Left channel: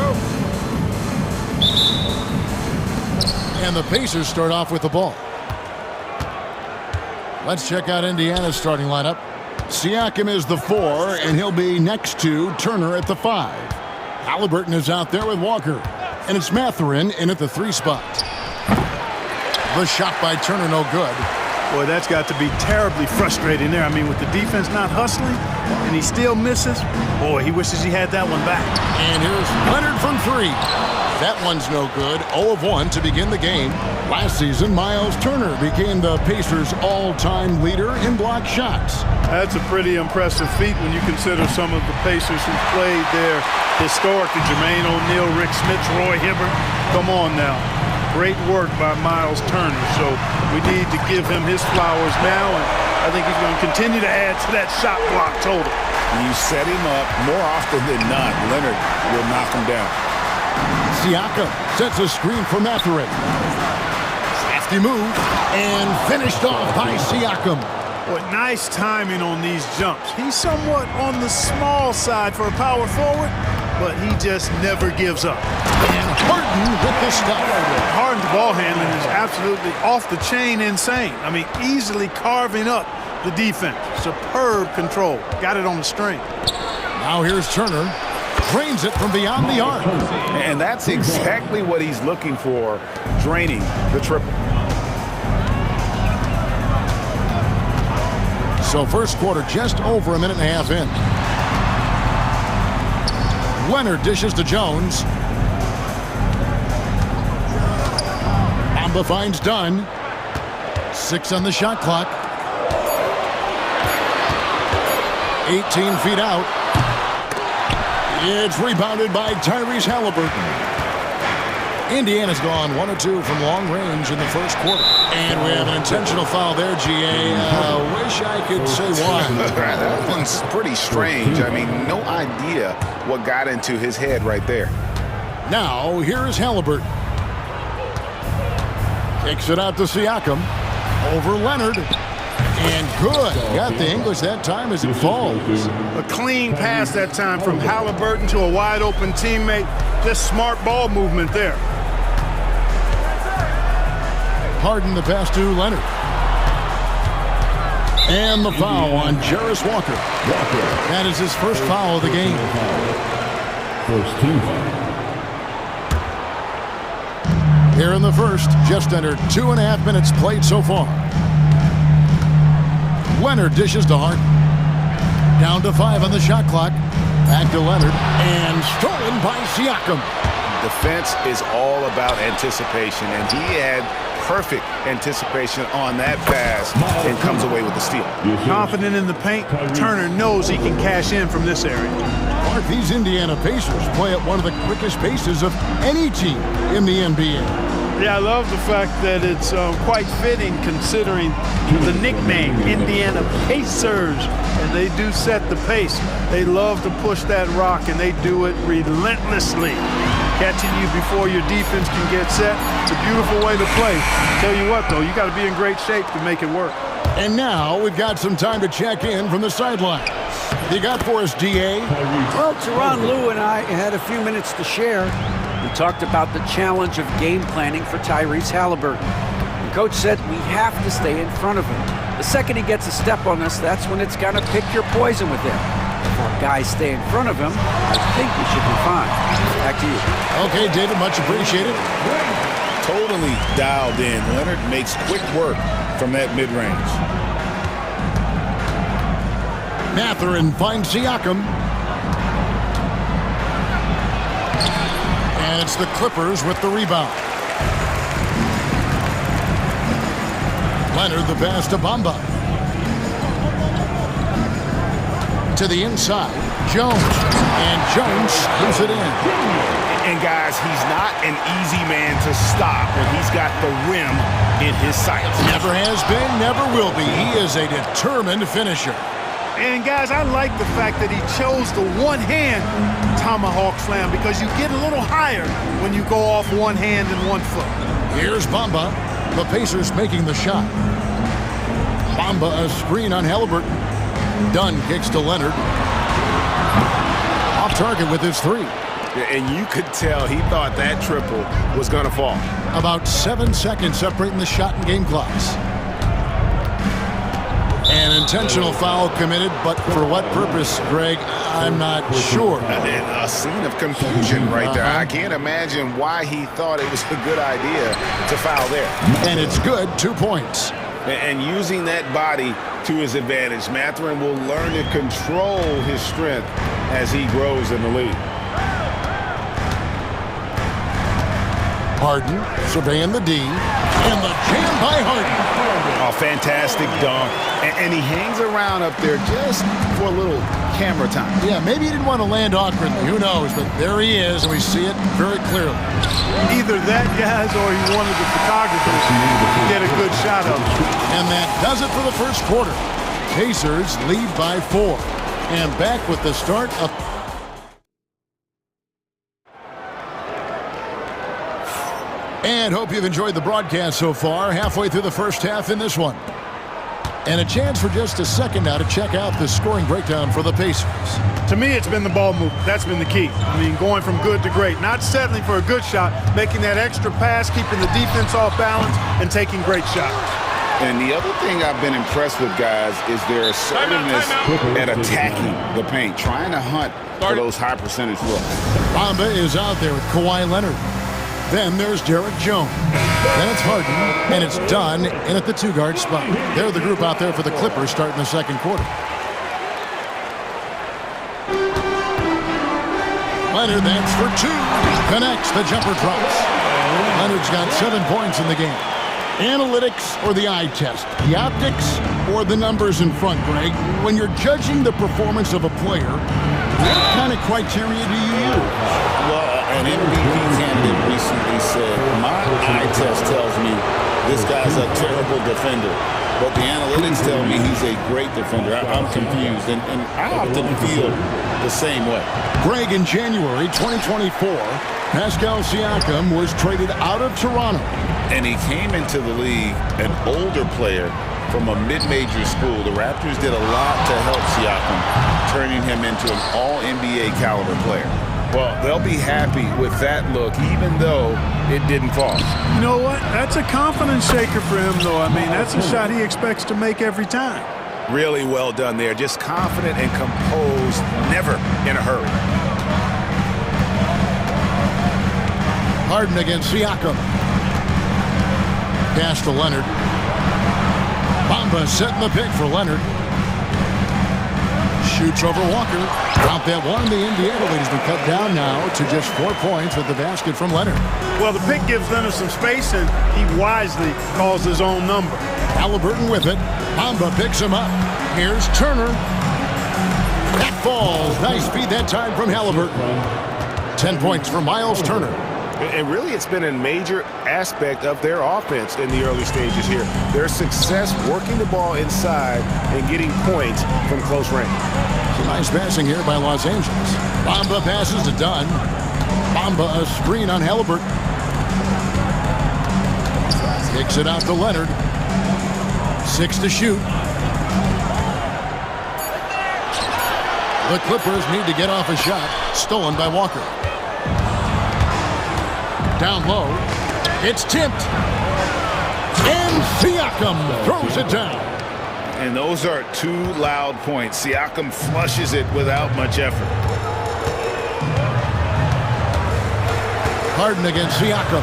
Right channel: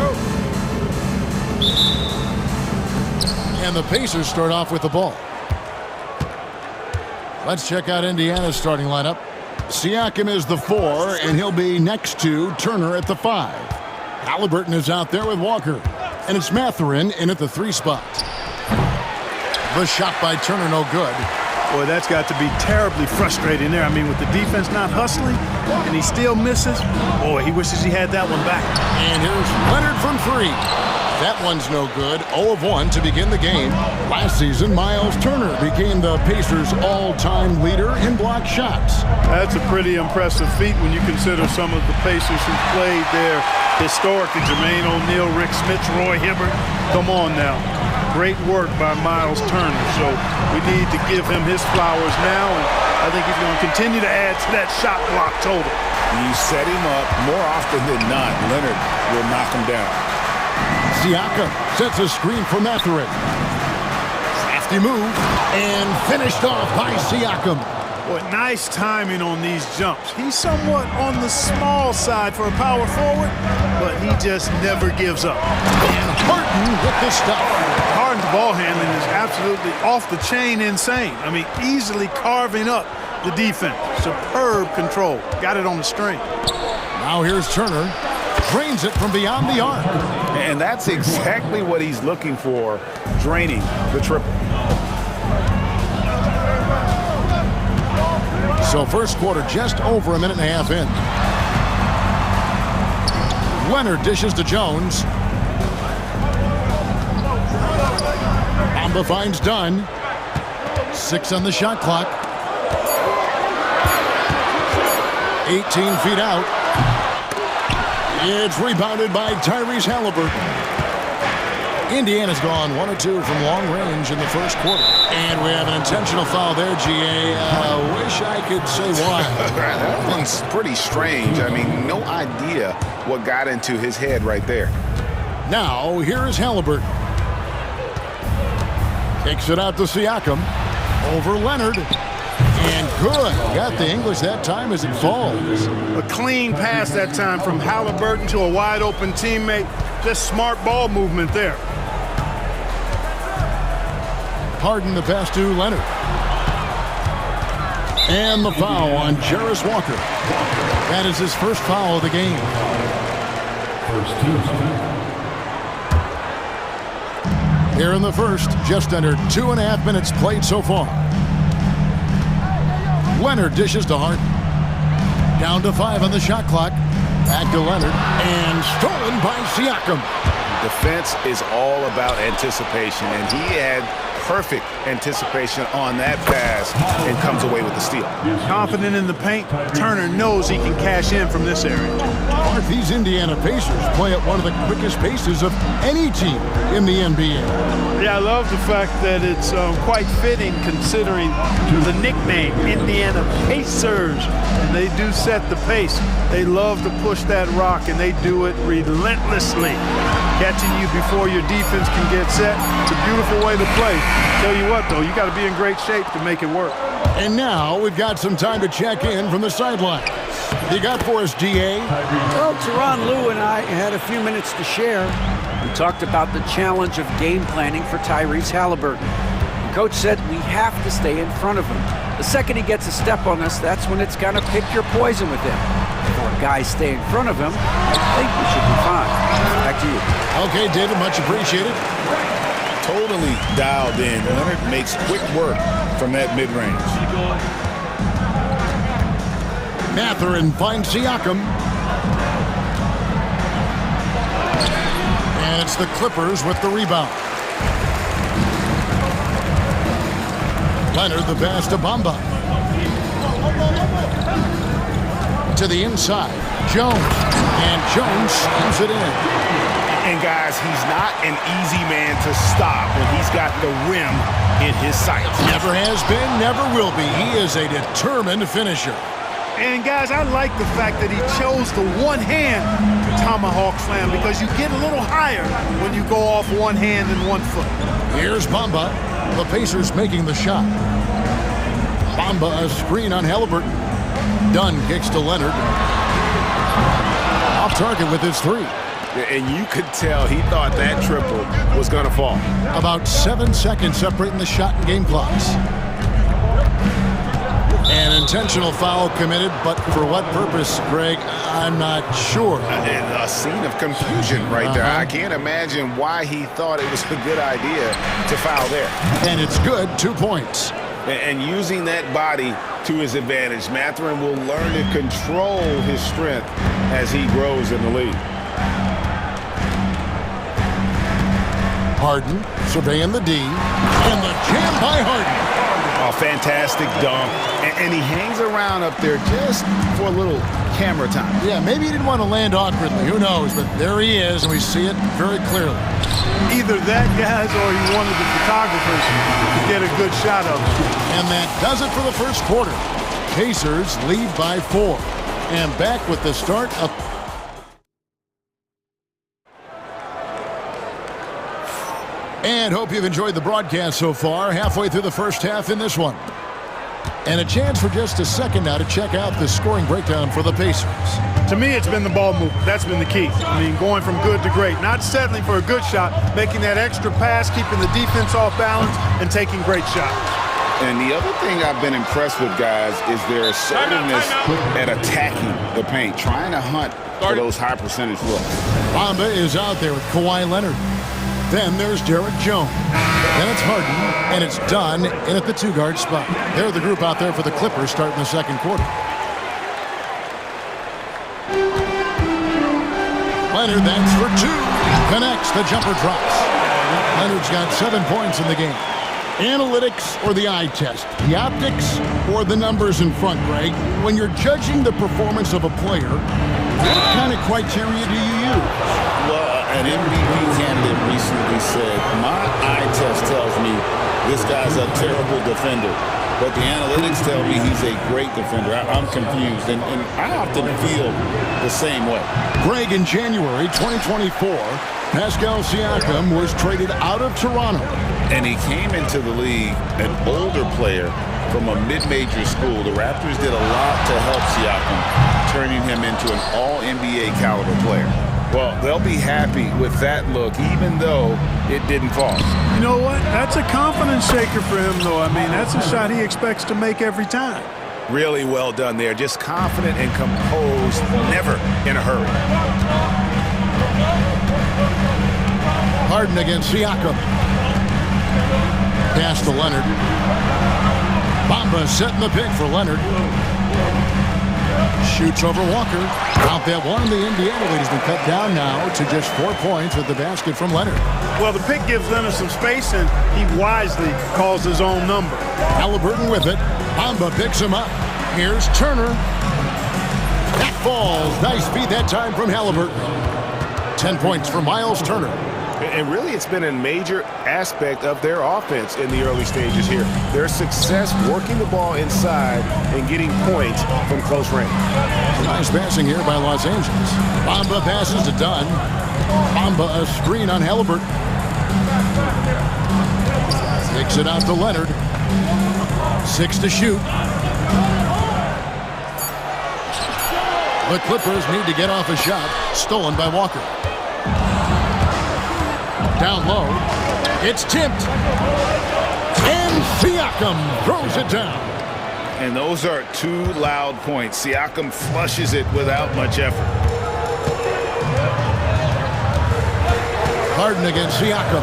go. And the Pacers start off with the ball. Let's check out Indiana's starting lineup. Siakam is the 4, and he'll be next to Turner at the 5. Halliburton is out there with Walker. And it's Mathurin in at the 3 spot. The shot by Turner, no good. Boy, that's got to be terribly frustrating there. I mean, with the defense not hustling, and he still misses. Boy, he wishes he had that one back. And here's Leonard from 3. That one's no good. 0 of 1 to begin the game. Last season, Miles Turner became the Pacers' all-time leader in block shots. That's a pretty impressive feat when you consider some of the Pacers who played there historically. Jermaine O'Neal, Rick Smits, Roy Hibbert. Come on now. Great work by Miles Turner. So we need to give him his flowers now, and I think he's going to continue to add to that shot block total. You set him up more often than not. Leonard will knock him down. Siakam sets a screen for Mathurin. Crafty move, and finished off by Siakam. Boy, nice timing on these jumps. He's somewhat on the small side for a power forward, but he just never gives up. And Harden with the stuff. Harden's ball handling is absolutely off the chain insane. I mean, easily carving up the defense. Superb control. Got it on the string. Now here's Turner. Drains it from beyond the arc. And that's exactly what he's looking for, draining the triple. So first quarter just over a minute and a half in. Leonard dishes to Jones. Bamba finds Dunn. 6 on the shot clock. 18 feet out. It's rebounded by Tyrese Halliburton. Indiana's gone 1 of 2 from long range in the first quarter. And we have an intentional foul there, GA. Wish I could say why. That one's pretty strange. I mean, no idea what got into his head right there. Now, here is Halliburton. Kicks it out to Siakam. Over Leonard. And good. Got the English that time as it falls. A clean pass that time from Halliburton to a wide-open teammate. Just smart ball movement there. Harden the pass to Leonard. And the foul on Jarris Walker. That is his first foul of the game. First team. Here in the first, just under 2.5 minutes played so far. Leonard dishes to Harden. Down to 5 on the shot clock. Back to Leonard. And stolen by Siakam. Defense is all about anticipation, and he had perfect anticipation on that pass and comes away with the steal. Confident in the paint, Turner knows he can cash in from this area. Mark, these Indiana Pacers play at one of the quickest paces of any team in the NBA. Yeah, I love the fact that it's quite fitting considering the nickname, Indiana Pacers. And they do set the pace. They love to push that rock, and they do it relentlessly. Catching you before your defense can get set. It's a beautiful way to play. Tell you what, though, you got to be in great shape to make it work. And now we've got some time to check in from the sidelines. You got for us, DA? Well, Tyronn Lue and I had a few minutes to share. We talked about the challenge of game planning for Tyrese Halliburton. And Coach said we have to stay in front of him. The second he gets a step on us, that's when it's got to pick your poison with him. If our guys stay in front of him, I think we should be fine. Back to you. Okay, David, much appreciated. Totally dialed in. Leonard makes quick work from that mid-range. Mathurin finds Siakam. And it's the Clippers with the rebound. Leonard the pass to Bamba. To the inside, Jones. And Jones slams it in. And guys, he's not an easy man to stop when he's got the rim in his sights. Never has been, never will be. He is a determined finisher. And guys, I like the fact that he chose the one-hand tomahawk slam because you get a little higher when you go off one hand and 1 foot. Here's Bamba. The Pacers making the shot. Bamba a screen on Halliburton. Dunn kicks to Leonard. Off target with his 3. And you could tell he thought that triple was going to fall. About 7 seconds separating the shot and game clocks. An intentional foul committed, but for what purpose, Greg? I'm not sure. A scene of confusion right there. I can't imagine why he thought it was a good idea to foul there. And it's good, 2 points. And using that body to his advantage, Mathurin will learn to control his strength as he grows in the league. Harden surveying the D, and the jam by Harden. Oh, fantastic dunk. And he hangs around up there just for a little camera time. Yeah, maybe he didn't want to land awkwardly. Who knows? But there he is, and we see it very clearly. Either that, guys, or he wanted the photographers to get a good shot of him. And that does it for the first quarter. Pacers lead by 4. And back with the start of... And hope you've enjoyed the broadcast so far. Halfway through the first half in this one. And a chance for just a second now to check out the scoring breakdown for the Pacers. To me, it's been the ball movement. That's been the key. I mean, going from good to great. Not settling for a good shot, making that extra pass, keeping the defense off balance, and taking great shots. And the other thing I've been impressed with, guys, is their assertiveness at attacking the paint, trying to hunt for those high percentage looks. Bamba is out there with Kawhi Leonard. Then there's Derek Jones. Then it's Harden, and it's Dunn in at the 2-guard spot. They're the group out there for the Clippers starting the second quarter. Leonard, that's for 2. Connects, the jumper drops. Leonard's got 7 points in the game. Analytics or the eye test? The optics or the numbers in front, Greg? When you're judging the performance of a player, what kind of criteria do you use? Well, an MVP candidate recently said, my eye test tells me this guy's a terrible defender, but the analytics tell me he's a great defender. I'm confused, and I often feel the same way. Greg, in January 2024, Pascal Siakam was traded out of Toronto. And he came into the league an older player from a mid-major school. The Raptors did a lot to help Siakam, turning him into an all-NBA caliber player. Well, they'll be happy with that look, even though it didn't fall. You know what? That's a confidence shaker for him, though. I mean, that's a shot he expects to make every time. Really well done there. Just confident and composed, never in a hurry. Harden against Siakam. Pass to Leonard. Bamba setting the pick for Leonard. Shoots over Walker. Out that one. The Indiana lead has been cut down now to just 4 points with the basket from Leonard. Well, the pick gives Leonard some space, and he wisely calls his own number. Halliburton with it. Bamba picks him up. Here's Turner. That falls. Nice feed that time from Halliburton. 10 points for Miles Turner. And really, it's been a major aspect of their offense in the early stages here. Their success working the ball inside and getting points from close range. Nice passing here by Los Angeles. Bamba passes to Dunn. Bamba a screen on Halliburton. Kicks it out to Leonard. 6 to shoot. The Clippers need to get off a shot. Stolen by Walker. Down low. It's tipped. And Siakam throws it down. And those are 2 loud points. Siakam flushes it without much effort. Harden against Siakam.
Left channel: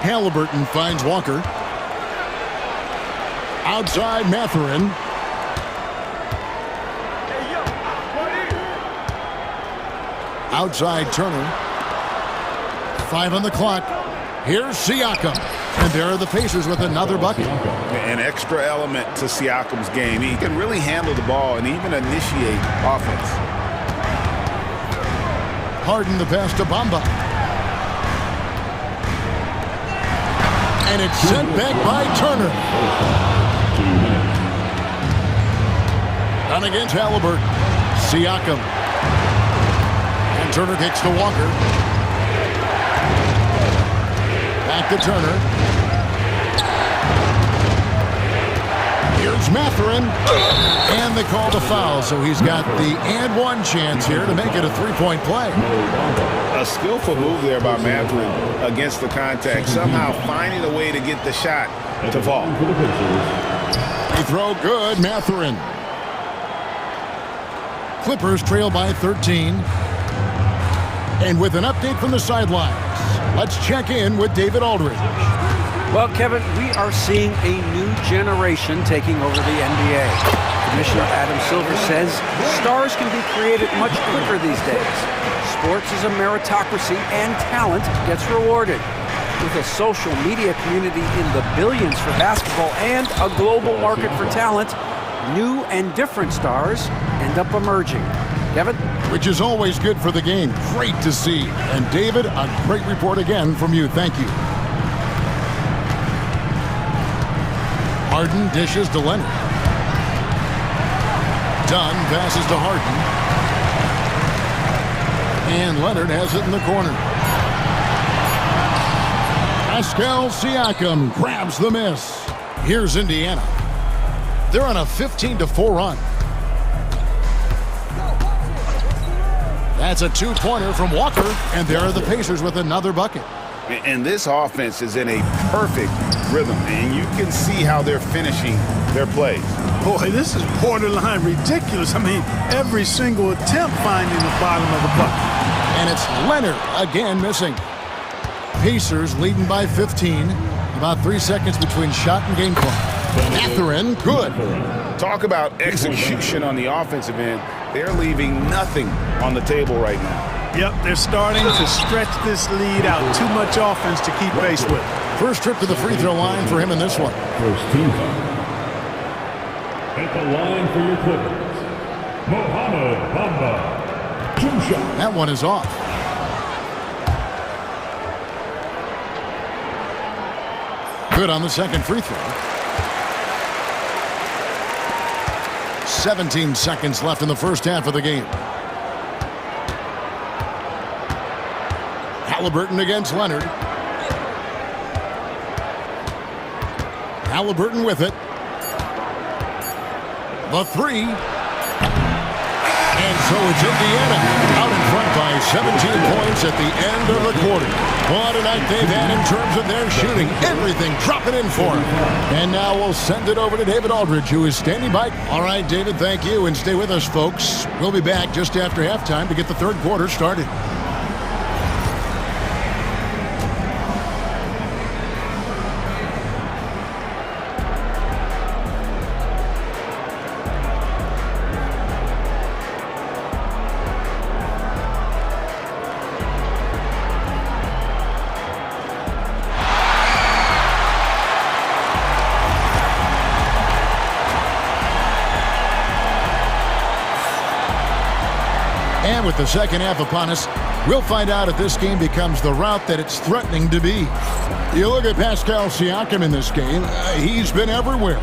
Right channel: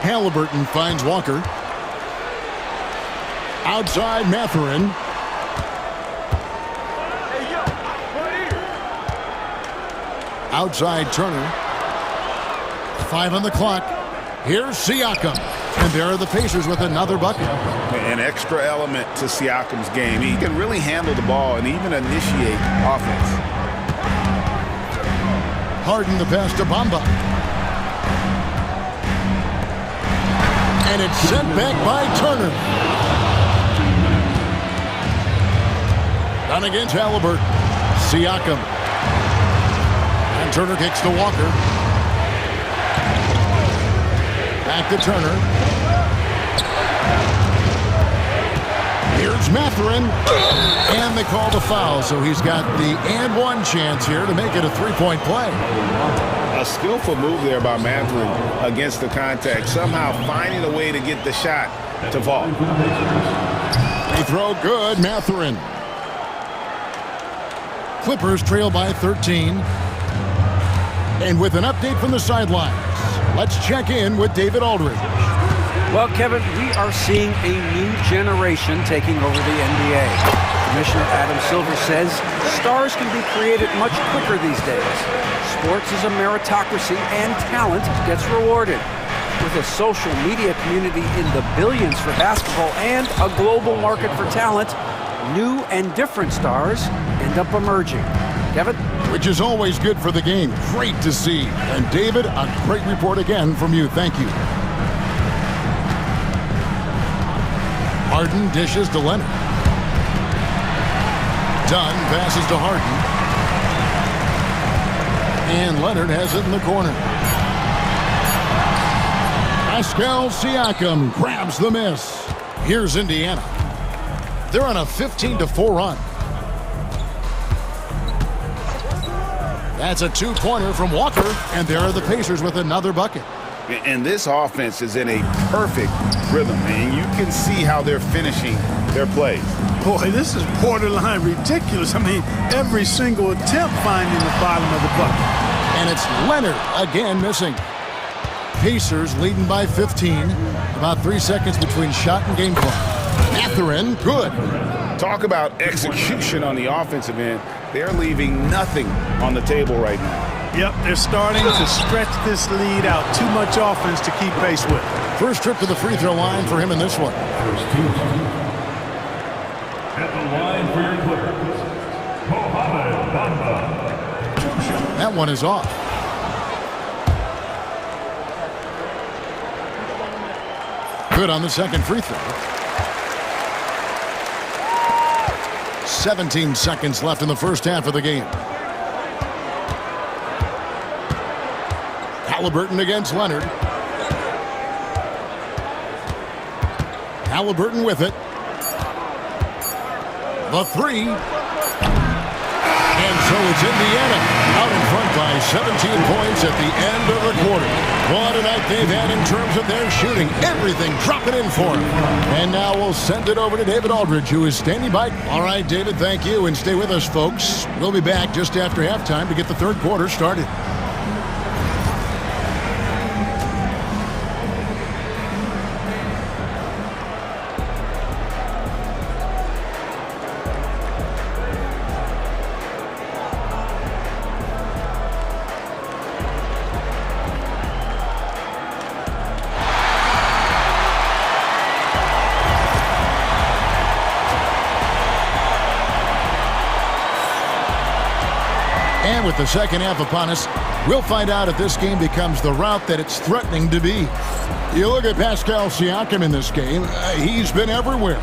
Halliburton finds Walker. Outside Mathurin. Outside Turner. 5 on the clock. Here's Siakam. And there are the Pacers with another bucket. An extra element to Siakam's game. He can really handle the ball and even initiate offense. Harden the pass to Bamba. And it's sent back by Turner. Down against Halliburton. Siakam. And Turner kicks to Walker. Back to Turner. Here's Mathurin. And they called a foul, so he's got the and one chance here to make it a three-point play. A skillful move there by Mathurin against the contact, somehow finding a way to get the shot to fall. Free throw good, Mathurin. Clippers trail by 13. And with an update from the sidelines, let's check in with David Aldridge. Well, Kevin, we are seeing a new generation taking over the NBA. Commissioner Adam Silver says stars can be created much quicker these days. Sports is a meritocracy and talent gets rewarded. With a social media community in the billions for basketball and a global market for talent, new and different stars end up emerging. Kevin? Which is always good for the game. Great to see. And David, a great report again from you. Thank you. Harden dishes to Leonard. Dunn passes to Harden. And Leonard has it in the corner. Pascal Siakam grabs the miss. Here's Indiana. They're on a 15-4 run. That's a two-pointer from Walker, and there are the Pacers with another bucket. And this offense is in a perfect rhythm, and you can see how they're finishing their plays. Boy, this is borderline ridiculous. I mean, every single attempt finding the bottom of the bucket. And it's Leonard again missing. Pacers leading by 15. About 3 seconds between shot and game clock. Mathurin, good. Talk about execution on the offensive end. They're leaving nothing on the table right now. Yep, they're starting to stretch this lead out. Too much offense to keep pace with. First trip to the free throw line for him in this one. First team foul. At the line for your Clippers, Mohamed Bamba. Two shot. That one is off. Good on the second free throw. 17 seconds left in the first half of the game. Halliburton against Leonard. Halliburton with it. The three. And so it's Indiana out in front by 17 points at the end of the quarter. What a night they've had in terms of their shooting. Everything dropping in for them. And now we'll send it over to David Aldridge, who is standing by. All right, David, thank you. And stay with us, folks. We'll be back just after halftime to get the third quarter started. And with the second half upon us, we'll find out if this game becomes the route that it's threatening to be. You look at Pascal Siakam in this game, he's been everywhere.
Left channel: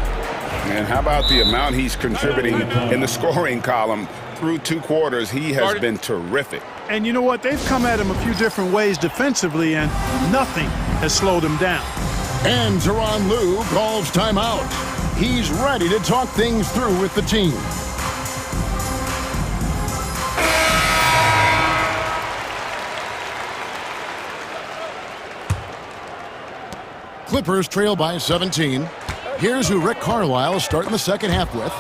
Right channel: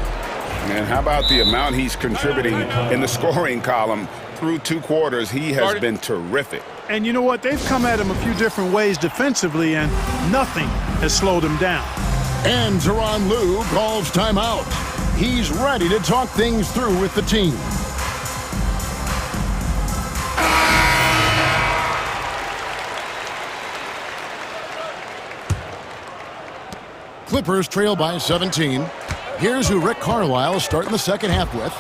And how about the amount he's contributing in the scoring column through two quarters? He has been terrific. And you know what? They've come at him a few different ways defensively, and nothing has slowed him down. And Tyronn Lue calls timeout. He's ready to talk things through with the team. Clippers trail by 17. Here's who Rick Carlisle is starting the second half with.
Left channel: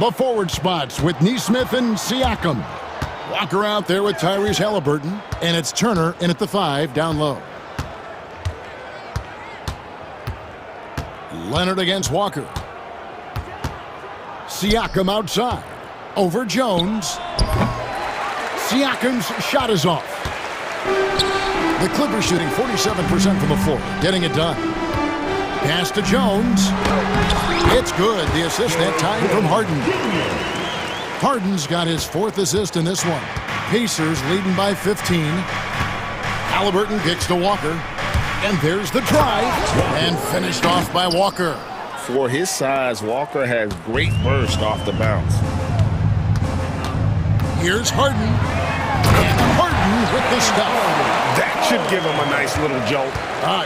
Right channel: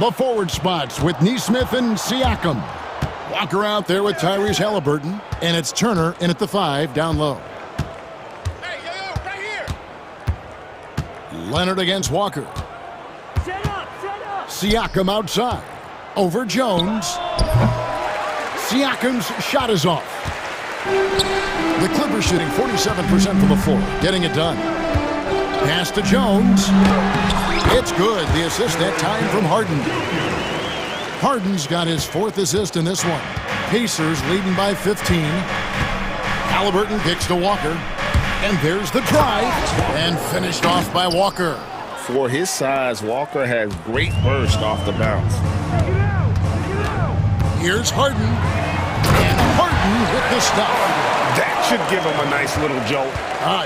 The forward spots with Nesmith and Siakam. Walker out there with Tyrese Halliburton. And it's Turner in at the 5 down low. Leonard against Walker. Siakam outside. Over Jones. Siakam's shot is off. The Clippers shooting 47% from the floor. Getting it done. Pass to Jones. It's good. The assist that time from Harden. Harden's got his fourth assist in this one. Pacers leading by 15. Halliburton kicks to Walker. And there's the drive. And finished off by Walker. For his size, Walker has great burst off the bounce. Here's Harden. And Harden with the stuff. That should give them a nice little jolt.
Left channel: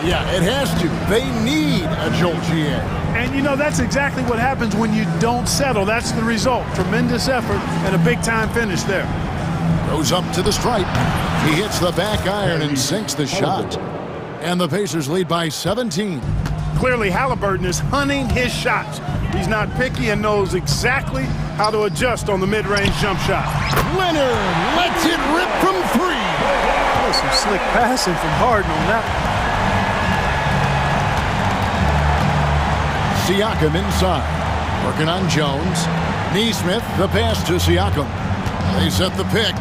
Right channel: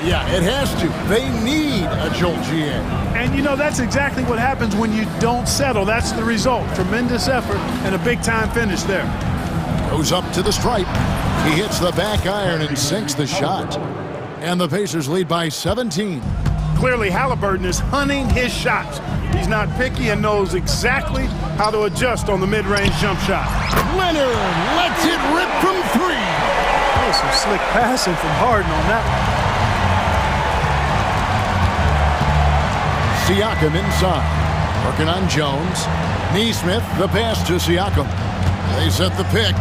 Yeah, it has to. They need a jolt, GA. And, you know, that's exactly what happens when you don't settle. That's the result. Tremendous effort and a big-time finish there. Goes up to the stripe. He hits the back iron and sinks the shot. And the Pacers lead by 17. Clearly, Halliburton is hunting his shots. He's not picky and knows exactly how to adjust on the mid-range jump shot. Leonard lets it rip from 3. Oh, some slick passing from Harden on that one. Siakam inside. Working on Jones. Neesmith, the pass to Siakam. They set the pick.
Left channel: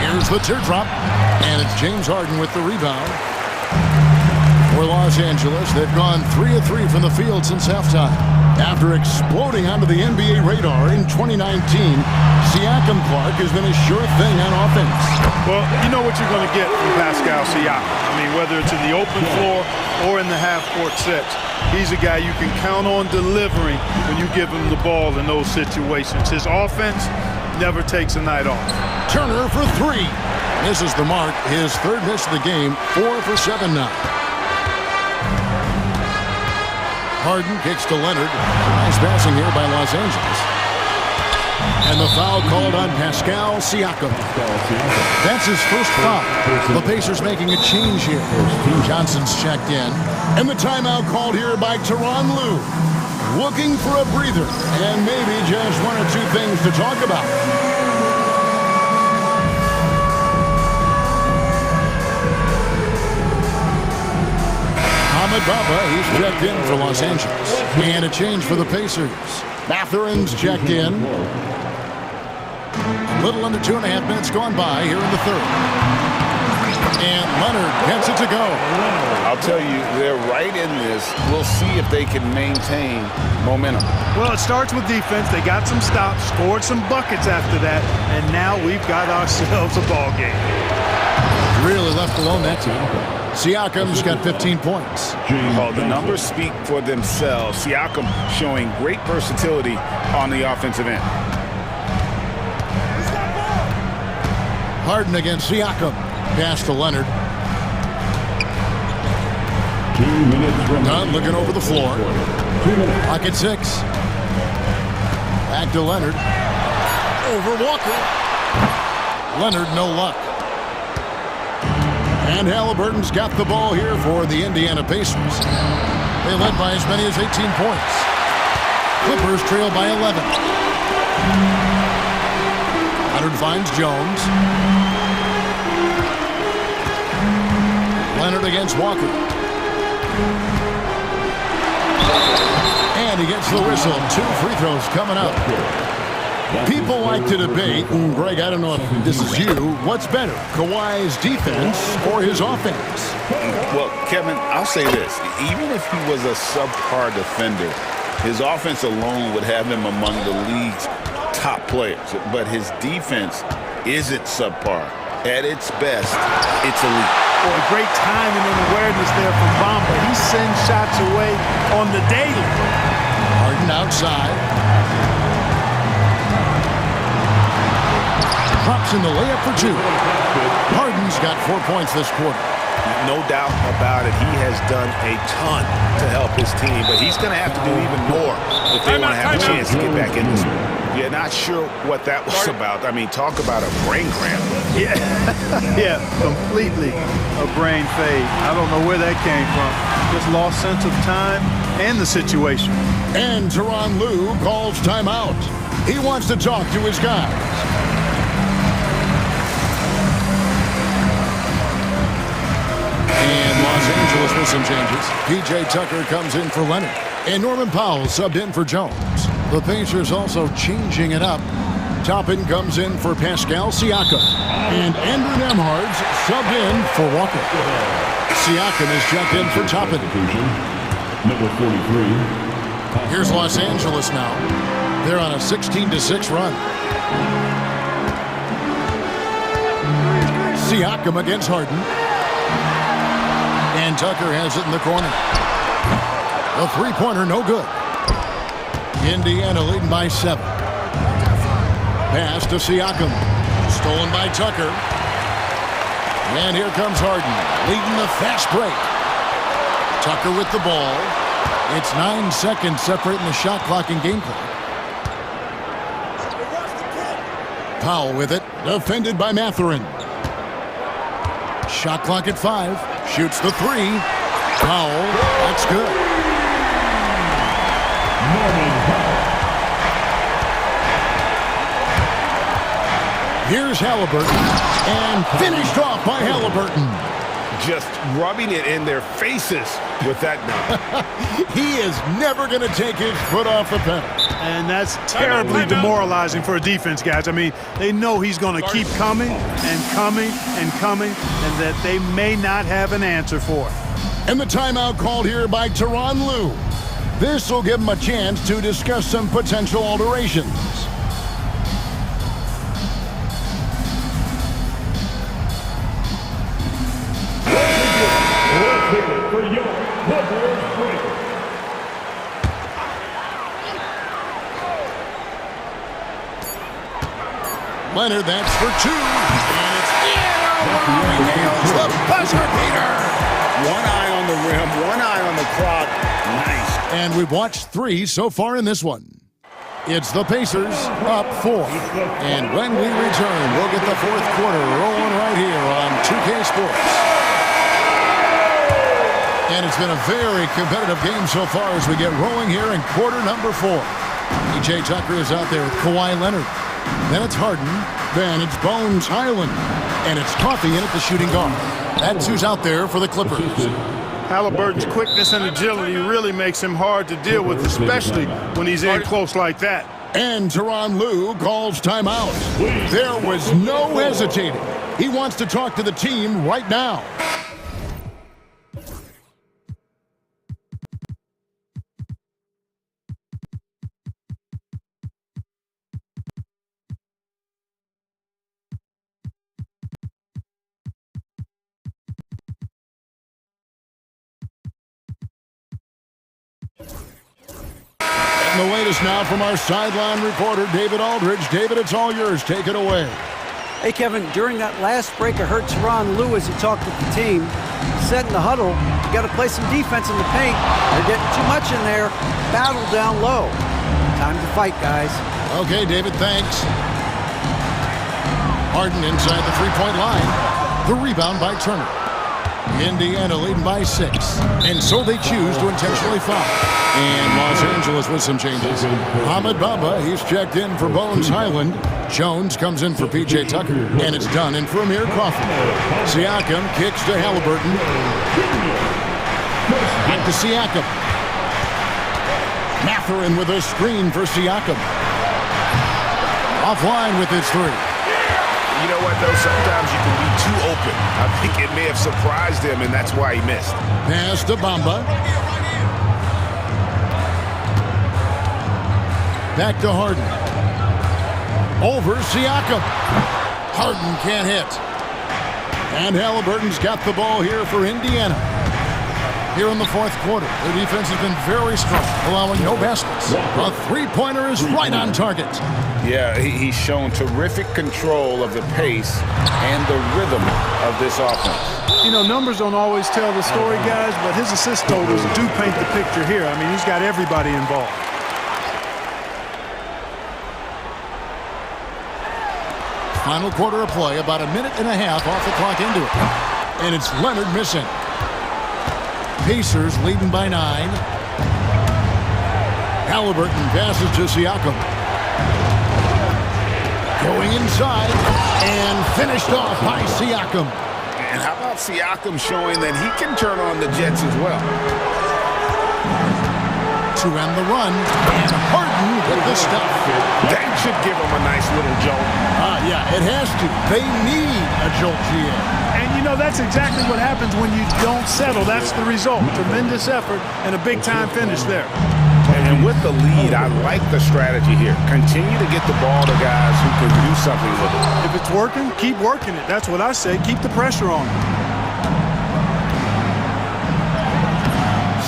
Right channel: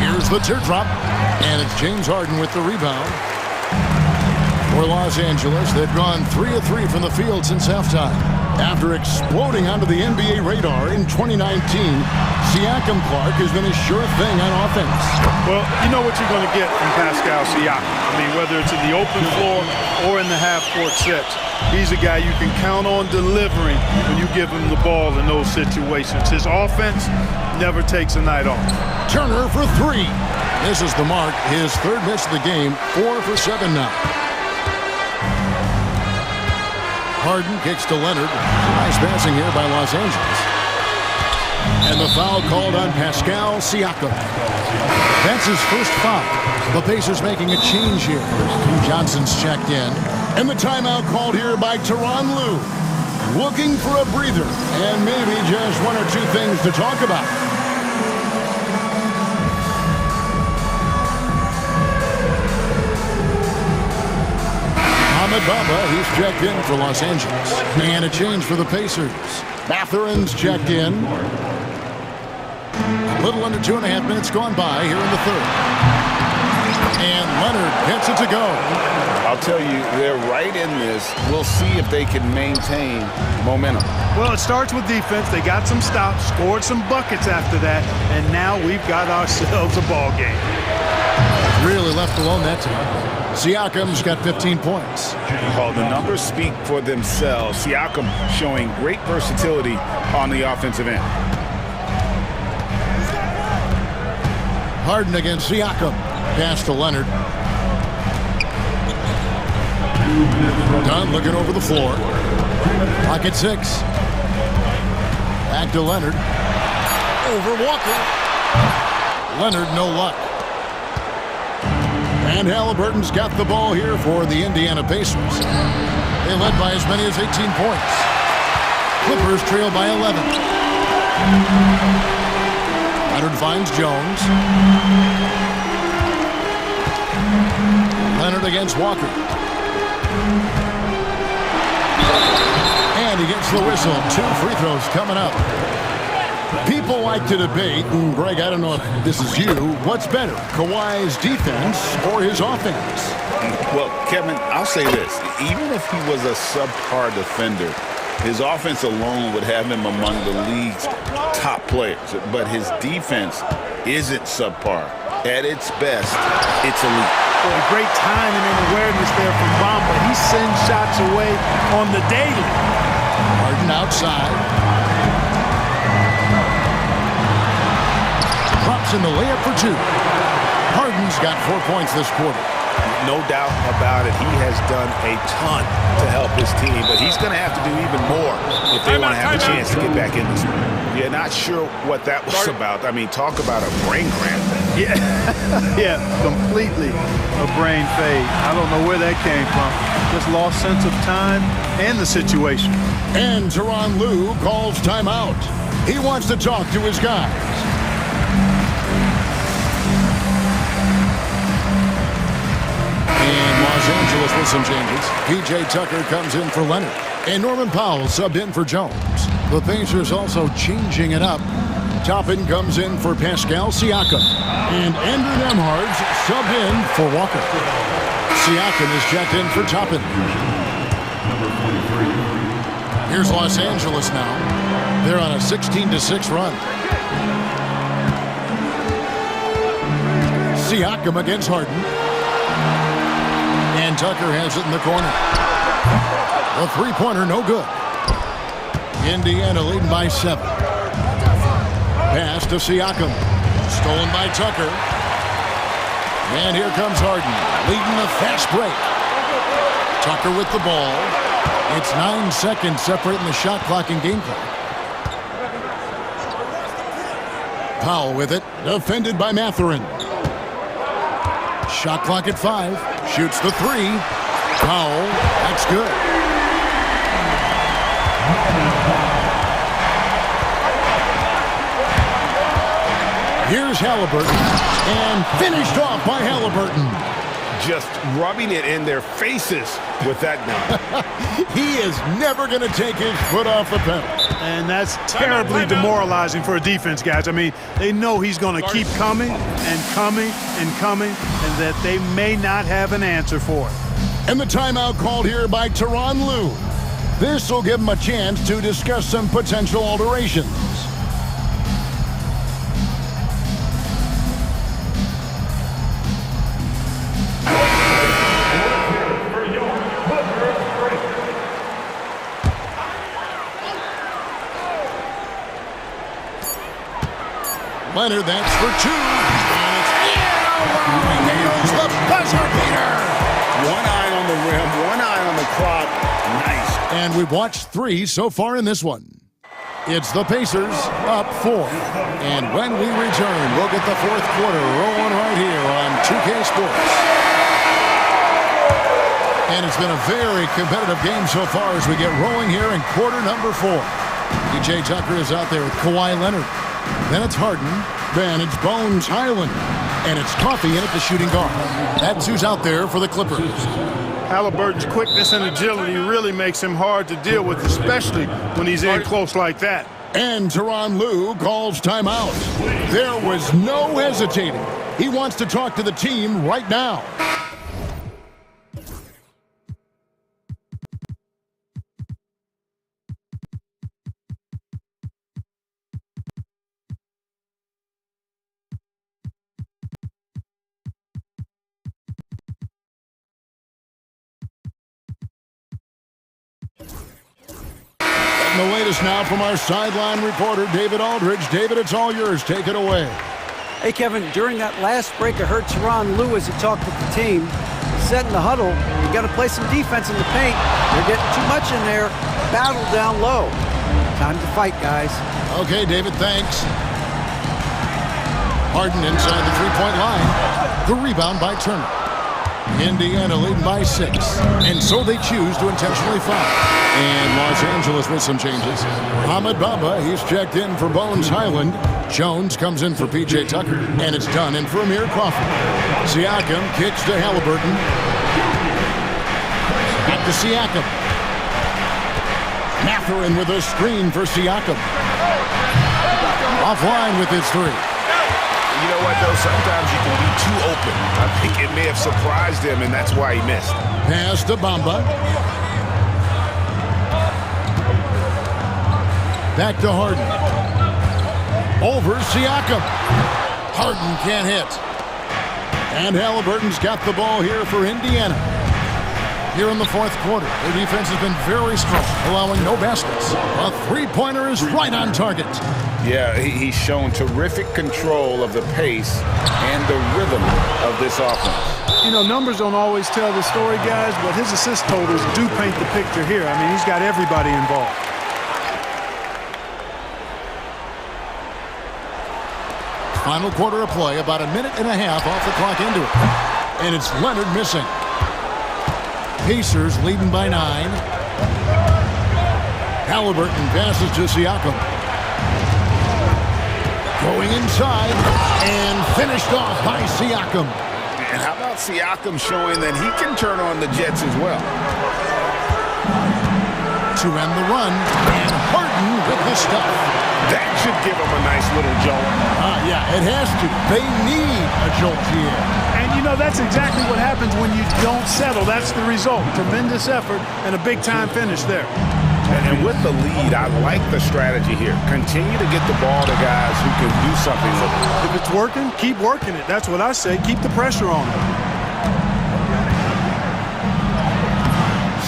Here's the teardrop. And it's James Harden with the rebound. For Los Angeles, they've gone 3 of 3 from the field since halftime. After exploding onto the NBA radar in 2019, Siakam Clark has been a sure thing on offense. Well, you know what you're going to get from Pascal Siakam. I mean, whether it's in the open floor or in the half-court sets, he's a guy you can count on delivering when you give him the ball in those situations. His offense never takes a night off. Turner for 3. Misses the mark. His third miss of the game, 4 for 7 now. Harden kicks to Leonard. Nice passing here by Los Angeles. And the foul called on Pascal Siakam. That's his first foul. The Pacers making a change here. Johnson's checked in. And the timeout called here by Tyronn Lue. Looking for a breather and maybe just 1 or 2 things to talk about. Ahmed Baba, he's checked in for Los Angeles. And a change for the Pacers. Mathurin's checked in. A little under 2.5 minutes gone by here in the third. And Leonard gets it to go. I'll tell you, they're right in this. We'll see if they can maintain momentum. Well, it starts with defense. They got some stops, scored some buckets after that, and now we've got ourselves a ball game. Really left alone that team. Siakam's got 15 points. Oh, the numbers speak for themselves. Siakam showing great versatility on the offensive end. Harden against Siakam. Pass to Leonard. 2 minutes from Dunn looking over the floor. Clock at 6. Back to Leonard. Over Walker. Leonard, no luck. And Halliburton's got the ball here for the Indiana Pacers. They led by as many as 18 points. Clippers trail by 11. Leonard finds Jones. Leonard against Walker. And he gets the whistle. 2 free throws coming up. People like to debate, and Greg, I don't know if this is you, what's better, Kawhi's defense or his offense? Well, Kevin, I'll say this. Even if he was a subpar defender, his offense alone would have him among the league's top players. But his defense isn't subpar. At its best, it's elite. Boy, great timing and awareness there from Bamba. He sends shots away on the daily. Harden outside. Drops in the layup for 2. Harden's got 4 points this quarter. No doubt about it. He has done a ton to help his team, but he's going to have to do even more if they want to have a chance to get back in this one. Yeah, not sure what that was about. I mean, talk about a brain cramp. Yeah, yeah, completely a brain fade. I don't know where that came from. Just lost sense of time and the situation. And Tyronn Lue calls timeout. He wants to talk to his guys. And Los Angeles with some changes. P.J. Tucker comes in for Leonard. And Norman Powell subbed in for Jones. The Pacers also changing it up. Toppin comes in for Pascal Siakam. And Andrew Nembhard subbed in for Walker. Siakam is checked in for Toppin. number 43. Here's Los Angeles now. They're on a 16-6 run. Siakam against Harden. And Tucker has it in the corner. The three-pointer, no good. Indiana leading by 7. Pass to Siakam. Stolen by Tucker. And here comes Harden, leading the fast break. Tucker with the ball. It's 9 seconds separating the shot clock and game clock. Powell with it, defended by Mathurin. Shot clock at 5. Shoots the 3. Powell, that's good. Here's Halliburton, and finished off by Halliburton. Just rubbing it in their faces with that dunk. He is never going to take his foot off the pedal. And that's terribly demoralizing for a defense, guys. I mean, they know he's going to keep coming and coming and coming, and that they may not have an answer for it. And the timeout called here by Tyronn Lue. This will give him a chance to discuss some potential alterations. Leonard, that's for 2. And it's in. Oh, wow, he nails the buzzer beater. One eye on the rim, one eye on the clock. Nice. And we've watched 3 so far in this one. It's the Pacers up 4. And when we return, we'll get the fourth quarter rolling right here on 2K Sports. And it's been a very competitive game so far as we get rolling here in quarter number 4. PJ Tucker is out there with Kawhi Leonard. Then it's Harden. Then it's Bones Highland. And it's Coffey in at the shooting guard. That's who's out there for the Clippers. Halliburton's quickness and agility really makes him hard to deal with, especially when he's in close like that. And Tyronn Lue calls timeout. There was no hesitating. He wants to talk to the team right now. The latest now from our sideline reporter, David Aldridge. David, it's all yours. Take it away. Hey, Kevin, during that last break, I heard Tyronn Lue as he talked with the team. He said in the huddle, you got to play some defense in the paint. They're getting too much in there. Battle down low. Time to fight, guys. Okay, David, thanks. Harden inside the three-point line. The rebound by Turner. Indiana leading by 6. And so they choose to intentionally foul. And Los Angeles with some changes. Ahmed Bamba, he's checked in for Bones Highland. Jones comes in for PJ Tucker. And it's done in for Amir Crawford. Siakam kicks to Halliburton. Back to Siakam. Mathurin with a screen for Siakam. Offline with his 3. You know what, though? Sometimes you can be too open. I think it may have surprised him, and that's why he missed. Pass to Bamba. Back to Harden. Over Siakam. Harden can't hit. And Halliburton's got the ball here for Indiana. Here in the fourth quarter, their defense has been very strong, allowing no baskets. A three-pointer is right on target. Yeah, he's shown terrific control of the pace and the rhythm of this offense. You know, numbers don't always tell the story, guys, but his assist totals do paint the picture here. I mean, he's got everybody involved. Final quarter of play, about a minute and a half off the clock into it. And it's Leonard missing. Pacers leading by 9. Halliburton passes to Siakam. Going inside and finished off by Siakam. And how about Siakam showing that he can turn on the Jets as well? To end the run, and Harden with the stuff. That should give him a nice little jolt. Yeah, it has to. They need a jolt, GM. And, you know, that's exactly what happens when you don't settle. That's the result. Tremendous effort and a big-time finish there. And with the lead, I like the strategy here. Continue to get the ball to guys who can do something with it. If it's working, keep working it. That's what I say. Keep the pressure on them.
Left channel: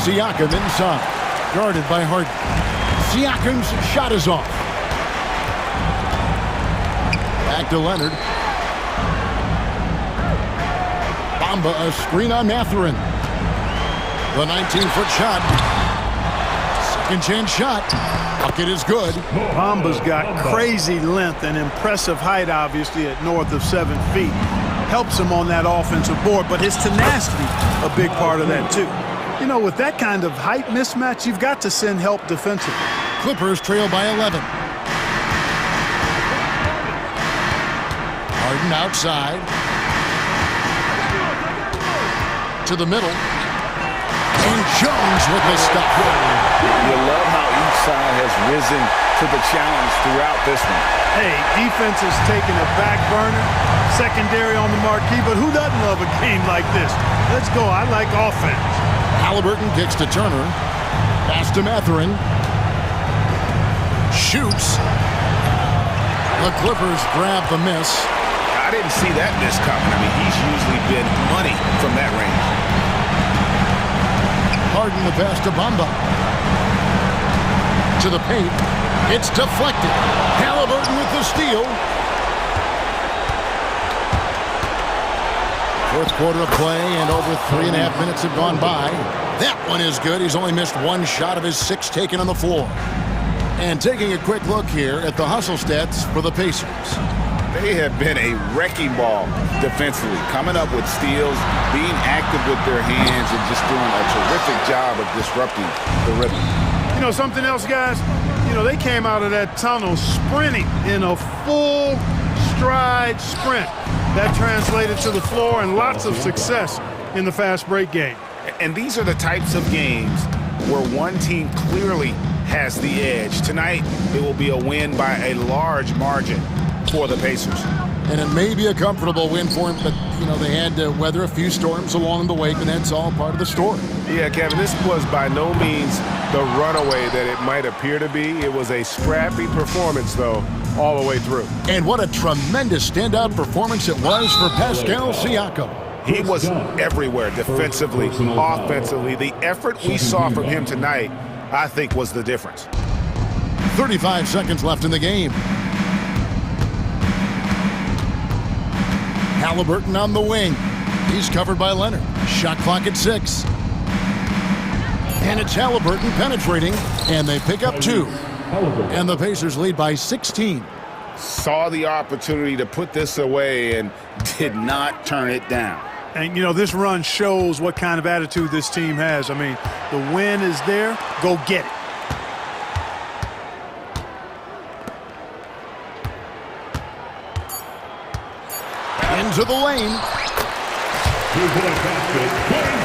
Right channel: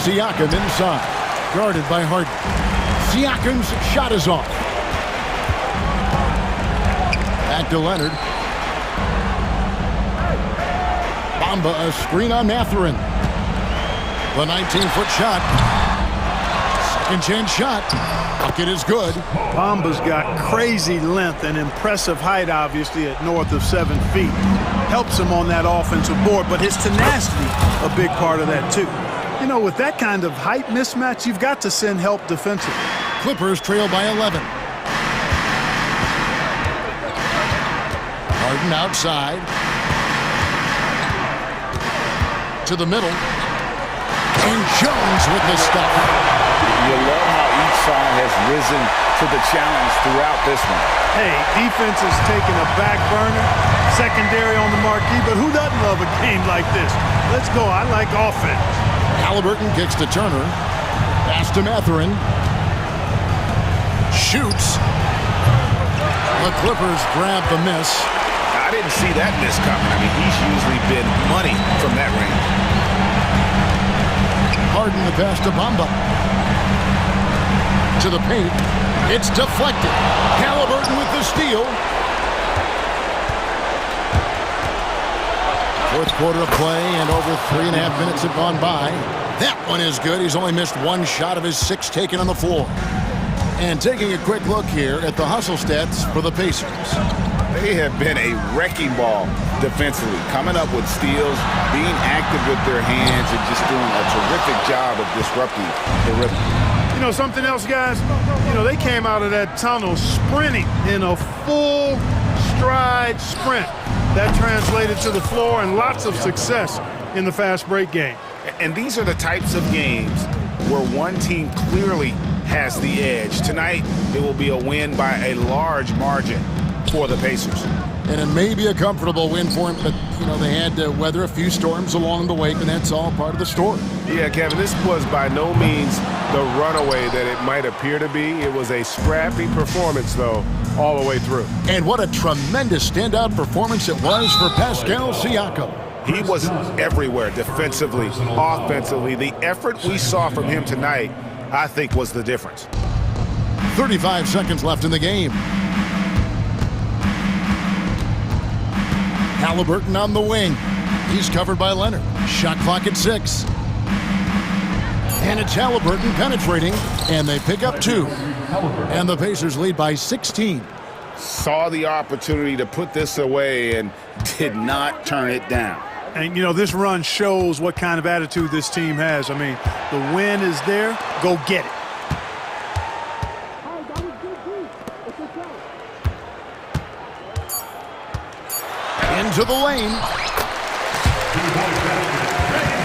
Siakam inside. Guarded by Harden. Siakam's shot is off. Back to Leonard. Bamba a screen on Matherin. The 19-foot shot. Second chance shot. Bucket is good. Bamba's got crazy length and impressive height, obviously, at north of 7 feet. Helps him on that offensive board, but his tenacity, a big part of that, too. You know, with that kind of height mismatch, you've got to send help defensively. Clippers trail by 11. Harden outside. To the middle. And Jones with the stop. You love how each side has risen to the challenge throughout this one. Hey, defense is taking a back burner, secondary on the marquee, but who doesn't love a game like this? Let's go. I like offense. Halliburton kicks to Turner. Pass to Matherin. Shoots. The Clippers grab the miss. I didn't see that miss coming. I mean, he's usually been money from that range. Harden the pass to Bamba. To the paint. It's deflected. Halliburton with the steal. Fourth quarter of play, and over 3.5 minutes have gone by. That one is good. He's only missed one shot of his 6 taken on the floor. And taking a quick look here at the hustle stats for the Pacers. They have been a wrecking ball defensively, coming up with steals, being active with their hands, and just doing a terrific job of disrupting the rhythm. You know, something else, guys? You know, they came out of that tunnel sprinting in a full stride sprint. That translated to the floor and lots of success in the fast break game. And these are the types of games where one team clearly has the edge. Tonight, it will be a win by a large margin for the Pacers. And it may be a comfortable win for him, but, you know, they had to weather a few storms along the way, and that's all part of the story. Yeah, Kevin, this was by no means the runaway that it might appear to be. It was a scrappy performance, though, all the way through. And what a tremendous standout performance it was for Pascal Siakam. He was everywhere defensively, offensively. The effort we saw from him tonight, I think, was the difference. 35 seconds left in the game. Halliburton on the wing. He's covered by Leonard. Shot clock at 6. And it's Halliburton penetrating, and they pick up 2. And the Pacers lead by 16. Saw the opportunity to put this away and did not turn it down. And, you know, this run shows what kind of attitude this team has. I mean, the win is there. Go get it. Into the lane. 2-point basket.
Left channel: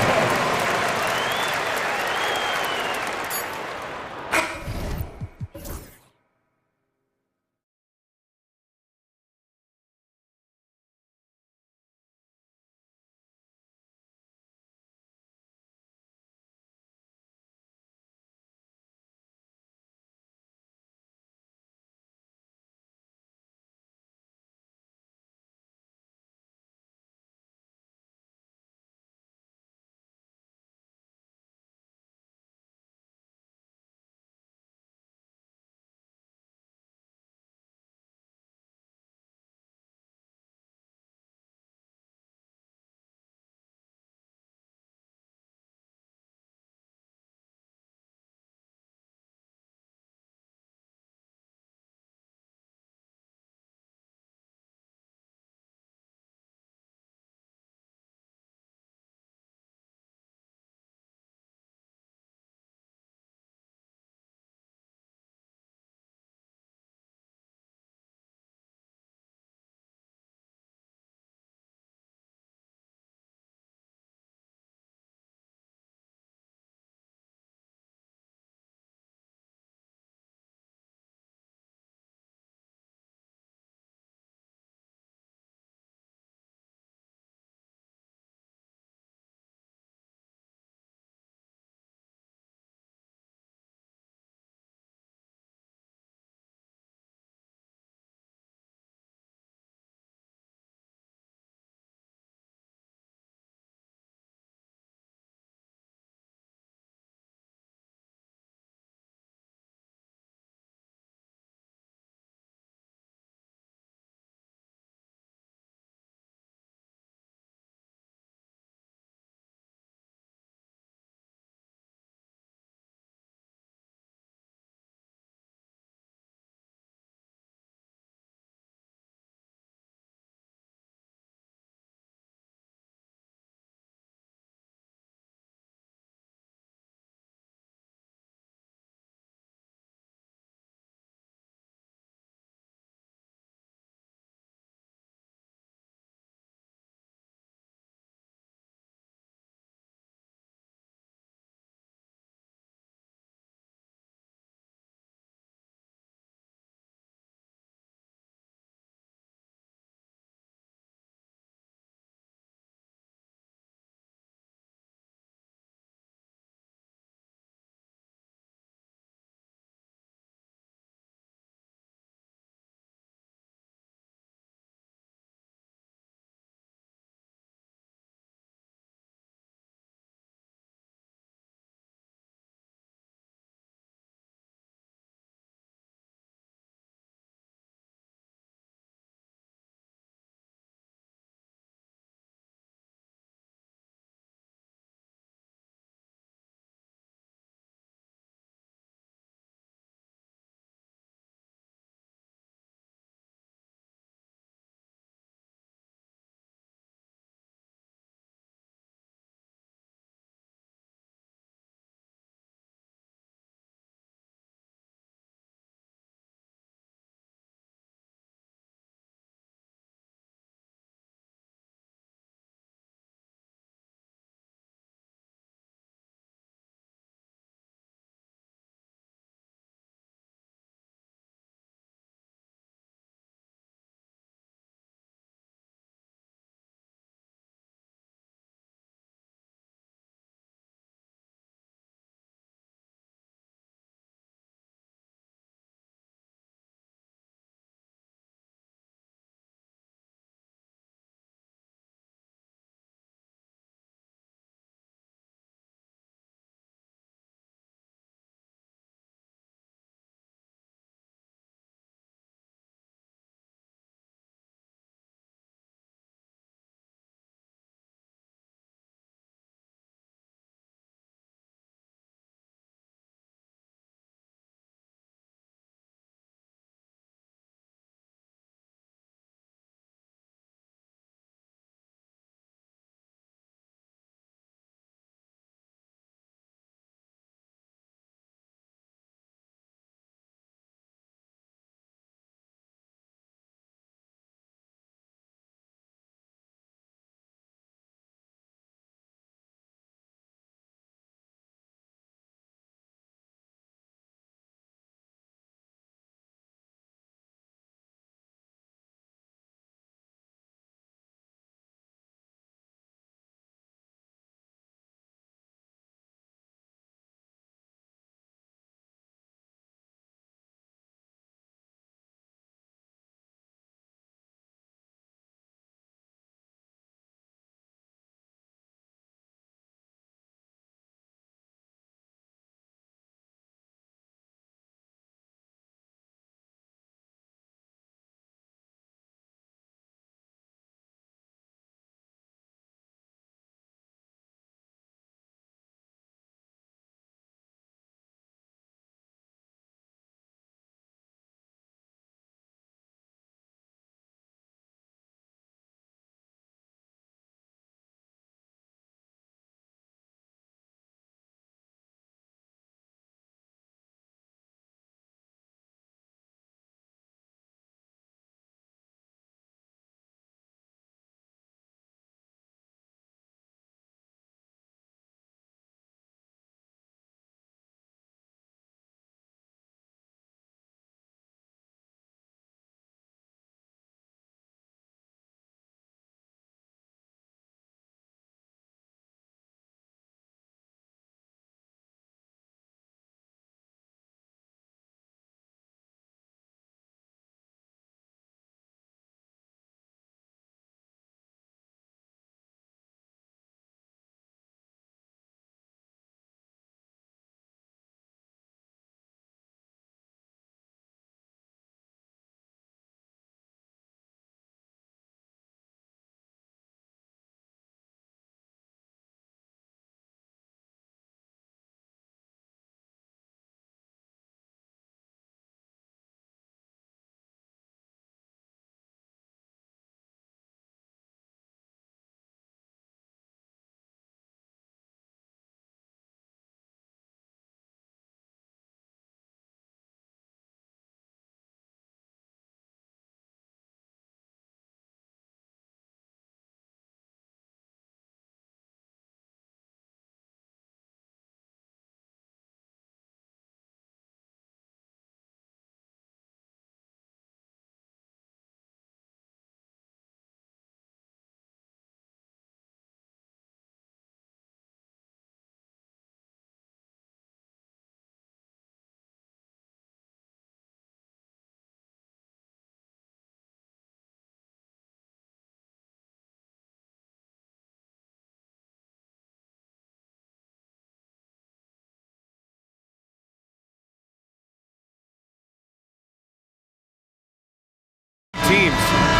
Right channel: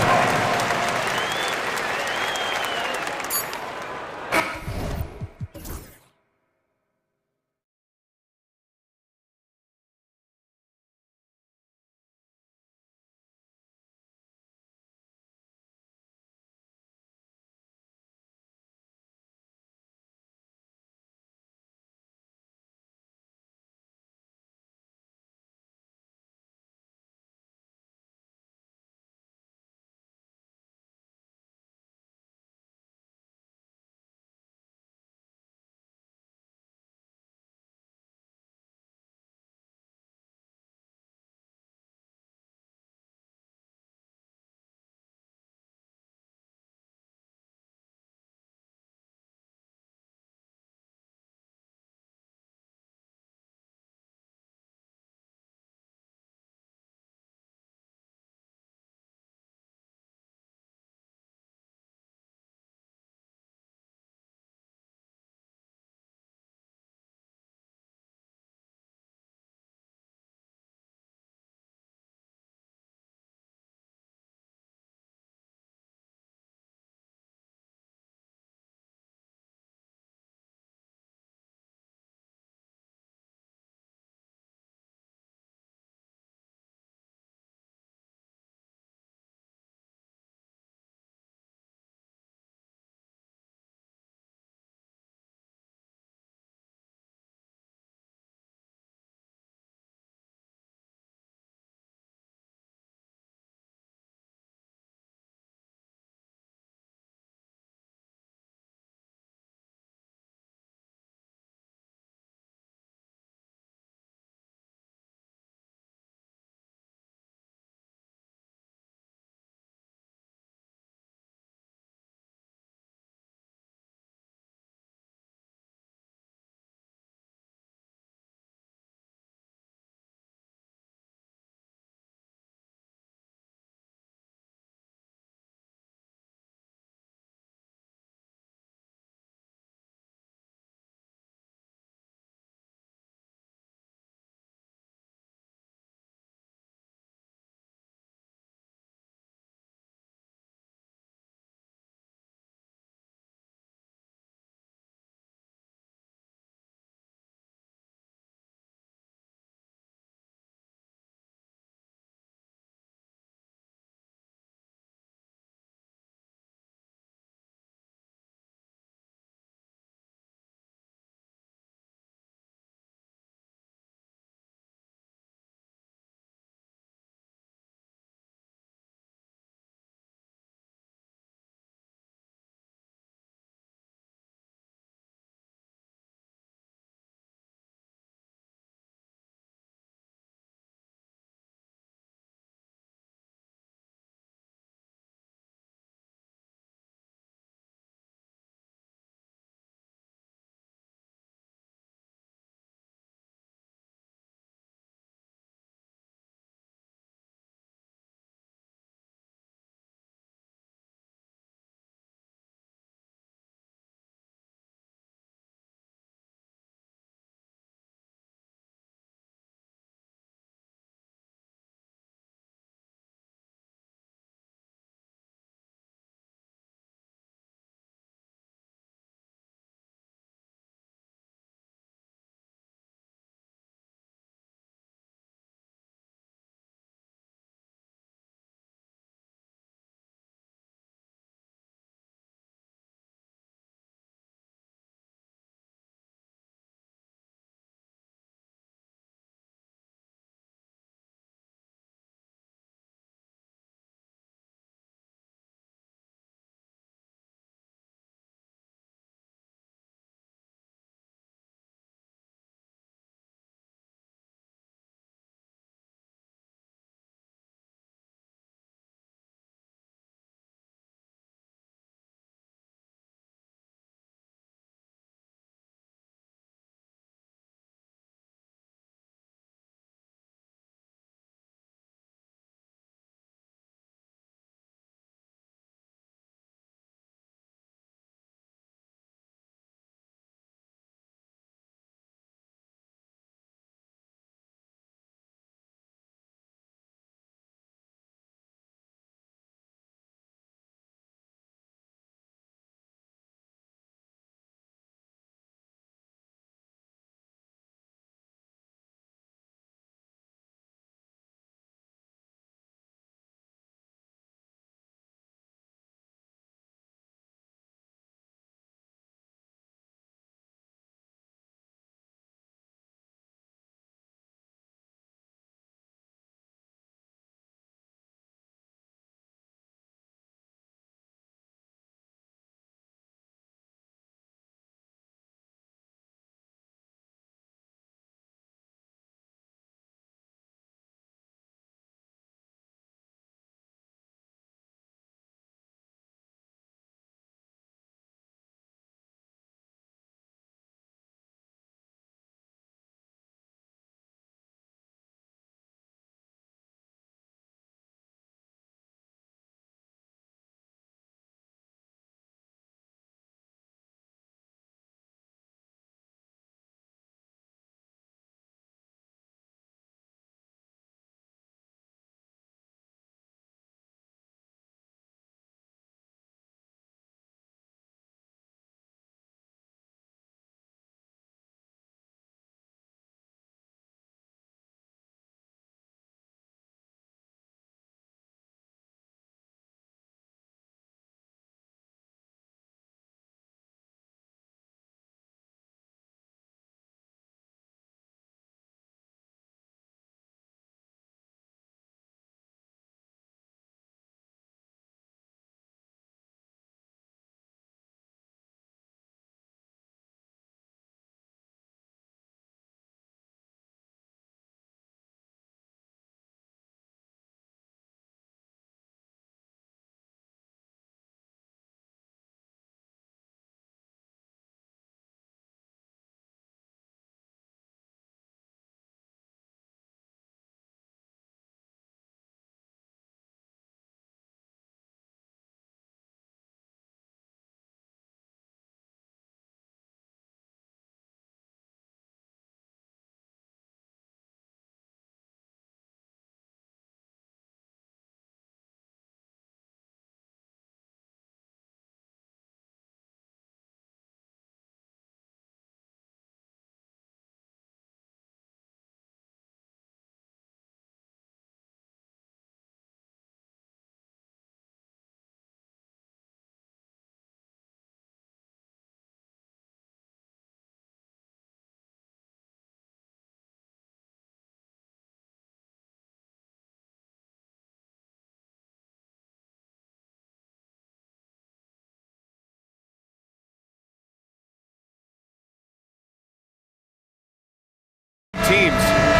teams,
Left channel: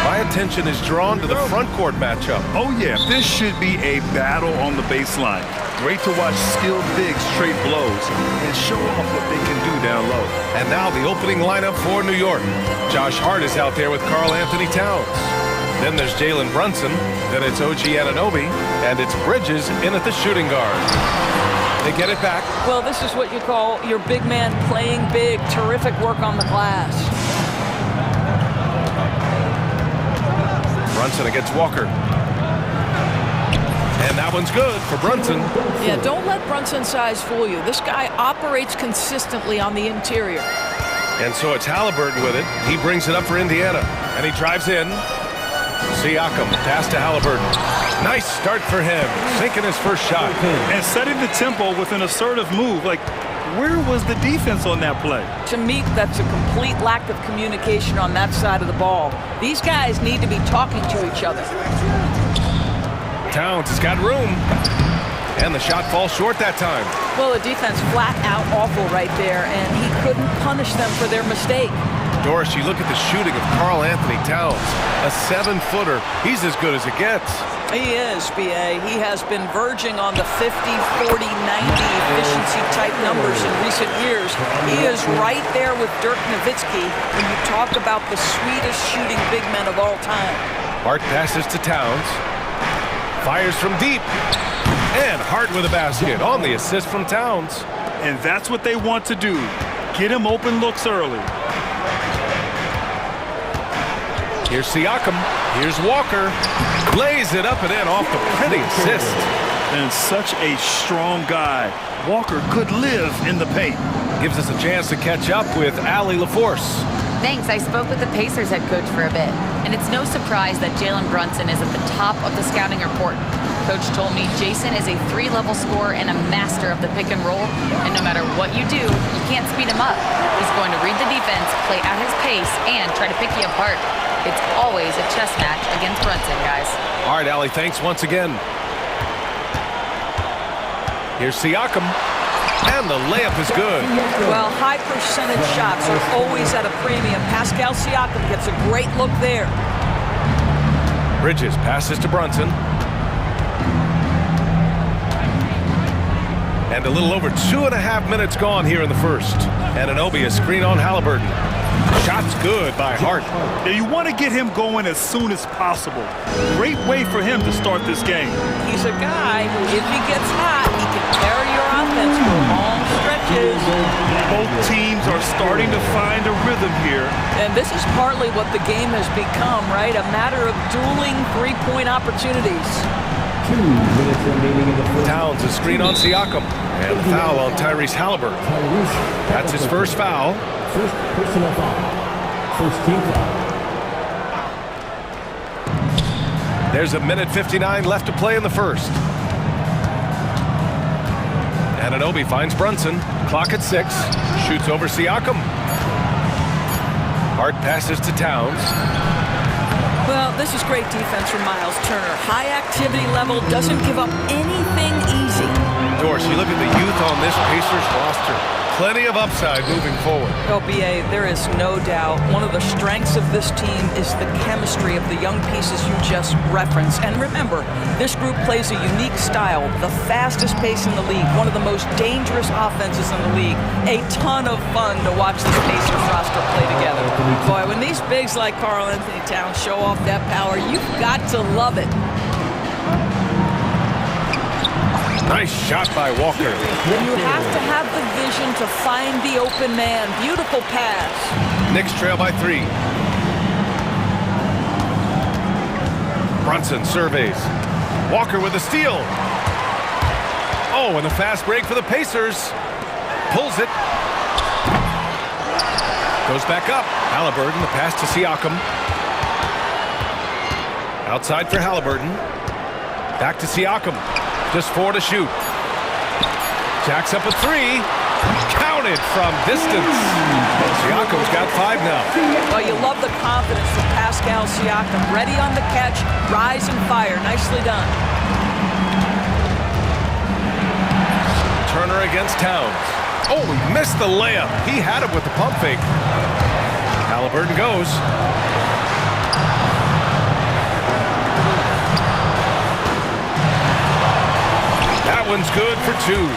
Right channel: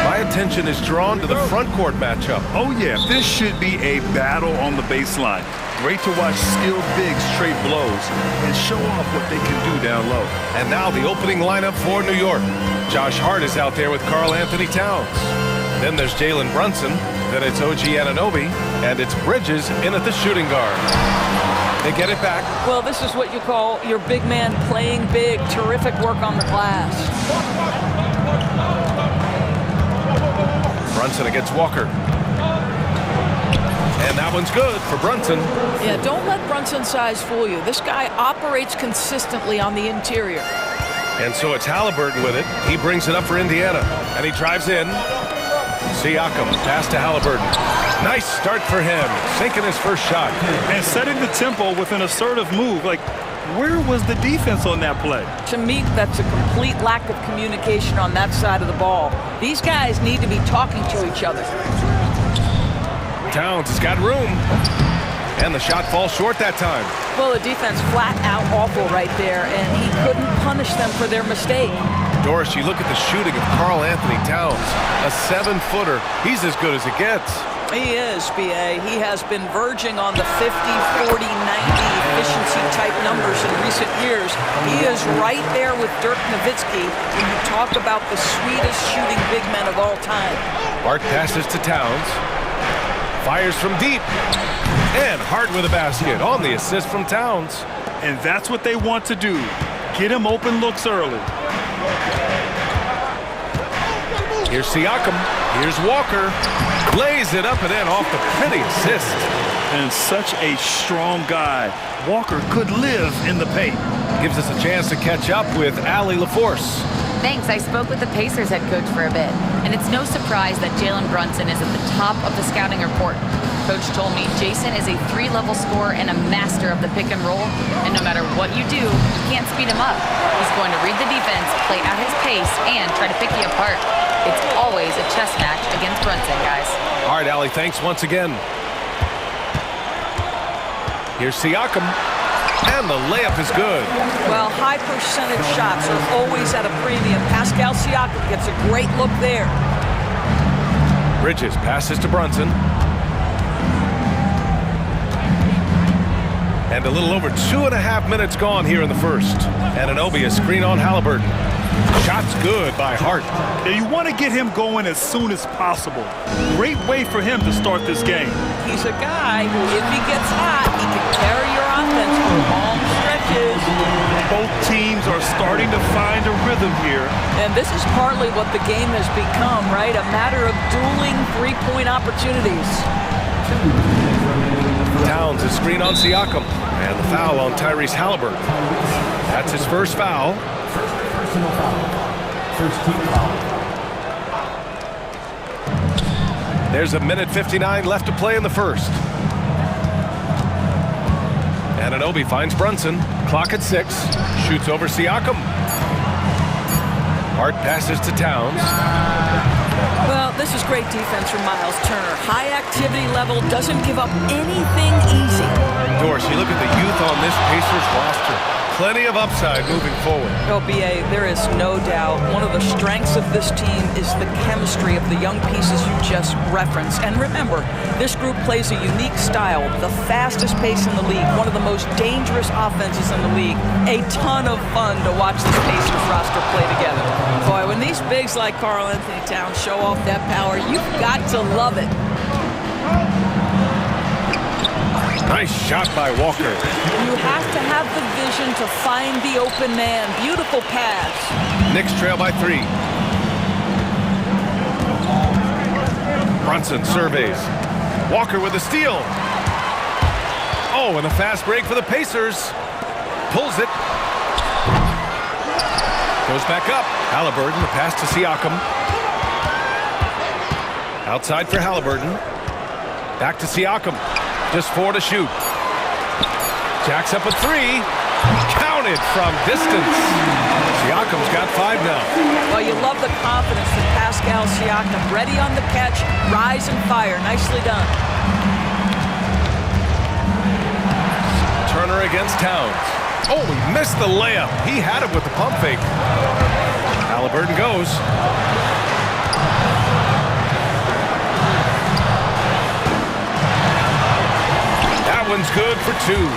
my attention is drawn to the front court matchup. Oh yeah, this should be a battle on the baseline. Great to watch skilled bigs trade blows and show off what they can do down low. And now the opening lineup for New York. Josh Hart is out there with Karl Anthony Towns. Then there's Jalen Brunson. Then it's OG Anunoby. And it's Bridges in at the shooting guard. They get it back. Well, this is what you call your big man playing big. Terrific work on the glass. Brunson against Walker. And that one's good for Brunson. Yeah, don't let Brunson's size fool you. This guy operates consistently on the interior. And so it's Halliburton with it. He brings it up for Indiana. And he drives in. Siakam, pass to Halliburton. Nice start for him, sinking his first shot. And setting the tempo with an assertive move. Like, where was the defense on that play? To me, that's a complete lack of communication on that side of the ball. These guys need to be talking to each other. Towns has got room. And the shot falls short that time. Well, the defense flat out awful right there, and he couldn't punish them for their mistake. Doris, you look at the shooting of Karl Anthony Towns, a 7-footer. He's as good as it gets. He is, B.A. He has been verging on the 50, 40, 90 efficiency type numbers in recent years. He is right there with Dirk Nowitzki when you talk about the sweetest shooting big men of all time. Hart passes to Towns. Fires from deep. And Hart with a basket on the assist from Towns. And that's what they want to do. Get him open looks early. Here's Siakam. Here's Walker. Lays it up and in off the pretty assist. And such a strong guy. Walker could live in the paint. Gives us a chance to catch up with Allie LaForce. Thanks. I spoke with the Pacers head coach for a bit, and it's no surprise that Jalen Brunson is at the top of the scouting report. Coach told me Jason is a 3-level scorer and a master of the pick and roll, and no matter what you do, you can't speed him up. He's going to read the defense, play at his pace, and try to pick you apart. It's always a chess match against Brunson, guys. All right, Allie, thanks once again. Here's Siakam. And the layup is good. Well, high percentage shots are always at a premium. Pascal Siakam gets a great look there. Bridges passes to Brunson. And a little over 2.5 minutes gone here in the first. Anunoby a screen on Halliburton. Shot's good by Hart. Now you want to get him going as soon as possible. Great way for him to start this game. He's a guy who, if he gets hot, he can carry your offense for long stretches. Both teams are starting to find a rhythm here. And this is partly what the game has become, right? A matter of dueling three-point opportunities. 2 minutes remaining in the first. Towns a screen on Siakam. And the foul on Tyrese Halliburton. That's his first foul. First personal foul. First team foul. There's a minute 59 left to play in the first. Anunoby finds Brunson. Clock at 6. Shoots over Siakam. Hart passes to Towns. Well, this is great defense from Miles Turner. High activity level, doesn't give up anything easy. Doris, you look at the youth on this Pacers roster. Plenty of upside moving forward. Well, B.A., there is no doubt one of the strengths of this team is the chemistry of the young pieces you just referenced. And remember, this group plays a unique style, the fastest pace in the league, one of the most dangerous offenses in the league. A ton of fun to watch this Pacers roster play together. Boy, when these bigs like Karl Anthony Towns show off that power, you've got to love it. Nice shot by Walker. You have to have the vision to find the open man. Beautiful pass. Knicks trail by 3. Brunson surveys. Walker with a steal. Oh, and a fast break for the Pacers. Pulls it. Goes back up. Halliburton, the pass to Siakam. Outside for Halliburton. Back to Siakam. Just 4 to shoot. Jacks up a 3. Counted from distance. Siakam's got 5 now. Well, you love the confidence from Pascal Siakam. Ready on the catch, rise and fire. Nicely done. Turner against Towns. Oh, he missed the layup. He had it with the pump fake. Halliburton goes. That one's good for 2.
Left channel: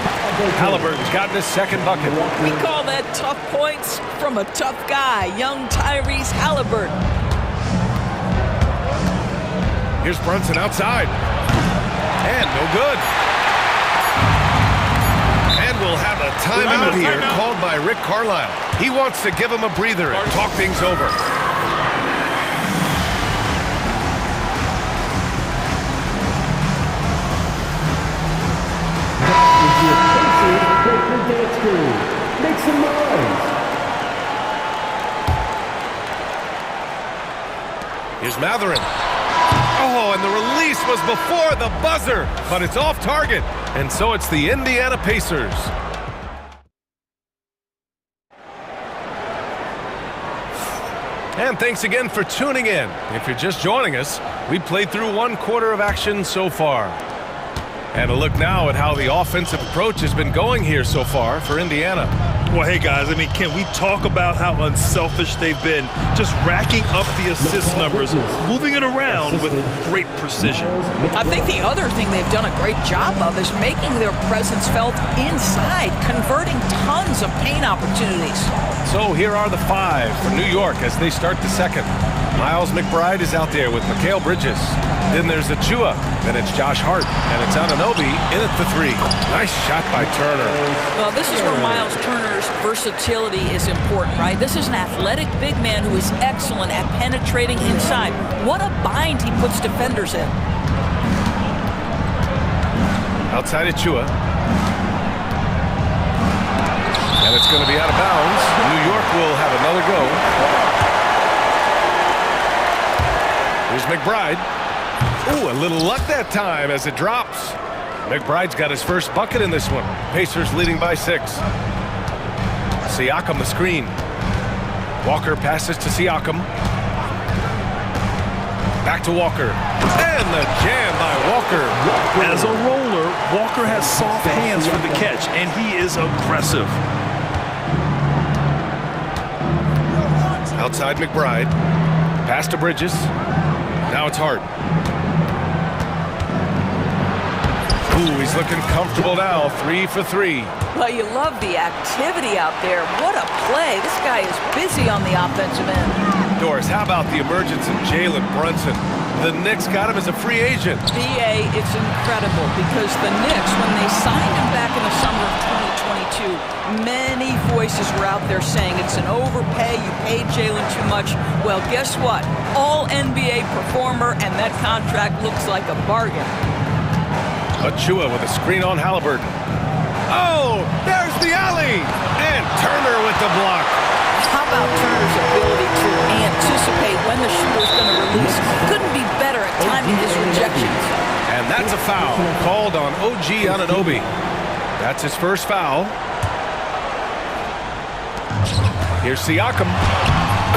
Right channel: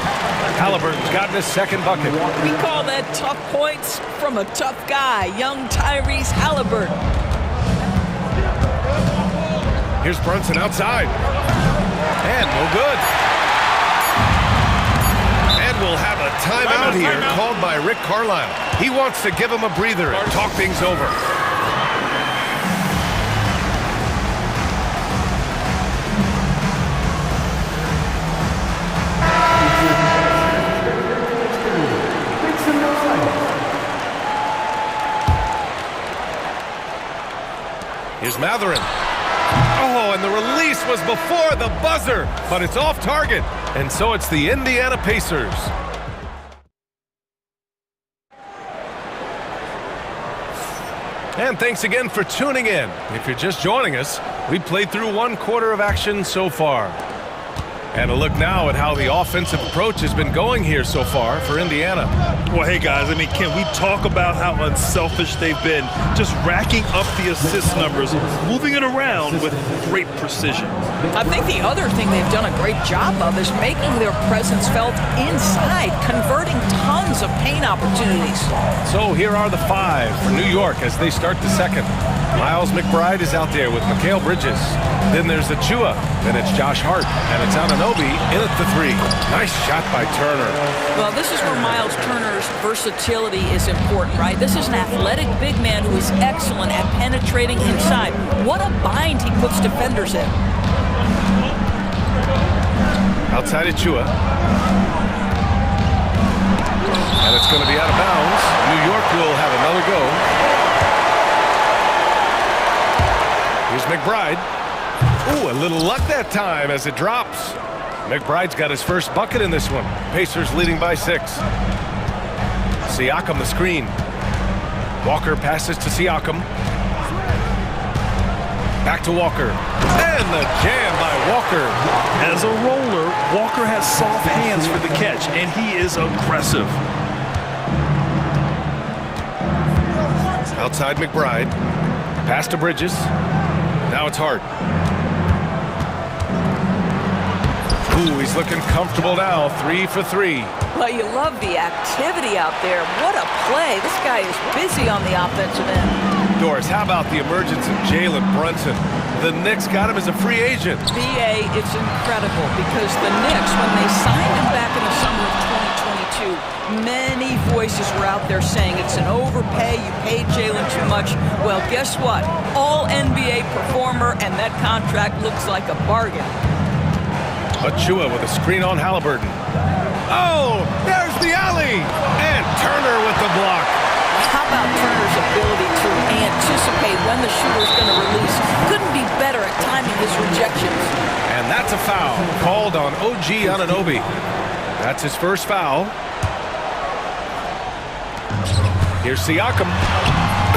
Halliburton's gotten his second bucket. We call that tough points from a tough guy, young Tyrese Halliburton. Here's Brunson outside. And no good. And we'll have a timeout here called by Rick Carlisle. He wants to give him a breather and talk things over. Make some noise. Here's Matherin. Oh, and the release was before the buzzer, but it's off target. And so it's the Indiana Pacers. And thanks again for tuning in. If you're just joining us, we played through 1 quarter of action so far. And a look now at how the offensive approach has been going here so far for Indiana. Well, hey, guys, I mean, can we talk about how unselfish they've been? Just racking up the assist numbers, moving it around with great precision. I think the other thing they've done a great job of is making their presence felt inside, converting tons of paint opportunities. So here are the 5 for New York as they start the second. Miles McBride is out there with Mikal Bridges. Then there's Achua. Then it's Josh Hart. And it's Anunoby in at the 3. Nice shot by Turner. Well, this is where Miles Turner's versatility is important, right? This is an athletic big man who is excellent at penetrating inside. What a bind he puts defenders in. Outside Achua. And it's going to be out of bounds. New York will have another go. Here's McBride. Ooh, a little luck that time as it drops. McBride's got his first bucket in this one. Pacers leading by 6. Siakam the screen. Walker passes to Siakam. Back to Walker. And the jam by Walker. As a roller, Walker has soft hands for the catch, and he is aggressive. Outside McBride. Pass to Bridges. Now it's Hart. Ooh, he's looking comfortable now. 3 for 3. Well, you love the activity out there. What a play. This guy is busy on the offensive end. Doris, how about the emergence of Jalen Brunson? The Knicks got him as a free agent. BA, it's incredible because the Knicks, when they signed him back in the summer of 2022, many voices were out there saying it's an overpay, you paid Jalen too much. Well, guess what? All NBA performer, and that contract looks like a bargain. Achua with a screen on Halliburton. Oh, there's the alley! And Turner with the block. How about Turner's ability to anticipate when the shooter's going to release? Couldn't be better at timing his rejections. And that's a foul called on OG Anunoby. That's his first foul. Here's Siakam.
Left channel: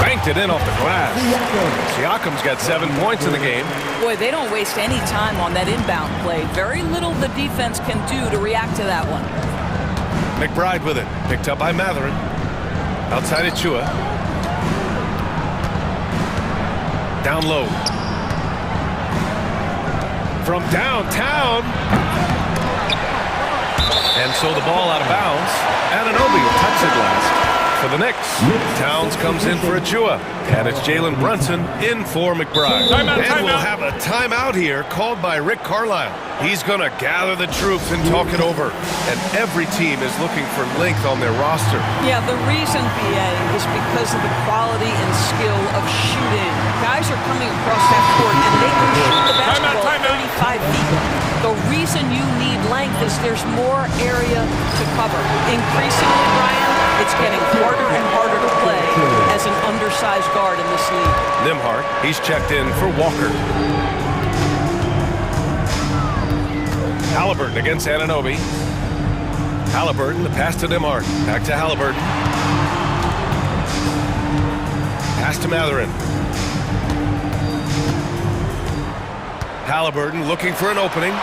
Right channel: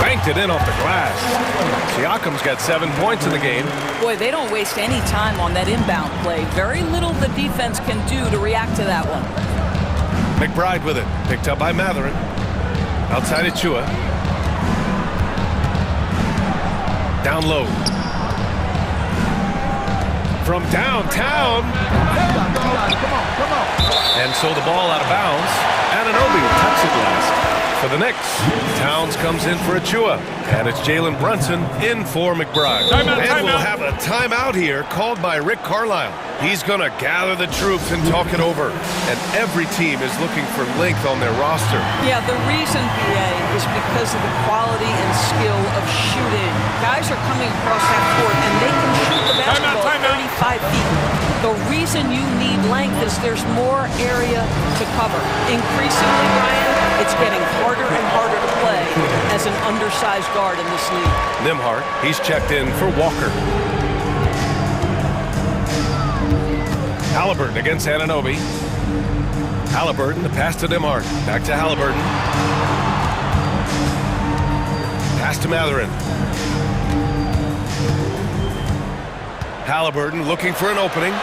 Banked it in off the glass. Siakam's got 7 points in the game. Boy, they don't waste any time on that inbound play. Very little the defense can do to react to that one. McBride with it. Picked up by Matherin. Outside Achua. Down low. From downtown. And so the ball out of bounds. Anunoby touched it last. For the Knicks, Towns comes in for Achua. And it's Jalen Brunson in for McBride. And we'll have a timeout here called by Rick Carlisle. He's going to gather the troops and talk it over. And every team is looking for length on their roster. Yeah, the reason, BA, is because of the quality and skill of shooting. Guys are coming across half court, and they can shoot the basketball 35 feet. The reason you need length is there's more area to cover. Increasingly, Brian, it's getting harder and harder to play as an undersized guard in this league. Nembhard, he's checked in for Walker. Halliburton against Anunoby. Halliburton, the pass to Nembhard. Back to Halliburton. Pass to Matherin. Halliburton looking for an opening.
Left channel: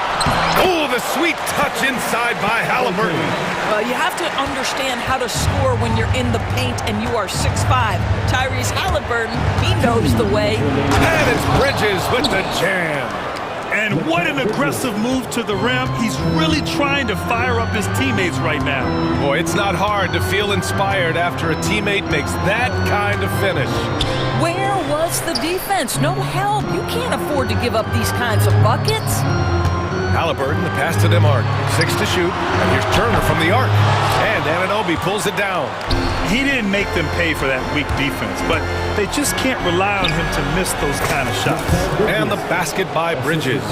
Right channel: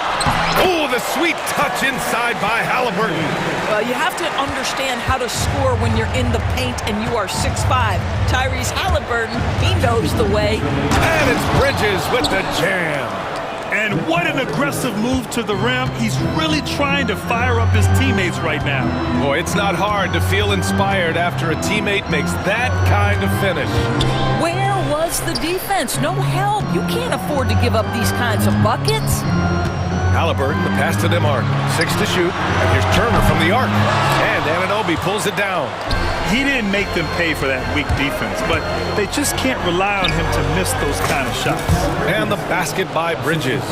Oh, the sweet touch inside by Halliburton. Well, you have to understand how to score when you're in the paint and you are 6'5". Tyrese Halliburton, he knows the way. And it's Bridges with the jam. And what an aggressive move to the rim. He's really trying to fire up his teammates right now. Boy, it's not hard to feel inspired after a teammate makes that kind of finish. Where was the defense? No help. You can't afford to give up these kinds of buckets. Halliburton, the pass to DeMarc. 6 to shoot. And here's Turner from the arc. And Anunoby pulls it down. He didn't make them pay for that weak defense, but they just can't rely on him to miss those kind of shots. And the basket by Bridges.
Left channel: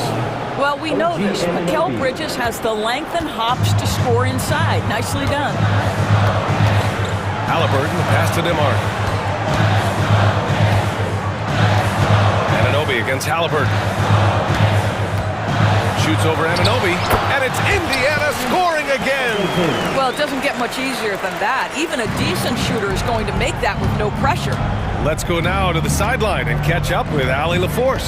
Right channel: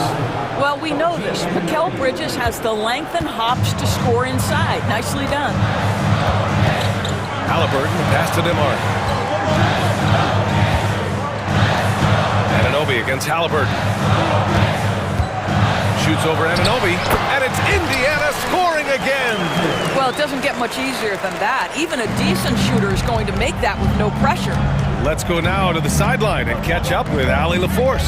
Well, we know this. Mikal Bridges has the length and hops to score inside. Nicely done. Halliburton, the pass to DeMarc. Anunoby against Halliburton. Shoots over Anunoby, and it's Indiana scoring again. Well, it doesn't get much easier than that. Even a decent shooter is going to make that with no pressure. Let's go now to the sideline and catch up with Allie LaForce.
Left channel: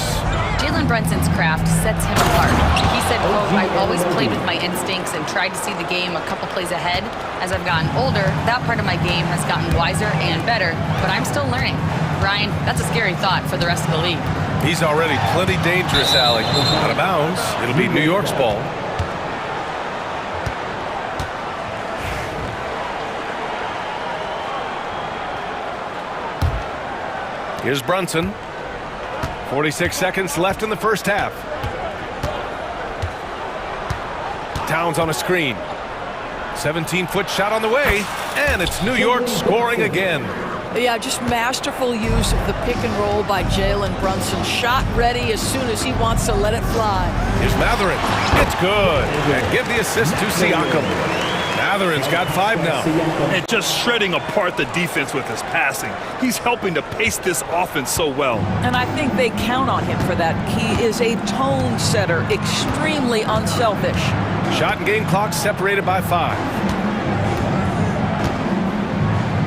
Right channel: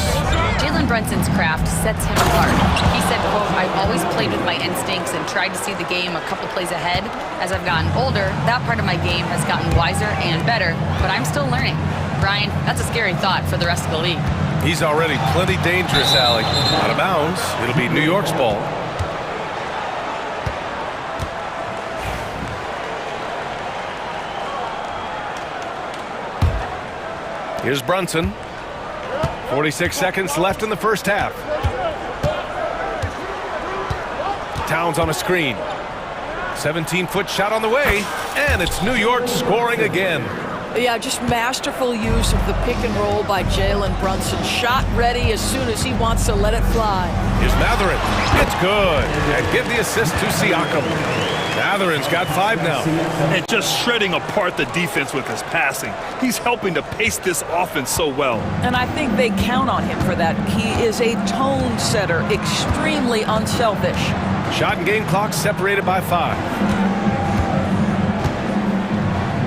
Jalen Brunson's craft sets him apart. He said, quote, "I've always played with my instincts and tried to see the game a couple plays ahead. As I've gotten older, that part of my game has gotten wiser and better, but I'm still learning." Brian, that's a scary thought for the rest of the league. He's already plenty dangerous, Allie. Out of bounds, it'll be New York's ball. Here's Brunson. 46 seconds left in the first half. Towns on a screen. 17-foot shot on the way, and it's New York scoring again. Yeah, just masterful use of the pick and roll by Jalen Brunson. Shot ready as soon as he wants to let it fly. Here's Matherin. It's good. And give the assist to Siakam. Matherin's got 5 now. And just shredding apart the defense with his passing. He's helping to pace this offense so well. And I think they count on him for that. He is a tone setter, extremely unselfish. Shot and game clock separated by 5.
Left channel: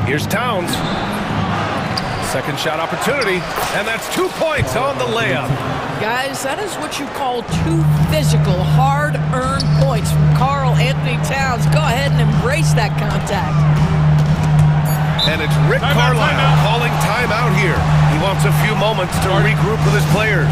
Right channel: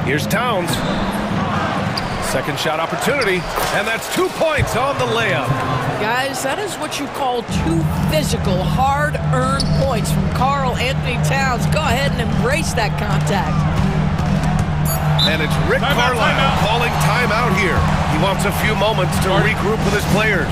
Here's Towns. Second shot opportunity, and that's 2 points on the layup. Guys, that is what you call 2 physical, hard-earned points from Karl Anthony Towns. Go ahead and embrace that contact. And it's Rick Carlisle calling timeout here. He wants a few moments to regroup with his players.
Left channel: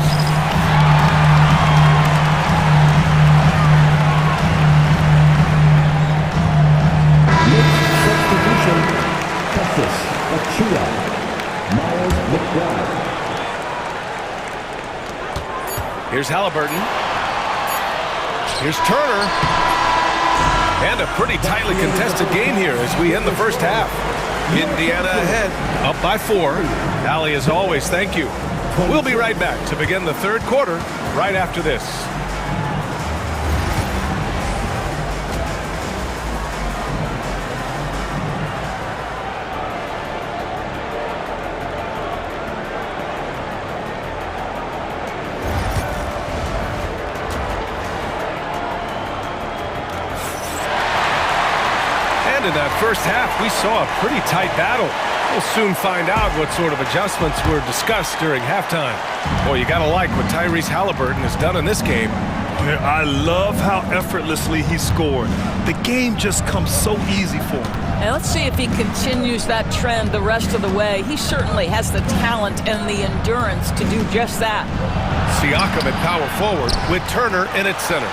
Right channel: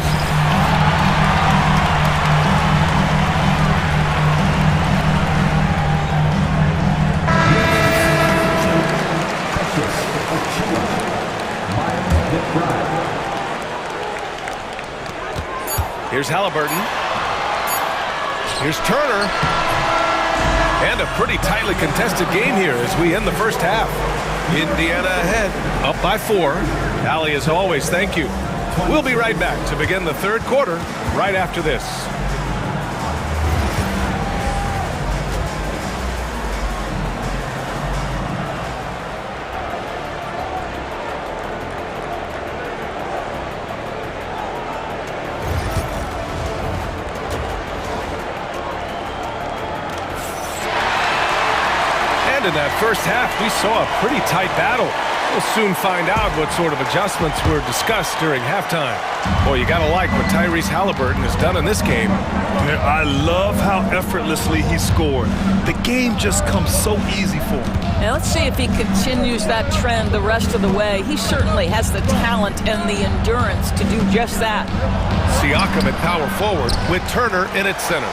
Here's Halliburton. Here's Turner. And a pretty tightly contested game here as we end the first half. Indiana ahead, up by 4. Allie, as always, thank you. We'll be right back to begin the third quarter right after this. And in that first half, we saw a pretty tight battle. We'll soon find out what sort of adjustments were discussed during halftime. Boy, you gotta like what Tyrese Halliburton has done in this game. I love how effortlessly he scored. The game just comes so easy for him. Now let's see if he continues that trend the rest of the way. He certainly has the talent and the endurance to do just that. Siakam at power forward with Turner in at center.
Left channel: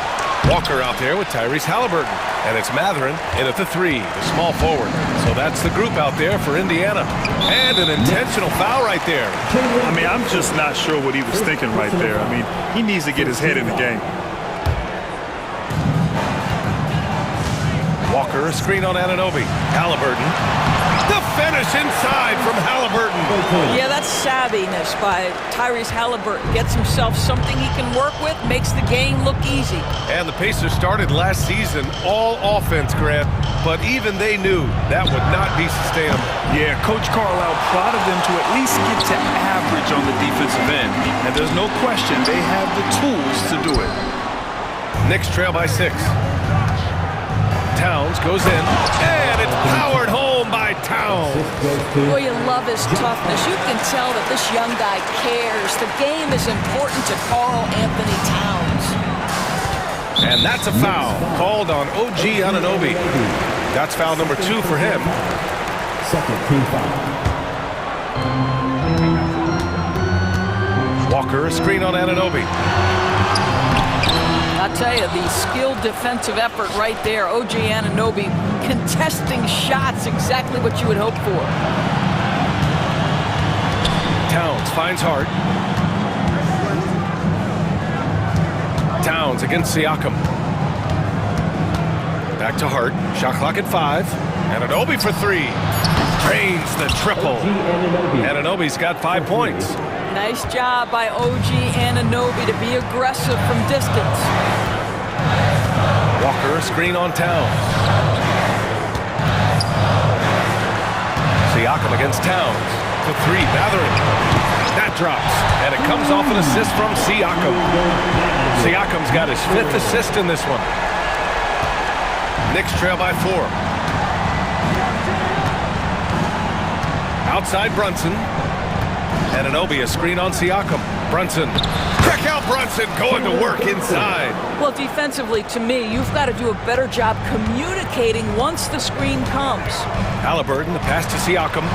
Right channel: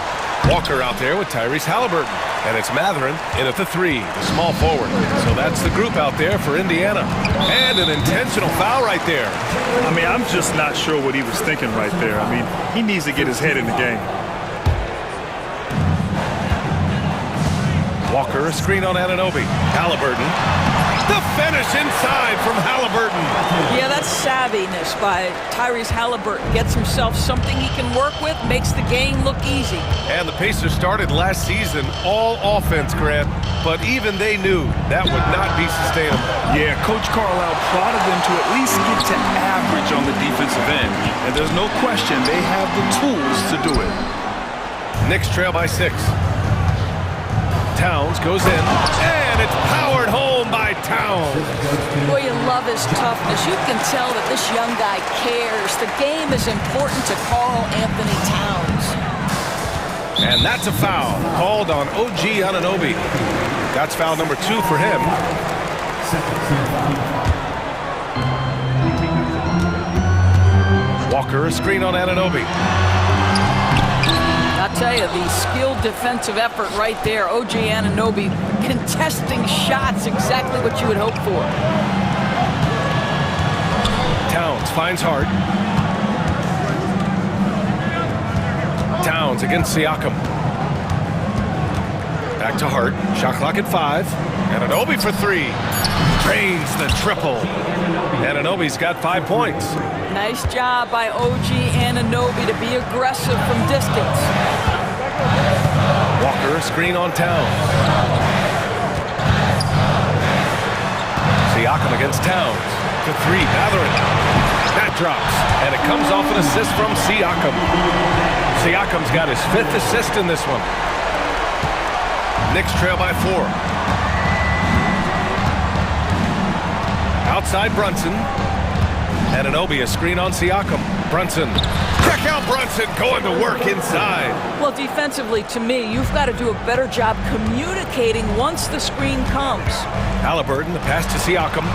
Walker out there with Tyrese Halliburton. And it's Matherin in at the 3, the small forward. So that's the group out there for Indiana. And an intentional foul right there. I mean, I'm just not sure what he was thinking right there. I mean, he needs to get his head in the game. Walker, a screen on Anunoby. Halliburton. The finish inside from Halliburton. Yeah, that's savviness by Tyrese Halliburton. Gets himself something he can work with, makes the game look easy. And the Pacers started last season all offense, Grant, but even they knew that would not be sustainable. Yeah, Coach Carlisle prodded them to at least get to average on the defensive end. And there's no question they have the tools to do it. Knicks trail by 6. Towns goes in, and it's powered home by Towns. Boy, you love his toughness. You can tell that this young guy cares. The game is important to Karl Anthony Towns. And that's a foul called on OG Anunoby. That's foul number 2 for him. Second team foul. Walker, a screen on Anunoby. I'll tell you, the skilled defensive effort right there. OG Anunoby contesting shots, exactly what you would hope for. Towns finds Hart. Towns against Siakam. Back to Hart. Shot clock at 5. Anunoby for 3. Drains the triple. Anunoby's got 5 points. Nice job by OG Anunoby to be aggressive from distance. Walker, a screen on Towns. Siakam against Towns. To 3, Mathurin. That drops, and it comes off an assist from Siakam. Siakam's got his 5th assist in this one. Knicks trail by 4. Outside Brunson. Anunoby, a screen on Siakam. Brunson. Check out Brunson going to work inside. Well, defensively, to me, you've got to do a better job communicating once the screen comes. Halliburton, the pass to Siakam.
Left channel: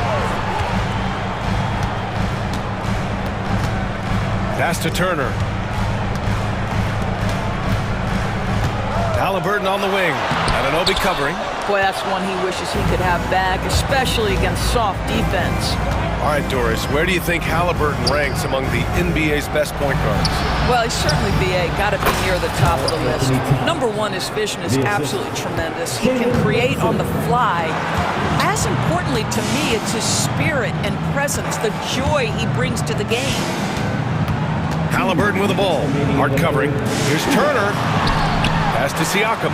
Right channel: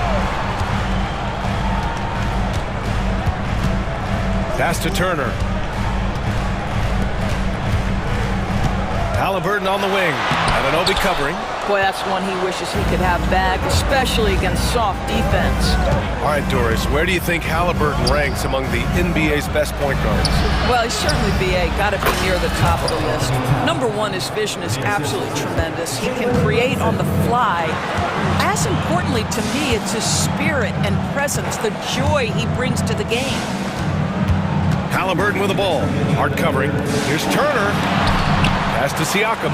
Pass to Turner. Halliburton on the wing. Anunoby covering. Boy, that's one he wishes he could have back, especially against soft defense. All right, Doris, where do you think Halliburton ranks among the NBA's best point guards? Well, he's certainly, BA, got to be near the top of the list. Number one, his vision is absolutely tremendous. He can create on the fly. As importantly to me, it's his spirit and presence, the joy he brings to the game. Halliburton with the ball. Hard covering. Here's Turner. Pass to Siakam.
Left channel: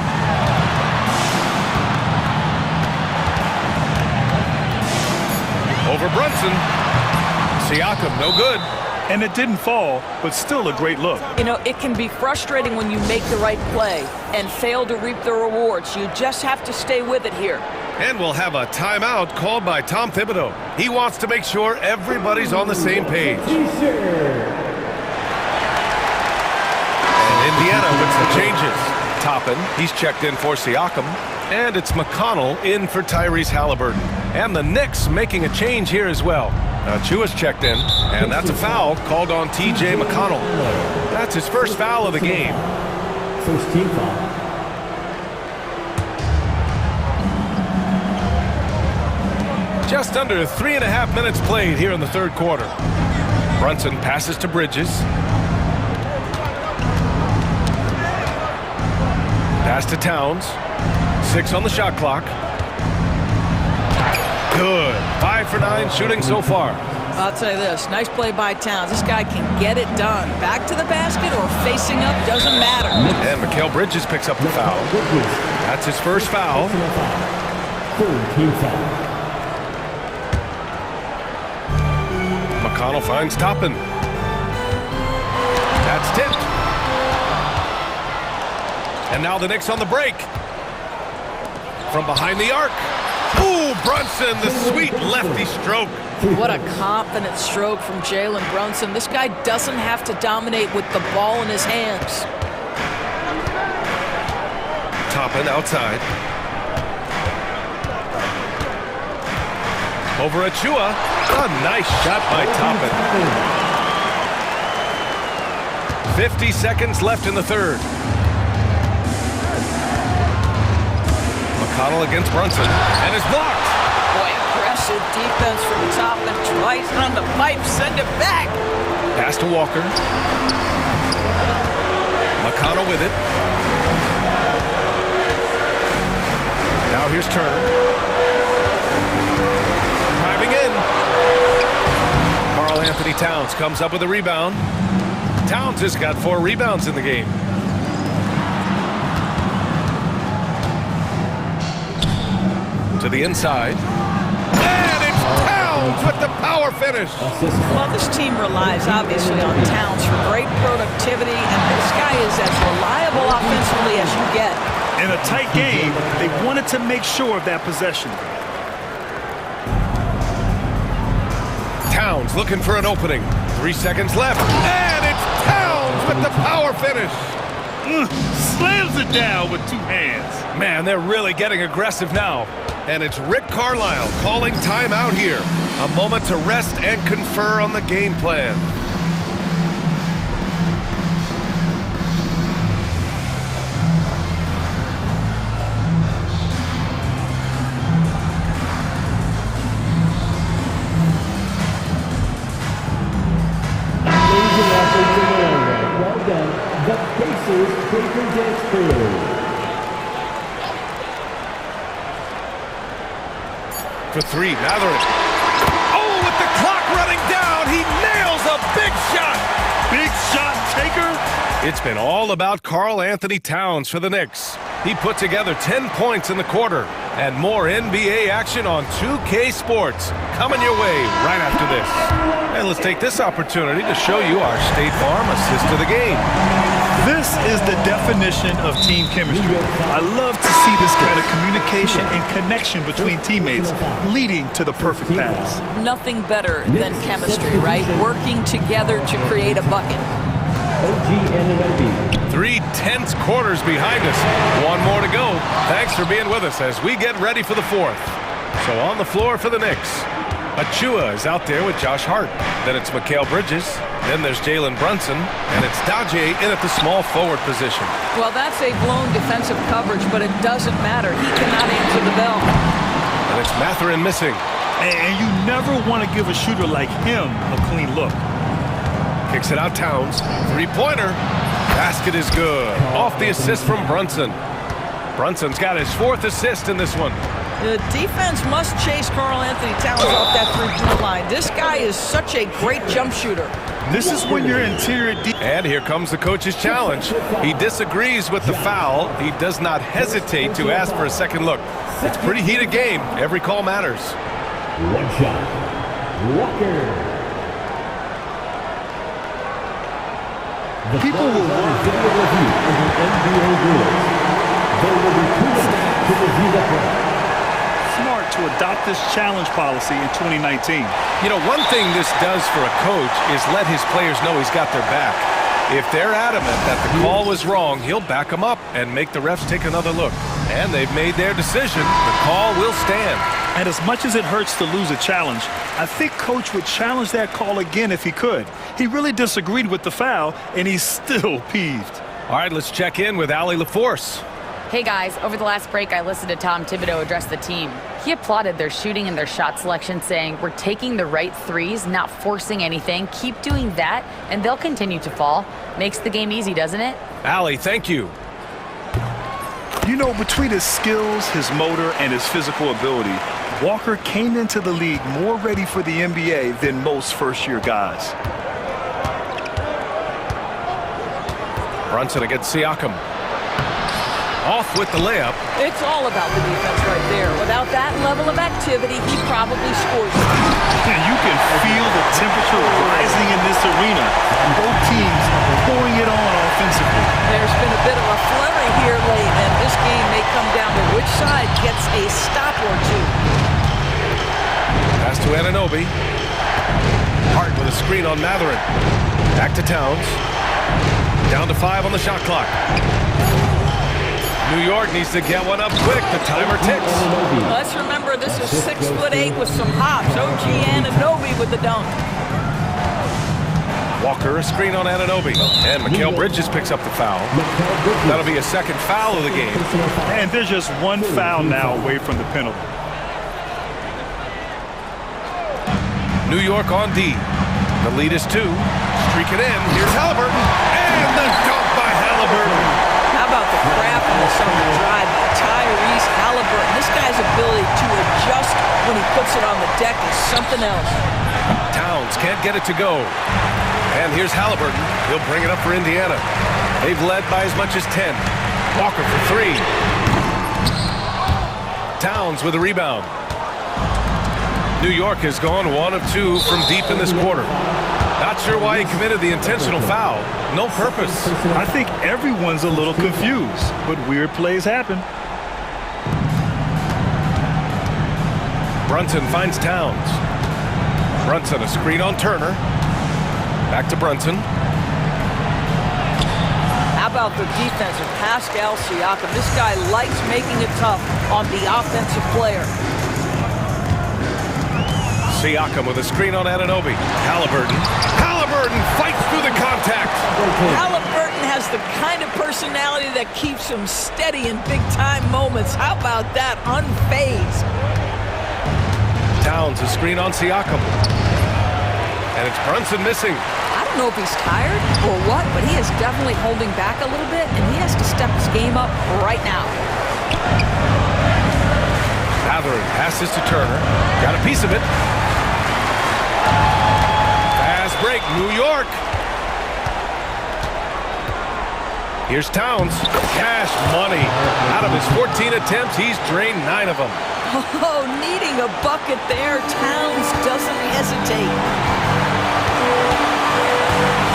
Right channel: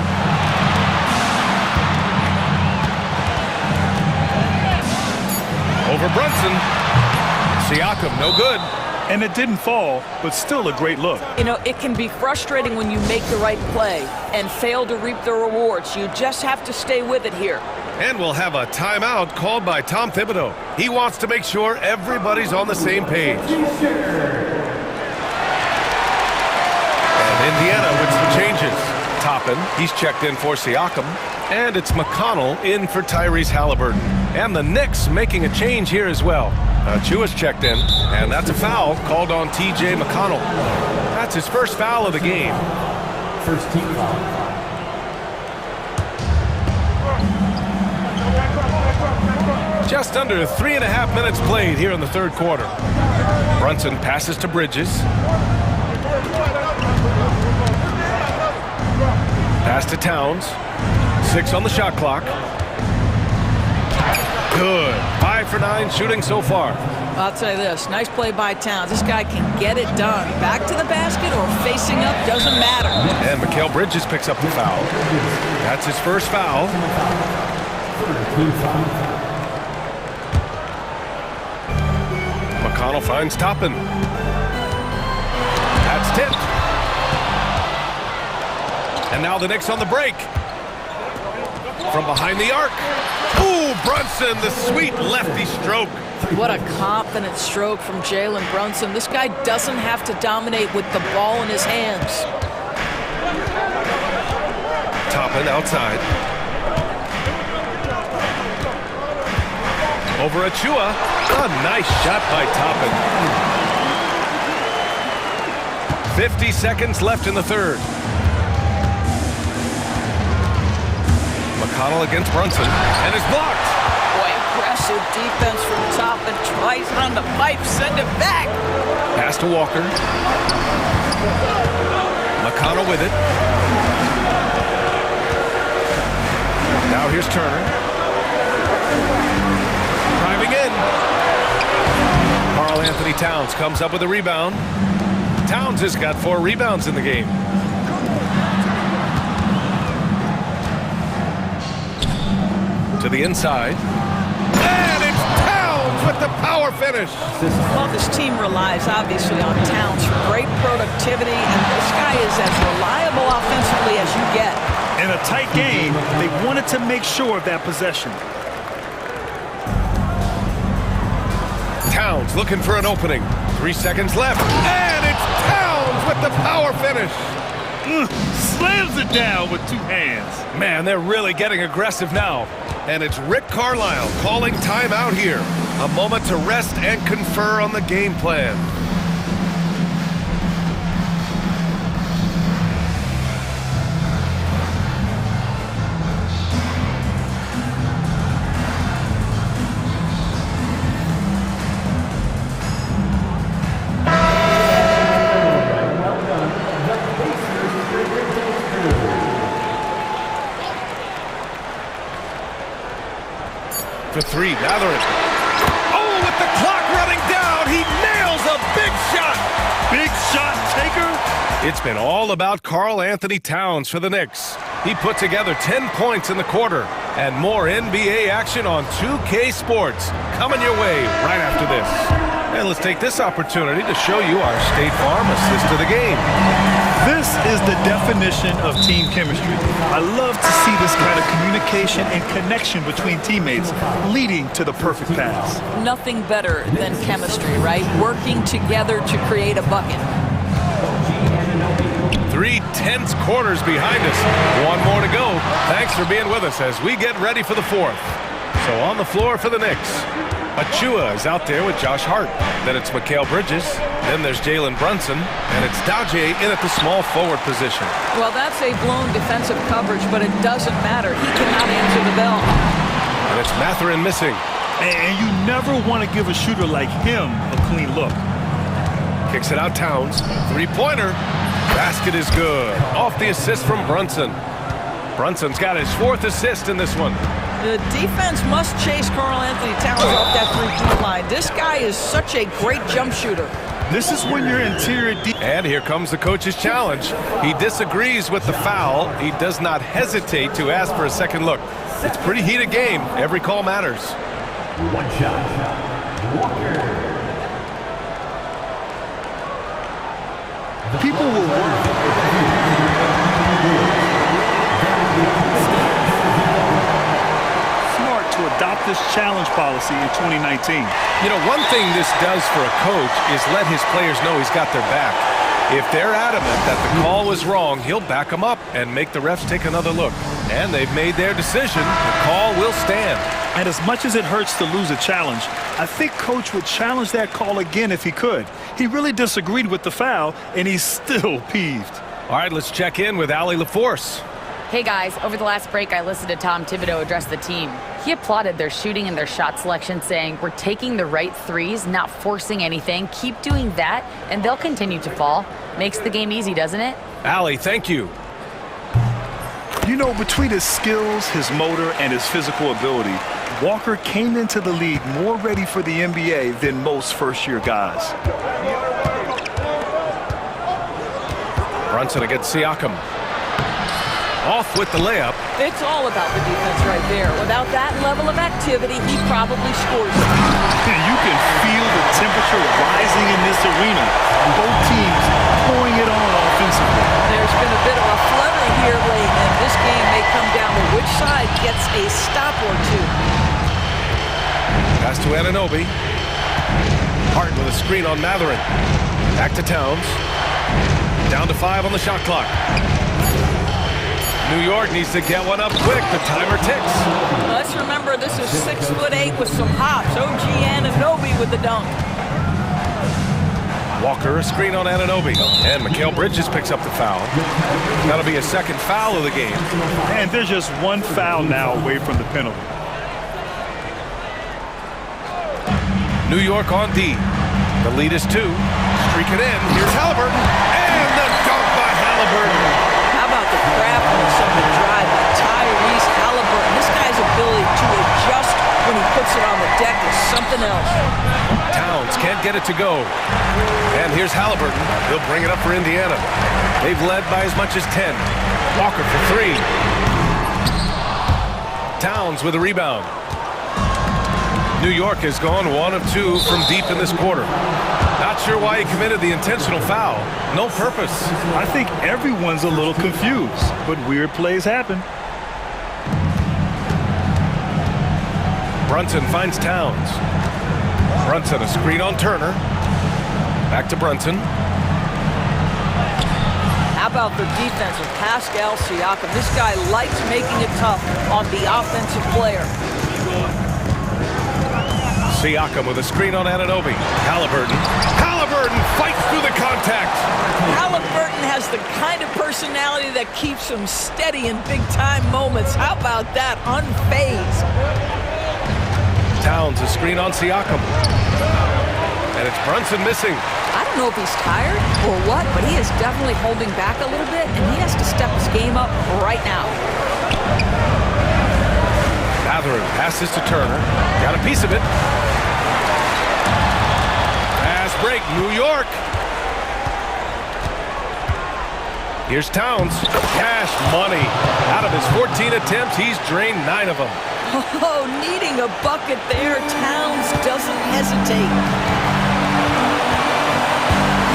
Over Brunson. Siakam, no good. And it didn't fall, but still a great look. You know, it can be frustrating when you make the right play and fail to reap the rewards. You just have to stay with it here. And we'll have a timeout called by Tom Thibodeau. He wants to make sure everybody's on the same page. And Indiana with some changes. Toppin, he's checked in for Siakam. And it's McConnell in for Tyrese Halliburton. And the Knicks making a change here as well. Chua's checked in, and that's a foul called on T.J. McConnell. That's his first foul of the game. First team foul. Just under 3.5 minutes played here in the third quarter. Brunson passes to Bridges. Pass to Towns. 6 on the shot clock. Good. 5 for 9 shooting so far. I'll tell you this, nice play by Towns. This guy can get it done. Back to the basket or facing up, doesn't matter. And Mikal Bridges picks up the foul. That's his first foul. Third team foul. McConnell finds Toppin. That's tipped. And now the Knicks on the break. From behind the arc. Ooh, Brunson, the sweet lefty stroke. What a confident stroke from Jalen Brunson. This guy doesn't have to dominate with the ball in his hands. Toppin outside. Over Achua. A nice shot by Toppin. 50 seconds left in the third. McConnell against Brunson, and is blocked. Boy, aggressive defense from Toppin. Tries on the pipe, send it back. Pass to Walker. McConnell with it. Now here's Turner. Driving in. Karl Anthony Towns comes up with a rebound. Towns has got 4 rebounds in the game. To the inside. And it's Towns with the power finish. Well, this team relies obviously on Towns for great productivity, and this guy is as reliable offensively as you get. In a tight game, they wanted to make sure of that possession. Towns looking for an opening. 3 seconds left. And it's Towns with the power finish. Slams it down with 2 hands. Man, they're really getting aggressive now. And it's Rick Carlisle calling timeout here. A moment to rest and confer on the game plan. The Pacers breaking dance crew. For three, Matherin. Oh, with the clock running down, he nails a big shot. Big shot taker. It's been all about Karl Anthony Towns for the Knicks. He put together 10 points in the quarter. And more NBA action on 2K Sports coming your way right after this. And let's take this opportunity to show you our State Farm assist to the game. This is the definition of team chemistry. I love to see this kind of communication and connection between teammates leading to the perfect pass. Nothing better than chemistry, right? Working together to create a bucket. 3 tense quarters behind us. One more to go. Thanks for being with us as we get ready for the fourth. So on the floor for the Knicks, Achua is out there with Josh Hart. Then it's Mikal Bridges. Then there's Jalen Brunson. And it's Daje in at the small forward position. Well, that's a blown defensive coverage, but it doesn't matter. He cannot answer the bell. And it's Matherin missing. And you never want to give a shooter like him a clean look. Kicks it out, Towns. Three-pointer. Basket is good. Off the assist from Brunson. Brunson's got his 4th assist in this one. The defense must chase Karl Anthony Towns off that three-point line. This guy is such a great jump shooter. This is when your interior And here comes the coach's challenge. He disagrees with the foul. He does not hesitate to ask for a second look. It's a pretty heated game. Every call matters. One shot. Walker. People will work. Smart to adopt this challenge policy in 2019. You know, one thing this does for a coach is let his players know he's got their back. If they're adamant that the call was wrong, he'll back them up and make the refs take another look. And they've made their decision. The call will stand. And as much as it hurts to lose a challenge, I think Coach would challenge that call again if he could. He really disagreed with the foul, and he's still peeved. All right, let's check in with Allie LaForce. Hey guys, over the last break I listened to Tom Thibodeau address the team. He applauded their shooting and their shot selection, saying, "We're taking the right threes, not forcing anything. Keep doing that, and they'll continue to fall." Makes the game easy, doesn't it? Allie, thank you. You know, between his skills, his motor, and his physical ability, Walker came into the league more ready for the NBA than most first-year guys. Brunson against Siakam. Off with the layup. It's all about the defense right there. Without that level of activity, he probably scores. And you can feel the temperature rising in this arena. Both teams pouring it on offensively. There's been a bit of a flurry here late, and this game may come down to which side gets a stop or two. Pass to Anunoby. Hart with a screen on Matherin. Back to Towns. Down to 5 on the shot clock. New York needs to get one up quick. The timer ticks. Let's remember this is 6'8" with some hops. OG Anunoby with the dunk. Walker, a screen on Anunoby. And Mikal Bridges picks up the foul. That'll be a second foul of the game. And there's just one foul now away from the penalty. New York on D. The lead is 2. Streak it in. Here's Halliburton. And the dunk by Halliburton. How about the craftiness on the drive by Tyrese Halliburton? This guy's ability to adjust when he puts it on the deck is something else. Towns can't get it to go. And here's Halliburton. He'll bring it up for Indiana. They've led by as much as 10. Walker for 3. Towns with a rebound. New York has gone 1 of 2 from deep in this quarter. Not sure why he committed the intentional foul. No purpose. I think everyone's a little confused, but weird plays happen. Brunson finds Towns. Brunson, a screen on Turner. Back to Brunson. How about the defense of Pascal Siakam? This guy likes making it tough on the offensive player. Siakam with a screen on Anunoby. Halliburton. Halliburton fights through the contact. Halliburton has the kind of personality that keeps him steady in big-time moments. How about that? Unfazed. Towns, a screen on Siakam. And it's Brunson missing. I don't know if he's tired or what, but he is definitely holding back a little bit, and he has to step his game up right now. Matherin passes to Turner. Got a piece of it. Fast break, New York. Here's Towns. Cash money. Out of his 14 attempts, he's drained 9 of them. Oh, needing a bucket there. Towns doesn't hesitate.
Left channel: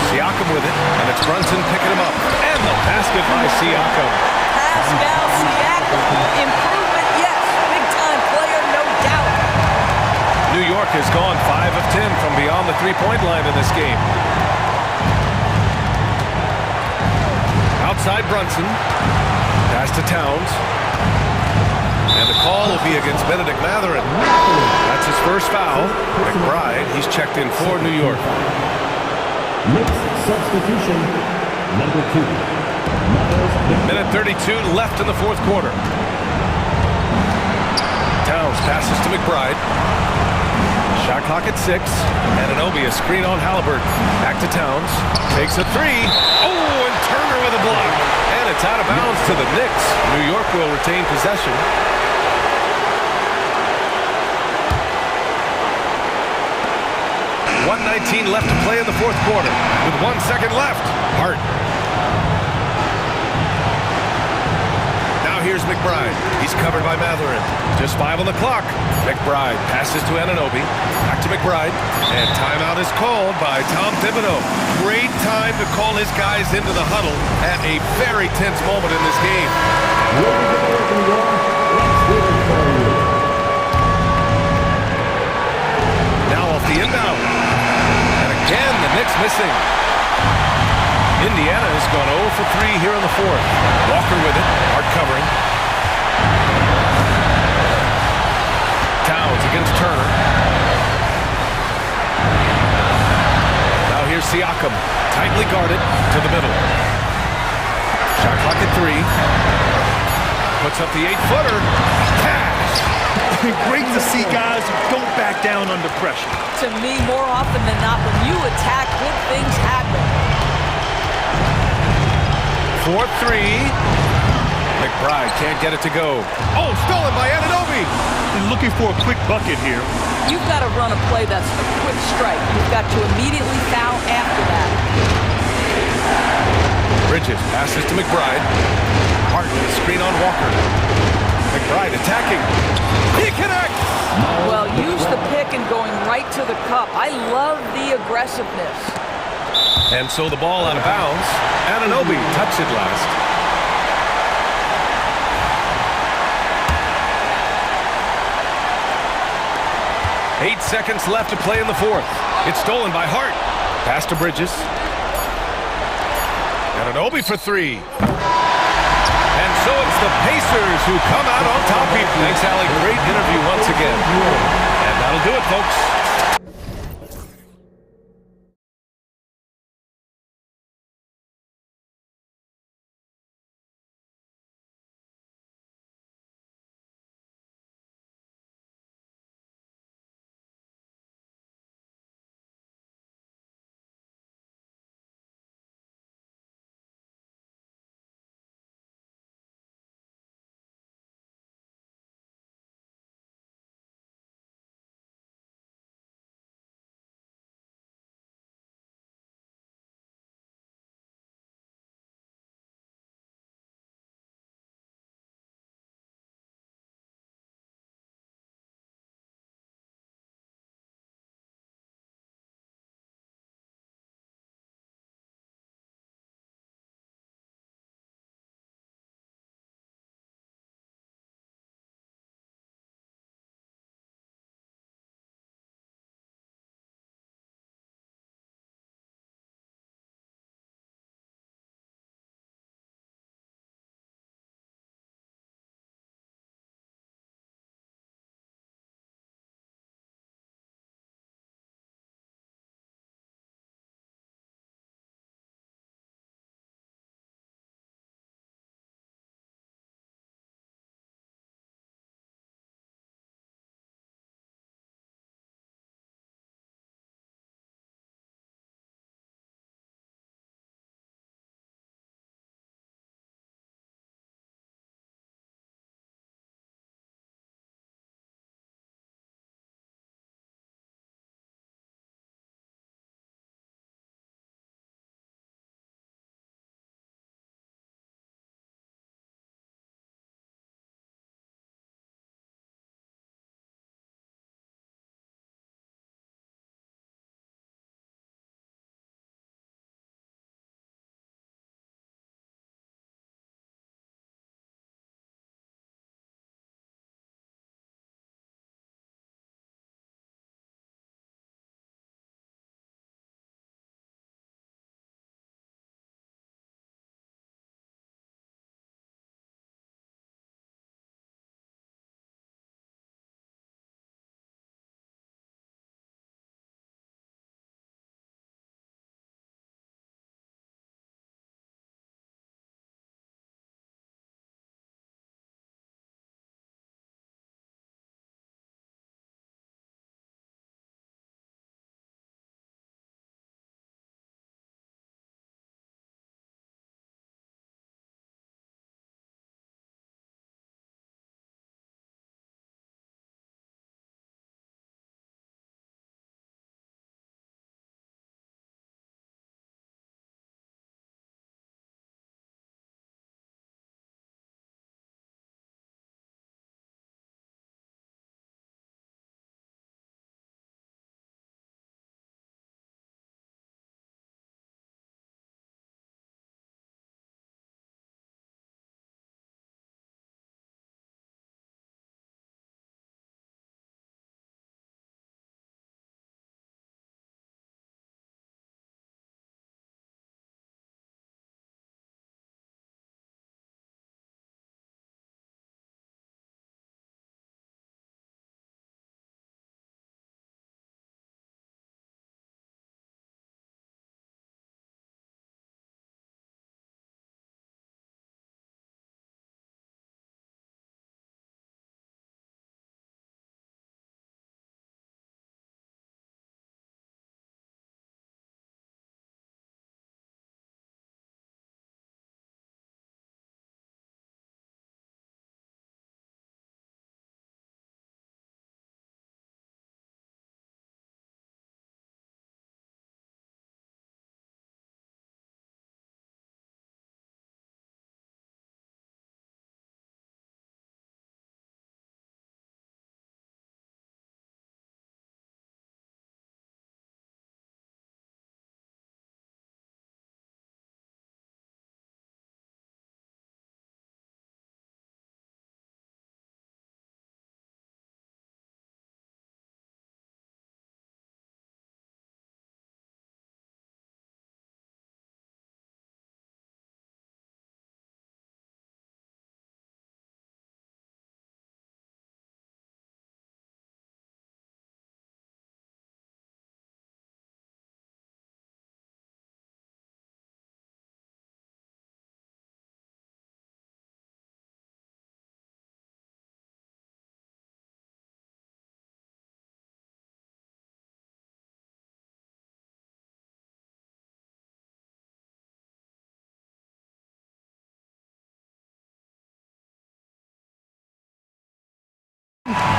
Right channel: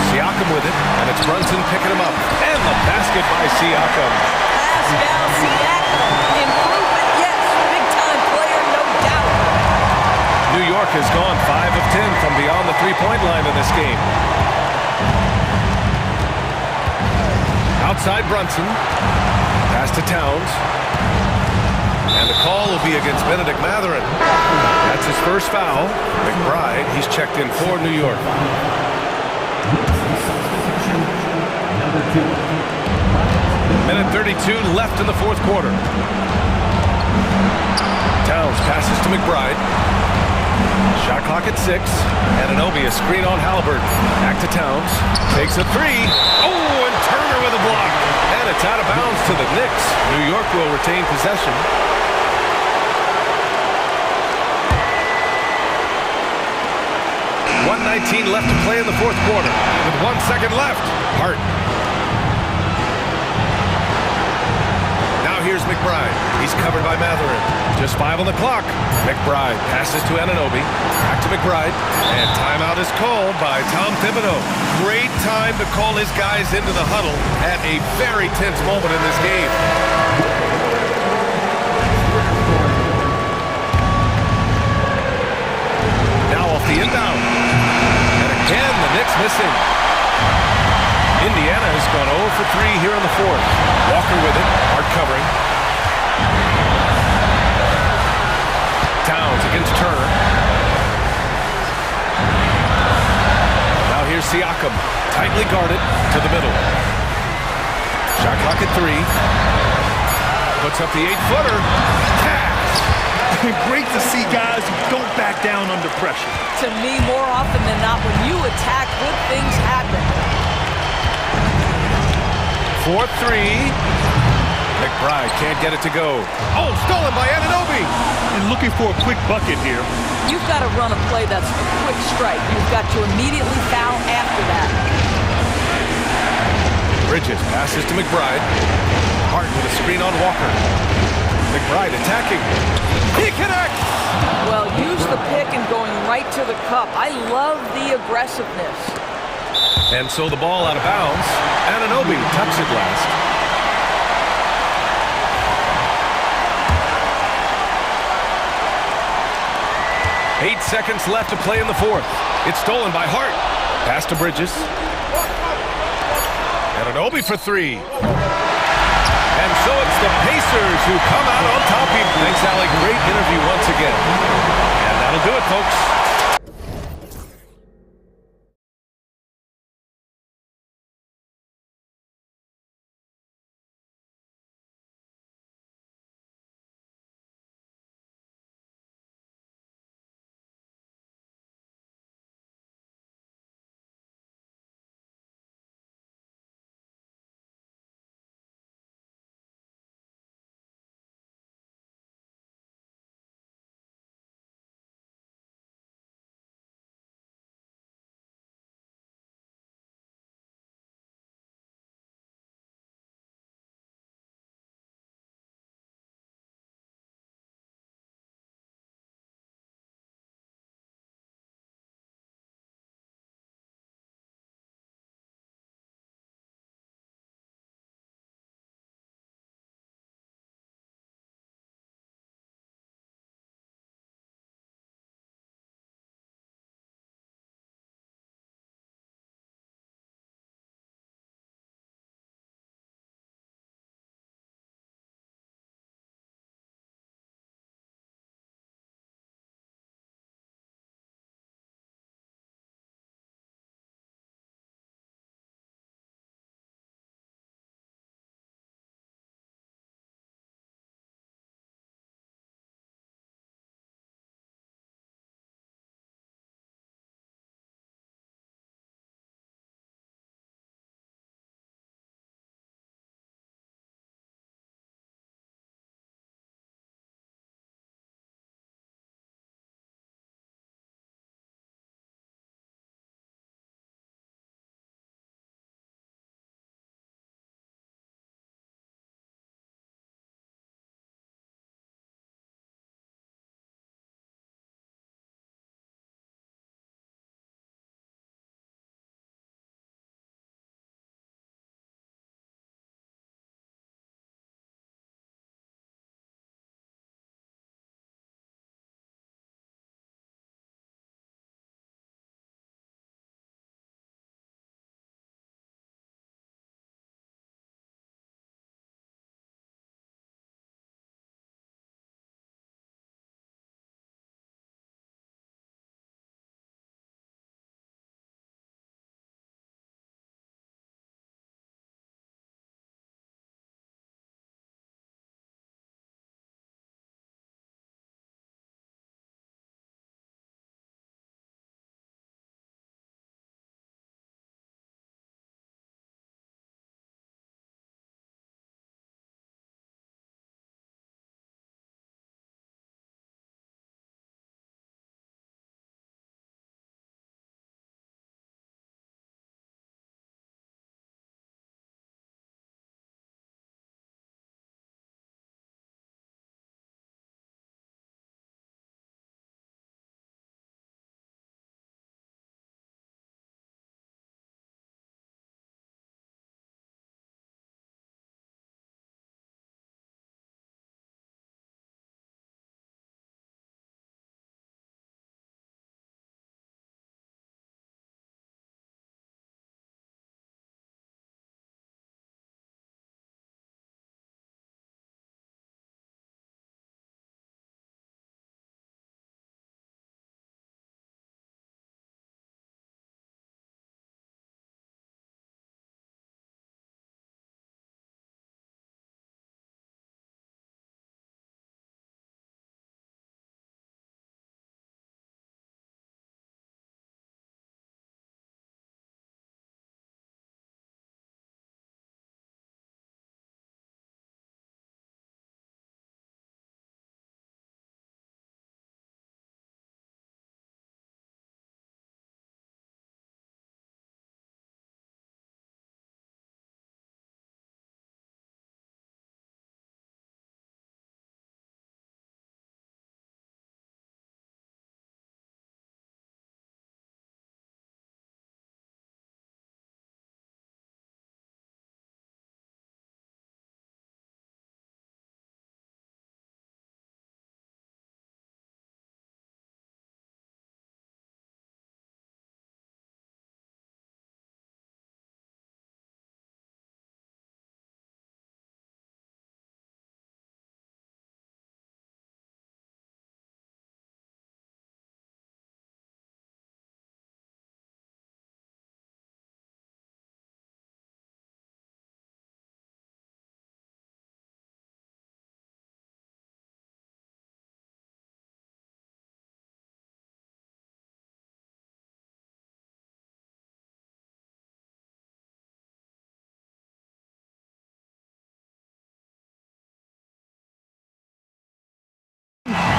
Siakam with it, and it's Brunson picking him up. And the basket by Siakam. Pascal Siakam. Improvement, yes. Big-time player, no doubt. New York has gone 5 of 10 from beyond the three-point line in this game. Outside Brunson. Pass to Towns. And the call will be against Benedict Matherin. That's his first foul. McBride, he's checked in for New York. Next substitution, number 2. Minute 32 left in the fourth quarter. Towns passes to McBride. Shot clock at 6. Anunoby, a screen on Halliburton. Back to Towns. Takes a 3. Oh, and Turner with a block. And it's out of bounds to the Knicks. New York will retain possession. 1:19 left to play in the fourth quarter. With 1 second left. Hart. Now here's McBride. He's covered by Matherin. Just 5 on the clock. McBride passes to Anunoby. Back to McBride. And timeout is called by Tom Thibodeau. Great time to call his guys into the huddle at a very tense moment in this game. Now off the inbound. And again, the Knicks missing. Indiana has gone 0 for 3 here in the fourth. Walker with it. Hart covering. Towns against Turner. Now here's Siakam. Tightly guarded to the middle. Shot clock at 3. Puts up the 8-footer. Cash! Great to see guys who don't back down under pressure. To me, more often than not, when you attack, good things happen. 4-3. McBride can't get it to go. Oh, stolen by Anunoby. And looking for a quick bucket here. You've got to run a play that's a quick strike. You've got to immediately foul after that. Bridges passes to McBride. Hart with a screen on Walker. McBride attacking. He connects! Well, use the pick and going right to the cup. I love the aggressiveness. And so the ball out of bounds. Anunoby touched it last. Eight seconds left to play in the fourth. It's stolen by Hart. Pass to Bridges. Anunoby for 3. And so it's the Pacers who come out on top. Thanks, Allie. Great interview once again. And that'll do it, folks.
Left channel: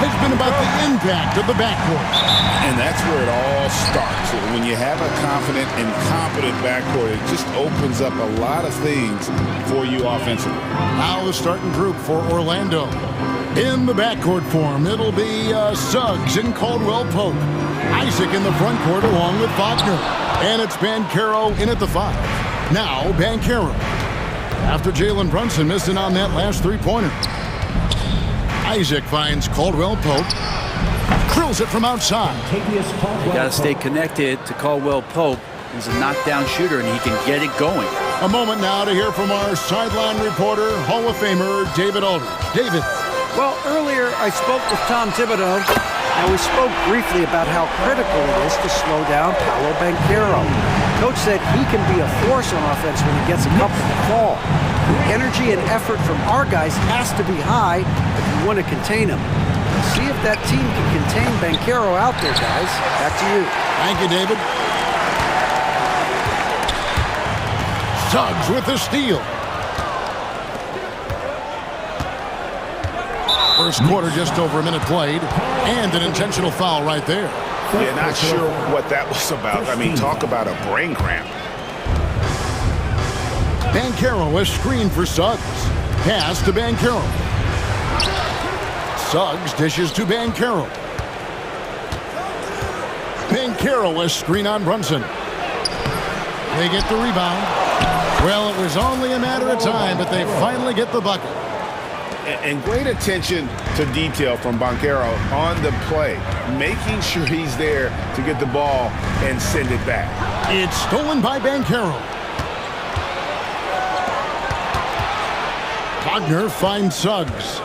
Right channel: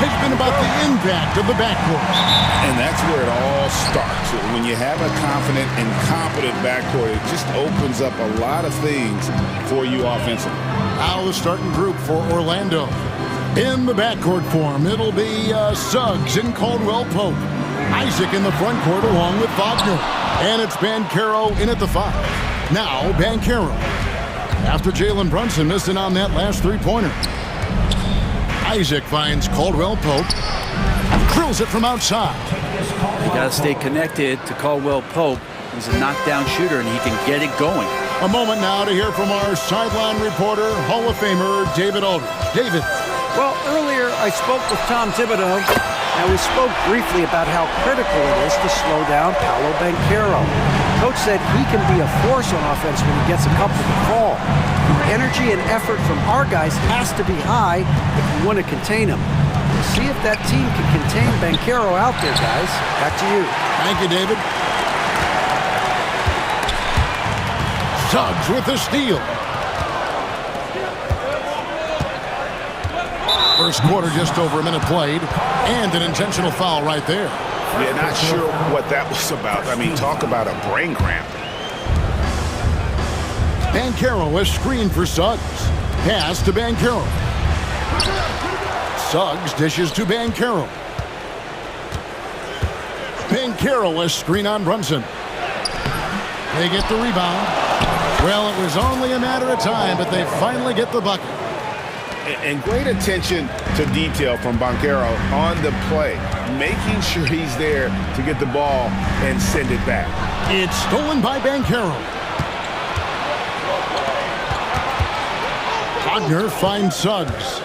has been about the impact of the backcourt. And that's where it all starts. When you have a confident and competent backcourt, it just opens up a lot of things for you offensively. Now the starting group for Orlando. In the backcourt form, it'll be Suggs and Caldwell Pope. Isaac in the front court along with Wagner. And it's Banchero in at the 5. Now Banchero. After Jalen Brunson missing on that last three-pointer. Isaac finds Caldwell Pope. Drills it from outside. You got to stay connected to Caldwell Pope. He's a knockdown shooter, and he can get it going. A moment now to hear from our sideline reporter, Hall of Famer David Aldridge. David. Well, earlier I spoke with Tom Thibodeau. Now, we spoke briefly about how critical it is to slow down Paolo Banchero. Coach said he can be a force on offense when he gets a couple to fall. The energy and effort from our guys has to be high if we want to contain him. We'll see if that team can contain Banchero out there, guys. Back to you. Thank you, David. Suggs with the steal. First quarter, just over a minute played, and an intentional foul right there. Yeah, not sure what that was about. I mean, talk about a brain cramp. Banchero is screened for Suggs. Pass to Banchero. Suggs dishes to Banchero. Banchero is screen on Brunson. They get the rebound. Well, it was only a matter of time, but they finally get the bucket. And great attention to detail from Banchero on the play, making sure he's there to get the ball and send it back. It's stolen by Banchero. Wagner finds Suggs.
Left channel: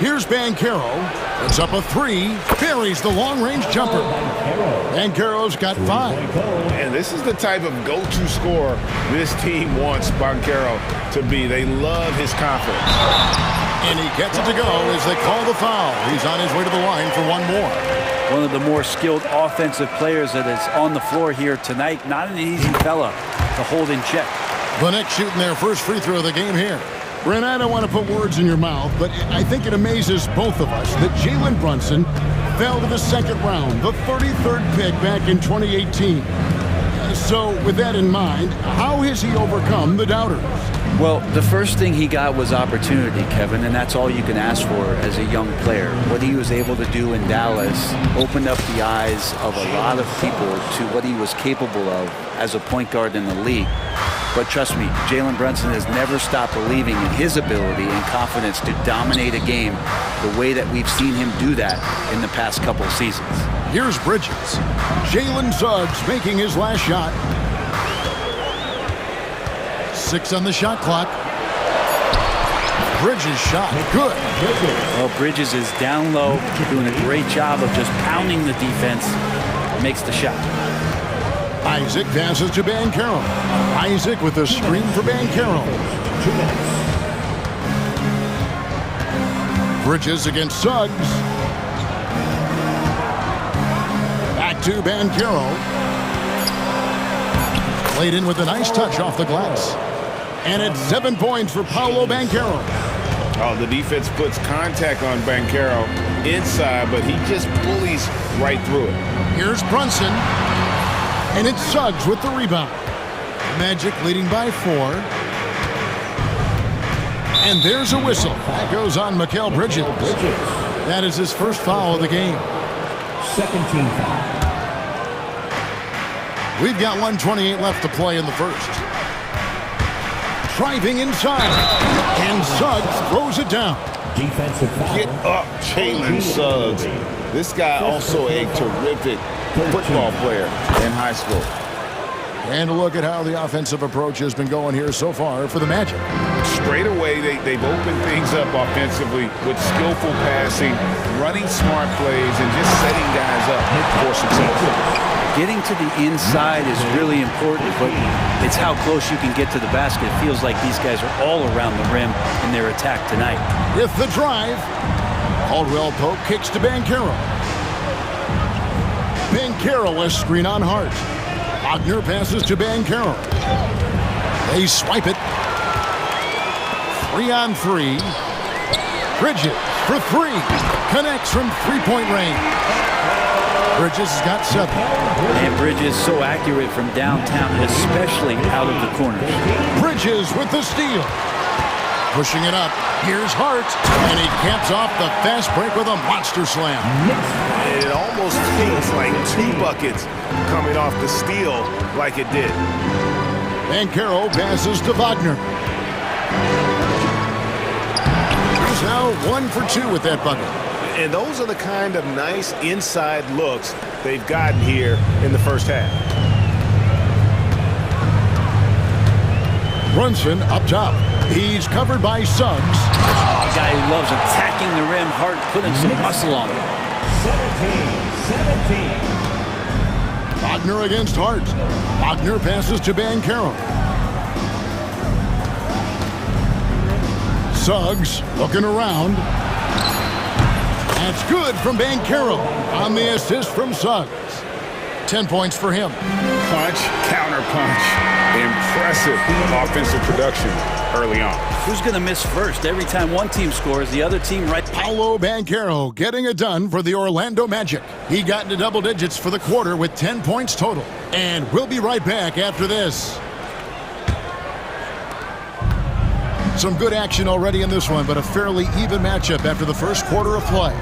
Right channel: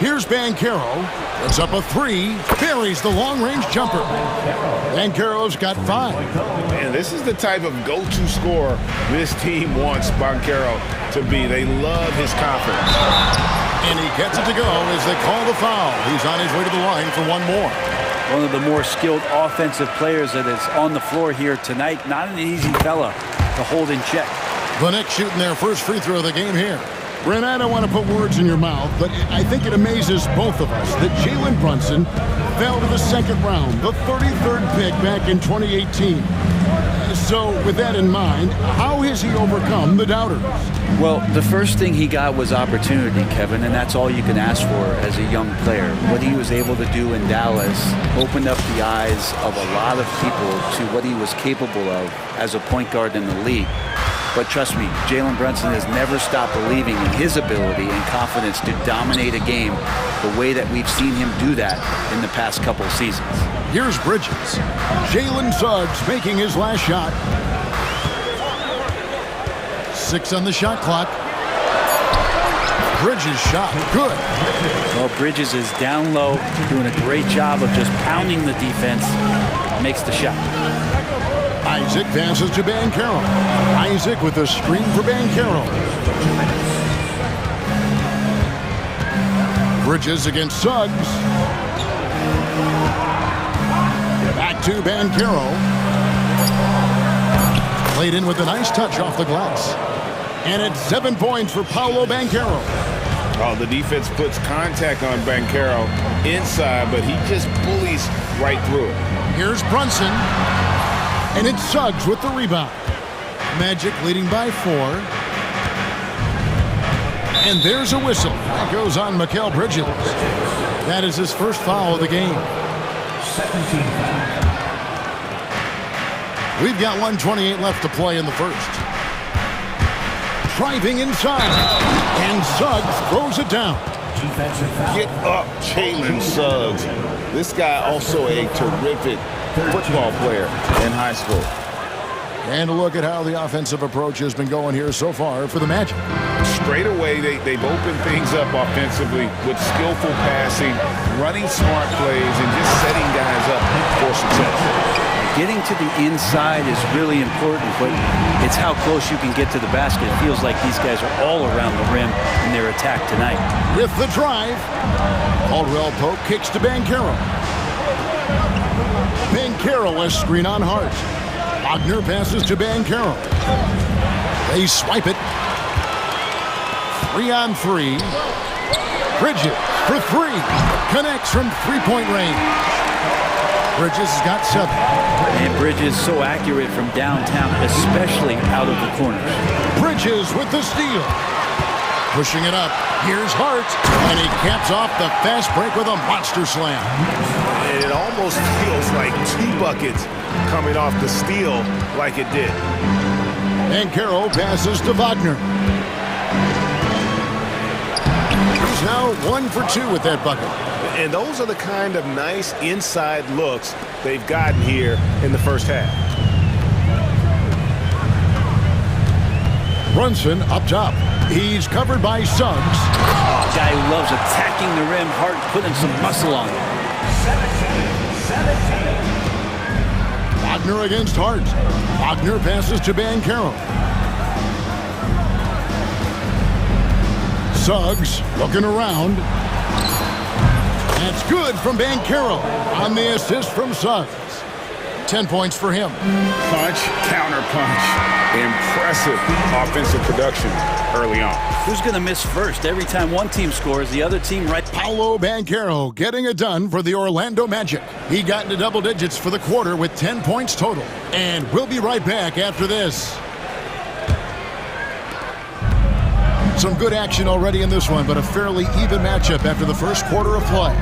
Here's Banchero. Puts up a 3. Buries the long-range jumper. Banchero's got 5. And this is the type of go-to scorer this team wants Banchero to be. They love his confidence. And he gets it to go as they call the foul. He's on his way to the line for one more. One of the more skilled offensive players that is on the floor here tonight. Not an easy fella to hold in check. The Knicks shooting their first free throw of the game here. Brent, I don't want to put words in your mouth, but I think it amazes both of us that Jalen Brunson fell to the second round, the 33rd pick back in 2018. So with that in mind, how has he overcome the doubters? Well, the first thing he got was opportunity, Kevin, and that's all you can ask for as a young player. What he was able to do in Dallas opened up the eyes of a lot of people to what he was capable of as a point guard in the league. But trust me, Jalen Brunson has never stopped believing in his ability and confidence to dominate a game the way that we've seen him do that in the past couple of seasons. Here's Bridges. Jalen Suggs making his last shot. 6 on the shot clock. Bridges shot. Good. Well, Bridges is down low, doing a great job of just pounding the defense. Makes the shot. Isaac passes to Banchero. Isaac with a screen for Banchero. Bridges against Suggs. Back to Banchero. Played in with a nice touch off the glass. And it's 7 points for Paolo Banchero. Oh, the defense puts contact on Banchero inside, but he just bullies right through it. Here's Brunson. And it's Suggs with the rebound. Magic leading by 4. And there's a whistle. That goes on Mikal Bridges. That is his first foul of the game. Second team foul. We've got 1:28 left to play in the first. Driving inside. And Suggs throws it down. Defensive foul. Get up, Jalen Suggs. This guy also a terrific football player in high school. And a look at how the offensive approach has been going here so far for the Magic. Straight away, they've opened things up offensively with skillful passing, running smart plays, and just setting guys up for success. Getting to the inside is really important, but it's how close you can get to the basket. It feels like these guys are all around the rim in their attack tonight. With the drive, Caldwell Pope kicks to Banchero. Banchero is screen on Hart. Wagner passes to Banchero. They swipe it. 3 on 3. Bridges for three. Connects from three-point range. Bridges has got 7. And Bridges so accurate from downtown, especially out of the corners. Bridges with the steal. Pushing it up. Here's Hart. And he caps off the fast break with a monster slam. It almost feels like 2 buckets coming off the steal like it did. And Carroll passes to Wagner. He's now 1 for 2 with that bucket. And those are the kind of nice inside looks they've gotten here in the first half. Brunson up top. He's covered by Suggs. Oh, a guy who loves attacking the rim. Hart putting some muscle on it. 17. Wagner against Hart. Wagner passes to Banchero. Suggs looking around. That's good from Banchero on the assist from Suggs. 10 points for him. Punch, counter punch. Impressive offensive production early on. Who's going to miss first? Every time one team scores, the other team right. Paolo Banchero getting it done for the Orlando Magic. He got into double digits for the quarter with 10 points total. And we'll be right back after this. Some good action already in this one, but a fairly even matchup after the first quarter of play.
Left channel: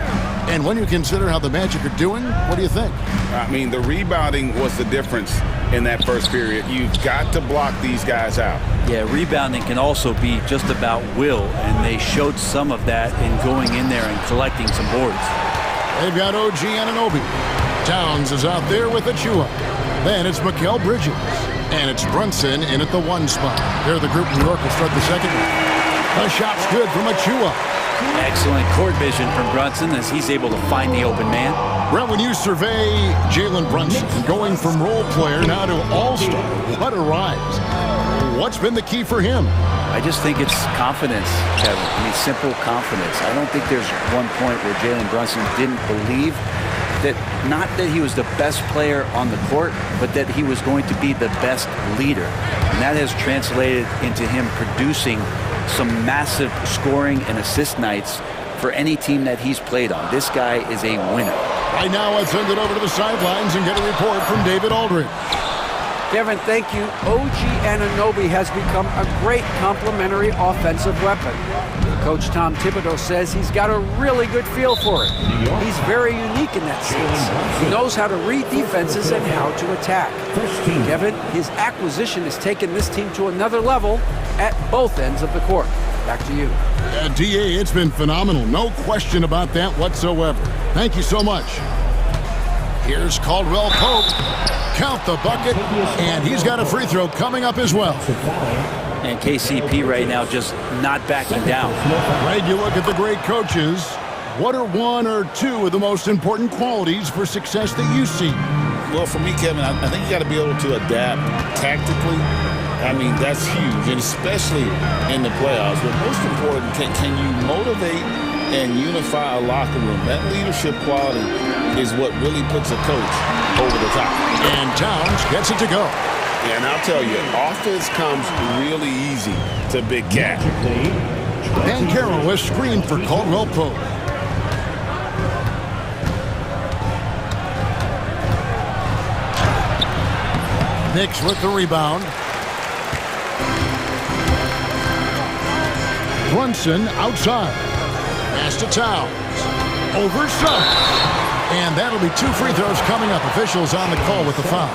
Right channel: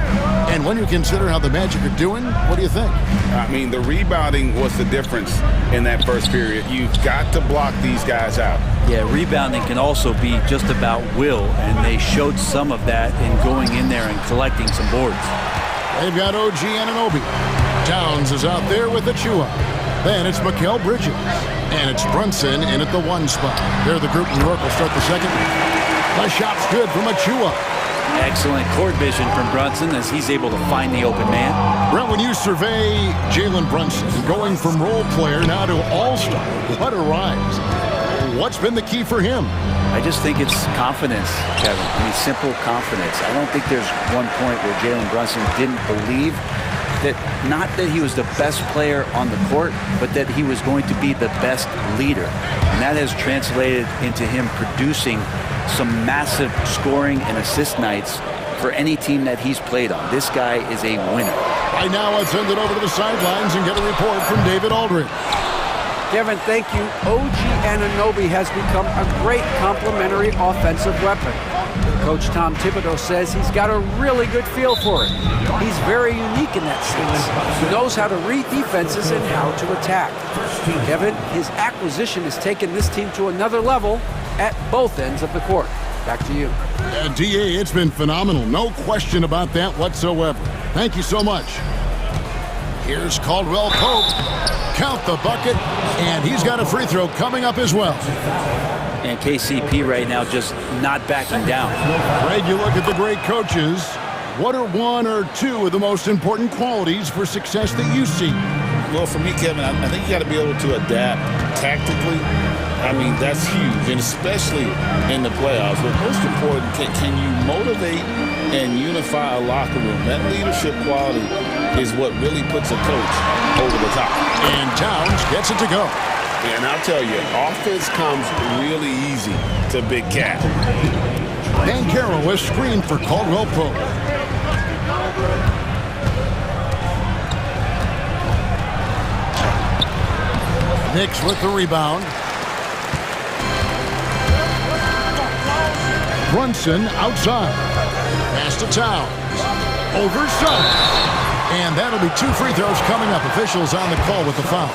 And when you consider how the Magic are doing, what do you think? I mean, the rebounding was the difference in that first period. You've got to block these guys out. Yeah, rebounding can also be just about will, and they showed some of that in going in there and collecting some boards. They've got OG Anunoby. Towns is out there with Achua. Then it's Mikal Bridges. And it's Brunson in at the 1 spot. They're the group New York will start the second with. The shot's good from Achua. Excellent court vision from Brunson as he's able to find the open man. Brent, when you survey Jalen Brunson going from role player now to all-star, what a rise. What's been the key for him? I just think it's confidence, Kevin. I mean, simple confidence. I don't think there's one point where Jalen Brunson didn't believe that, not that he was the best player on the court, but that he was going to be the best leader. And that has translated into him producing some massive scoring and assist nights for any team that he's played on. This guy is a winner. Right now, let's send it over to the sidelines and get a report from David Aldridge. Kevin, thank you. OG Anunoby has become a great complementary offensive weapon. Coach Tom Thibodeau says he's got a really good feel for it. He's very unique in that sense. He knows how to read defenses and how to attack. Kevin, his acquisition has taken this team to another level at both ends of the court. Back to you. DA, it's been phenomenal. No question about that whatsoever. Thank you so much. Here's Caldwell Pope. Count the bucket, and he's got a free throw coming up as well. And KCP right now just not backing down. Greg, you look at the great coaches. What are 1 or 2 of the most important qualities for success that you see? Well, for me, Kevin, I think you got to be able to adapt tactically. I mean, that's huge, and especially in the playoffs. But most important, can you motivate and unify a locker room? That leadership quality is what really puts a coach over the top. And Towns gets it to go. And I'll tell you, offense comes really easy to Big Cat. Banchero is screened for Caldwell Pope. Knicks with the rebound. Brunson outside. Pass to Towns. Over Suggs. And that'll be 2 free throws coming up. Officials on the call with the foul.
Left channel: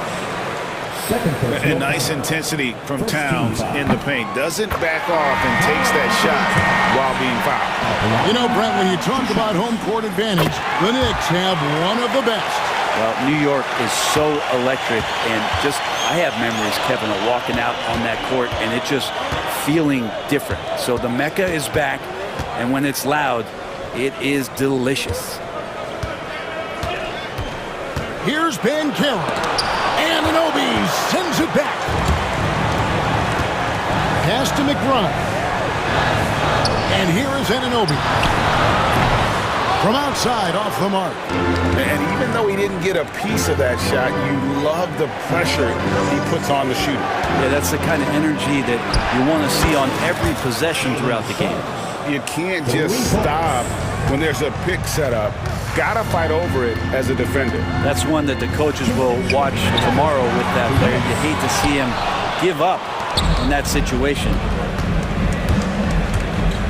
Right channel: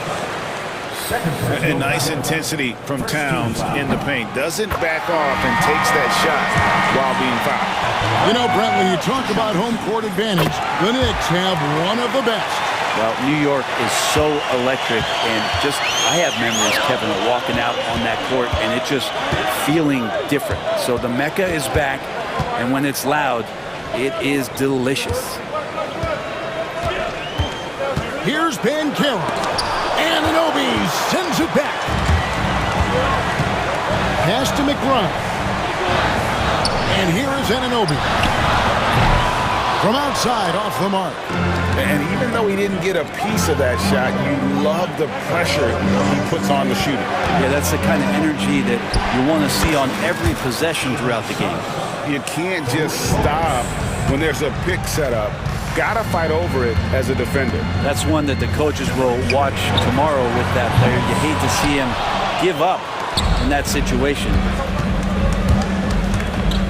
And nice intensity from Towns in the paint. Doesn't back off and takes that shot while being fouled. You know, Brent, when you talk about home court advantage, the Knicks have one of the best. Well, New York is so electric, and just, I have memories, Kevin, of walking out on that court and it just feeling different. So the Mecca is back, and when it's loud, it is delicious. Here's Banchero. Anunoby sends it back. Pass to McBride. And here is Anunoby. From outside, off the mark. And even though he didn't get a piece of that shot, you love the pressure he puts on the shooter. Yeah, that's the kind of energy that you want to see on every possession throughout the game. You can't just stop when there's a pick set up. Gotta fight over it as a defender. That's one that the coaches will watch tomorrow with that player. You hate to see him give up in that situation.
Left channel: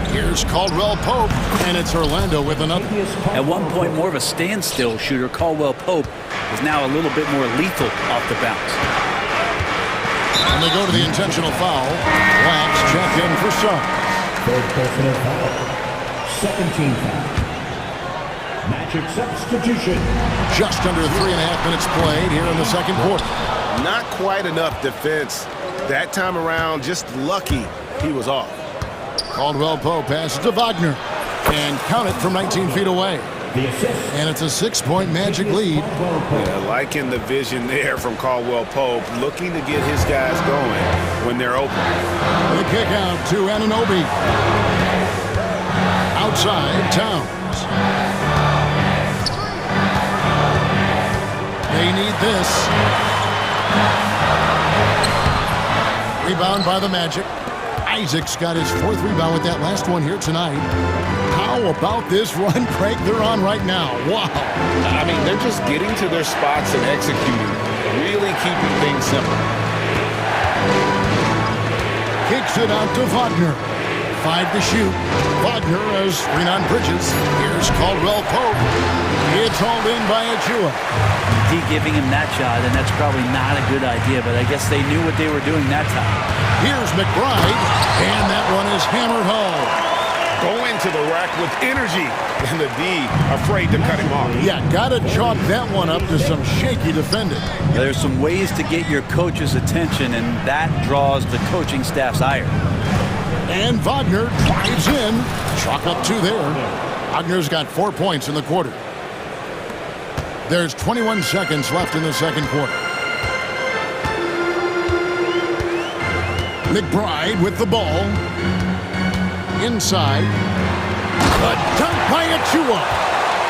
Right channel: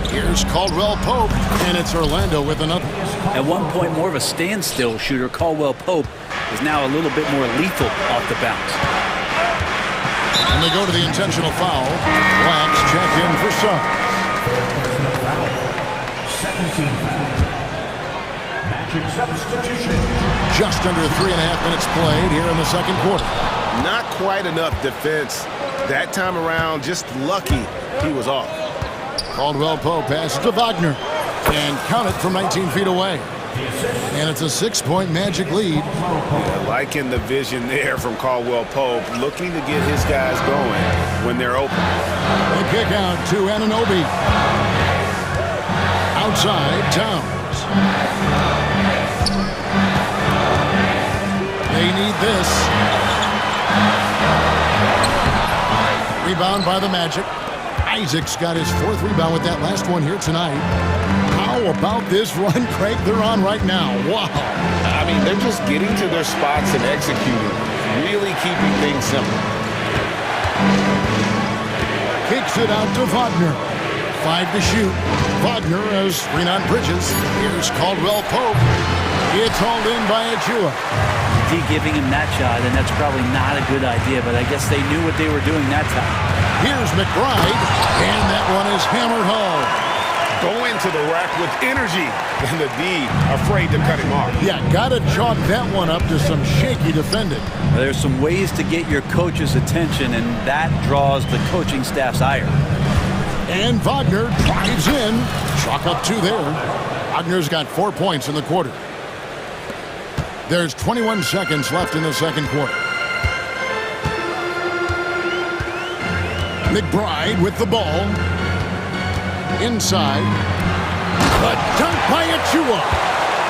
Here's Caldwell Pope, and it's Orlando with another. At one point, more of a standstill shooter, Caldwell Pope is now a little bit more lethal off the bounce. And they go to the intentional foul. Blacks check in for Suggs. Personal foul. Second team foul. Magic substitution. Just under 3.5 minutes played here in the second quarter. Not quite enough defense that time around. Just lucky he was off. Caldwell Pope passes to Wagner. And count it from 19 feet away. And it's a 6-point Magic lead. Yeah, liking the vision there from Caldwell Pope, looking to get his guys going when they're open. The kick out to Anunoby. Outside, Towns. They need this. Rebound by the Magic. Isaac's got his 4th rebound with that last one here tonight. How about this run, Craig, they're on right now? Wow. I mean, they're just getting to their spots and executing, really keeping things simple. Kicks it out to Wagner. 5 to shoot. Wagner has screen on Bridges. Here's Caldwell Pope. It's hauled in by Achua. D giving him that shot, and that's probably not a good idea, but I guess they knew what they were doing that time. Here's McBride, and that one is hammered home. Going to the rack with energy, and the D afraid to cut him off. Yeah, gotta chalk that one up to some shaky defending. There's some ways to get your coach's attention, and that draws the coaching staff's ire. And Wagner drives in. Chalk up 2 there. Wagner's got 4 points in the quarter. There's 21 seconds left in the second quarter. McBride with the ball. Inside. A dunk by Achua.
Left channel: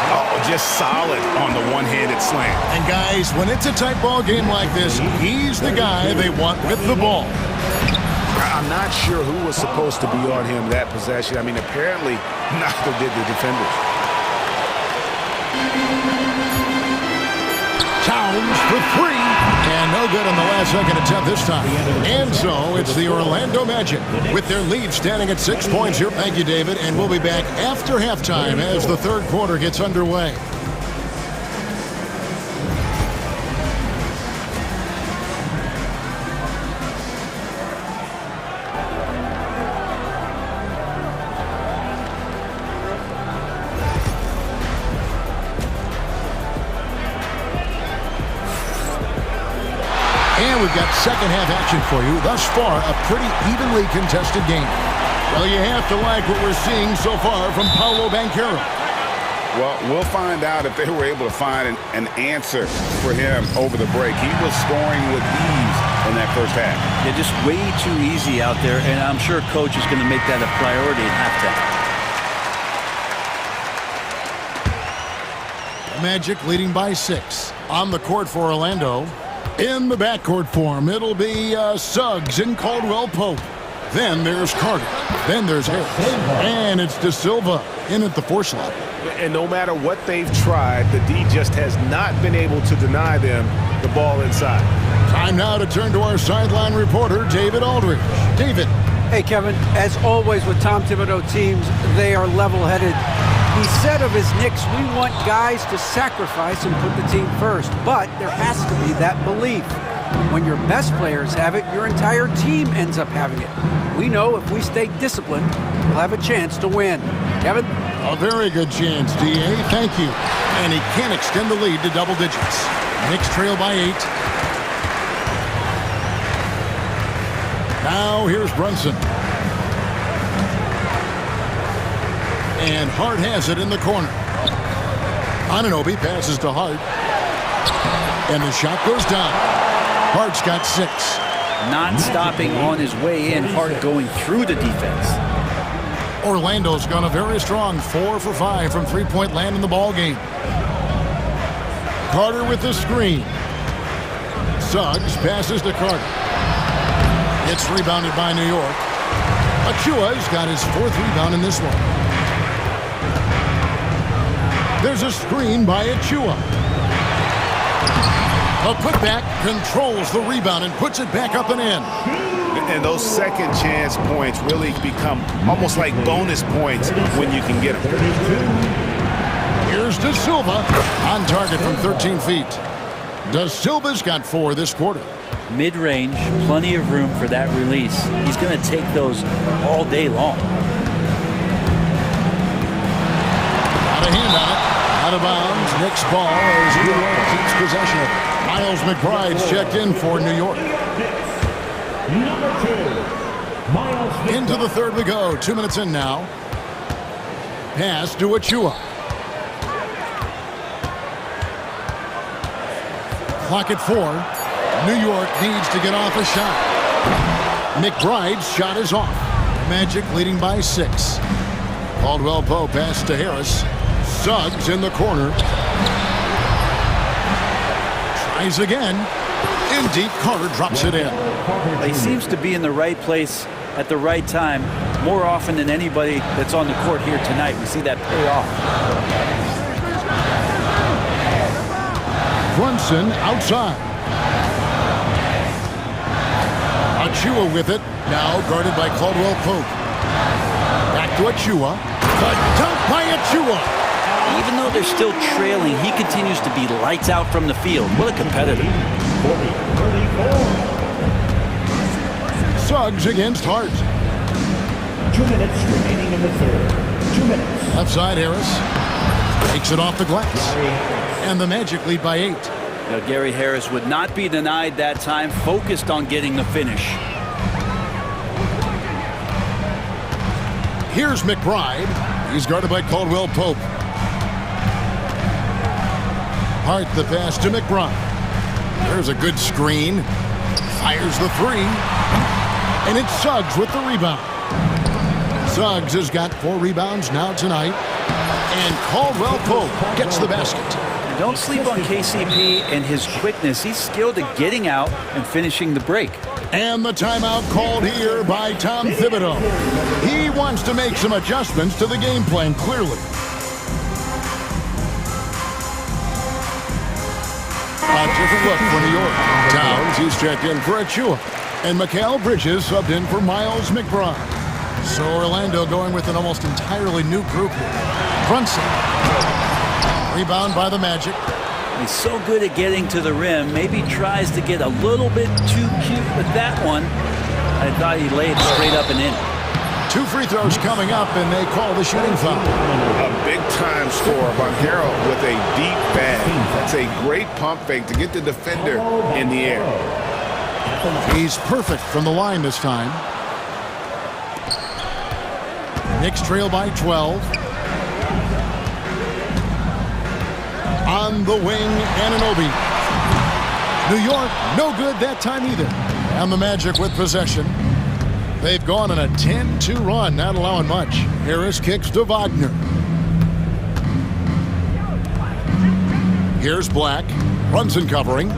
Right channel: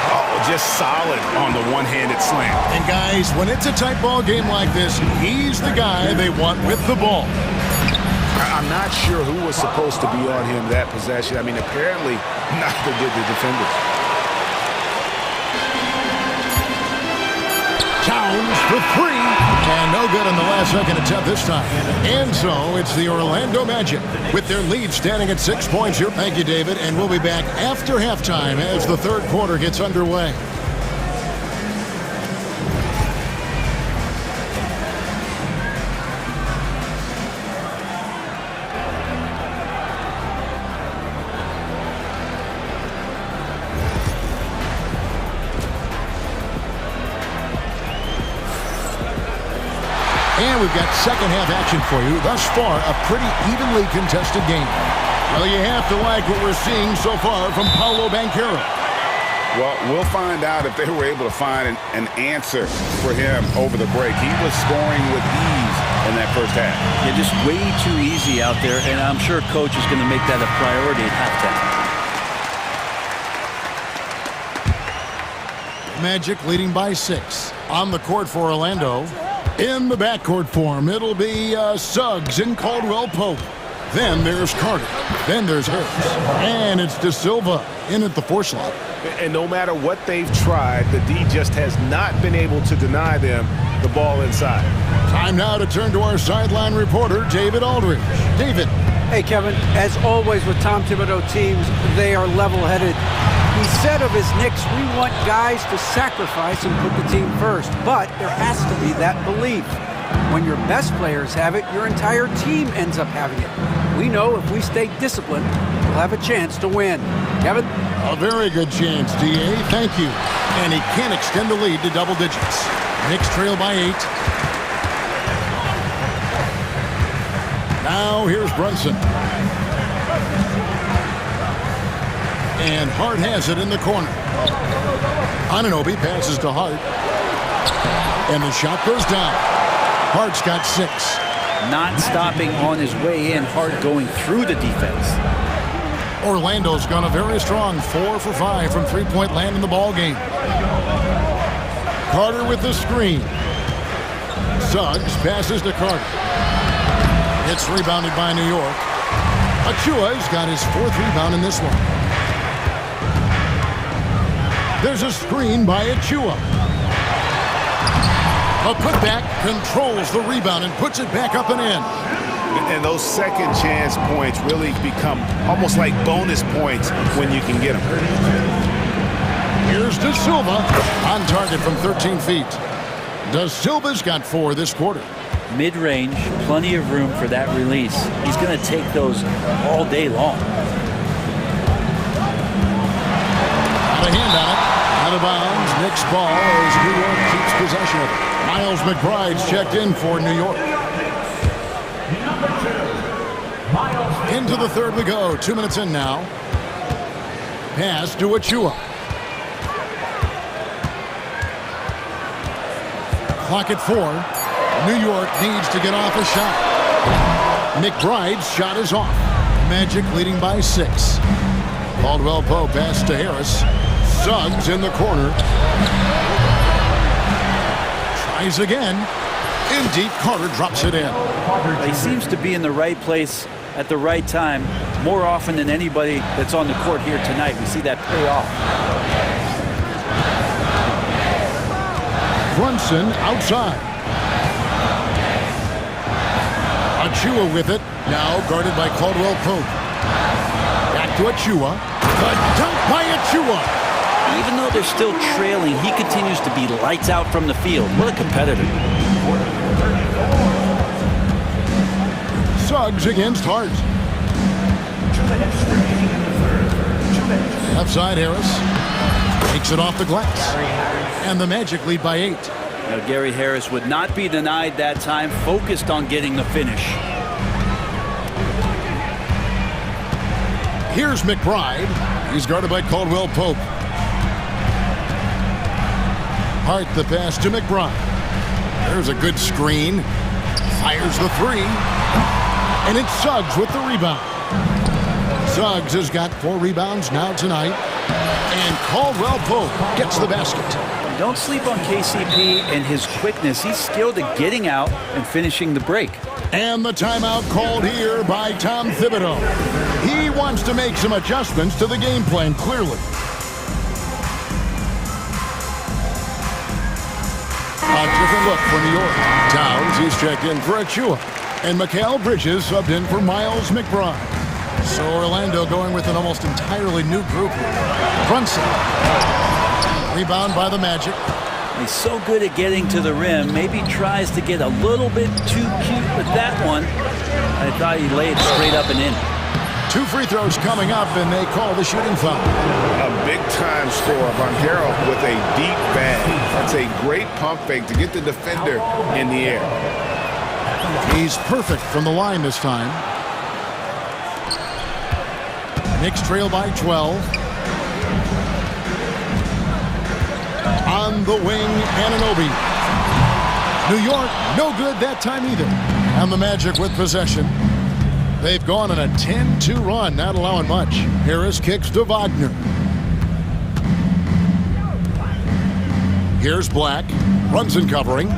Oh, just solid on the one-handed slam. And guys, when it's a tight ball game like this, he's the guy they want with the ball. I'm not sure who was supposed to be on him that possession. I mean, apparently neither did the defenders. Towns for 3, and no good on the last second attempt this time. And so it's the Orlando Magic with their lead standing at 6 points here. Thank you, David, and we'll be back after halftime as the third quarter gets underway. And we've got second half action for you. Thus far, a pretty evenly contested game. Well, you have to like what we're seeing so far from Paolo Banchero. Well, we'll find out if they were able to find an answer for him over the break. He was scoring with ease in that first half. Yeah, just way too easy out there, and I'm sure coach is going to make that a priority at halftime. Magic leading by 6. On the court for Orlando. In the backcourt form, it'll be Suggs and Caldwell Pope. Then there's Carter. Then there's Harris. And it's De Silva in at the 4 slot. And no matter what they've tried, the D just has not been able to deny them the ball inside. Time now to turn to our sideline reporter, David Aldridge. David. Hey, Kevin, as always with Tom Thibodeau teams, they are level-headed. He said of his Knicks, we want guys to sacrifice and put the team first. But there has to be that belief. When your best players have it, your entire team ends up having it. We know if we stay disciplined, we'll have a chance to win. Kevin? A very good chance, D.A. Thank you. And he can extend the lead to double digits. Knicks trail by 8. Now here's Brunson. And Hart has it in the corner. Anunoby passes to Hart. And the shot goes down. Hart's got 6. Not stopping on his way in, Hart going through the defense. Orlando's gone a very strong 4 for 5 from three-point land in the ball game. Carter with the screen. Suggs passes to Carter. It's rebounded by New York. Achua's got his 4th rebound in this one. There's a screen by Achua. A putback controls the rebound and puts it back up and in. And those second chance points really become almost like bonus points when you can get them. Here's De Silva on target from 13 feet. De Silva's got 4 this quarter. Mid-range, plenty of room for that release. He's going to take those all day long. Got a hand on it. Out of bounds. Knicks ball as New York keeps possession of it. Miles McBride's checked in for New York. Into the third we go. 2 minutes in now. Pass to Achua. Clock at 4. New York needs to get off a shot. McBride's shot is off. Magic leading by 6. Caldwell Pope pass to Harris. Suggs in the corner. Tries again. In deep, Carter drops it in. He seems to be in the right place at the right time more often than anybody that's on the court here tonight. We see that pay off. Brunson outside. Achua with it. Now guarded by Caldwell Pope. Back to Achua. The dunk by Achua. Even though they're still trailing, he continues to be lights out from the field. What a competitor. Suggs against Hart. 2 minutes remaining in the third. 2 minutes. Left side Harris. Takes it off the glass. And the Magic lead by 8. Now, Gary Harris would not be denied that time, focused on getting the finish. Here's McBride. He's guarded by Caldwell Pope. Hart the pass to McBride. There's a good screen. Fires the 3. And it's Suggs with the rebound. Suggs has got 4 rebounds now tonight. And Caldwell Pope gets the basket. Don't sleep on KCP and his quickness. He's skilled at getting out and finishing the break. And the timeout called here by Tom Thibodeau. He wants to make some adjustments to the game plan, clearly. A different look for New York. Towns, he's checked in for Achua. And Mikal Bridges subbed in for Miles McBride. So Orlando going with an almost entirely new group here. Brunson. Rebound by the Magic. He's so good at getting to the rim. Maybe tries to get a little bit too cute with that one. I thought he laid straight up and in. 2 free throws coming up, and they call the shooting foul. A big-time score. Banchero with a deep bag. That's a great pump fake to get the defender in the air. He's perfect from the line this time. Knicks trail by 12. On the wing, Anunoby. New York, no good that time either. And the Magic with possession. They've gone on a 10-2 run, not allowing much. Harris kicks to Wagner. Here's Black. Brunson covering.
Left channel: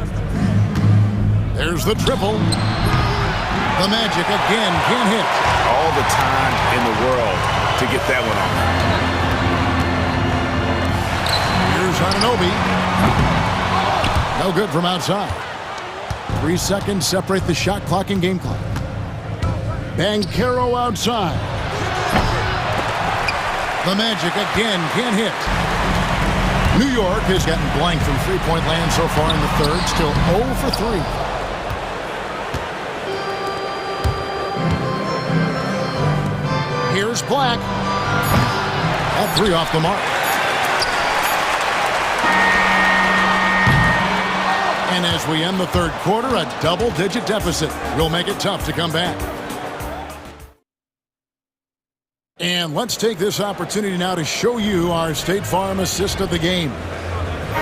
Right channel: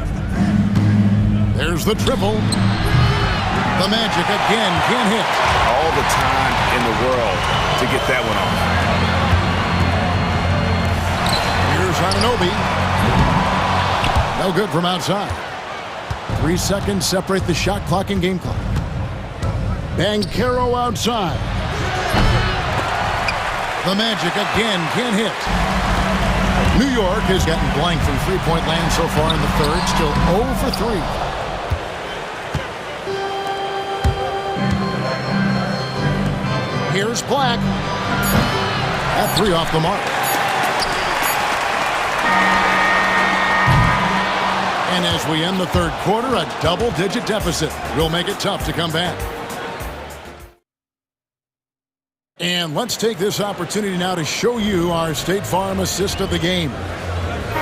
There's the triple. The Magic again can't hit. All the time in the world to get that one off. Here's Anunoby. No good from outside. 3 seconds separate the shot clock and game clock. Banchero outside. The Magic again can't hit. New York has gotten blank from three-point land so far in the third. Still 0 for 3. Here's Black. At 3 off the mark. And as we end the third quarter, a double-digit deficit will make it tough to come back. And let's take this opportunity now to show you our State Farm assist of the game.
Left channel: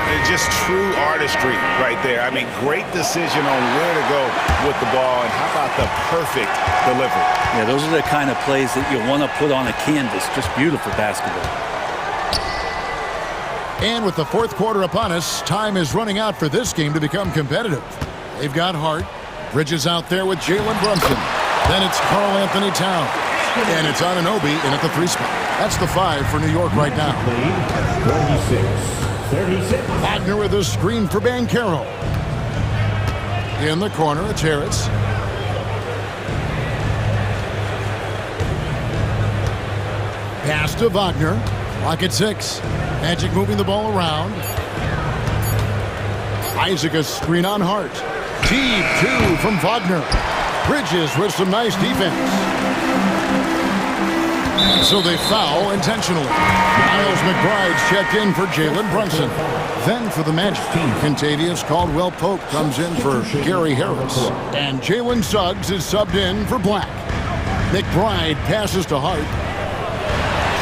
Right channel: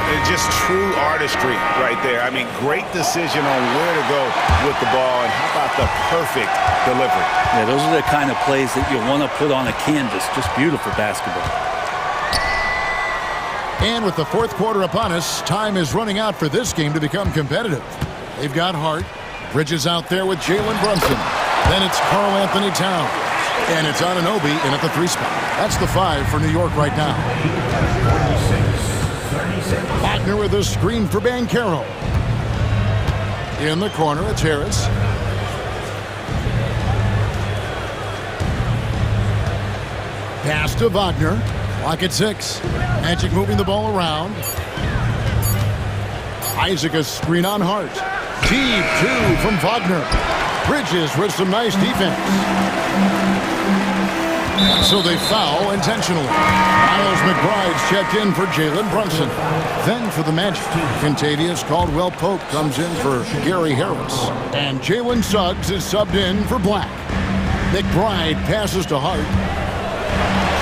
It's just true artistry right there. I mean, great decision on where to go with the ball, and how about the perfect delivery? Yeah, those are the kind of plays that you want to put on a canvas. Just beautiful basketball. And with the fourth quarter upon us, time is running out for this game to become competitive. They've got Hart. Bridges out there with Jalen Brunson. Then it's Karl Anthony Towns. And it's Anunoby in at the 3 spot. That's the 5 for New York right now. 36. Wagner with a screen for Banchero. In the corner, it's Harris. Pass to Wagner. Clock at 6. Magic moving the ball around. Isaac a screen on Hart. Deep 2 from Wagner. Bridges with some nice defense. So they foul intentionally. Miles McBride's checked in for Jalen Brunson. Then for the Magic, Contavious Caldwell-Pope comes in for Gary Harris. And Jalen Suggs is subbed in for Black. McBride passes to Hart.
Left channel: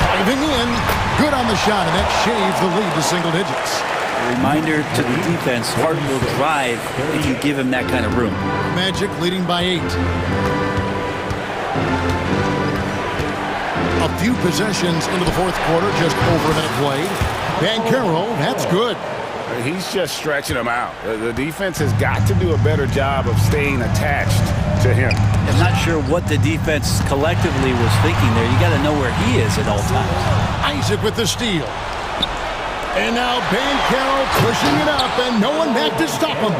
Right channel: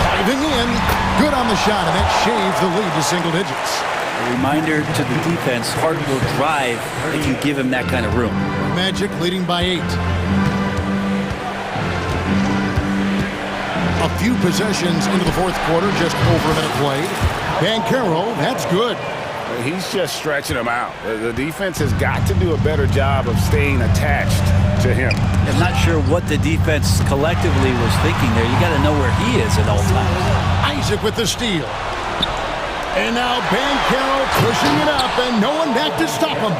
Driving in. Good on the shot, and that shaves the lead to single digits. A reminder to the defense, Hart will drive if you give him that kind of room. Magic leading by 8. A few possessions into the fourth quarter, just over a minute played. Banchero, that's good. He's just stretching him out. The defense has got to do a better job of staying attached to him. I'm not sure what the defense collectively was thinking there. You got to know where he is at all times. Isaac with the steal. And now Banchero pushing it up, and no one back to stop him.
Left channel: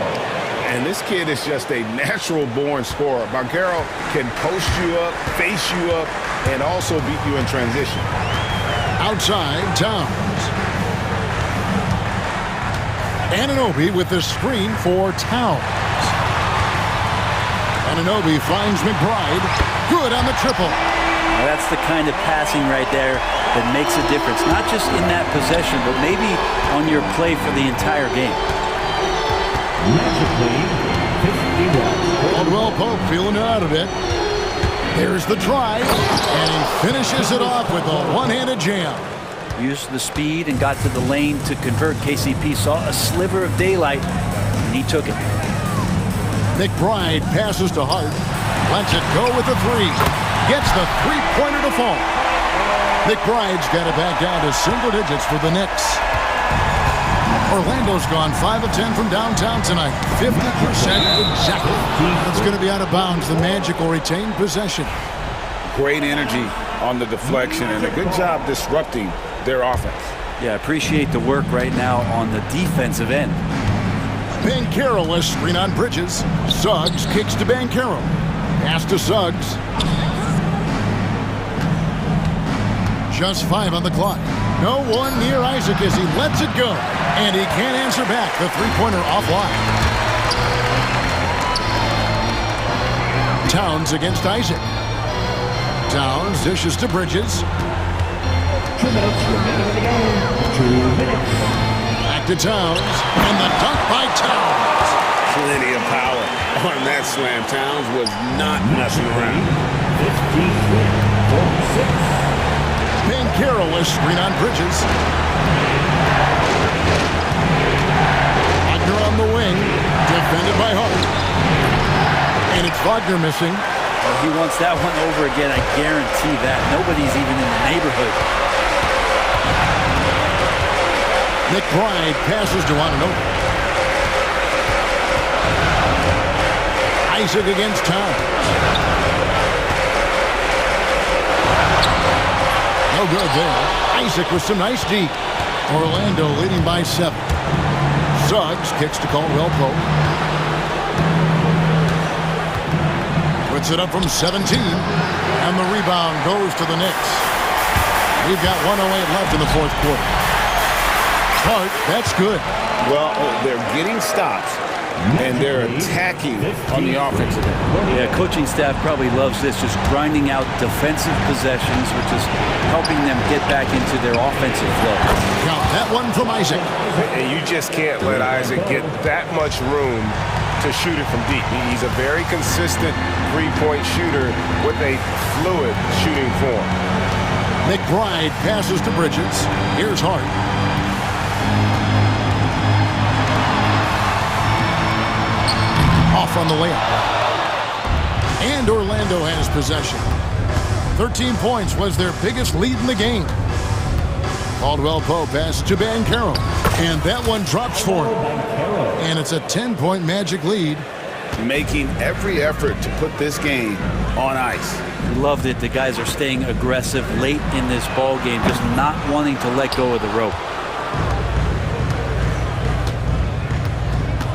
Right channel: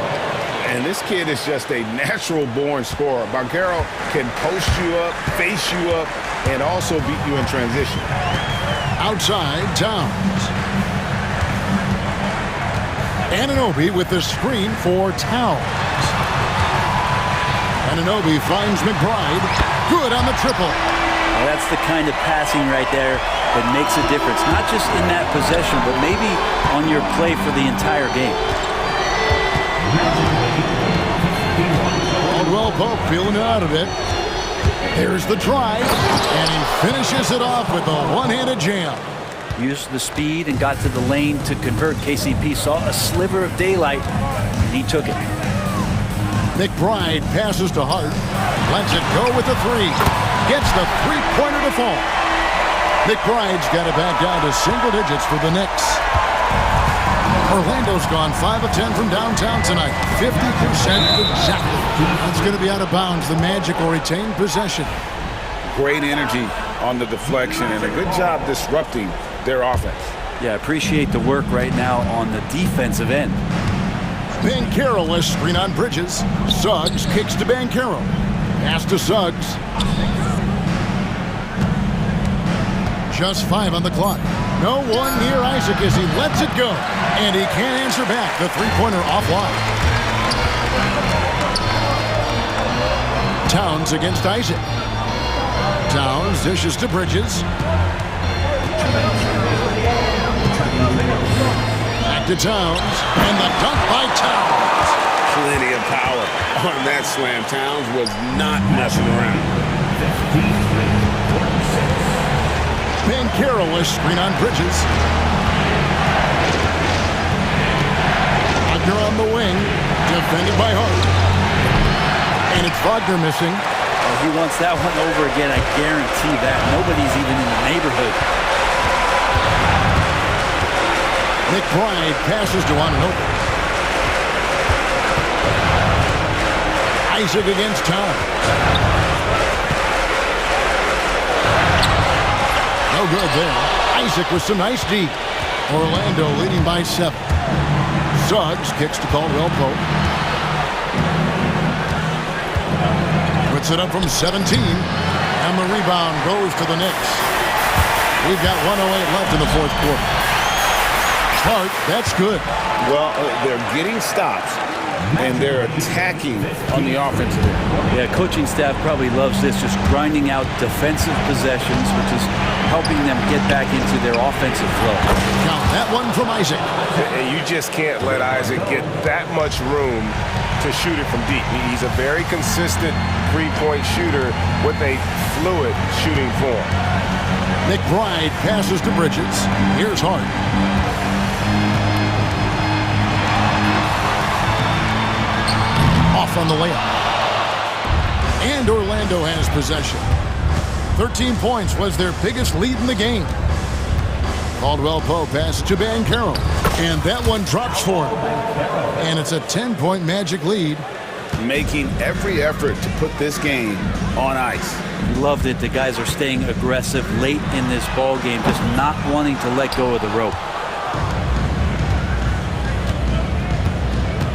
And this kid is just a natural-born scorer. Banchero can post you up, face you up, and also beat you in transition. Outside, Towns. Anunoby with the screen for Towns. Anunoby finds McBride. Good on the triple. Well, that's the kind of passing right there that makes a difference. Not just in that possession, but maybe on your play for the entire game. Caldwell-Pope feeling it out of it. There's the drive, and he finishes it off with a one-handed jam. Used the speed and got to the lane to convert. KCP saw a sliver of daylight, and he took it. McBride passes to Hart. Lets it go with the 3. Gets the three-pointer to fall. McBride's got it back down to single digits for the Knicks. Orlando's gone 5 of 10 from downtown tonight. 50% exactly. It's going to be out of bounds. The Magic will retain possession. Great energy on the deflection and a good job disrupting their offense. Yeah, appreciate the work right now on the defensive end. Banchero a screen on Bridges. Suggs kicks to Banchero. Pass to Suggs. Just 5 on the clock. No one near Isaac as he lets it go. And he can't answer back. The three-pointer offline. Towns against Isaac. Towns dishes to Bridges. Back to Towns. And the dunk by Towns. Plenty of power on that slam. Towns was not messing around. 56. Banchero a screen on Bridges. Wagner on the wing. Defended by Hart. And it's Wagner missing. Well, he wants that one over again, I guarantee that. Nobody's even in the neighborhood. McBride passes to Anunoby. Isaac against Towns. No good there. Isaac with some nice deep. Orlando leading by 7. Suggs kicks to Caldwell-Pope. Puts it up from 17. And the rebound goes to the Knicks. We've got 1:08 left in the fourth quarter. Hart, that's good. Well, they're getting stops, and they're attacking on the offensive end. Yeah, coaching staff probably loves this, just grinding out defensive possessions, which is helping them get back into their offensive flow. Count that one from Isaac. And you just can't let Isaac get that much room to shoot it from deep. He's a very consistent three-point shooter with a fluid shooting form. McBride passes to Bridges. Here's Hart. Off on the layup. And Orlando has possession. 13 points was their biggest lead in the game. Caldwell-Pope passes to Banchero. And that one drops for him. And it's a 10-point Magic lead. Making every effort to put this game on ice. Loved it. The guys are staying aggressive late in this ball game, just not wanting to let go of the rope.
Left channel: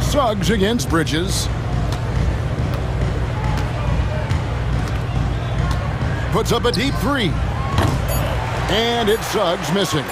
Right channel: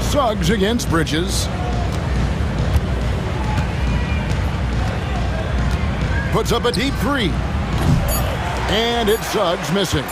Suggs against Bridges. Puts up a deep three. And it's Suggs missing.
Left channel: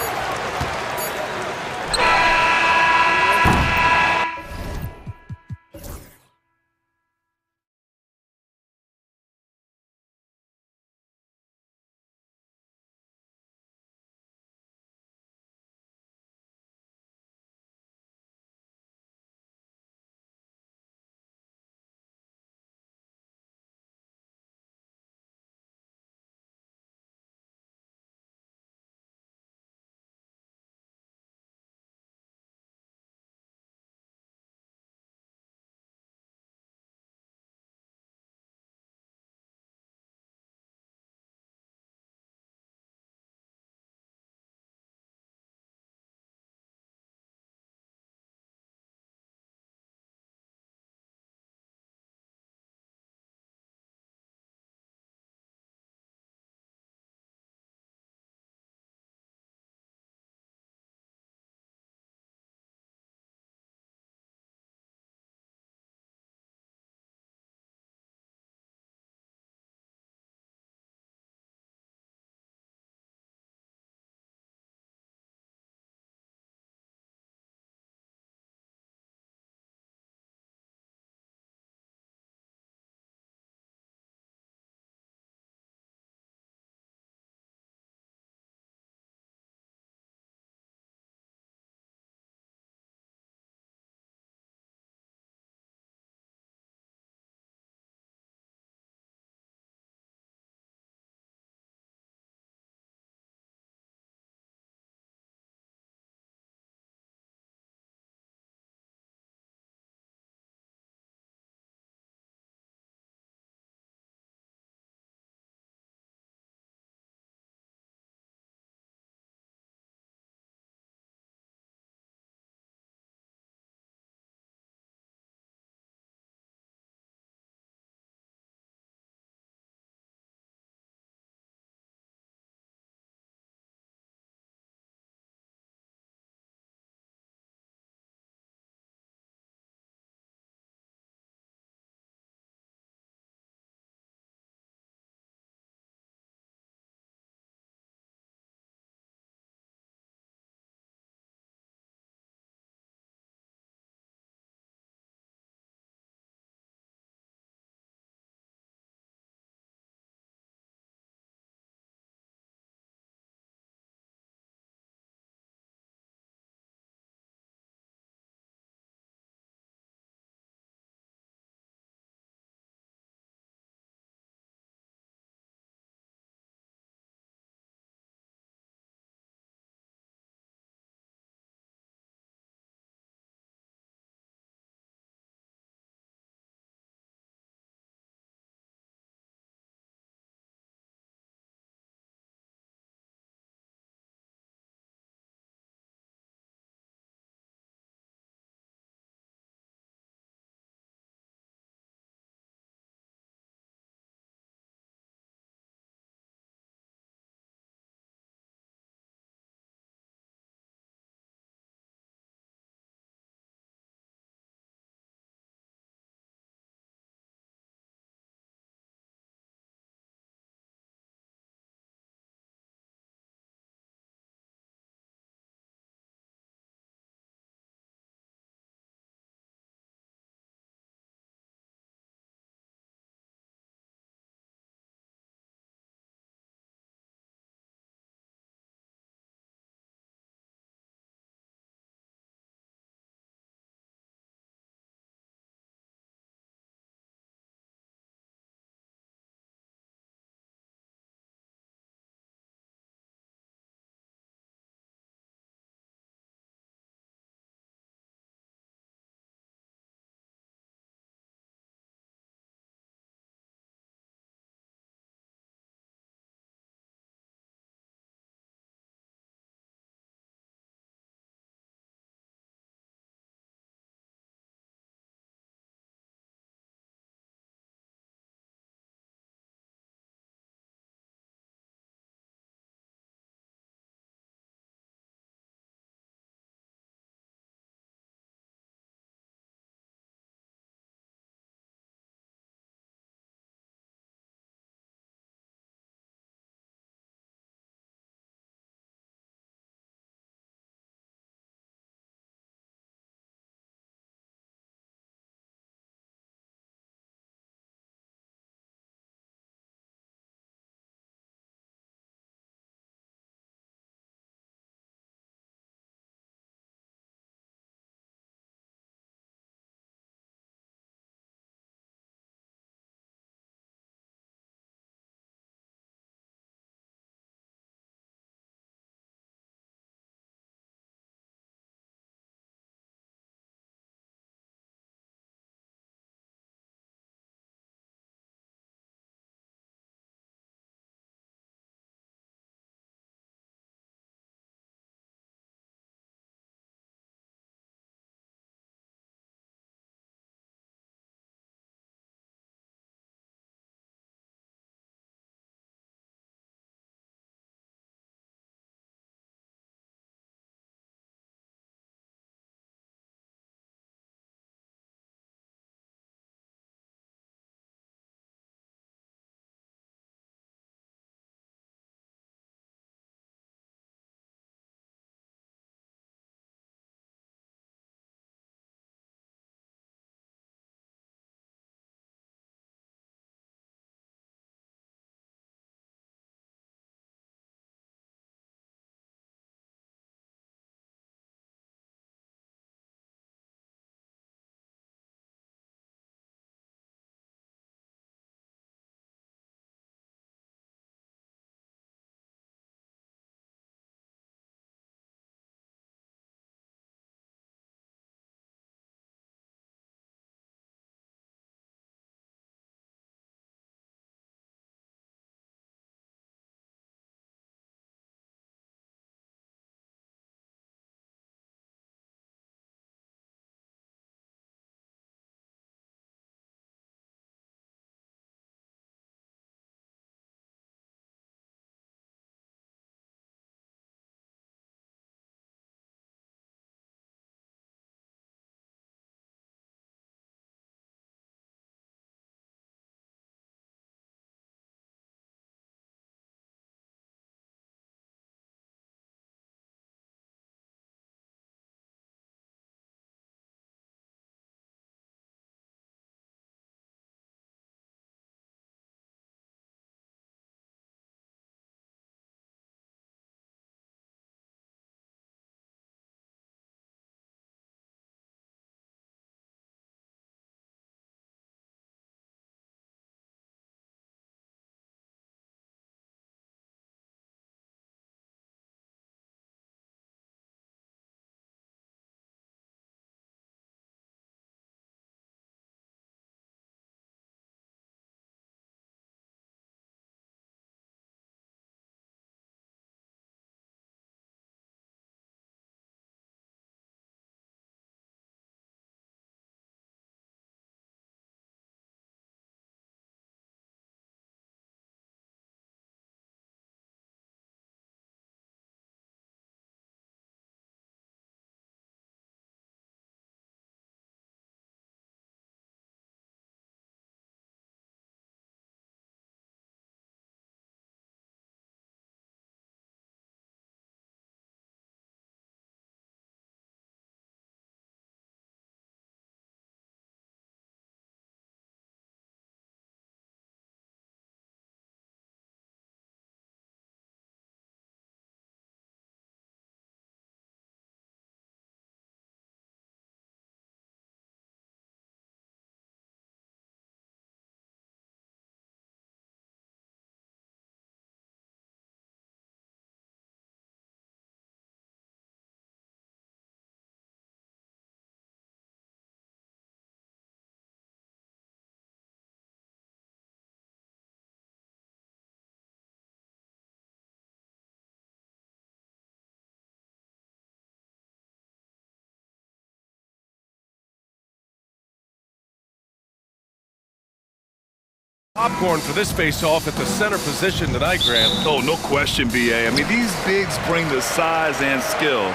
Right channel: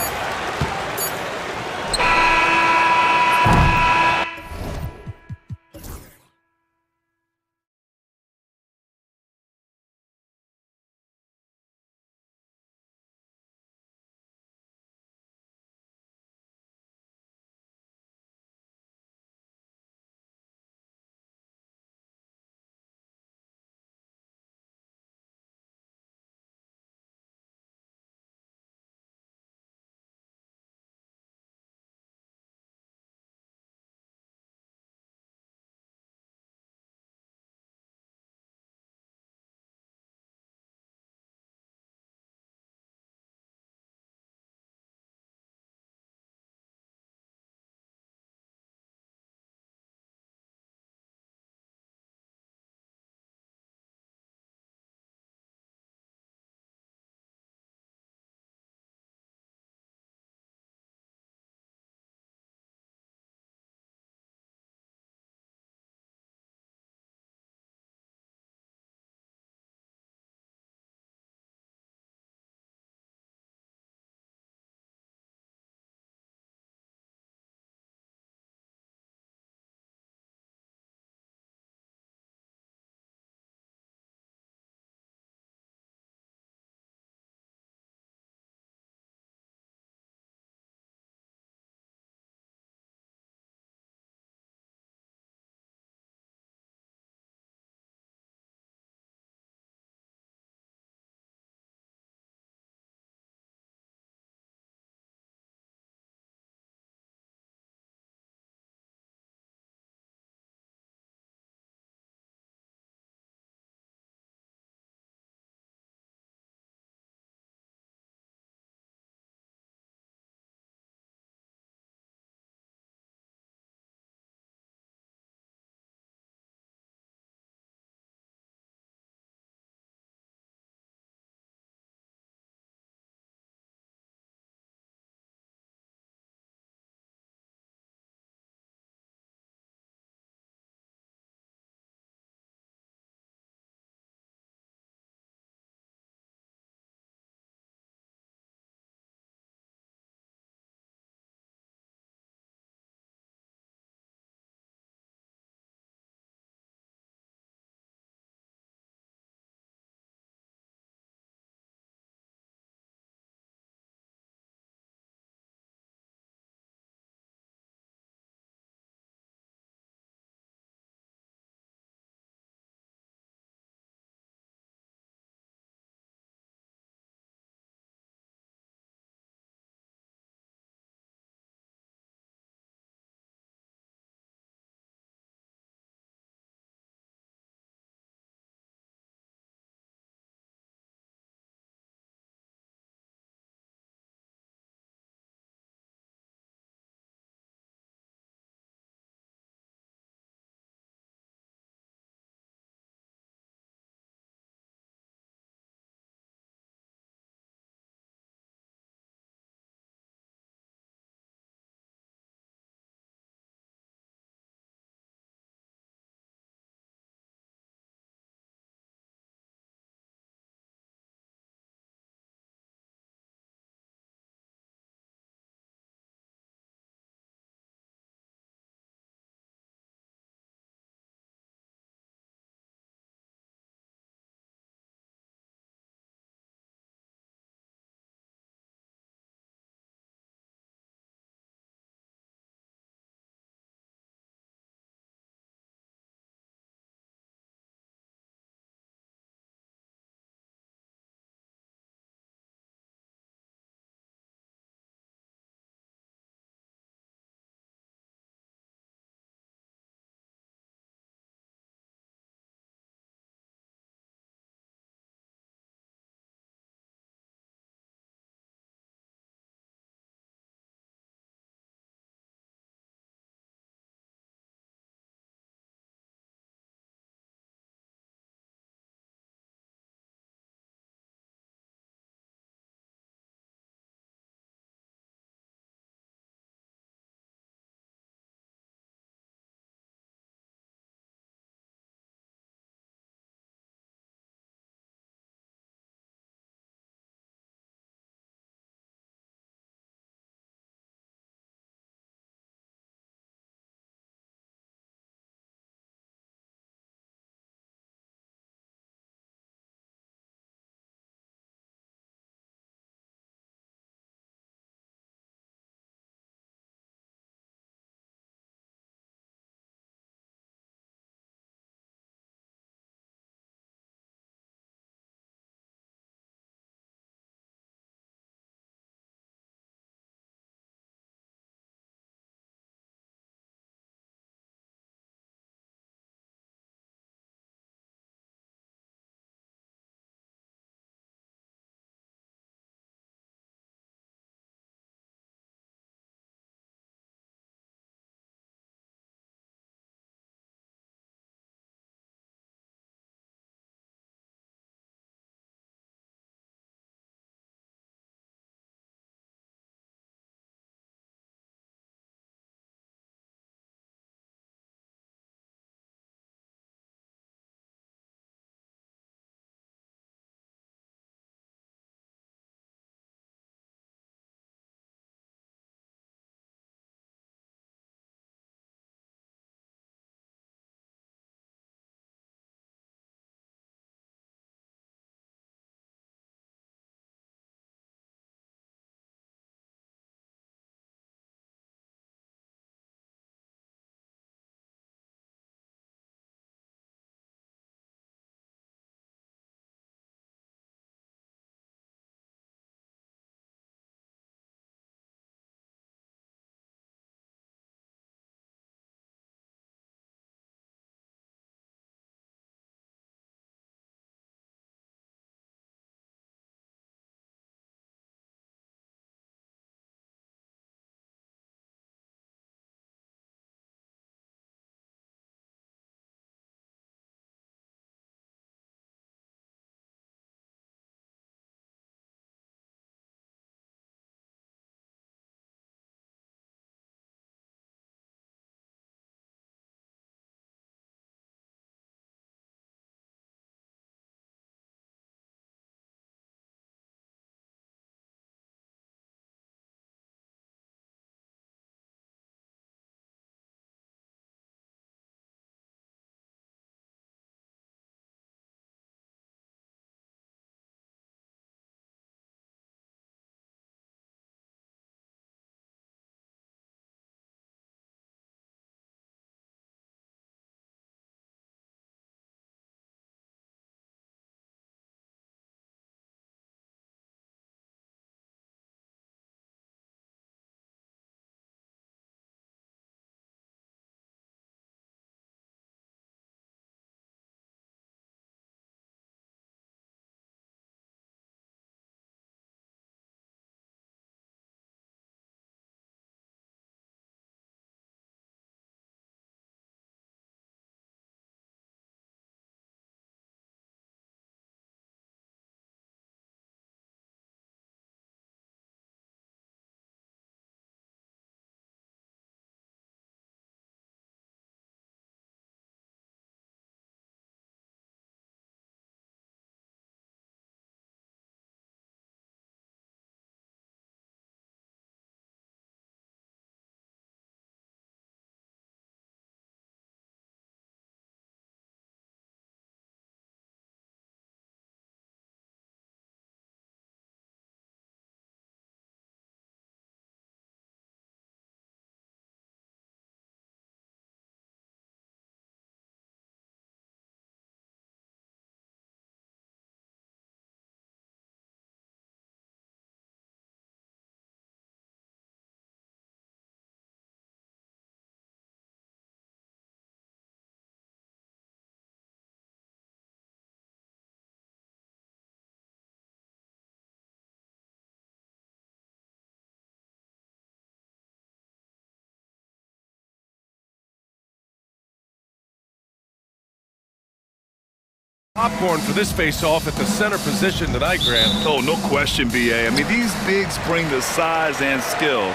Popcorn for this face-off at the center position tonight, Grant. Oh, no question, B.A. I mean, these bigs bring the size and skill.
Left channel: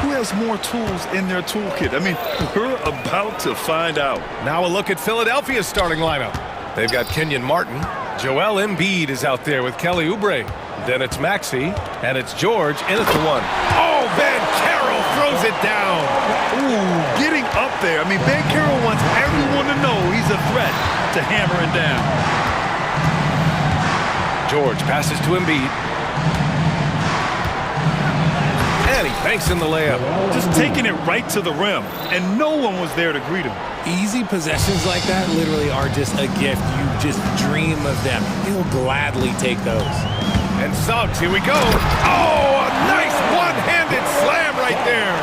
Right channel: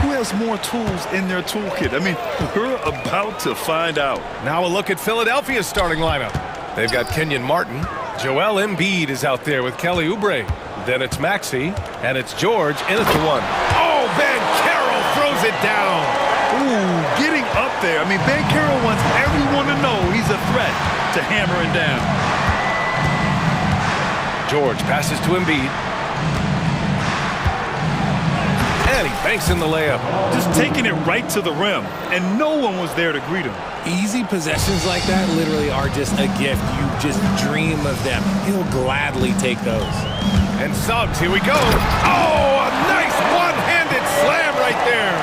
Who has more tools in their toolkit? I mean, we're about to find out. Now a look at Philadelphia's starting lineup. They've got Kenyon Martin. Joel Embiid is out there with Kelly Oubre. Then it's Maxey, and it's George in at the one. Oh, Banchero throws it down. Ooh, getting up there. I mean, Banchero wants everyone to know he's a threat to hammer it down. George passes to Embiid. And he banks in the layup. Just taking it right to the rim, and no one was there to greet him. Easy possessions like that literally are just a gift. You just dream of them. He'll gladly take those. And Suggs, here we go. Oh, a nice one-handed slam right there.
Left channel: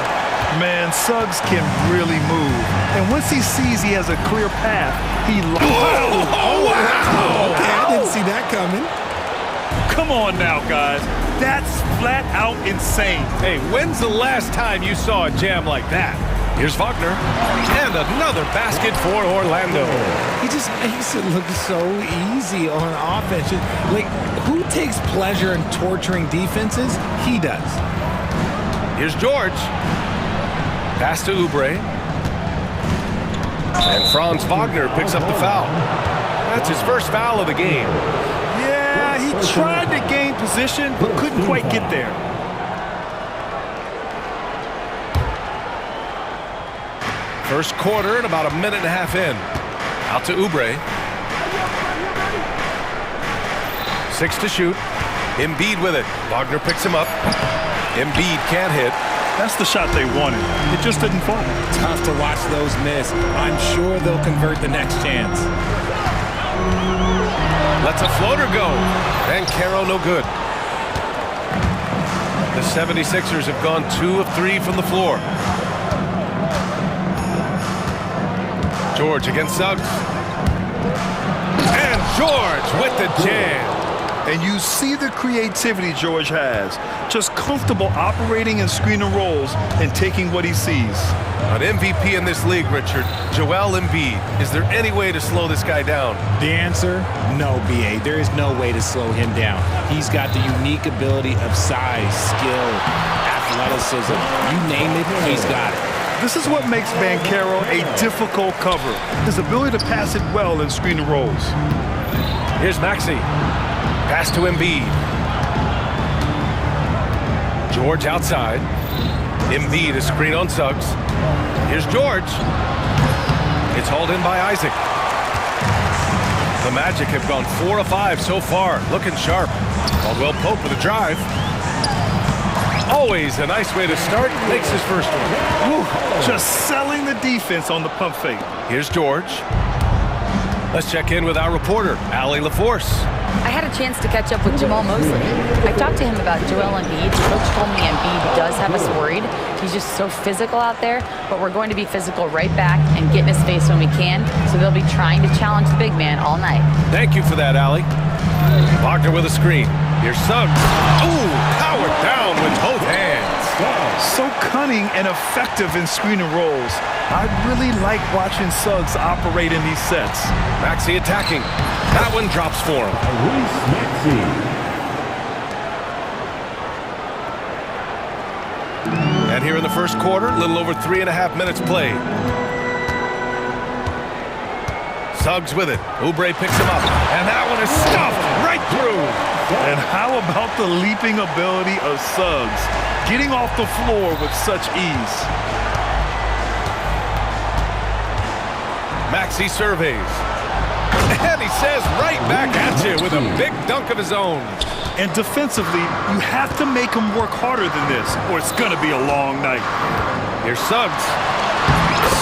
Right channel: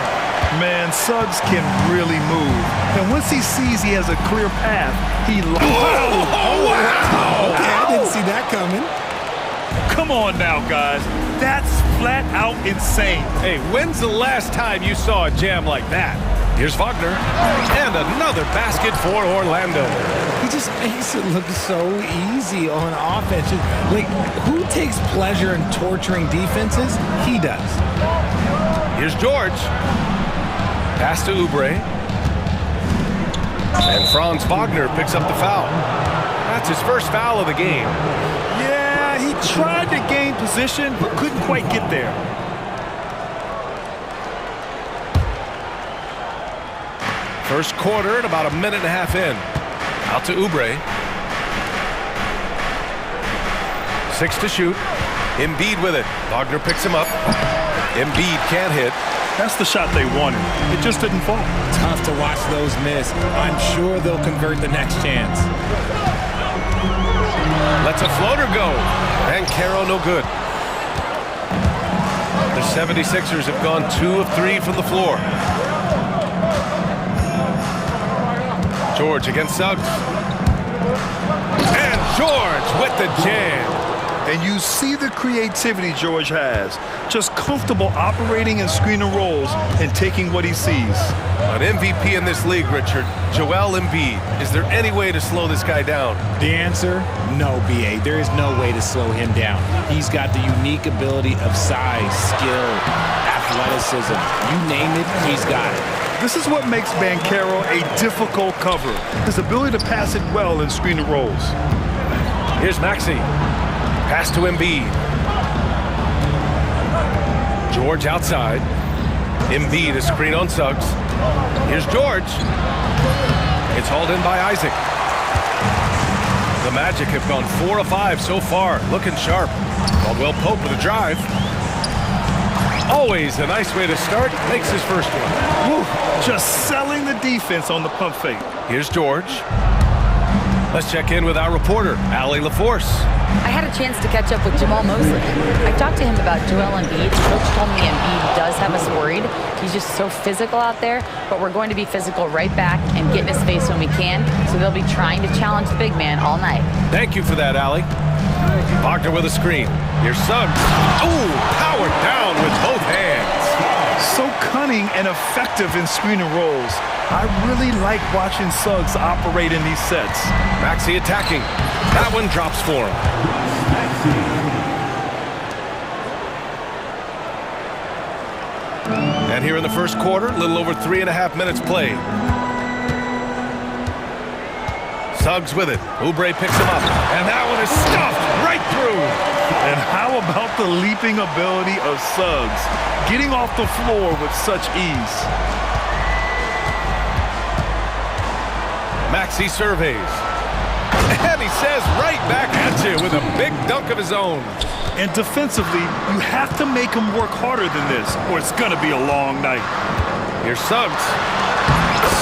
Man, Suggs can really move. And once he sees he has a clear path, he... Oh, wow! Okay, I didn't see that coming. Come on now, guys. That's flat out insane. Hey, when's the last time you saw a jam like that? Here's Wagner. And another basket for Orlando. He just makes it look so easy on offense. Like, who takes pleasure in torturing defenses? He does. Here's George. Pass to Oubre. And Franz Wagner picks up the foul. That's his first foul of the game. Yeah, he tried to gain position, but couldn't quite get there. First quarter and about a minute and a half in. Out to Oubre. 6 to shoot. Embiid with it. Wagner picks him up. Embiid can't hit. That's the shot they wanted. It just didn't fall. Tough to watch those miss. I'm sure they'll convert the next chance. Lets a floater go. And Caro no good. The 76ers have gone 2 of 3 from the floor. George against Suggs. And George with the jam. And you see the creativity George has. Just comfortable operating in screen and rolls and taking what he sees. An MVP in this league, Richard. Joel Embiid. Is there any way to slow this guy down? The answer, no, B.A. There is no way to slow him down. He's got the unique ability of size, skill, athleticism. You name it, he's got it. This is what makes Banchero a difficult cover. His ability to pass it well in screen and rolls. Here's Maxey. Pass to Embiid. George outside. Embiid is screen on Suggs. Here's George. It's hauled in by Isaac. The Magic have gone 4 of 5 so far, looking sharp. Caldwell Pope with a drive. Always a nice way to start. Makes his first one. Woo, just selling the defense on the pump fake. Here's George. Let's check in with our reporter, Allie LaForce. I had a chance to catch up with Jamal Mosley. I talked to him about Joel Embiid. Coach told me Embiid does have us worried. He's just so physical out there, but we're going to be physical right back and get in his face when we can, so they'll be trying to challenge the big man all night. Thank you for that, Allie. Wagner with a screen. Here's Suggs. Ooh, powered down with both hands. So cunning and effective in screen and rolls. I really like watching Suggs operate in these sets. Maxey attacking. That one drops for him. And here in the first quarter, a little over 3.5 minutes played. Suggs with it. Oubre picks him up. And that one is stuffed right through. And how about the leaping ability of Suggs? Getting off the floor with such ease. Maxey surveys. And he says right back at you with a big dunk of his own. And defensively, you have to make him work harder than this, or it's going to be a long night. Here's Suggs.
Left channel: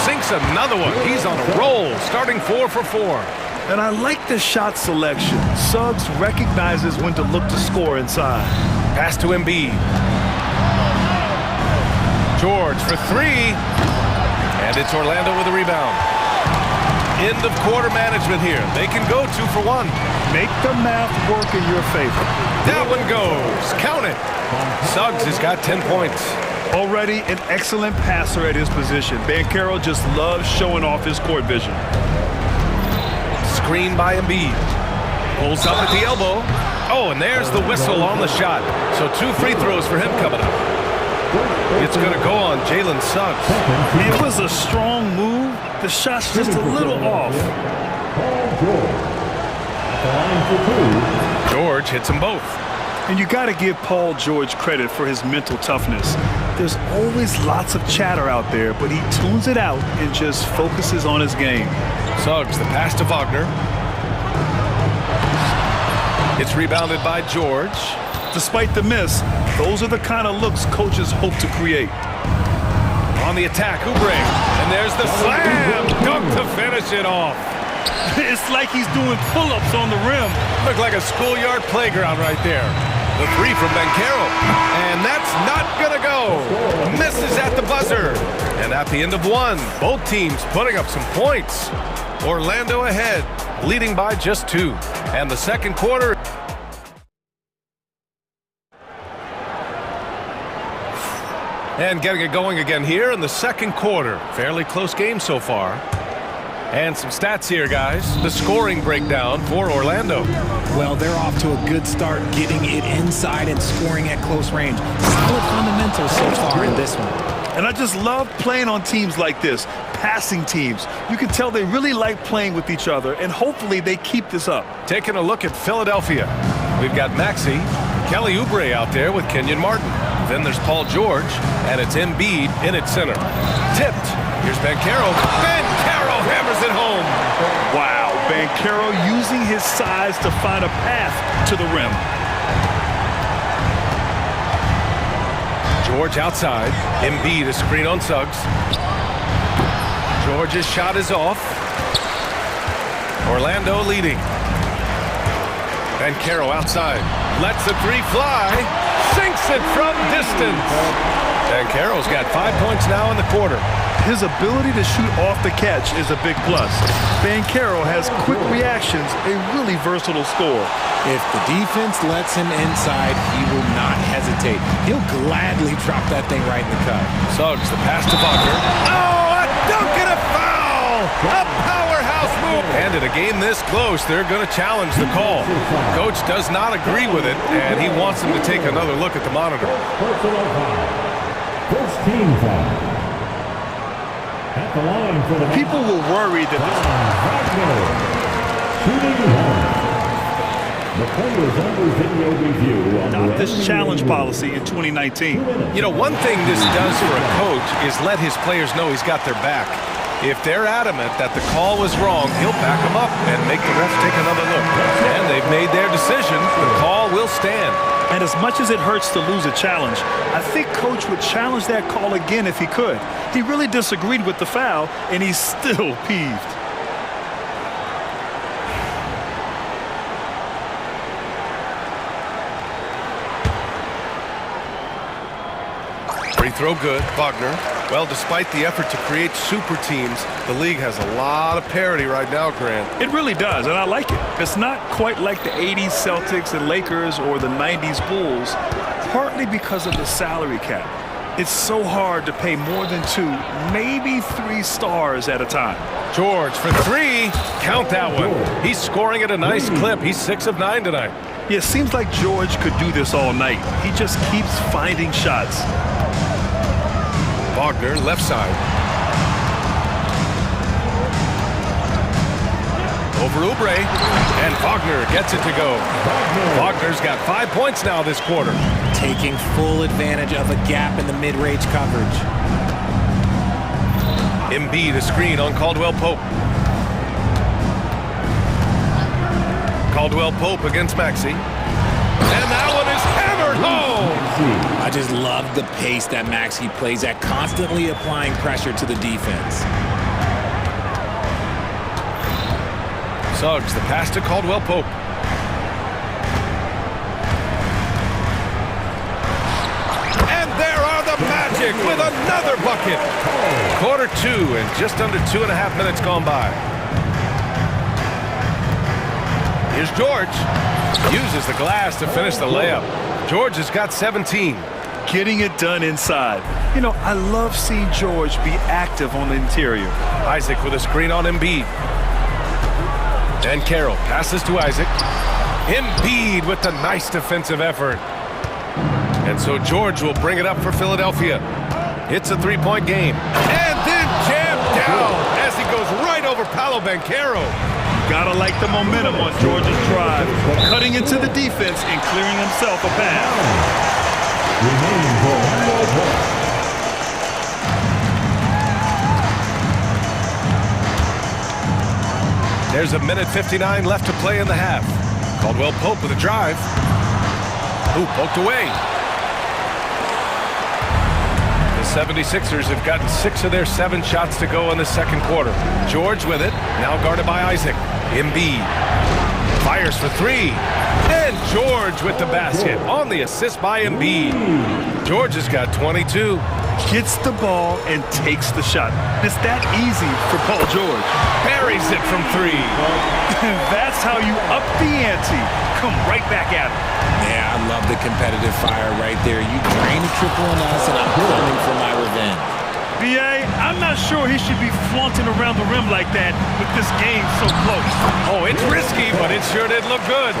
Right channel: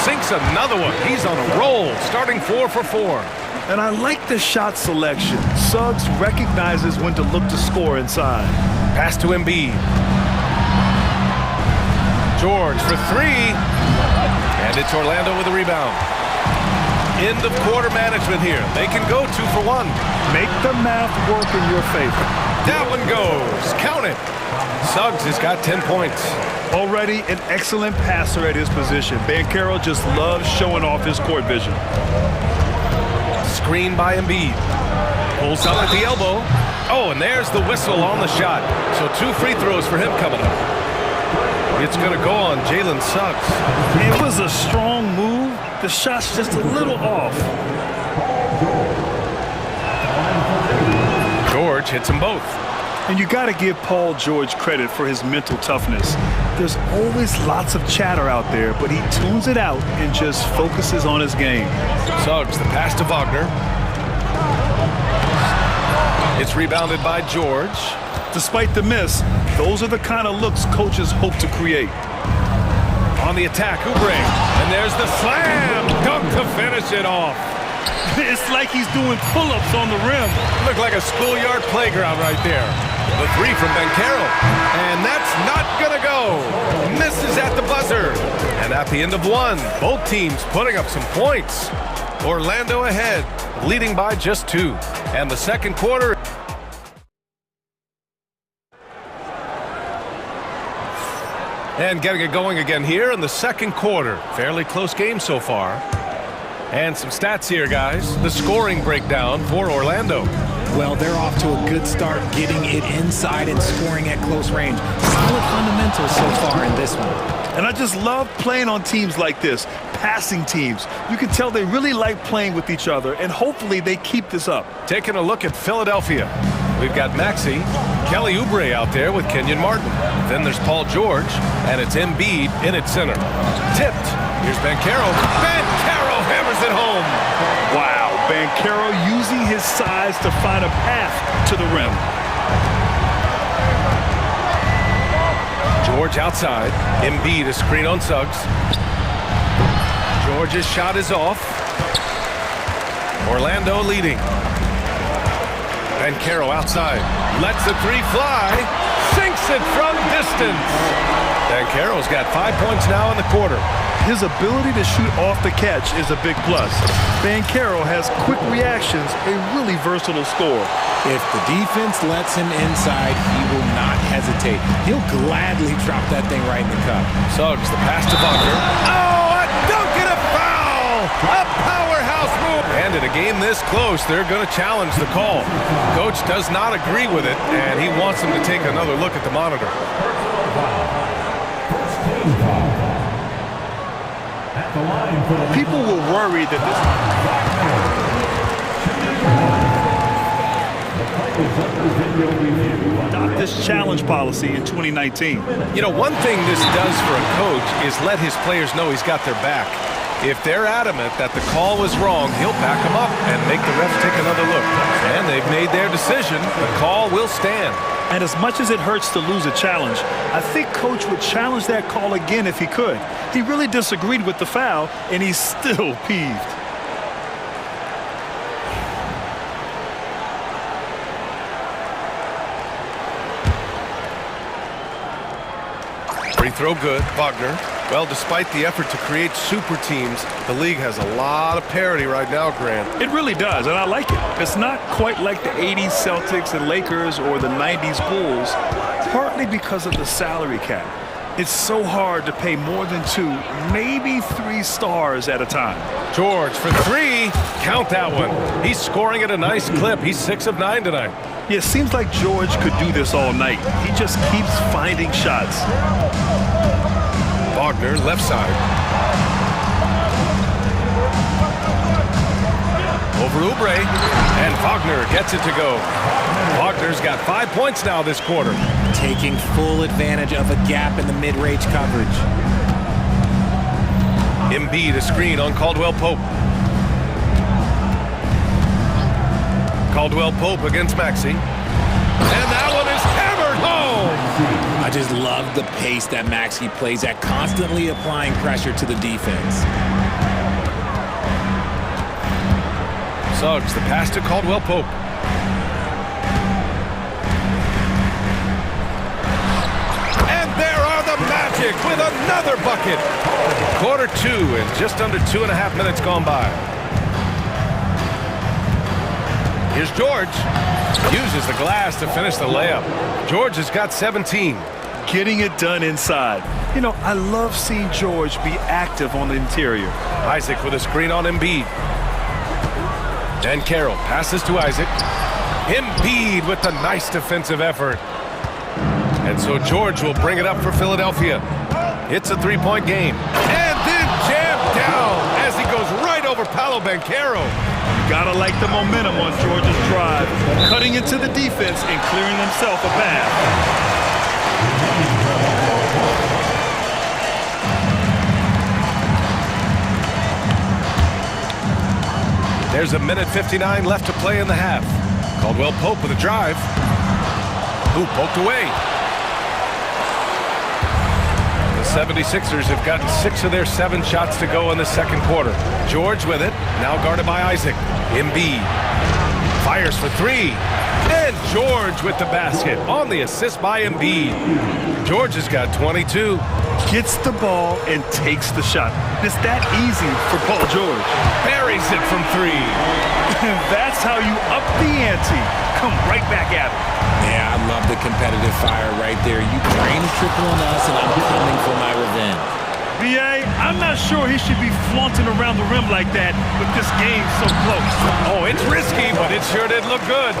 Sinks another one. He's on a roll, starting 4 for 4. And I like the shot selection. Suggs recognizes when to look to score inside. Pass to Embiid. George for 3. And it's Orlando with a rebound. End of quarter management here. They can go 2 for 1. Make the math work in your favor. That one goes. Count it. Suggs has got 10 points. Already an excellent passer at his position. Banchero just loves showing off his court vision. Screen by Embiid. Pulls up at the elbow. Oh, and there's the whistle on the shot. So 2 free throws for him coming up. It's going to go on Jalen Suggs. It was a strong move. The shot's just a little off. George hits them both. And you got to give Paul George credit for his mental toughness. There's always lots of chatter out there, but he tunes it out and just focuses on his game. Suggs, the pass to Wagner. It's rebounded by George. Despite the miss, those are the kind of looks coaches hope to create. On the attack, Oubre. And there's the slam dunk to finish it off. It's like he's doing pull-ups on the rim. Looked like a schoolyard playground right there. The 3 from Banchero. And that's not gonna go. Misses at the buzzer. And at the end of 1, both teams putting up some points. Orlando ahead, leading by just 2. And the second quarter. And getting it going again here in the second quarter. Fairly close game so far. And some stats here, guys. The scoring breakdown for Orlando. Well, they're off to a good start getting it inside and scoring at close range. Solid fundamentals so far in this one. And I just love playing on teams like this, passing teams. You can tell they really like playing with each other, and hopefully they keep this up. Taking a look at Philadelphia. We've got Maxey, Kelly Oubre out there with Kenyon Martin. Then there's Paul George, and it's Embiid in at center. Tipped. Here's Banchero. Banchero hammers it home. Wow, Banchero using his size to find a path to the rim. George outside. Embiid a screen on Suggs. George's shot is off. Orlando leading. Banchero outside. Lets the 3 fly. Sinks it from distance. Banchero's got 5 points now in the quarter. His ability to shoot off the catch is a big plus. Banchero has quick reactions, a really versatile scorer. If the defense lets him inside, he will not hesitate. He'll gladly drop that thing right in the cup. Suggs, the pass to Wagner. Oh, a dunk and a foul! A powerhouse move! And in a game this close, they're going to challenge the call. Coach does not agree with it, and he wants him to take another look at the monitor. Personal foul. First team foul. At the line for the people were worried that this... Not this challenge policy in 2019. You know, one thing this does for a coach is let his players know he's got their back. If they're adamant that the call was wrong, he'll back them up and make the refs take another look. And they've made their decision. The call will stand. And as much as it hurts to lose a challenge, I think Coach would challenge that call again if he could. He really disagreed with the foul, and he's still peeved. Free throw good, Wagner. Well, despite the effort to create super teams, the league has a lot of parity right now, Grant. It really does, and I like it. It's not quite like the 80s Celtics and Lakers or the 90s Bulls, partly because of the salary cap. It's so hard to pay more than 2, maybe 3 stars at a time. George for 3. Count that one. He's scoring at a nice clip. He's 6 of 9 tonight. Yeah, it seems like George could do this all night. He just keeps finding shots. Wagner, left side. Over Oubre, and Wagner gets it to go. Wagner's got 5 points now this quarter. Taking full advantage of a gap in the mid-range coverage. Embiid a screen on Caldwell Pope. Caldwell Pope against Maxey. And that one is hammered home. I just love the pace that Maxey plays at, constantly applying pressure to the defense. Suggs, the pass to Caldwell Pope. And there are the Magic with another bucket. Quarter 2 and just under 2.5 minutes gone by. Here's George. Uses the glass to finish the layup. George has got 17. Getting it done inside. You know, I love seeing George be active on the interior. Isaac with a screen on Embiid. Dan Carroll passes to Isaac. Embiid with the nice defensive effort. And so George will bring it up for Philadelphia. It's a three-point game. And then jammed down as he goes right over Paolo Banchero. You gotta like the momentum on George's drive, cutting into the defense and clearing himself a path. There's a minute 59 left to play in the half. Caldwell Pope with a drive. Ooh, poked away. The 76ers have gotten 6 of their 7 shots to go in the second quarter. George with it, now guarded by Isaac. Embiid fires for 3. And George with the basket on the assist by Embiid. George has got 22. Gets the ball and takes the shot. It's that easy for Paul George. Buries it from 3. That's how you up the ante. Come right back at him. Yeah, I love the competitive fire right there. You drain a triple on us, and I'm coming for my revenge. B.A., I'm not sure he should be flaunting around the rim like that with this game so close. Oh, it's risky, but it sure did look good.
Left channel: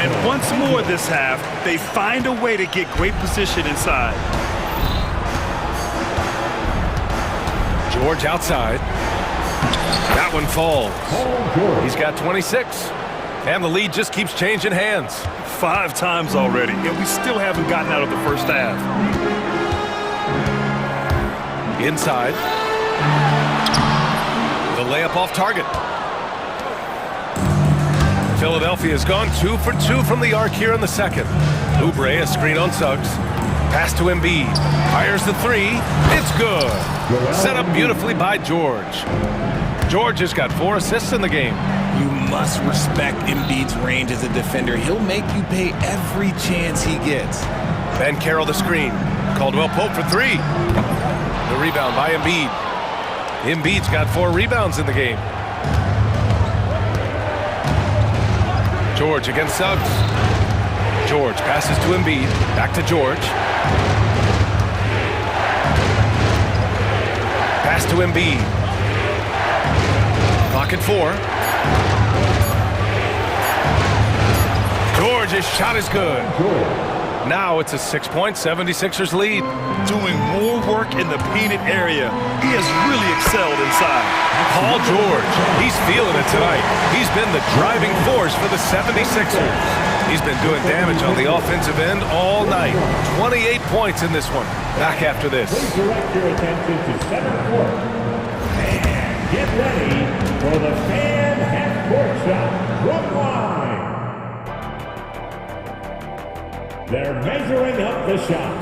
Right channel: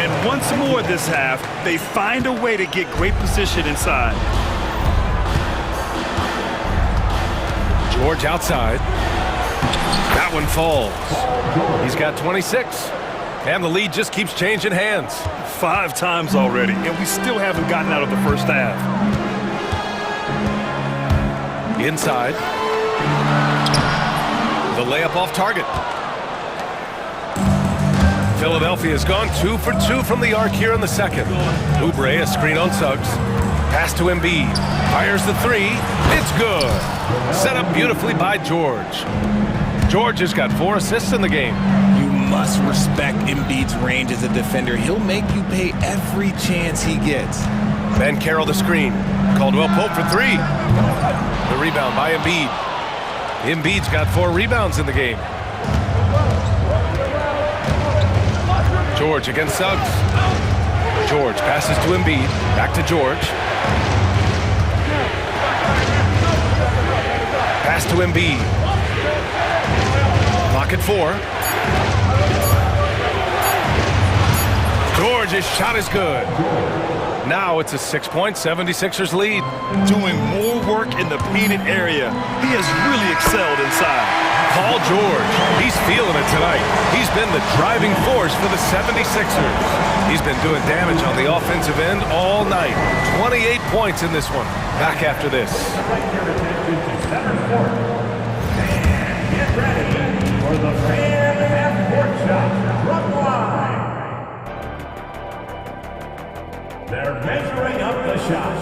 And once more this half, they find a way to get great position inside. George outside. That one falls. He's got 26. And the lead just keeps changing hands. 5 times already, and we still haven't gotten out of the first half. Inside. The layup off target. Philadelphia has gone 2 for 2 from the arc here in the second. Oubre, a screen on Suggs. Pass to Embiid. Fires the 3. It's good. Set up beautifully by George. George has got 4 assists in the game. You must respect Embiid's range as a defender. He'll make you pay every chance he gets. Banchero the screen. Caldwell Pope for 3. The rebound by Embiid. Embiid's got 4 rebounds in the game. George against Suggs. George passes to Embiid. Back to George. Pass to Embiid. Clock at 4. George's shot is good. Now it's a 6-point 76ers lead. Doing more work in the painted area. He has really excelled inside. Paul George, he's feeling it tonight. He's been the driving force for the 76ers. He's been doing damage on the offensive end all night. 28 points in this one. Back after this. Direct your attention to center court. And get ready for the fan half-court shot from the line. They're measuring up the shot.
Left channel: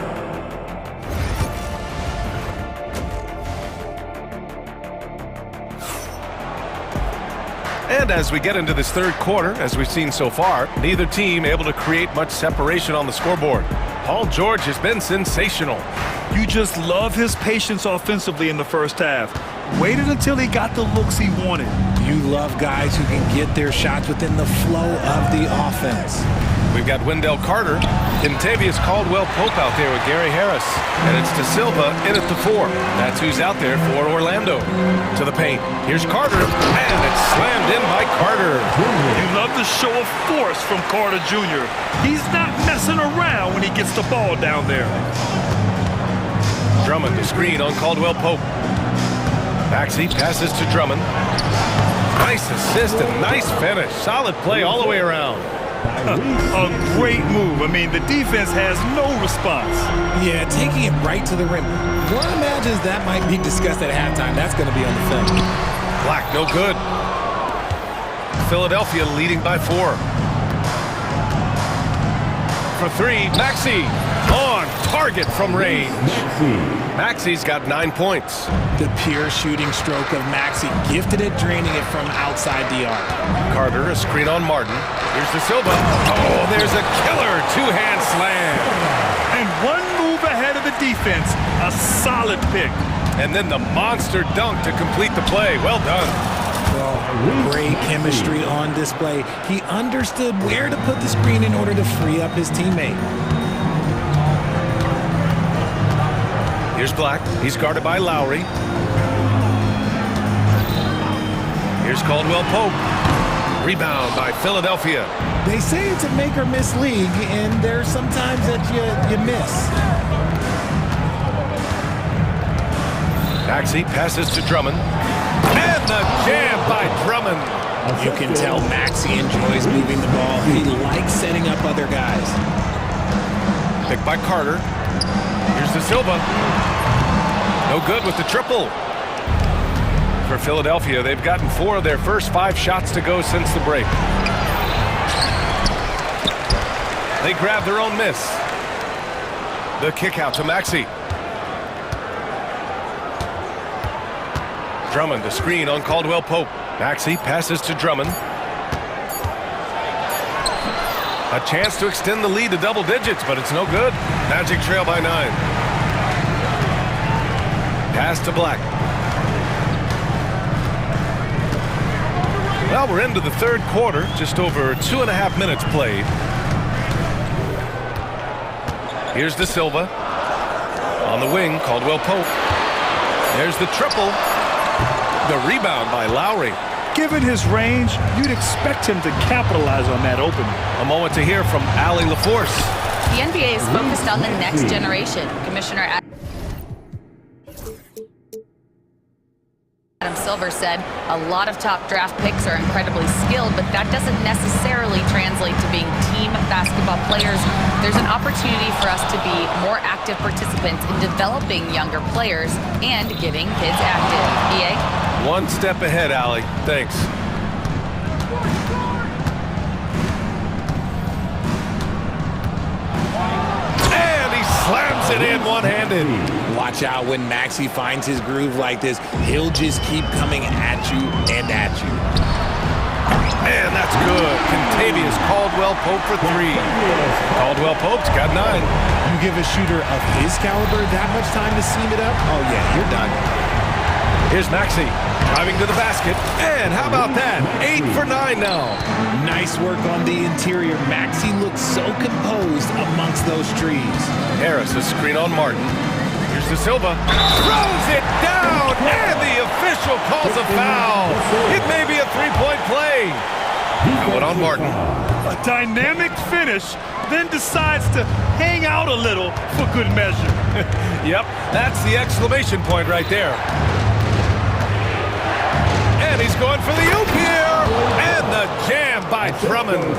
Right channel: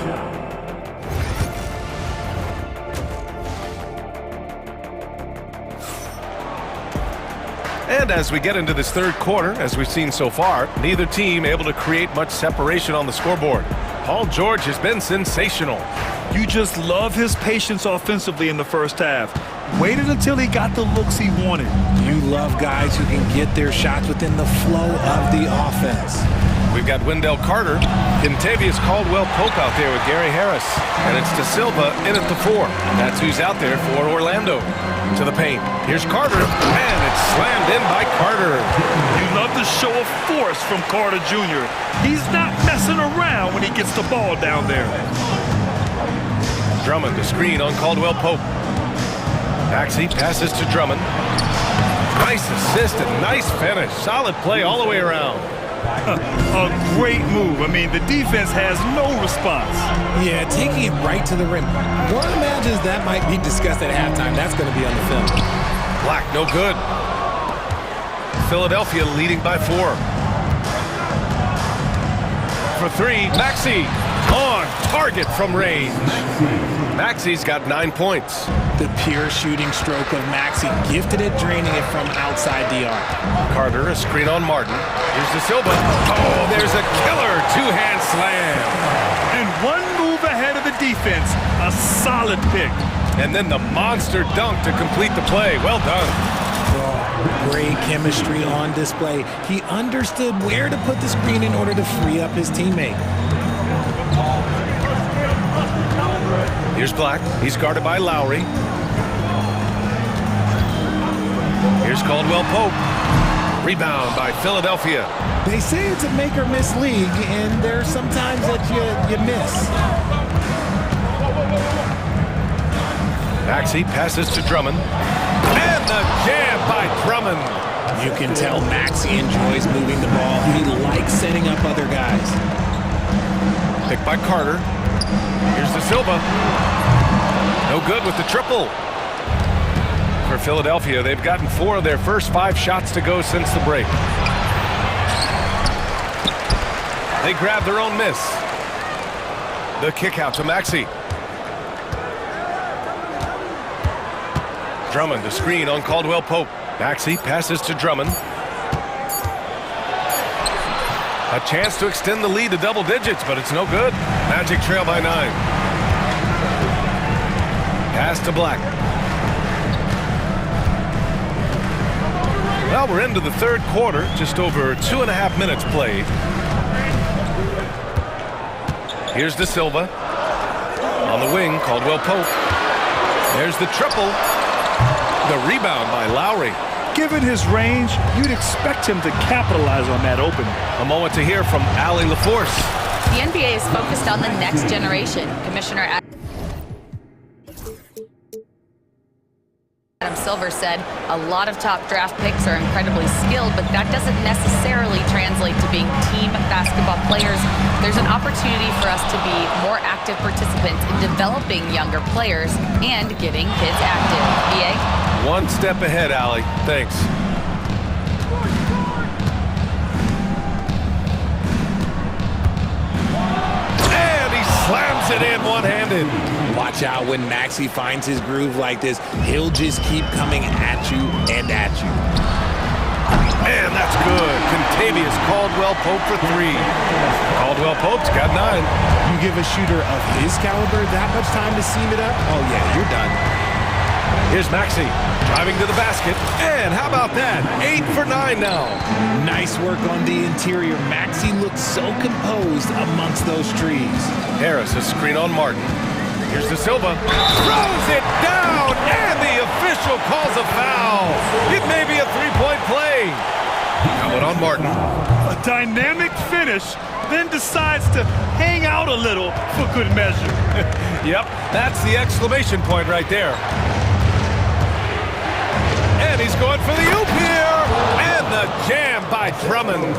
And as we get into this third quarter, as we've seen so far, neither team able to create much separation on the scoreboard. Paul George has been sensational. You just love his patience offensively in the first half. Waited until he got the looks he wanted. You love guys who can get their shots within the flow of the offense. We've got Wendell Carter, Kentavious Caldwell-Pope out there with Gary Harris, and it's De Silva in at the 4. That's who's out there for Orlando. To the paint. Here's Carter, and it's slammed in by Carter. You love the show of force from Carter Jr. He's not messing around when he gets the ball down there. Drummond to screen on Caldwell-Pope. Maxey passes to Drummond. Nice assist and nice finish. Solid play all the way around. A great move. I mean, the defense has no response. Yeah, taking it right to the rim. One imagines that might be discussed at halftime. That's going to be on the film. Black, no good. Philadelphia leading by 4. For 3, Maxey on target from range. Maxey's got 9 points. The pure shooting stroke of Maxey, gifted at draining it from outside the arc. Carter, a screen on Martin. Here's De Silva. Oh, there's a killer 2-hand slam. And one move ahead of the defense. A solid pick. And then the monster dunk to complete the play. Well done. Oh, great chemistry on display. He understood where to put the screen in order to free up his teammate. Here's Black. He's guarded by Lowry. Here's Caldwell-Pope. Rebound by Philadelphia. They say it's a make or miss league, and there's sometimes that you miss. Maxey passes to Drummond. And the jam by Drummond. You can tell Maxey enjoys moving the ball. He likes setting up other guys. Picked by Carter. Here's De Silva. No good with the triple. For Philadelphia, they've gotten 4 of their first 5 shots to go since the break. They grab their own miss. The kick out to Maxey. Drummond, a screen on Caldwell Pope. Maxey passes to Drummond. A chance to extend the lead to double digits, but it's no good. Magic trail by 9. Pass to Black. Well, we're into the third quarter, just over 2.5 minutes played. Here's De Silva. On the wing, Caldwell Pope. There's the triple. The rebound by Lowry. Given his range, you'd expect him to capitalize on that opening. A moment to hear from Allie LaForce. The NBA is focused on the next generation. Commissioner Adam Silver said a lot of top draft picks are incredibly skilled, but that doesn't necessarily translate to being team basketball players. There's an opportunity for us to be more active participants in developing younger players and getting kids active. EA? One step ahead, Allie. Thanks. And he slams it in one-handed. Watch out when Maxey finds his groove like this. He'll just keep coming at you and at you. And that's good. Contavious Caldwell Pope for 3. Caldwell Pope's got 9. You give a shooter of his caliber that much time to seam it up? Oh, yeah, you're done. Here's Maxey driving to the basket. And how about that? 8 for 9 now. Nice work on the interior. Maxey looks so composed amongst those trees. Harris, a screen on Martin. Here's De Silva. Throws it down, and the official calls a foul. It may be a 3-point play. That one on Martin. A dynamic finish, then decides to hang out a little for good measure. Yep, that's the exclamation point right there. And he's going for the oop here. And the jam by Drummond.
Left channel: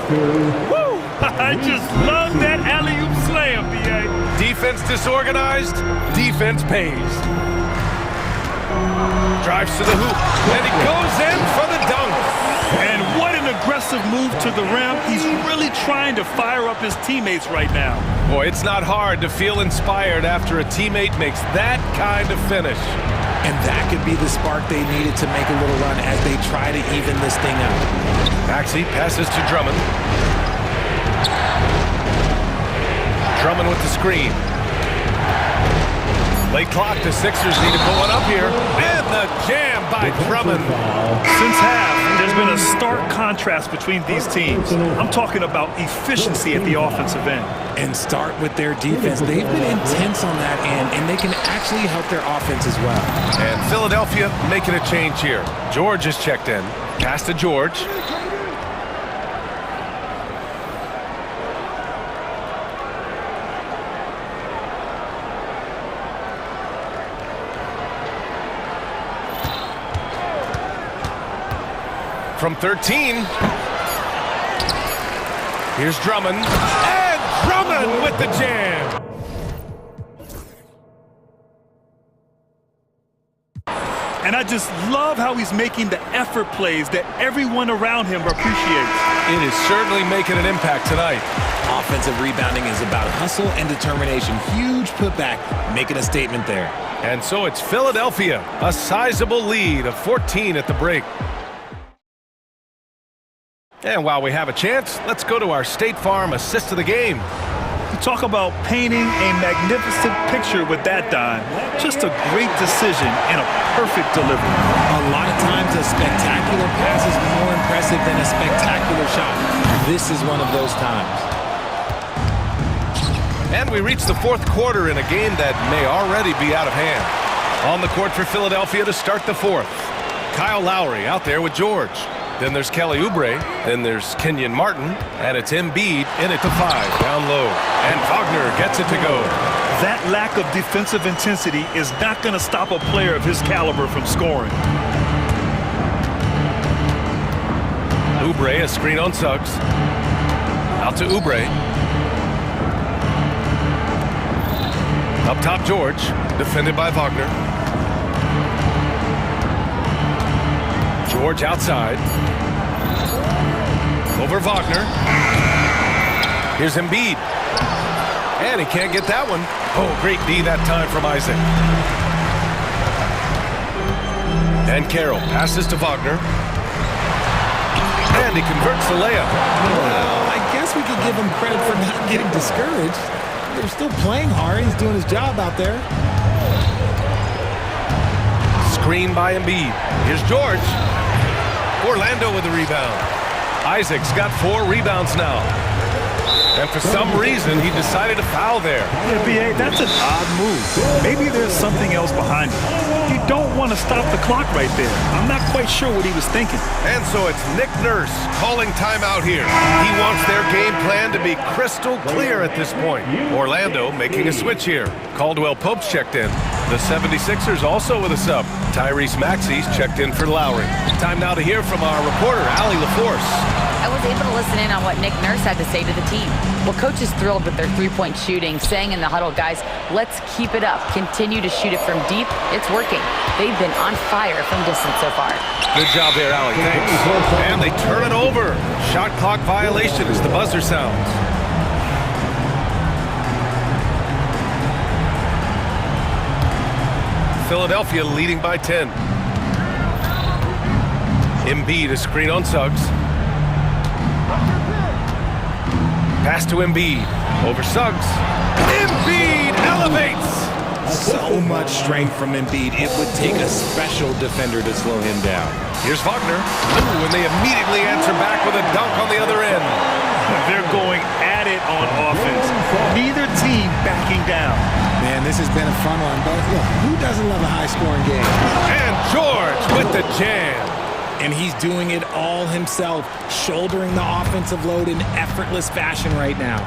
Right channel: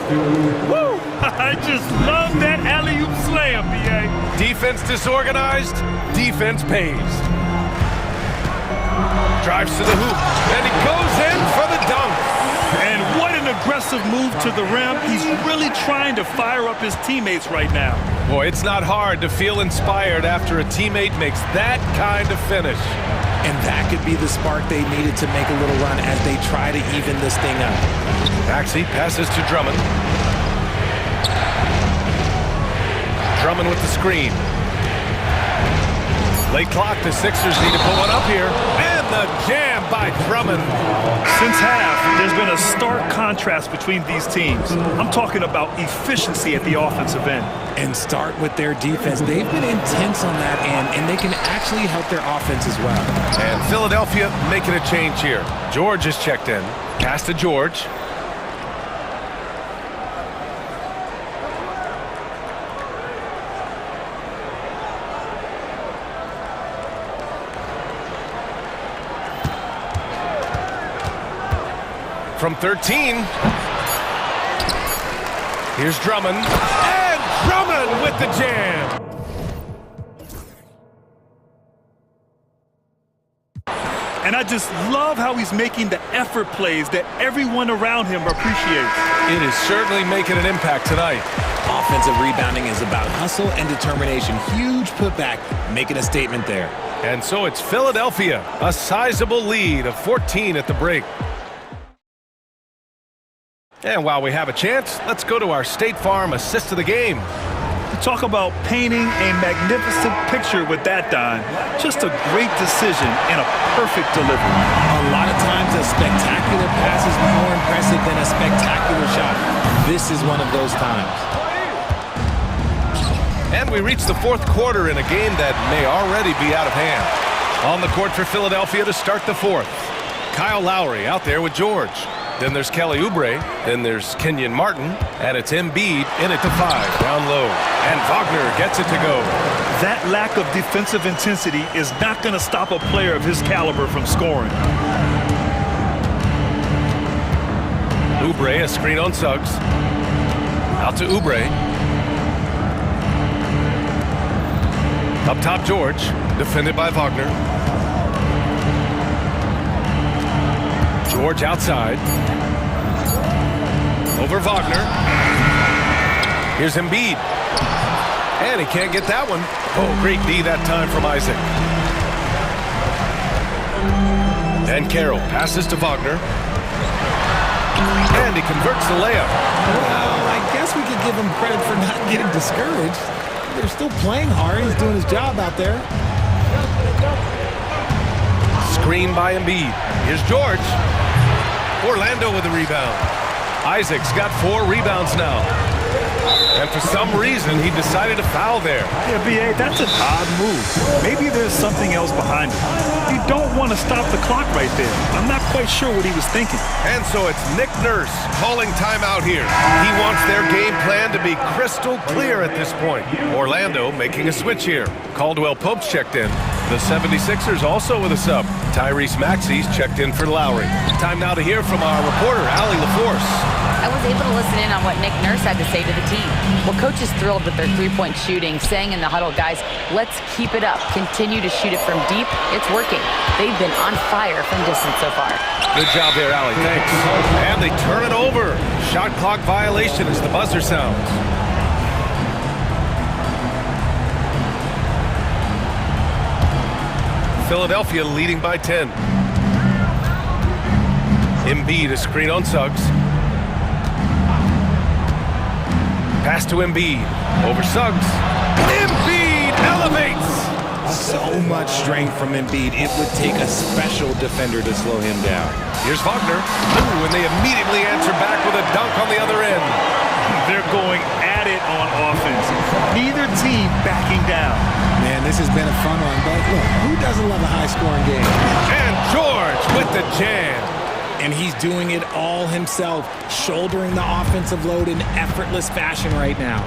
Woo! I just love that alley-oop slam, B.A. Defense disorganized, defense pays. Drives to the hoop, and he goes in for the dunk. And what an aggressive move to the rim. He's really trying to fire up his teammates right now. Boy, it's not hard to feel inspired after a teammate makes that kind of finish. And that could be the spark they needed to make a little run as they try to even this thing up. Maxey passes to Drummond. Drummond with the screen. Late clock, the Sixers need to put one up here. And the jam by Drummond. Since half, there's been a stark contrast between these teams. I'm talking about efficiency at the offensive end. And start with their defense. They've been intense on that end, and they can actually help their offense as well. And Philadelphia making a change here. George is checked in. Pass to George. From 13. Here's Drummond. And Drummond with the jam. And I just love how he's making the effort plays that everyone around him appreciates. It is certainly making an impact tonight. Offensive rebounding is about hustle and determination. Huge putback, making a statement there. And so it's Philadelphia, a sizable lead of 14 at the break. And while we have a chance, let's go to our State Farm assist of the game. You talk about painting a magnificent picture with that, Don. Just a great decision and a perfect delivery. A lot of times a spectacular pass is more impressive than a spectacular shot. This is one of those times. And we reach the fourth quarter in a game that may already be out of hand. On the court for Philadelphia to start the fourth. Kyle Lowry out there with George. Then there's Kelly Oubre. Then there's Kenyon Martin. And it's Embiid in it to 5, down low. And Wagner gets it to go. That lack of defensive intensity is not going to stop a player of his caliber from scoring. Oubre, a screen on Suggs. Out to Oubre. Up top, George. Defended by Wagner. George outside. Over Wagner. Here's Embiid. And he can't get that one. Oh, great D that time from Isaac. And Carroll passes to Wagner. And he converts the layup. Well, I guess we could give him credit for not getting discouraged. They're still playing hard. He's doing his job out there. Screen by Embiid. Here's George. Orlando with the rebound. Isaac's got 4 rebounds now. And for some reason, he decided to foul there. Yeah, B.A., that's an odd move. Maybe there's something else behind it. You don't want to stop the clock right there. I'm not quite sure what he was thinking. And so it's Nick Nurse calling timeout here. He wants their game plan to be crystal clear at this point. Orlando making a switch here. Caldwell Pope's checked in. The 76ers also with a sub. Tyrese Maxey's checked in for Lowry. Time now to hear from our reporter, Allie LaForce. I was able to listen in on what Nick Nurse had to say to the team. Well, coach is thrilled with their three-point shooting, saying in the huddle, guys, let's keep it up. Continue to shoot it from deep. It's working. They've been on fire from distance so far. Good job there, Allie. Thanks. And they turn it over. Shot clock violation as the buzzer sounds. Philadelphia leading by 10. Embiid, a screen on Suggs. Pass to Embiid. Over Suggs. Embiid elevates! So much strength from Embiid. It would take a special defender to slow him down. Here's Wagner. Ooh, and they immediately answer back with a dunk on the other end. They're going at it on offense. Neither team backing down. Man, this has been a fun one, but look, who doesn't love a high-scoring game? And George with the jam. And he's doing it all himself, shouldering the offensive load in effortless fashion right now.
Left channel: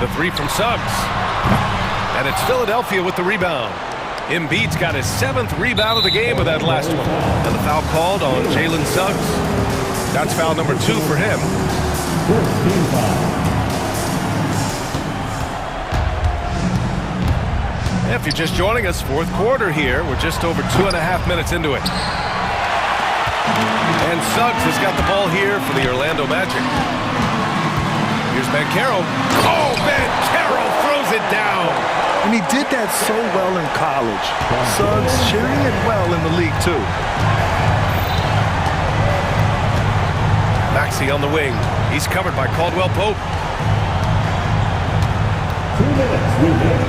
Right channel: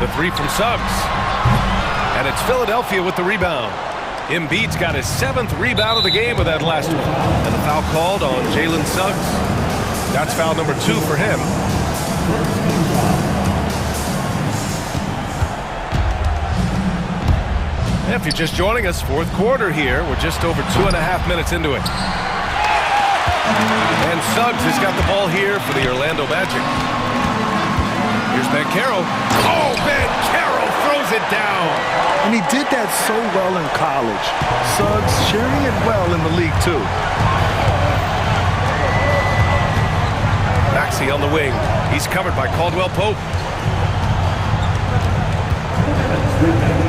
The 3 from Suggs. And it's Philadelphia with the rebound. Embiid's got his 7th rebound of the game with that last one. And the foul called on Jalen Suggs. That's foul number 2 for him. If you're just joining us, 4th quarter here. We're just over 2.5 minutes into it. And Suggs has got the ball here for the Orlando Magic. Here's Banchero. Oh, Banchero throws it down. And he did that so well in college. Suggs sharing it well in the league, too. Maxey on the wing. He's covered by Caldwell Pope.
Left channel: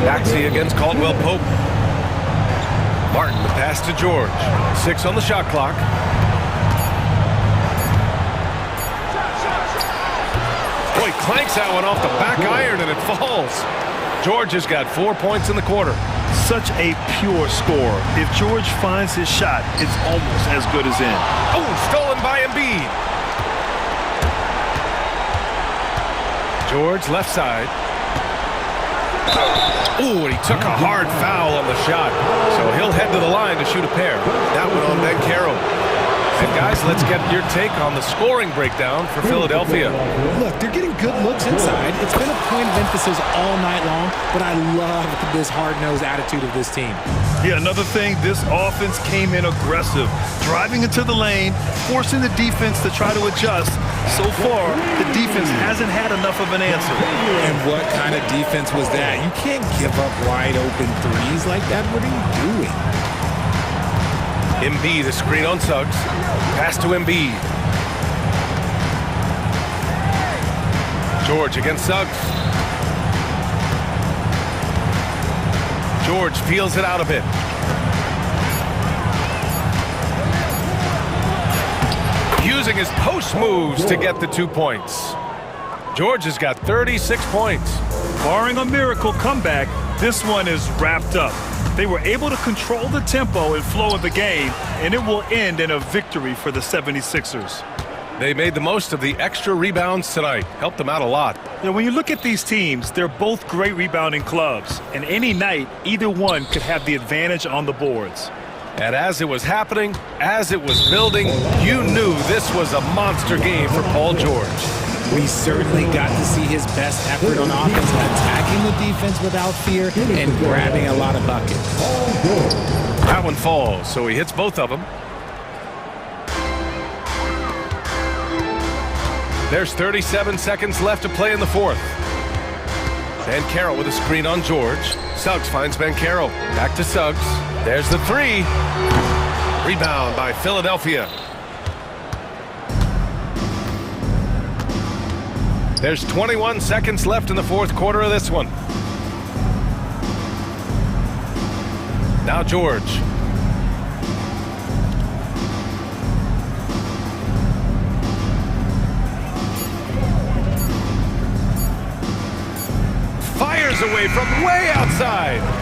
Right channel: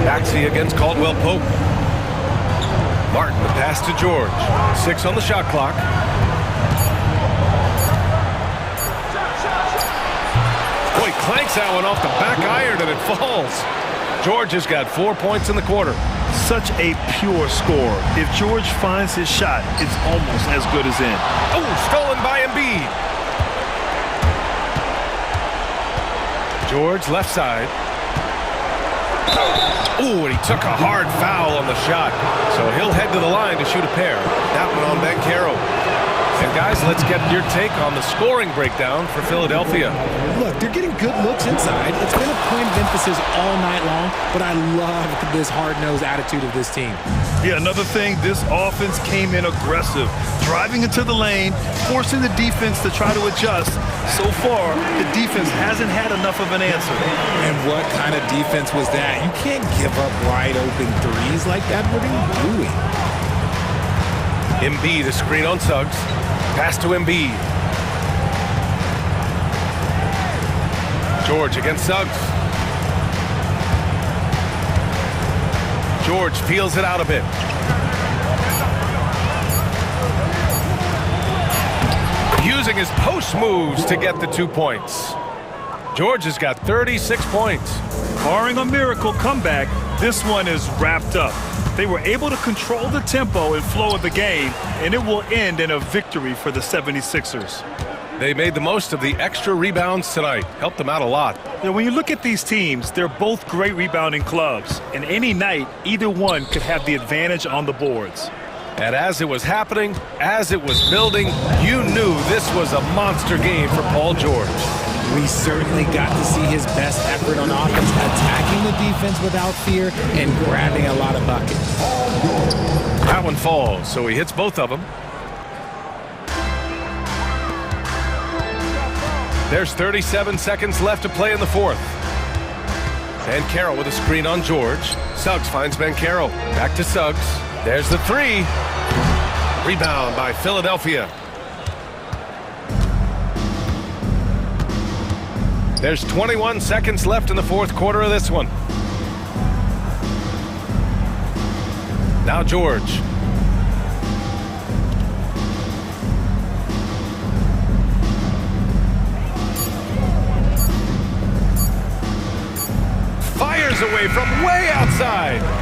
Maxey against Caldwell Pope. Martin, the pass to George. 6 on the shot clock. Boy, clanks that one off the back iron and it falls. George has got 4 points in the quarter. Such a pure scorer. If George finds his shot, it's almost as good as in. Oh, stolen by Embiid. George left side. Ooh, and he took a hard foul on the shot. So he'll head to the line to shoot a pair. That one on Banchero. And guys, let's get your take on the scoring breakdown for Philadelphia. Look, they're getting good looks inside. It's been a point of emphasis all night long, but I love this hard-nosed attitude of this team. Yeah, another thing, this offense came in aggressive, driving into the lane, forcing the defense to try to adjust. So far, the defense hasn't had enough of an answer. And what kind of defense was that? You can't give up wide-open threes like that. What are you doing? Embiid, a screen on Suggs. Pass to Embiid. George against Suggs. George feels it out a bit. Using his post moves to get the 2 points. George has got 36 points. Barring a miracle comeback, this one is wrapped up. They were able to control the tempo and flow of the game, and it will end in a victory for the 76ers. They made the most of the extra rebounds tonight. Helped them out a lot. Now, when you look at these teams, they're both great rebounding clubs, and any night, either one could have the advantage on the boards. And as it was happening, as it was building, you knew this was a monster game for Paul George. We certainly got to see his best effort on offense, attacking the defense without fear and grabbing a lot of buckets. That one falls, so he hits both of them. There's 37 seconds left to play in the fourth. Banchero with a screen on George. Suggs finds Banchero. Back to Suggs. There's the three. Rebound by Philadelphia. There's 21 seconds left in the fourth quarter of this one. Now George. Fires away from way outside.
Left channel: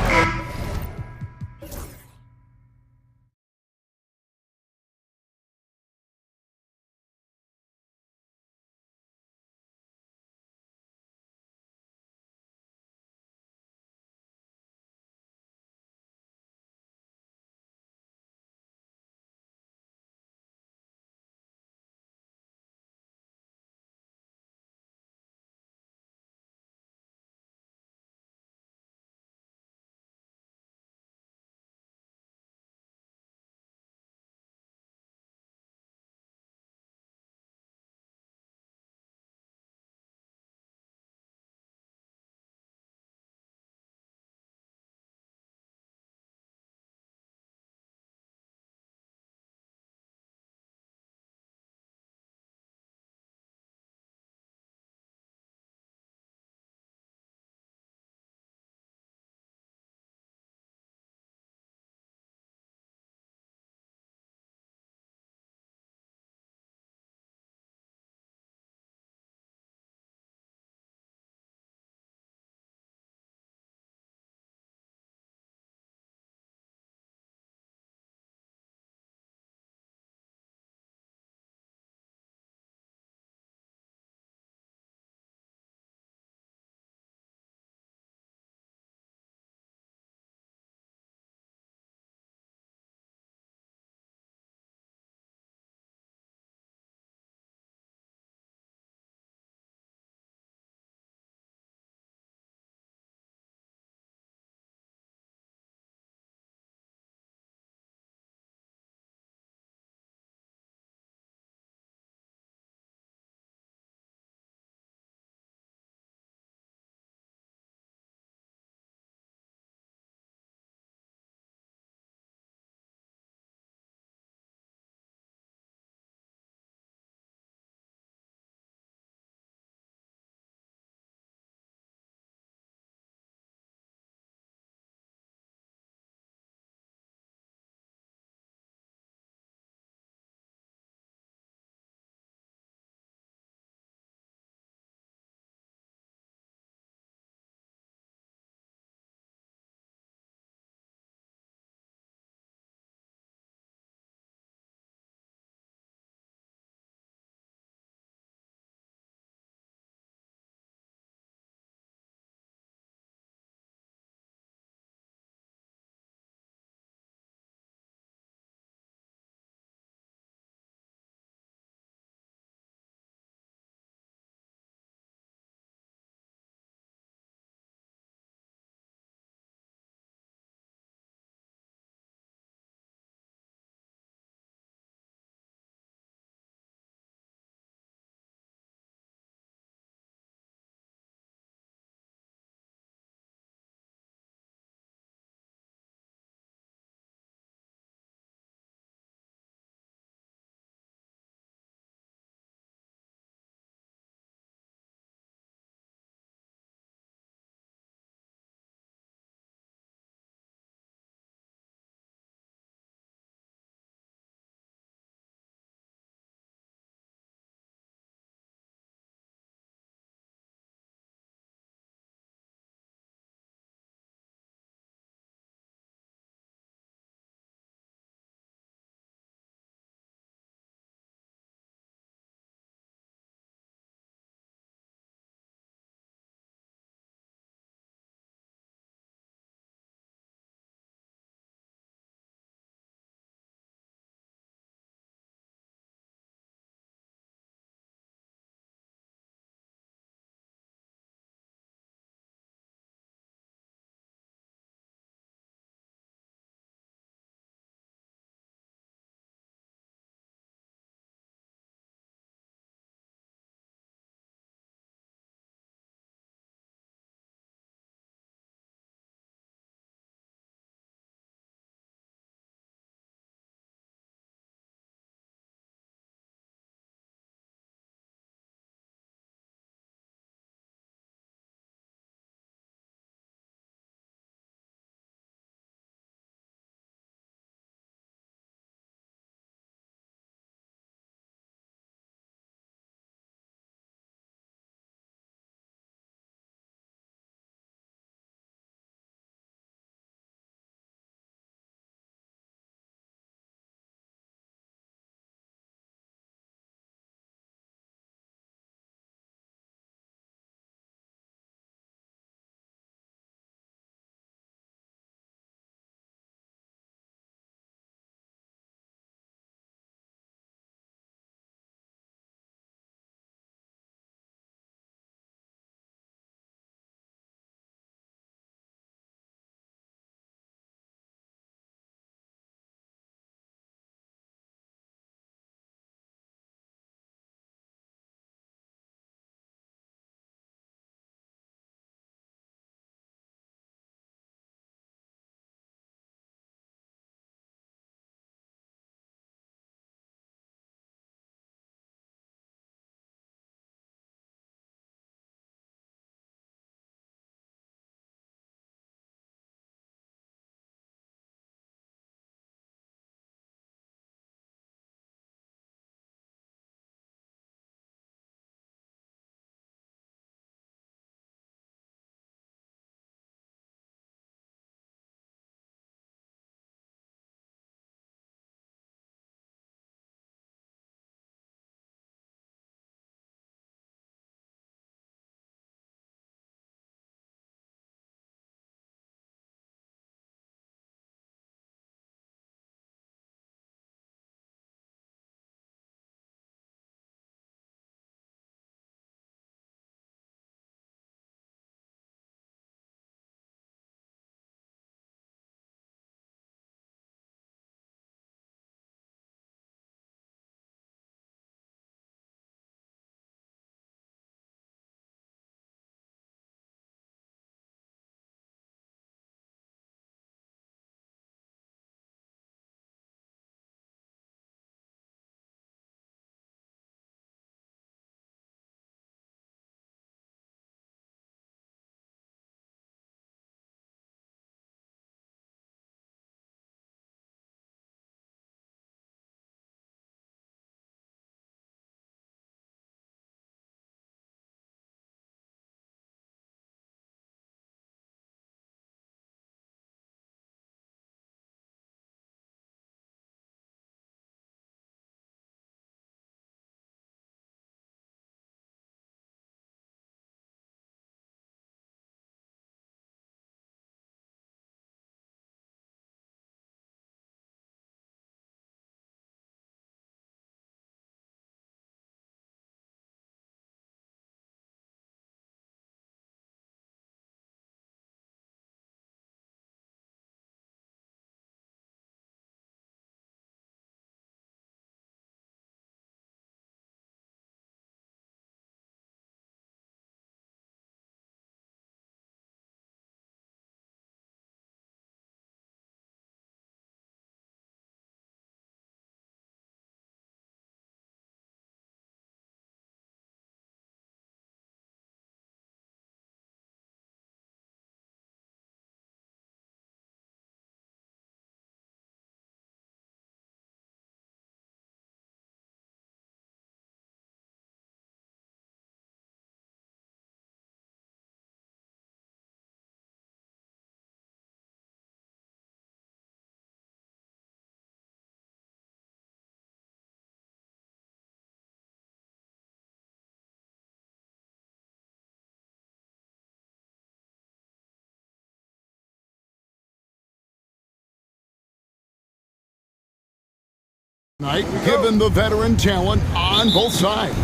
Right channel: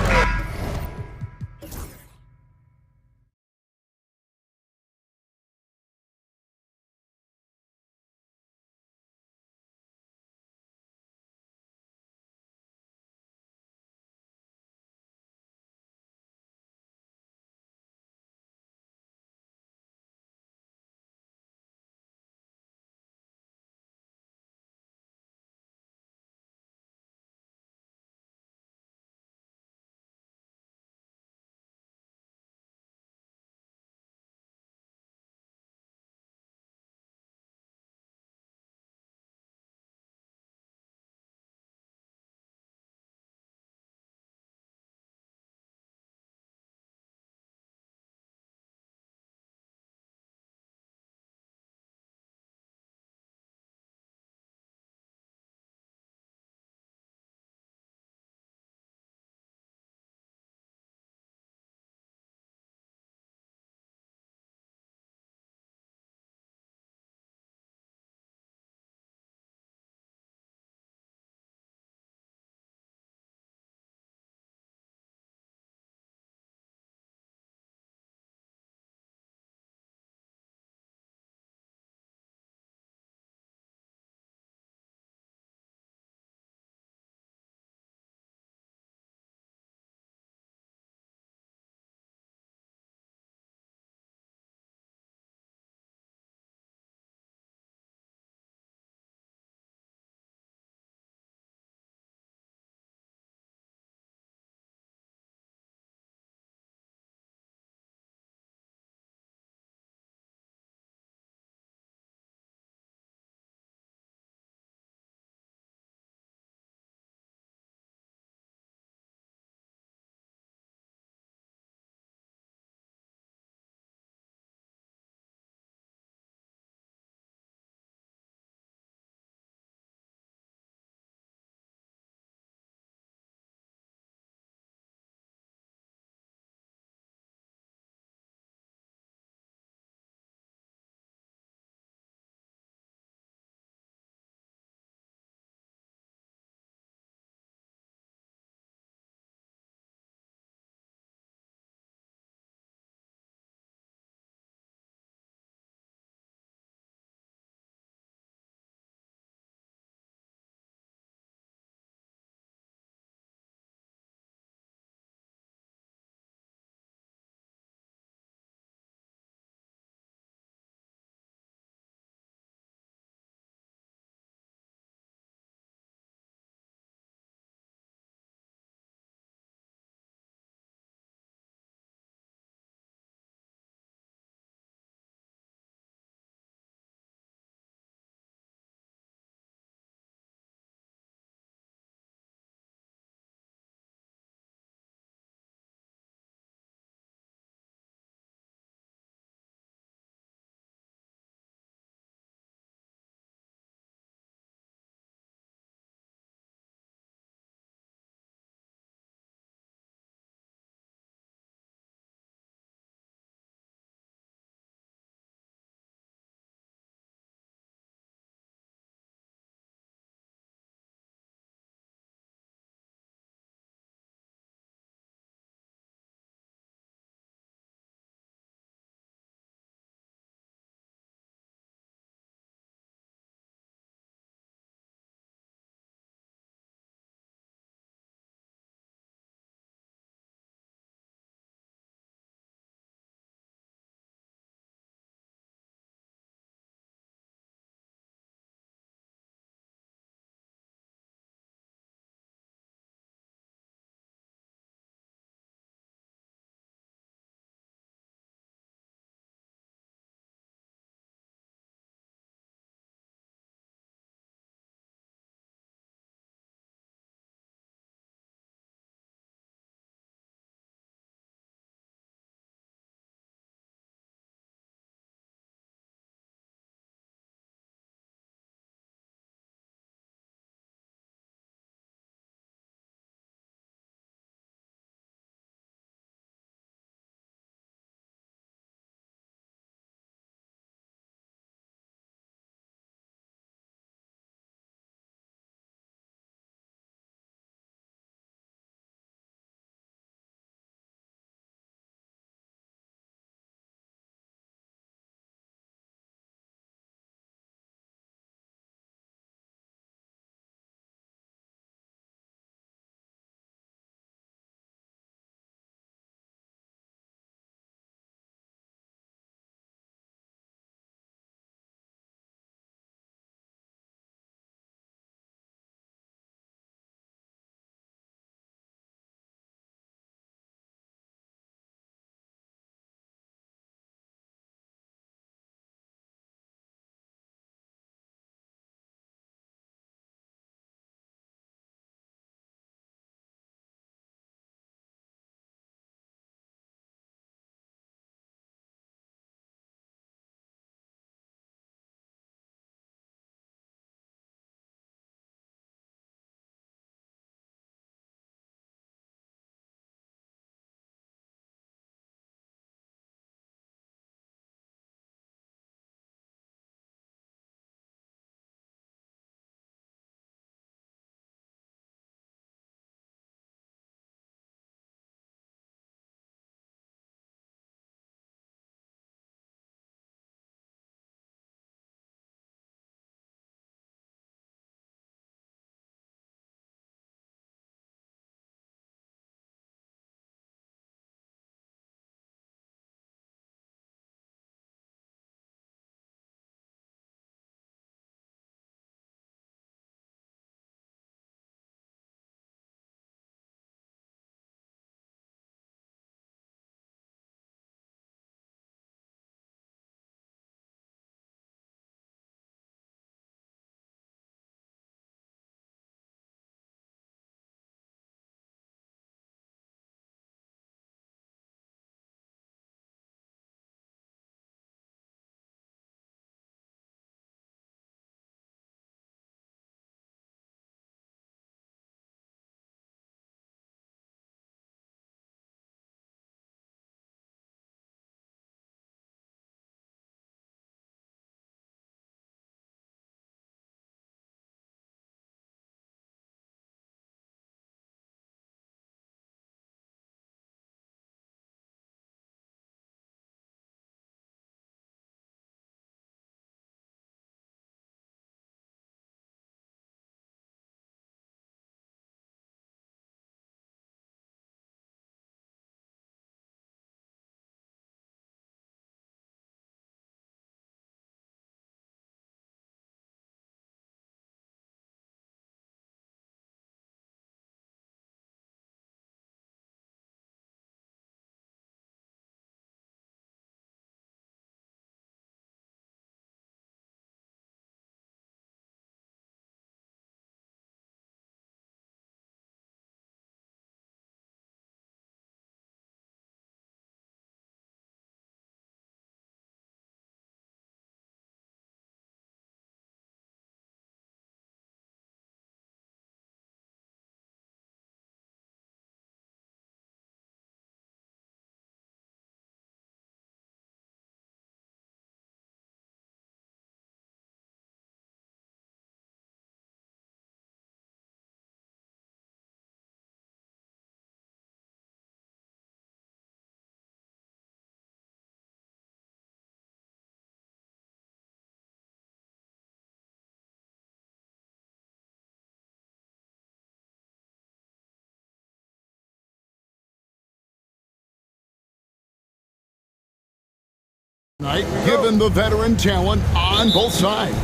Tonight, given the veteran talent on both sides.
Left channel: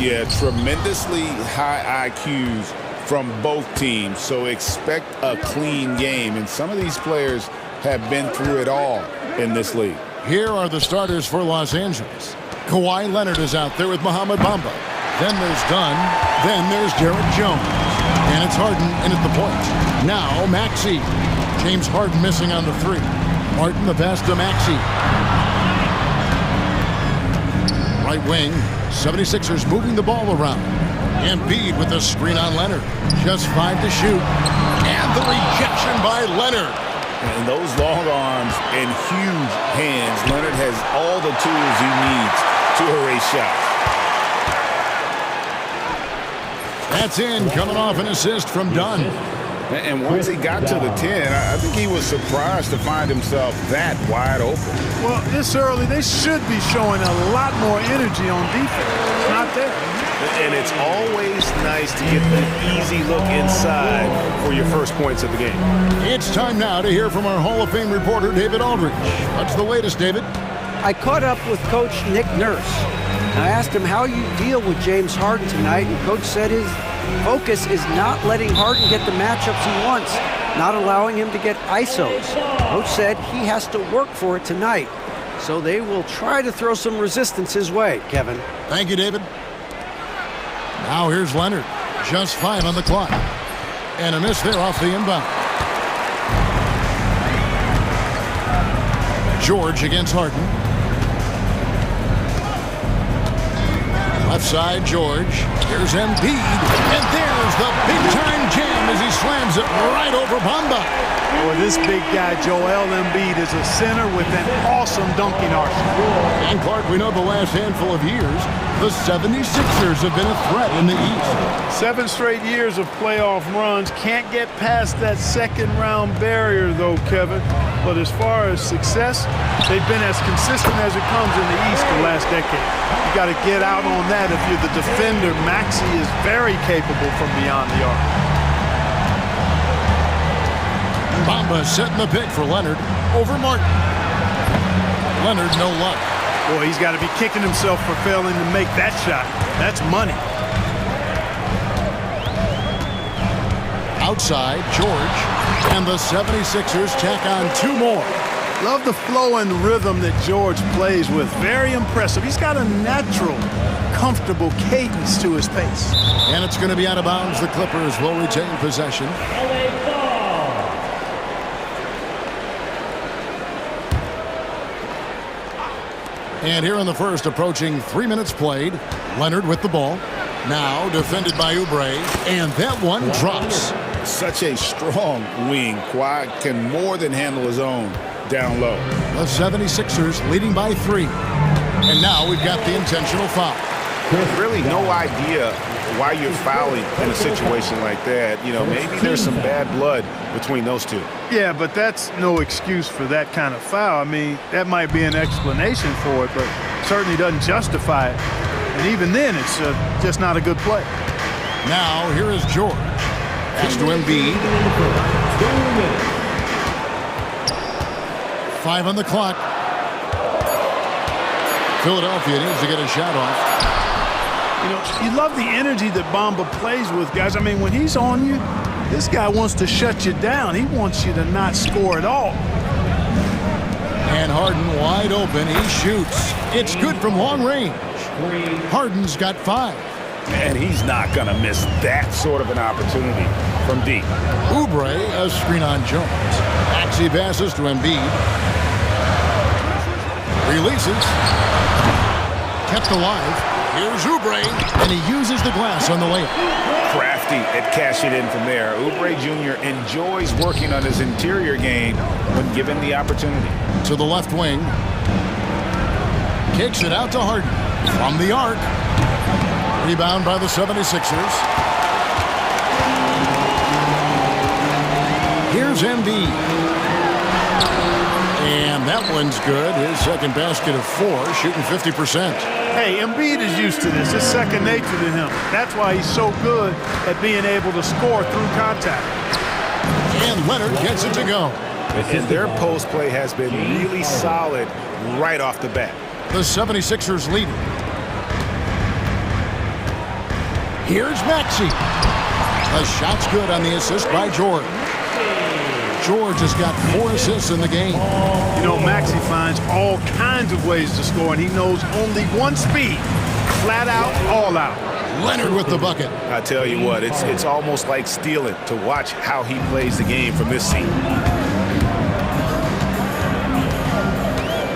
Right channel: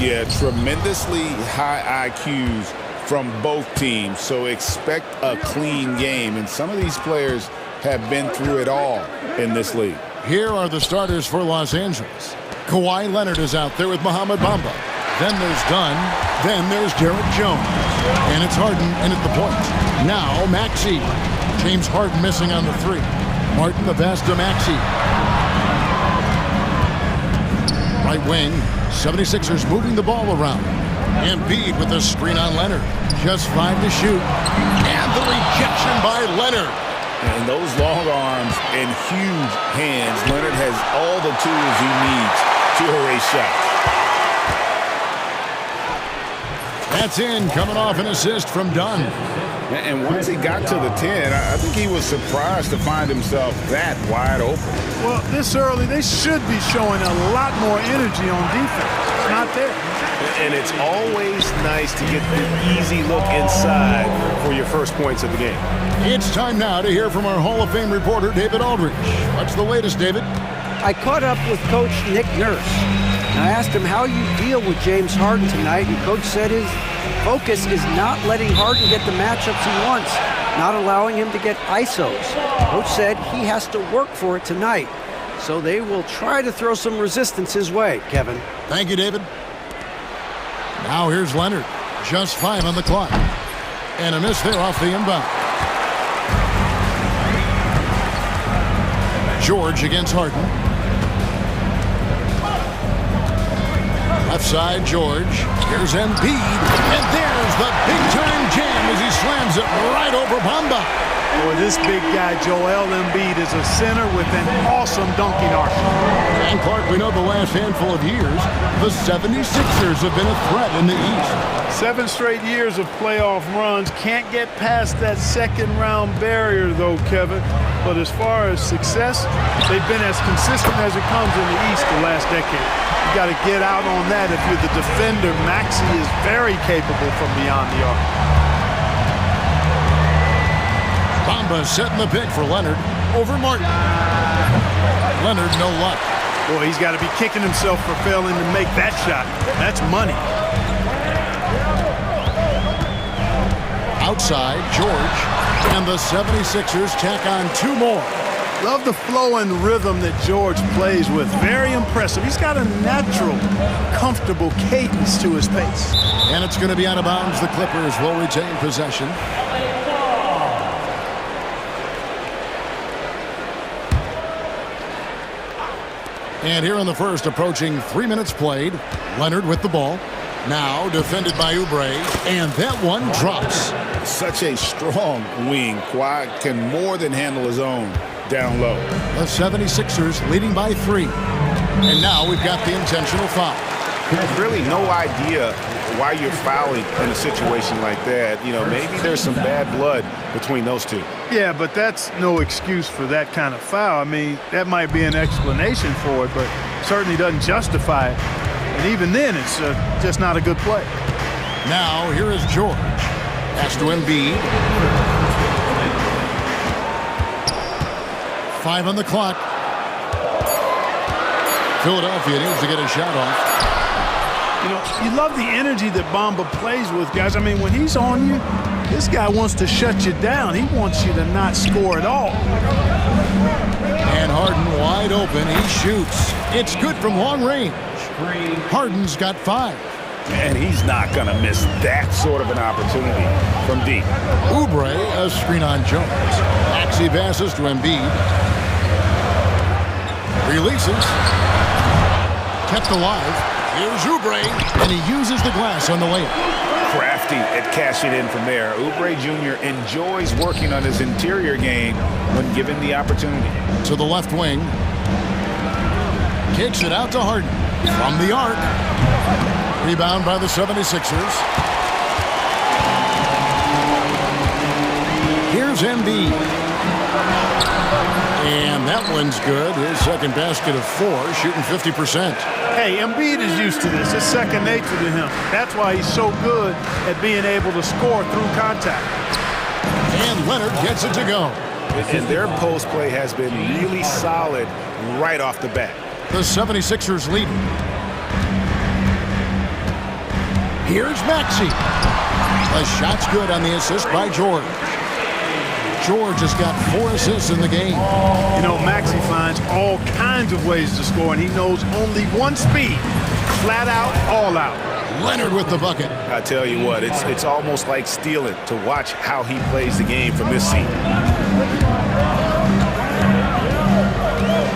Yeah, tremendously high IQs from both teams, so expect a clean game. And some of these players have been through it all in this league. Here are the starters for Los Angeles. Kawhi Leonard is out there with Mohamed Bamba. Then there's Dunn. Then there's Derek Jones. And it's Harden in at the point. Now Maxey. James Harden missing on the three. Martin the pass to Maxey. Right wing, 76ers moving the ball around. Embiid with a screen on Leonard. Just 5 to shoot. And the rejection by Leonard. And those long arms and huge hands, Leonard has all the tools he needs to erase shots. That's in, coming off an assist from Dunn. And once he got to the 10, I think he was surprised to find himself that wide open. Well, this early, they should be showing a lot more energy on defense. It's not there. And it's always nice to get the easy look inside for your first points of the game. It's time now to hear from our Hall of Fame reporter, David Aldridge. What's the latest, David? I caught up with Coach Nick Nurse. And I asked him how you deal with James Harden tonight, and Coach said his focus is not letting Harden get the matchups he wants, not allowing him to get ISOs. Coach said he has to work for it tonight, so they will try to throw some resistance his way, Kevin. Thank you, David. Now here's Leonard. Just 5 on the clock. And a miss there off the inbound. George against Harden. Left side, George. Here's Embiid. And there's the big-time jam as he slams it right over Bamba. Boy, this big guy, Joel Embiid, is a center with an awesome dunking arsenal. And Clark, we know the last handful of years, the 76ers have been a threat in the East. 7 straight years of playoff runs. Can't get past that second-round barrier, though, Kevin. But as far as success, they've been as consistent as it comes in the East the last decade. You got to get out on that if you're the defender. Maxey is very capable from beyond the arc. Bamba setting the pick for Leonard over Martin. Leonard, no luck. Boy, he's got to be kicking himself for failing to make that shot. That's money. Outside, George. And the 76ers tack on 2 more. Love the flow and rhythm that George plays with. Very impressive. He's got a natural, comfortable cadence to his pace. And it's going to be out of bounds. The Clippers will retain possession. And here in the first, approaching 3 minutes played, Leonard with the ball. Now defended by Oubre, and that one drops. Such a strong wing. Kawhi can more than handle his own down low. The 76ers leading by 3. And now we've got the intentional foul. Really no idea why you're fouling in a situation like that. You know, maybe there's some bad blood between those two. Yeah, but that's no excuse for that kind of foul. I mean, that might be an explanation for it, but certainly doesn't justify it. And even then, it's just not a good play. Now, here is George. Pass to Embiid. 5 on the clock. Philadelphia needs to get a shot off. You know, you love the energy that Bamba plays with, guys. I mean, when he's on you, this guy wants to shut you down. He wants you to not score at all. And Harden wide open. He shoots. It's good from long range. Harden's got 5. And he's not going to miss that sort of an opportunity from deep. Oubre, a screen on Jones. Maxey passes to Embiid. Releases. Kept alive. Here's Oubre, and he uses the glass on the layup. Crafty at cashing in from there. Oubre Jr. enjoys working on his interior game when given the opportunity. To the left wing. Kicks it out to Harden. From the arc. Rebound by the 76ers. Here's Embiid. And that one's good. His second basket of 4, shooting 50%. Hey, Embiid is used to this. It's second nature to him. That's why he's so good at being able to score through contact. And Leonard gets it to go. And their post play has been really solid right off the bat. The 76ers lead. Here's Maxey. The shot's good on the assist by George. George has got 4 assists in the game. You know, Maxey finds all kinds of ways to score, and he knows only one speed. Flat out, all out. Leonard with the bucket. I tell you what, it's almost like stealing to watch how he plays the game from this seat.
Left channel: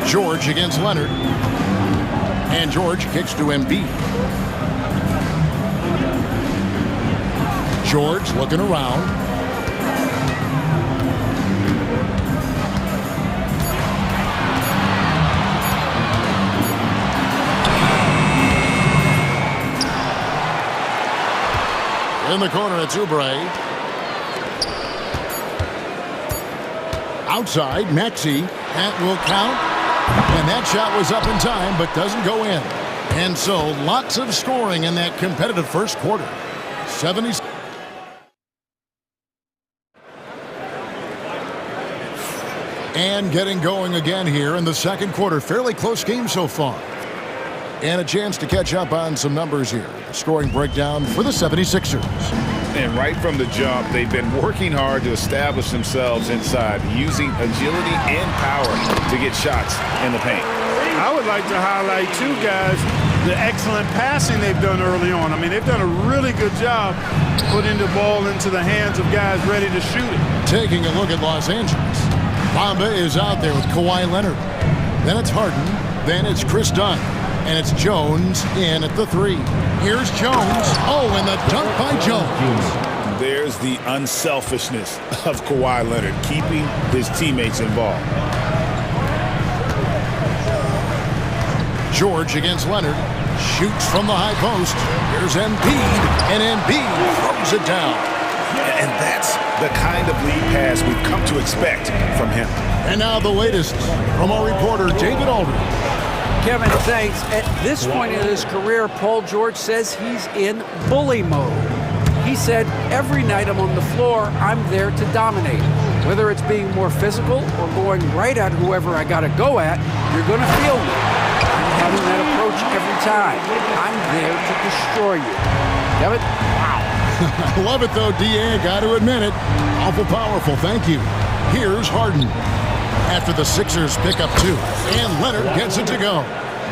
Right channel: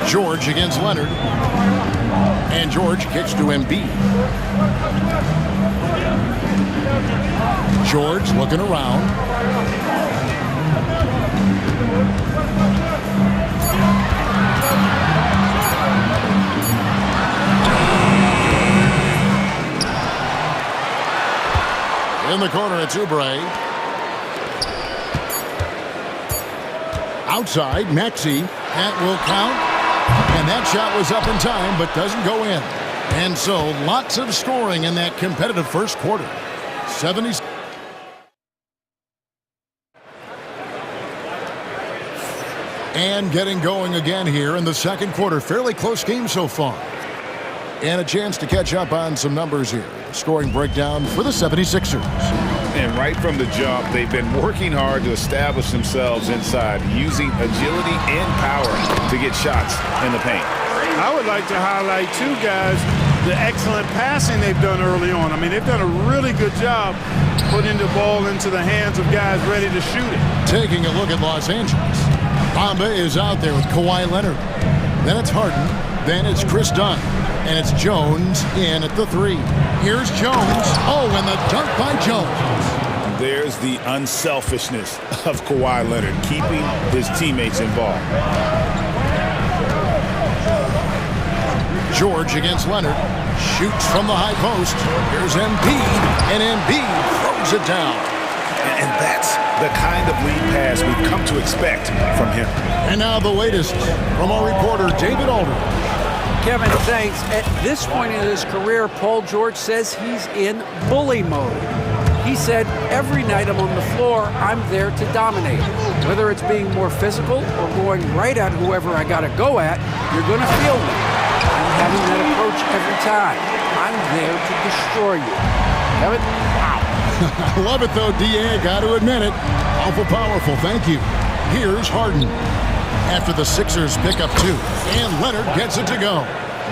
George against Leonard. And George kicks to Embiid. George looking around. In the corner, it's Oubre. Outside, Maxey. That will count. And that shot was up in time, but doesn't go in. And so, lots of scoring in that competitive first quarter. 70s. And getting going again here in the second quarter. Fairly close game so far. And a chance to catch up on some numbers here. The scoring breakdown for the 76ers. And right from the jump, they've been working hard to establish themselves inside, using agility and power to get shots in the paint. I would like to highlight, too, guys, the excellent passing they've done early on. I mean, they've done a really good job putting the ball into the hands of guys ready to shoot it. Taking a look at Los Angeles. Bamba is out there with Kawhi Leonard. Then it's Harden. Then it's Chris Dunn. And it's Jones in at the 3. Here's Jones. Oh, and the dunk by Jones. There's the unselfishness of Kawhi Leonard, keeping his teammates involved. George against Leonard. Shoots from the high post. Here's Embiid. And Embiid throws it down. And that's the kind of lead pass we've come to expect from him. And now the latest from our reporter, David Aldridge. Kevin, thanks. At this point in his career, Paul George says he's in bully mode. He said, every night I'm on the floor, I'm there to dominate. Whether it's being more physical or going right at whoever I got to go at, you're going to feel me. I'm having that approach every time. I'm there to destroy you. Kevin? Wow. I love it, though, D.A. Got to admit it. Awful powerful. Thank you. Here's Harden. After the Sixers pick up 2. And Leonard gets it to go.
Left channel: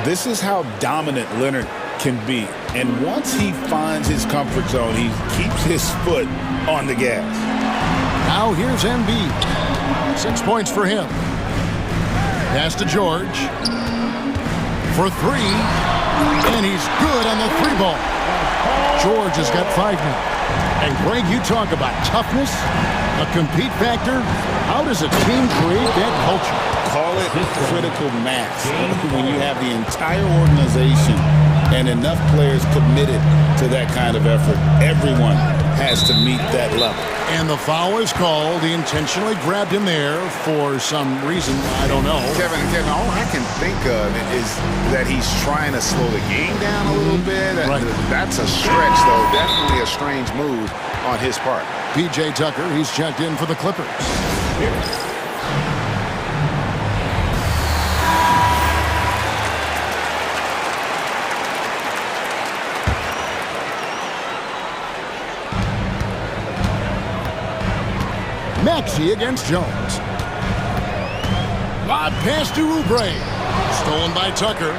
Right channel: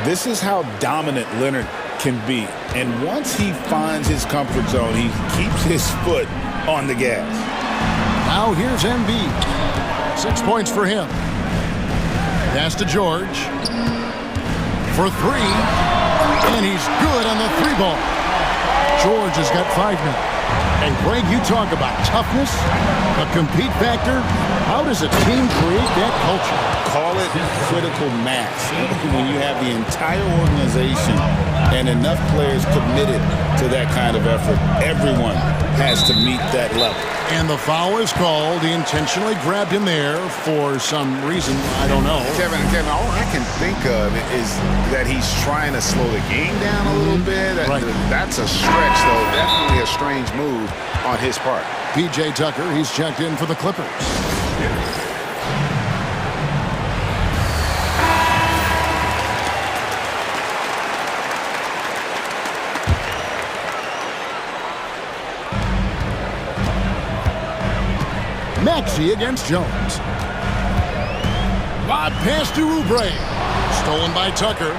This is how dominant Leonard can be. And once he finds his comfort zone, he keeps his foot on the gas. Now here's Embiid. 6 points for him. Pass to George. For 3. And he's good on the 3 ball. George has got 5 now. And Greg, you talk about toughness, a compete factor. How does a team create that culture? Call it critical mass. When you have the entire organization and enough players committed to that kind of effort, everyone has to meet that level. And the foul is called. He intentionally grabbed him there for some reason. I don't know. Kevin, all I can think of is that he's trying to slow the game down a little bit. Right. That's a stretch, though. Definitely a strange move on his part. P.J. Tucker, he's checked in for the Clippers. Maxey against Jones. Lob pass to Oubre. Stolen by Tucker.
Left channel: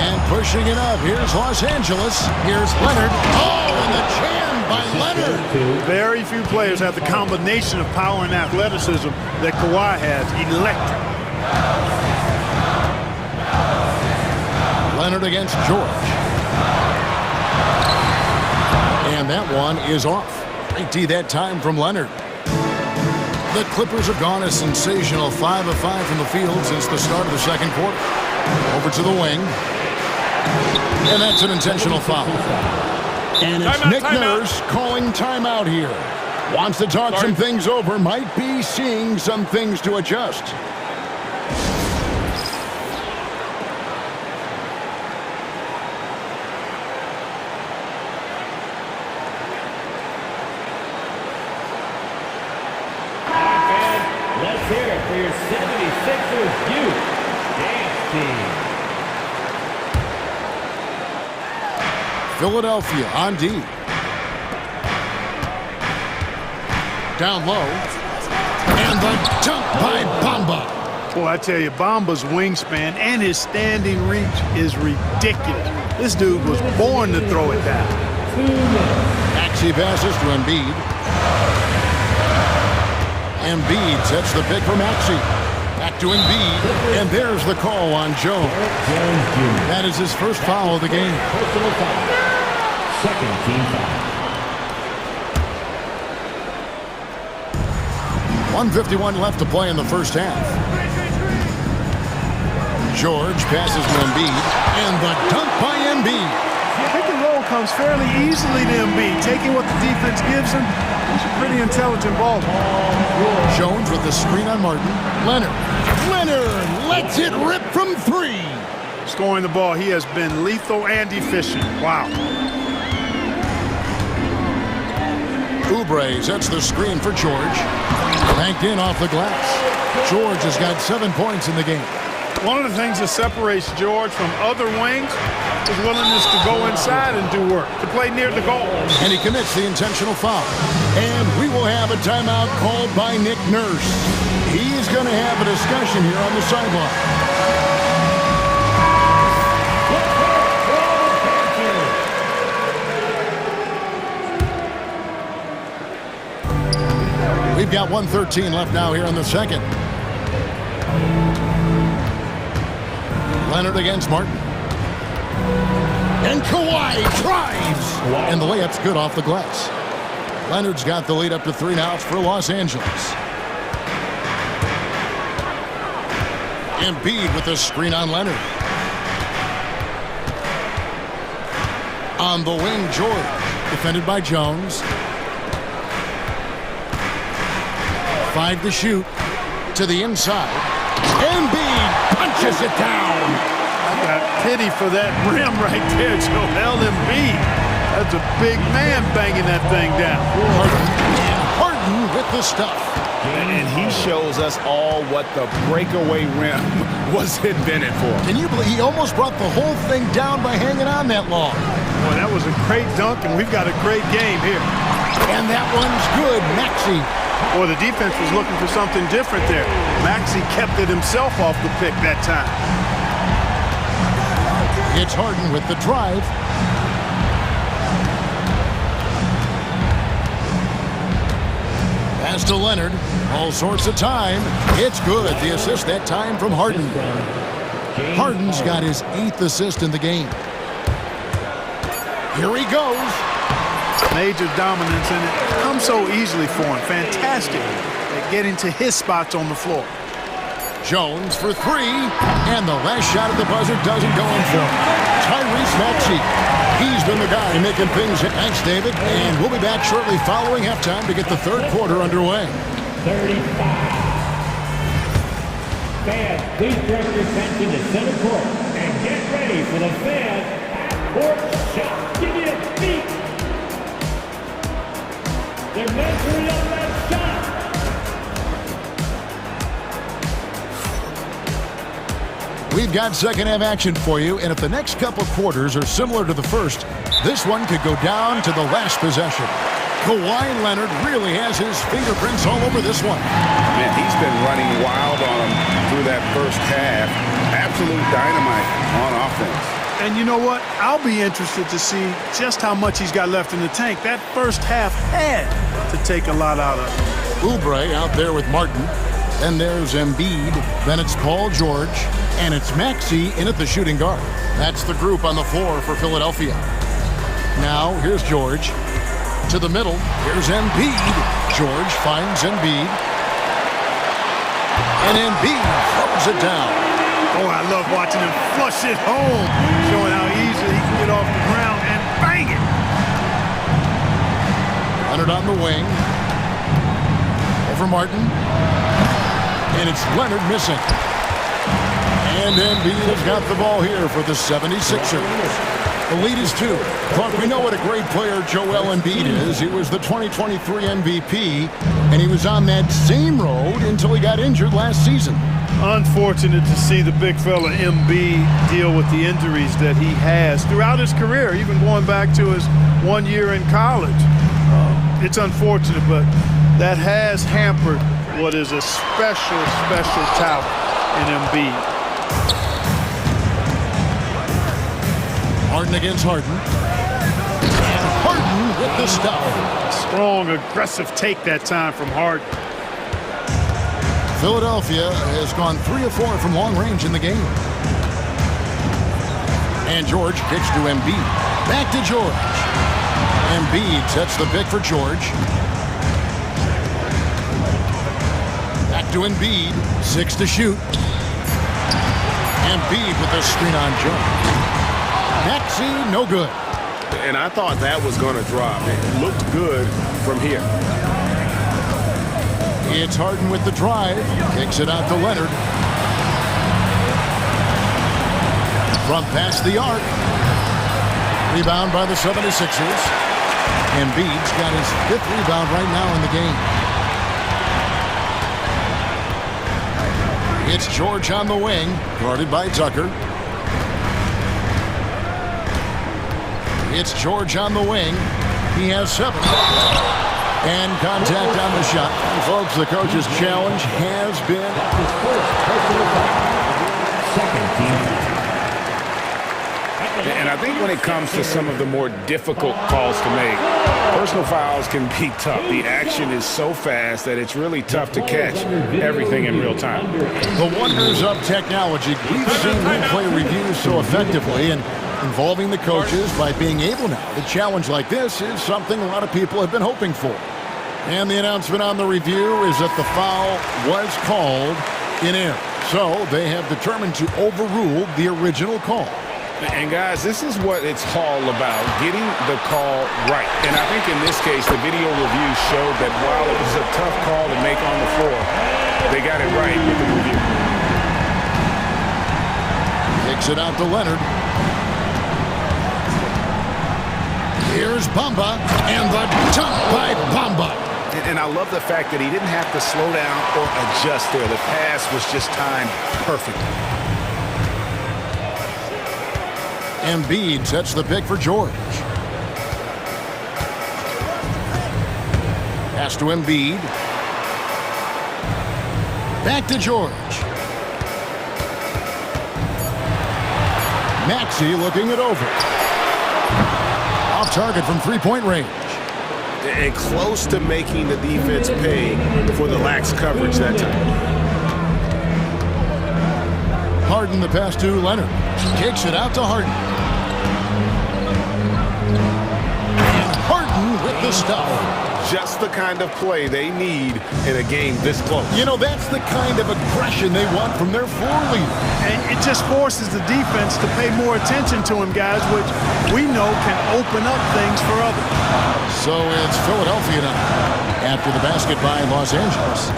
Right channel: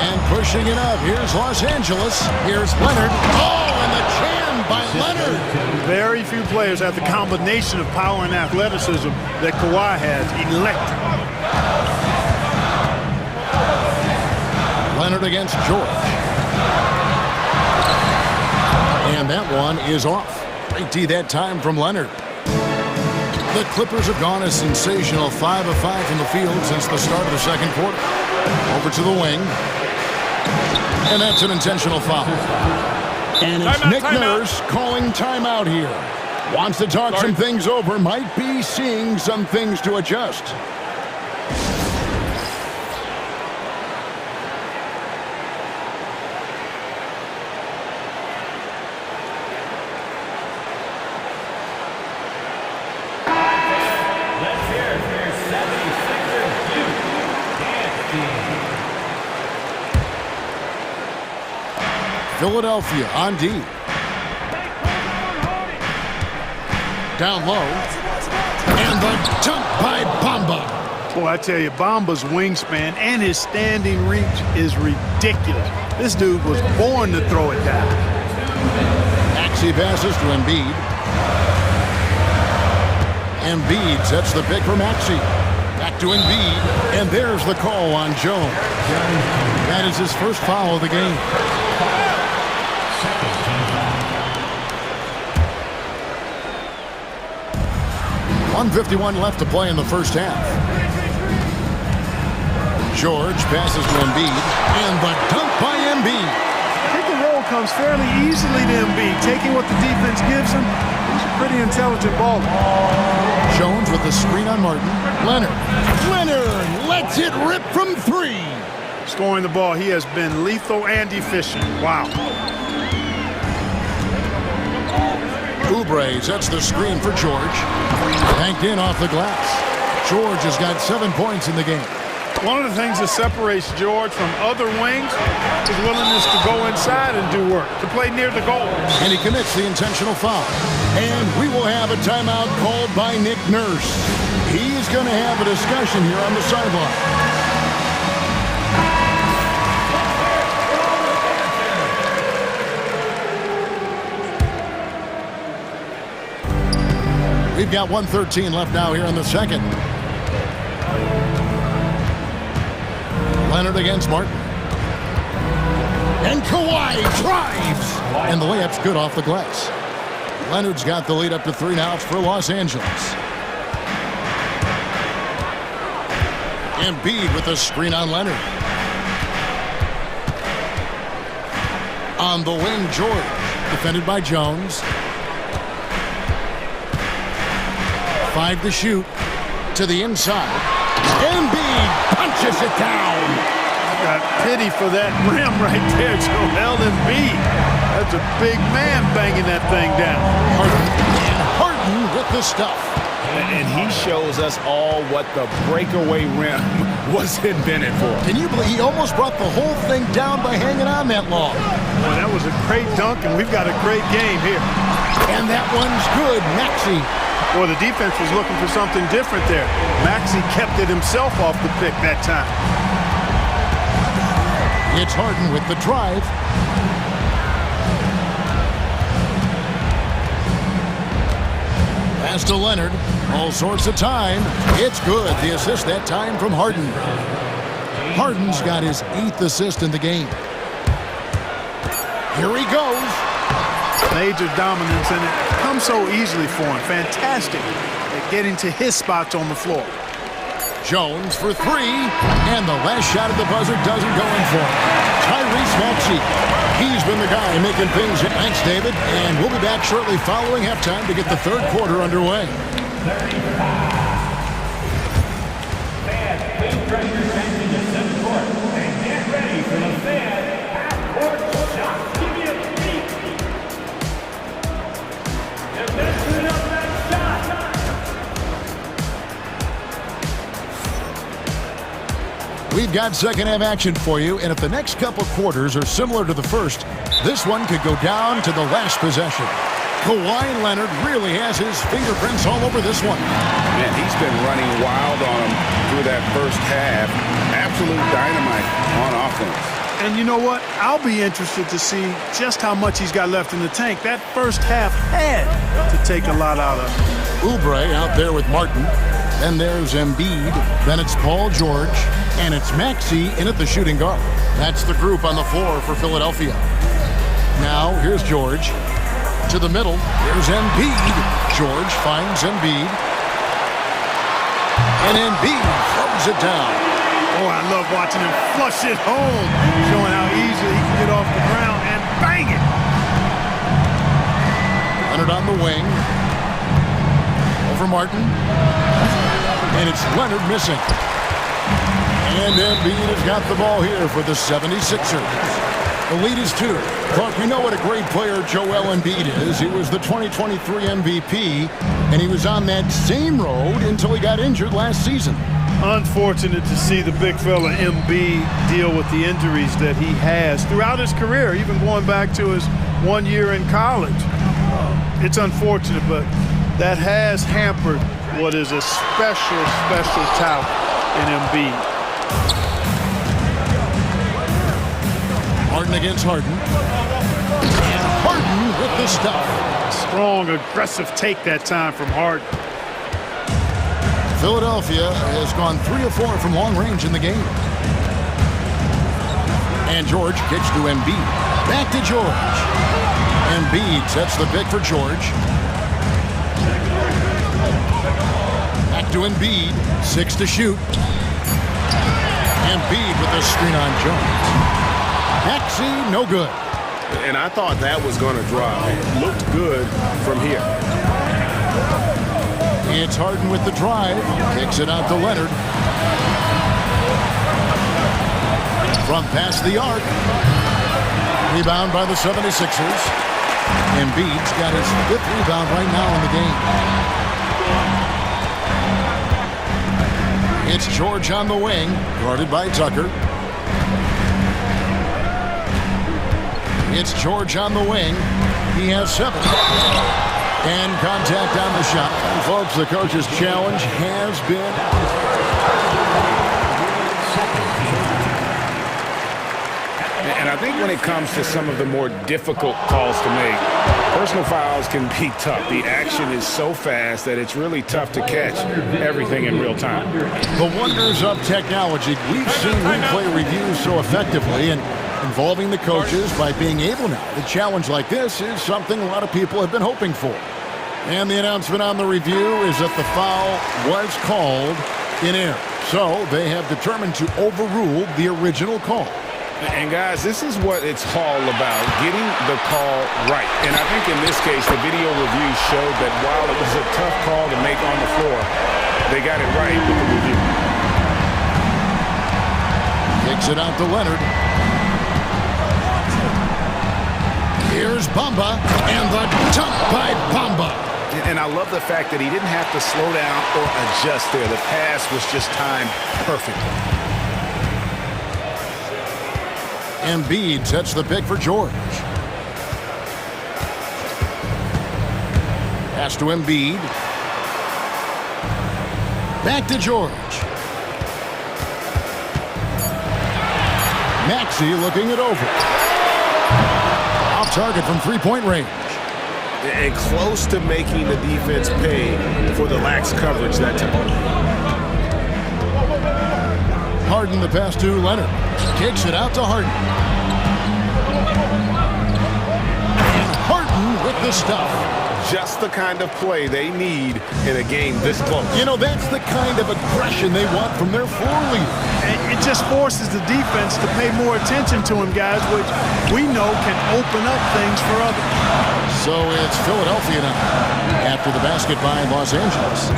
And pushing it up. Here's Los Angeles. Here's Leonard. Oh, and the jam by Leonard. Very few players have the combination of power and athleticism that Kawhi has. Electric. Leonard against George. And that one is off. Great D that time from Leonard. The Clippers have gone a sensational 5 of 5 from the field since the start of the second quarter. Over to the wing. And that's an intentional foul. And it's Nick Nurse calling timeout here. Wants to talk some things over. Might be seeing some things to adjust. Let's hear it for your 76ers youth dance Philadelphia on D. Down low. And the dunk by Bamba. Boy, I tell you, Bamba's wingspan and his standing reach is ridiculous. This dude was born to throw it down. Maxey passes to Embiid. Embiid sets the pick for Maxey. Back to Embiid, and there's the call on Jones. That is his first foul of the game. Second team foul. 1:51 left to play in the first half. George passes to Embiid, and the dunk by Embiid. Pick and roll comes fairly easily to Embiid, taking what the defense gives him. He's a pretty intelligent baller. Jones with the screen on Martin. Leonard lets it rip from three. Scoring the ball, he has been lethal and efficient. Wow. Oubre sets the screen for George. Banked in off the glass. George has got 7 points in the game. One of the things that separates George from other wings is willingness to go inside and do work, to play near the goal. And he commits the intentional foul. And we will have a timeout called by Nick Nurse. He's going to have a discussion here on the sideline. We've got 1:13 left now here in the second. Leonard against Martin. And Kawhi drives. And the layup's good off the glass. Leonard's got the lead up to 3 now. It's for Los Angeles. Embiid with the screen on Leonard. On the wing, George. Defended by Jones. 5 to shoot. To the inside. Embiid punches it down. I got pity for that rim right there, Joel Embiid. That's a big man banging that thing down. Harden with the stuff. And he shows us all what the breakaway rim was invented for. Can you believe he almost brought the whole thing down by hanging on that long? Boy, that was a great dunk, and we've got a great game here. And that one's good, Maxey. Boy, the defense was looking for something different there. Maxey kept it himself off the pick that time. It's Harden with the drive. Pass to Leonard. All sorts of time. It's good. The assist that time from Harden. Harden's got his 8th assist in the game. Here he goes. Major dominance, and it comes so easily for him. Fantastic at getting to his spots on the floor. Jones for 3, and the last shot at the buzzer doesn't go in for him. Tyrese Maxey. He's been the guy making things. Thanks, David, and we'll be back shortly following halftime to get the third quarter underway. 35. Fans, please direct your attention to center court and get ready for the fan half-court shot. Give me a beat. They're measuring up that shot. We've got second half action for you, and if the next couple quarters are similar to the first, this one could go down to the last possession. Kawhi Leonard really has his fingerprints all over this one. Man, he's been running wild on him through that first half. Absolute dynamite on offense. And you know what? I'll be interested to see just how much he's got left in the tank. That first half had to take a lot out of him. Oubre out there with Martin. Then there's Embiid. Then it's Paul George. And it's Maxey in at the shooting guard. That's the group on the floor for Philadelphia. Now, here's George. To the middle, here's Embiid. George finds Embiid. And Embiid throws it down. Oh, I love watching him flush it home, showing how easily he can get off the ground and bang it. Leonard on the wing. Over Martin. And it's Leonard missing. And Embiid has got the ball here for the 76ers. The lead is 2. Clark, we know what a great player Joel Embiid is. He was the 2023 MVP, and he was on that same road until he got injured last season. Unfortunate to see the big fella Embiid deal with the injuries that he has throughout his career, even going back to his 1 year in college. It's unfortunate, but that has hampered what is a special talent in Embiid. Harden against Harden. And Harden with the stop. Strong, aggressive take that time from Harden. Philadelphia has gone 3 of 4 from long range in the game. And George kicks to Embiid. Back to George. Embiid sets the pick for George. Back to Embiid. 6 to shoot. Embiid with the screen on Jones. Maxey, no good. And I thought that was going to drop. It looked good from here. It's Harden with the drive. Kicks it out to Leonard. From past the arc. Rebound by the 76ers. Embiid's got his 5th rebound right now in the game. It's George on the wing, guarded by Tucker. It's George on the wing. He has 7. And contact on the shot. And folks, the coach's challenge has been... And I think when it comes to some of the more difficult calls to make, personal fouls can be tough. The action is so fast that it's really tough to catch everything in real time. The wonders of technology. We've seen replay reviews so effectively, and involving the coaches by being able now to challenge like this is something a lot of people have been hoping for. And the announcement on the review is that the foul was called in error. So they have determined to overrule the original call. And guys, this is what it's all about, getting the call right. And I think in this case, the video review showed that while it was a tough call to make on the floor, they got it right with the review. Takes it out to Leonard. Here's Bamba, and the dunk by Bamba. And I love the fact that he didn't have to slow down or adjust there. The pass was just timed perfectly. Embiid sets the pick for George. Pass to Embiid. Back to George. Maxey looking it over. Off target from three-point range. And close to making the defense pay for the lax coverage that time. Harden the pass to Leonard. Kicks it out to Harden. And Harden with the stuff. Just the kind of play they need in a game this close. You know, that's the kind of aggression they want from their floor leader. And it just forces the defense to pay more attention to him, guys, which we know can open up things for others. So it's Philadelphia now after the basket by Los Angeles.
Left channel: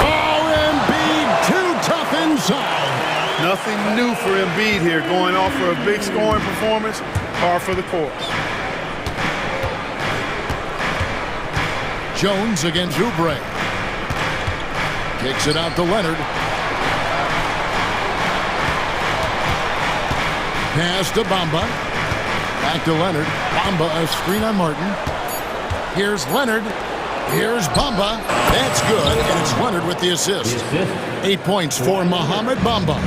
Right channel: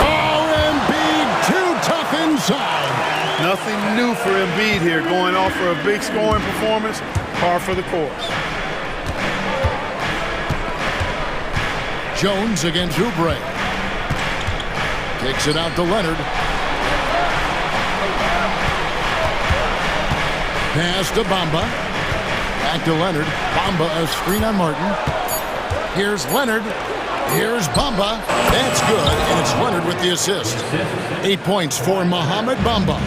Oh, Embiid, too tough inside. Nothing new for Embiid here, going off for a big scoring performance, par for the course. Jones against Oubre. Kicks it out to Leonard. Pass to Bamba. Back to Leonard. Bamba, a screen on Martin. Here's Leonard. Here's Bamba. That's good, and it's Leonard with the assist. 8 points for Mohamed Bamba.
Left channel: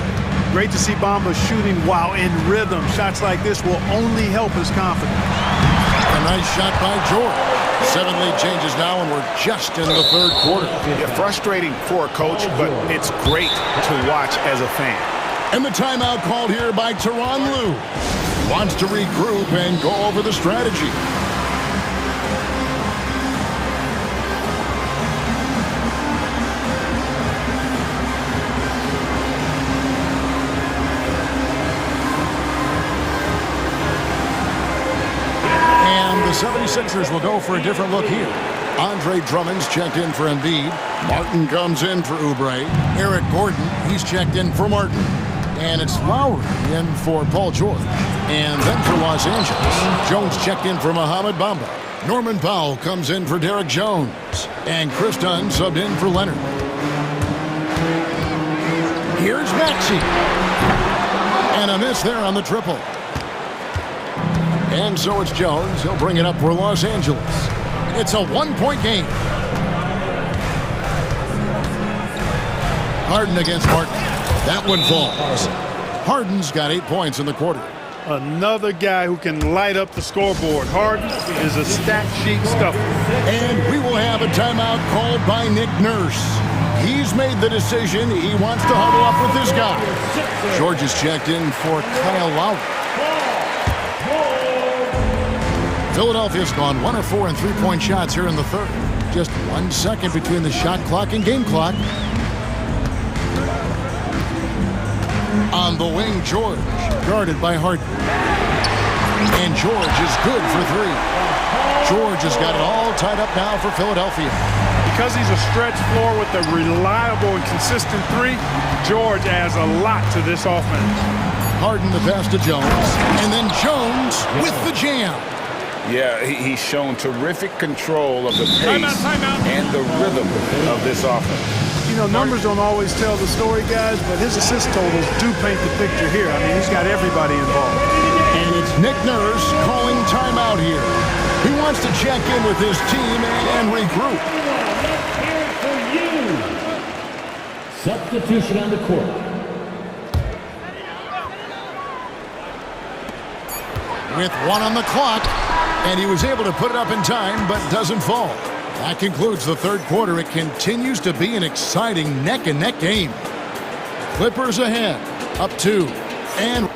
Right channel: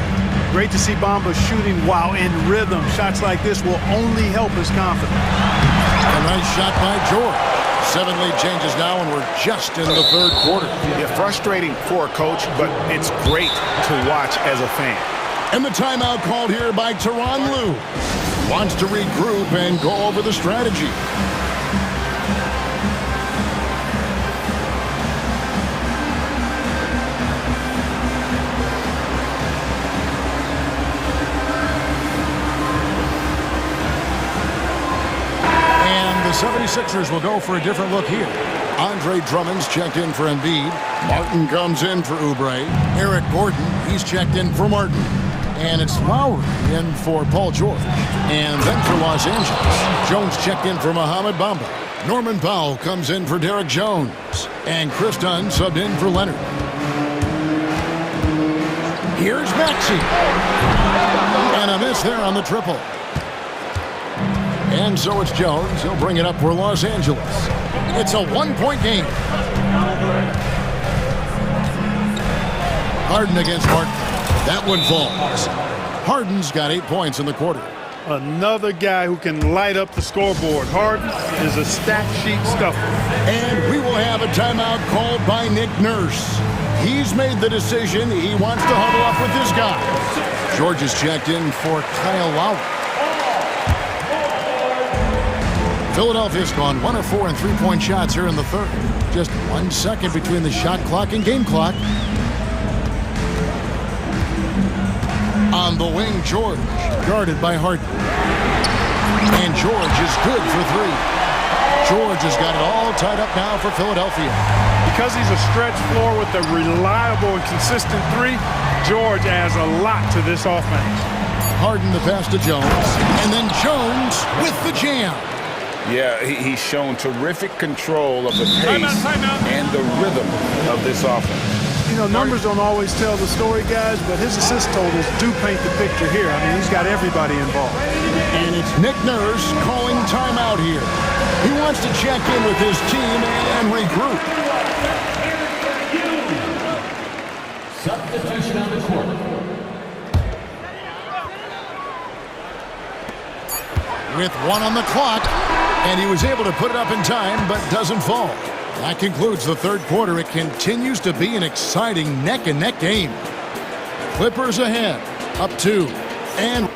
Great to see Bamba shooting while in rhythm. Shots like this will only help his confidence. A nice shot by George. 7 lead changes now, and we're just in the third quarter. Yeah, frustrating for a coach, but it's great to watch as a fan. And the timeout called here by Tyronn Lue. Wants to regroup and go over the strategy. The 76ers will go for a different look here. Andre Drummond's checked in for Embiid. Martin comes in for Oubre. Eric Gordon, he's checked in for Martin. And it's Lowry in for Paul George. And then for Los Angeles, Jones checked in for Mohamed Bamba. Norman Powell comes in for Derek Jones. And Chris Dunn subbed in for Leonard. Here's Maxey. And a miss there on the triple. And so it's Jones. He'll bring it up for Los Angeles. It's a one-point game. Harden against Martin. That one falls. Harden's got 8 points in the quarter. Another guy who can light up the scoreboard. Harden is a stat sheet stuffer. And we will have a timeout called by Nick Nurse. He's made the decision. He wants to huddle up with his guys. George is checked in for Kyle Lowry. Philadelphia's gone 1 of 4 in three-point shots here in the third. Just 1 second between the shot clock and game clock. On the wing, George, guarded by Harden. And George is good for 3. George has got it all tied up now for Philadelphia. Because he's a stretch floor with a reliable and consistent 3, George adds a lot to this offense. Harden the pass to Jones, and then Jones with the jam. Yeah, he's shown terrific control of the pace and the rhythm of this offense. You know, numbers don't always tell the story, guys, but his assist totals do paint the picture here. I mean, he's got everybody involved. And it's Nick Nurse calling timeout here. He wants to check in with his team and regroup. Substitution on the court. With 1 on the clock, and he was able to put it up in time, but doesn't fall. That concludes the third quarter. It continues to be an exciting neck-and-neck game. Clippers ahead, up 2. And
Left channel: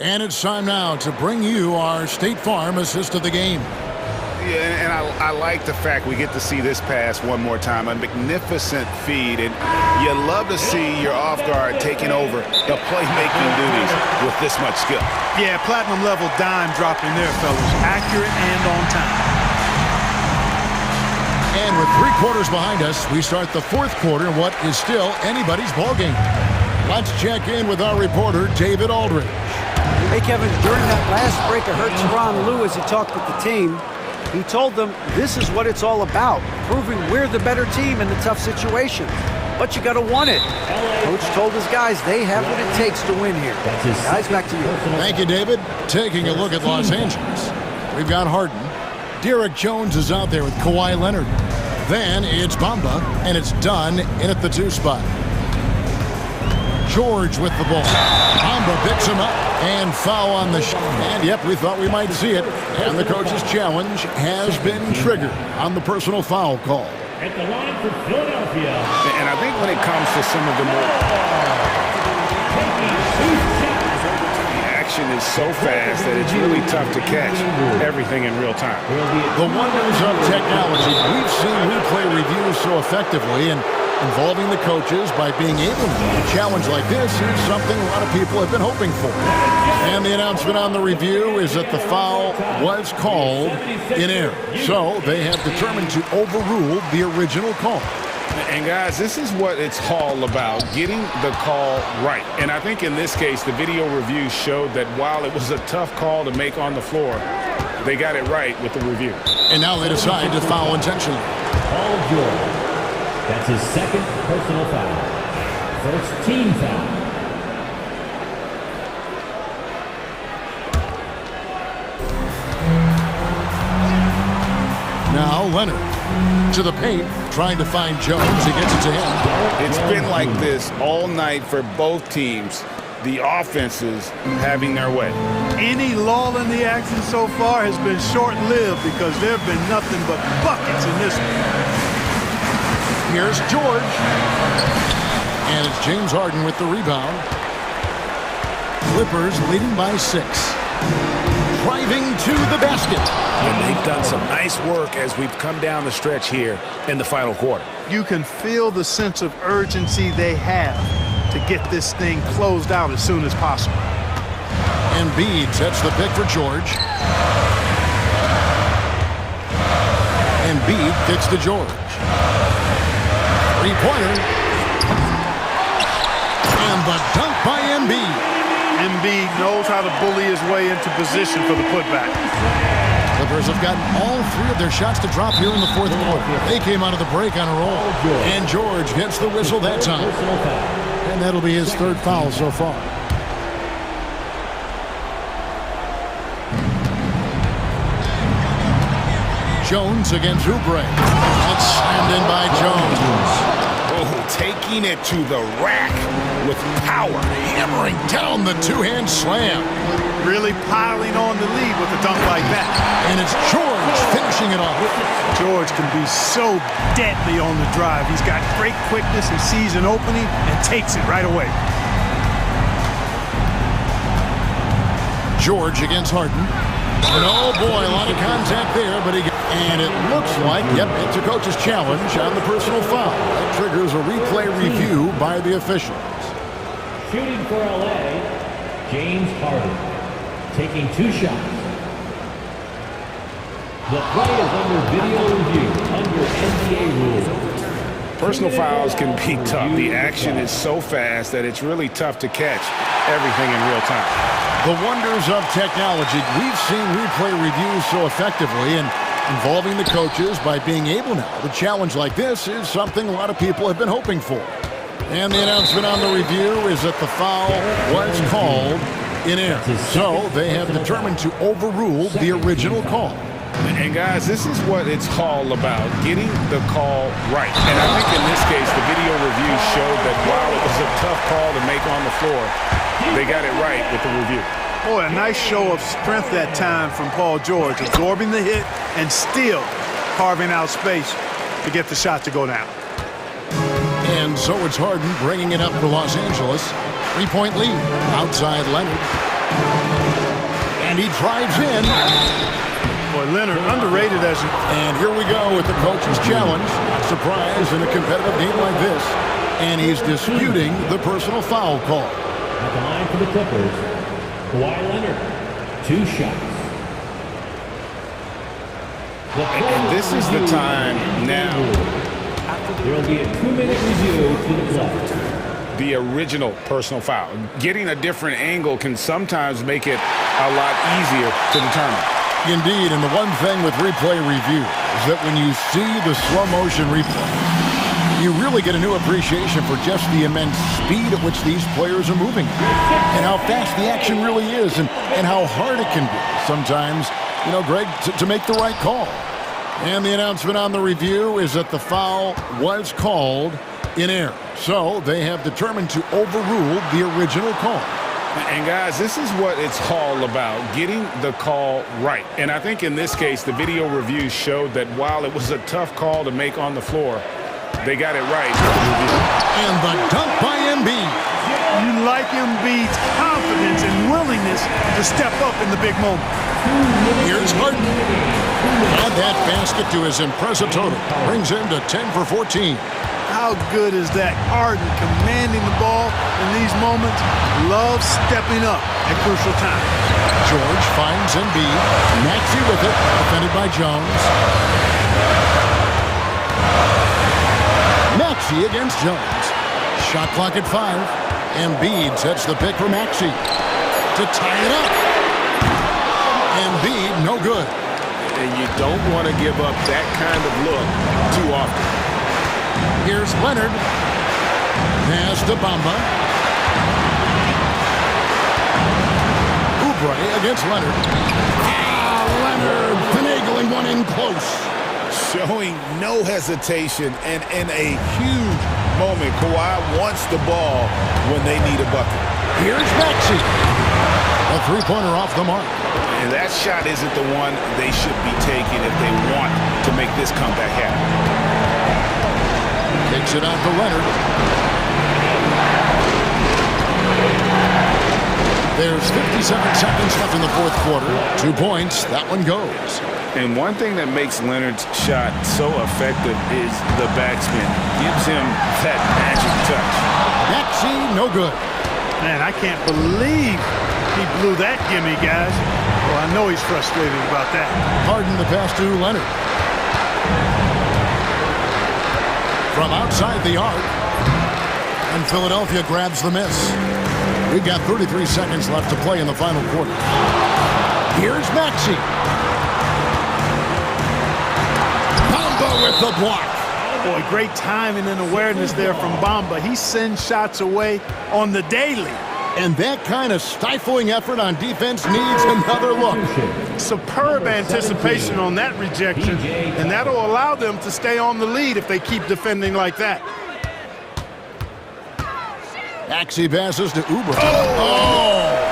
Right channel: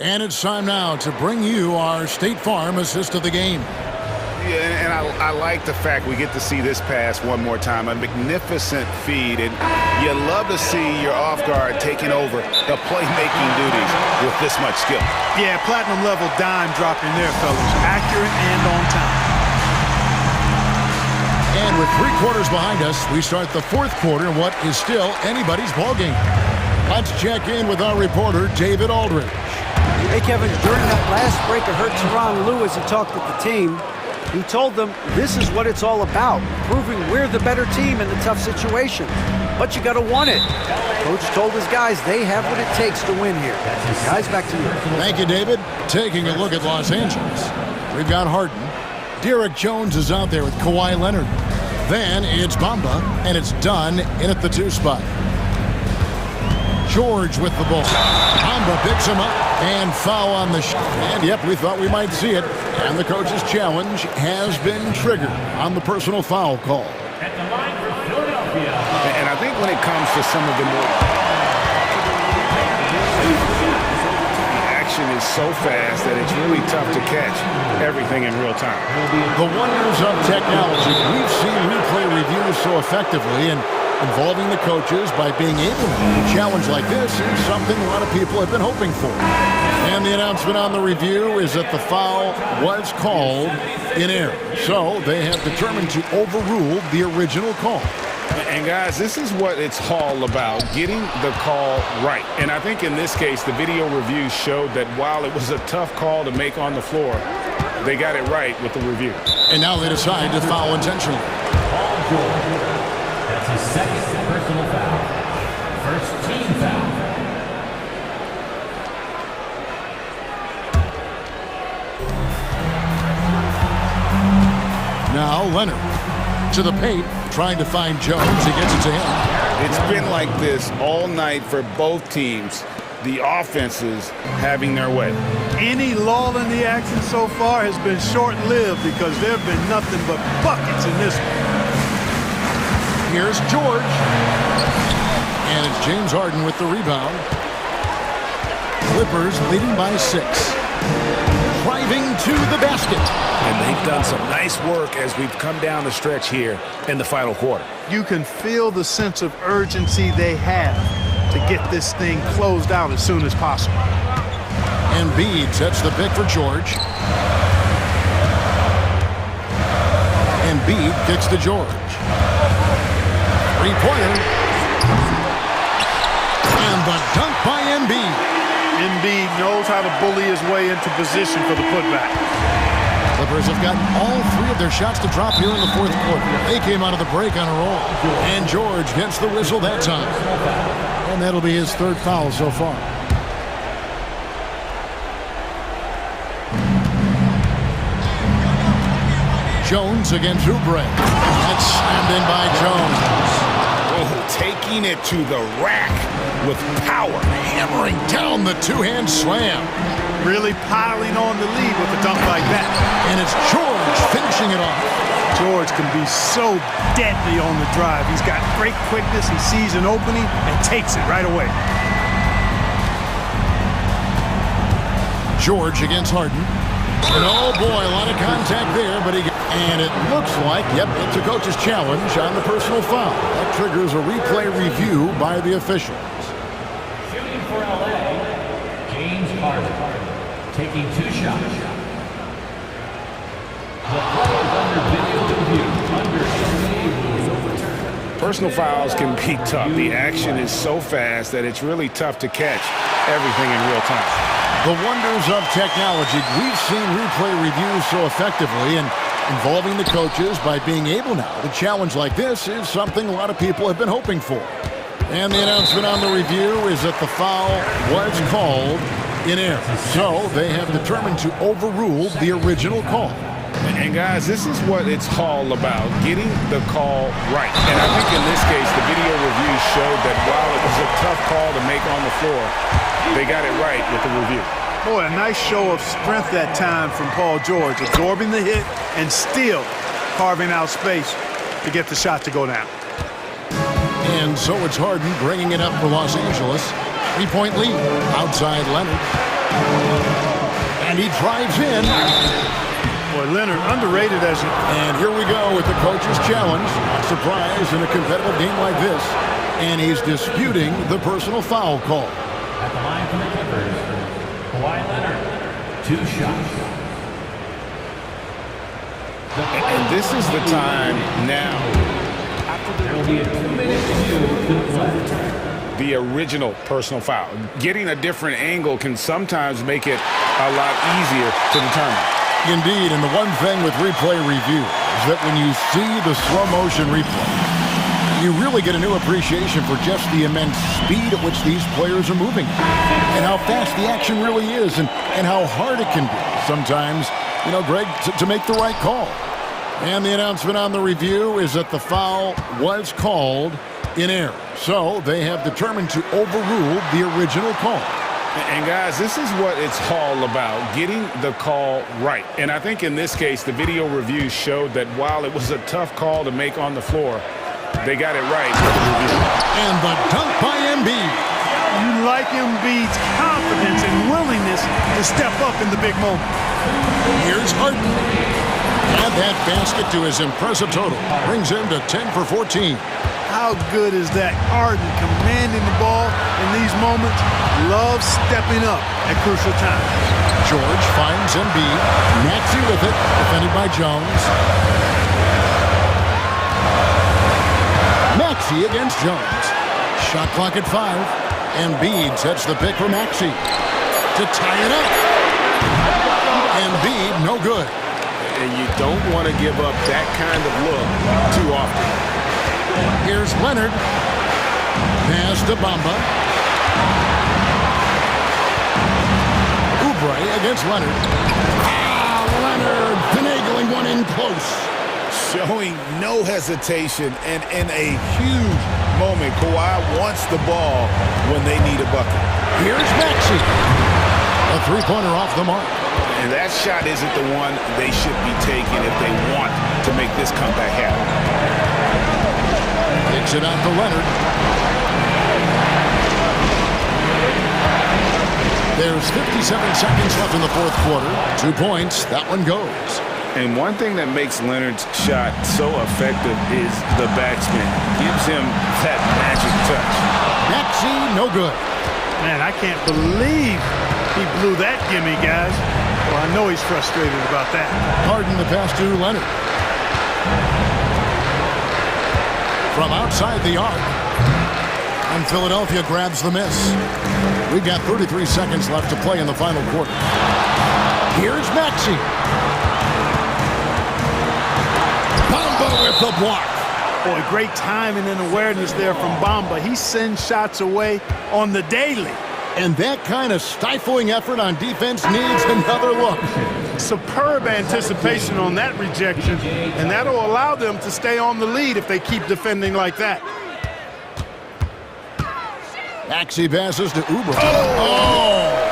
it's time now to bring you our State Farm assist of the game. Yeah, and I like the fact we get to see this pass one more time. A magnificent feed, and you love to see your off guard taking over the playmaking duties with this much skill. Yeah, platinum level dime dropping there, fellas. Accurate and on time. And with 3 quarters behind us, we start the fourth quarter in what is still anybody's ballgame. Let's check in with our reporter, David Aldridge. Hey, Kevin, during that last break, I heard Tyronn Lue as he talked with the team. He told them this is what it's all about, proving we're the better team in the tough situations. But you got to want it. Coach told his guys they have what it takes to win here. Guys, back to you. Thank you, David. Taking a look at Los Angeles. We've got Harden. Derek Jones is out there with Kawhi Leonard. Then it's Bamba, and it's done in at the 2 spot. George with the ball. Bamba picks him up and foul on the shot. And yep, we thought we might see it. And the coach's challenge has been triggered on the personal foul call. At the line for Philadelphia. And I think when it comes to some of the more... the action is so fast that it's really tough to catch everything in real time. The wonders of technology. We've seen replay reviews so effectively, and involving the coaches by being able now to challenge like this is something a lot of people have been hoping for. And the announcement on the review is that the foul was called in error. So they have determined to overrule the original call. And guys, this is what it's all about, getting the call right. And I think in this case, the video review showed that while it was a tough call to make on the floor, they got it right with the review. And now they decide to foul intentionally. Paul George. That's his second personal foul. First team foul. Now Leonard to the paint, trying to find Jones. He gets it to him. It's been like this all night for both teams. The offenses having their way. Any lull in the action so far has been short-lived because there have been nothing but buckets in this one. Here's George. And it's James Harden with the rebound. Clippers leading by 6. Driving to the basket. And they've done some nice work as we've come down the stretch here in the final quarter. You can feel the sense of urgency they have to get this thing closed out as soon as possible. Embiid sets the pick for George. Embiid kicks to George. Three-pointer. And the dunk by Embiid. Embiid knows how to bully his way into position for the putback. Clippers have gotten all 3 of their shots to drop here in the fourth quarter. They came out of the break on a roll. And George gets the whistle that time. And that'll be his 3rd foul so far. Jones against Oubre. That's slammed in by Jones. Oh, taking it to the rack with power. Hammering down the two-hand slam. Really piling on the lead with a dunk like that. And it's George finishing it off. George can be so deadly on the drive. He's got great quickness. He sees an opening and takes it right away. George against Harden. And oh boy, a lot of contact there, but and it looks like, yep, it's a coach's challenge on the personal foul. That triggers a replay review by the officials. Shooting for LA, James Harden, taking 2 shots. The play is under video review, under NBA rules. Personal fouls can be tough. The action is so fast that it's really tough to catch everything in real time. The wonders of technology. We've seen replay reviews so effectively, and involving the coaches by being able now to challenge like this is something a lot of people have been hoping for. And the announcement on the review is that the foul was called in error. So they have determined to overrule the original call. And guys, this is what it's all about, getting the call right. And I think in this case, the video review showed that while it was a tough call to make on the floor, they got it right with the review. Boy, a nice show of strength that time from Paul George, absorbing the hit and still carving out space to get the shot to go down. And so it's Harden bringing it up for Los Angeles. 3-point lead outside Leonard. And he drives in. Boy, Leonard underrated as an... And here we go with the coach's challenge. Not surprised in a competitive game like this. And he's disputing the personal foul call. At the line for the Clippers, Kawhi Leonard, 2 shots. And this is the time now. There will be a 2-minute review to the play. The original personal foul. Getting a different angle can sometimes make it a lot easier to determine. Indeed, and the one thing with replay review is that when you see the slow motion replay, you really get a new appreciation for just the immense speed at which these players are moving and how fast the action really is and how hard it can be sometimes, you know, Greg, to make the right call. And the announcement on the review is that the foul was called in error. So they have determined to overrule the original call. And guys, this is what it's all about, getting the call right. And I think in this case, the video review showed that while it was a tough call to make on the floor, they got it right with the review. And the dunk by Embiid. You like Embiid's confidence and willingness to step up in the big moment. Here's Harden. Add that basket to his impressive total. Brings him to 10 for 14. How good is that? Harden commanding the ball in these moments. Loves stepping up at crucial times. George finds Embiid. Maxey with it. Defended by Jones. Maxey against Jones. Shot clock at 5. Embiid sets the pick for Maxey to tie it up. Embiid, no good. And you don't want to give up that kind of look too often. Here's Leonard. Pass to Bamba. Oubre against Leonard. Leonard finagling one in close. Showing no hesitation, and in a huge moment, Kawhi wants the ball when they need a bucket. Here's Maxey. A three-pointer off the mark. And that shot isn't the one they should be taking if they want to make this comeback happen. Takes it out to Leonard. There's 57 seconds left in the fourth quarter. 2 points. That one goes. And one thing that makes Leonard's shot so effective is the backspin. Gives him that magic touch. Maxey, no good. Man, I can't believe he blew that gimme, guys. Well, I know he's frustrated about that. Harden the pass to Leonard. From outside the arc. And Philadelphia grabs the miss. We've got 33 seconds left to play in the final quarter. Here's Maxey. Bamba with the block. Boy, great timing and awareness there from Bamba. He sends shots away on the daily. And that kind of stifling effort on defense needs another look. Superb anticipation on that rejection, and that'll allow them to stay on the lead if they keep defending like that. Maxey passes to Uber. Oh!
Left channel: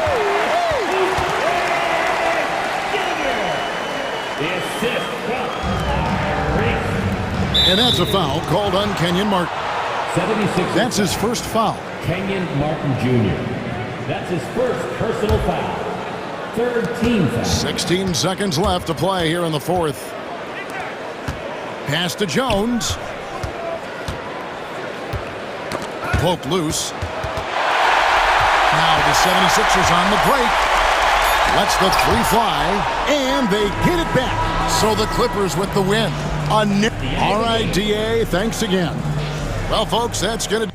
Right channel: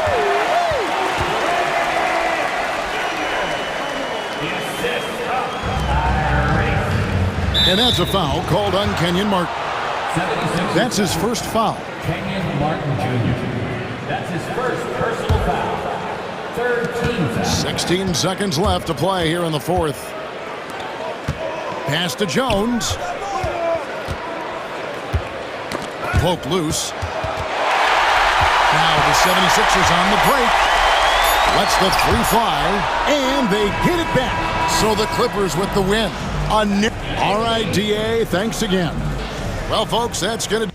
And that's a foul called on Kenyon Martin. 76. That's his first foul. Kenyon Martin Jr. That's his first personal foul. Third team foul. 16 seconds left to play here in the fourth. Pass to Jones. Poked loose. Now the 76ers on the break. Lets the three fly, and they get it back. So the Clippers with the win. All right, DA, thanks again. Well, folks, that's going to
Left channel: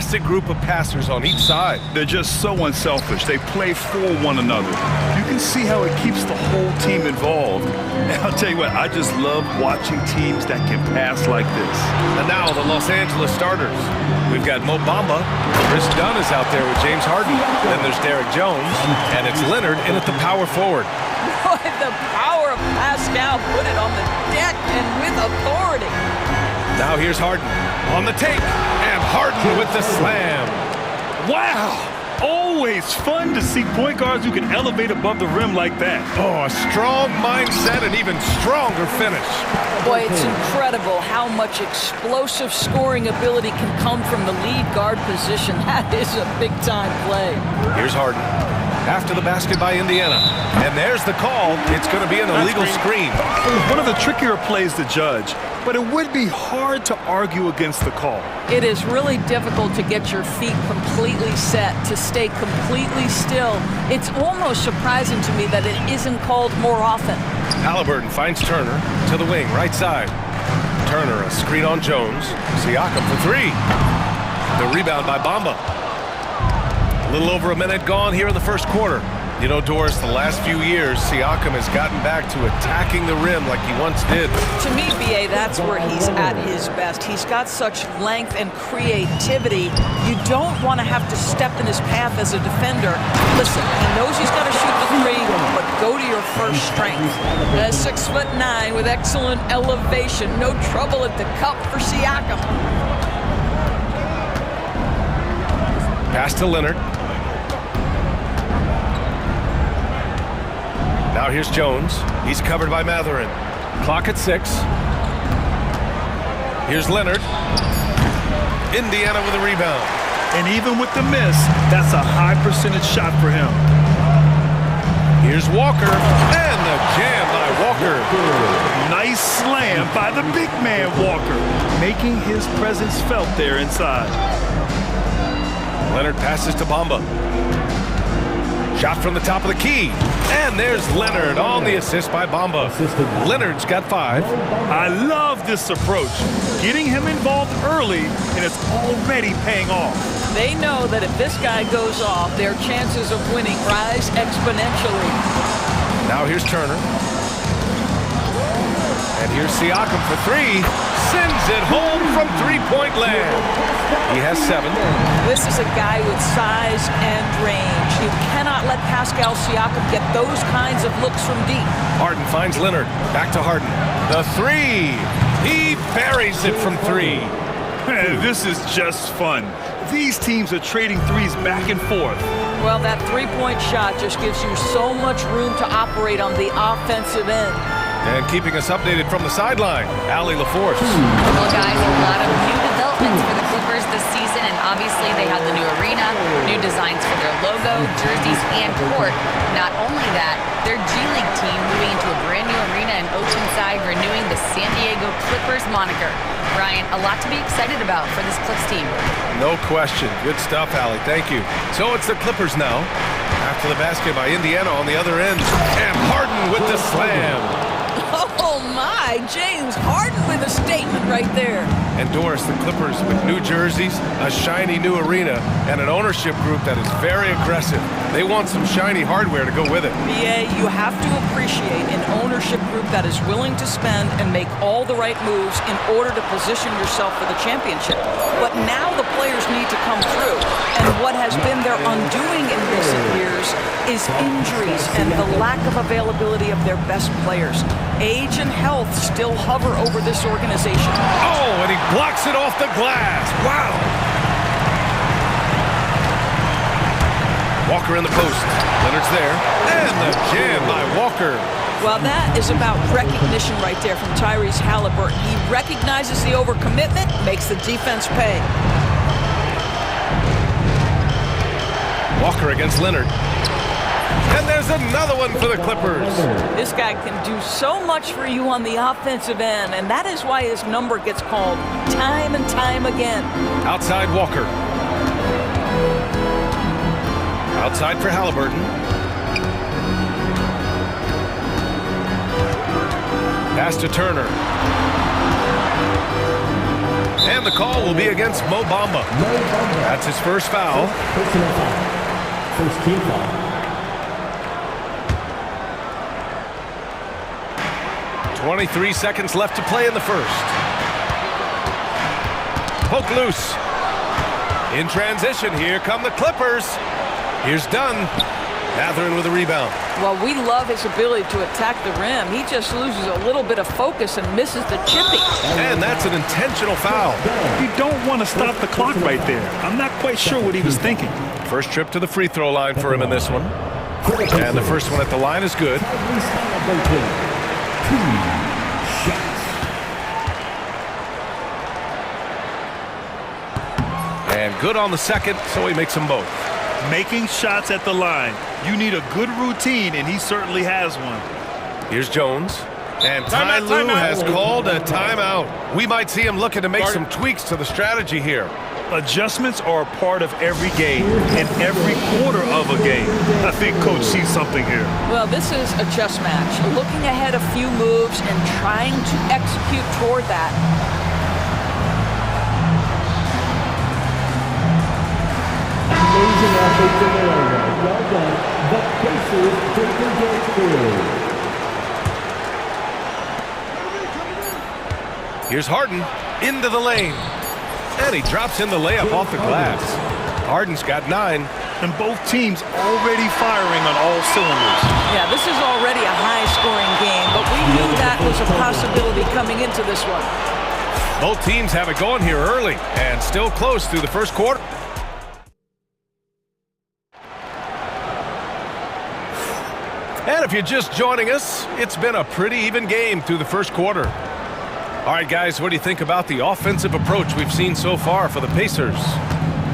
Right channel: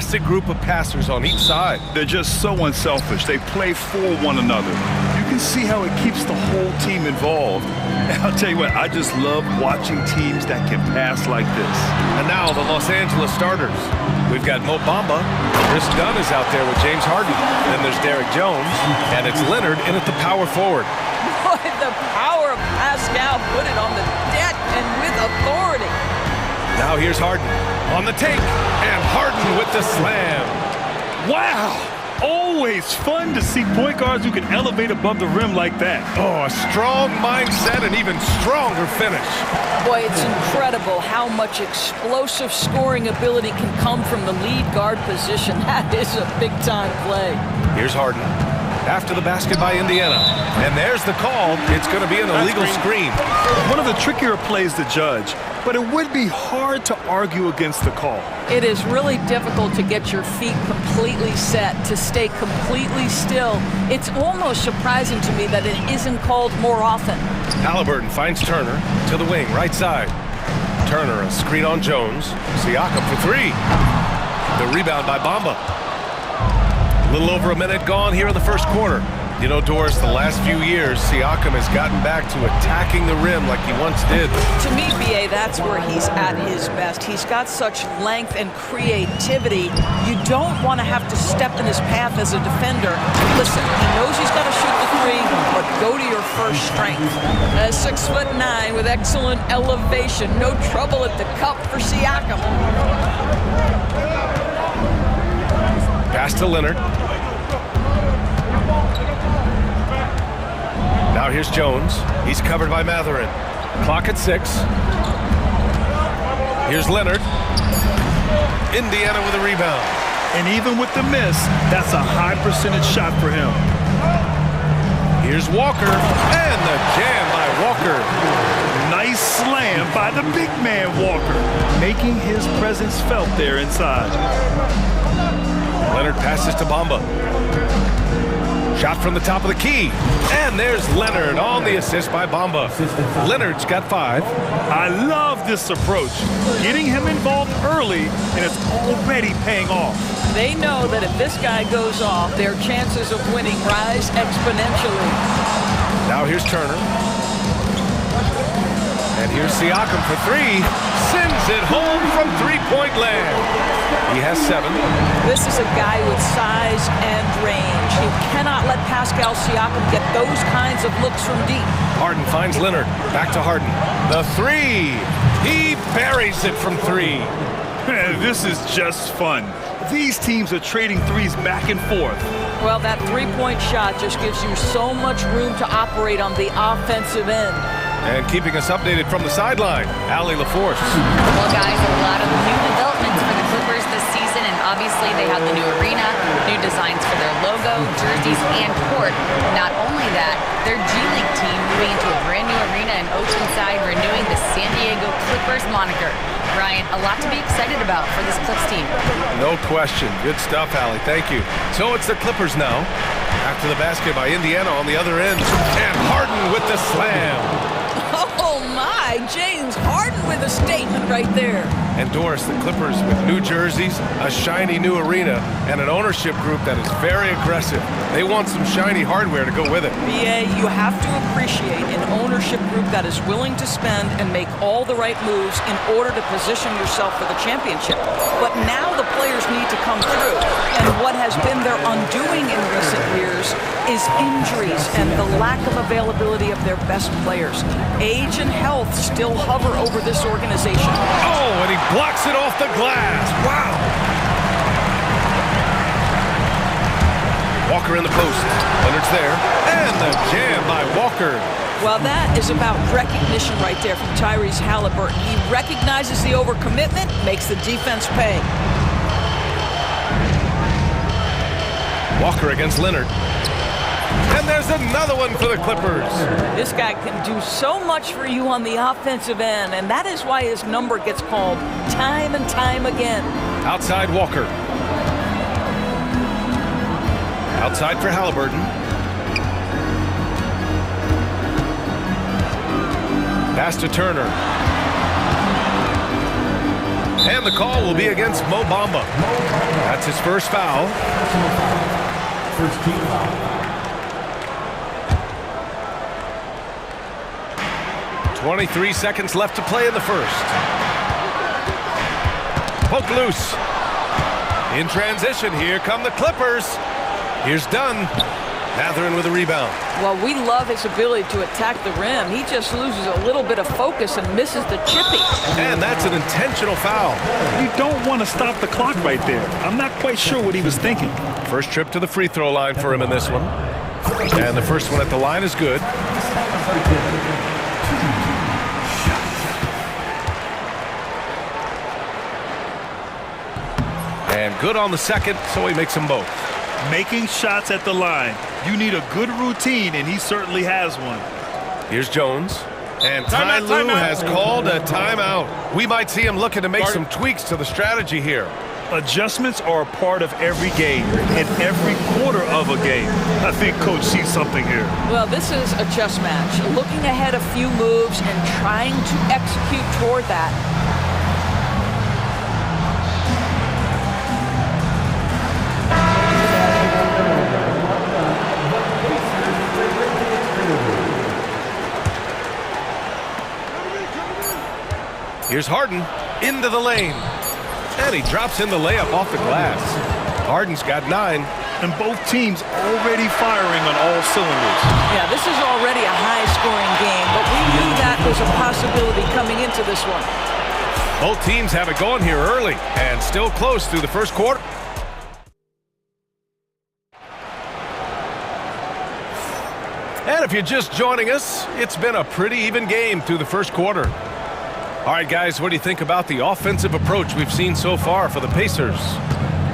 fantastic group of passers on each side. They're just so unselfish. They play for one another. You can see how it keeps the whole team involved. And I'll tell you what, I just love watching teams that can pass like this. And now the Los Angeles starters. We've got Mo Bamba. Chris Dunn is out there with James Harden. Then there's Derek Jones. And it's Leonard in at the power forward. Boy, the power of Pascal put it on the deck and with authority. Now here's Harden on the take. And Harden with the slam. Wow! Always fun to see point guards who can elevate above the rim like that. Oh, a strong mindset and even stronger finish. Boy, it's incredible how much explosive scoring ability can come from the lead guard position. That is a big-time play. Here's Harden. After the basket by Indiana. And there's the call. It's going to be an illegal screen. One of the trickier plays to judge, but it would be hard to argue against the call. It is really difficult to get your feet completely set, to stay completely still. It's almost surprising to me that it isn't called more often. Halliburton finds Turner to the wing, right side. Turner, a screen on Jones. Siakam for three. The rebound by Bamba. A little over a minute gone here in the first quarter. You know, Doris, the last few years, Siakam has gotten back to attacking the rim like he once did. To me, B.A., that's where he's at his best. He's got such length and creativity. You don't want to have to step in his path as a defender. Listen, he knows he's got to shoot the three, but go to your first strength. 6'9" with excellent elevation. No trouble at the cup for Siakam. Pass to Leonard. Now here's Jones. He's covered by Matherin. Clock at 6. Here's Leonard. Indiana with a rebound. And even with the miss, that's a high percentage shot for him. Here's Walker. And the jam by Walker. Nice slam by the big man Walker, making his presence felt there inside. Leonard passes to Bamba. Shot from the top of the key. And there's Leonard on the assist by Bamba. Leonard's got 5. I love this approach. Getting him involved early, and it's already paying off. They know that if this guy goes off, their chances of winning rise exponentially. Now here's Turner. And here's Siakam for 3. Sends it home from three-point land. He has 7. This is a guy with size and range. You cannot let Pascal Siakam get those kinds of looks from deep. Harden finds Leonard. Back to Harden. The 3. He buries it from 3. This is just fun. These teams are trading threes back and forth. Well, that three-point shot just gives you so much room to operate on the offensive end. And keeping us updated from the sideline, Allie LaForce. Well, guys, a lot of new developments for the Clippers this season, and obviously they have the new arena, new designs for their logo, jerseys, and court. Not only that, their G League team moving into a brand new arena in Oceanside, renewing the San Diego Clippers moniker. Ryan, a lot to be excited about for this Clips team. No question. Good stuff, Allie. Thank you. So it's the Clippers now. After the basket by Indiana on the other end. And Harden with the slam. Oh my, James Harden with a statement right there. And Doris, the Clippers with new jerseys, a shiny new arena, and an ownership group that is very aggressive. They want some shiny hardware to go with it. BA, you have to appreciate an ownership group that is willing to spend and make all the right moves in order to position yourself for the championship. But now the players need to come through. And what has been their undoing in recent years is injuries and the lack of availability of their best players. Age and health still hover over this organization. Oh, and he blocks it off the glass. Wow. Walker in the post. Leonard's there. And the jam by Walker. Well, that is about recognition right there from Tyrese Halliburton. He recognizes the overcommitment, makes the defense pay. Walker against Leonard. And there's another one for the Clippers. This guy can do so much for you on the offensive end, and that is why his number gets called time and time again. Outside Walker. Outside for Halliburton. Pass to Turner. And the call will be against Mo Bamba. That's his first foul. First team foul. 23 seconds left to play in the first. Poke loose. In transition, here come the Clippers. Here's Dunn. Mathurin with a rebound. Well, we love his ability to attack the rim. He just loses a little bit of focus and misses the chippy. And that's an intentional foul. You don't want to stop the clock right there. I'm not quite sure what he was thinking. First trip to the free throw line for him in this one. And the first one at the line is good. And good on the second, so he makes them both. Making shots at the line. You need a good routine, and he certainly has one. Here's Jones. And Ty Lue has called a timeout. We might see him looking to make some tweaks to the strategy here. Adjustments are a part of every game and every quarter of a game. I think Coach sees something here. Well, this is a chess match. Looking ahead a few moves and trying to execute toward that. Here's Harden into the lane. And he drops in the layup off the glass. Harden's got 9. And both teams already firing on all cylinders. Yeah, this is already a high-scoring game, but we knew that was a possibility coming into this one. Both teams have it going here early and still close through the first quarter. And if you're just joining us, it's been a pretty even game through the first quarter. All right, guys, what do you think about the offensive approach we've seen so far for the Pacers?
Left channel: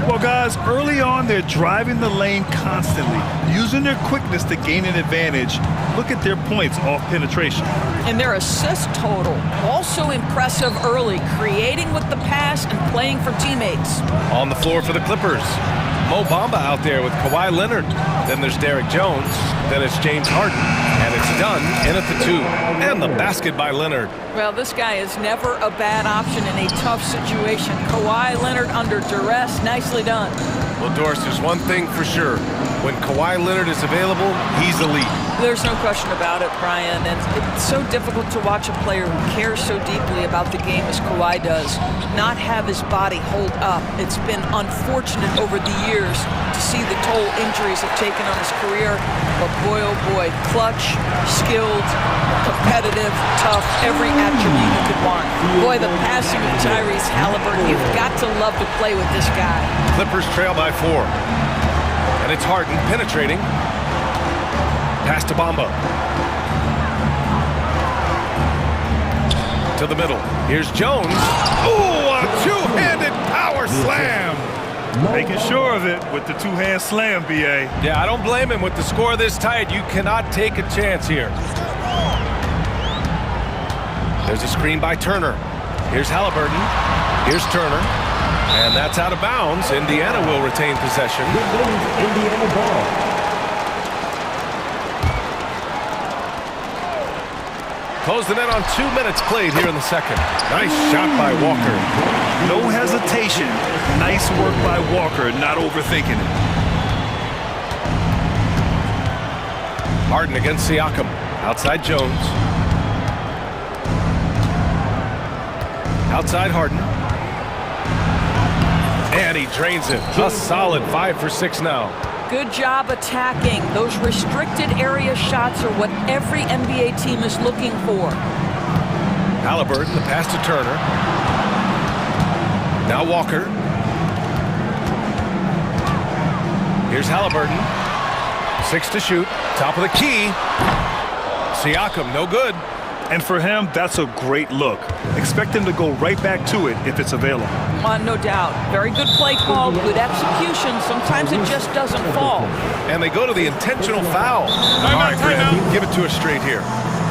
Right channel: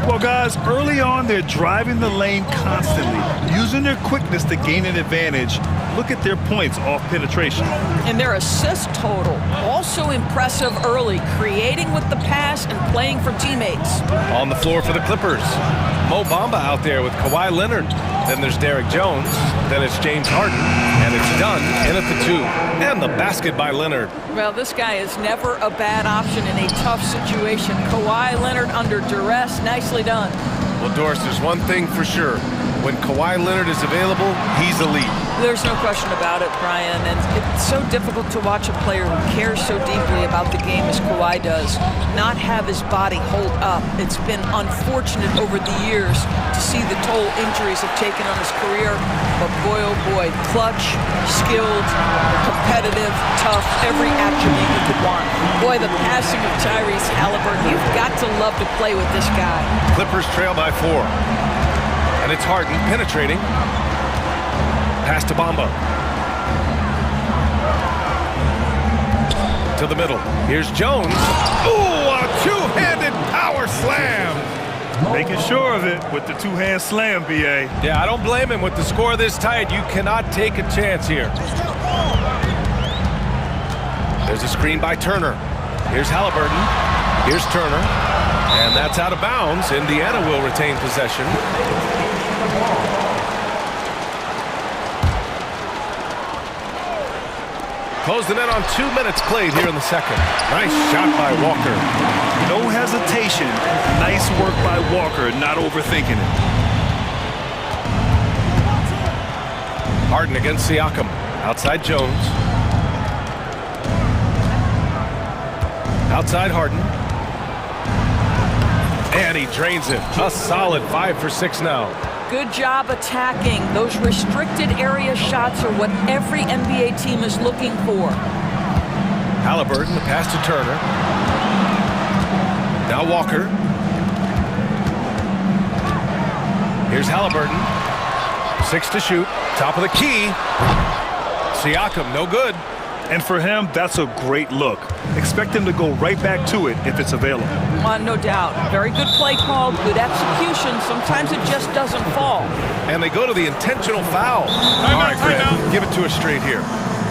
Well, guys, early on, they're driving the lane constantly, using their quickness to gain an advantage. Look at their points off penetration. And their assist total, also impressive early, creating with the pass and playing for teammates. On the floor for the Clippers, Mo Bamba out there with Kawhi Leonard. Then there's Derek Jones. Then it's James Harden. And it's Dunn in at the 2. And the basket by Leonard. Well, this guy is never a bad option in a tough situation. Kawhi Leonard under duress. Nicely done. Well, Doris, there's one thing for sure. When Kawhi Leonard is available, he's elite. There's no question about it, Brian. And it's so difficult to watch a player who cares so deeply about the game as Kawhi does not have his body hold up. It's been unfortunate over the years to see the toll injuries have taken on his career. But boy, oh boy, clutch, skilled, competitive, tough, every attribute you could want. Boy, the passing of Tyrese Halliburton, you've got to love to play with this guy. Clippers trail by 4. And it's Harden penetrating. Pass to Bamba. To the middle. Here's Jones. Ooh, a two-handed power slam. Making sure of it with the two-hand slam, B.A. Yeah, I don't blame him. With the score this tight, you cannot take a chance here. There's a screen by Turner. Here's Halliburton. Here's Turner. And that's out of bounds. Indiana will retain possession. Indiana ball. Close the net on 2 minutes played here in the second. Nice shot by Walker. No hesitation. Nice work by Walker, not overthinking it. Harden against Siakam. Outside Jones. Outside Harden. And he drains it. A solid 5 for 6 now. Good job attacking. Those restricted area shots are what every NBA team is looking for. Halliburton, the pass to Turner. Now Walker. Here's Halliburton. 6 to shoot. Top of the key. Siakam, no good. And for him, that's a great look. Expect him to go right back to it if it's available. No doubt. Very good play call, good execution. Sometimes it just doesn't fall. And they go to the intentional foul. All right, Greg, give it to us straight here.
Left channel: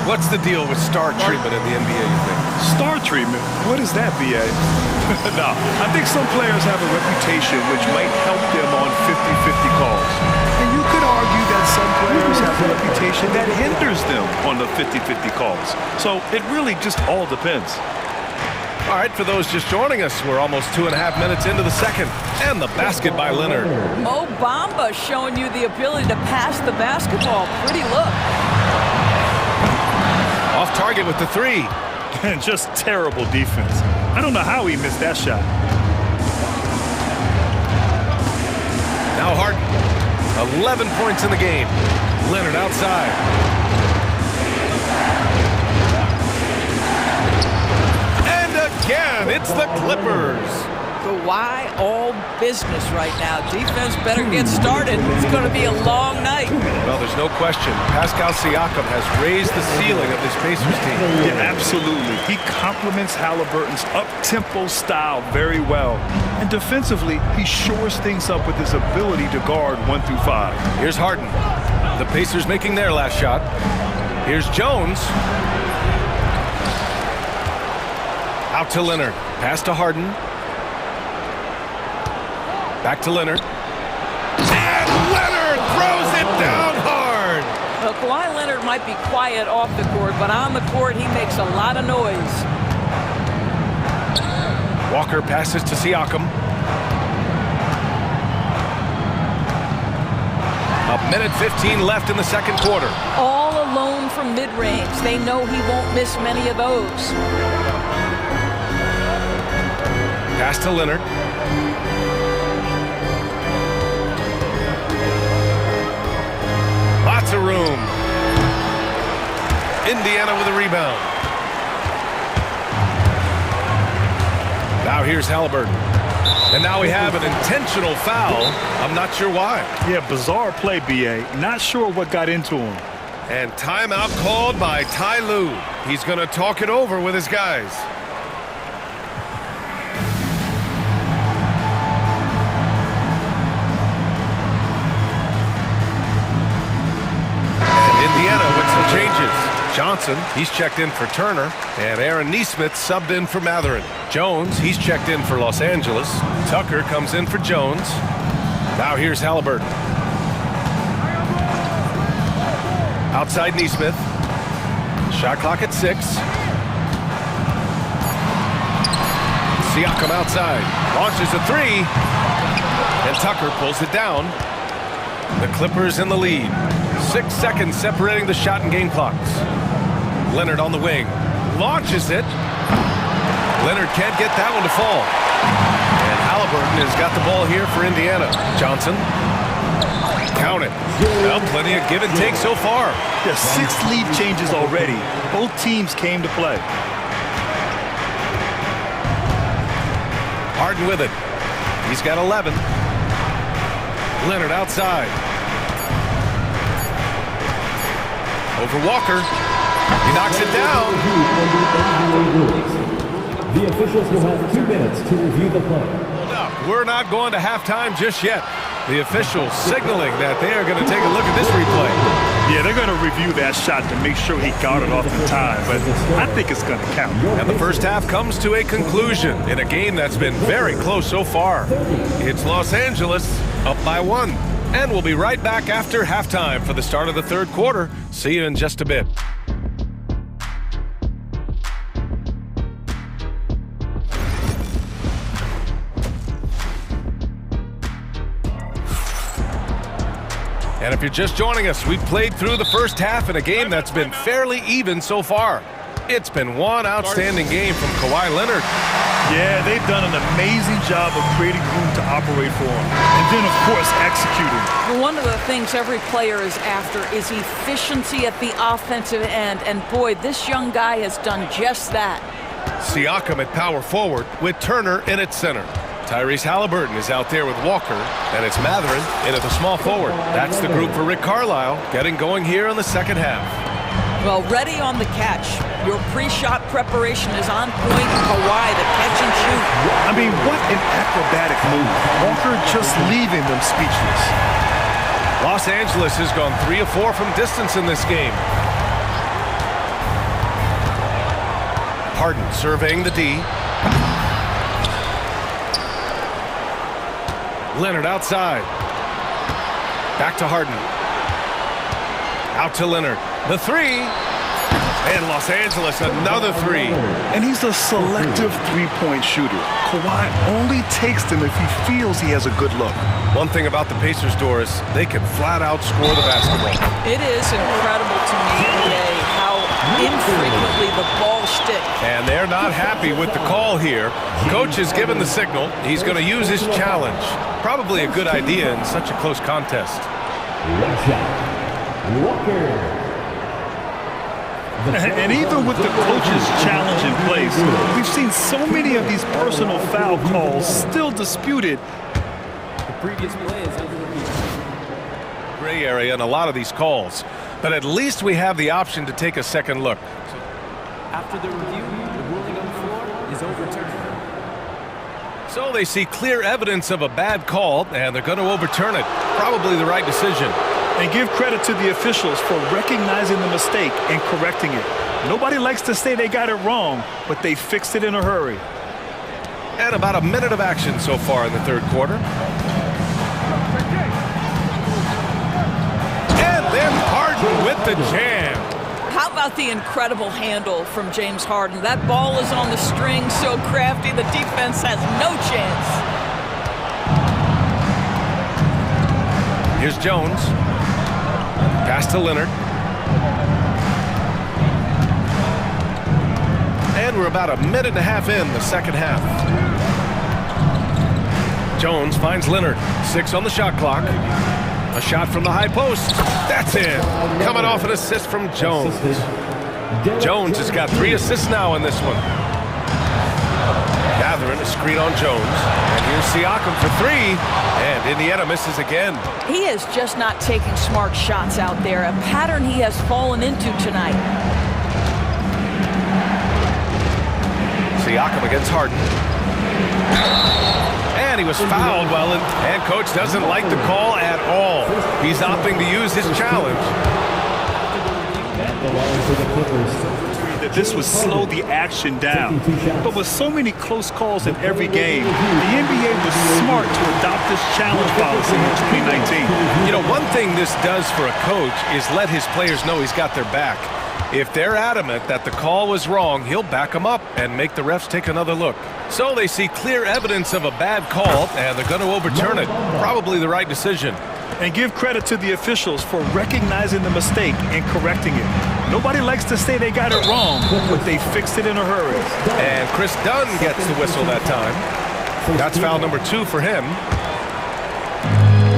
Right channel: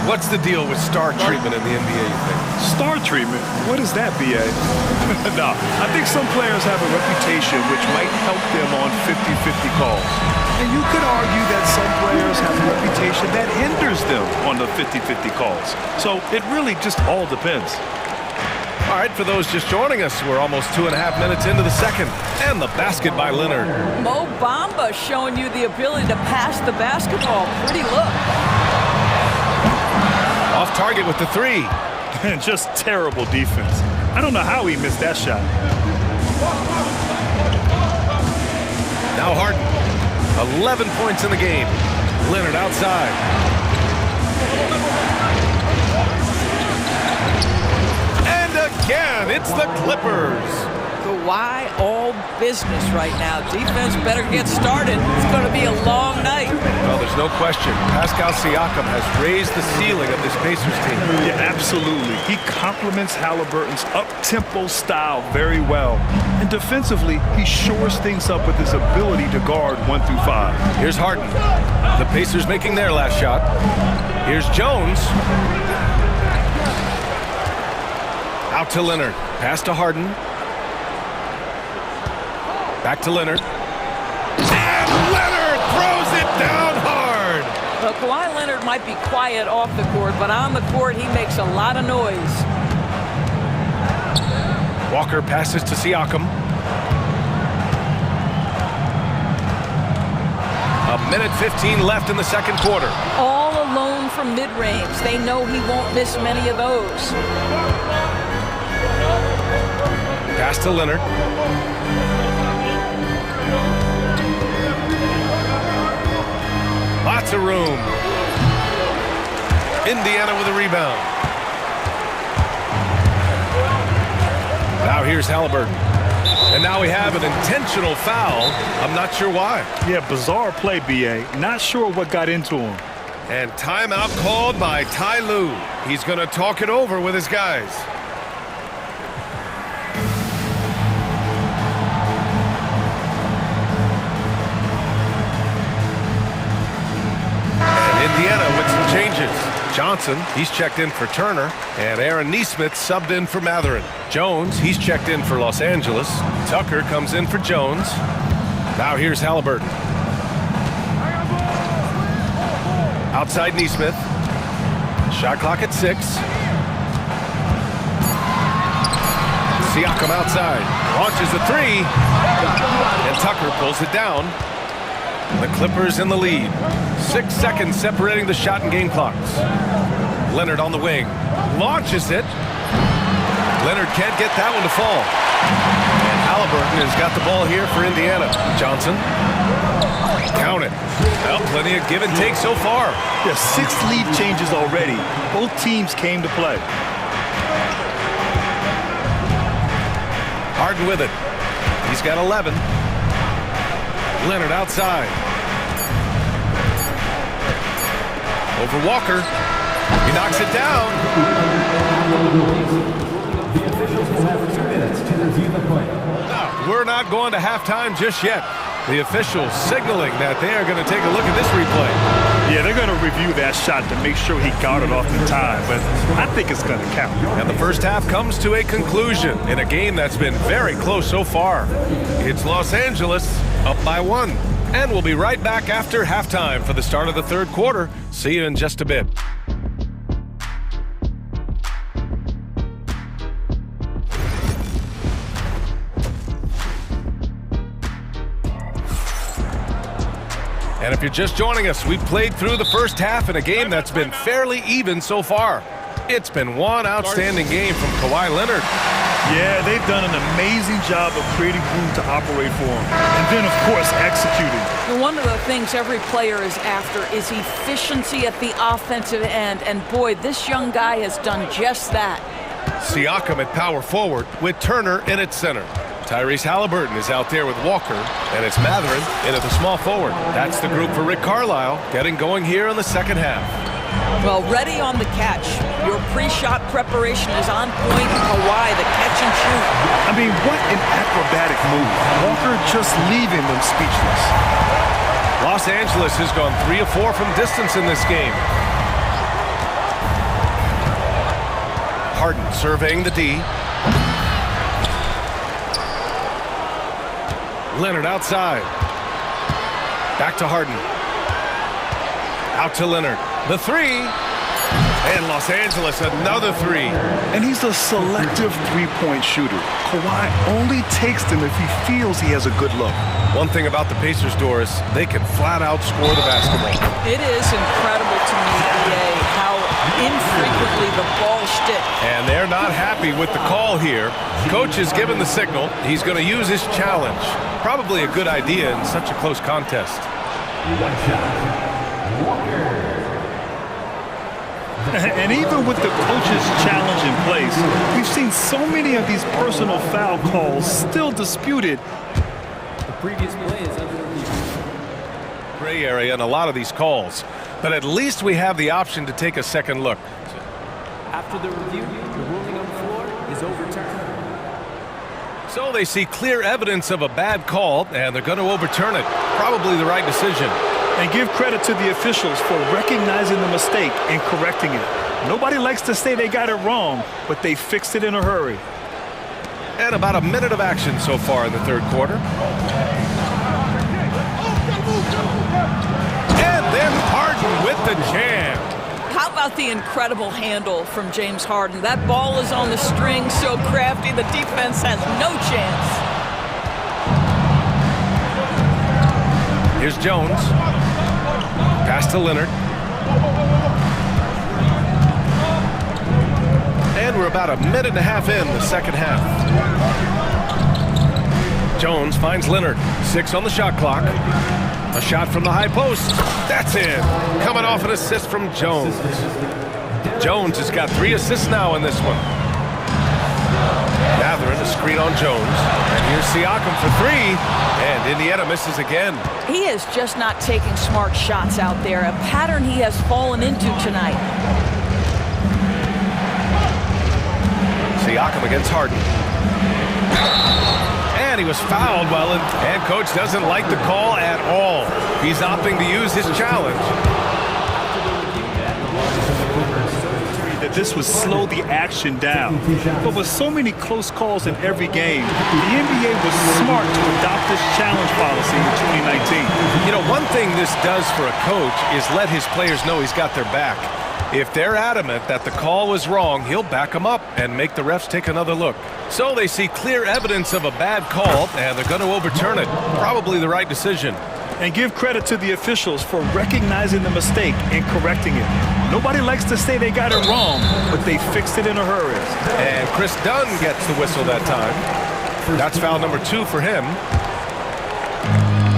What's the deal with star treatment in the NBA, you think? Star treatment? What is that, B.A.? No, I think some players have a reputation which might help them on 50-50 calls. And you could argue that some players have a reputation that hinders them on the 50-50 calls. So it really just all depends. All right, for those just joining us, we're almost 2.5 minutes into the second. And the basket by Leonard. Mo Bamba showing you the ability to pass the basketball. Pretty look. Off target with the three. And just terrible defense. I don't know how he missed that shot. Now Harden. 11 points in the game. Leonard outside. And again, it's the Clippers. Kawhi all business right now. Defense better get started. It's going to be a long night. Well, there's no question. Pascal Siakam has raised the ceiling of this Pacers team. Yeah, absolutely. He complements Halliburton's up-tempo style very well. And defensively, he shores things up with his ability to guard 1 through 5. Here's Harden. The Pacers making their last shot. Here's Jones. Out to Leonard. Pass to Harden. Back to Leonard. And Leonard throws it down hard. Well, Kawhi Leonard might be quiet off the court, but on the court, he makes a lot of noise. Walker passes to Siakam. 1:15 left in the second quarter. All alone from mid-range. They know he won't miss many of those. Pass to Leonard. Lots of room. Indiana with a rebound. Now here's Halliburton. And now we have an intentional foul. I'm not sure why. Yeah, bizarre play, B.A. Not sure what got into him. And timeout called by Ty Lue. He's going to talk it over with his guys. Indiana with some changes. Johnson, he's checked in for Turner, and Aaron Nesmith subbed in for Matherin. Jones, he's checked in for Los Angeles. Tucker comes in for Jones. Now here's Halliburton. Outside Nesmith. Shot clock at 6. Siakam outside. Launches a 3. And Tucker pulls it down. The Clippers in the lead. 6 seconds separating the shot and game clocks. Leonard on the wing. Launches it. Leonard can't get that one to fall. And Halliburton has got the ball here for Indiana. Johnson. Count it. Well, plenty of give and take so far. Yeah, 6 lead changes already. Both teams came to play. Harden with it. He's got 11. Leonard outside. Over Walker. He knocks it down. The officials will have 2 minutes to review the play. Hold up. We're not going to halftime just yet. The officials signaling that they are going to take a look at this replay. Yeah, they're going to review that shot to make sure he got it off in time, but I think it's going to count. And the first half comes to a conclusion in a game that's been very close so far. It's Los Angeles up by 1. And we'll be right back after halftime for the start of the third quarter. See you in just a bit. And if you're just joining us, we've played through the first half in a game that's been fairly even so far. It's been one outstanding game from Kawhi Leonard. Yeah, they've done an amazing job of creating room to operate for him. And then, of course, executing. Well, one of the things every player is after is efficiency at the offensive end. And boy, this young guy has done just that. Siakam at power forward with Turner in at center. Tyrese Halliburton is out there with Walker, and it's Matherin in at the small forward. That's the group for Rick Carlisle getting going here in the second half. Well, ready on the catch. Your pre-shot preparation is on point. Kawhi, the catch and shoot. I mean, what an acrobatic move. Walker just leaving them speechless. Los Angeles has gone 3 of 4 from distance in this game. Harden surveying the D. Leonard outside. Back to Harden. Out to Leonard. The 3. And Los Angeles, another three. And he's a selective three-point shooter. Kawhi only takes them if he feels he has a good look. One thing about the Pacers, Doris, they can flat out score the basketball. It is incredible to me, EA, how infrequently the ball sticks. And they're not happy with the call here. Coach has given the signal. He's going to use his challenge. Probably a good idea in such a close contest. One shot. Walker. And even with the coach's challenge in place, we've seen so many of these personal foul calls still disputed. The previous play is under review. Gray area in a lot of these calls, but at least we have the option to take a second look. After the review, the ruling on the floor is overturned. So they see clear evidence of a bad call, and they're going to overturn it. Probably the right decision. And give credit to the officials for recognizing the mistake and correcting it. Nobody likes to say they got it wrong, but they fixed it in a hurry. And about a minute of action so far in the third quarter. And then Harden with the jam. How about the incredible handle from James Harden? That ball is on the string, so crafty, the defense has no chance. Here's Jones. Pass to Leonard. And we're about a minute and a half in the second half. Jones finds Leonard. 6 on the shot clock. A shot from the high post. That's in. Coming off an assist from Jones. Jones has got 3 assists now in this one. Mathurin, a screen on Jones. And here's Siakam for 3. And Indiana misses again. He is just not taking smart shots out there, a pattern he has fallen into tonight. Siakam against Harden. And he was fouled well, and coach doesn't like the call at all. He's opting to use his challenge. That this would slow the action down. But with so many close calls in every game, the NBA was smart to adopt this challenge policy in 2019. You know, one thing this does for a coach is let his players know he's got their back. If they're adamant that the call was wrong, he'll back them up and make the refs take another look. So they see clear evidence of a bad call, and they're going to overturn it. Probably the right decision. And give credit to the officials for recognizing the mistake and correcting it. Nobody likes to say they got it wrong, but they fixed it in a hurry. And Chris Dunn gets the whistle that time. That's foul number 2 for him.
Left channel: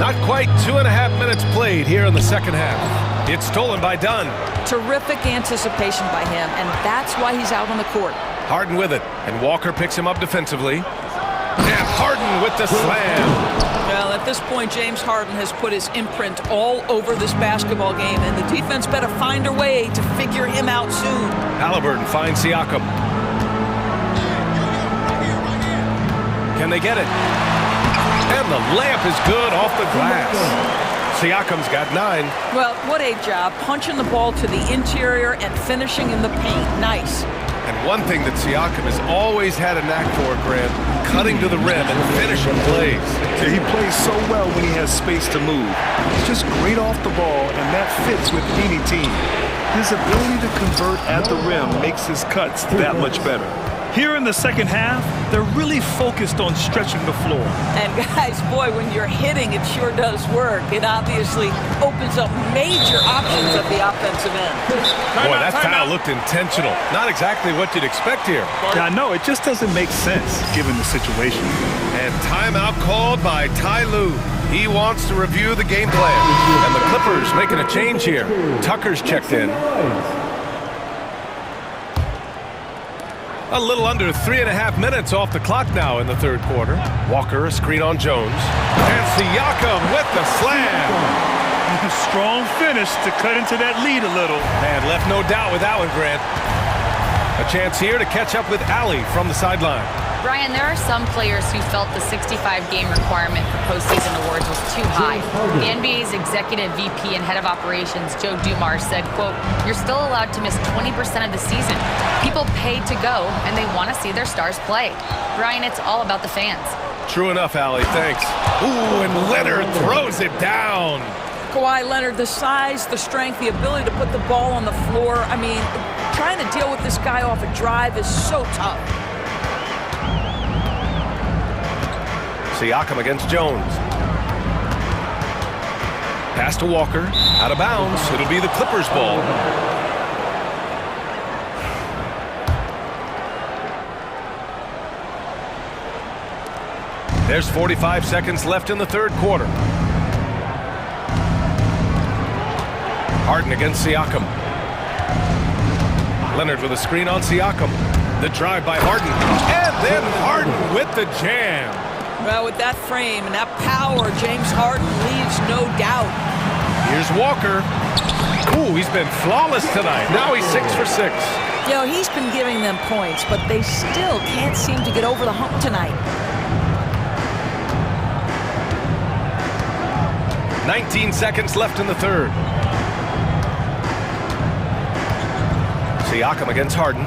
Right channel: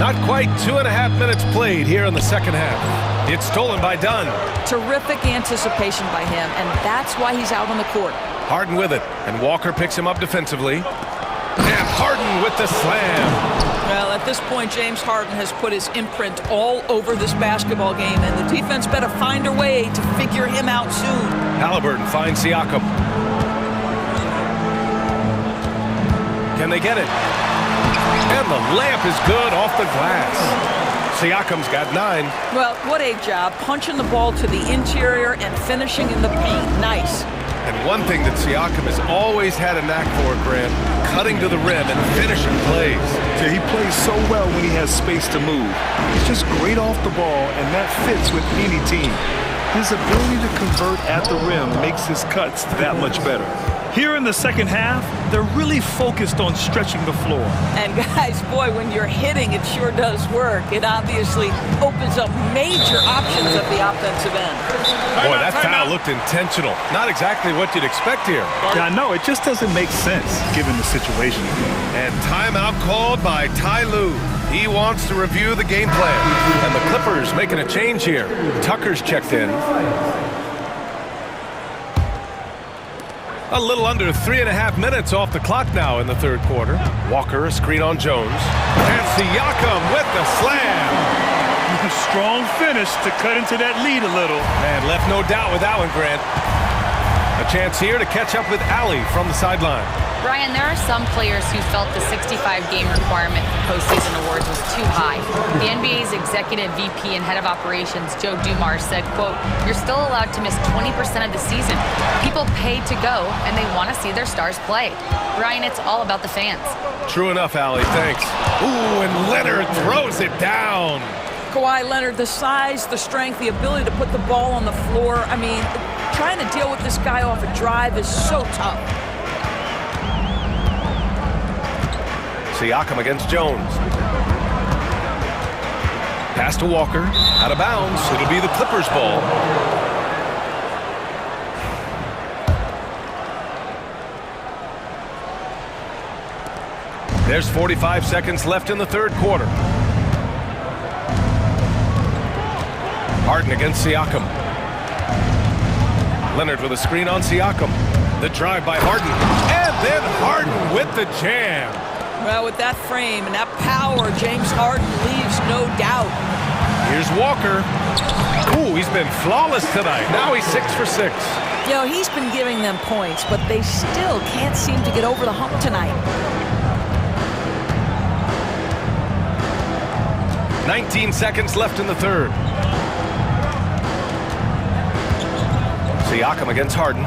Not quite 2.5 minutes played here in the second half. It's stolen by Dunn. Terrific anticipation by him, and that's why he's out on the court. Harden with it, and Walker picks him up defensively. And Harden with the slam. Well, at this point, James Harden has put his imprint all over this basketball game, and the defense better find a way to figure him out soon. Halliburton finds Siakam. Can they get it? And the layup is good off the glass. Siakam's got 9. Well, what a job, punching the ball to the interior and finishing in the paint. Nice. And one thing that Siakam has always had a knack for, Grant, cutting to the rim and finishing plays. Yeah, he plays so well when he has space to move. He's just great off the ball, and that fits with any team. His ability to convert at the rim makes his cuts that much better. Here in the second half, they're really focused on stretching the floor. And guys, boy, when you're hitting, it sure does work. It obviously opens up major options at the offensive end. Boy, that foul looked intentional. Not exactly what you'd expect here. Yeah, I know. It just doesn't make sense given the situation. And timeout called by Ty Lue. He wants to review the game plan. And the Clippers making a change here. Tucker's checked in. A little under 3.5 minutes off the clock now in the third quarter. Walker, a screen on Jones. And Siakam with the slam. A strong finish to cut into that lead a little. Man, left no doubt with that one, Grant. A chance here to catch up with Allie from the sideline. Brian, there are some players who felt the 65-game requirement for postseason awards was too high. The NBA's executive VP and head of operations, Joe Dumars, said, quote, "You're still allowed to miss 20% of the season. People pay to go, and they want to see their stars play." Brian, it's all about the fans. True enough, Allie. Thanks. Ooh, and Leonard throws it down. Kawhi Leonard, the size, the strength, the ability to put the ball on the floor. I mean, trying to deal with this guy off a drive is so tough. Siakam against Jones. Pass to Walker, out of bounds. It'll be the Clippers' ball. There's 45 seconds left in the third quarter. Harden against Siakam. Leonard with a screen on Siakam. The drive by Harden. And then Harden with the jam. Well, with that frame and that power, James Harden leaves no doubt. Here's Walker. Ooh, he's been flawless tonight. Now he's 6 for 6. You know, he's been giving them points, but they still can't seem to get over the hump tonight. 19 seconds left in the third. Siakam against Harden.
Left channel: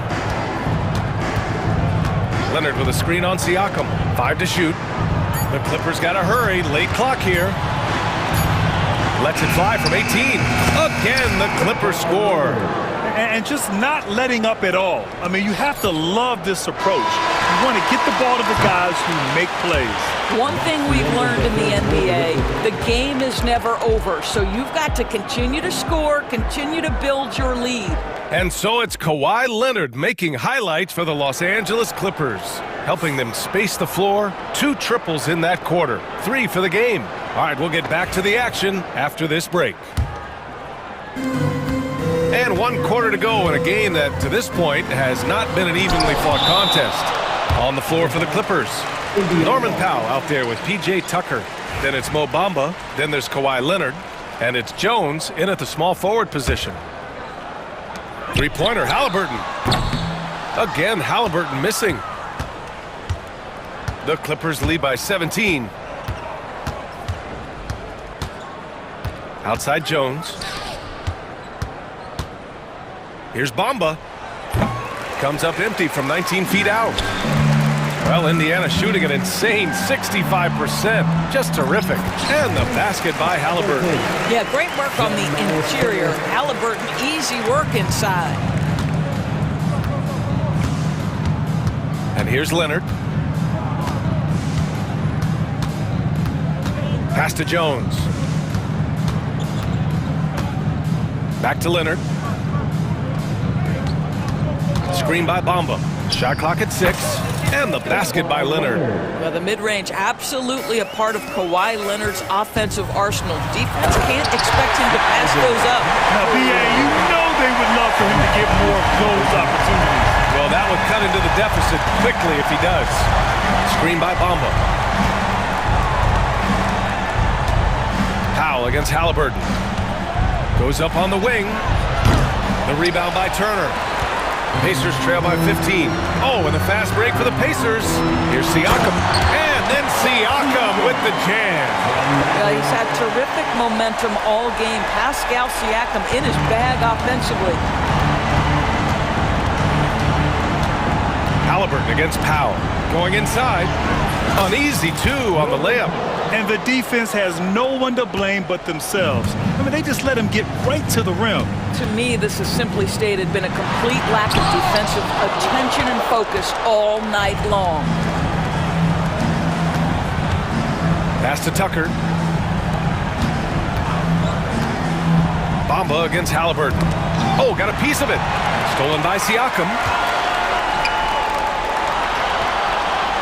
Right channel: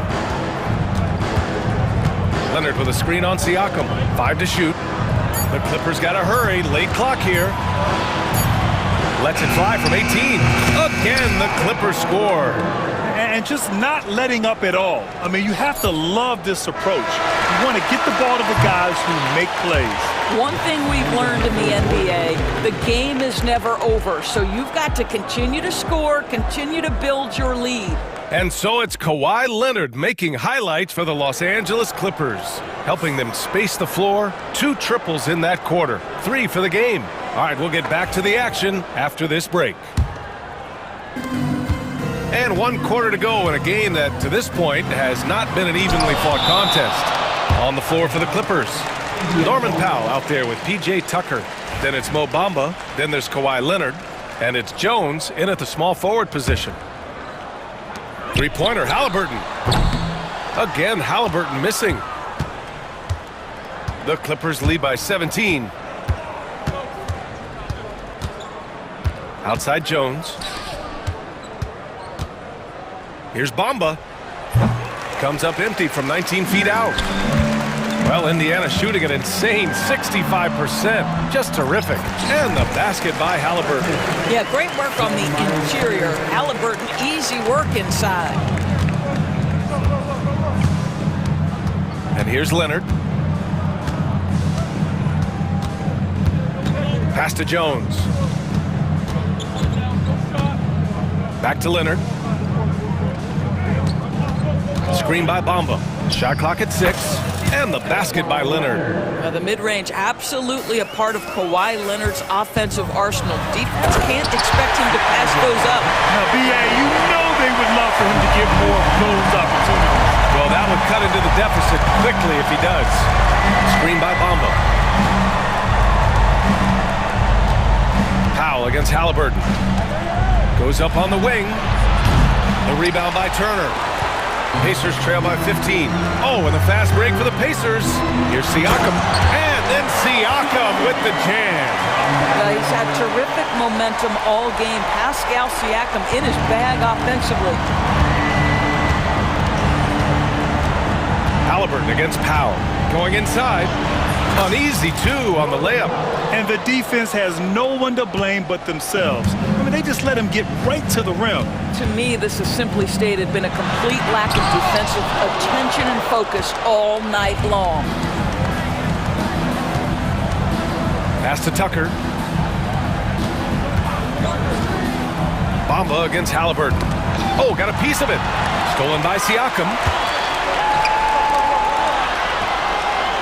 Leonard with a screen on Siakam. 5 to shoot. The Clippers got to hurry. Late clock here. Lets it fly from 18. Again, the Clippers score. And just not letting up at all. I mean, you have to love this approach. You want to get the ball to the guys who make plays. One thing we've learned in the NBA, the game is never over. So you've got to continue to score, continue to build your lead. And so it's Kawhi Leonard making highlights for the Los Angeles Clippers, helping them space the floor. 2 triples in that quarter, 3 for the game. All right, we'll get back to the action after this break. And 1 quarter to go in a game that, to this point, has not been an evenly fought contest. On the floor for the Clippers, Norman Powell out there with P.J. Tucker. Then it's Mo Bamba. Then there's Kawhi Leonard. And it's Jones in at the small forward position. Three-pointer, Halliburton. Again, Halliburton missing. The Clippers lead by 17. Outside Jones. Here's Bamba. Comes up empty from 19 feet out. Well, Indiana shooting an insane 65%. Just terrific. And the basket by Halliburton. Yeah, great work on the interior. Halliburton, easy work inside. And here's Leonard. Pass to Jones. Back to Leonard. Screen by Bamba. Shot clock at 6. And the basket by Leonard. Well, the mid-range absolutely a part of Kawhi Leonard's offensive arsenal. Defense can't expect him to pass those up. Now, B.A., you know they would love for him to get more of those opportunities. Well, that would cut into the deficit quickly if he does. Screen by Bamba. Powell against Halliburton. Goes up on the wing. The rebound by Turner. Pacers trail by 15. Oh, and a fast break for the Pacers. Here's Siakam. And then Siakam with the jam. Yeah, he's had terrific momentum all game. Pascal Siakam in his bag offensively. Halliburton against Powell. Going inside. An easy 2 on the layup. And the defense has no one to blame but themselves. I mean, they just let him get right to the rim. To me, this has simply stated been a complete lack of defensive attention and focus all night long. Pass to Tucker. Bamba against Halliburton. Oh, got a piece of it. Stolen by Siakam.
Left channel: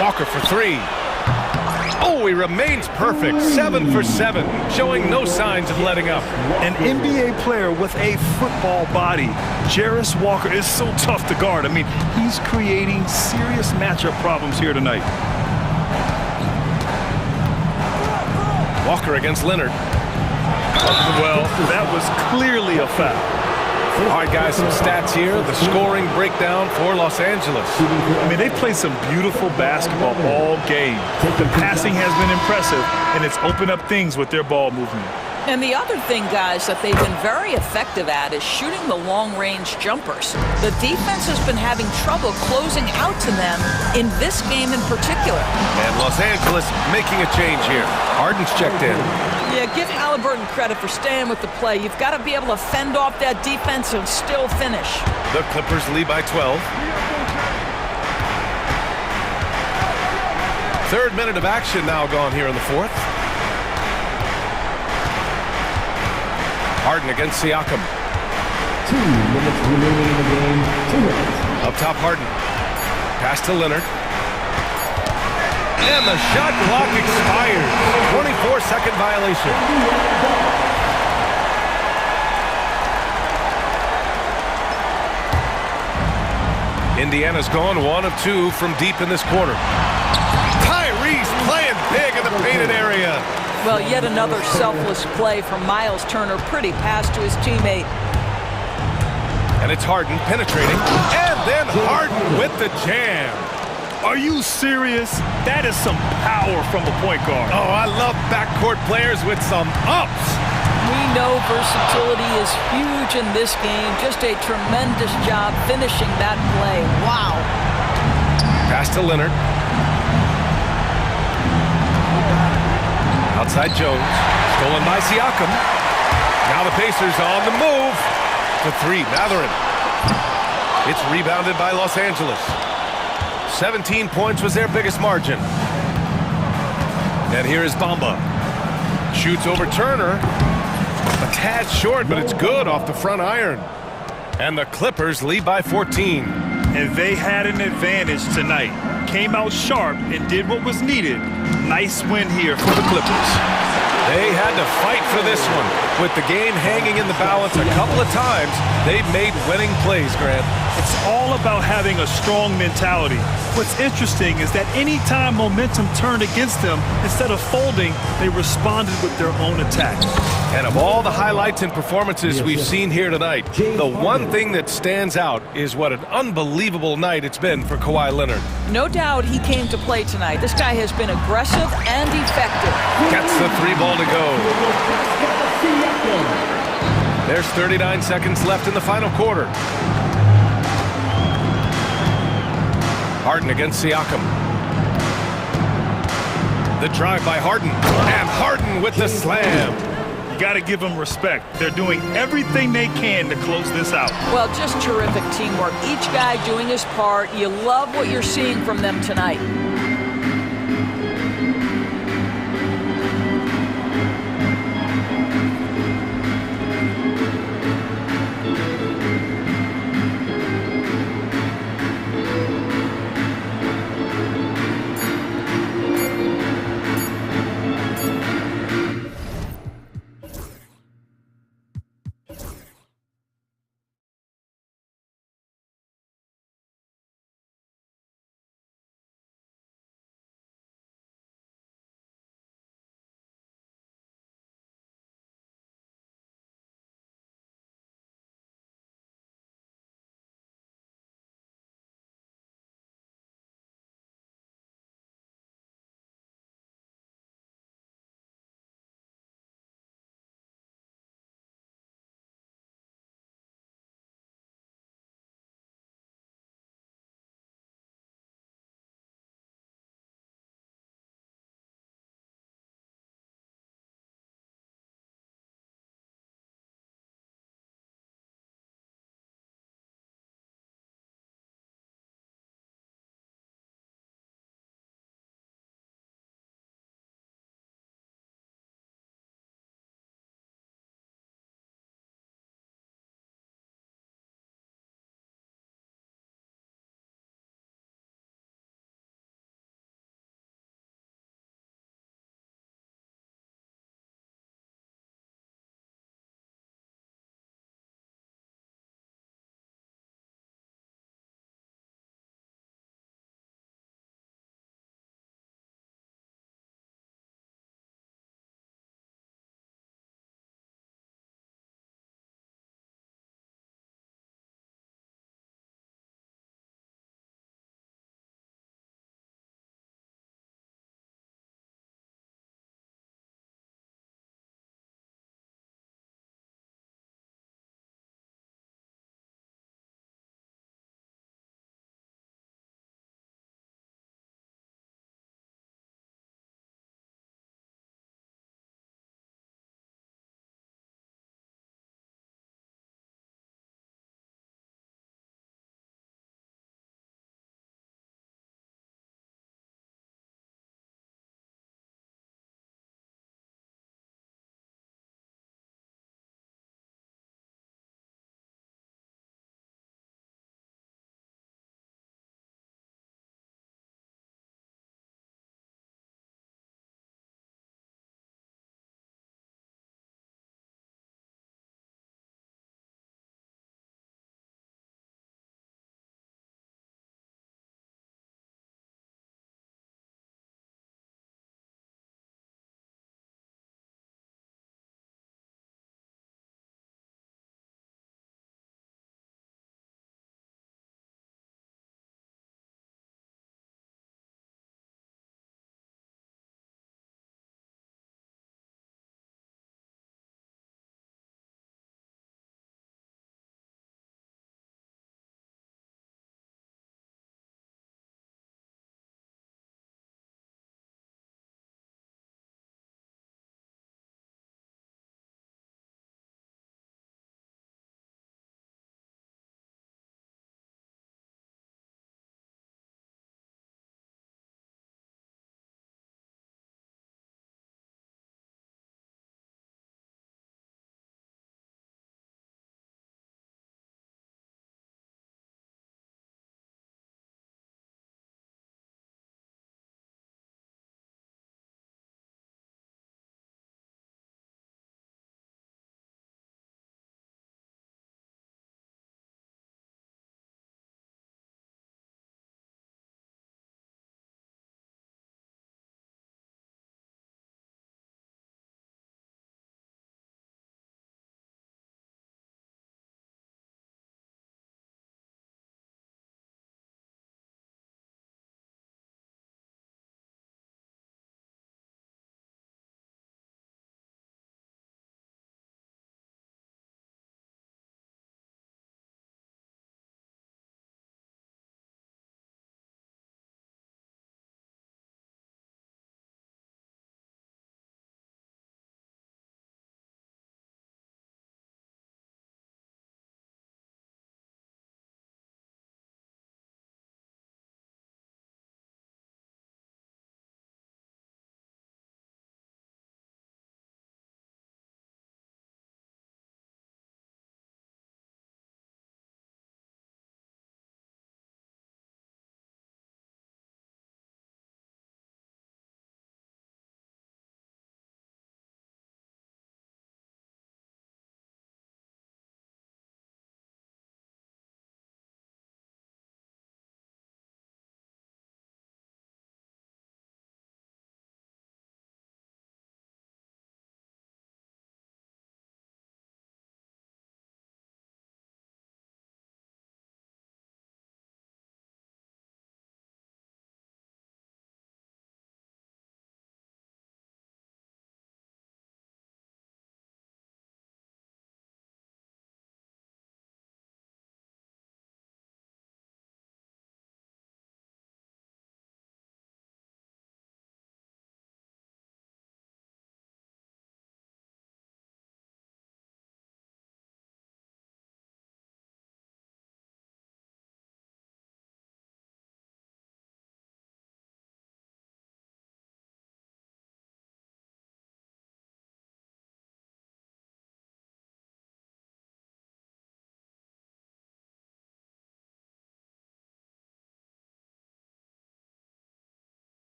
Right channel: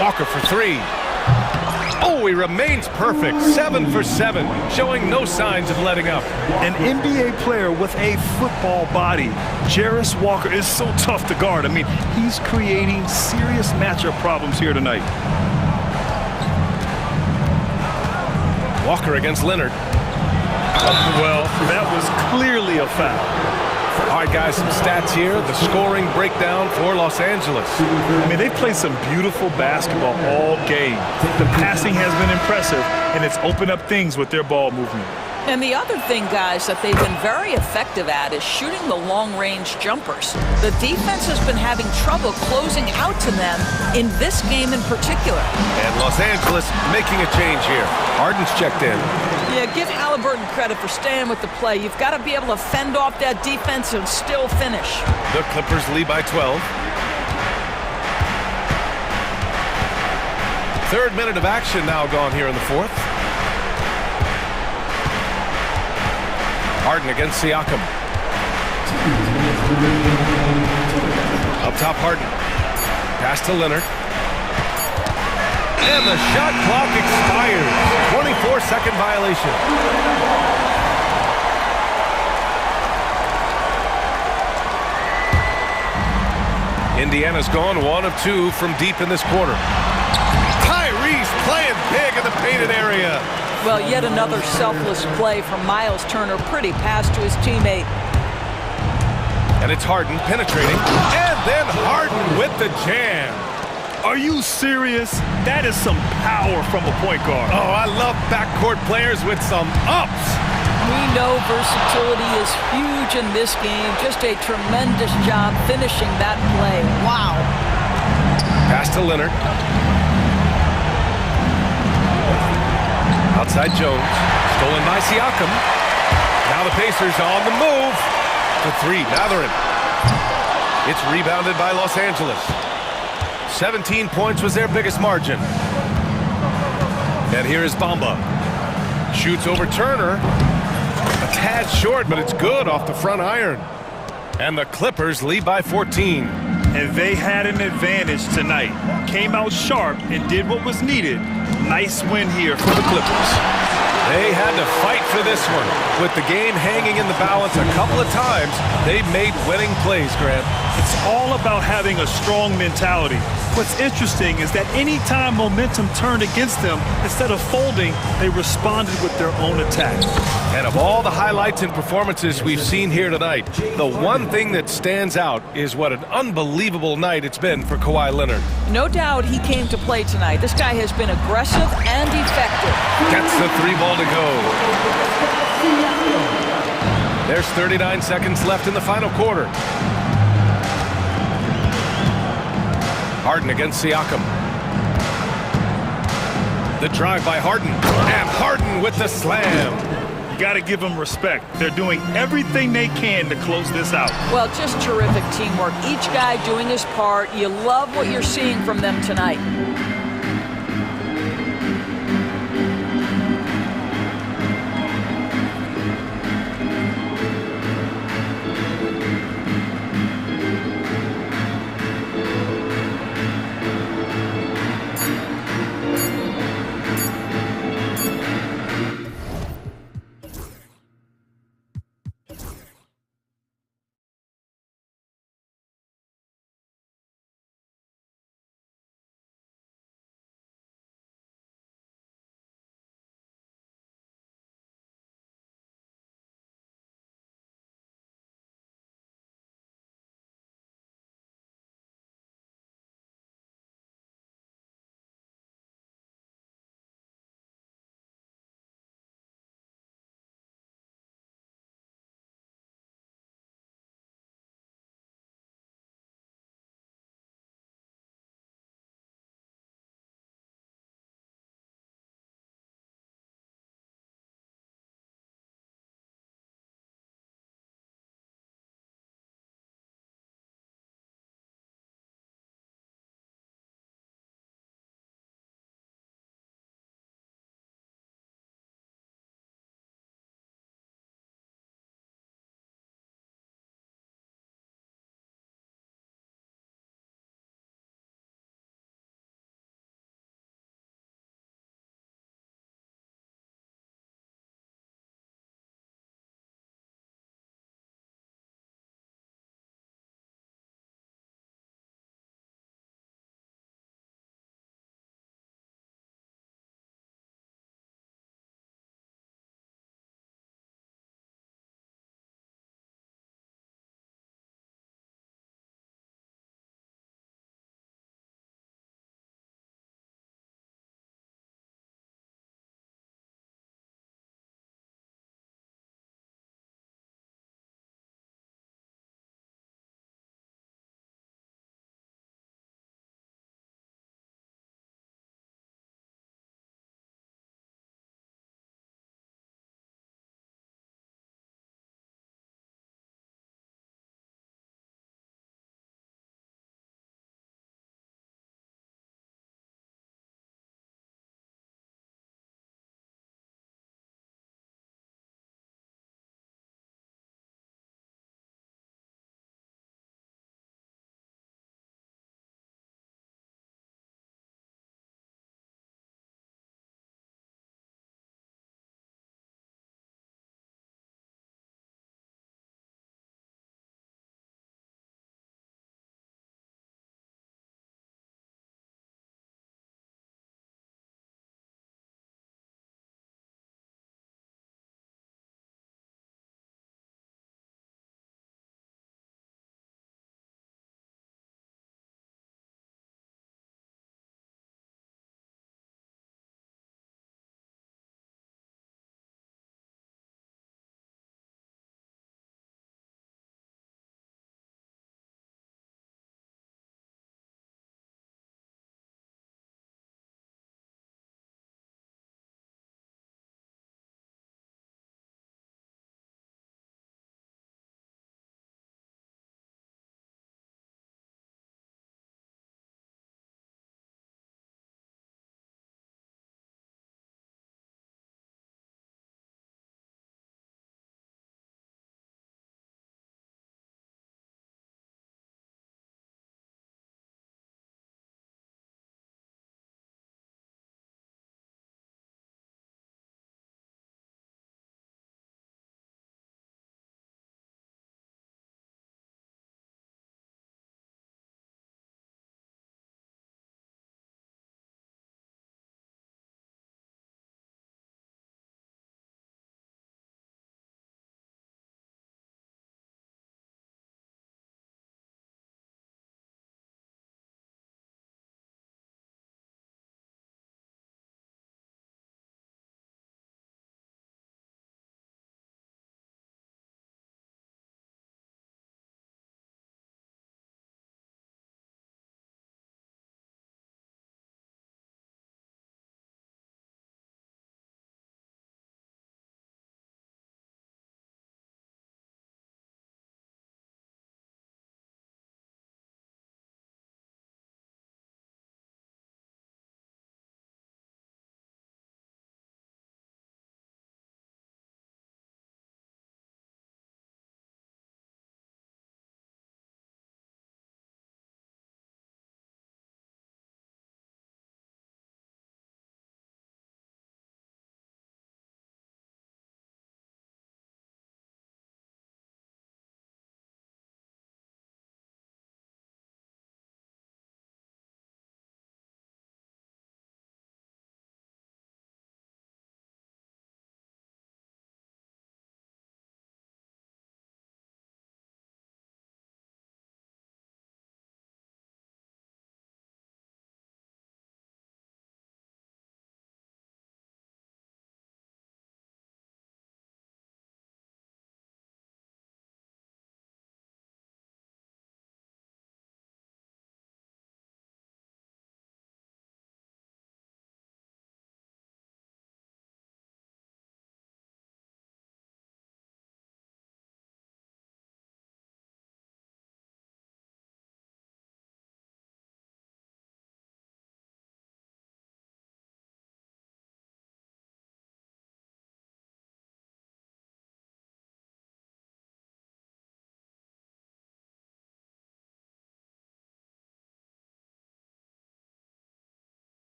Walker for 3. Oh, he remains perfect. 7 for 7, showing no signs of letting up. An NBA player with a football body. Jarris Walker is so tough to guard. I mean, he's creating serious matchup problems here tonight. Walker against Leonard. Well, that was clearly a foul. All right, guys, some stats here. The scoring breakdown for Los Angeles. I mean, they played some beautiful basketball all game. The passing has been impressive, and it's opened up things with their ball movement. And the other thing, guys, that they've been very effective at is shooting the long-range jumpers. The defense has been having trouble closing out to them in this game in particular. And Los Angeles making a change here. Harden's checked in. Yeah, give Halliburton credit for staying with the play. You've got to be able to fend off that defense and still finish. The Clippers lead by 12. Third minute of action now gone here in the fourth. Harden against Siakam. 2 minutes remaining in the game. 2 minutes. Up top, Harden. Pass to Leonard. And the shot clock expires. 24-second violation. Indiana's gone 1 of 2 from deep in this quarter. Tyrese playing big in the painted area. Well, yet another selfless play from Miles Turner. Pretty pass to his teammate. And it's Harden penetrating. And then Harden with the jam. Are you serious? That is some power from a point guard. Oh, I love backcourt players with some ups. We know versatility is huge in this game. Just a tremendous job finishing that play. Wow. Pass to Leonard. Outside Jones. Stolen by Siakam. Now the Pacers on the move. The three, Mathurin. It's rebounded by Los Angeles. 17 points was their biggest margin. And here is Bamba. Shoots over Turner. A tad short, but it's good off the front iron. And the Clippers lead by 14. And they had an advantage tonight. Came out sharp and did what was needed. Nice win here for the Clippers. They had to fight for this one. With the game hanging in the balance a couple of times, they've made winning plays, Grant. It's all about having a strong mentality. What's interesting is that anytime momentum turned against them, instead of folding, they responded with their own attack. And of all the highlights and performances we've seen here tonight, the one thing that stands out is what an unbelievable night it's been for Kawhi Leonard. No doubt he came to play tonight. This guy has been aggressive and effective. Gets the 3-ball to go. There's 39 seconds left in the final quarter. Harden against Siakam. The drive by Harden. And Harden with the slam. You got to give them respect. They're doing everything they can to close this out. Well, just terrific teamwork. Each guy doing his part. You love what you're seeing from them tonight.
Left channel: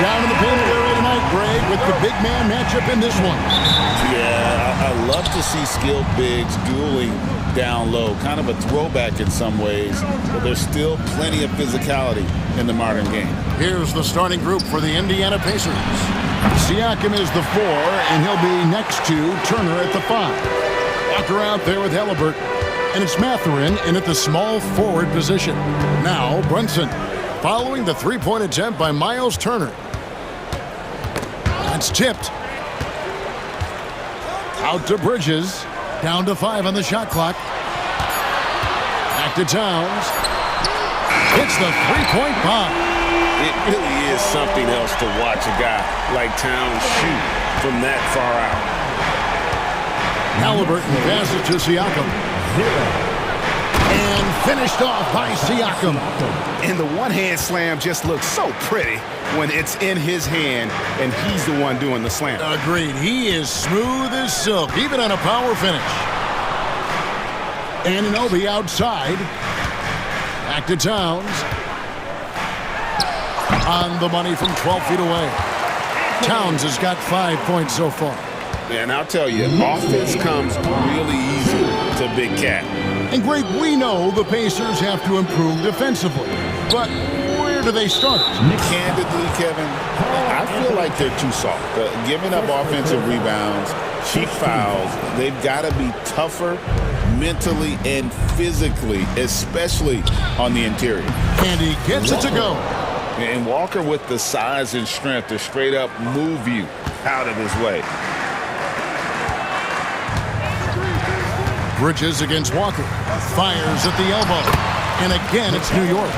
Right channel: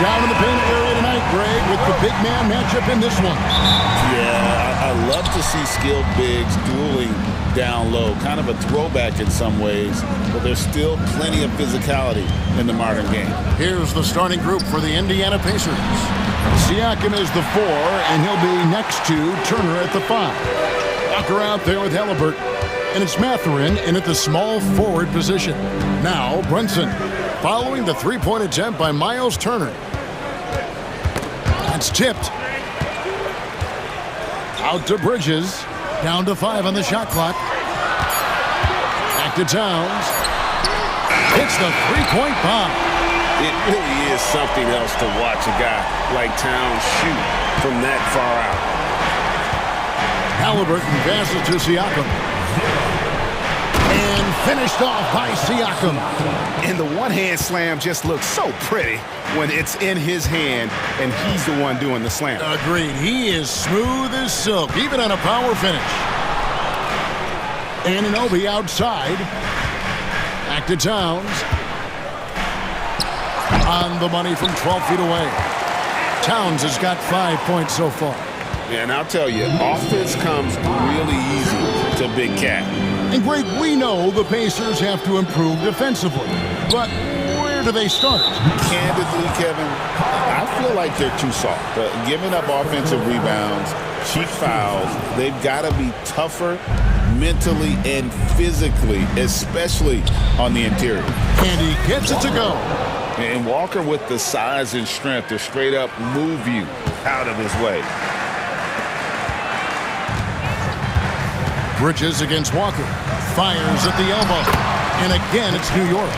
down in the painted area tonight, Greg, with the big man matchup in this one. Yeah, I love to see skilled bigs dueling down low. Kind of a throwback in some ways, but there's still plenty of physicality in the modern game. Here's the starting group for the Indiana Pacers. Siakam is the 4, and he'll be next to Turner at the 5. Walker out there with Halliburton. And it's Mathurin in at the small forward position. Now Brunson, following the three-point attempt by Miles Turner. That's tipped. Out to Bridges. Down to 5 on the shot clock. Back to Towns. Hits the three-point bomb. It really is something else to watch a guy like Towns shoot from that far out. Halliburton passes to Siakam. And finished off by Siakam. And the one-hand slam just looks so pretty when it's in his hand and he's the one doing the slam. Agreed. He is smooth as silk, even on a power finish. Anunoby outside. Back to Towns. On the money from 12 feet away. Towns has got 5 points so far. Yeah, and I'll tell you, offense comes really easy to Big Cat. And Greg, we know the Pacers have to improve defensively, but where do they start? Candidly, Kevin, I feel like they're too soft. Giving up offensive rebounds, cheap fouls, they've got to be tougher mentally and physically, especially on the interior. And he gets it to go. And Walker with the size and strength to straight up move you out of his way. Bridges against Walker. Fires at the elbow. And again, it's New York.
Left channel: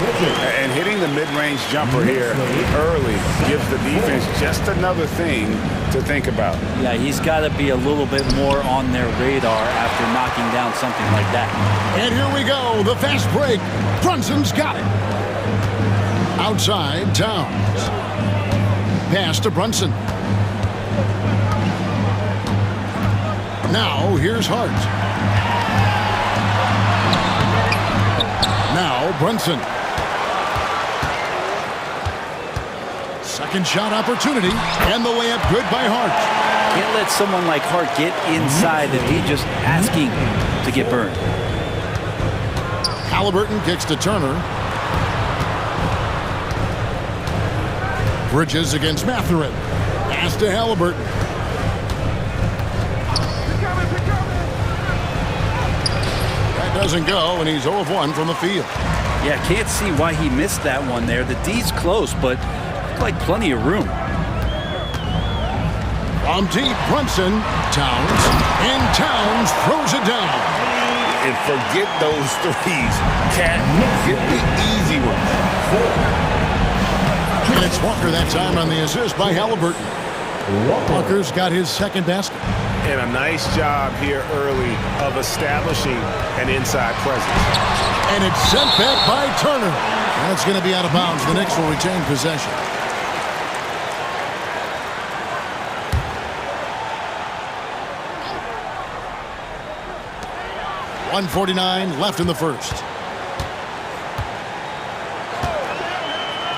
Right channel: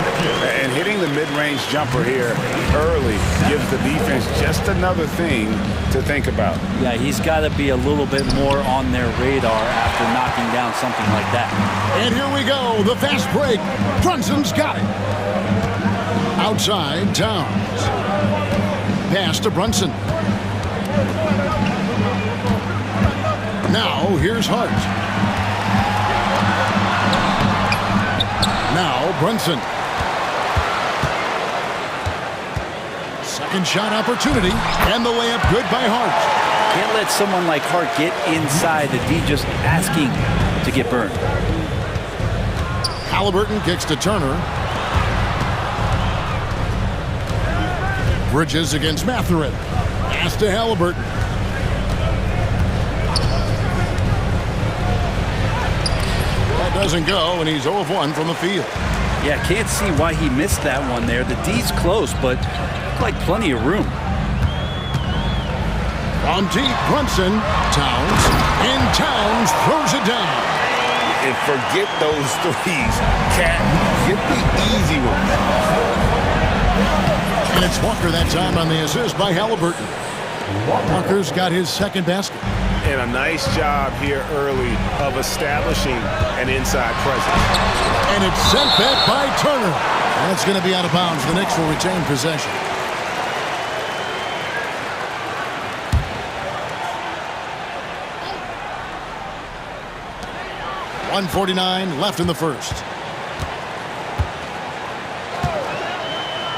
And hitting the mid-range jumper here early gives the defense just another thing to think about. Yeah, he's got to be a little bit more on their radar after knocking down something like that. And here we go, the fast break. Brunson's got it. Outside, Towns. Pass to Brunson. Now, here's Hart. Now, Brunson. Second shot opportunity, and the layup good by Hart. Can't let someone like Hart get inside the D, just asking to get burned. Halliburton kicks to Turner. Bridges against Mathurin. Pass to Halliburton. That doesn't go, and he's 0 of 1 from the field. Yeah, can't see why he missed that one there. The D's close, but looked like plenty of room. From deep, Brunson. Towns. And Towns throws it down. And forget those threes. Cat, get the easy ones. And it's Walker that time on the assist by Halliburton. Walker's got his second basket. And a nice job here early of establishing an inside presence. And it's sent back by Turner. And it's going to be out of bounds. The Knicks will retain possession. .149 left in the first.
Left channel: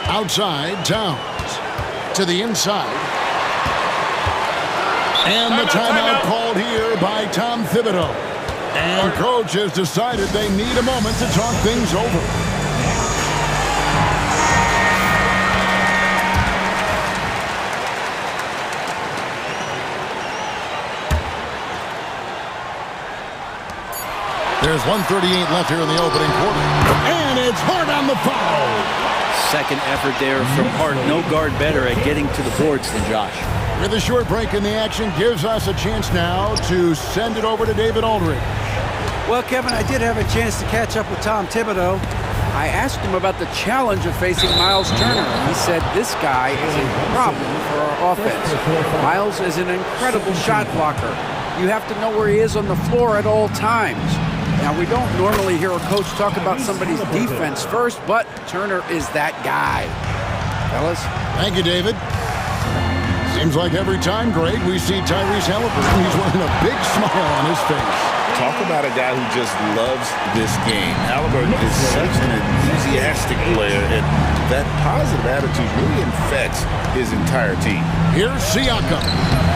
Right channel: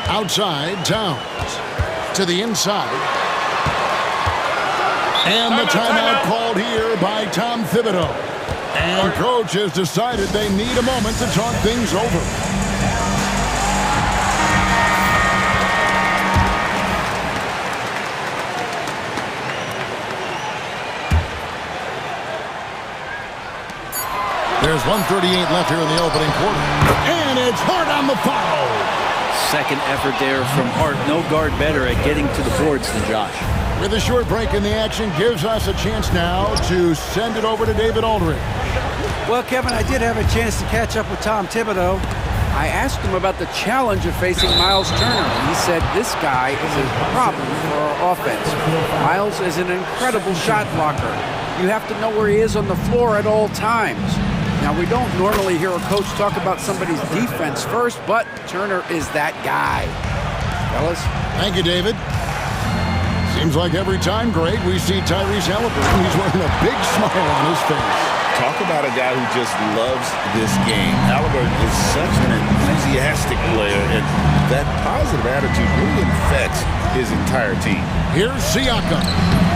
Outside, Towns. To the inside. And the timeout called here by Tom Thibodeau. And coach has decided they need a moment to talk things over. There's 1:38 left here in the opening quarter. And it's Hart on the foul. Second effort there from Hart. No guard better at getting to the boards than Josh. With a short break in the action, gives us a chance now to send it over to David Aldridge. Well, Kevin, I did have a chance to catch up with Tom Thibodeau. I asked him about the challenge of facing Miles Turner, and he said this guy is a problem for our offense. Miles is an incredible shot blocker. You have to know where he is on the floor at all times. Now, we don't normally hear a coach talk about somebody's defense first, but Turner is that guy. Fellas? Thank you, David. Seems like every time, Greg, we see Tyrese Halliburton, he's wearing a big smile on his face. Talk about a guy who just loves this game. Halliburton is such an enthusiastic player, and that positive attitude really infects his entire team. Here's Siakam,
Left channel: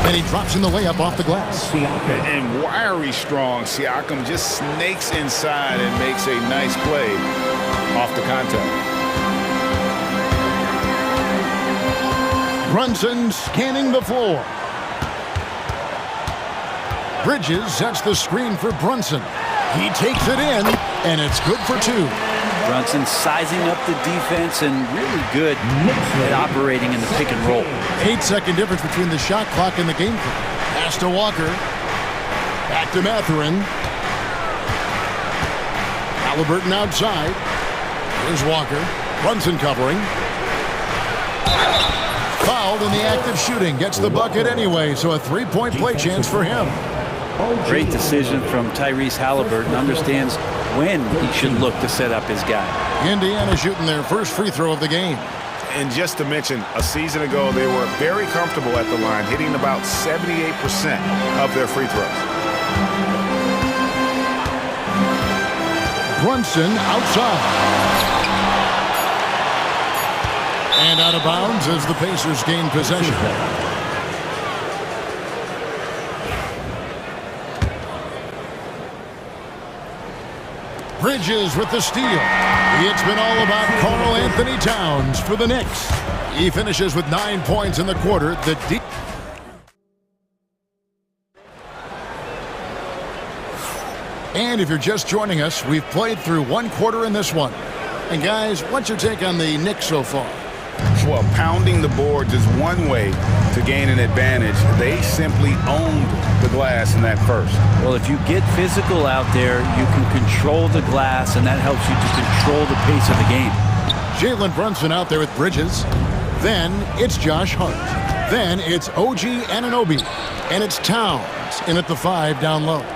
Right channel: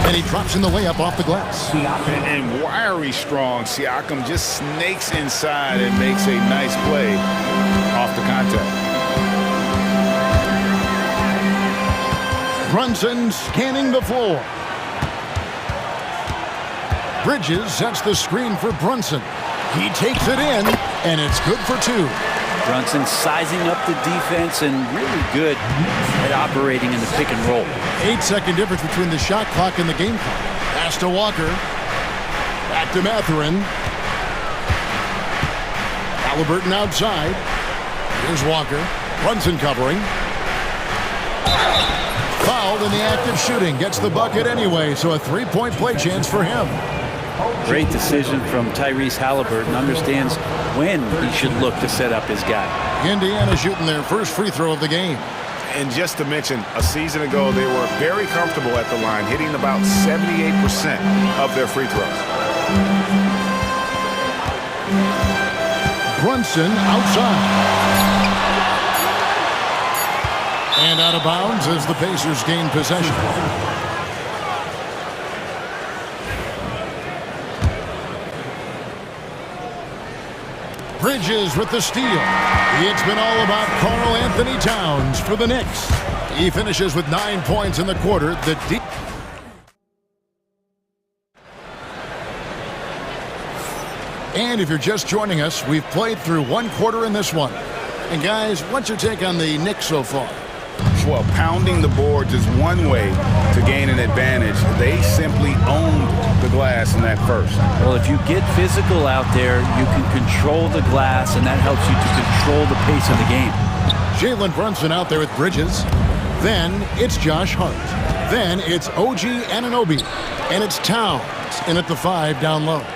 and he drops in the layup off the glass. And wiry strong, Siakam just snakes inside and makes a nice play off the contact. Brunson scanning the floor. Bridges sets the screen for Brunson. He takes it in, and it's good for two. Brunson sizing up the defense and really good at operating in the pick and roll. 8-second difference between the shot clock and the game clock. Pass to Walker. Back to Mathurin. Halliburton outside. Here's Walker. Brunson covering. Fouled in the act of shooting. Gets the bucket anyway, so a three-point play chance for him. Great decision from Tyrese Halliburton. Understands when he should look to set up his guy. Indiana shooting their first free throw of the game. And just to mention, a season ago, they were very comfortable at the line, hitting about 78% of their free throws. Brunson outside. And out of bounds as the Pacers gain possession. Bridges with the steal. It's been all about Karl Anthony Towns for the Knicks. He finishes with 9 points in the quarter. And if you're just joining us, we've played through one quarter in this one. And guys, what's your take on the Knicks so far? Well, pounding the boards is one way to gain an advantage. They simply owned the glass in that first. Well, if you get physical out there, you can control the glass, and that helps you to control the pace of the game. Jalen Brunson out there with Bridges. Then it's Josh Hart. Then it's OG Anunoby. And it's Towns in at the 5 down low.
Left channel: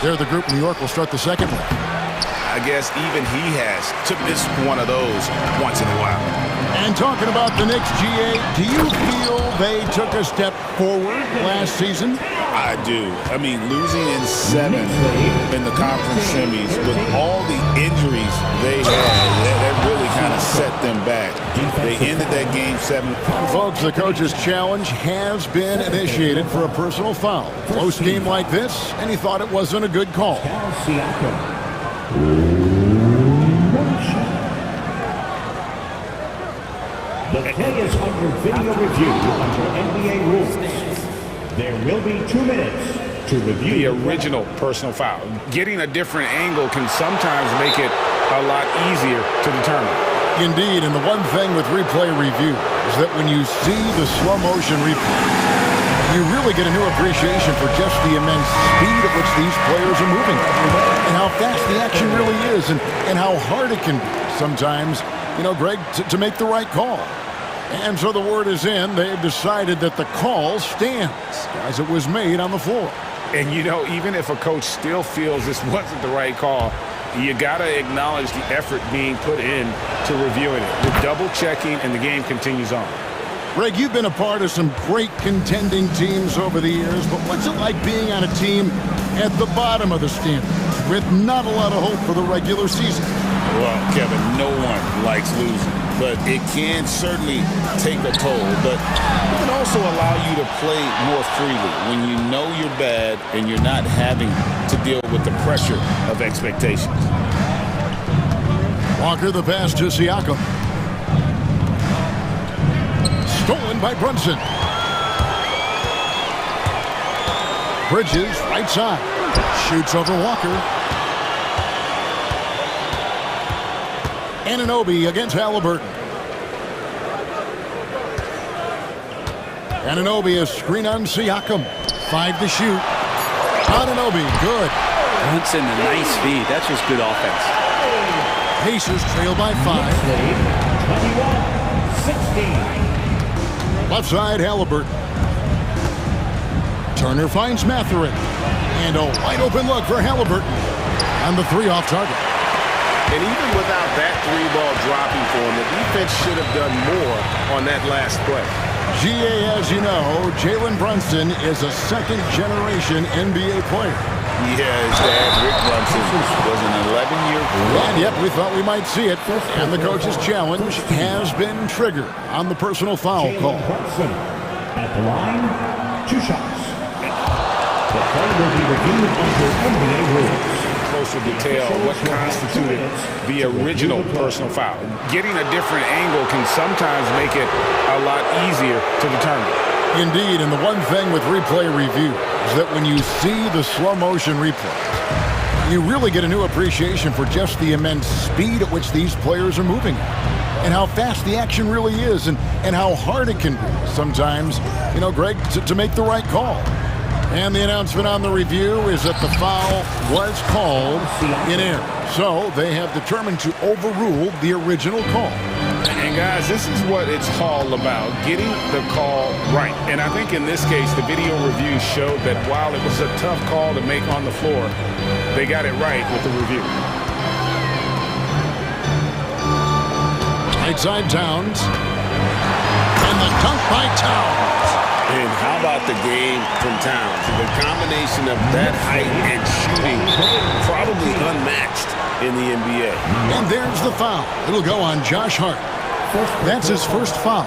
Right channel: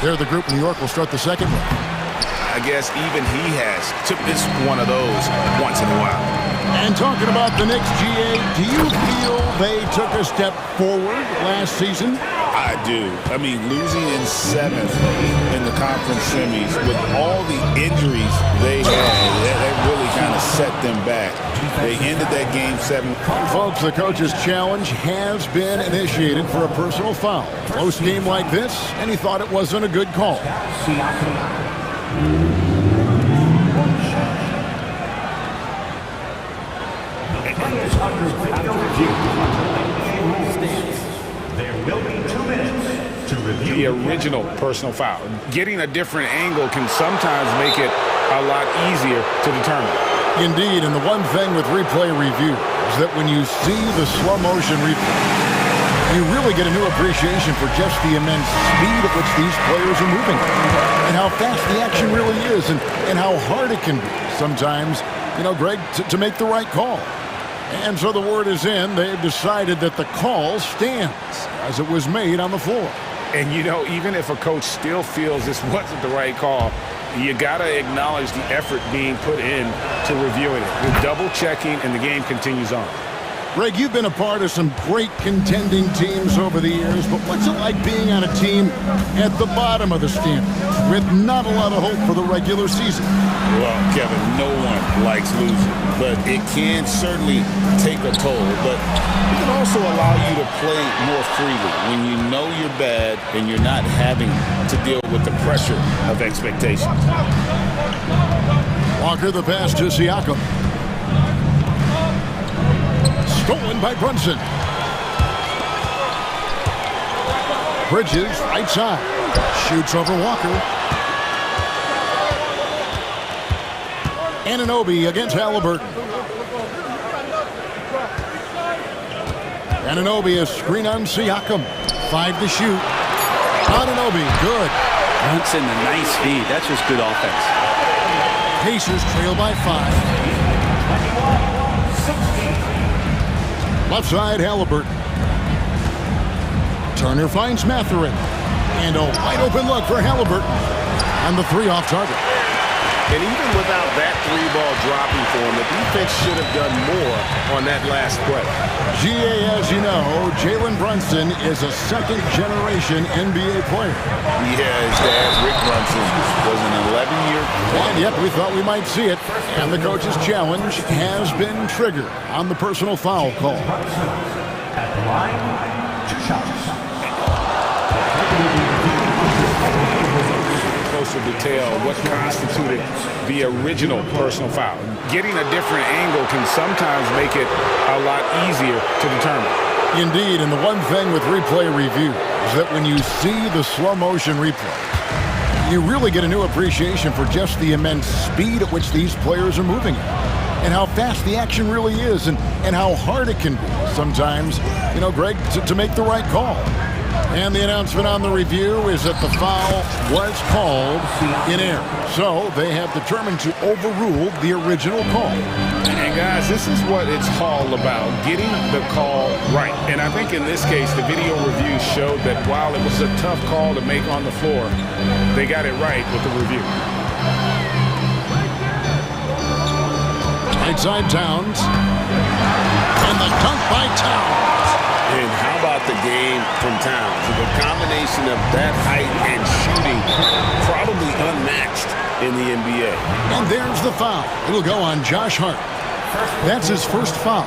There, the group in New York will start the second one. I guess even he has to miss one of those once in a while. And talking about the Knicks, GA, do you feel they took a step forward last season? I do. I mean, losing in 7 in the conference semis with all the injuries they had, that really kind of set them back. They ended that game 7. And folks, the coach's challenge has been initiated for a personal foul. Close game like this, and he thought it wasn't a good call. The play is under video review under NBA rules. There will be 2 minutes to review the original personal foul. Getting a different angle can sometimes make it a lot easier to determine. Indeed, and the one thing with replay review is that when you see the slow motion replay, you really get a new appreciation for just the immense speed at which these players are moving and how fast the action really is and how hard it can be sometimes, you know, Greg, to make the right call. And so the word is in. They've decided that the call stands as it was made on the floor. And, you know, even if a coach still feels this wasn't the right call, you got to acknowledge the effort being put in to reviewing it. With double checking, and the game continues on. Greg, you've been a part of some great contending teams over the years, but what's it like being on a team at the bottom of the standings with not a lot of hope for the regular season? Well, Kevin, no one likes losing, but it can certainly take a toll. But it can also allow you to play more freely when you know you're bad and you're not having to deal with the pressure of expectations. Walker the pass to Siakam. Stolen by Brunson. Bridges, right side. Shoots over Walker. Anunoby against Halliburton. Anunoby a screen on Siakam. 5 to shoot. Anunoby, good. Brunson, a nice feed. That's just good offense. Pacers trail by 5. Left side, Halliburton. Turner finds Mathurin. And a wide open look for Halliburton. On the 3 off target. And even without that 3-ball dropping for him, the defense should have done more on that last play. GA, as you know, Jalen Brunson is a second-generation NBA player. Yeah, his dad, Rick Brunson, was an 11-year... And yep, we thought we might see it. And the coach's challenge has been triggered on the personal foul call. At the line, 2 shots. The play will be reviewed under NBA rules. Closer detail what constituted the original personal foul. Getting a different angle can sometimes make it a lot easier to determine. Indeed, and the one thing with replay review is that when you see the slow motion replays, you really get a new appreciation for just the immense speed at which these players are moving at, and how fast the action really is, and how hard it can be sometimes, you know, Greg, to make the right call. And the announcement on the review is that the foul was called in error. So they have determined to overrule the original call. And guys, this is what it's all about, getting the call right. And I think in this case, the video review showed that while it was a tough call to make on the floor, they got it right with the review. Right side Towns. And the dunk by Towns. And how about the game from Towns? The combination of that height and shooting, probably unmatched in the NBA. And there's the foul. It'll go on Josh Hart. That's his first foul.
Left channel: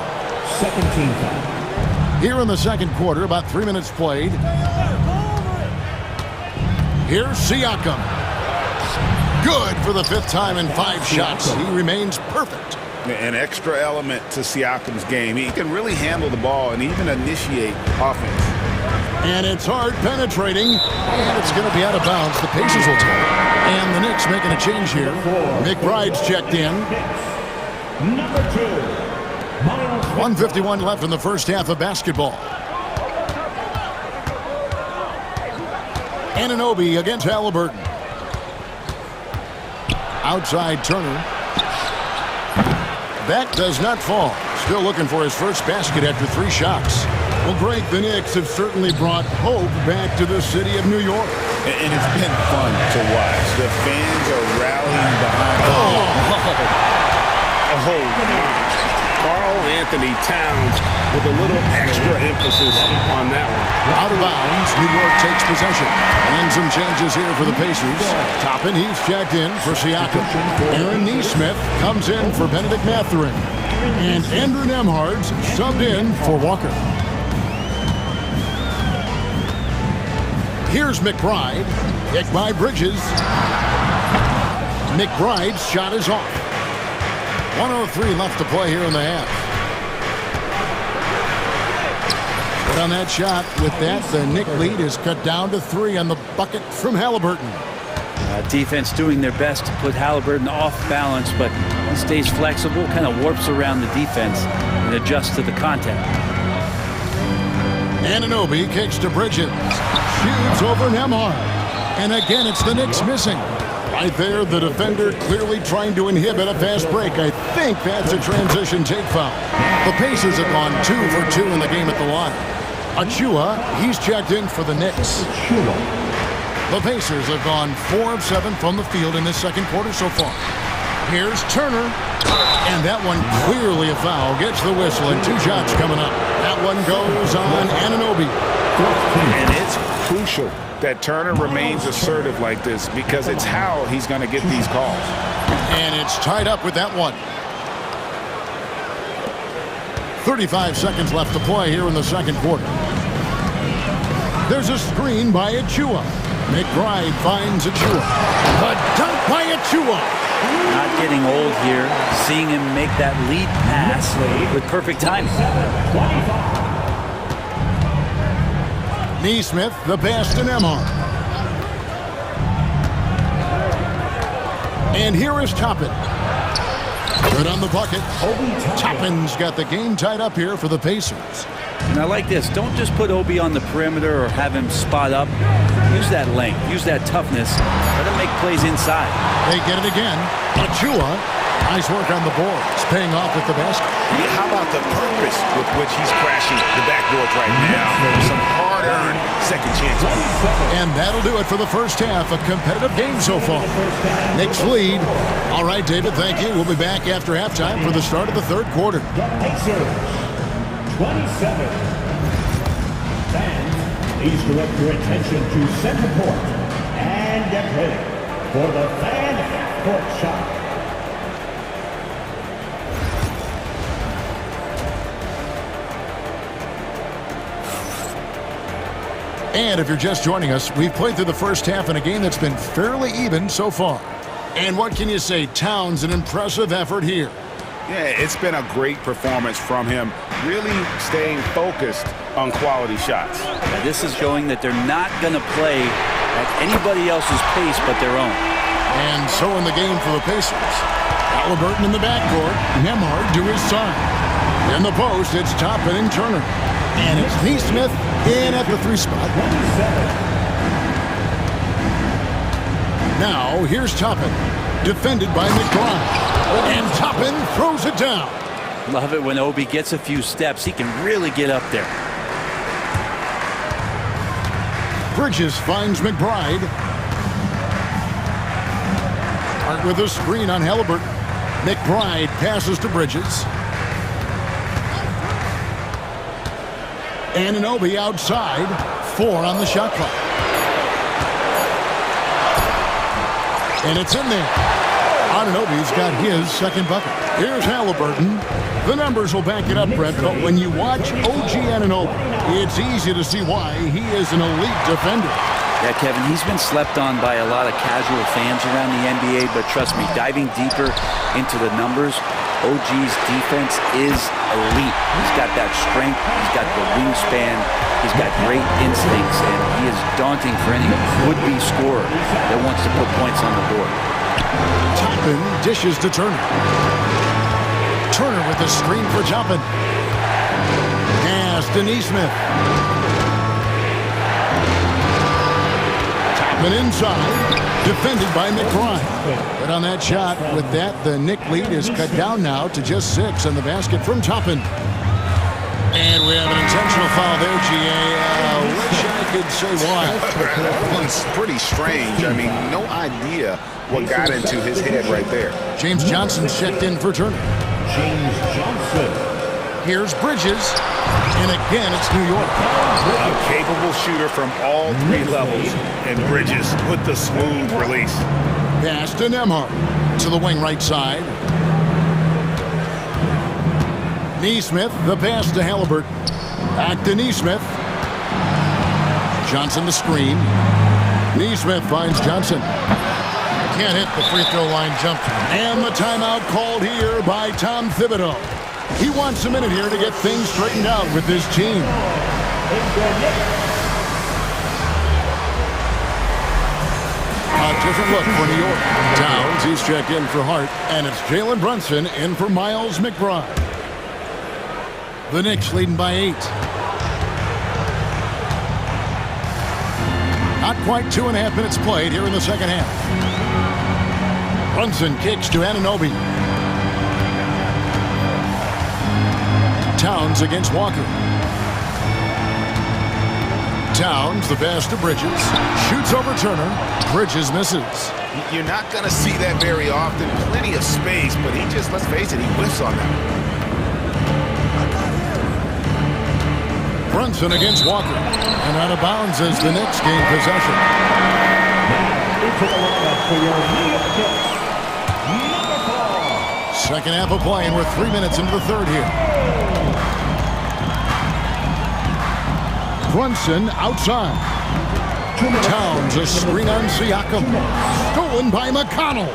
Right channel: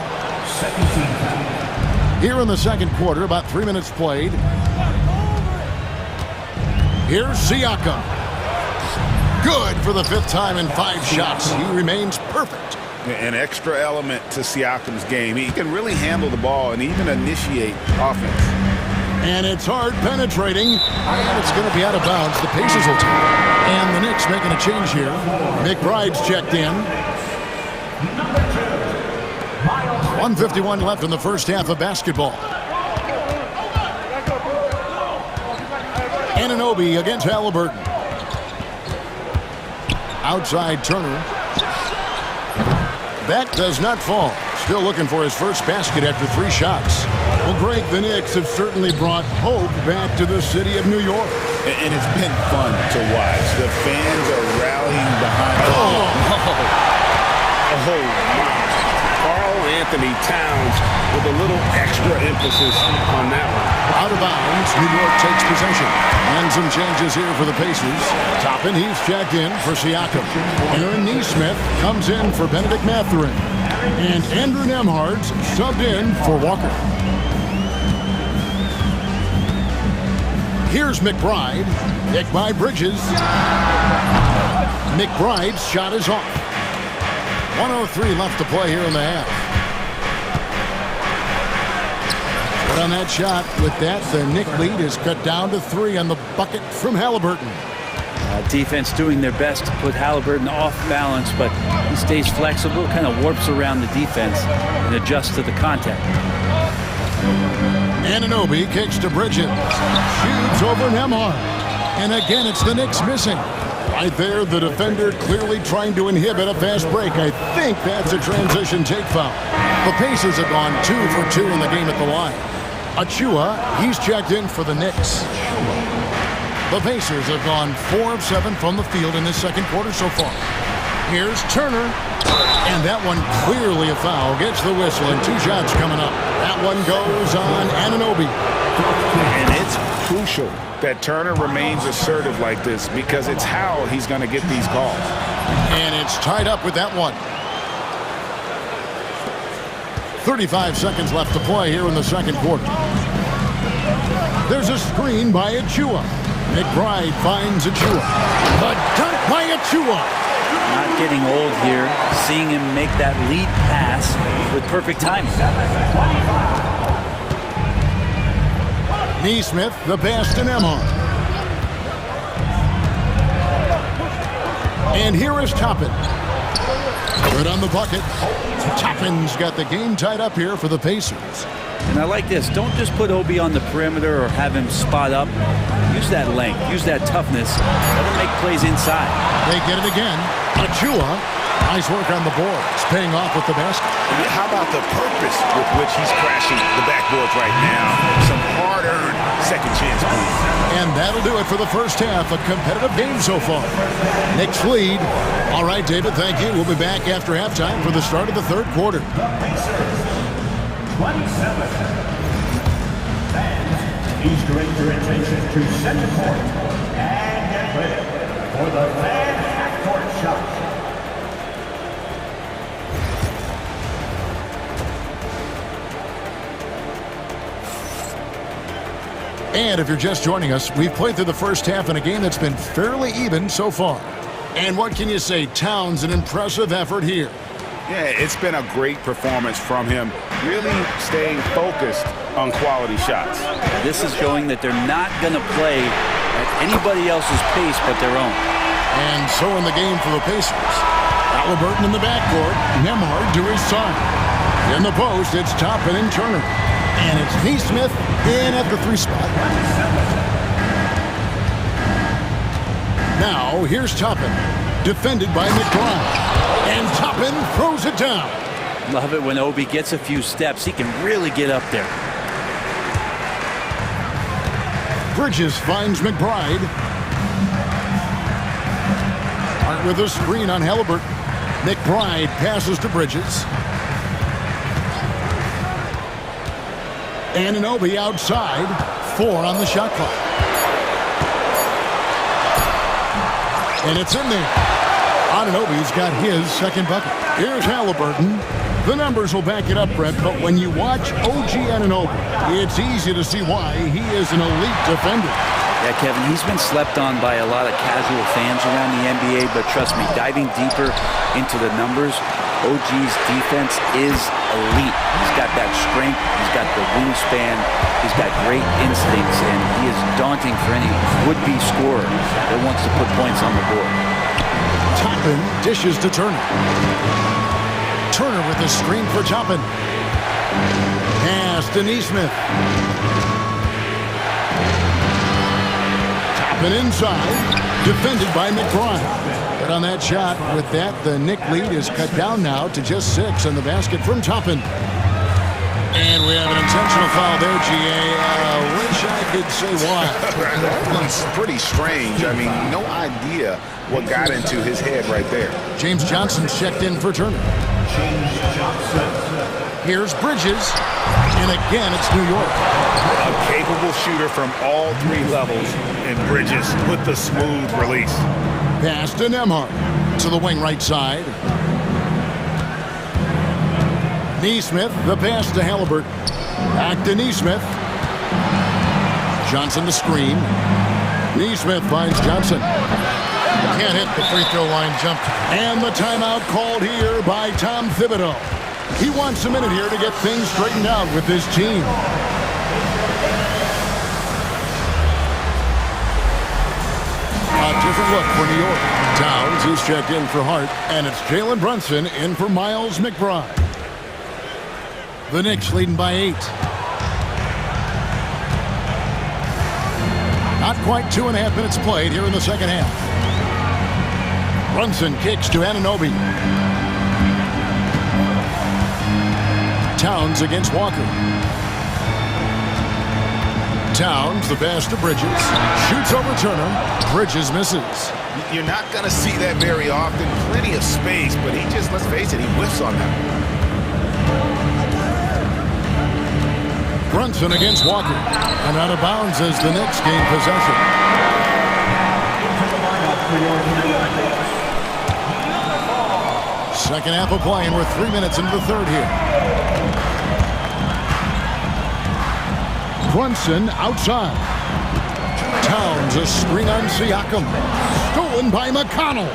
Second team foul. Here in the second quarter, about 3 minutes played. Here's Siakam. Good for the 5th time in 5 shots. He remains perfect. An extra element to Siakam's game. He can really handle the ball and even initiate offense. And it's hard penetrating, and it's going to be out of bounds. The Pacers will take it. And the Knicks making a change here. McBride's checked in. Number 2. 1:51 left in the first half of basketball. Anunoby against Halliburton. Outside Turner. That does not fall. Still looking for his first basket after 3 shots. Well, Greg, the Knicks have certainly brought hope back to the city of New York. And it's been fun to watch. The fans are rallying behind. Oh my. Karl Anthony Towns with a little extra emphasis on that one. Out of bounds, New York takes possession. And some changes here for the Pacers. Toppin, he's checked in for Siakam. Aaron Nesmith comes in for Benedict Mathurin. And Andrew Nembhard's subbed in for Walker. Here's McBride. Picked by Bridges. McBride's shot is off. 1:03 left to play here in the half. Good on that shot. With that, the Knick lead is cut down to 3 on the bucket from Halliburton. Defense doing their best to put Halliburton off balance, but he stays flexible, kind of warps around the defense and adjusts to the contact. Anunoby kicks to Bridges. Shoots over Nembhard. And again, it's the Knicks missing. Right there, the defender clearly trying to inhibit a fast break. I think that's a transition take foul. The Pacers have gone 2 for 2 in the game at the line. Achua, he's checked in for the Knicks. The Pacers have gone 4 of 7 from the field in this second quarter so far. Here's Turner. And that one clearly a foul. Gets the whistle and 2 shots coming up. That one goes on Anunoby. And it's crucial that Turner remains assertive like this because it's how he's going to get these calls. And it's tied up with that one. 35 seconds left to play here in the second quarter. There's a screen by Achua. McBride finds Achua. The dunk by Achua. Not getting old here. Seeing him make that lead pass with perfect timing. Nesmith, the pass to Nembhard. And here is Toppin. Good on the bucket. Toppin's got the game tied up here for the Pacers. And I like this. Don't just put Obi on the perimeter or have him spot up. Use that length. Use that toughness. Let him make plays inside. They get it again. Achua. Nice work on the boards. Paying off with the basket. How about the purpose with which he's crashing the backboards right now? Some hard-earned second chance points. And that'll do it for the first half. A competitive game so far. Knicks lead. All right, David, thank you. We'll be back after halftime for the start of the third quarter. 27. Fans, please direct your attention to center court. ready for the fan half-court shot. And if you're just joining us, we've played through the first half in a game that's been fairly even so far. And what can you say? Towns, an impressive effort here. Yeah, it's been a great performance from him, really staying focused on quality shots. This is showing that they're not going to play at anybody else's pace but their own. And so in the game for the Pacers. Halliburton in the backcourt, Nembhard to his side. In the post, it's Toppin and Turner. And it's Neesmith in at the 3 spot. Now, here's Toppin, defended by McBride. And Toppin throws it down. Love it when Obi gets a few steps. He can really get up there. Bridges finds McBride. Hart with a screen on Halliburton. McBride passes to Bridges. Anunoby outside. 4 on the shot clock. And it's in there. Anunoby's got his second bucket. Here's Halliburton. The numbers will back it up, Brett, but when you watch OG Anunoby, it's easy to see why he is an elite defender. Yeah, Kevin, he's been slept on by a lot of casual fans around the NBA, but trust me, diving deeper into the numbers, OG's defense is elite. He's got that strength, he's got the wingspan, he's got great instincts, and he is daunting for any would-be scorer that wants to put points on the board. Toppin dishes to Turner. Turner with a screen for Toppin. Pass to Neesmith. Toppin inside, defended by McBride. But on that shot, with that, the Knick lead is cut down now to just 6 on the basket from Toppin. And we have an intentional foul there, GA. Wish I could say why. That one's pretty strange. I mean, no idea what got into his head right there. James Johnson's checked in for Turner. James Johnson. Here's Bridges. And again, it's New York. A capable shooter from all 3 levels, and Bridges with the smooth release. Pass to Nembhard. To the wing right side. Neesmith, the pass to Halliburton. Back to Neesmith. Johnson the screen. Neesmith finds Johnson. Can't hit the free throw line jumper. And the timeout called here by Tom Thibodeau. He wants a minute here to get things straightened out with his team. A different look for New York. Towns, he's checked in for Hart. And it's Jalen Brunson in for Miles McBride. The Knicks leading by 8. Not quite 2.5 minutes played here in the second half. Brunson kicks to Anunoby. Towns against Walker. Towns, the pass to Bridges. Shoots over Turner. Bridges misses. You're not going to see that very often. Plenty of space, but he just, let's face it, he whiffs on that one. Brunson against Walker. And out of bounds as the Knicks gain possession. Into the lineup for your New York Knicks. Second half of play, and we're 3 minutes into the third here. Brunson outside. Towns a screen on Siakam. Stolen by McConnell.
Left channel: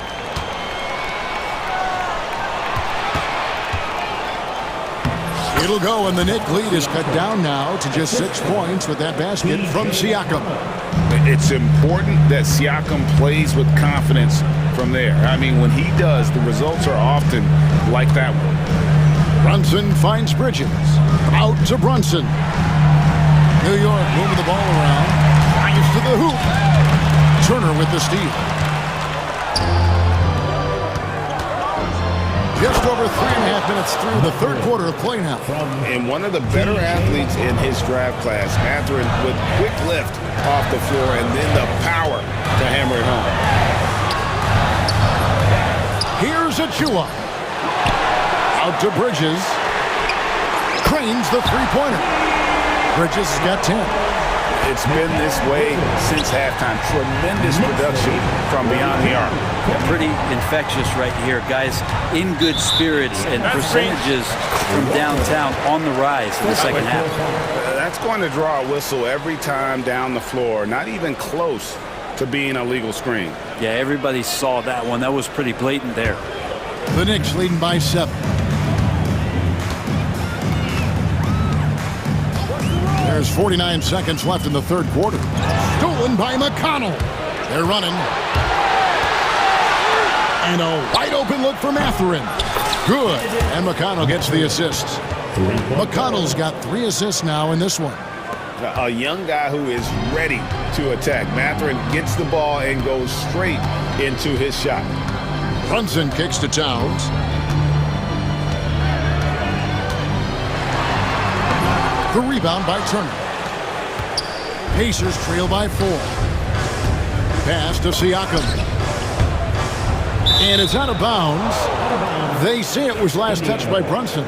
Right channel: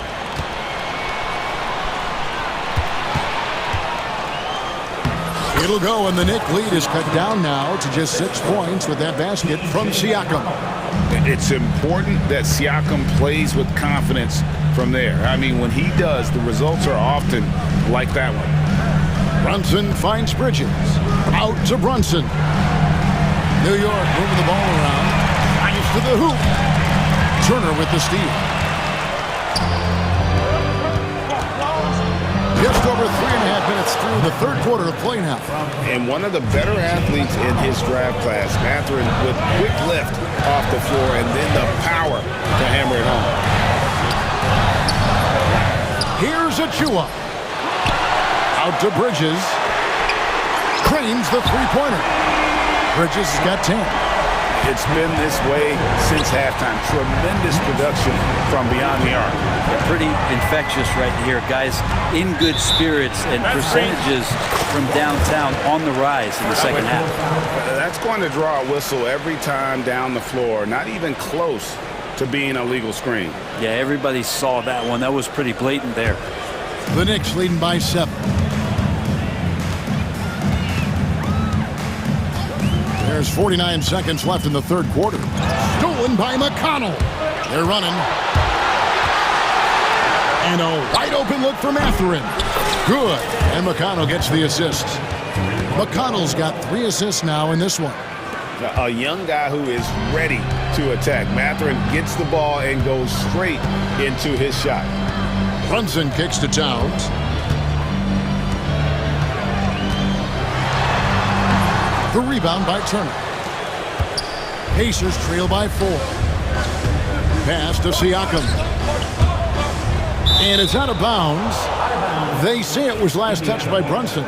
It'll go, and the Knick lead is cut down now to just 6 points with that basket from Siakam. It's important that Siakam plays with confidence from there. I mean, when he does, the results are often like that one. Brunson finds Bridges. Out to Brunson. New York moving the ball around. Drives to the hoop. Turner with the steal. Just over 3.5 minutes through the third quarter of play now. And one of the better athletes in his draft class, Mathurin, with quick lift off the floor and then the power to hammer it home. Here's Achua. Out to Bridges. Cranes the three-pointer. Bridges has got 10. It's been this way since halftime. Tremendous production from beyond the arc. Yeah, pretty infectious right here. Guys in good spirits and percentages from downtown on the rise in the second half. That's going to draw a whistle every time down the floor. Not even close to being a legal screen. Yeah, everybody saw that one. That was pretty blatant there. The Knicks leading by 7. There's 49 seconds left in the third quarter. Stolen by McConnell. They're running. And a wide open look for Mathurin. Good. And McConnell gets the assist. McConnell's got 3 assists now in this one. A young guy who is ready to attack. Mathurin gets the ball and goes straight into his shot. Brunson kicks to Towns. The rebound by Turner. Pacers trail by 4. Pass to Siakam. And it's out of bounds. They say it was last touched by Brunson.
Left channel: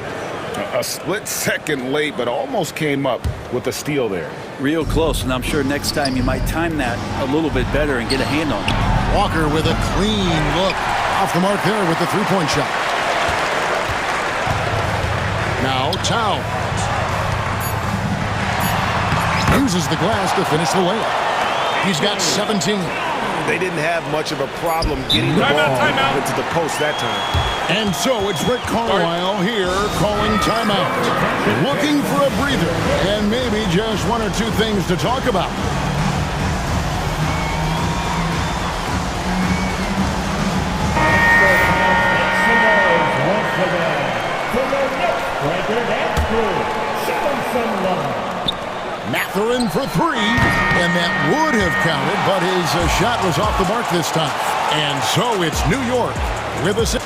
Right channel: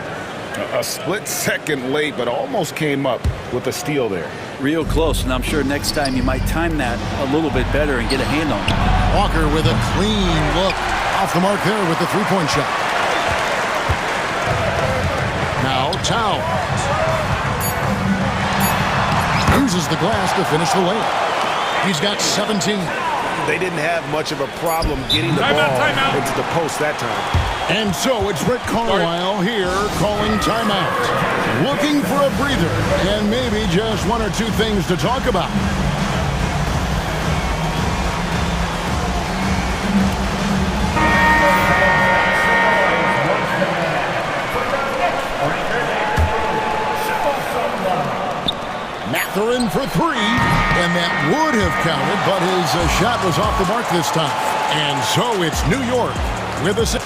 A split second late, but almost came up with a steal there. Real close, and I'm sure next time you might time that a little bit better and get a hand on it. Walker with a clean look. Off the mark there with the three-point shot. Now Towns. Uses the glass to finish the layup. He's got 17. They didn't have much of a problem getting the ball into the post that time. And so it's Rick Carlisle here calling timeout. Looking for a breather and maybe just 1 or 2 things to talk about. Mathurin for 3, and that would have counted, but his shot was off the mark this time. And so it's New York with a...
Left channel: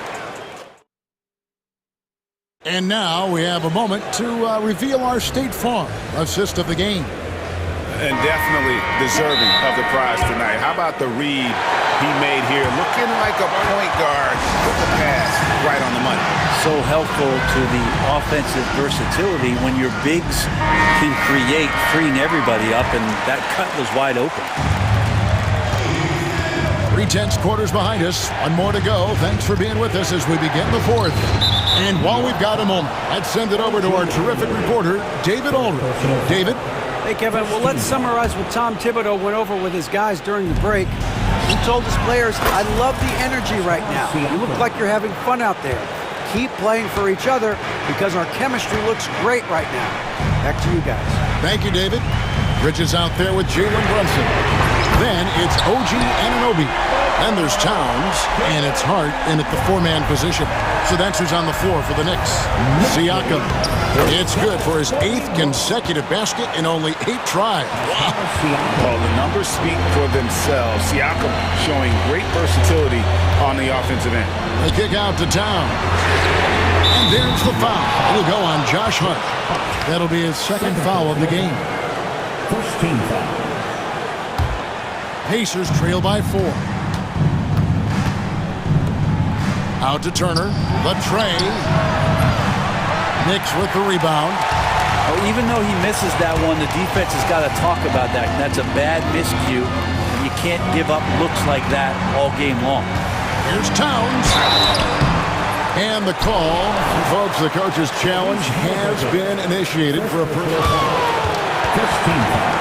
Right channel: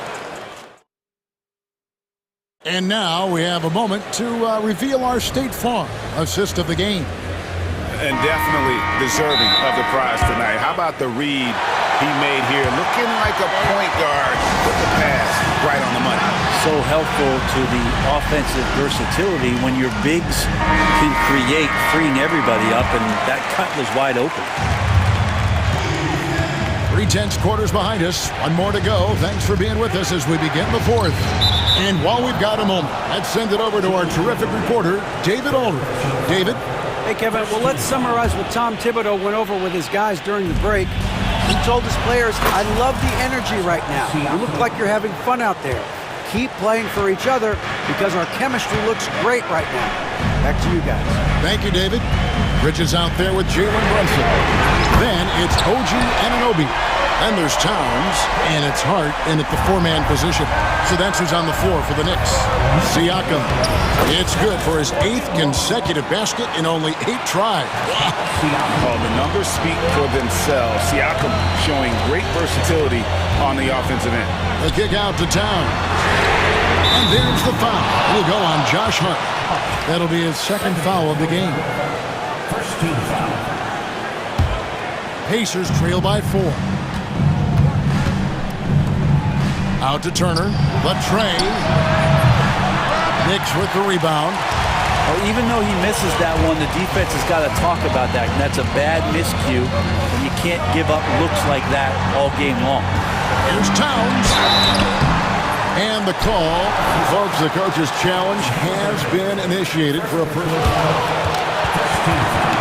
And now we have a moment to reveal our State Farm assist of the game. And definitely deserving of the prize tonight. How about the read he made here? Looking like a point guard with the pass right on the money. So helpful to the offensive versatility when your bigs can create, freeing everybody up, and that cut was wide open. 3/10 quarters behind us. 1 more to go. Thanks for being with us as we begin the 4th. And while we've got a moment, let's send it over to our terrific reporter, David Aldridge. David? Hey, Kevin. Well, let's summarize what Tom Thibodeau went over with his guys during the break. He told his players, I love the energy right now. You look like you're having fun out there. Keep playing for each other because our chemistry looks great right now. Back to you guys. Thank you, David. Bridges out there with Jalen Brunson. Then it's OG Anunoby. Then there's Towns, and it's Hart in at the 4-man position. So that's who's on the floor for the Knicks. Siakam. It's good for his 8th consecutive basket in only 8 tries. Wow. Well, the numbers speak for themselves. Siakam showing great versatility on the offensive end. The kick out to Towns. And there's the foul. It'll go on Josh Hart. That'll be his 2nd foul of the game. First team foul. Pacers trail by 4. Out to Turner. Latrey. Knicks with the rebound. Oh, even though he misses that one, the defense has got to talk about that. And that's a bad miscue. And you can't give up looks like that all game long. Here's Towns. And the call. And folks, the coach's challenge has been initiated for a personal foul. First team foul.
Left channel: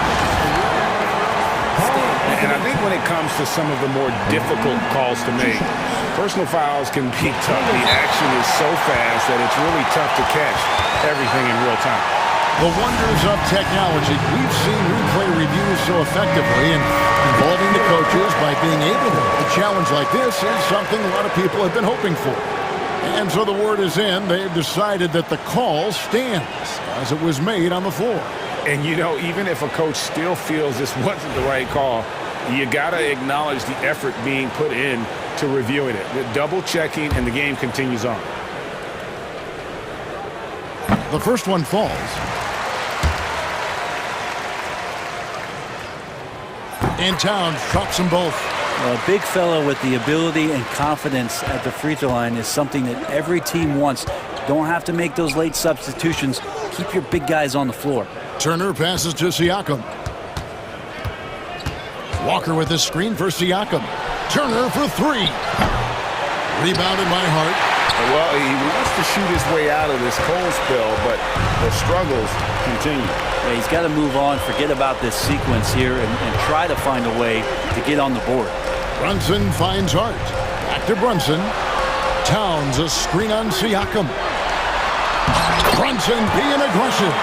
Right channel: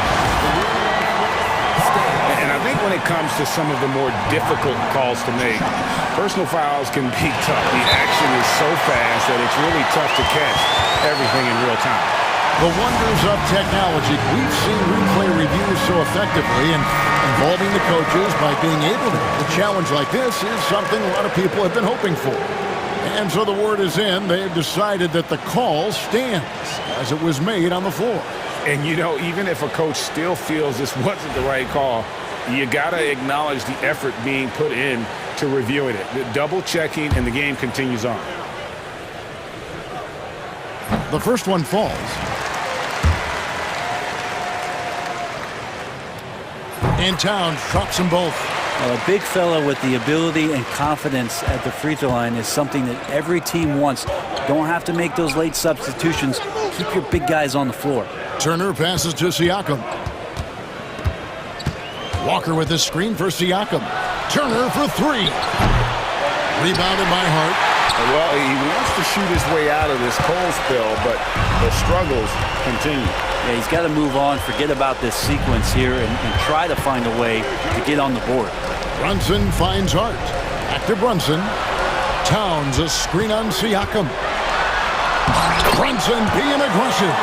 And I think when it comes to some of the more difficult calls to make, personal fouls can be tough. The action is so fast that it's really tough to catch everything in real time. The wonders of technology. We've seen replay reviews so effectively, and involving the coaches by being able to. A challenge like this is something a lot of people have been hoping for. And so the word is in. They've decided that the call stands as it was made on the floor. And, you know, even if a coach still feels this wasn't the right call, you got to acknowledge the effort being put in to reviewing it. The double checking, and the game continues on. The first one falls. And Towns drops them both. A big fella with the ability and confidence at the free throw line is something that every team wants. Don't have to make those late substitutions. Keep your big guys on the floor. Turner passes to Siakam. Walker with the screen for Siakam. Turner for three. Rebounded by Hart. Well, he wants to shoot his way out of this cold spell, but the struggles continue. Yeah, he's got to move on, forget about this sequence here, and try to find a way to get on the board. Brunson finds Hart. Back to Brunson. Towns a screen on Siakam. Brunson being aggressive.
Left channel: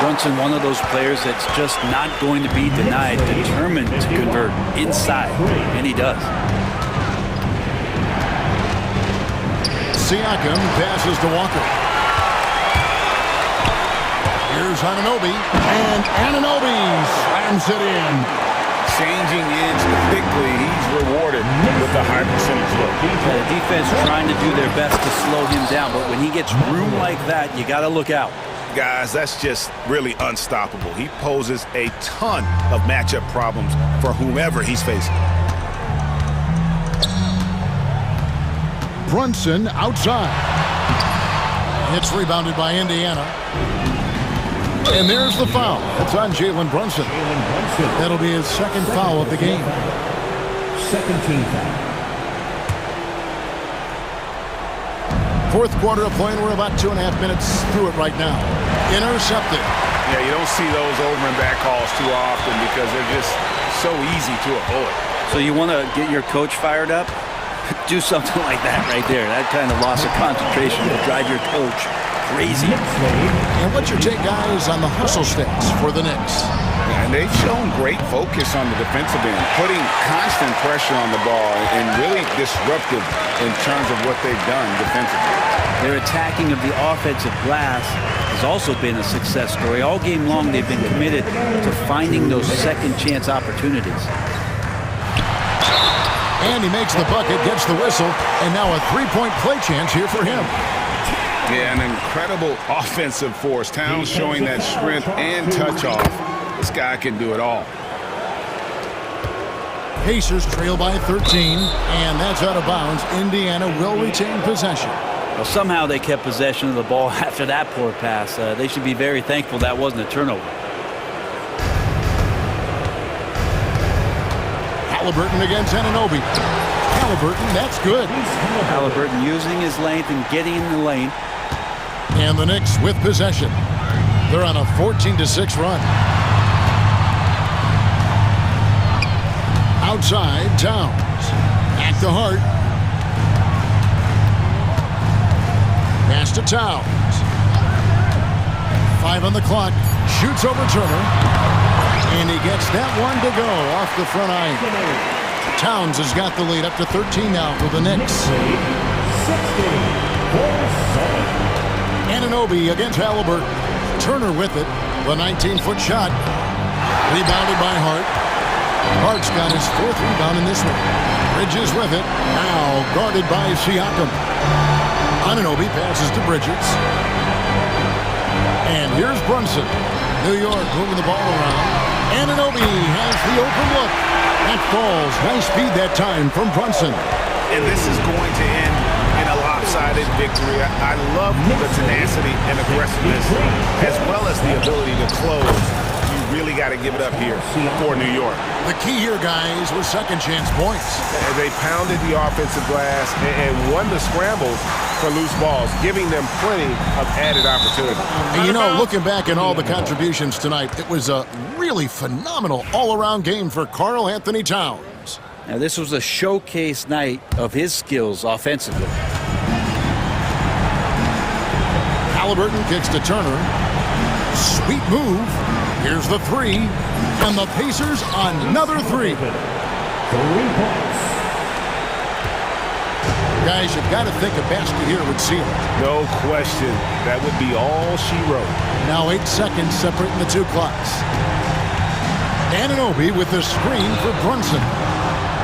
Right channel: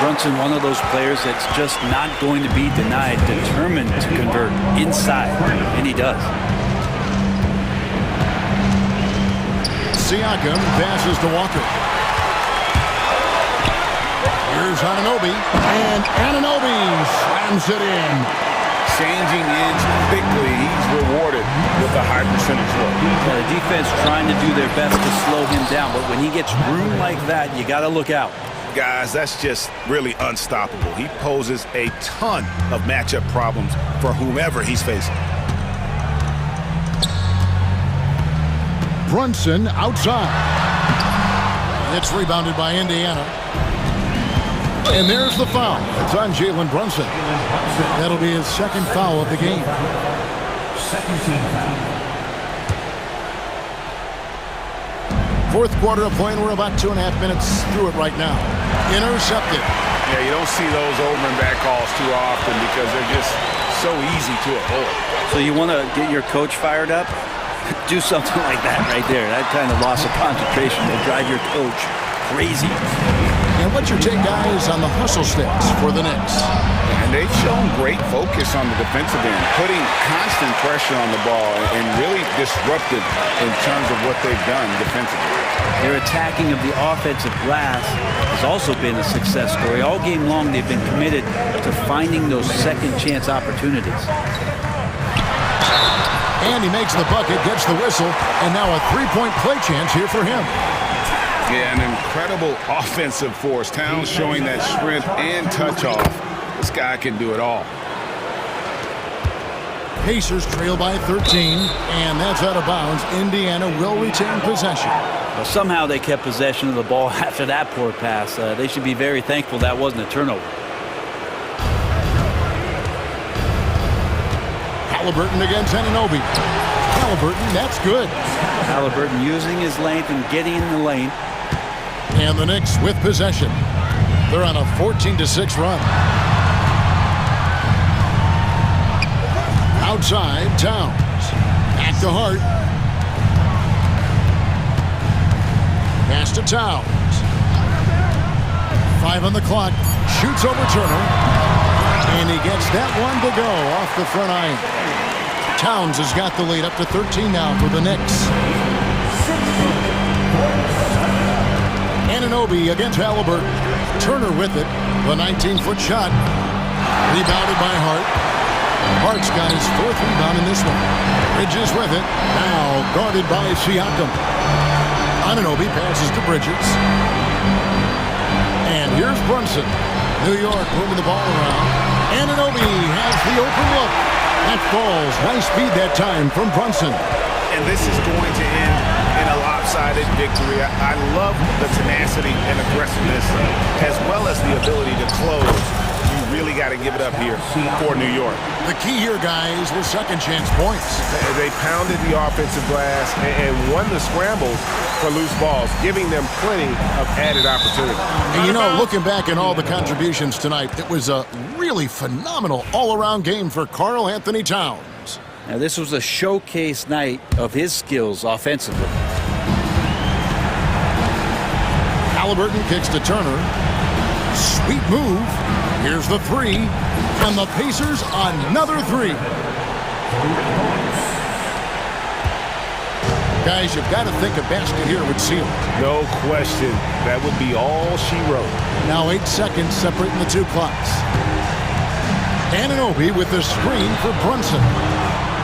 Brunson, one of those players that's just not going to be denied, determined to convert inside, and he does. Siakam passes to Walker. Here's Anunoby, and Anunoby slams it in. Changing ends quickly, he's rewarded with a high percentage look. Yeah, the defense trying to do their best to slow him down, but when he gets room like that, you got to look out. Guys, that's just really unstoppable. He poses a ton of matchup problems for whomever he's facing. Brunson outside. It's rebounded by Indiana. And there's the foul. It's on Jalen Brunson. That'll be his second foul of the game. Second team foul. Fourth quarter of play, and we're about 2.5 minutes through it right now. Intercepted. Yeah, you don't see those over and back calls too often because they're just so easy to avoid. So you want to get your coach fired up? Do something like that right there. That kind of loss of concentration will drive your coach crazy. And what's your take, guys, on the hustle stats for the Knicks? And they've shown great focus on the defensive end, putting constant pressure on the ball and really disruptive in terms of what they've done defensively. Their attacking of the offensive glass has also been a success story. All game long, they've been committed to finding those second chance opportunities. And he makes the bucket, gets the whistle, and now a three-point play chance here for him. Yeah, an incredible offensive force. Towns showing that strength and touch off. This guy can do it all. Pacers trail by 13, and that's out of bounds. Indiana will retain possession. Well, somehow they kept possession of the ball after that poor pass. They should be very thankful that wasn't a turnover. Halliburton against Anunoby. Halliburton, that's good. Halliburton using his length and getting in the lane. And the Knicks with possession. They're on a 14-6 run. Outside, Towns. Back to Hart. Pass to Towns. 5 on the clock. Shoots over Turner. And he gets that one to go off the front iron. Towns has got the lead up to 13 now for the Knicks. Anunoby against Halliburton. Turner with it. The 19-foot shot. Rebounded by Hart. Hart's got his fourth rebound in this one. Bridges with it. Now guarded by Siakam. Anunoby passes to Bridges. And here's Brunson. New York moving the ball around. Anunoby has the open look. That falls. Nice speed that time from Brunson. And this is going to end in a lopsided victory. I love the tenacity and aggressiveness as well as the ability to close. You really got to give it up here for New York. The key here, guys, was second chance points. They pounded the offensive glass and won the scrambles for loose balls, giving them plenty of added opportunity. And you know, looking back at all the contributions tonight, it was a really phenomenal all-around game for Karl Anthony Towns. Now, this was a showcase night of his skills offensively. Halliburton kicks to Turner. Sweet move. Here's the three. And the Pacers another three. 3 points. Guys, you've got to think a basket here would seal it. No question. That would be all she wrote. Now 8 seconds separating the two clocks. Anunoby with the screen for Brunson.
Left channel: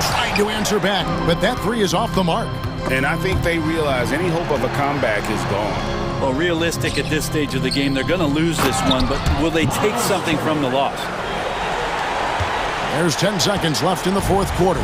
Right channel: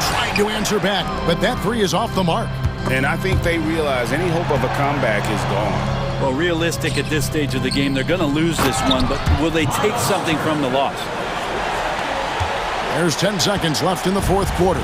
Tried to answer back, but that three is off the mark. And I think they realize any hope of a comeback is gone. Well, realistic at this stage of the game, they're going to lose this one, but will they take something from the loss? There's 10 seconds left in the fourth quarter.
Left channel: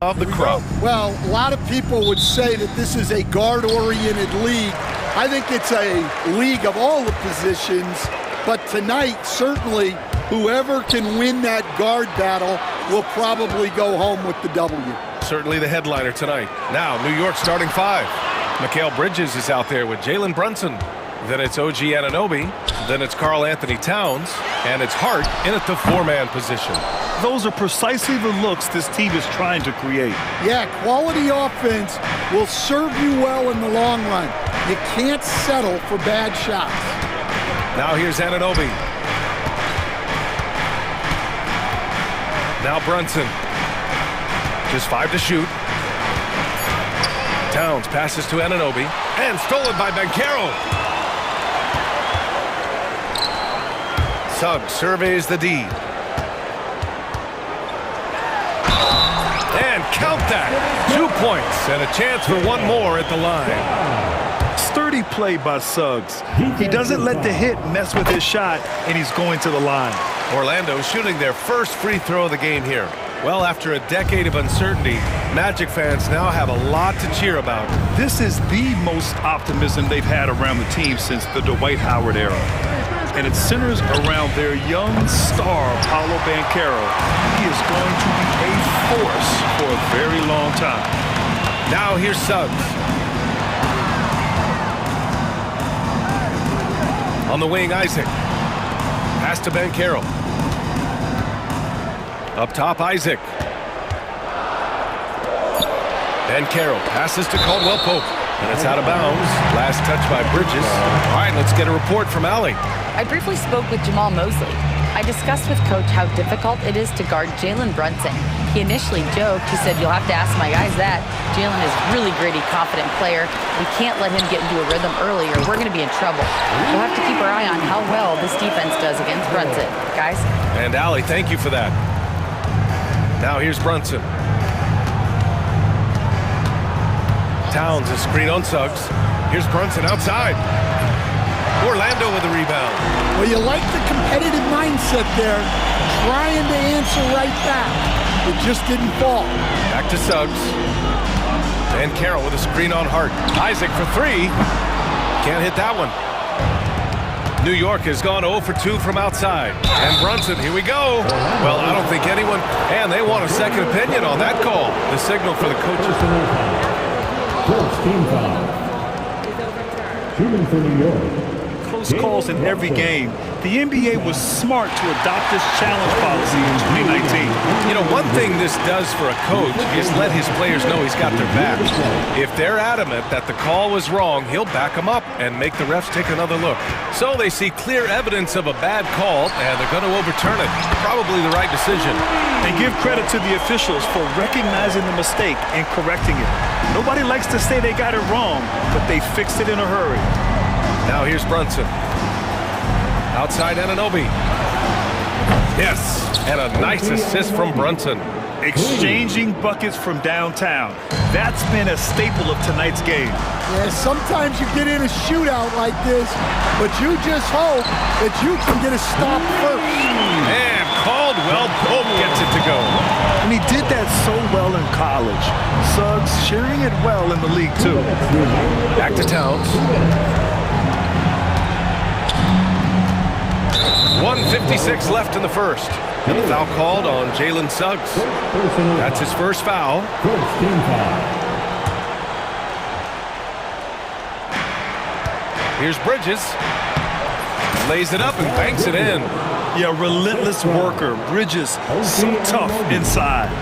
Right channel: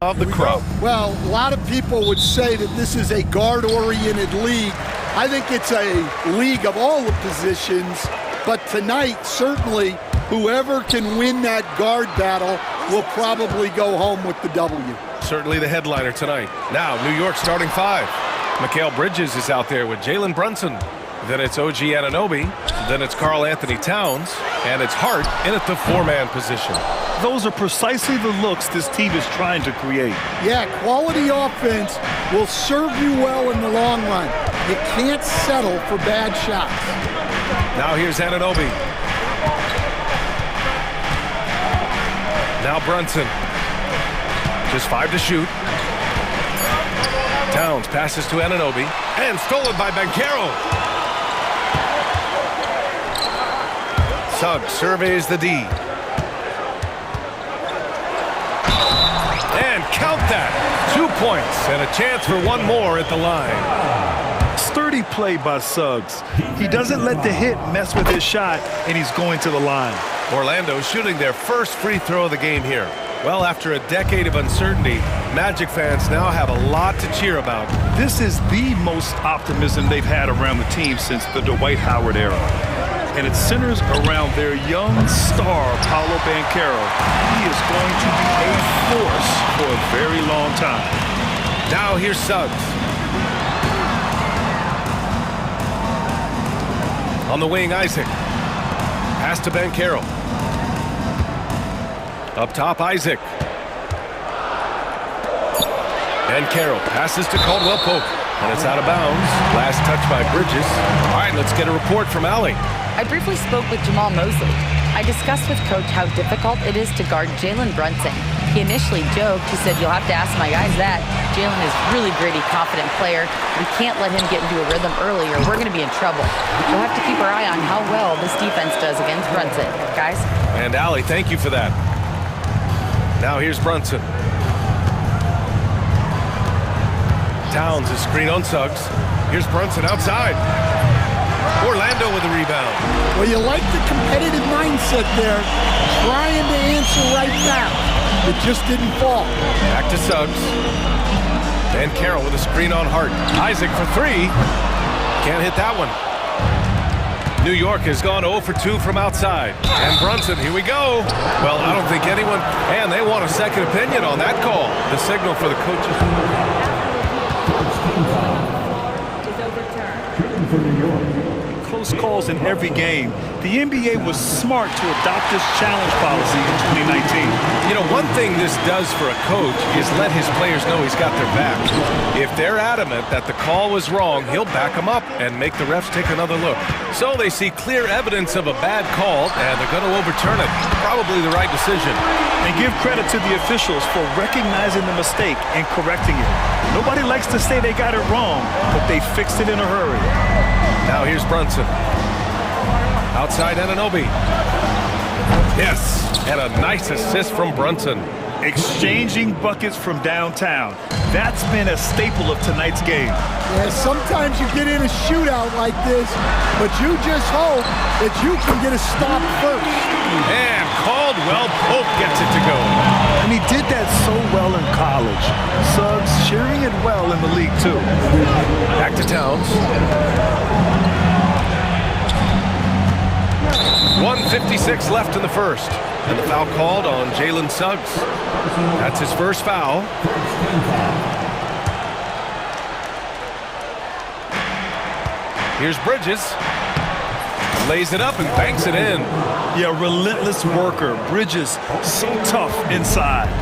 of the crowd. Well, a lot of people would say that this is a guard-oriented league. I think it's a league of all the positions, but tonight, certainly, whoever can win that guard battle will probably go home with the W. Certainly the headliner tonight. Now, New York starting five. Mikal Bridges is out there with Jalen Brunson. Then it's OG Anunoby. Then it's Karl Anthony Towns. And it's Hart in at the four-man position. Those are precisely the looks this team is trying to create. Yeah, quality offense will serve you well in the long run. You can't settle for bad shots. Now here's Anunoby. Now Brunson. Just 5 to shoot. Towns passes to Anunoby. And stolen by Banchero. Suggs surveys the D. And count that. 2 points and a chance for one more at the line. Sturdy play by Suggs. He doesn't let the hit mess with his shot, and he's going to the line. Orlando shooting their first free throw of the game here. Well, after a decade of uncertainty, Magic fans now have a lot to cheer about. This is the most optimism they've had around the team since the Dwight Howard era. And it centers around their young star, Paolo Banchero. He is going to be a force for a very long time. Now here's Suggs. On the wing, Isaac. Pass to Banchero. Up top, Isaac. Banchero passes to Caldwell Pope. And it's out of bounds. Last touch by Bridges. All right, let's get a report from Allie. I briefly spoke with Jamal Mosley. I discussed with Coach how difficult it is to guard Jalen Brunson. He initially joked. He said, "You'll have to ask my guys that. Jalen is really gritty, confident player. We can't let him get into a rhythm early or we're going to be in trouble. We'll have to keep our eye on how well this defense does against Brunson." Guys? And Allie, thank you for that. Now here's Brunson. Towns is screen on Suggs. Here's Brunson outside. Orlando with the rebound. Well, you like the competitive mindset there, trying to answer right back. It just didn't fall. Back to Suggs. Banchero with a screen on Hart. Isaac for three. Can't hit that one. New York has gone 0 for 2 from outside. And Brunson, here we go. Well, I don't think anyone, and they want a second opinion on that call. The signal for the coaches. First team foul is overturned. Shooting for New York. Close calls in every game. The NBA was smart to adopt this challenge policy in 2019. You know, one thing this does for a coach is let his players know he's got their back. If they're adamant that the call was wrong, he'll back them up and make the refs take another look. So they see clear evidence of a bad call, and they're going to overturn it. Probably the right decision. And give credit to the officials for recognizing the mistake and correcting it. Nobody likes to say they got it wrong, but they fixed it in a hurry. Now here's Brunson. Outside Anunoby. Yes, and a nice assist from Brunson. Exchanging buckets from downtown. That's been a staple of tonight's game. Yeah, sometimes you get in a shootout like this, but you just hope that you can get a stop first. And Caldwell Pope gets it to go. And he did that so well in college. Suggs sharing it well in the league, too. Back to Towns. 1:56 left in the first. And the foul called on Jalen Suggs. That's his first foul. First team foul. Here's Bridges. Lays it up and banks it in. Yeah, relentless worker. Bridges, so tough inside.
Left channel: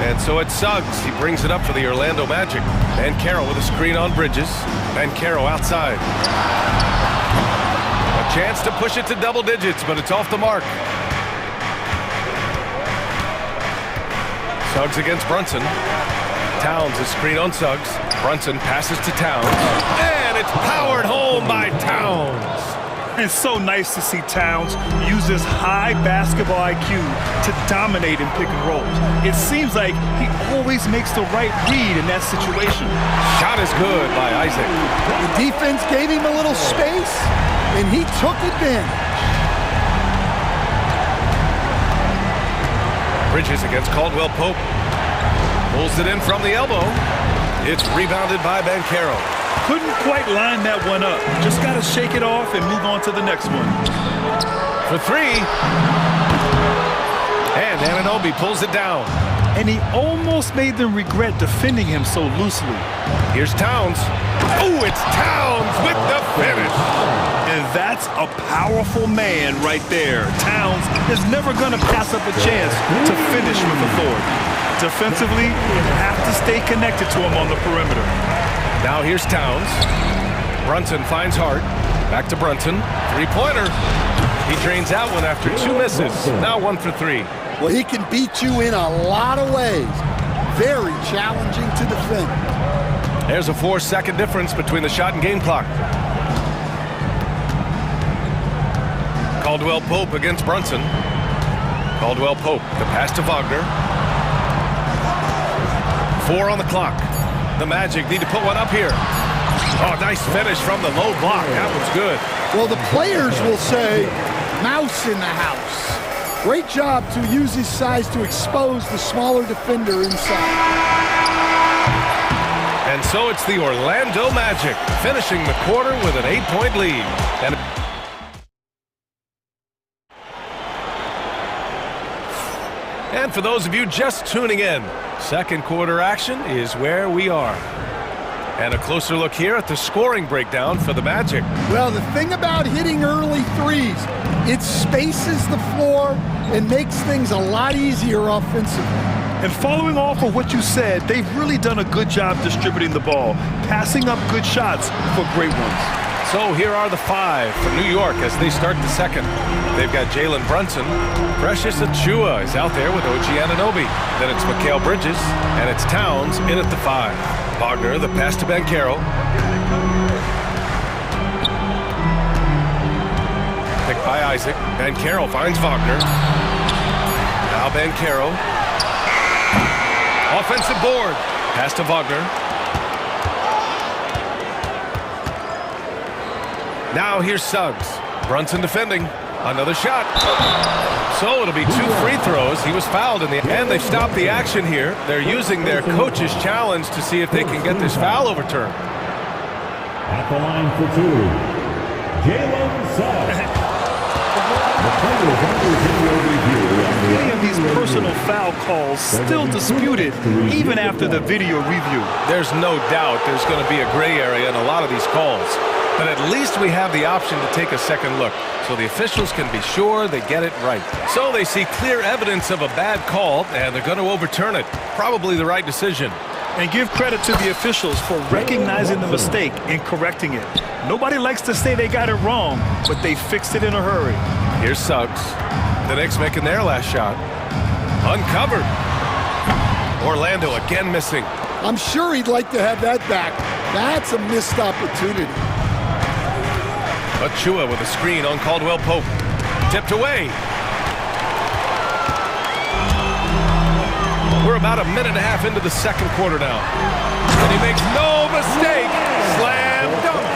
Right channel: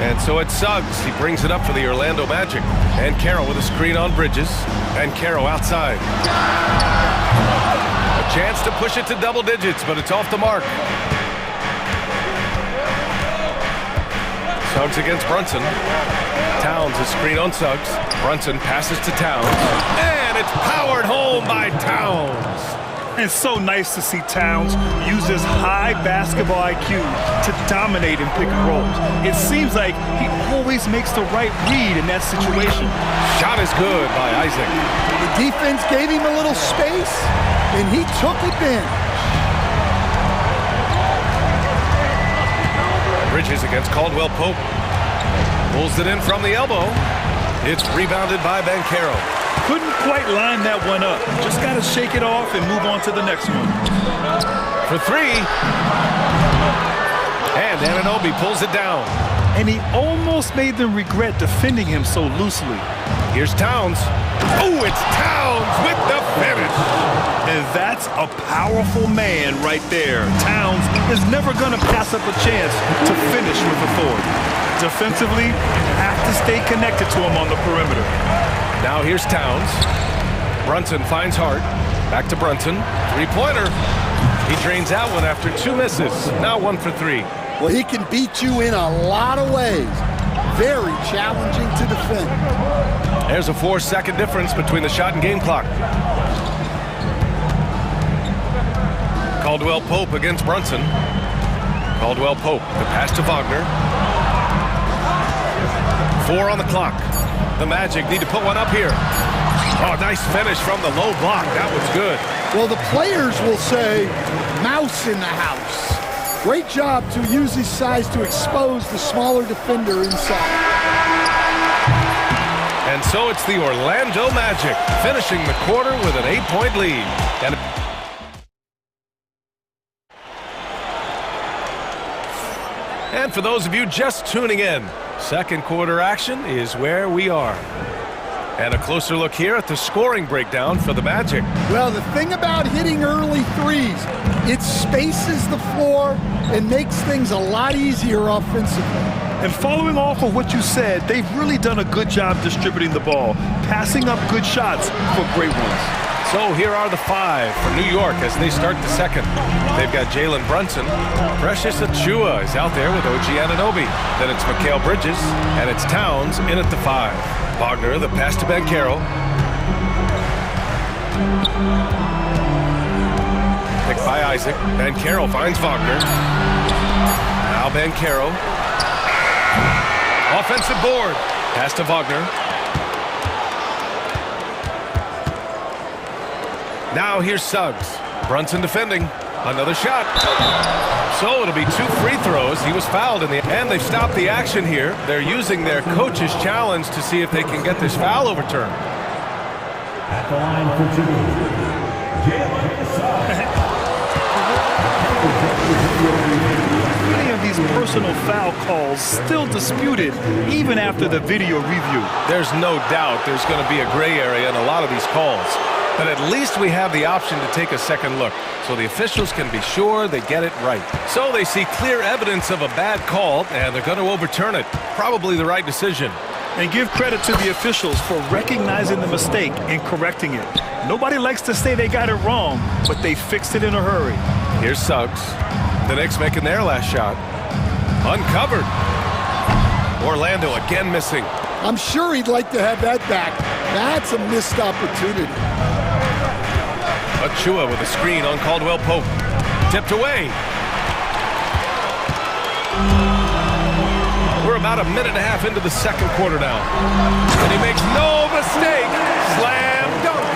And so it's Suggs. He brings it up for the Orlando Magic. And Carroll with a screen on Bridges. And Carroll outside. A chance to push it to double digits, but it's off the mark. Suggs against Brunson. Towns is screen on Suggs. Brunson passes to Towns. And it's powered home by Towns. It's so nice to see Towns use his high basketball IQ to dominate in pick and rolls. It seems like he always makes the right read in that situation. Shot is good by Isaac. The defense gave him a little space, and he took advantage. Bridges against Caldwell Pope. Pulls it in from the elbow. It's rebounded by Banchero. Couldn't quite line that one up. Just got to shake it off and move on to the next one. For three. And Anunoby pulls it down. And he almost made them regret defending him so loosely. Here's Towns. Oh, it's Towns with the finish. And that's a powerful man right there. Towns is never going to pass up a chance to finish with authority. Defensively, you have to stay connected to him on the perimeter. Now here's Towns. Brunson finds Hart. Back to Brunson. Three-pointer. He drains that one after 2 misses. Now 1 for 3. Well, he can beat you in a lot of ways. Very challenging to defend. There's a 4-second difference between the shot and game clock. Caldwell Pope against Brunson. Caldwell Pope, the pass to Wagner. 4 on the clock. The Magic need to put one up here. Oh, nice finish from the low block. That was good. Well, the players will say, mouse in the house. Great job to use his size to expose the smaller defender inside. And so it's the Orlando Magic finishing the quarter with an 8-point lead. And for those of you just tuning in, second quarter action is where we are. And a closer look here at the scoring breakdown for the Magic. Well, the thing about hitting early threes, it spaces the floor and makes things a lot easier offensively. And following off of what you said, they've really done a good job distributing the ball, passing up good shots for great ones. So here are the 5 for New York as they start the second. They've got Jalen Brunson. Precious Achiuwa is out there with OG Anunoby. Then it's Mikal Bridges, and it's Towns in at the 5. Wagner, the pass to Banchero. Picked by Isaac. Banchero finds Wagner. Now Banchero. Offensive board. Pass to Wagner. Now here's Suggs. Brunson defending. Another shot. So it'll be 2 free throws. He was fouled in the end. And they've stopped the action here. They're using their coach's challenge to see if they can get this foul overturned. At the line for 2, Jalen Suggs. Many of these personal foul calls still disputed even after the video review. There's no doubt there's going to be a gray area in a lot of these calls. But at least we have the option to take a second look, so the officials can be sure they get it right. So they see clear evidence of a bad call, and they're going to overturn it. Probably the right decision. And give credit to the officials for recognizing the mistake and correcting it. Nobody likes to say they got it wrong, but they fixed it in a hurry. Here's Suggs. The Knicks making their last shot. Uncovered. Orlando again missing. I'm sure he'd like to have that back. That's a missed opportunity. Achiuwa with a screen on Caldwell Pope. Tipped away. We're about a minute and a half into the second quarter now. And he makes no mistake. Slam dunk.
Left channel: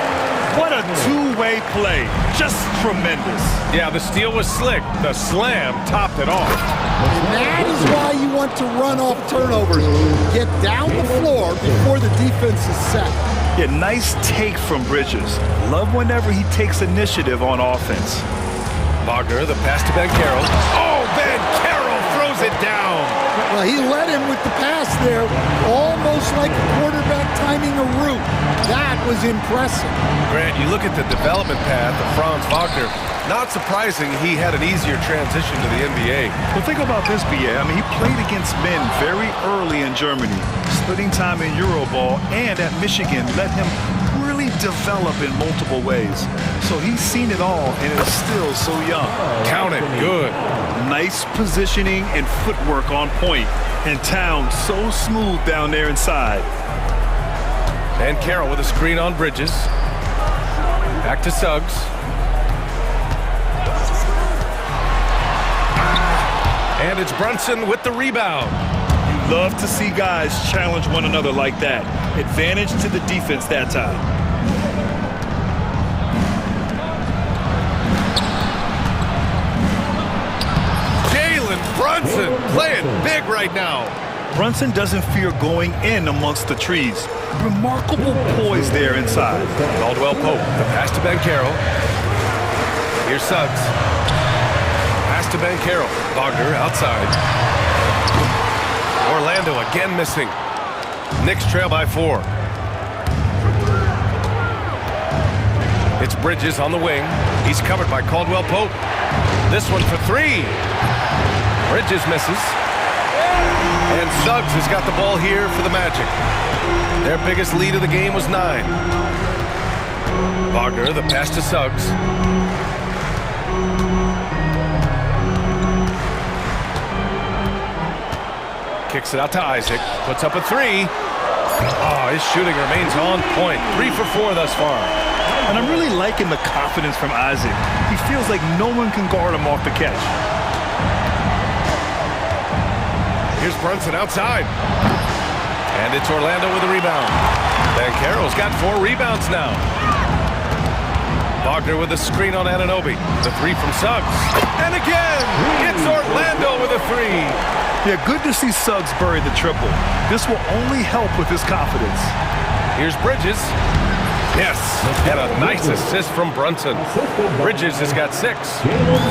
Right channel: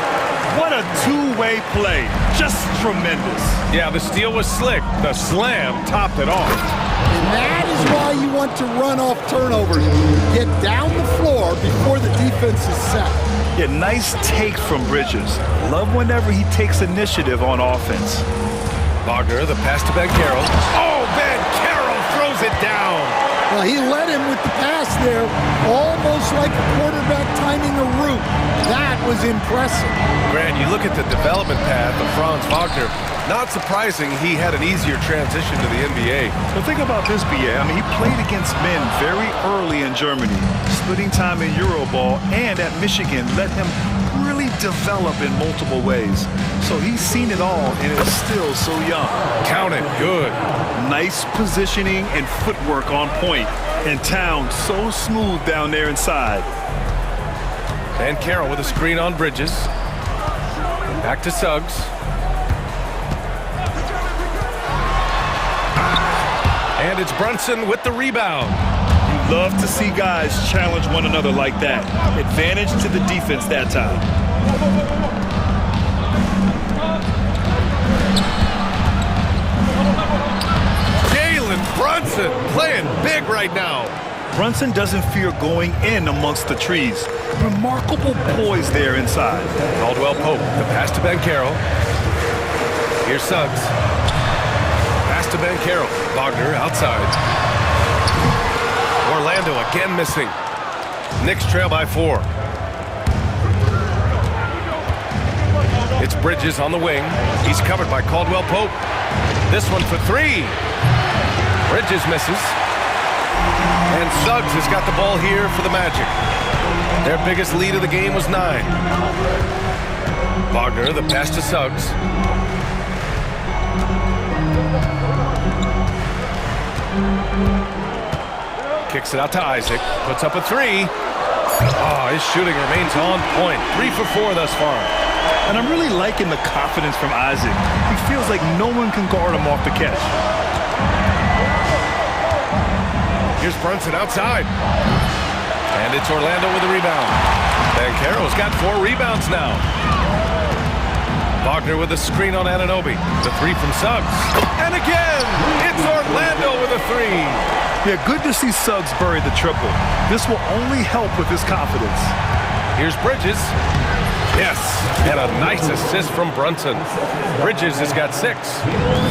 What a two-way play. Just tremendous. Yeah, the steal was slick. The slam topped it off. And that is why you want to run off turnovers. Get down the floor before the defense is set. Yeah, nice take from Bridges. Love whenever he takes initiative on offense. Wagner, the pass to Banchero. Oh, Banchero throws it down. Well, he led him with the pass there, almost like a quarterback timing a route. That was impressive. Grant, you look at the development path of Franz Wagner. Not surprising he had an easier transition to the NBA. Well, think about this, BA. I mean, he played against men very early in Germany, splitting time in Euroball, and at Michigan let him really develop in multiple ways. So he's seen it all and is still so young. Count it. Good. Nice positioning and footwork on point. And Towns so smooth down there inside. And Carroll with a screen on Bridges. Back to Suggs. And it's Brunson with the rebound. You love to see guys challenge one another like that. Advantage to the defense that time. Jalen Brunson playing big right now. Brunson doesn't fear going in amongst the trees. Remarkable poise there inside. Caldwell Pope, the pass to Banchero. Here's Suggs. Pass to Banchero. Wagner outside. Orlando again missing. Knicks trail by 4. It's Bridges on the wing. He's covered by Caldwell Pope. This one for 3. Bridges misses. And Suggs has got the ball here for the Magic. Their biggest lead of the game was 9. Wagner, the pass to Suggs. Kicks it out to Isaac. Puts up a 3. Oh, his shooting remains on point. 3 for 4 thus far. And I'm really liking the confidence from Isaac. He feels like no one can guard him off the catch. Here's Brunson outside. And it's Orlando with a rebound. Banchero's got 4 rebounds now. Wagner with a screen on Anunoby. The 3 from Suggs. And again, it's Orlando with a 3. Yeah, good to see Suggs bury the triple. This will only help with his confidence. Here's Bridges. Yes, and a nice assist from Brunson. Bridges has got 6.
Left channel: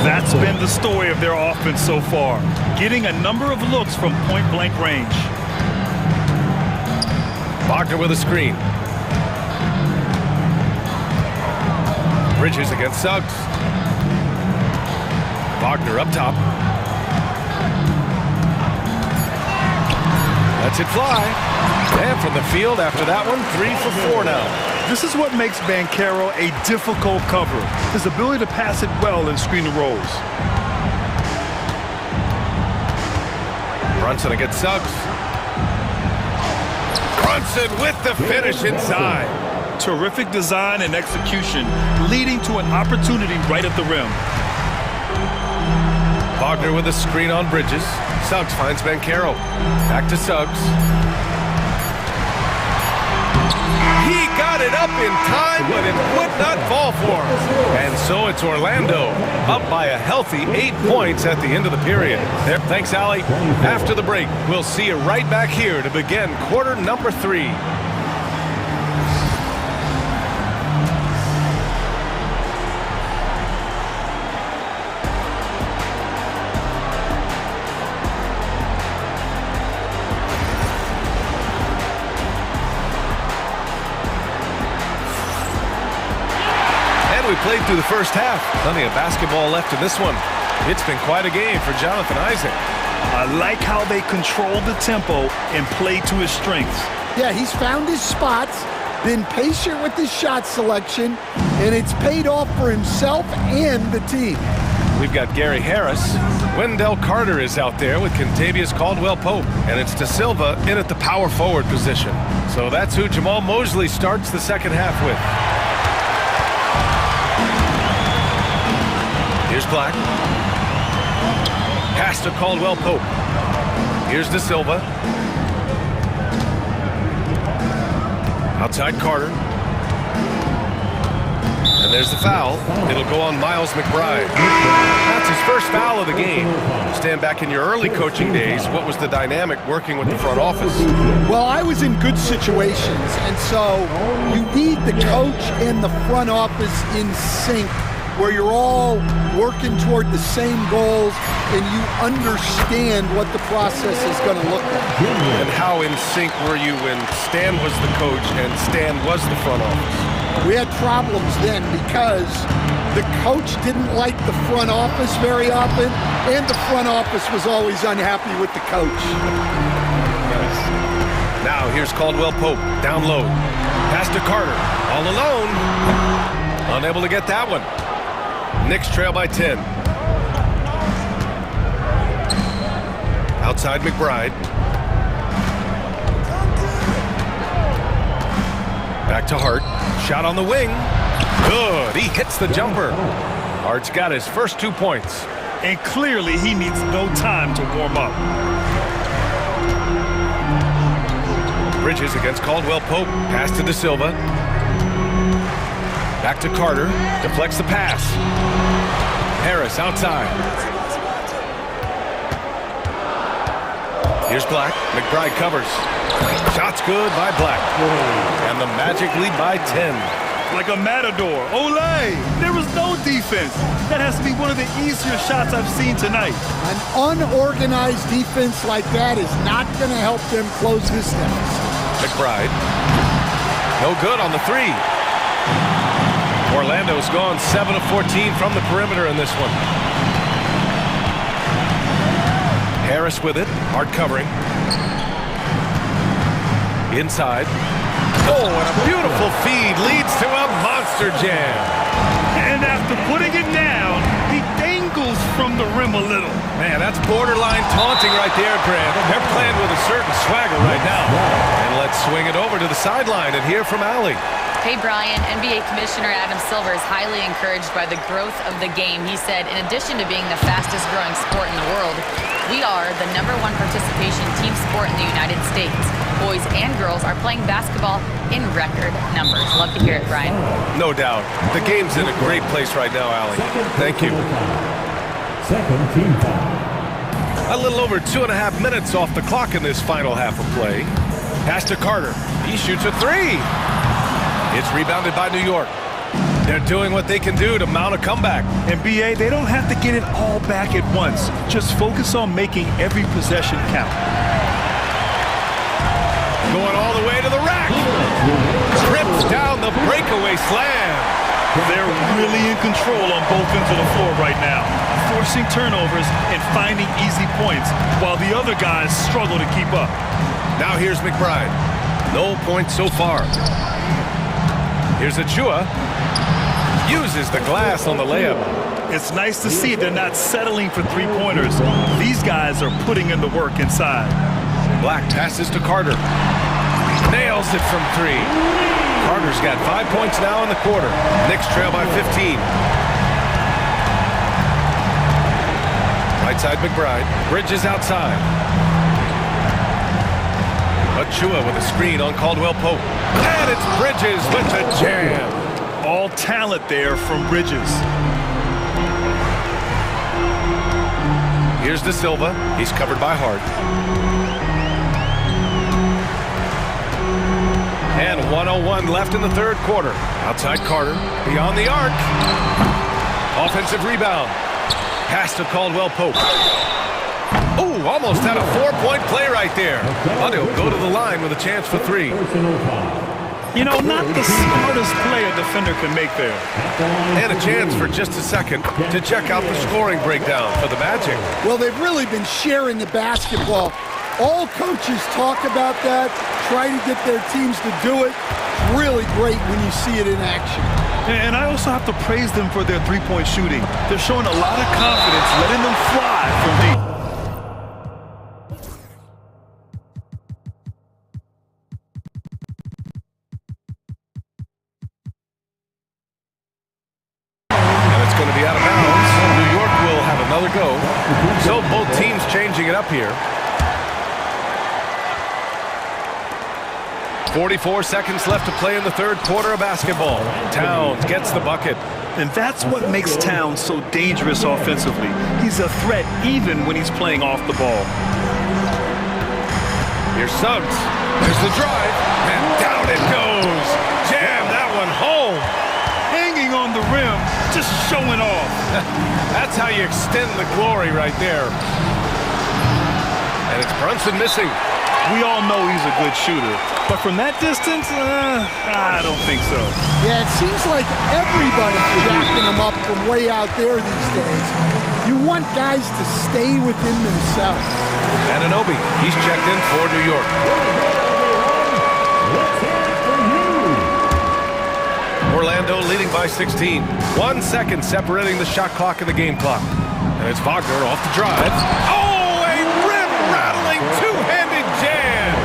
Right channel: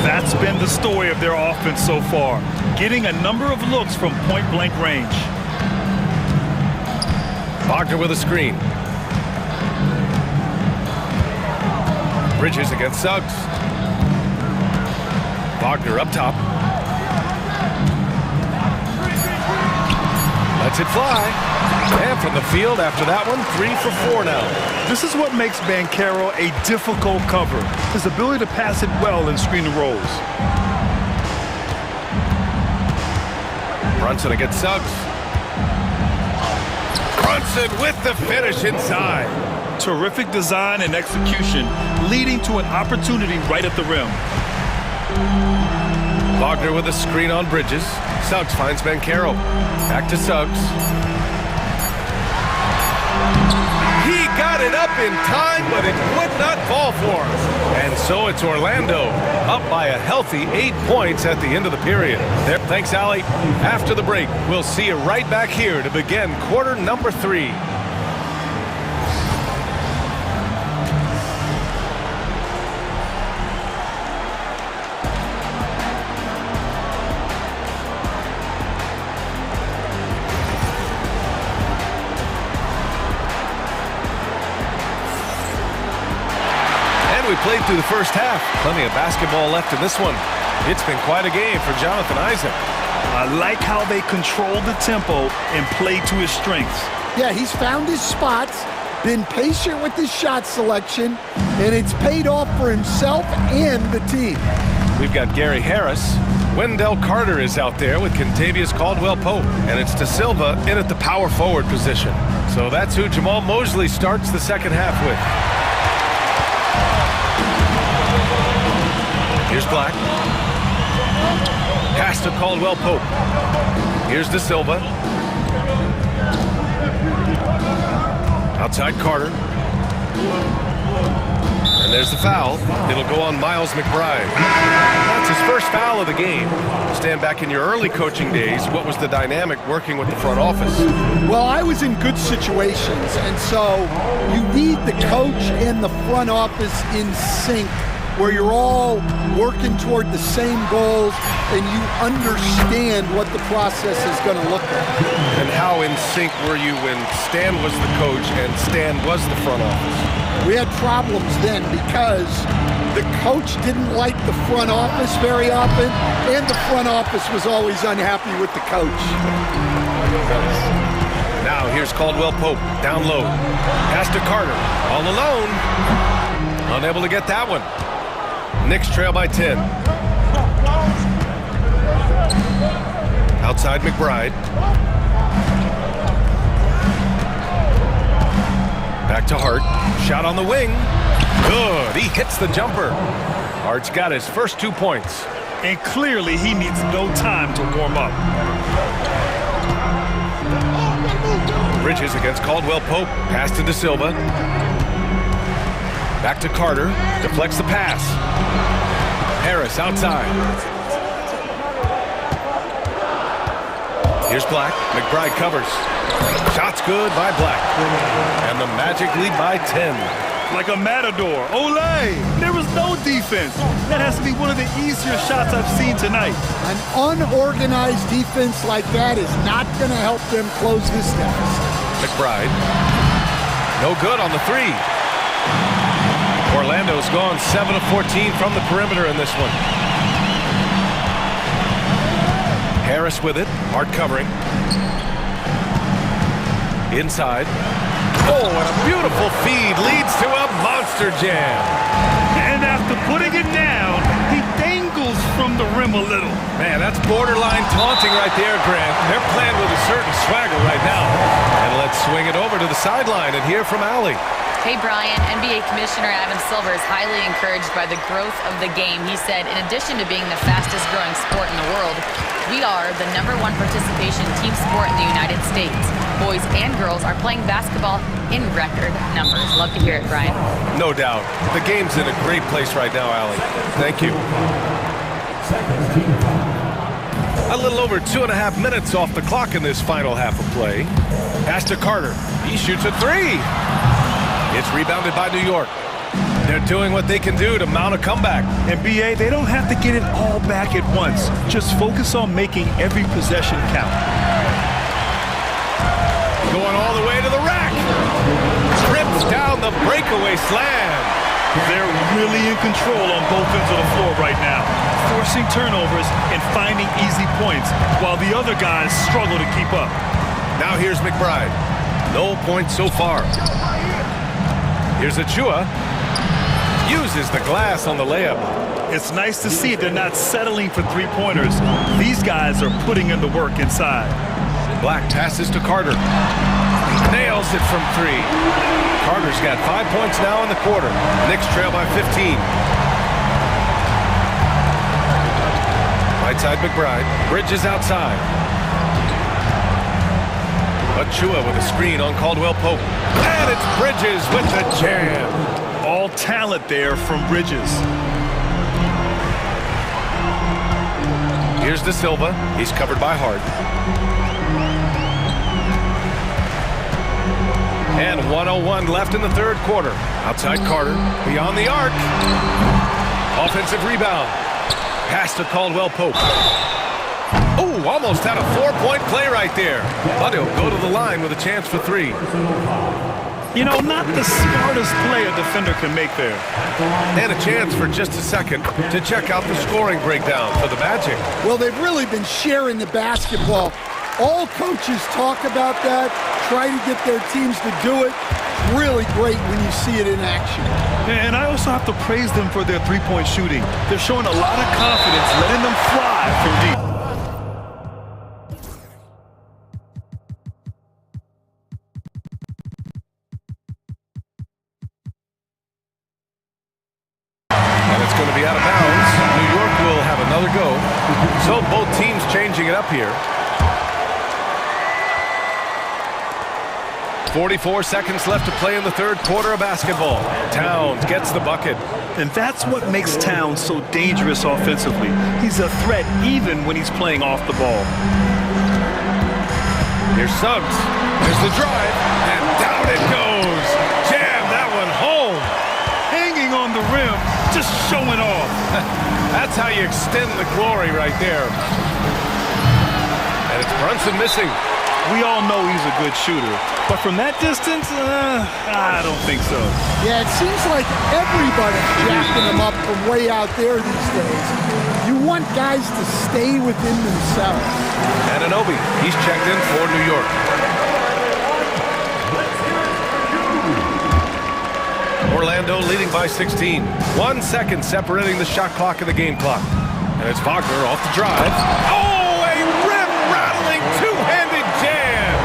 That's been the story of their offense so far, getting a number of looks from point-blank range. Wagner with a screen. Bridges against Suggs. Wagner up top. Lets it fly. And from the field after that one, 3 for 4 now. This is what makes Banchero a difficult cover, his ability to pass it well in screen and rolls. Brunson against Suggs. Brunson with the finish inside. Terrific design and execution, leading to an opportunity right at the rim. Wagner with a screen on Bridges. Suggs finds Banchero. Back to Suggs. He got it up in time, but it would not fall for him. And so it's Orlando, up by a healthy 8 points at the end of the period. There, thanks, Allie. After the break, we'll see you right back here to begin quarter number 3. We played through the first half. Plenty of basketball left in this one. It's been quite a game for Jonathan Isaac. I like how they controlled the tempo and played to his strengths. Yeah, he's found his spots, been patient with his shot selection, and it's paid off for himself and the team. We've got Gary Harris. Wendell Carter is out there with Kentavious Caldwell-Pope, and it's De Silva in at the power forward position. So that's who Jamal Mosley starts the second half with. Here's Black. Pass to Caldwell-Pope. Here's De Silva. Outside Carter. And there's the foul. It'll go on Miles McBride. That's his first foul of the game. Stand back in your early coaching days, what was the dynamic working with the front office? Well, I was in good situations, and so you need the coach and the front office in sync, where you're all working toward the same goals and you understand what the process is going to look like. And how in sync were you when Stan was the coach and Stan was the front office? We had problems then because the coach didn't like the front office very often, and the front office was always unhappy with the coach. Nice. Now here's Caldwell-Pope, down low. Pass to Carter, all alone. Unable to get that one. Knicks trail by 10. Outside McBride. Back to Hart. Shot on the wing. Good. He hits the jumper. Hart's got his first 2 points. And clearly he needs no time to warm up. Bridges against Caldwell-Pope. Pass to De Silva. Back to Carter. Deflects the pass. Harris outside. Here's Black. McBride covers. Shot's good by Black. And the Magic lead by 10. Like a matador. Olay! There was no defense. That has to be one of the easier shots I've seen tonight. An unorganized defense like that is not going to help them close this deficit. McBride. No good on the three. Orlando's gone 7 of 14 from the perimeter in this one. Harris with it. Hard covering. Inside. Oh, and a beautiful feed leads to a monster jam. And after putting it down, he dangles from the rim a little. Man, that's borderline taunting right there, Grant. They're playing with a certain swagger right now. And let's swing it over to the sideline and hear from Allie. Hey, Brian, NBA Commissioner Adam Silver is highly encouraged by the growth of the game. He said, in addition to being the fastest growing sport in the world, we are the #1 participation team sport in the United States. Boys and girls are playing basketball in record numbers. Love to hear it, Brian. No doubt. The game's in a great place right now, Allie. Thank you. Second team foul. A little over 2.5 minutes off the clock in this final half of play. Pass to Carter. He shoots a three. It's rebounded by New York. They're doing what they can do to mount a comeback. And BA, they don't have to get it all back at once. Just focus on making every possession count. Going all the way to the rack. Trips down the breakaway slam. They're really in control on both ends of the floor right now, forcing turnovers and finding easy points while the other guys struggle to keep up. Now here's McBride. No points so far. Here's Achua. Uses the glass on the layup. It's nice to see they're not settling for three-pointers. These guys are putting in the work inside. Black passes to Carter. Nails it from three. Carter's got 5 points now in the quarter. Knicks trail by 15. Right side McBride. Bridges outside. Achua with a screen on Caldwell Pope. And it's Bridges with the jam. All talent there from Bridges. Here's De Silva. He's covered by Hart. And 1:01 left in the third quarter. Outside Carter. Beyond the arc. Offensive rebound. Pass to Caldwell Pope. Oh, almost had a 4-point play right there. But he'll go to the line with a chance for three. You know, not the smartest play a defender can make there. And a chance for just a second to check out the scoring breakdown for the Magic. Well, they've really been sharing the basketball. All coaches talk about that, try to get their teams to do it. It's really great when you see it in action. And I also have to praise them for their three-point shooting. They're showing a lot of confidence, letting them fly from deep. Going to be out of bounds. New York will have another go. So both teams changing it up here. 44 seconds left to play in the third quarter of basketball. Towns gets the bucket. And that's what makes Towns so dangerous offensively. He's a threat even when he's playing off the ball. Here's Suggs. There's the drive. And down it goes. Jam that one home. Hanging on the rim, just showing off. That's how you extend the glory right there. And it's Brunson missing. We all know he's a good shooter, but from that distance, I don't think so. Yeah, it seems like everybody's jacking him up from way out there these days. You want guys to stay within themselves. Anunoby, he's checked in for New York. Orlando leading by 16. 1 second separating the shot clock and the game clock. And it's Wagner off the drive. Oh, a rim-rattling two-handed jam.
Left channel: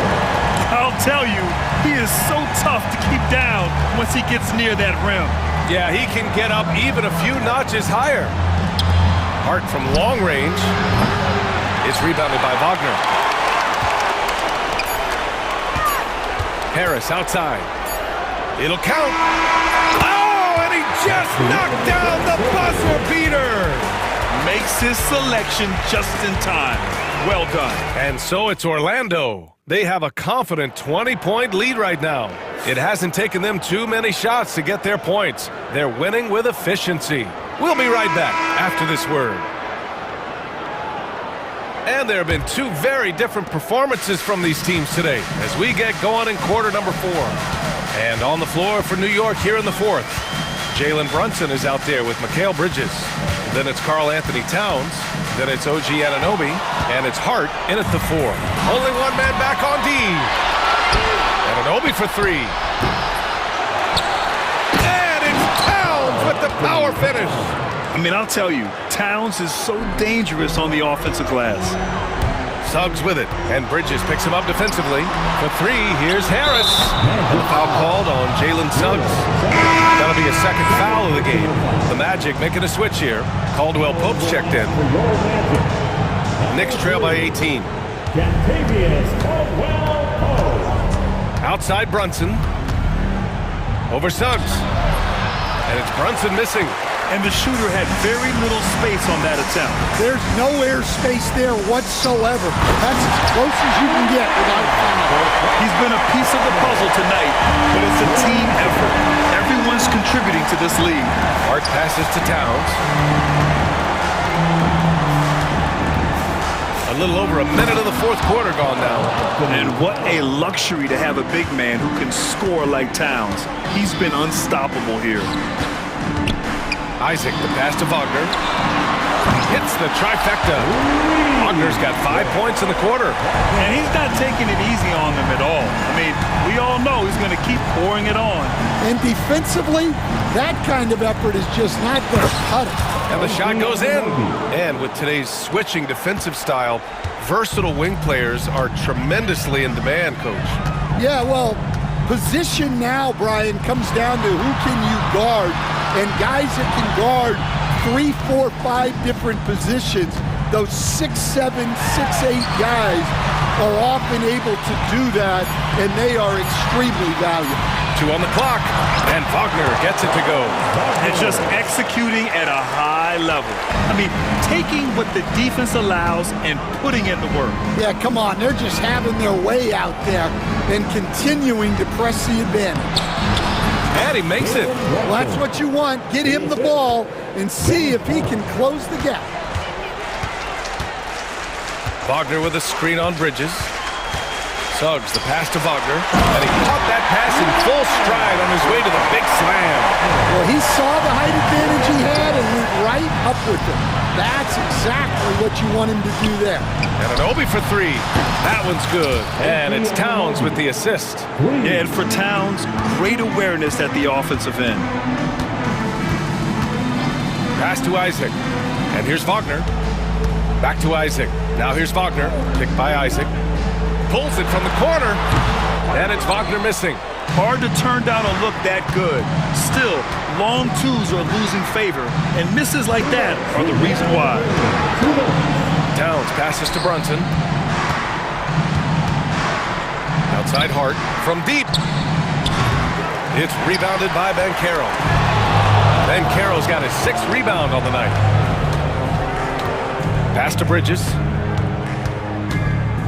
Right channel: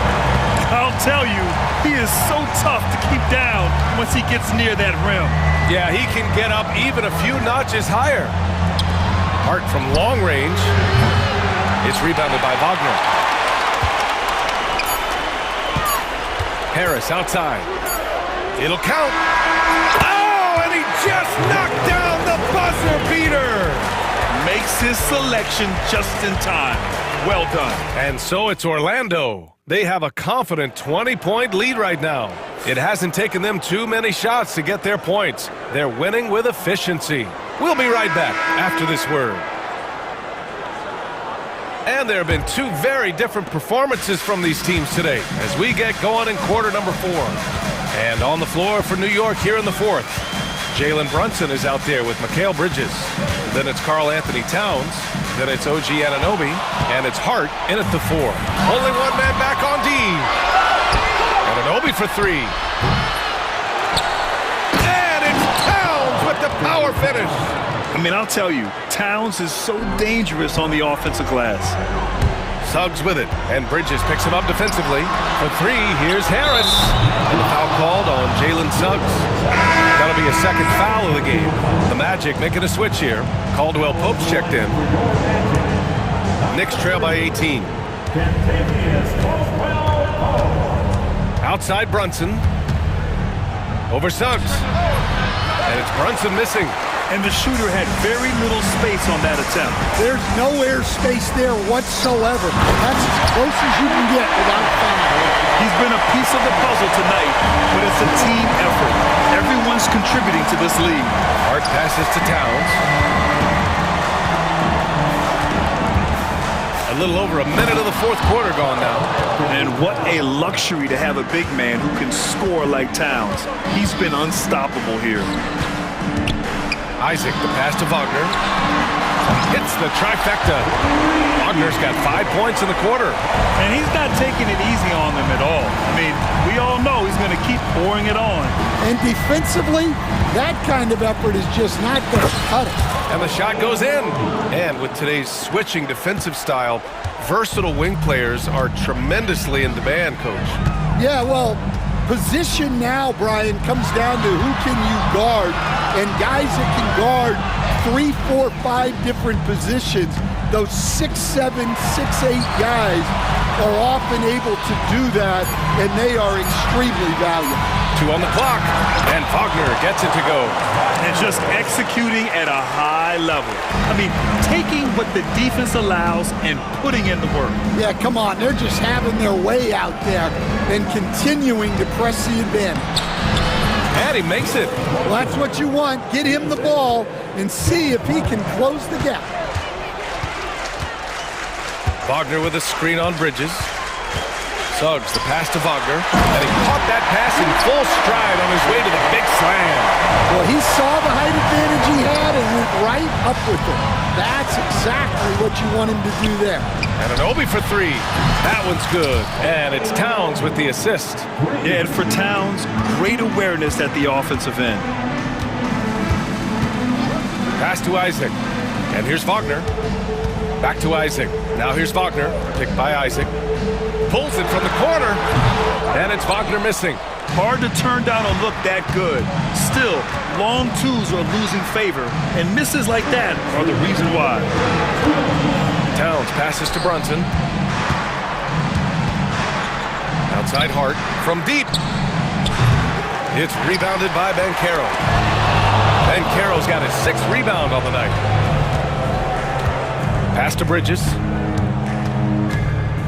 I'll tell you, he is so tough to keep down once he gets near that rim. Yeah, he can get up even a few notches higher. Hart from long range. It's rebounded by Wagner. Harris outside. It'll count. Just knocked down the buzzer beater. Makes his selection just in time. Well done. And so it's Orlando. They have a confident 20-point lead right now. It hasn't taken them too many shots to get their points. They're winning with efficiency. We'll be right back after this word. And there have been two very different performances from these teams today as we get going in quarter number 4. And on the floor for New York here in the 4th, Jalen Brunson is out there with Mikal Bridges. Then it's Karl Anthony Towns. Then it's OG Anunoby. And it's Hart in at the 4. Only one man back on D. Anunoby for 3. And it's Towns with the power finish. I mean, I'll tell you, Towns is so dangerous on the offensive glass. Suggs with it, and Bridges picks him up defensively. For 3, here's Harris. And the foul called on Jalen Suggs. That'll be a second foul of the game. The Magic making a switch here. Caldwell Pope's checked in. Knicks trail by 18. Outside Brunson. Over Suggs. And it's Brunson missing. And the shooter had very little space on that attempt. There's no air space there whatsoever. That's as close as you can get without foul. He's been a piece of the puzzle tonight, but it's a team effort. Everyone's contributing to this lead. Hart passes to Towns. A little over a minute of the 4th quarter gone now. And what a luxury to have a big man who can score like Towns. He's been unstoppable here. Isaac, the pass to Wagner. Hits the trifecta. Wagner's got 5 points in the quarter. And he's not taking it easy on them at all. I mean, we all know he's going to keep pouring it on. And defensively, that kind of effort is just not going to cut it. And the shot goes in. And with today's switching defensive style, versatile wing players are tremendously in demand, Coach. Yeah, well, position now, Brian, comes down to who can you guard. And guys that can guard 3, 4, 5 different positions, those 6'7", 6'8" guys are often able to do that, and they are extremely valuable. 2 on the clock, and Wagner gets it to go. And just executing at a high level. I mean, taking what the defense allows and putting in the work. Yeah, come on, they're just having their way out there and continuing to press the advantage. And he makes it. Well, that's what you want. Get him the ball and see if he can close the gap. Wagner with a screen on Bridges. Suggs, the pass to Wagner. And he caught that pass in full stride on his way to the big slam. Well, he saw the height advantage he had and went right up with it. That's exactly what you want him to do there. Anunoby for 3. That one's good. And it's Towns with the assist. Yeah, and for Towns, great awareness at the offensive end. Pass to Isaac. And here's Wagner. Back to Isaac. Now here's Wagner. Picked by Isaac. Pulls it from the corner. And it's Wagner missing. Hard to turn down a look that good. Still, long 2s are losing favor, and misses like that are the reason why. Towns passes to Brunson. Outside Hart from deep. It's rebounded by Banchero. Banchero's got his 6th rebound on the night. Pass to Bridges.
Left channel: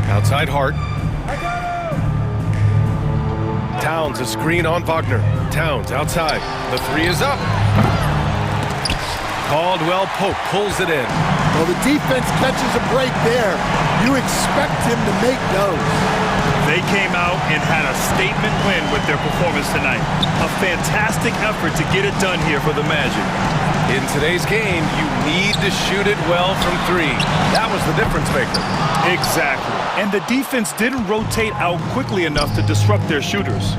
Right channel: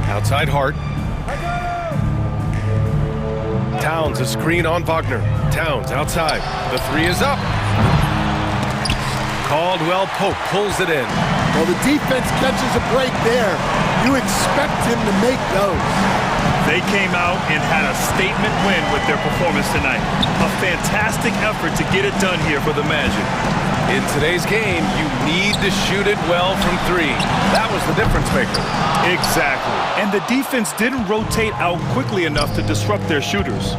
Outside Hart. Towns a screen on Wagner. Towns outside. The 3 is up. Caldwell Pope pulls it in. Well, the defense catches a break there. You expect him to make those. They came out and had a statement win with their performance tonight. A fantastic effort to get it done here for the Magic. In today's game, you need to shoot it well from 3. That was the difference maker. Exactly. And the defense didn't rotate out quickly enough to disrupt their shooters.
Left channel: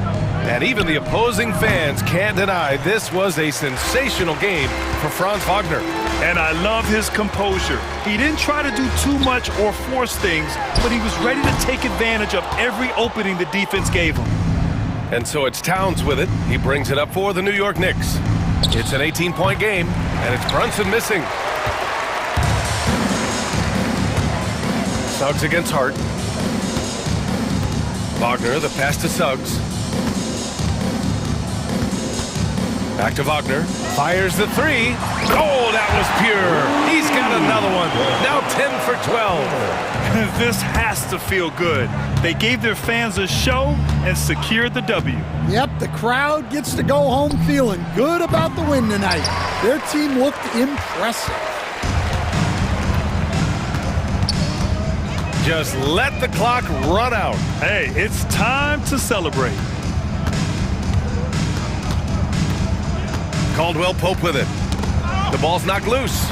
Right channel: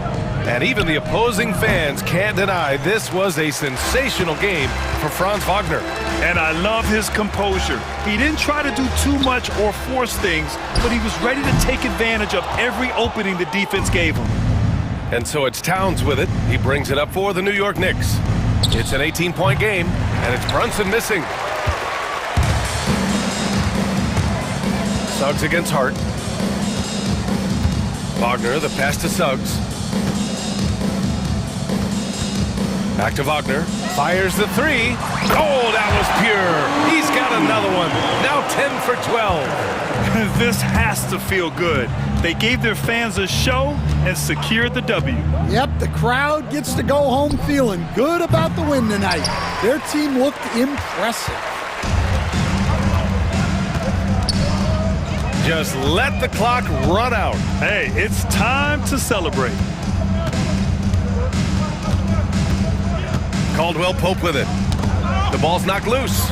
And even the opposing fans can't deny this was a sensational game for Franz Wagner. And I love his composure. He didn't try to do too much or force things, but he was ready to take advantage of every opening the defense gave him. And so it's Towns with it. He brings it up for the New York Knicks. It's an 18-point game, and it's Brunson missing. Suggs against Hart. Wagner, the pass to Suggs. Back to Wagner. Fires the 3. Oh, that was pure. He's got another one. Now 10 for 12. This has to feel good. They gave their fans a show and secured the W. Yep, the crowd gets to go home feeling good about the win tonight. Their team looked impressive. Just let the clock run out. Hey, it's time to celebrate. Caldwell Pope with it. The ball's knocked loose.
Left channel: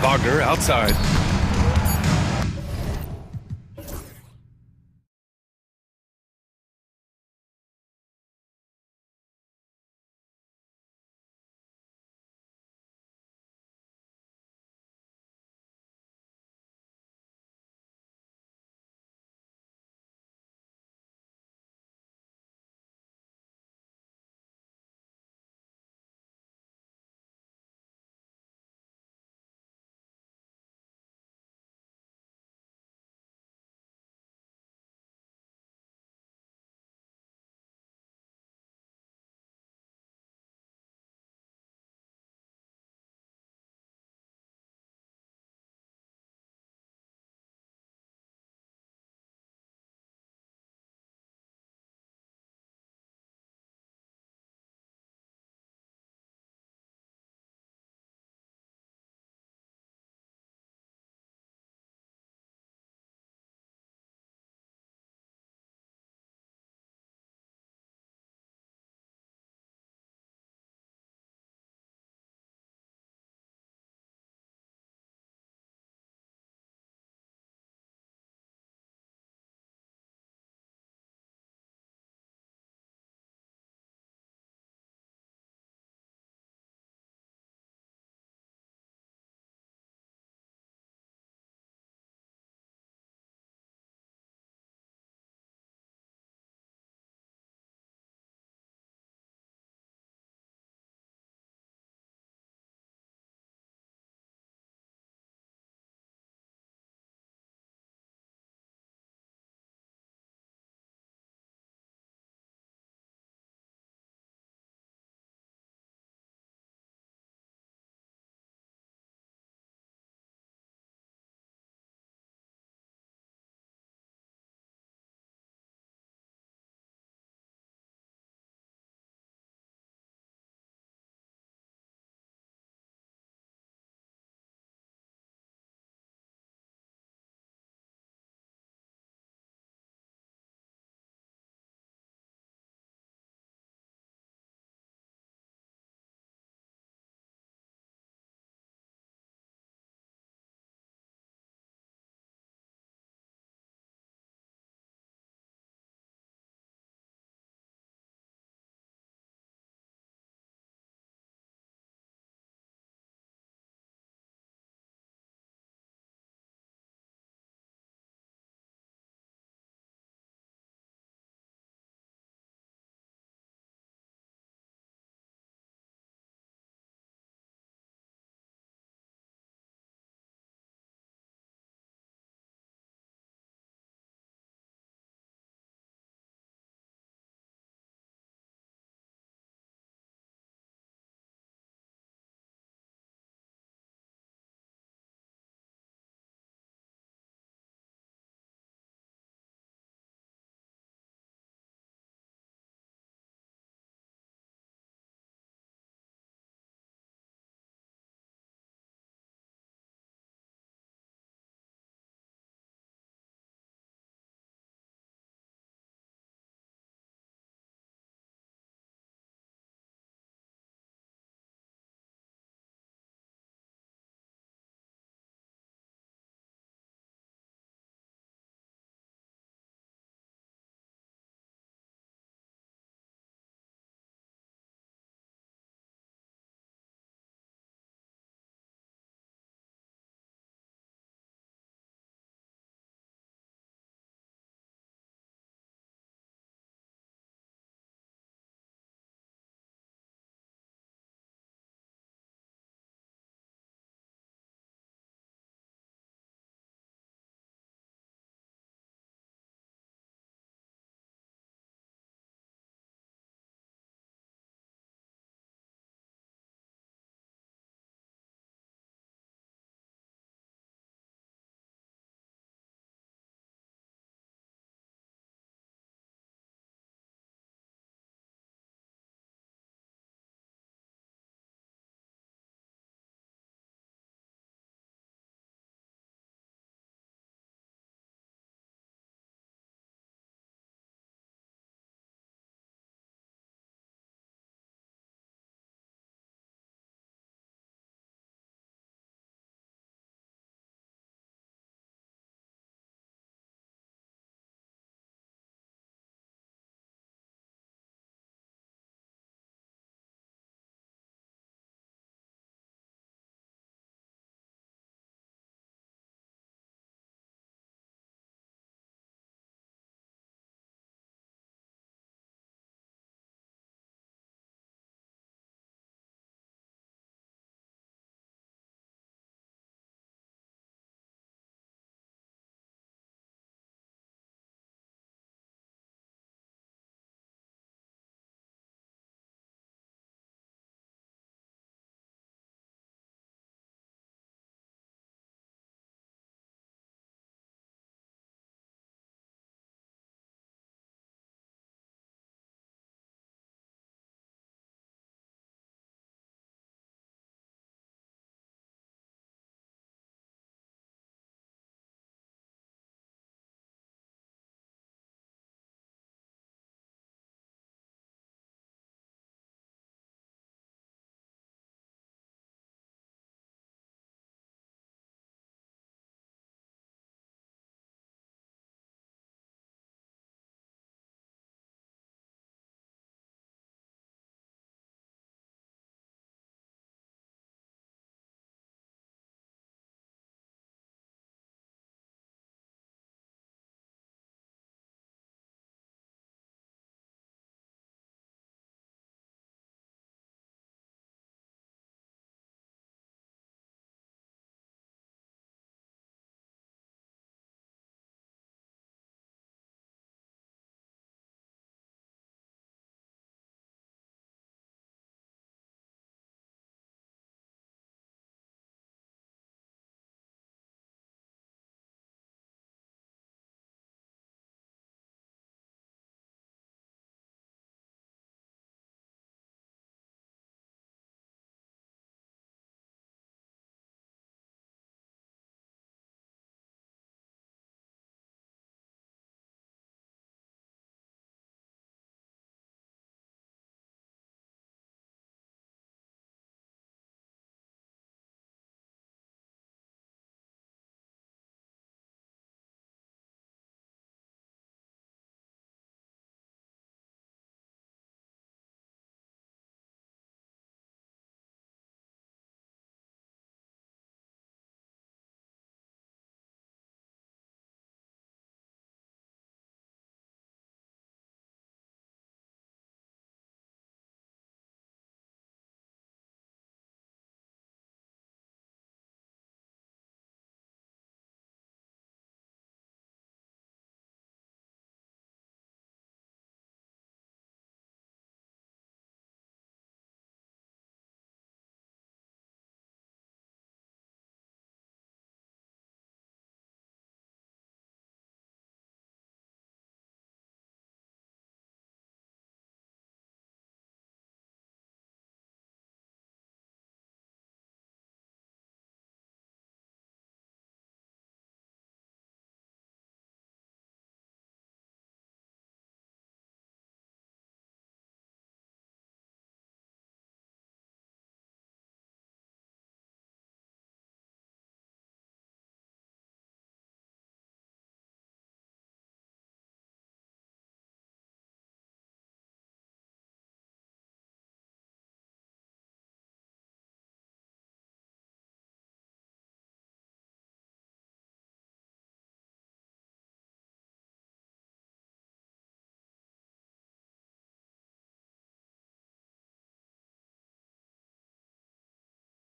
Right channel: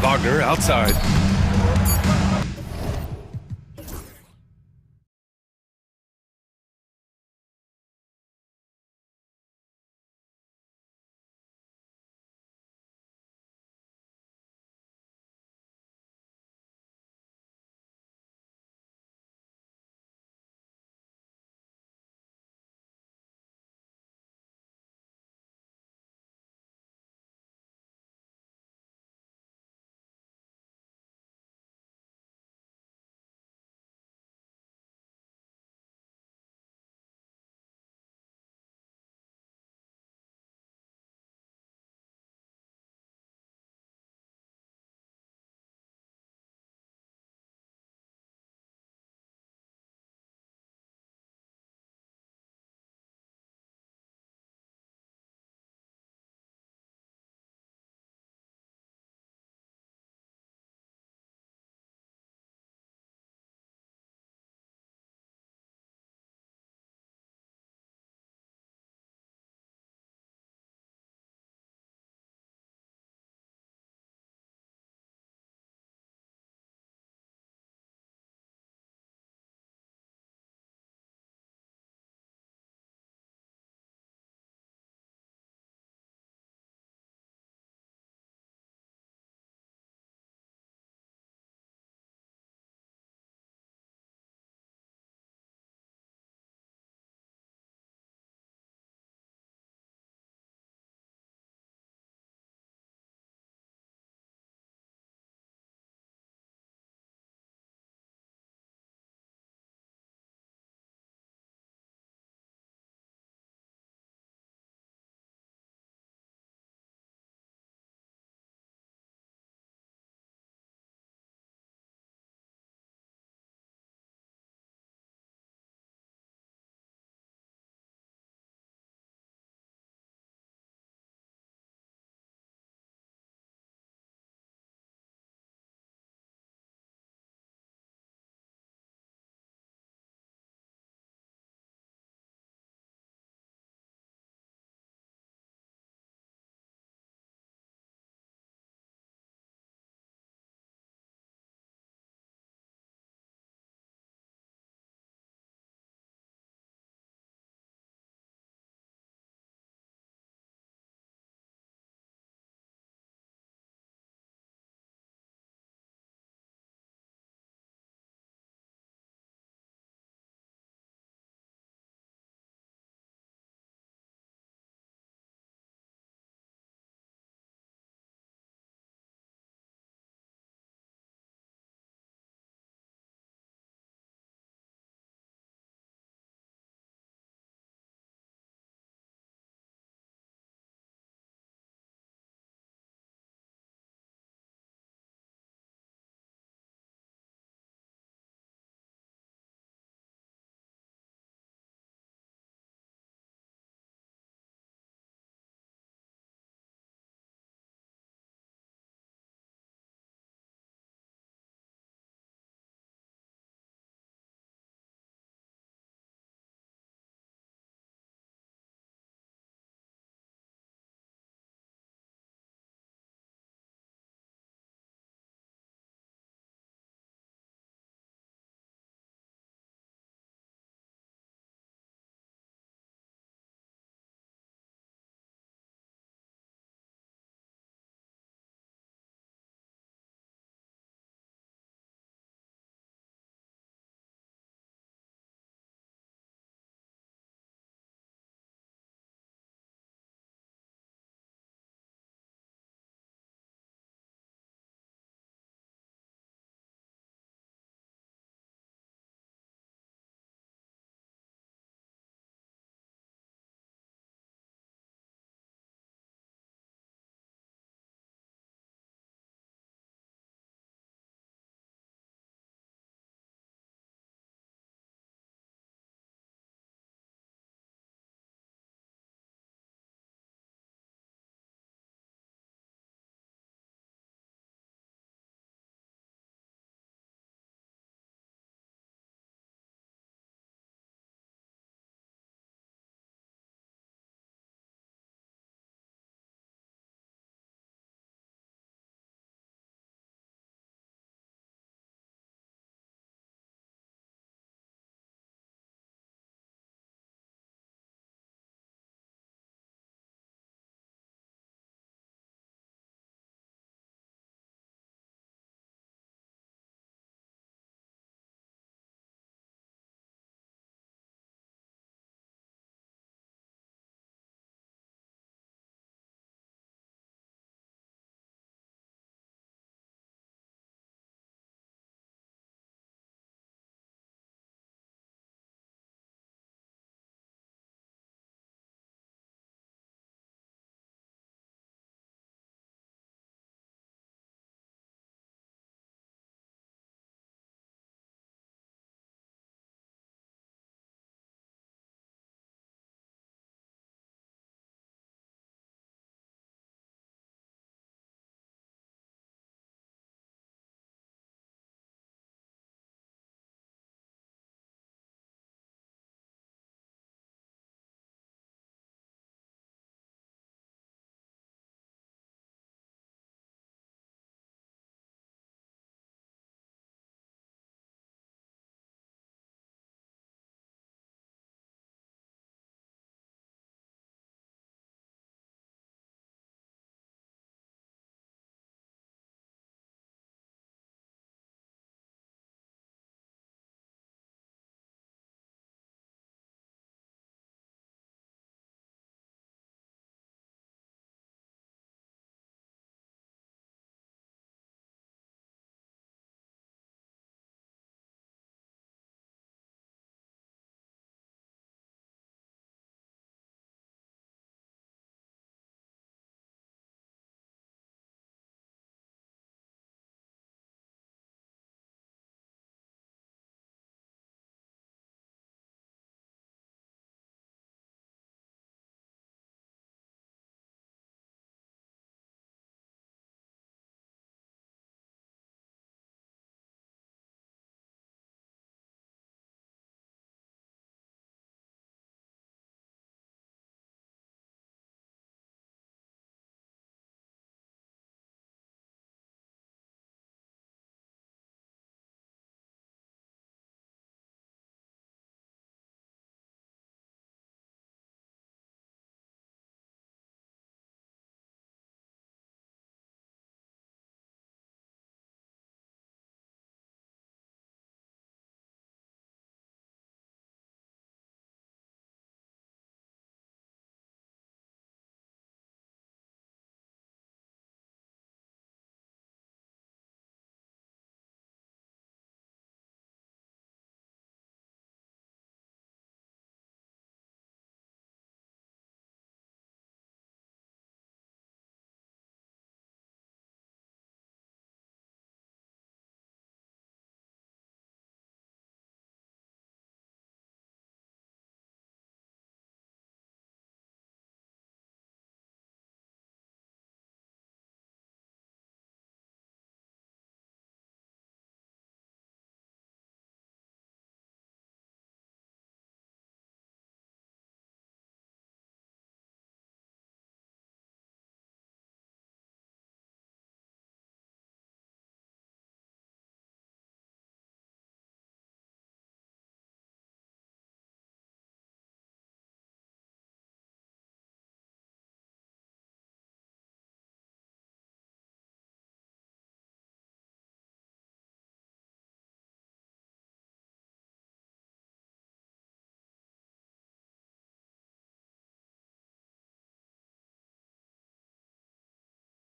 Wagner outside.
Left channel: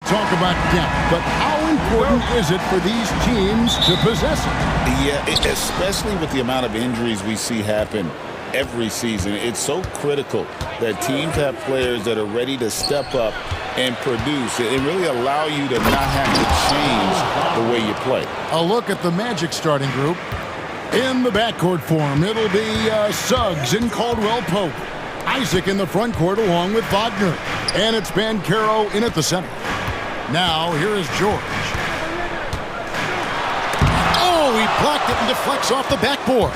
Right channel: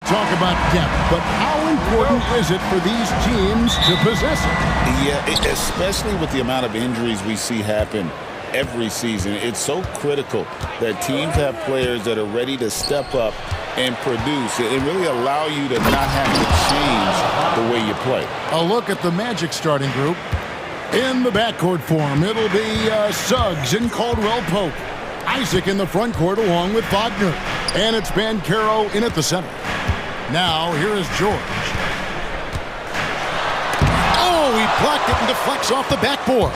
Talk about depth, but how important is it for these teams to possess it? Yeah, especially with the amount of injuries we see happen every season. It's so critical that teams have players that are ready to step up and produce and really allow you to not have to change the way you play. A look at the Magic starting group. In the backcourt form, it'll be Suggs and Caldwell Pope. Isaac in the front court along with Wagner. And it's Banchero in at the center. Now, here is George. Oh, he blocked it and deflects off the backboard.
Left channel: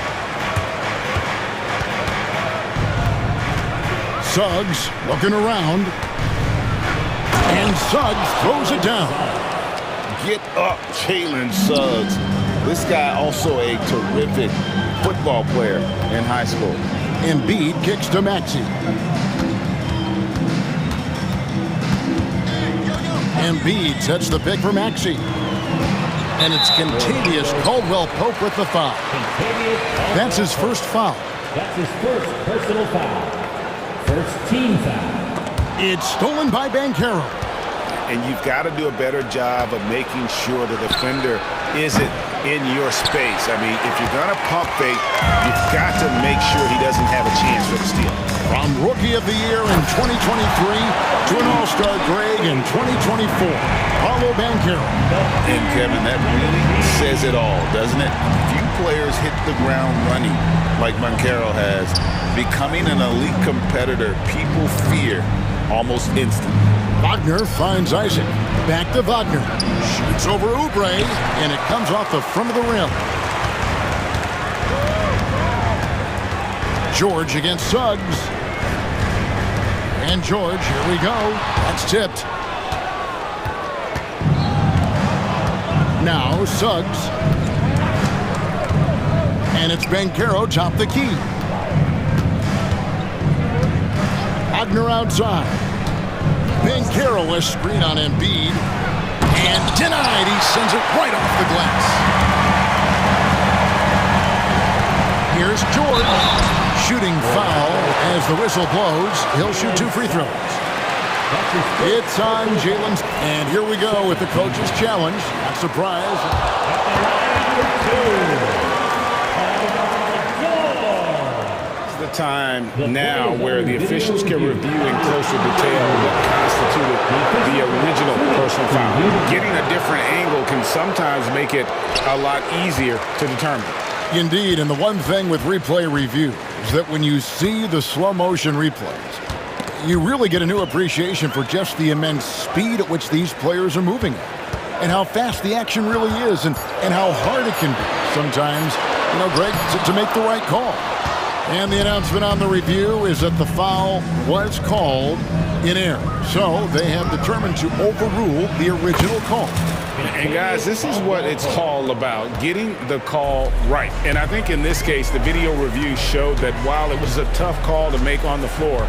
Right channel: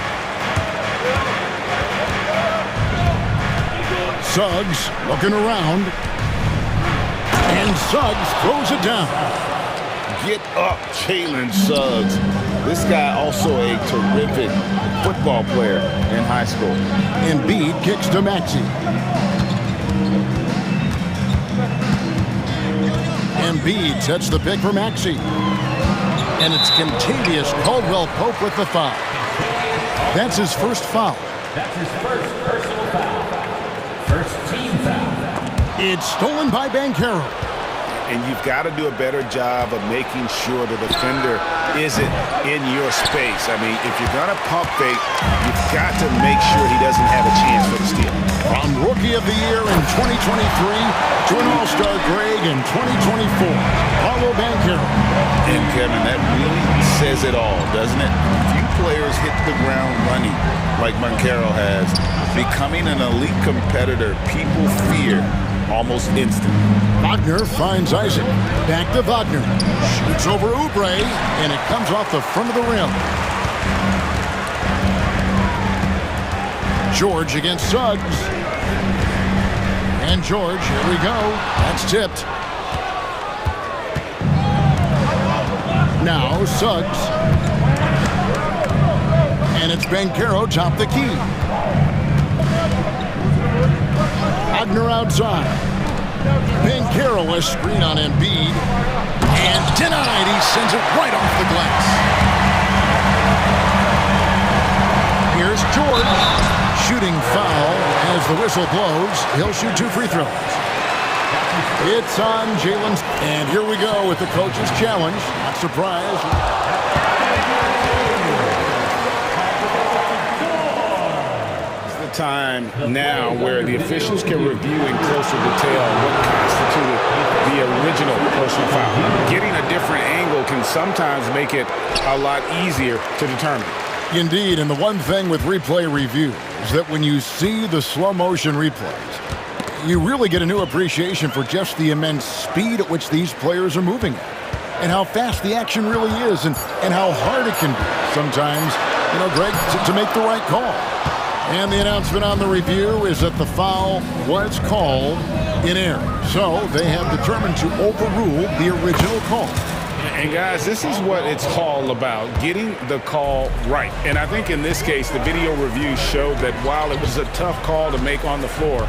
Suggs looking around. And Suggs throws it down. Get up, Jalen Suggs. This guy also a terrific football player in high school. Embiid kicks to Maxey. Embiid sets the pick for Maxey. And it's Contavious Caldwell-Pope with the foul. That's his first foul. That's his first personal foul. First team foul. It's stolen by Banchero. And you've got to do a better job of making sure the defender isn't in your space. I mean, if you're going to pump fake, you've got to make sure he doesn't have a chance for the steal. From Rookie of the Year in 2023 to an All-Star grade in 2024, Paolo Banchero. And Kevin, that really says it all, doesn't it? Few players hit the ground running like Banchero has. Becoming an elite competitor, people fear almost instant. Wagner finds Isaac. Back to Wagner. Shoots over Oubre, and it comes off the front of the rim. George against Suggs. And George, here we go. That's tipped. Now Suggs. And it's Banchero top the key. Wagner outside. Banchero a screen on Embiid. And denied. He sends it right off the glass. Here's George. Shooting foul as the whistle blows. He'll shoot 2 free throws. It's on Jalen. And here we go with the coach's challenge. Not surprised. The time now where the officials can review in closer detail what constituted the original personal foul. Getting a different angle can sometimes make it a lot easier to determine. Indeed, and the one thing with replay review is that when you see the slow motion replays, you really get a new appreciation for just the immense speed at which these players are moving at, and how fast the action really is, and how hard it can be sometimes, you know, Greg, to make the right call. And the announcement on the review is that the foul was called in error. So they have determined to overrule the original call. And guys, this is what it's all about, getting the call right. And I think in this case, the video review showed that while it was a tough call to make on the floor,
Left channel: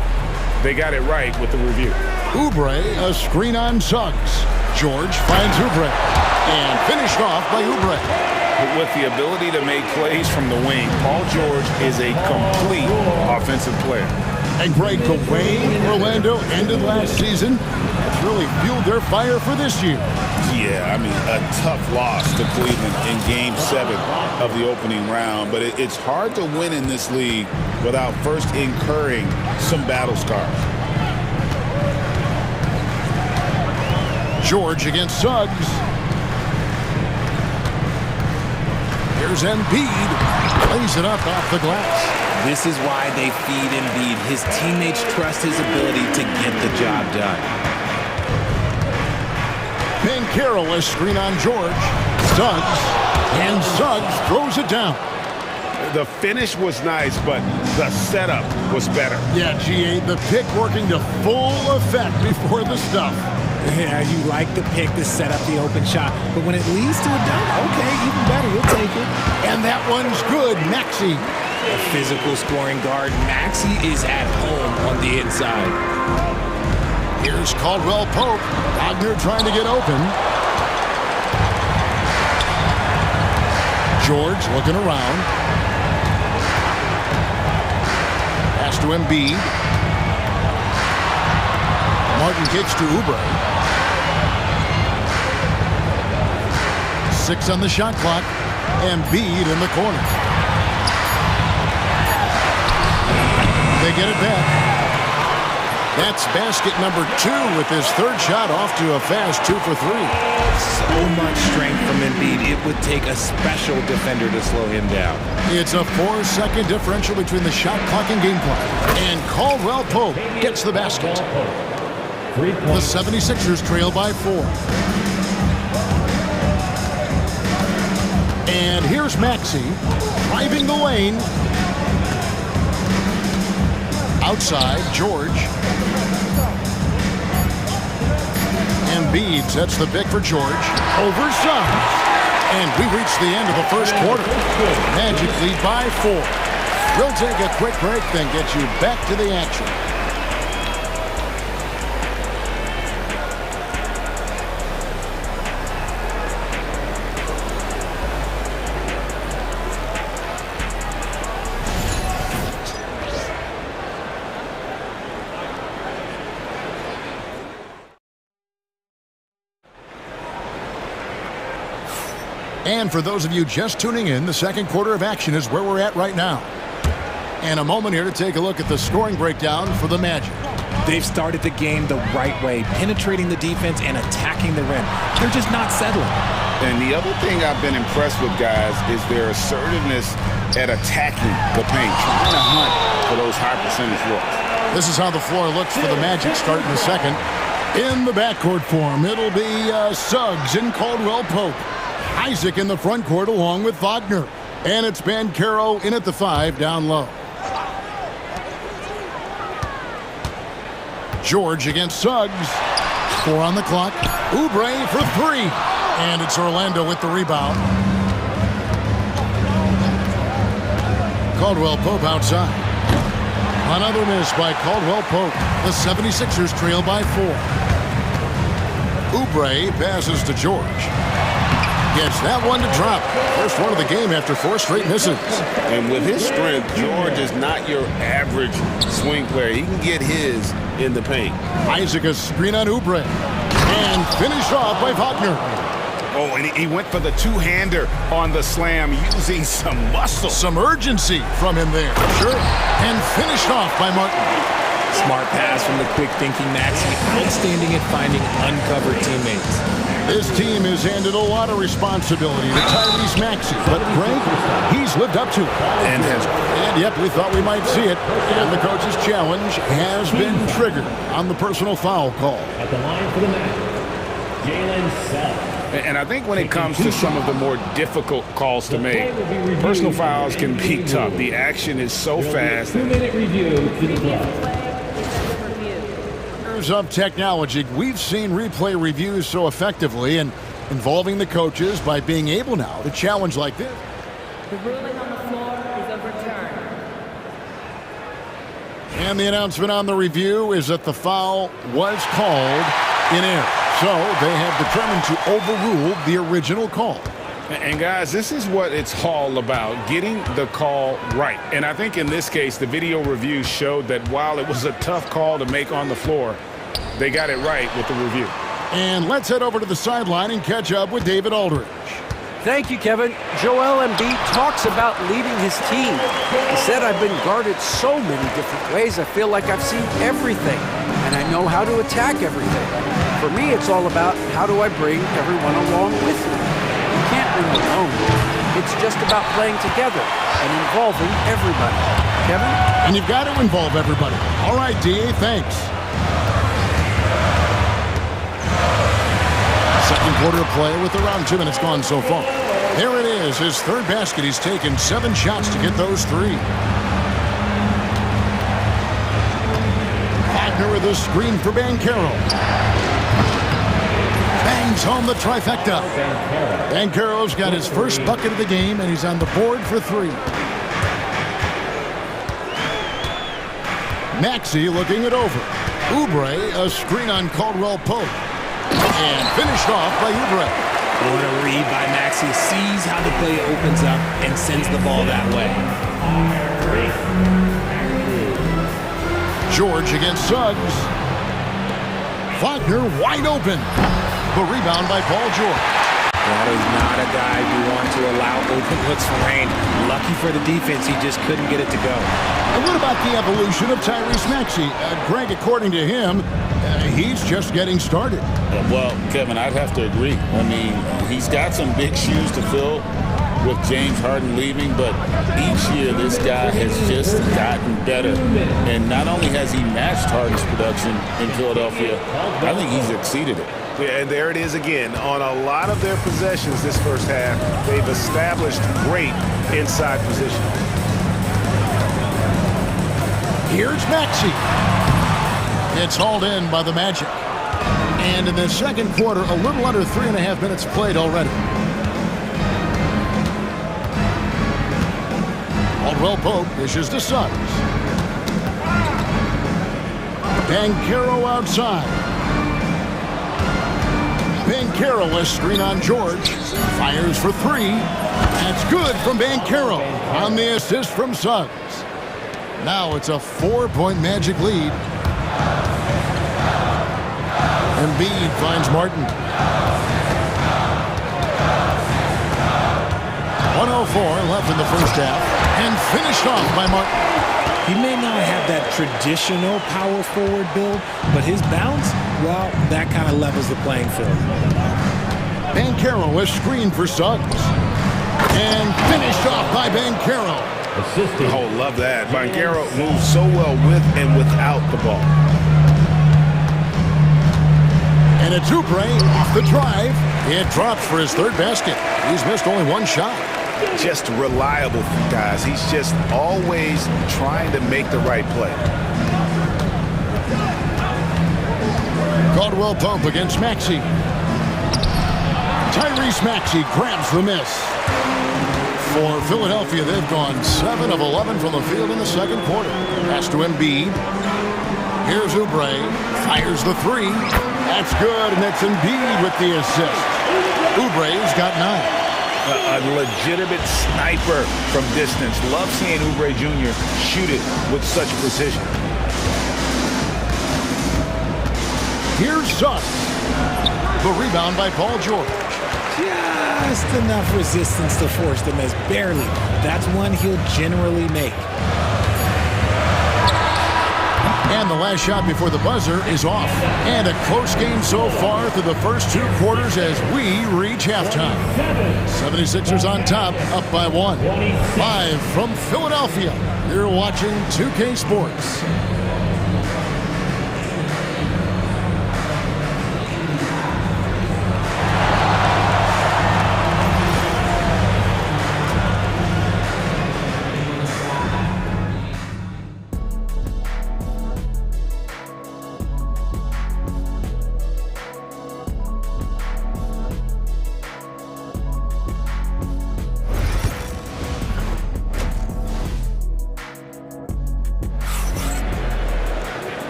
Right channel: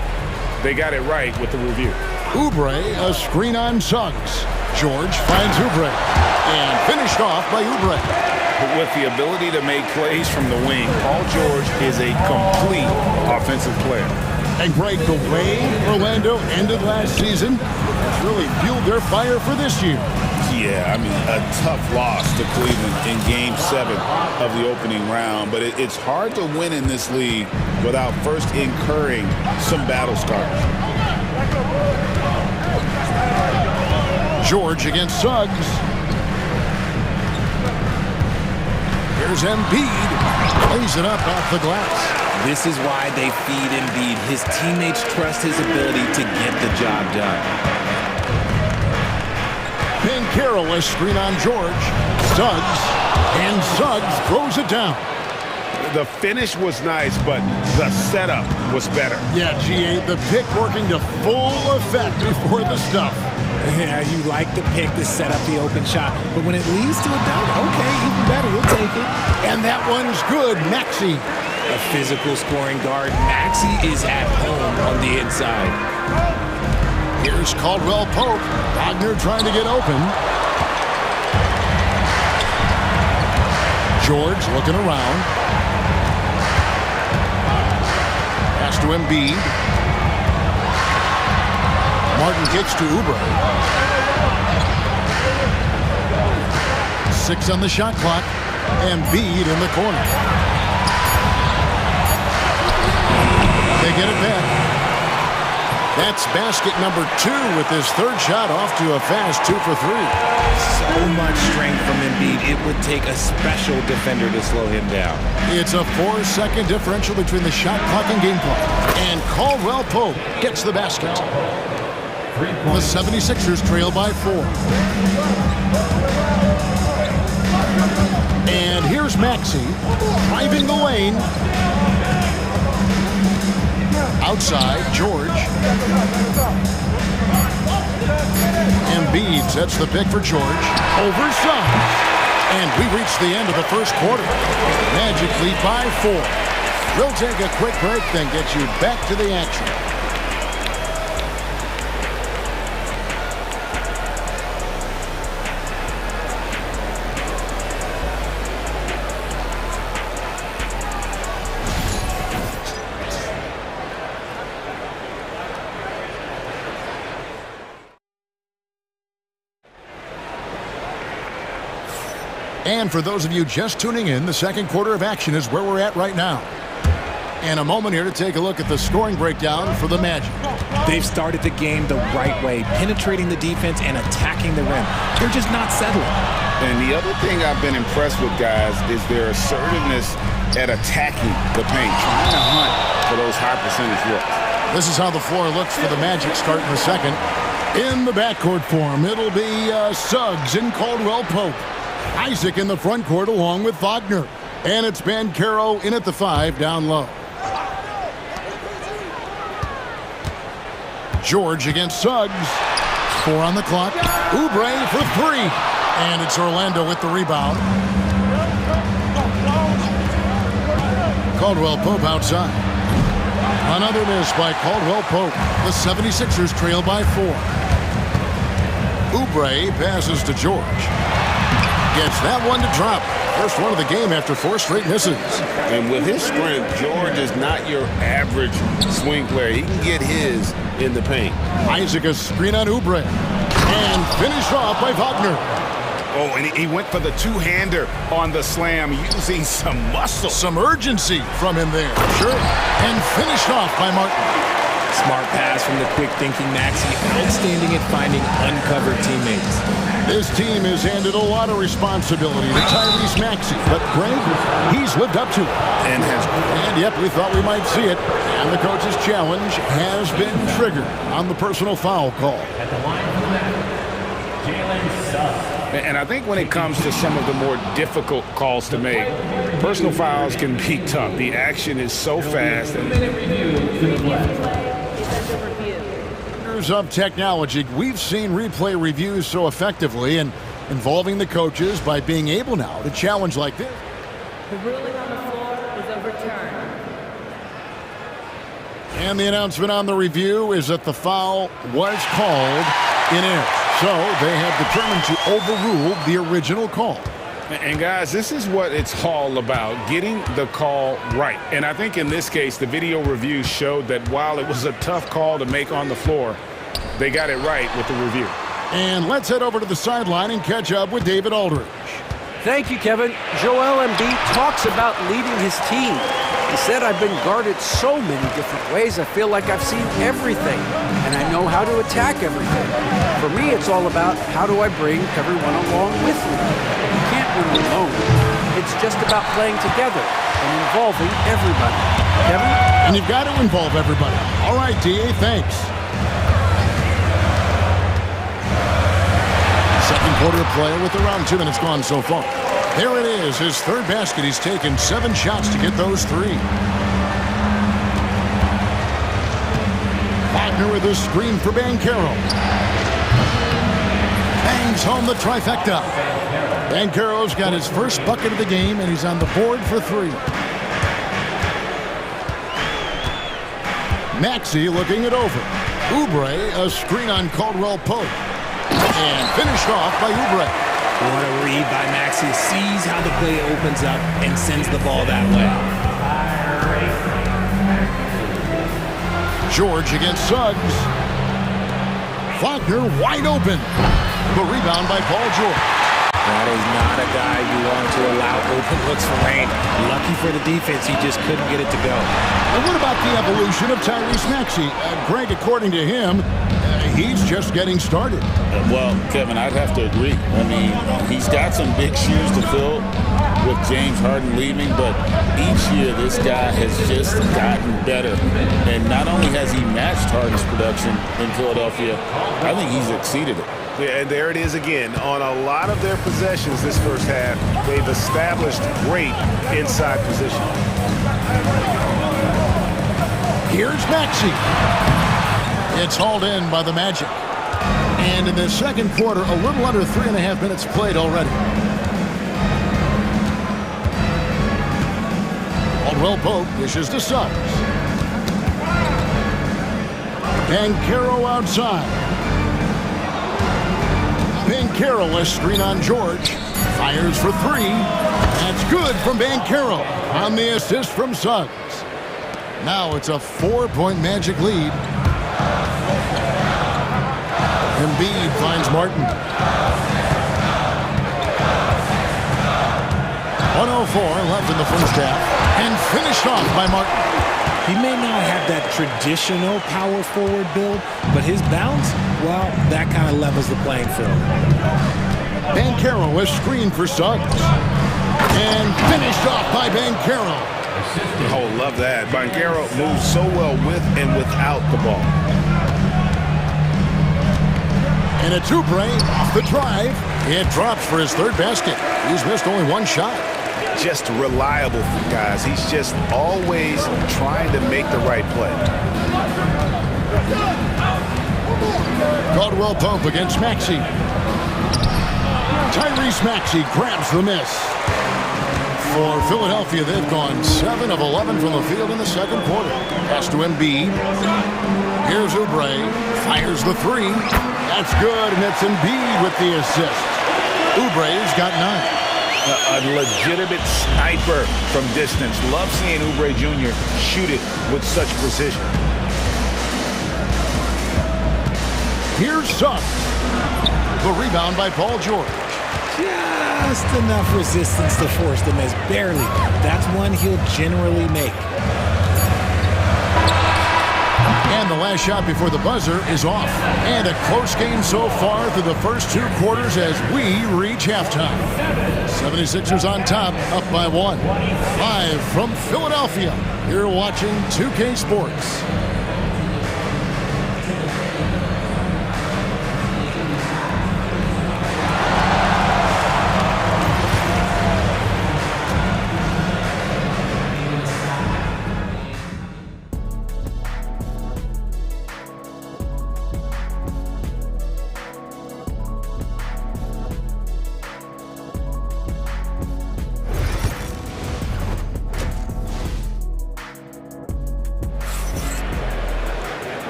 they got it right with the review. Oubre, a screen on Suggs. George finds Oubre. And finished off by Oubre. With the ability to make plays from the wing, Paul George is a complete offensive player. And Greg, the way Orlando ended last season has really fueled their fire for this year. Yeah, I mean, a tough loss to Cleveland in Game 7 of the opening round. But it's hard to win in this league without first incurring some battle scars. George against Suggs. Here's Embiid. Plays it up off the glass. This is why they feed Embiid. His teammates trust his ability to get the job done. Banchero, a screen on George. Suggs. And Suggs throws it down. The finish was nice, but the setup was better. Yeah, GA, the pick working to full effect before the stuff. Yeah, you like the pick to set up the open shot, but when it leads to a dunk, okay, even better, you'll take it. And that one's good, Maxey. A physical scoring guard, Maxey is at home on the inside. Here's Caldwell Pope. Wagner trying to get open. George looking around. Pass to Embiid. Martin kicks to Oubre. 6 on the shot clock. Embiid in the corner. They get it back. That's basket number 2 with his third shot off to a fast 2 for 3. So much strength from Embiid. It would take a special defender to slow him down. It's a 4-second differential between the shot clock and game clock. And Caldwell Pope gets the basket. The 76ers trail by 4. And here's Maxey driving the lane. Outside, George. Embiid sets the pick for George. Over Suggs. And we reach the end of the first quarter. Magic lead by 4. We'll take a quick break, then get you back to the action. And for those of you just tuning in, the second quarter of action is where we're at right now. And a moment here to take a look at the scoring breakdown for the Magic. They've started the game the right way, penetrating the defense and attacking the rim. They're just not settling. And the other thing I've been impressed with, guys, is their assertiveness at attacking the paint, trying to hunt for those high percentage looks. This is how the floor looks for the Magic starting the second. In the backcourt form, it'll be Suggs and Caldwell Pope. Isaac in the front court along with Wagner. And it's Banchero in at the 5 down low. George against Suggs. 4 on the clock. Oubre for 3. And it's Orlando with the rebound. Caldwell Pope outside. Another miss by Caldwell Pope. The 76ers trail by 4. Oubre passes to George. Gets that one to drop. First one of the game after 4 straight misses. And with his strength, George is not your average swing player. He can get his in the paint. Isaac a screen on Oubre. And finished off by Wagner. Oh, and he went for the two-hander on the slam, using some muscle. Some urgency from him there. Sure. And finished off by Martin. Smart pass from the quick-thinking Maxey. Outstanding at finding uncovered teammates. This team has handed a lot of responsibility to Tyrese Maxey, but Greg, he's lived up to it. And yep, we thought we might see it. And the coach's challenge has been triggered on the personal foul call. At the line for the match, Jalen Suggs. And I think when it comes to some of the more difficult calls to make, personal fouls can be tough. The action is so fast. Of technology, we've seen replay reviews so effectively and involving the coaches by being able now to challenge like this. The ruling on the floor is overturned. And the announcement on the review is that the foul was called in error. So they have determined to overrule the original call. And guys, this is what it's all about, getting the call right. And I think in this case, the video review showed that while it was a tough call to make on the floor, they got it right with the review. And let's head over to the sideline and catch up with David Aldridge. Thank you, Kevin. Joel Embiid talks about leading his team. He said, I've been guarded so many different ways. I feel like I've seen everything, and I know how to attack everything. For me, it's all about how do I bring everyone along with me. You can't win alone. It's just about playing together and involving everybody. Kevin? And you've got to involve everybody. All right, D.A., thanks. Second quarter play with around 2 minutes gone so far. There it is, his third basket. He's taken 7 shots to get those 3. Wagner with a screen for Banchero. Bangs home the trifecta. Banchero's got his first bucket of the game, and he's on the board for 3. Maxey looking it over. Oubre, a screen on Caldwell Pope. And finished off by Oubre. What a read by Maxey. Sees how the play opens up and sends the ball that way. George against Suggs. Wagner wide open. The rebound by Paul George. That is not a guy you want to allow open looks for rain. Lucky for the defense, he just couldn't get it to go. And what about the evolution of Tyrese Maxey? Greg, according to him, he's just getting started. Well, Kevin, I'd have to agree. I mean, he's got some big shoes to fill with James Harden leaving, but each year this guy has just gotten better. And not only has he matched Harden's production in Philadelphia, I think he's exceeded it. Yeah, and there it is again. On a lot of their possessions this first half, they've established great inside position. Here's Maxey. It's hauled in by the Magic. And in the second quarter, a little under 3.5 minutes played already. Caldwell Pope dishes to Suggs. Banchero outside. Banchero, a screen on George. Fires for three. That's good from Banchero on the assist from Suggs. Now it's a 4-point Magic lead. Embiid finds Martin. 1:04 left in the first half, and finished off by Martin. He may not have that traditional power forward build, but his bounce, well, that kind of levels the playing field. Banchero, a screen for Suggs. And finished off by Banchero. Oh, love that. Banchero moves so well with and without the ball. And it's Oubre off the drive. It drops for his third basket. He's missed only one shot. Just reliable, guys. He's just always trying to make the right play. Caldwell Pope against Maxey. Tyrese Maxey grabs the miss. For Philadelphia, they've gone 7 of 11 from the field in the second quarter. Pass to Embiid. Here's Oubre. Fires the three. That's good, and it's Embiid with the assist. Oubre's got 9. A legitimate sniper from distance. Love seeing Oubre Jr. shoot it with such precision. Here's Suggs. The rebound by Paul George. Just enough resistance to force the miss. Barely. That's one he'll generally make. And the last shot before the buzzer is off. And a close game so far through the first 2 quarters as we reach halftime. 76ers on top, up by 1. Live from Philadelphia, you're watching 2K Sports.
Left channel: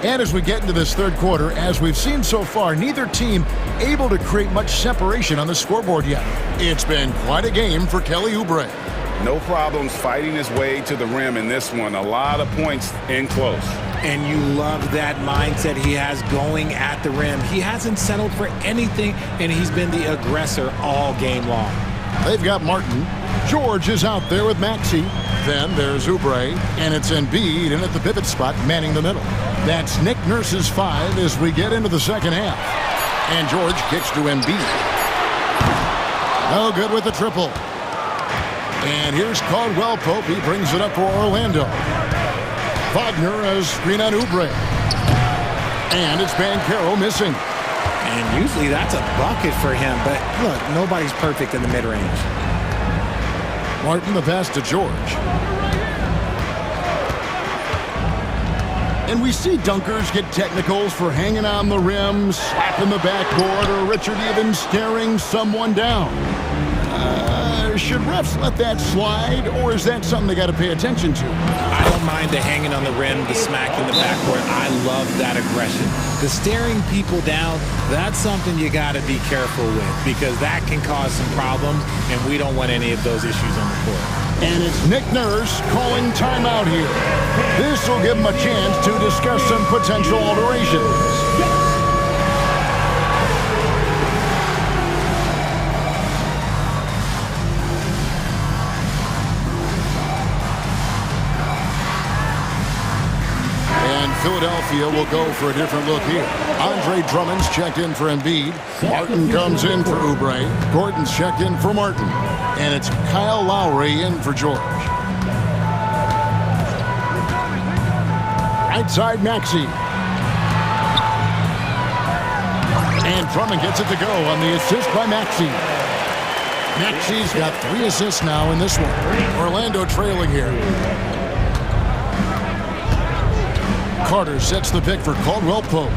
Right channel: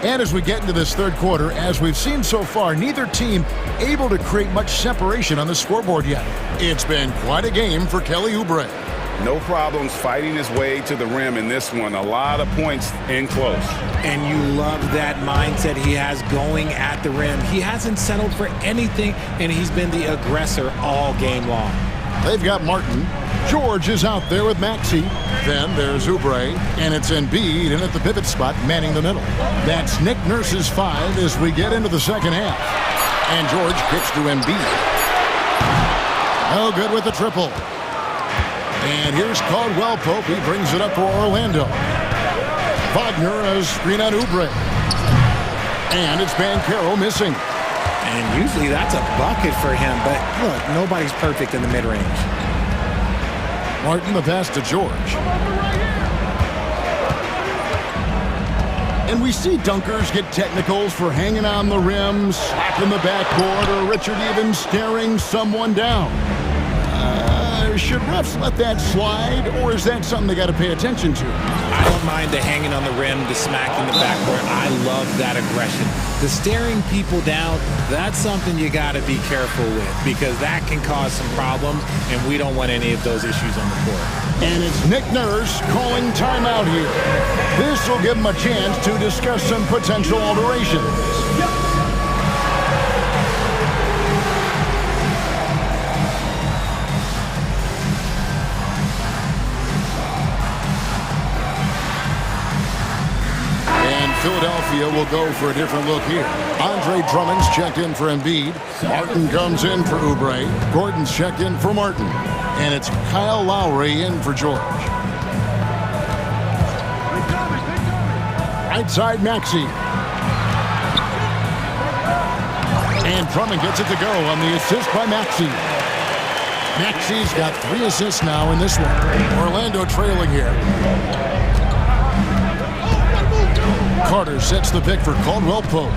And as we get into this third quarter, as we've seen so far, neither team able to create much separation on the scoreboard yet. It's been quite a game for Kelly Oubre. No problems fighting his way to the rim in this one. A lot of points in close. And you love that mindset he has going at the rim. He hasn't settled for anything, and he's been the aggressor all game long. They've got Martin. George is out there with Maxey. Then there's Oubre, and it's Embiid in at the pivot spot, manning the middle. That's Nick Nurse's 5 as we get into the second half. And George kicks to Embiid. No good with the triple. And here's Caldwell Pope. He brings it up for Orlando. Wagner, a screen on Oubre. And it's Banchero missing. And usually that's a bucket for him, but look, nobody's perfect in the mid-range. Martin, the pass to George. And we see dunkers get technicals for hanging on the rim, slapping the backboard, or Richard even staring someone down. Should refs let that slide, or is that something they got to pay attention to? I don't mind the hanging on the rim, the smacking the backboard. I love that aggression. The staring people down, that's something you got to be careful with because that can cause some problems, and we don't want any of those issues on the court. And it's Nick Nurse calling timeout here. This will give him a chance to discuss some potential alterations. Philadelphia will go for a different look here. Andre Drummond's checked in for Embiid. Martin comes in for Oubre. Gordon's checked in for Martin. And it's Kyle Lowry in for George. Right side, Maxey. And Drummond gets it to go on the assist by Maxey. Maxey's got 3 assists now in this one. Orlando trailing here. Carter sets the pick for Caldwell Pope.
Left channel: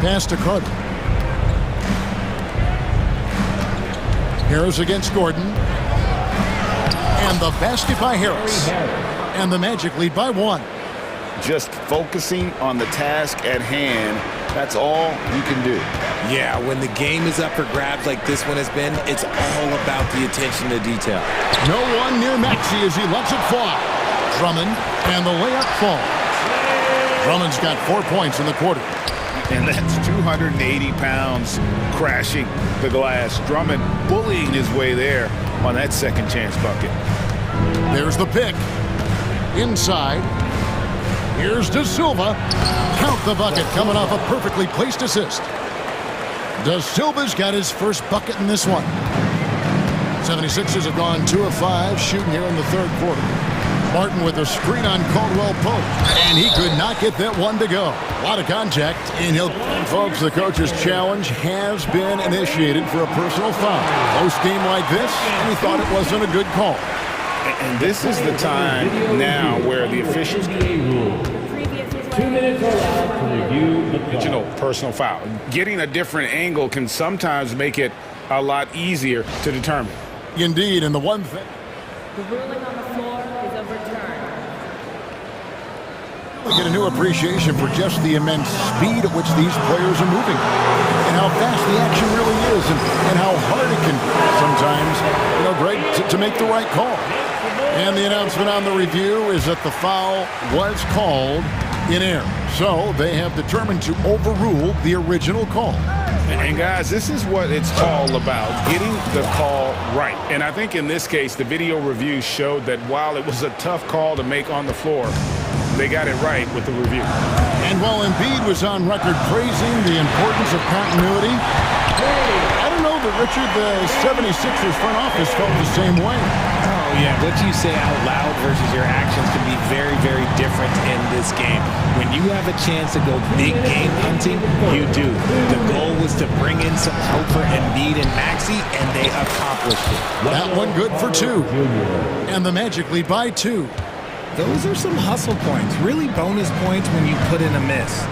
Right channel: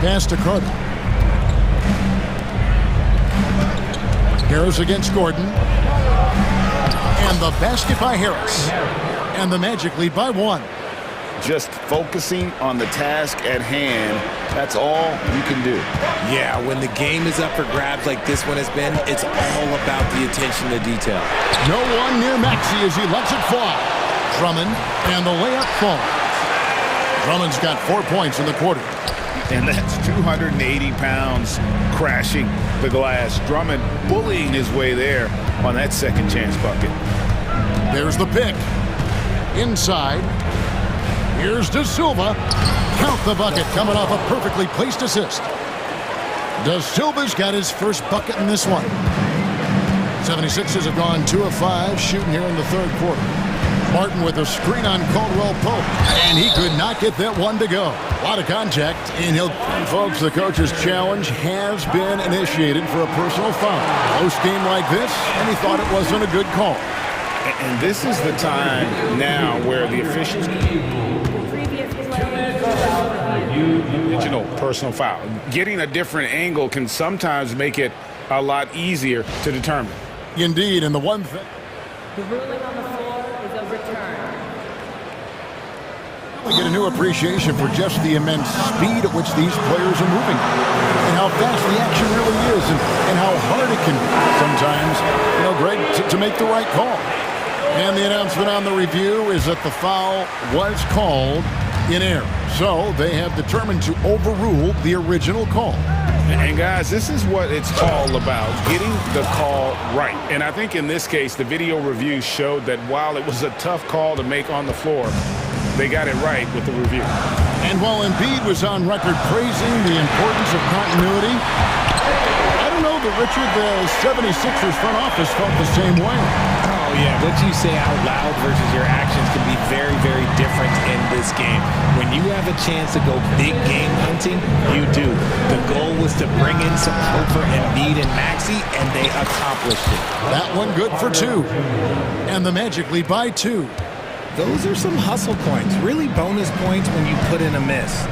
Pass to Carter. Harris against Gordon. And the basket by Harris. And the Magic lead by 1. Just focusing on the task at hand, that's all you can do. Yeah, when the game is up for grabs like this one has been, it's all about the attention to detail. No one near Maxey as he lets it fly. Drummond, and the layup falls. Drummond's got 4 points in the quarter. And that's 280 pounds crashing the glass. Drummond bullying his way there on that second chance bucket. There's the pick. Inside. Here's De Silva. Count the bucket coming off a perfectly placed assist. De Silva's got his first bucket in this one. 76ers have gone 2 of 5 shooting here in the third quarter. Martin with a screen on Caldwell Pope. And he could not get that one to go. A lot of contact. And folks, the coach's challenge has been initiated for a personal foul. Close game like this, and he thought it wasn't a good call. And this is the time now where the officials personal foul. Getting a different angle can sometimes make it a lot easier to determine. Indeed, and the one thing. The ruling on the floor is overturned. We get a new appreciation for just the immense speed at which these players are moving and how fast the action really is and how hard it can be sometimes, Greg, to make the right call. And the announcement on the review is that the foul was called in error. So they have determined to overrule the original call. And guys, this is what it's all about, getting the call right. And I think in this case, the video review showed that while it was a tough call to make on the floor, they got it right with the review. And while Embiid was on record praising the importance of continuity, I don't know that, Richard, the 76ers front office felt the same way. Oh, yeah. What you say out loud versus your actions can be very, very different in this game. When you have a chance to go big game hunting, you do. The goal was to bring in some hope for Embiid and Maxey, and they accomplished it. That one good for 2. And the Magic lead by 2. Those are some hustle points, really bonus points when you put in a miss.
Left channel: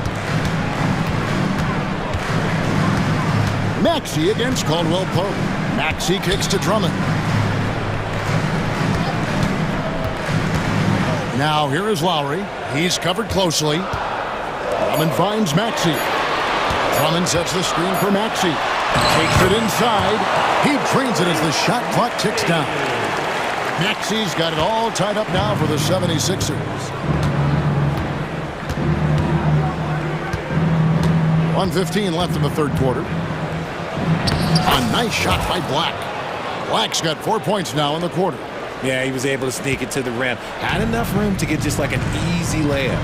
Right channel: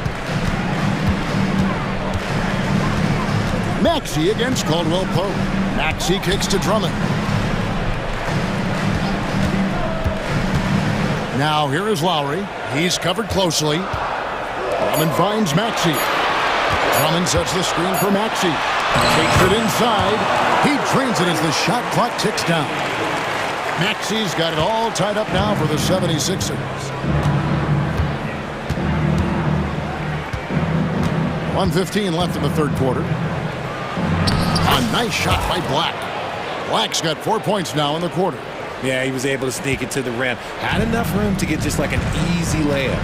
Maxey against Caldwell Pope. Maxey kicks to Drummond. Now here is Lowry. He's covered closely. Drummond finds Maxey. Drummond sets the screen for Maxey. Takes it inside. He drains it as the shot clock ticks down. Maxey's got it all tied up now for the 76ers. 1:15 left in the third quarter. A nice shot by Black. Black's got 4 points now in the quarter. Yeah, he was able to sneak it to the rim. Had enough room to get just like an easy layup.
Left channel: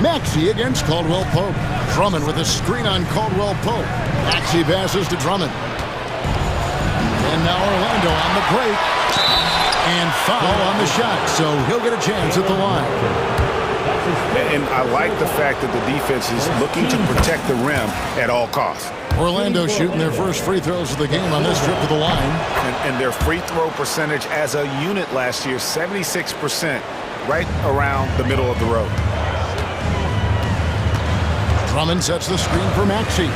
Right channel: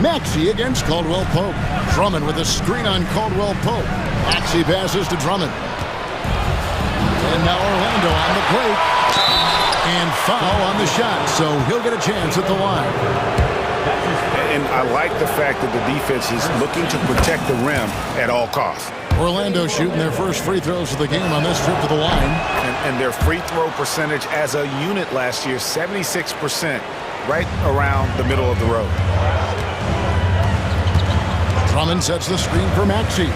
Maxey against Caldwell Pope. Drummond with a screen on Caldwell Pope. Maxey passes to Drummond. And now Orlando on the break. And foul on the shot, so he'll get a chance at the line. And I like the fact that the defense is looking to protect the rim at all costs. Orlando shooting their first free throws of the game on this trip to the line. And their free throw percentage as a unit last year, 76%, right around the middle of the road. Drummond sets the screen for Maxey.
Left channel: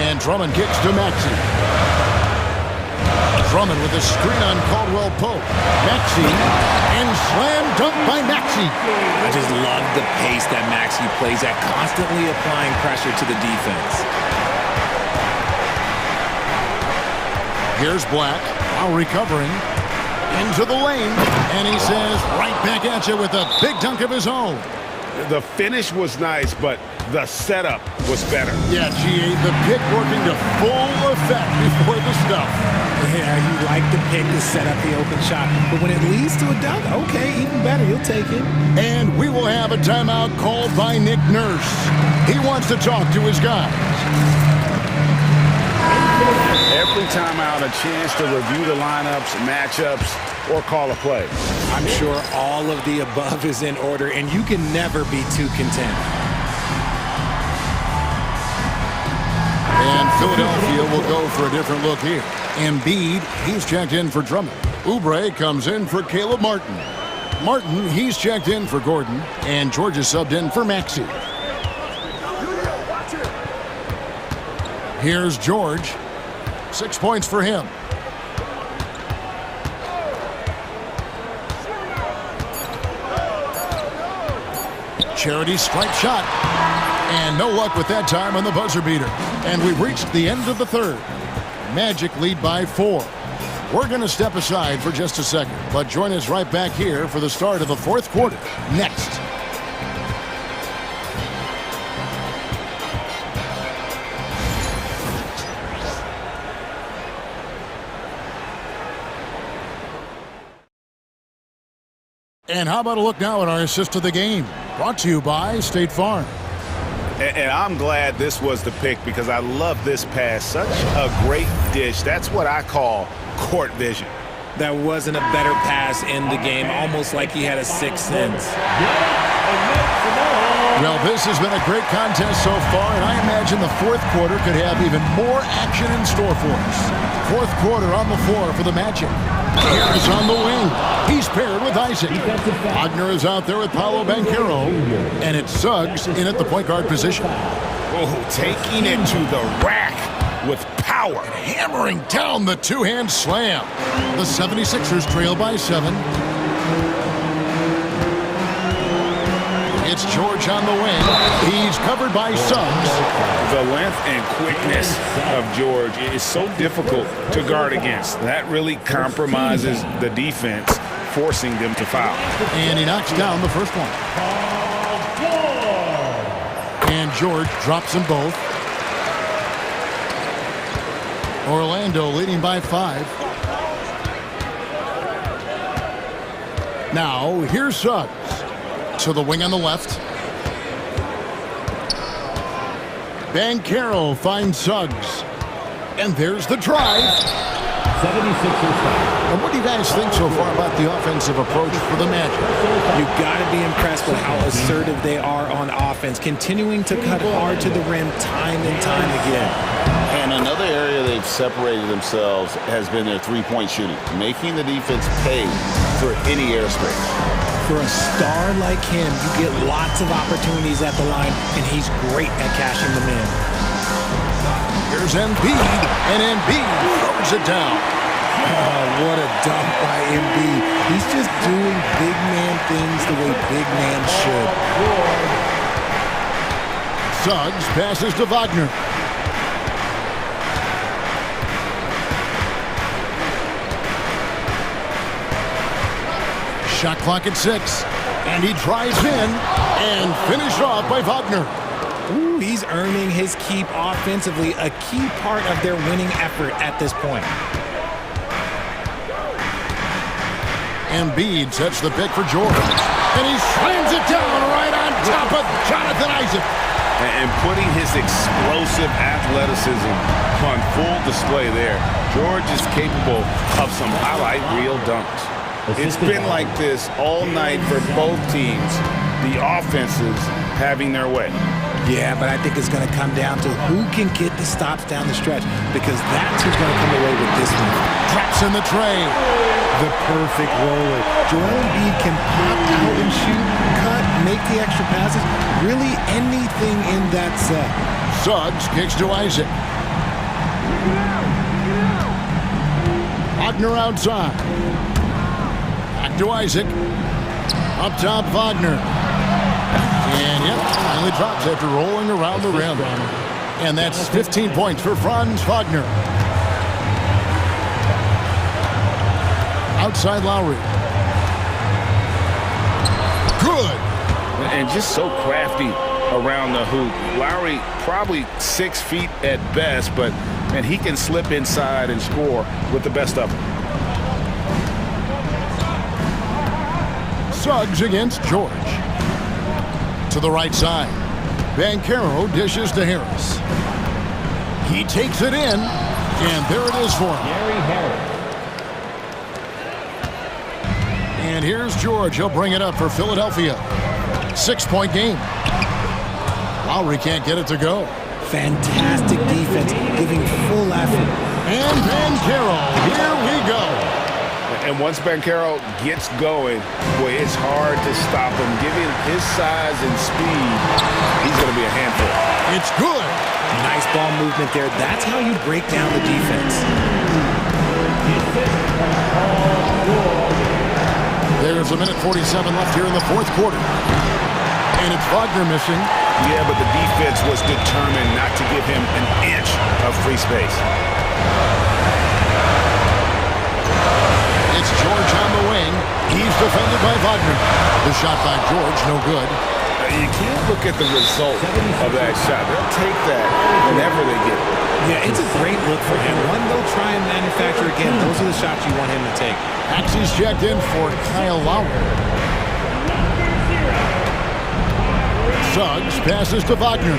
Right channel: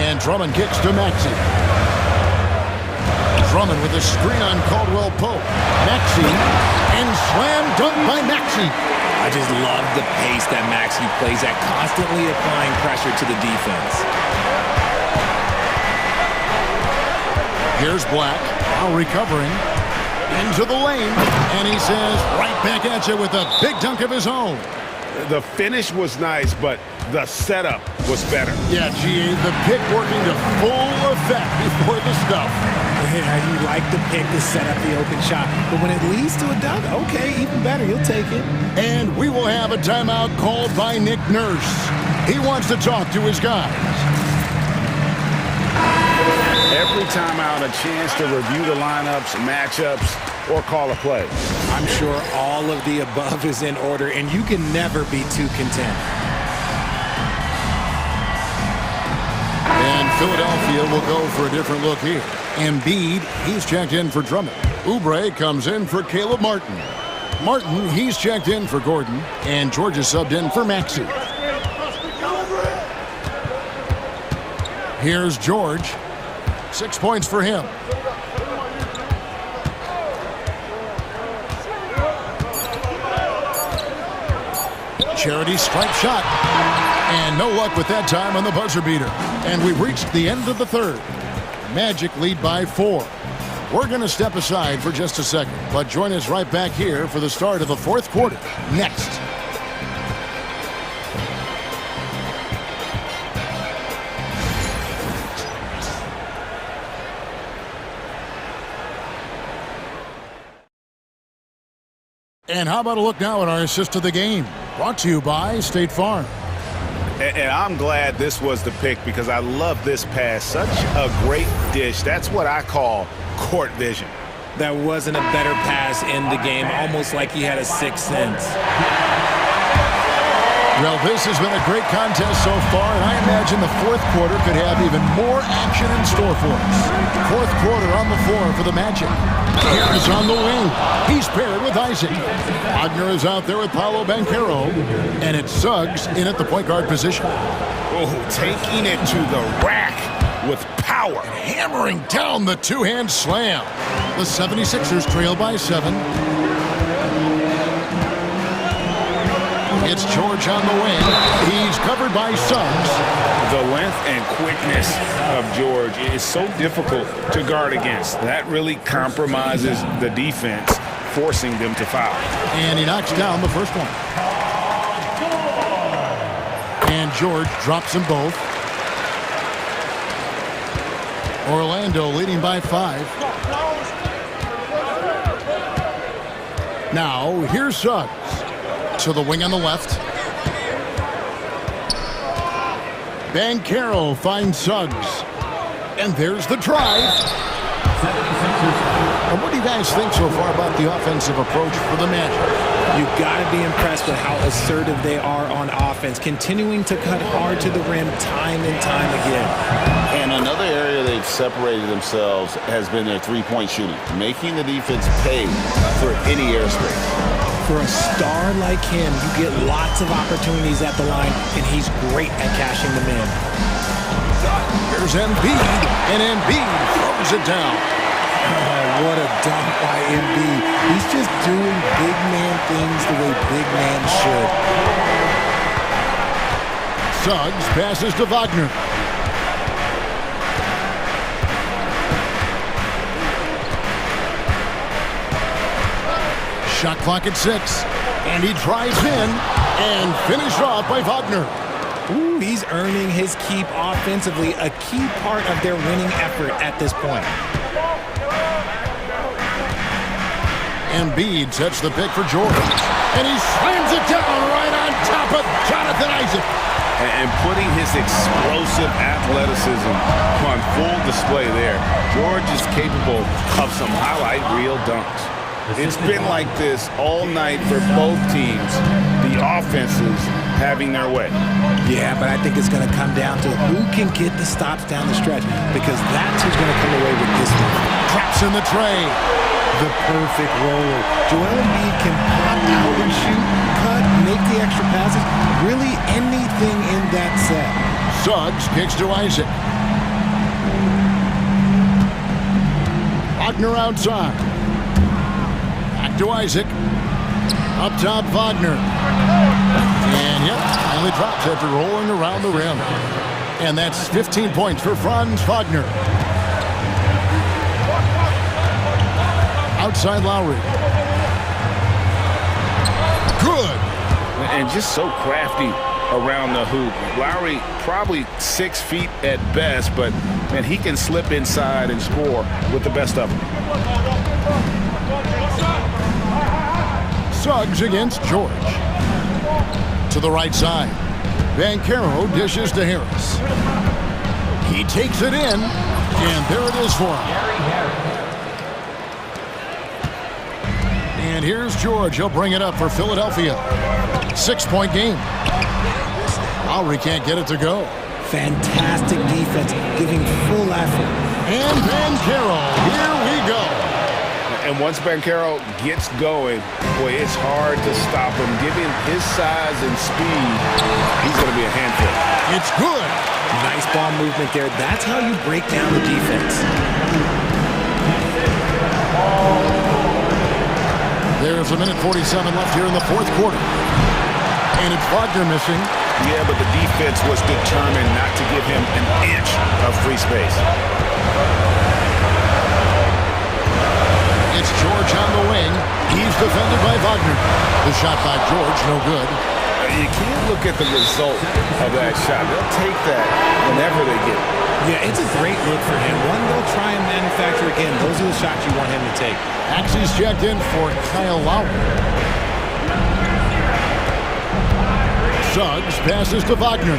And Drummond kicks to Maxey. Drummond with a screen on Caldwell Pope. Maxey, and slam dunk by Maxey. I just love the pace that Maxey plays at, constantly applying pressure to the defense. Here's Black, now recovering, into the lane, and he says, right back at you with a big dunk of his own. The finish was nice, but the setup was better. Yeah, GA, the pick working to full effect before the stuff. Yeah, you like the pick to set up the open shot, but when it leads to a dunk, okay, even better, you'll take it. And we will have a timeout called by Nick Nurse. He wants to talk to his guys. Every timeout, a chance to review the lineups, matchups, or call a play. I'm sure all of the above is in order, and you can never be too content. And Philadelphia will go for a different look here. Embiid, he's checked in for Drummond. Oubre comes in for Caleb Martin. Martin, he's checked in for Gordon. And George is subbed in for Maxey. Here's George. 6 points for him. Charity stripe shot. And no luck with that time on the buzzer beater. And we've reached the end of the third. Magic lead by 4. We're going to step aside for just a second, but join us right back here for the start of the fourth quarter. Next. And how about a look now at our assist of the game? Brought to you by State Farm. And I'm glad this was the pick because I love this pass. Such a great dish. That's what I call court vision. That wasn't a better pass in the game, almost like he had a sixth sense. Well, this has been a great contest so far, and I imagine the fourth quarter could have even more action in store for us. Fourth quarter on the floor for the Magic. Here's on the wing. He's paired with Isaac. Wagner is out there with Paolo Banchero, and it's Suggs in at the point guard position. Oh, taking it to the rack with power. And hammering down the two-hand slam. The 76ers trail by 7. It's George on the wing. He's covered by Suggs. The length and quickness of George is so difficult to guard against. That really compromises the defense, forcing them to foul. And he knocks down the first one. And George drops them both. Orlando leading by 5. Now, here's Suggs. To the wing on the left. Banchero finds Suggs. And there's the drive. 76ers. And what do you guys think so far about the offensive approach for the Magic? You got to be impressed with how assertive they are on offense, continuing to cut hard to the rim time and time again. And another area they've separated themselves has been their three-point shooting, making the defense pay for any airspace. For a star like him, you get lots of opportunities at the line, and he's great at cashing them in. Here's Embiid, and Embiid throws it down. Oh, what a dunk by Embiid. He's just doing big man things the way big man should. Suggs passes to Wagner. Shot clock at 6. And he drives in and finished off by Wagner. Ooh, he's earning his keep offensively, a key part of their winning effort at this point. Embiid sets the pick for George. And he slams it down right on top of Jonathan Isaac. And putting his explosive athleticism on full display there. George is capable of some highlight reel dunks. It's been like this all night for both teams, the offenses having their way. Yeah, but I think it's going to come down to who can get the stops down the stretch, because that's who's going to come away with this one. Drops in the tray. The perfect roller. Joel Embiid can pop out and shoot, cut, make the extra passes, really anything in that set. Suggs kicks to Isaac. Wagner outside. Back to Isaac. Up top, Wagner. And yep, finally drops after rolling around the rim. And that's 15 points for Franz Wagner. Outside Lowry. Good. And just so crafty around the hoop. Lowry probably 6 feet at best, but man, he can slip inside and score with the best of them. Suggs against George. To the right side. Banchero dishes to Harris. He takes it in, and there it is for him. And here's George. He'll bring it up for Philadelphia. 6-point game. Lowry can't get it to go. Fantastic defense, giving full effort. And Banchero, here we go. And once Banchero gets going, boy, it's hard to stop him. Given his size and speed, he's going to be a handful. It's good. Nice ball movement there. That's how you break down the defense. There's 1:47 left here in the fourth quarter. And it's Wagner missing. Yeah, but the defense was determined not to give him an inch of free space. It's George on the wing. He's defended by Wagner. The shot by George, no good. You can't look at the result of that shot. They'll take that whenever they get it. Yeah, it's a great look for him. One they'll try and manufacture again. Those are the shots you want him to take. Axie's checked in for Kyle Lowry. Suggs passes to Wagner.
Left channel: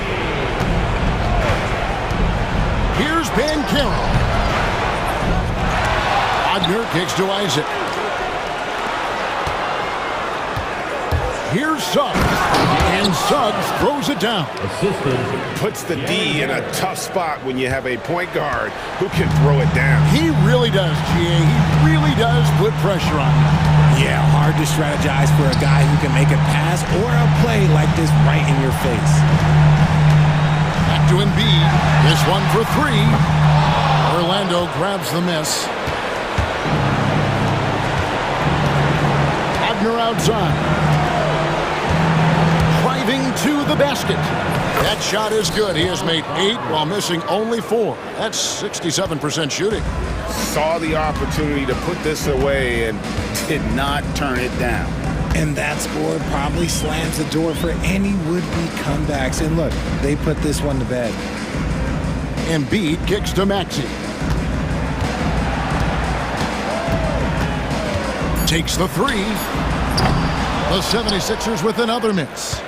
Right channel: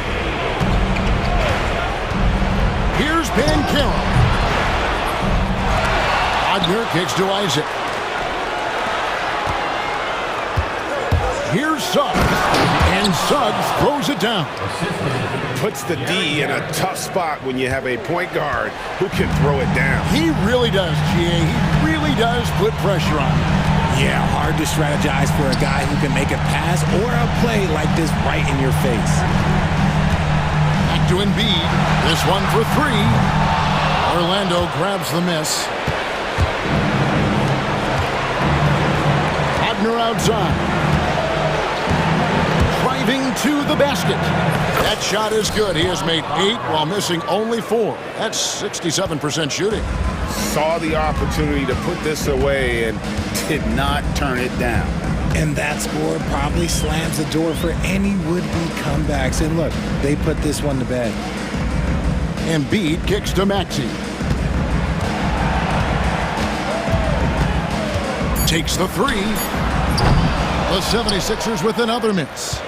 Here's Banchero. Wagner kicks to Isaac. Here's Suggs. And Suggs throws it down. Puts the D in a tough spot when you have a point guard who can throw it down. He really does, GA. He really does put pressure on you. Yeah, hard to strategize for a guy who can make a pass or a play like this right in your face. Back to Embiid. This one for three. Orlando grabs the miss. Wagner outside. Driving to the basket. That shot is good. He has made 8 while missing only 4. That's 67% shooting. Saw the opportunity to put this away and did not turn it down. And that score probably slams the door for any would-be comebacks. And look, they put this one to bed. Embiid kicks to Maxey. Takes the 3. The 76ers with another miss.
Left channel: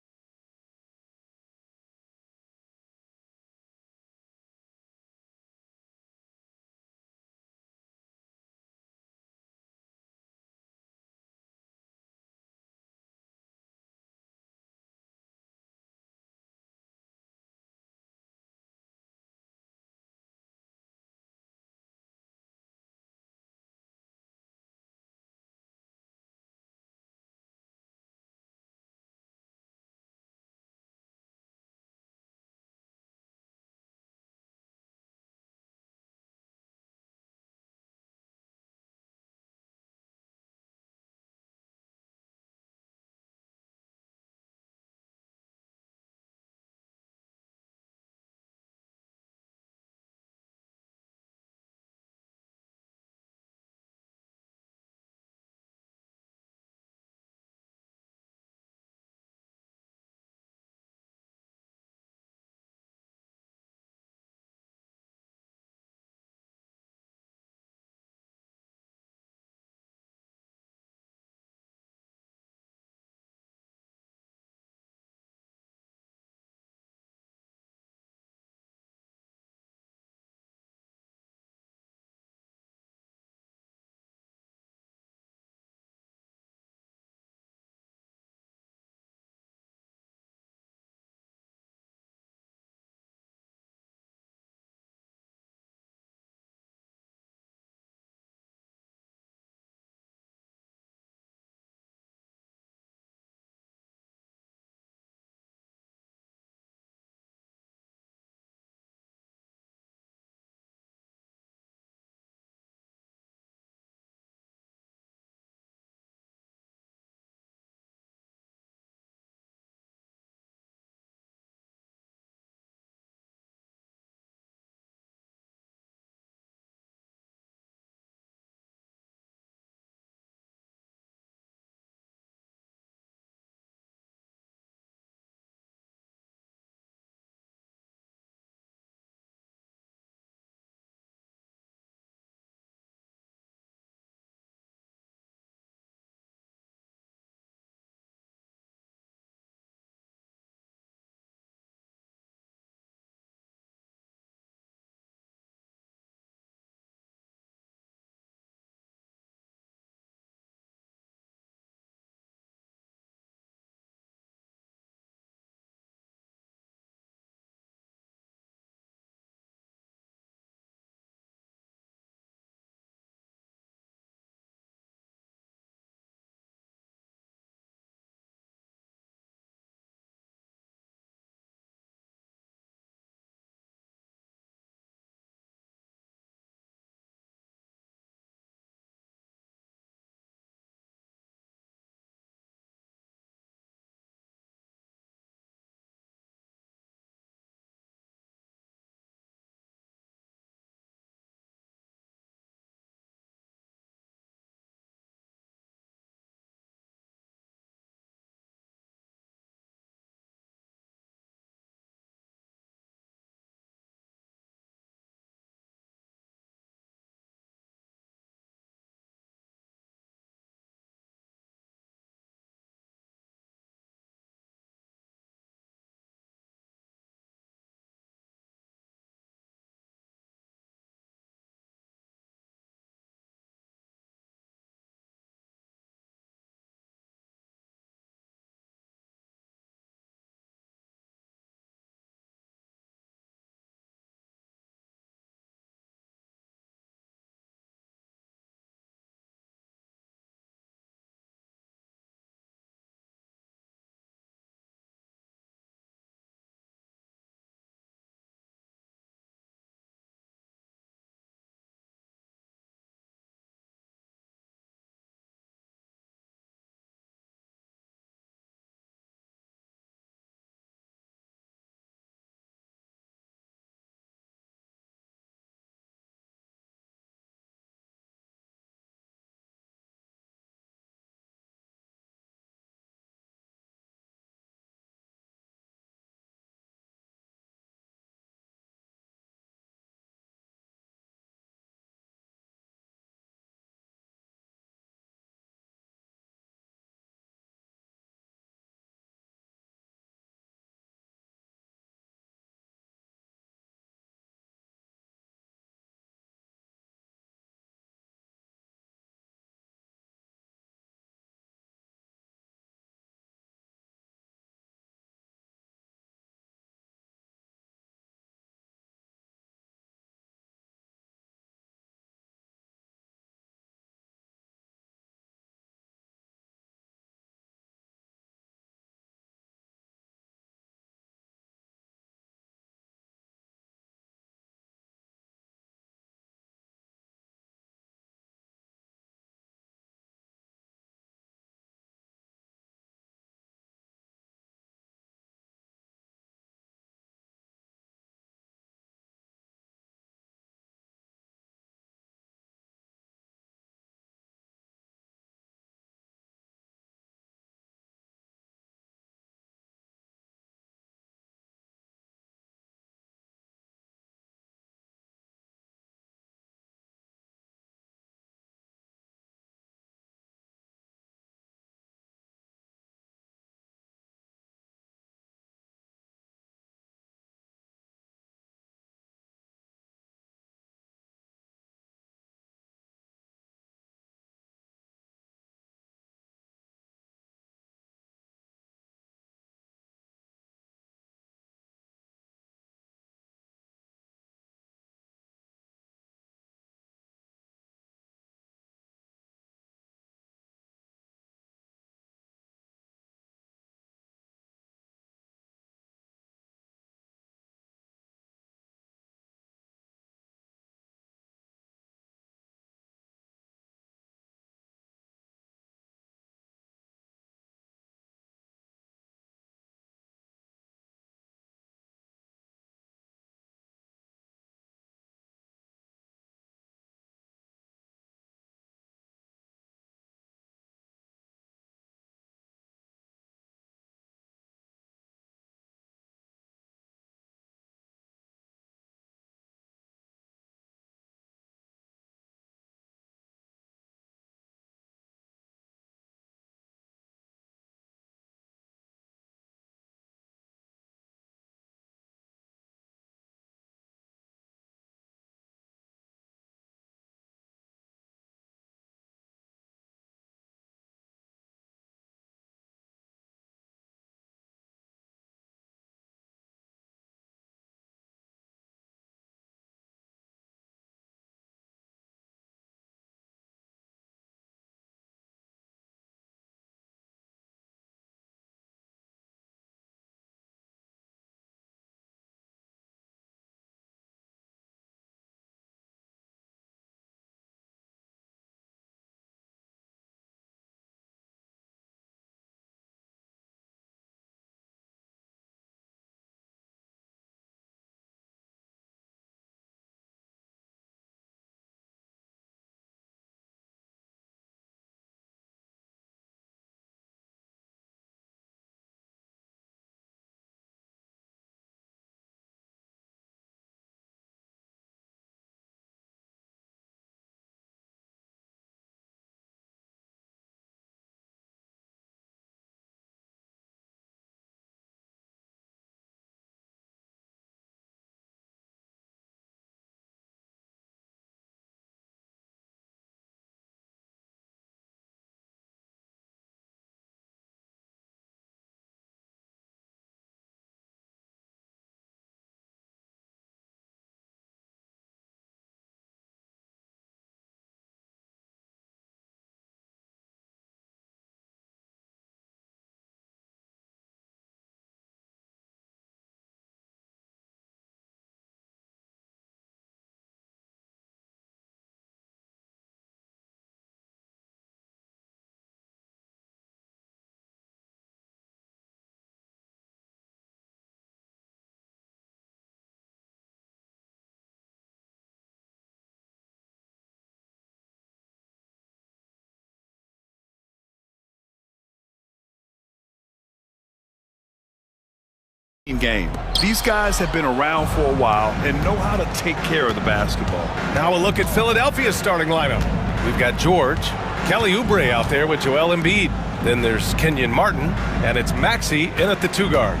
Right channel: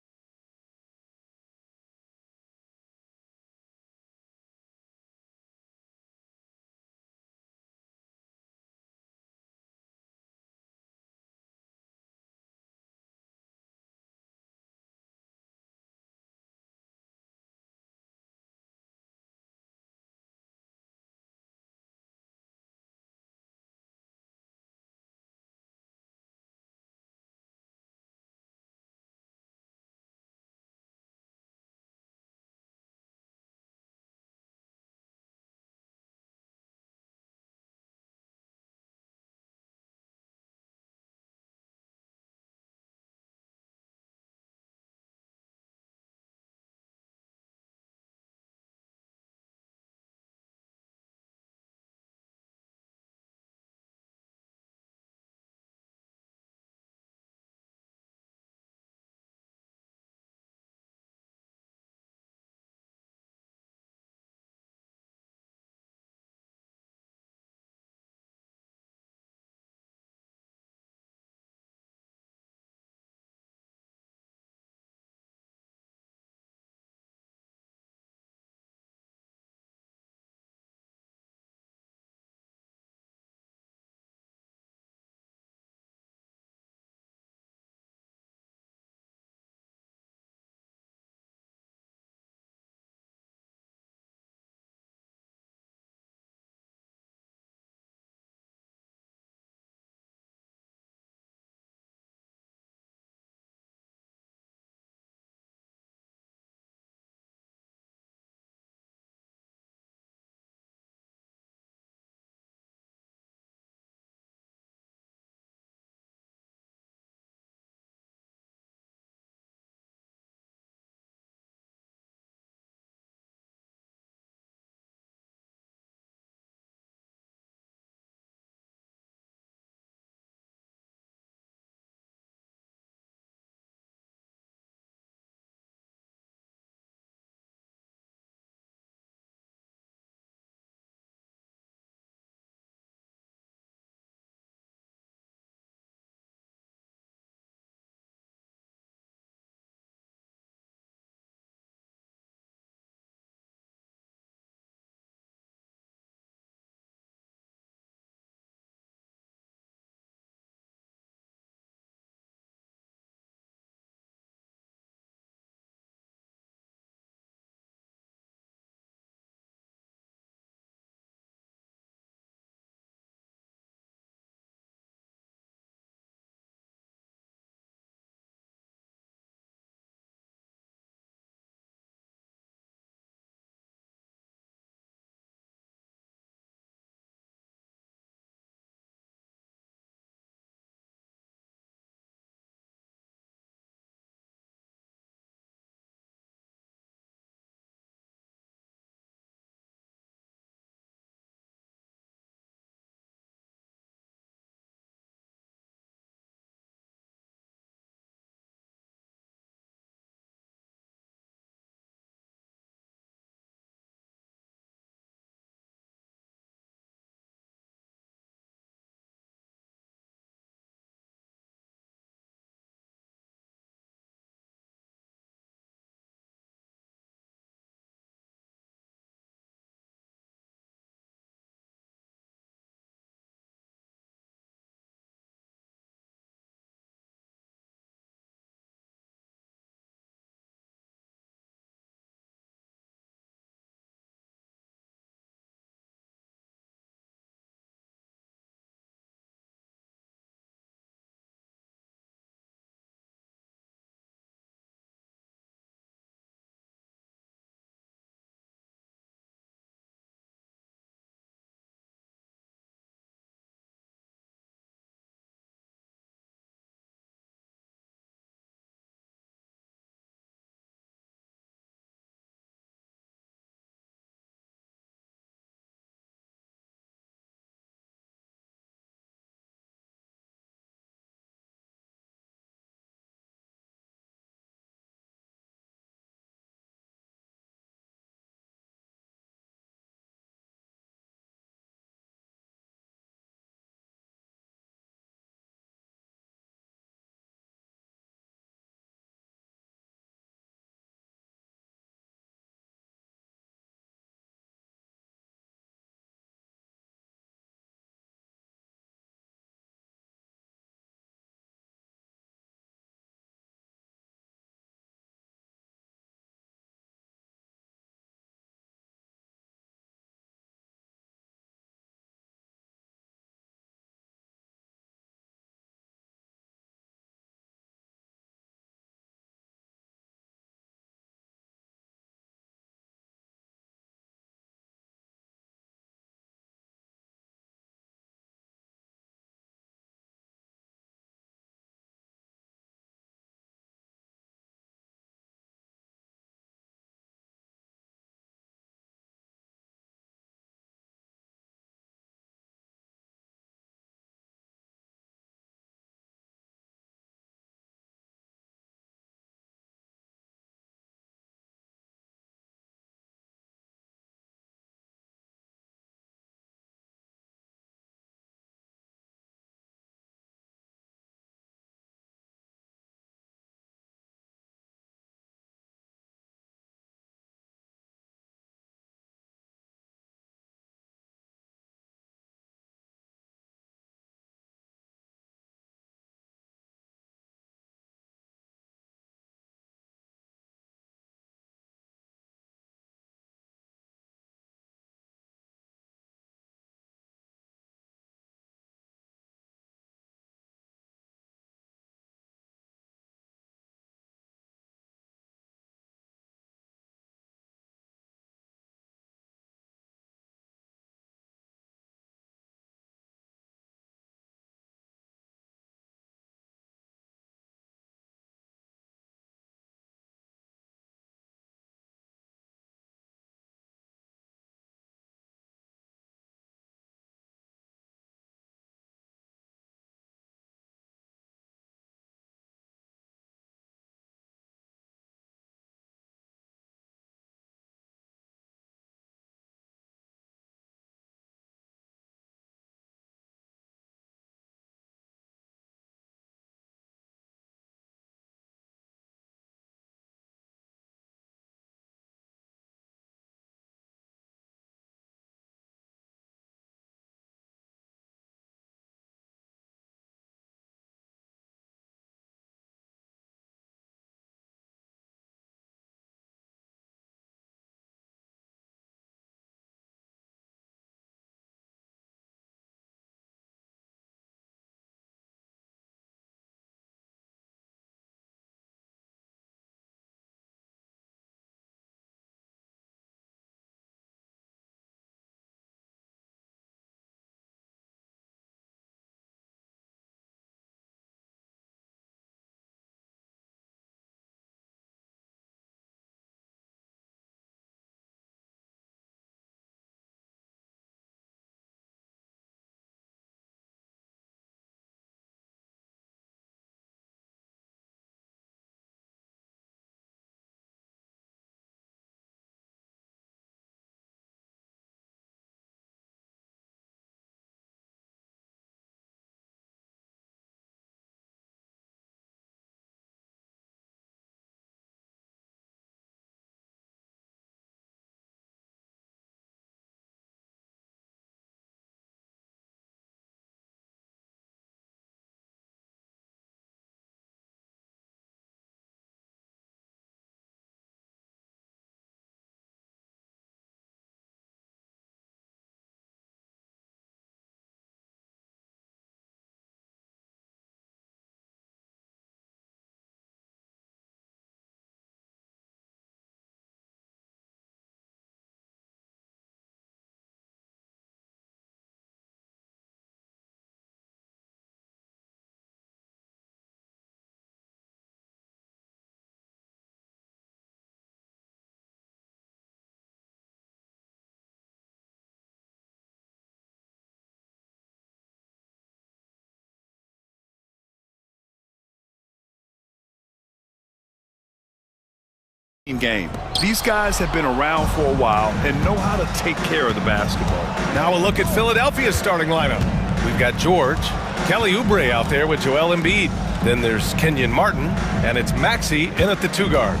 game. These guys have been around for a while and know how to take care of the basketball. Now a look at Philadelphia's starting lineup. We've got George, Kelly Oubre out there with Joel Embiid. Then there's Kenyon Martin, and it's Maxey in at the 2 guard.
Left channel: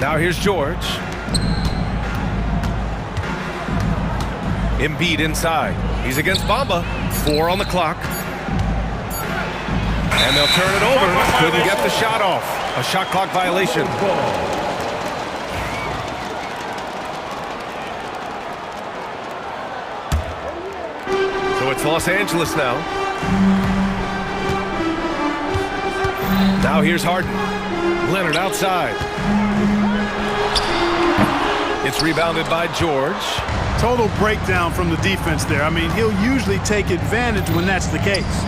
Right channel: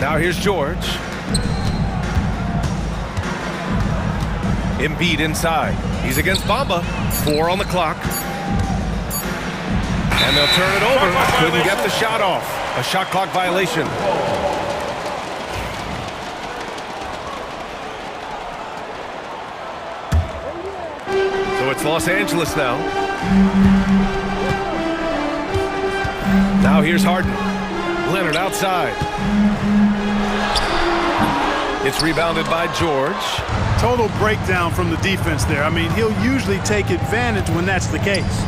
Now here's George. Embiid inside. He's against Bamba. 4 on the clock. And they'll turn it over. Couldn't get the shot off. A shot clock violation. So it's Los Angeles now. Now here's Harden. Leonard outside. It's rebounded by George. Total breakdown from the defense there. I mean, he'll usually take advantage when that's the case.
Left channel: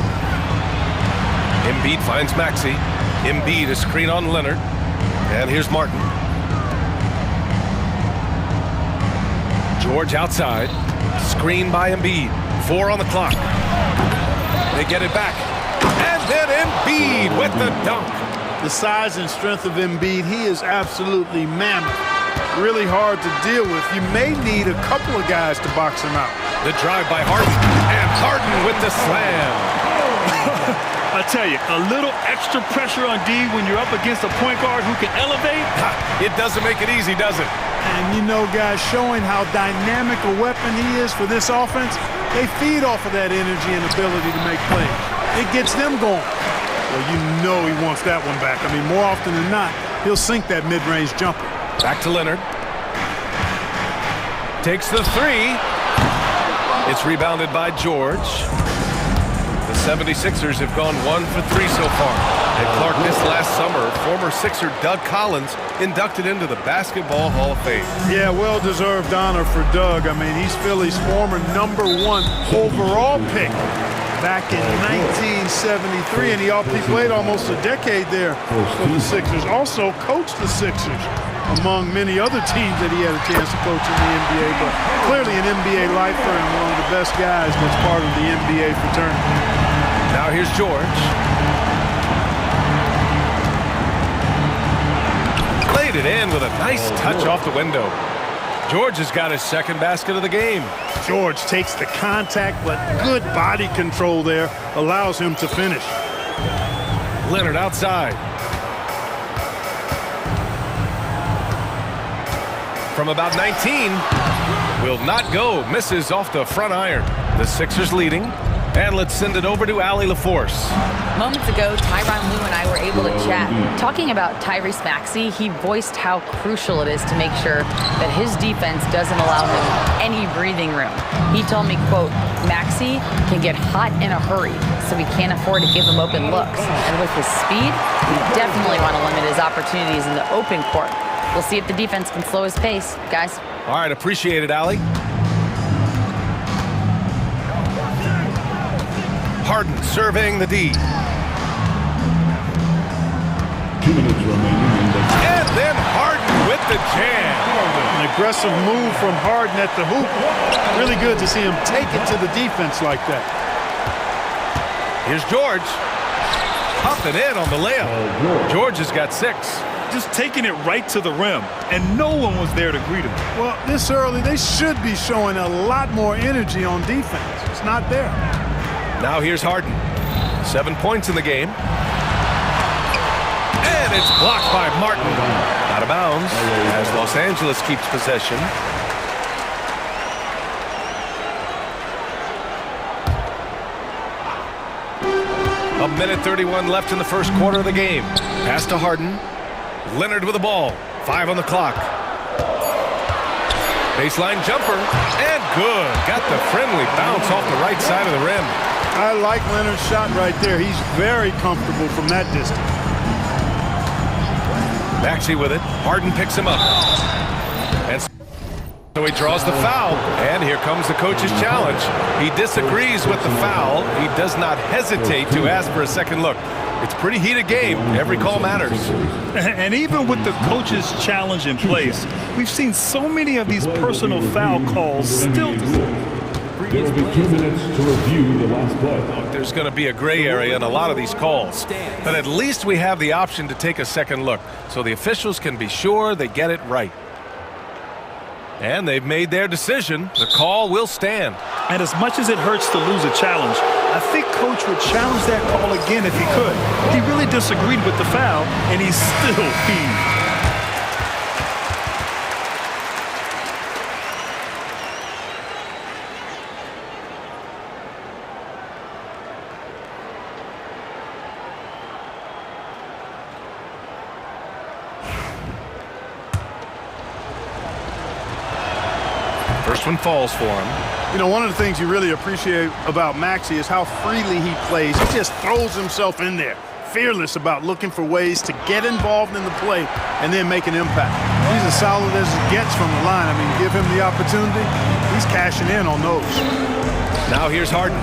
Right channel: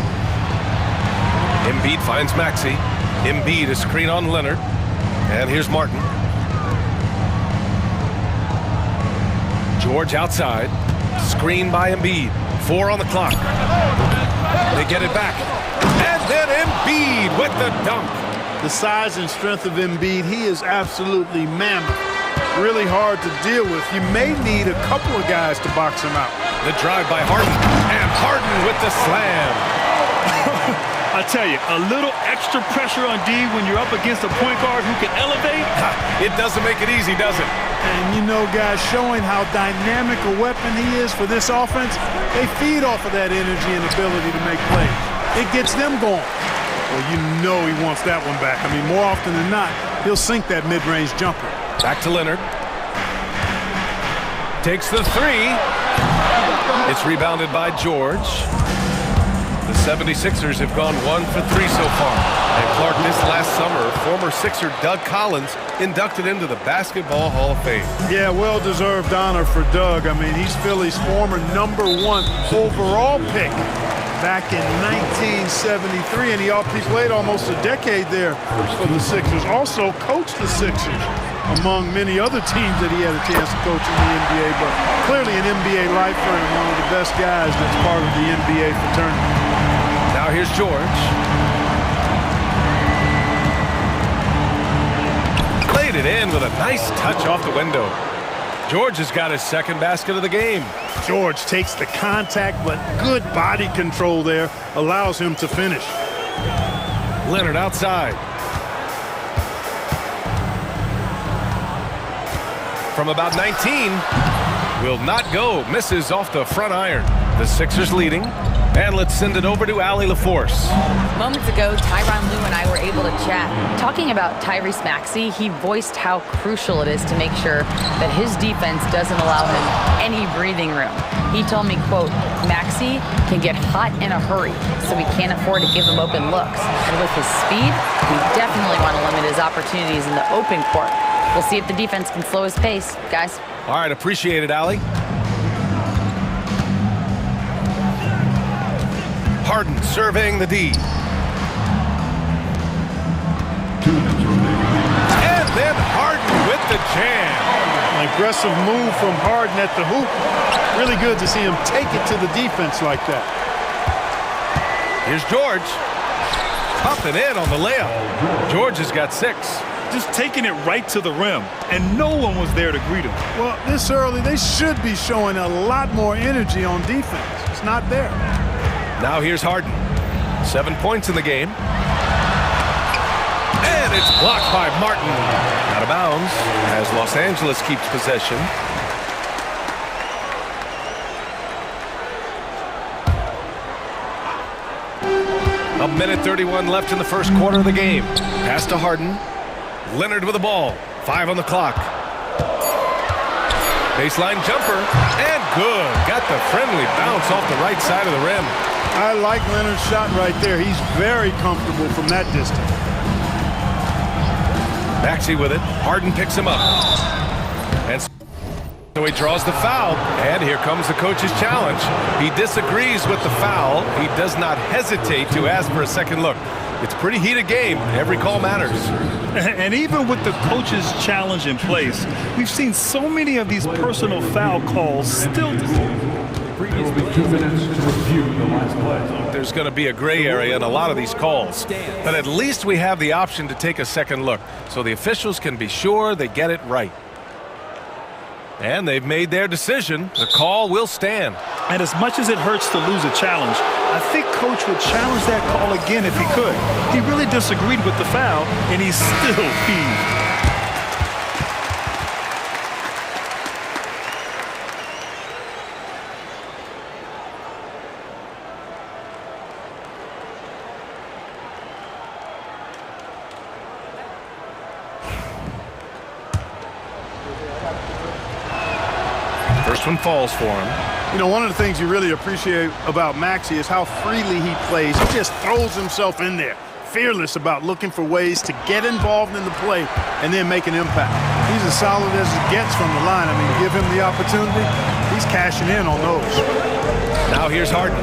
Embiid finds Maxey. Embiid a screen on Leonard. And here's Martin. George outside. Screen by Embiid. 4 on the clock. They get it back. And then Embiid with the dunk. The size and strength of Embiid, he is absolutely mammoth. Really hard to deal with. You may need a couple of guys to box him out. The drive by Harden. And Harden with the slam. I tell you, a little extra pressure on D when you're up against a point guard who can elevate. It doesn't make it easy, does it? And you know, guys, showing how dynamic a weapon he is for this offense, they feed off of that energy and ability to make plays. It gets them going. Well, you know he wants that one back. I mean, more often than not, he'll sink that mid-range jumper. Back to Leonard. Takes the 3. It's rebounded by George. The 76ers have gone 1 for 3 so far. And Clark, this last summer, former Sixer Doug Collins inducted into the Basketball Hall of Fame. Yeah, well-deserved honor for Doug. I mean, he's Philly's former #1 overall pick back in 1973, and he played almost a decade there for the Sixers. Also coached the Sixers, among many other teams that he had a chance to coach in the NBA, but clearly an NBA lifer and one of the best guys that's part of the NBA fraternity. Now here's George. Laid it in with a nice touch off the window. George has got his second basket of the game. George takes the contact, but good body control there allows him to finish. Leonard outside. From about 19, will not go. Misses off the front iron. The Sixers leading. And let's send it over to Allie LaForce. Moments ago, Tyronn Lue and I were able to chat. Talking about Tyrese Maxey, he voiced how crucial it is to make sure that his defense doesn't allow him any breathing room. He told me, quote, Maxey can get hot in a hurry, so we can't afford to give him open looks. And with his speed, we definitely want to limit his opportunities in the open court. We'll see if the defense can slow his pace, guys. All right, appreciate it, Allie. Harden surveying the D. And then Harden with the jam. An aggressive move from Harden at the hoop. Really good to see him take it to the defense like that. Here's George. Up and in on the layup. George has got 6. Just taking it right to the rim, and no one was there to greet him. Well, this early, they should be showing a lot more energy on defense. It's not there. Now here's Harden. 7 points in the game. And it's blocked by Martin. Out of bounds as Los Angeles keeps possession. A minute 31 left in the first quarter of the game. Pass to Harden. Leonard with the ball. 5 on the clock. Baseline jumper. And good. Got the friendly bounce off the right side of the rim. I like Leonard's shot right there. He's very comfortable from that distance. Maxey with it. Harden picks him up. And so he draws the foul. And here comes the coach's challenge. He disagrees with the foul. He does not hesitate to ask for a second look. It's a pretty heated game. Every call matters. And even with the coach's challenge in place, we've seen so many of these personal foul calls still. There will be 2 minutes to review the last play. There's going to be a gray area in a lot of these calls, but at least we have the option to take a second look, so the officials can be sure they get it right. And they've made their decision. The call will stand. And as much as it hurts to lose a challenge, I think Coach would challenge that call again if he could. He really disagreed with the foul, and he's still peeved. First one falls for him. You know, one of the things you really appreciate about Maxey is how freely he plays. He just throws himself in there, fearless about looking for ways to get involved in the play and then make an impact. He's as solid as it gets from the line. I mean, give him the opportunity, he's cashing in on those. Now here's Harden.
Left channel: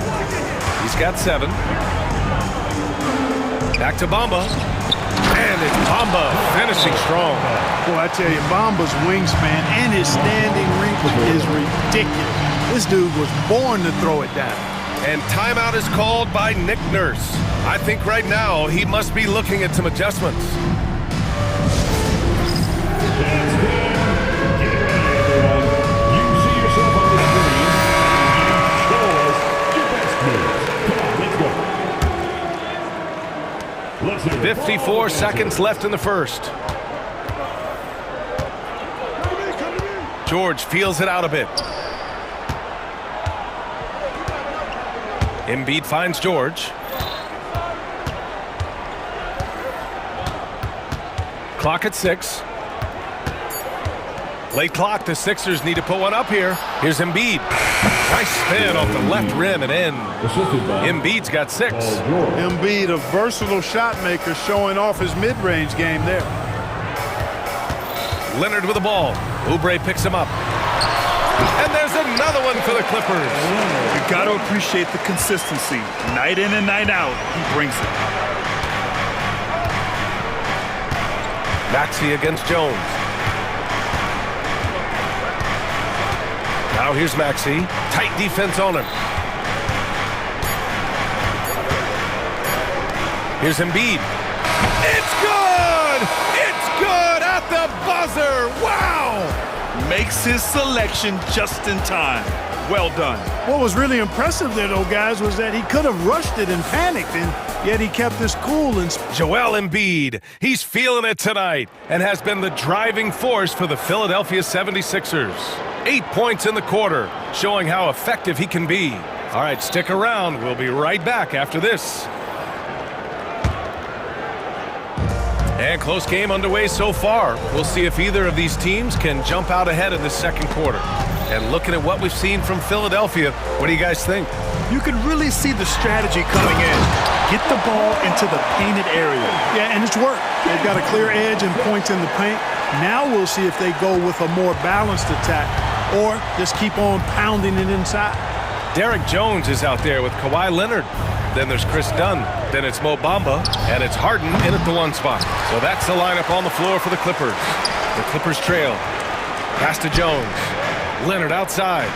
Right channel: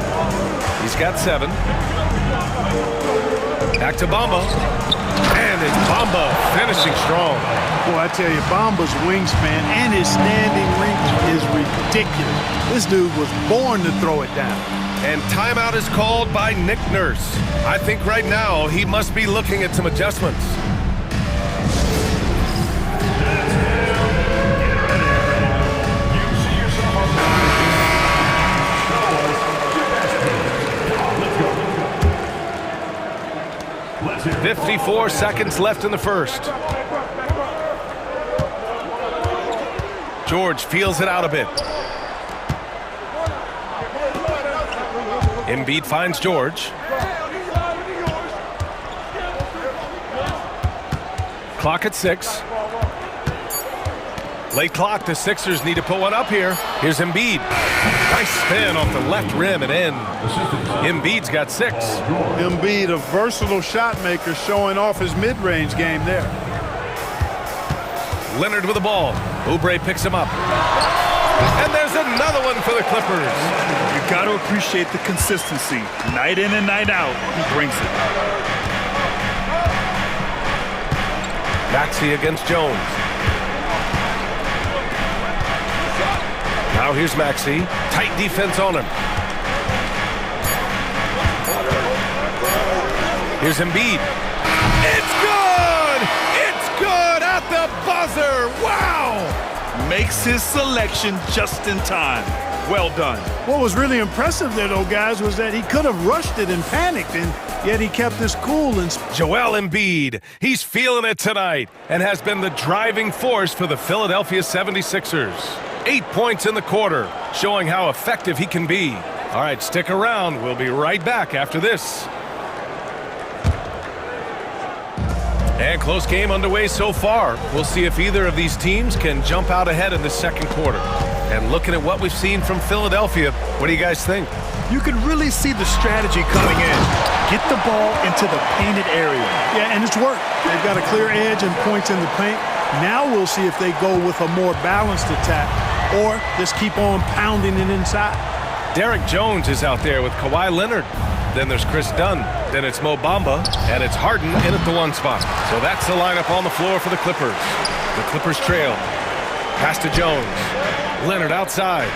He's got 7. Back to Bamba. And it's Bamba finishing strong. Boy, I tell you, Bamba's wingspan and his standing reach is ridiculous. This dude was born to throw it down. And timeout is called by Nick Nurse. I think right now he must be looking at some adjustments. You see yourself on the screen. Show us your best moves. Come on, let's go. Let's hear 54 seconds left in the first. George feels it out a bit. Embiid finds George. Clock at 6. Late clock, the Sixers need to put one up here. Here's Embiid. Nice spin off the left rim and in. Embiid's got 6. Embiid, a versatile shot maker, showing off his mid-range game there. Leonard with the ball. Oubre picks him up. And there's another one for the Clippers. You got to appreciate the consistency. Night in and night out, he brings it. Maxey against Jones. Now here's Maxey. Tight defense on him. Here's Embiid. It's good! It's good at the buzzer! Wow! Makes his selection just in time. Well done. What was really impressive there, though, guys, was that he could have rushed it and panicked, and yet he kept his cool. And Joel Embiid, he's feeling it tonight and has been the driving force for the Philadelphia 76ers. 8 points in the quarter, showing how effective he can be. All right, stick around. We'll be right back after this. And close game underway so far. We'll see if either of these teams can jump out ahead in the second quarter. And looking at what we've seen from Philadelphia, what do you guys think? You can really see the strategy coming in. Get the ball into the painted area. Yeah, and it's worked. They've got a clear edge and points in the paint. Now we'll see if they go with a more balanced attack or just keep on pounding it inside. Derek Jones is out there with Kawhi Leonard. Then there's Chris Dunn. Then it's Mo Bamba. And it's Harden in at the 1 spot. So that's the lineup on the floor for the Clippers. The Clippers trail. Pass to Jones. Leonard outside.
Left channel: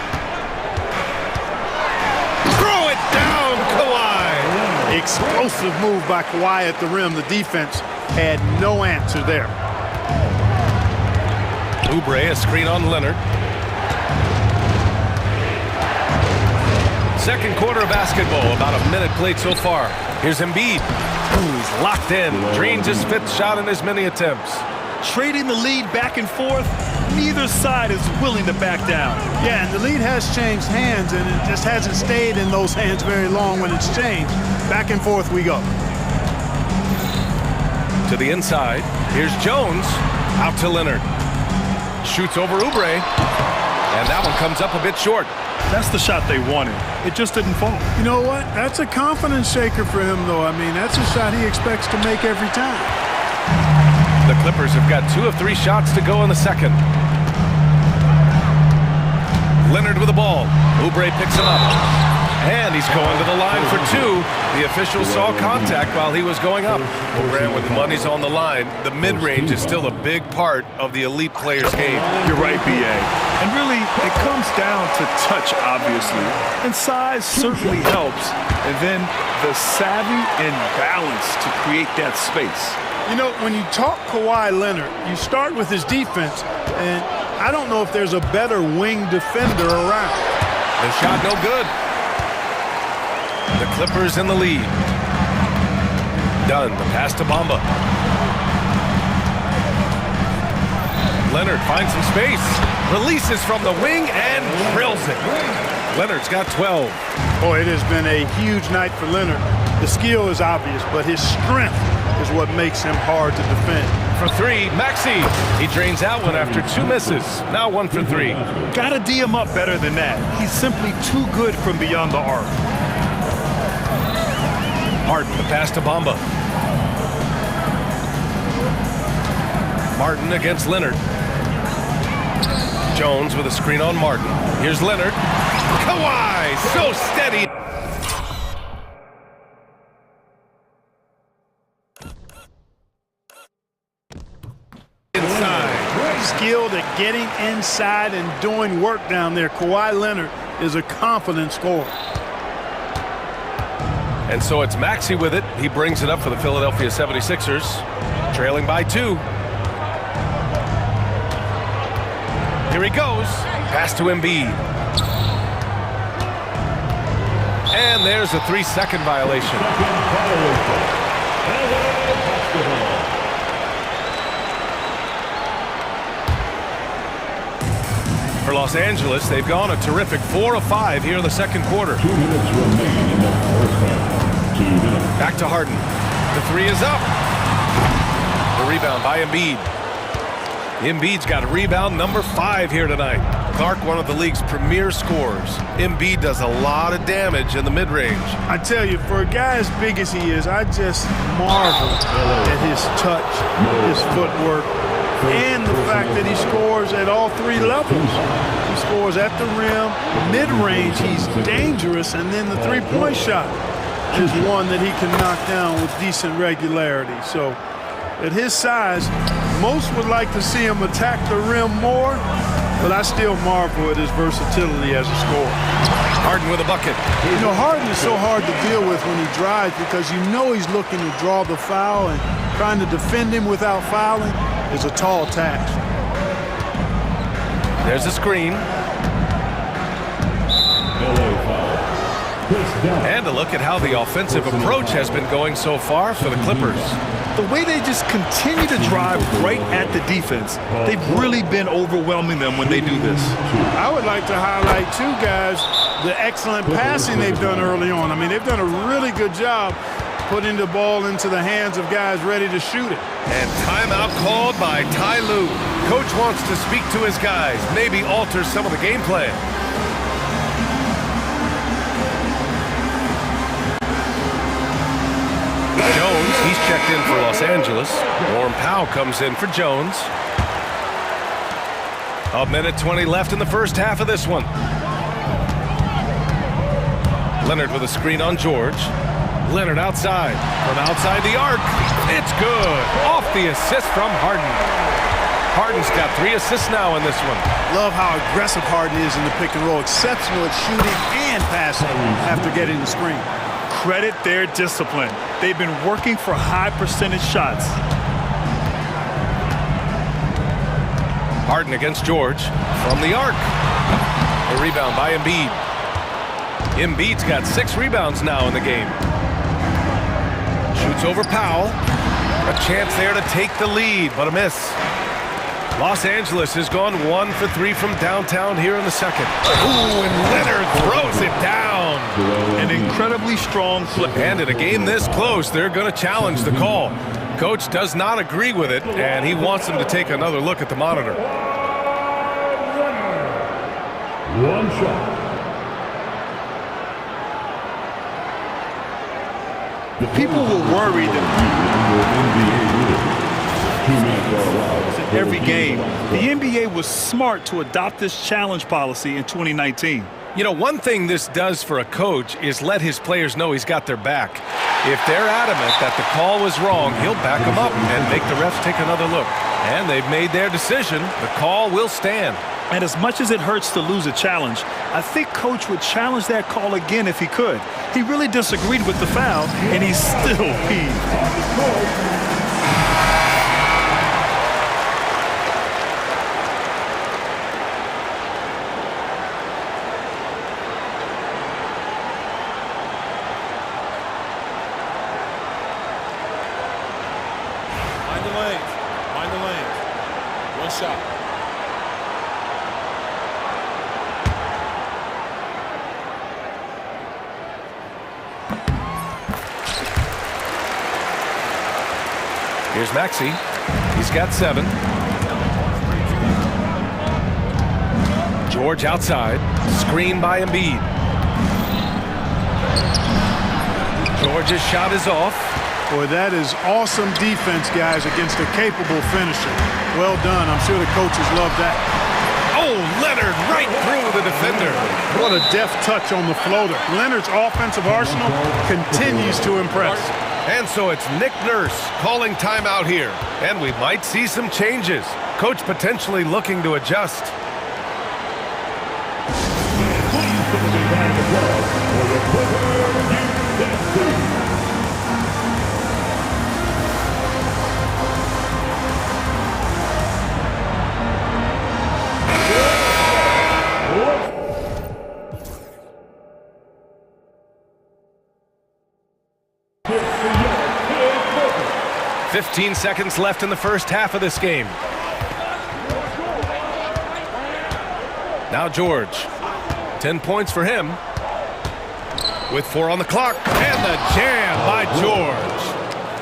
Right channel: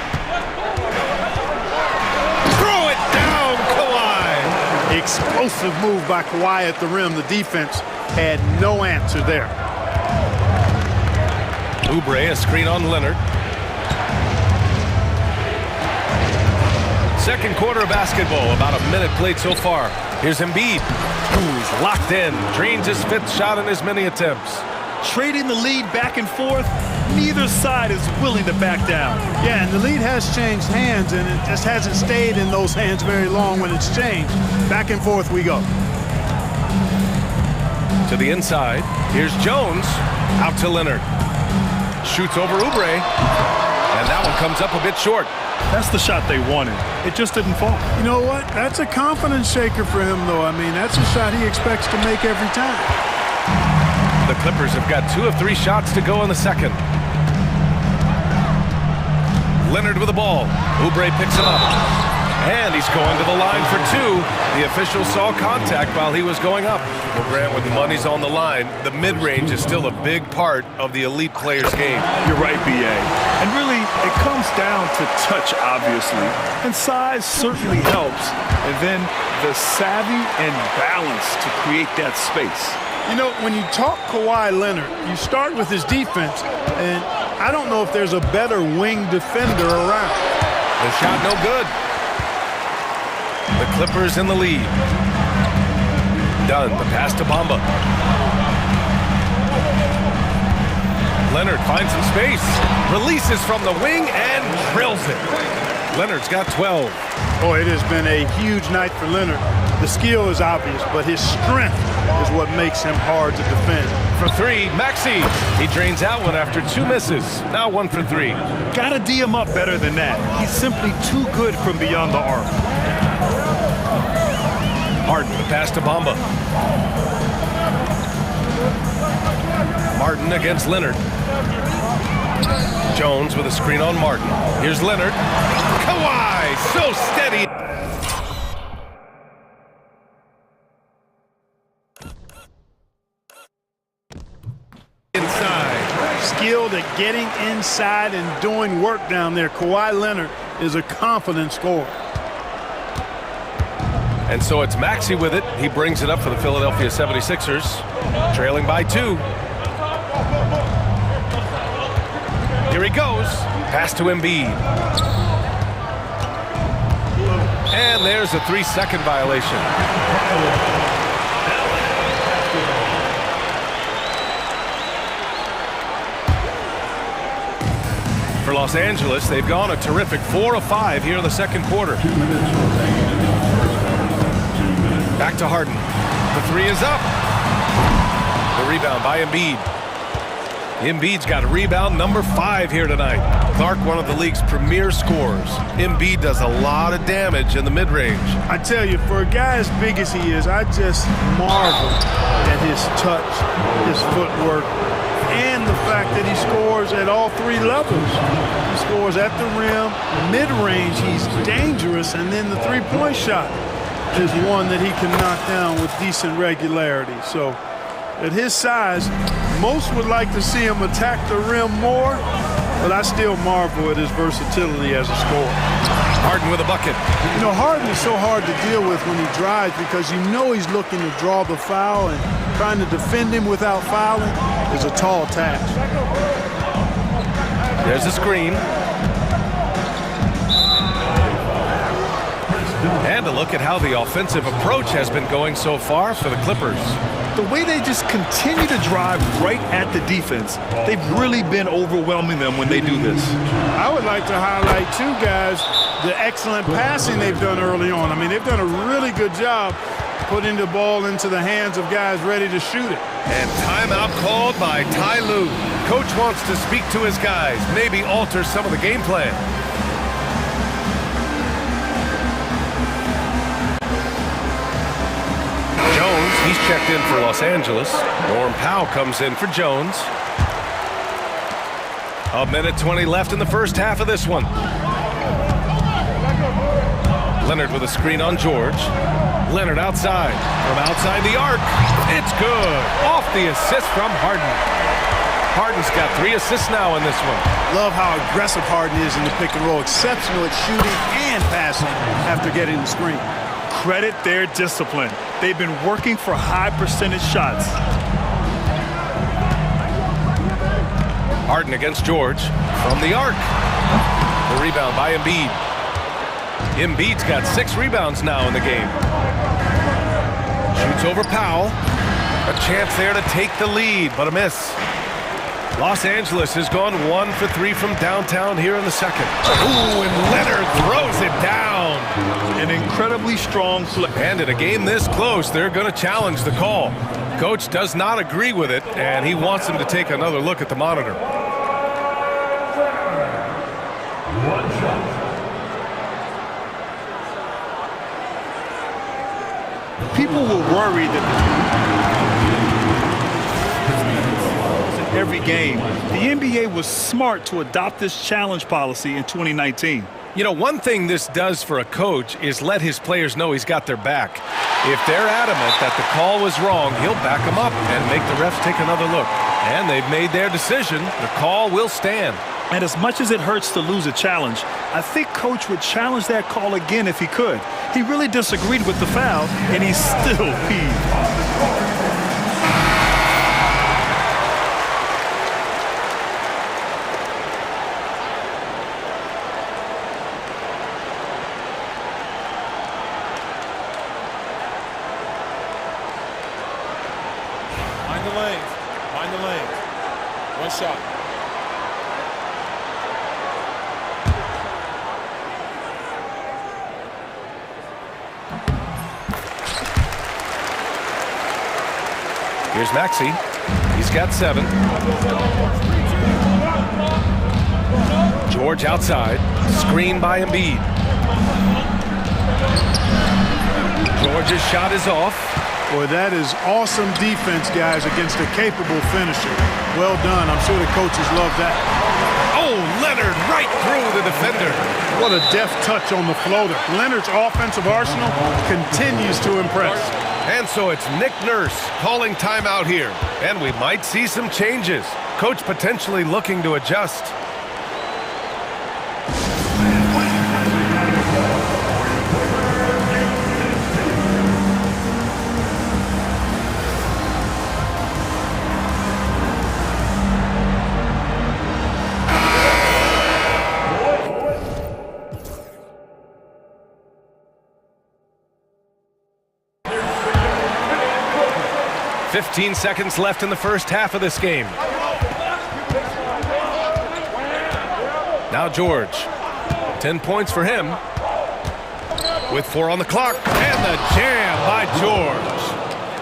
Throw it down, Kawhi. Explosive move by Kawhi at the rim. The defense had no answer there. Oubre, a screen on Leonard. Second quarter of basketball, about a minute played so far. Here's Embiid. Ooh, he's locked in. Drains his 5th shot in as many attempts. Trading the lead back and forth, neither side is willing to back down. Yeah, and the lead has changed hands, and it just hasn't stayed in those hands very long when it's changed. Back and forth we go. To the inside. Here's Jones. Out to Leonard. Shoots over Oubre. And that one comes up a bit short. That's the shot they wanted. It just didn't fall. You know what? That's a confidence shaker for him, though. I mean, that's a shot he expects to make every time. The Clippers have got 2 of 3 shots to go in the second. Leonard with the ball. Oubre picks him up. And he's going to the line for two. The official saw contact while he was going up. Well, Grant, when the money's on the line, the mid-range is still a big part of the elite player's game. You're right, B.A. And really, it comes down to touch, obviously. And size certainly helps. And then the savvy and balance to create that space. You know, when you talk Kawhi Leonard, you start with his defense, and I don't know if there's a better wing defender around. The shot no good. The Clippers in the lead. Dunn, the pass to Bamba. Leonard finds some space. Releases from the wing and drills it. Leonard's got 12. Boy, it has been a huge night for Leonard. The skill is obvious, but his strength is what makes him hard to defend. For three, Maxey. He drains out one after two misses. Now 1 for 3. Gotta D him up better than that. He's simply too good from beyond the arc. Harden, the pass to Bamba. Martin against Leonard. Jones with a screen on Martin. Here's Leonard. Kawhi, so steady. Inside. Skilled at getting inside and doing work down there. Kawhi Leonard is a confident scorer. And so it's Maxey with it. He brings it up for the Philadelphia 76ers. Trailing by 2. Here he goes. Pass to Embiid. And there's a 3-second violation. For Los Angeles, they've gone a terrific 4 of 5 here in the second quarter. 2 minutes remaining in the first half. 2 minutes. Back to Harden. The 3 is up. The rebound by Embiid. Embiid's got rebound number 5 here tonight. Clark, one of the league's premier scorers. Embiid does a lot of damage in the mid-range. I tell you, for a guy as big as he is, I just marvel at his touch, his footwork, and the fact that he scores at all 3 levels. He scores at the rim, mid-range, he's dangerous, and then the three-point shot is one that he can knock down with decent regularity. So at his size, most would like to see him attack the rim more, but I still marvel at his versatility as a scorer. Harden with a bucket. You know, Harden is so hard to deal with when he drives because you know he's looking to draw the foul, and trying to defend him without fouling is a tall task. There's a screen. And a look at how the offensive approach has been going so far for the Clippers. The way they just continue to drive right at the defense, they've really been overwhelming them when they do this. I would like to highlight, too, guys, the excellent passing they've done early on. I mean, they've done a really good job putting the ball into the hands of guys ready to shoot it. And timeout called by Ty Lue. Coach wants to speak to his guys, maybe alter some of the game plan. Jones, he's checked in for Los Angeles. Norm Powell comes in for Jones. 1:20 left in the first half of this one. Leonard with a screen on George. Leonard outside. From outside the arc. It's good. Off the assist from Harden. Harden's got 3 assists now in this one. Love how aggressive Harden is in the pick and roll. Exceptional at shooting and passing after getting the screen. Credit their discipline. They've been working for high percentage shots. Harden against George from the arc. The rebound by Embiid. Embiid's got 6 rebounds now in the game. Shoots over Powell. A chance there to take the lead, but a miss. Los Angeles has gone 1 for 3 from downtown here in the second. Ooh, and Leonard throws it down. An incredibly strong play. And in a game this close, they're going to challenge the call. Coach does not agree with it, and he wants them to take another look at the monitor. 1 shot. People were worried that every game, the NBA was smart to adopt this challenge policy in 2019. You know, one thing this does for a coach is let his players know he's got their back. If they're adamant that the call was wrong, he'll back them up and make the refs take another look. And they've made their decision. The call will stand. And as much as it hurts to lose a challenge, I think Coach would challenge that call again if he could. He really disagreed with the foul, and he's still peeved. Mind the lanes. Mind the lanes. One shot. Here's Maxey. He's got 7. George outside. Screen by Embiid. George's shot is off. Boy, that is awesome defense, guys, against a capable finisher. Well done. I'm sure the coaches love that. Oh, Leonard right through the defender. What a deft touch on the floater. Leonard's offensive arsenal continues to impress. And so it's Nick Nurse calling timeout here. And we might see some changes. Coach potentially looking to adjust. "15 seconds left in the first half of this game. Now George. 10 points for him. With 4 on the clock. And the jam by George.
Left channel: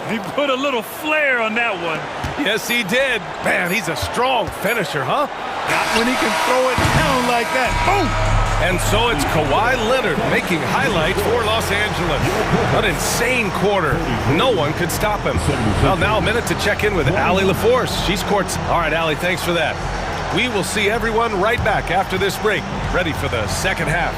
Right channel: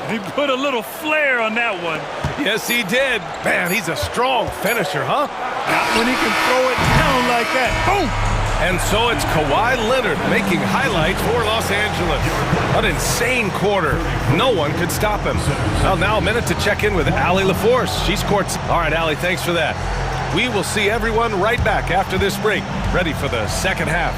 He put a little flair on that one. Yes, he did. Man, he's a strong finisher, huh? Not when he can throw it down like that. Boom! And so it's Kawhi Leonard making highlights for Los Angeles. An insane quarter. No one could stop him. Well, now a minute to check in with Allie LaForce. She's courts. All right, Allie, thanks for that. We will see everyone right back after this break, ready for the second half.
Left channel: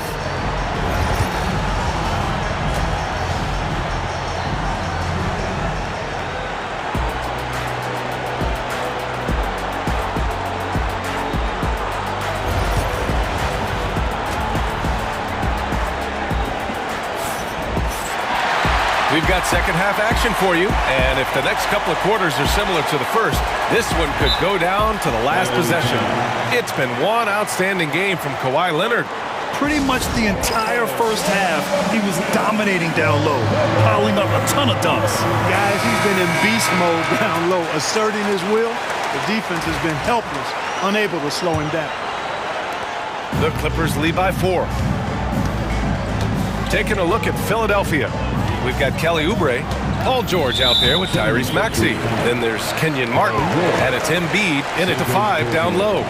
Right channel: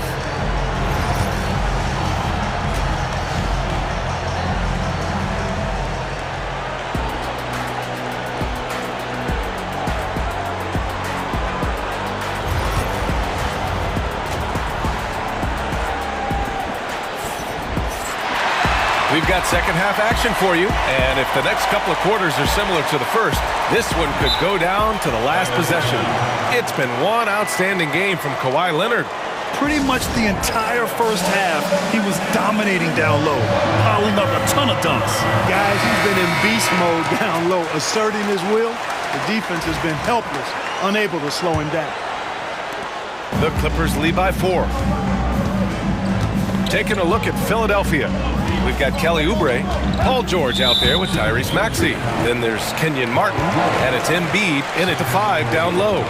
We've got second half action for you, and if the next couple of quarters are similar to the first, this one could go down to the last possession. It's been one outstanding game from Kawhi Leonard. Pretty much the entire first half, he was dominating down low, piling up a ton of dunks. Guys, he's been in beast mode down low, asserting his will. The defense has been helpless, unable to slow him down. The Clippers lead by 4. Taking a look at Philadelphia. We've got Kelly Oubre, Paul George out there with Tyrese Maxey. Then there's Kenyon Martin, and it's Embiid in at the 5 down low.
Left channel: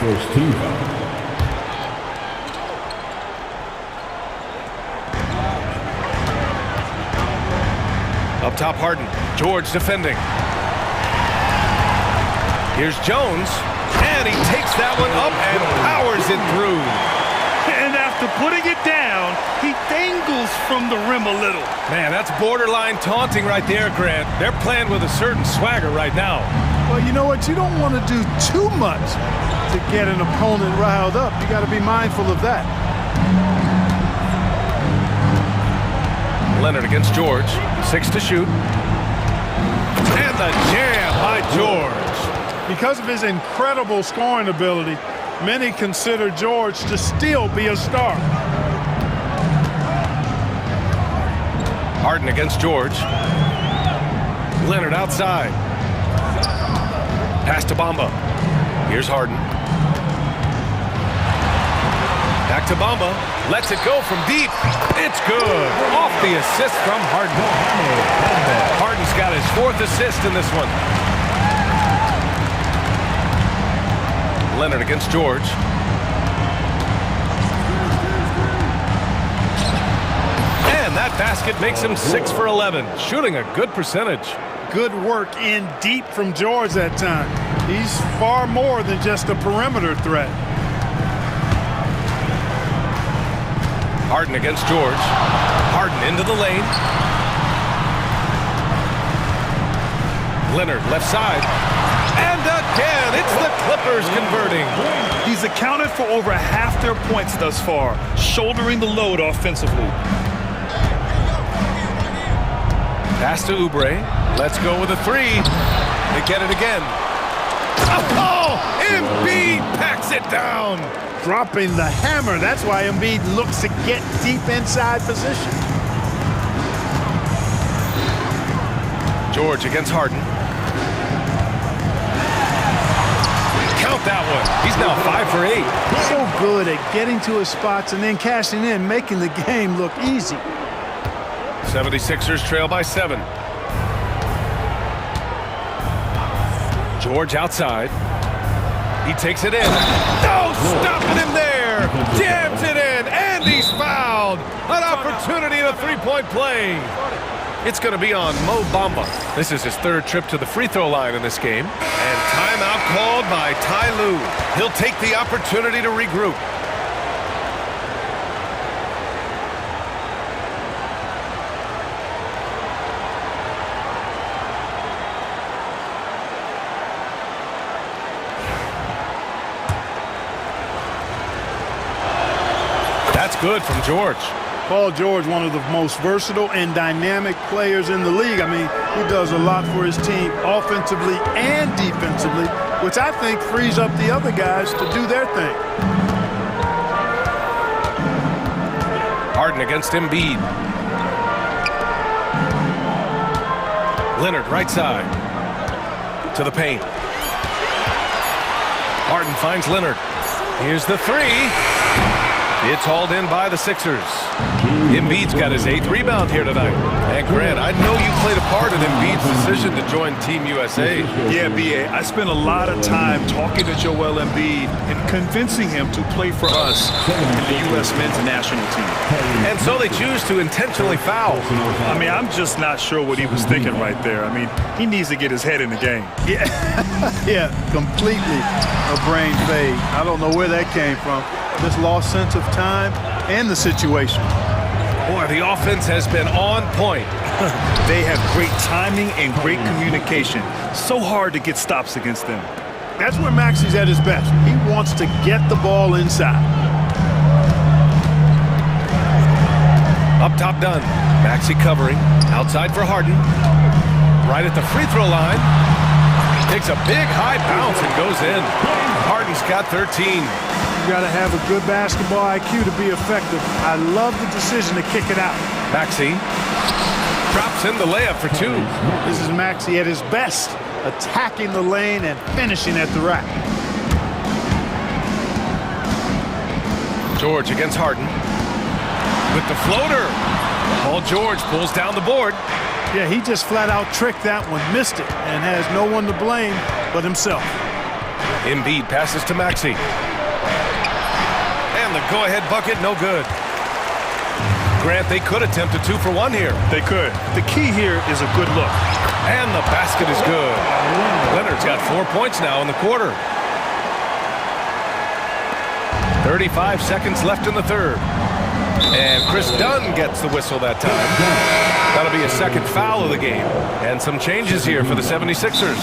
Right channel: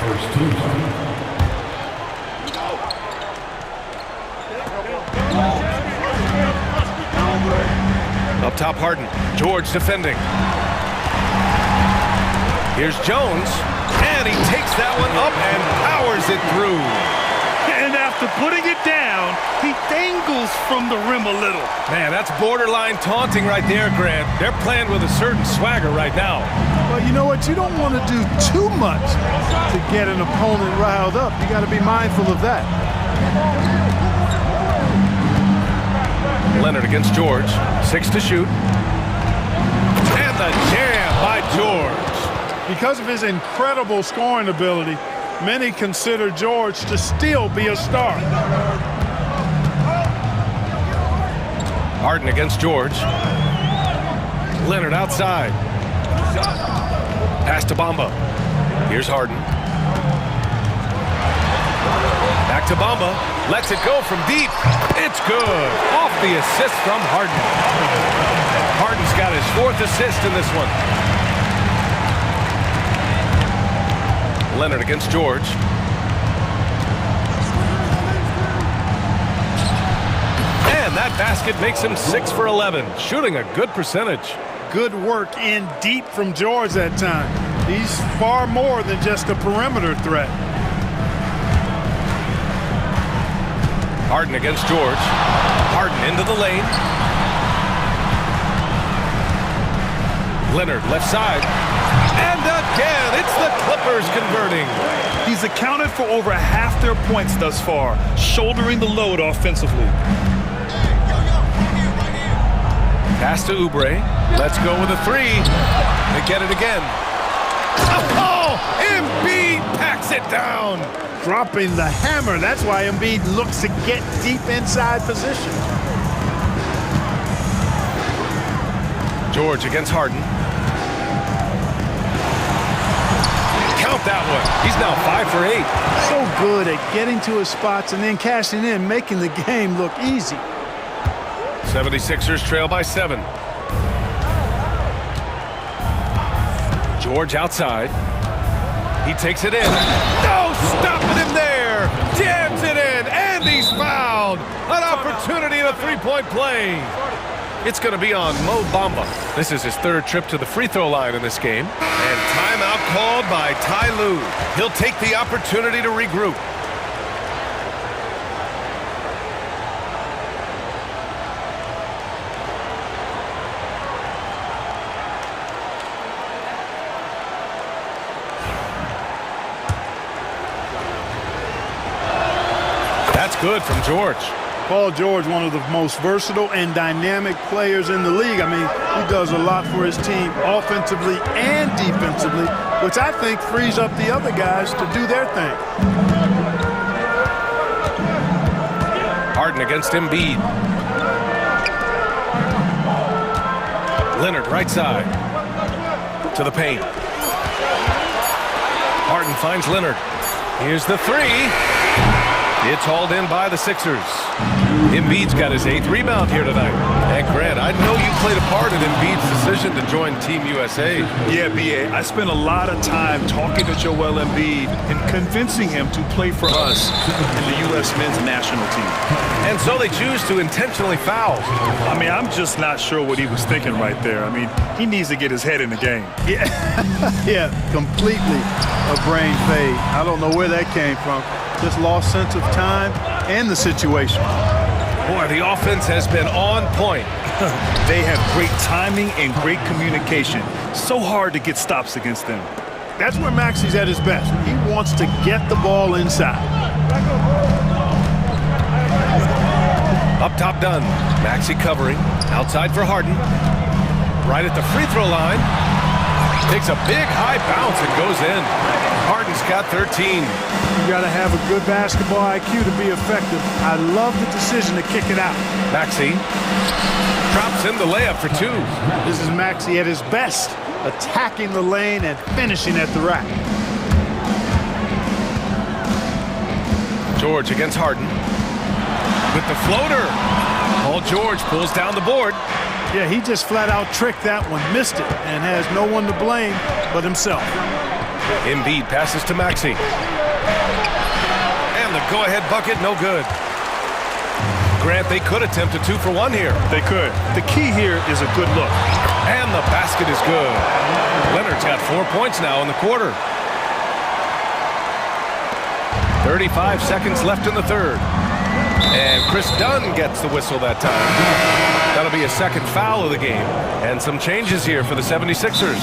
First team foul. Up top, Harden. George defending. Here's Jones, and he takes that one up and powers it through. And after putting it down, he dangles from the rim a little. Man, that's borderline taunting right there, Grant. They're playing with a certain swagger right now. Well, you know what? You don't want to do too much to get an opponent riled up. You got to be mindful of that. Leonard against George. 6 to shoot. And the jam by George. Because of his incredible scoring ability, many consider George to still be a star. Harden against George. Leonard outside. Pass to Bamba. Here's Harden. Back to Bamba. Lets it go from deep. It's good. Off the assist from Harden. Harden's got his 4th assist in this one. Leonard against George. And that basket makes him 6 for 11, shooting a good percentage. Good work in deep from George that time. He's far more than just a perimeter threat. Harden against George. Harden into the lane. Leonard left side. And again, it's the Clippers converting. He's accounted for over half their points thus far, shouldering the load offensively. Pass to Oubre. Let's go with a three. They get it again. Oh, Embiid packs it down. Dropping the hammer. That's why Embiid looks to get deep inside position. George against Harden. Count that one. He's now 5 for 8. So good at getting to his spots and then cashing in, making the game look easy. 76ers trail by 7. George outside. He takes it in. No stopping him there. Jams it in, and he's fouled. An opportunity in a three-point play. It's going to be on Mo Bamba. This is his third trip to the free throw line in this game. And timeout called by Ty Lue. He'll take the opportunity to regroup. That's good from George. Paul George, one of the most versatile and dynamic players in the league. I mean, he does a lot for his team offensively and defensively, which I think frees up the other guys to do their thing. Harden against Embiid. Leonard right side. To the paint. Harden finds Leonard. Here's the three. It's hauled in by the Sixers. Embiid's got his 8th rebound here tonight. And Grant, I know you played a part in Embiid's decision to join Team USA. Yeah, B.A., I spent a lot of time talking to Joel Embiid and convincing him to play for us in the U.S. men's national team. And so they choose to intentionally foul. I mean, I'm just not sure what he was thinking right there. I mean, he needs to get his head in the game. Yeah, yeah, completely a brain fade. I don't know where that came from. This lost sense of time and the situation. Boy, the offense has been on point. They have great timing and great communication. So hard to get stops against them. That's where Maxi's at his best. He wants to get the ball inside. Up top done. Maxey covering. Outside for Harden. Right at the free throw line. Takes a big high bounce and goes in. Harden's got 13. You got to have a good basketball IQ to be effective. I love the decision to kick it out. Maxey drops in the layup for 2. This is Maxey at his best, attacking the lane and finishing at the rack. George against Harden. With the floater. Paul George pulls down the board. Yeah, he just flat out tricked that one, missed it, and has no one to blame but himself. Embiid passes to Maxey. And the go-ahead bucket, no good. Grant, they could attempt a 2-for-1 here. They could. The key here is a good look. And the basket is good. Leonard's got 4 points now in the quarter. 35 seconds left in the third. And Chris Dunn gets the whistle that time. That'll be a second foul of the game. And some changes here for the 76ers.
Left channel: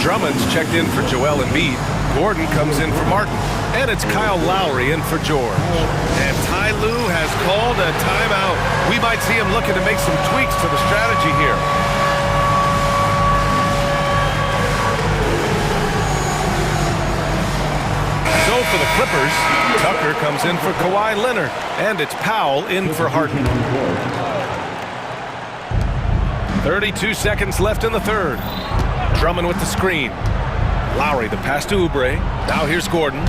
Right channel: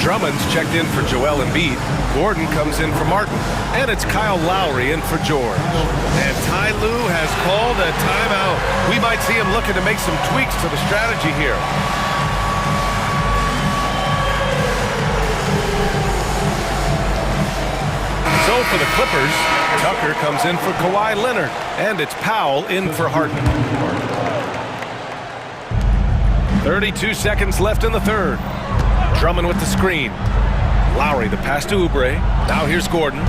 Drummond's checked in for Joel Embiid. Gordon comes in for Martin. And it's Kyle Lowry in for George. And Ty Lue has called a timeout. We might see him looking to make some tweaks to the strategy here. So for the Clippers, Tucker comes in for Kawhi Leonard. And it's Powell in for Harden. 32 seconds left in the third. Drummond with the screen. Lowry, the pass to Oubre. Now here's Gordon.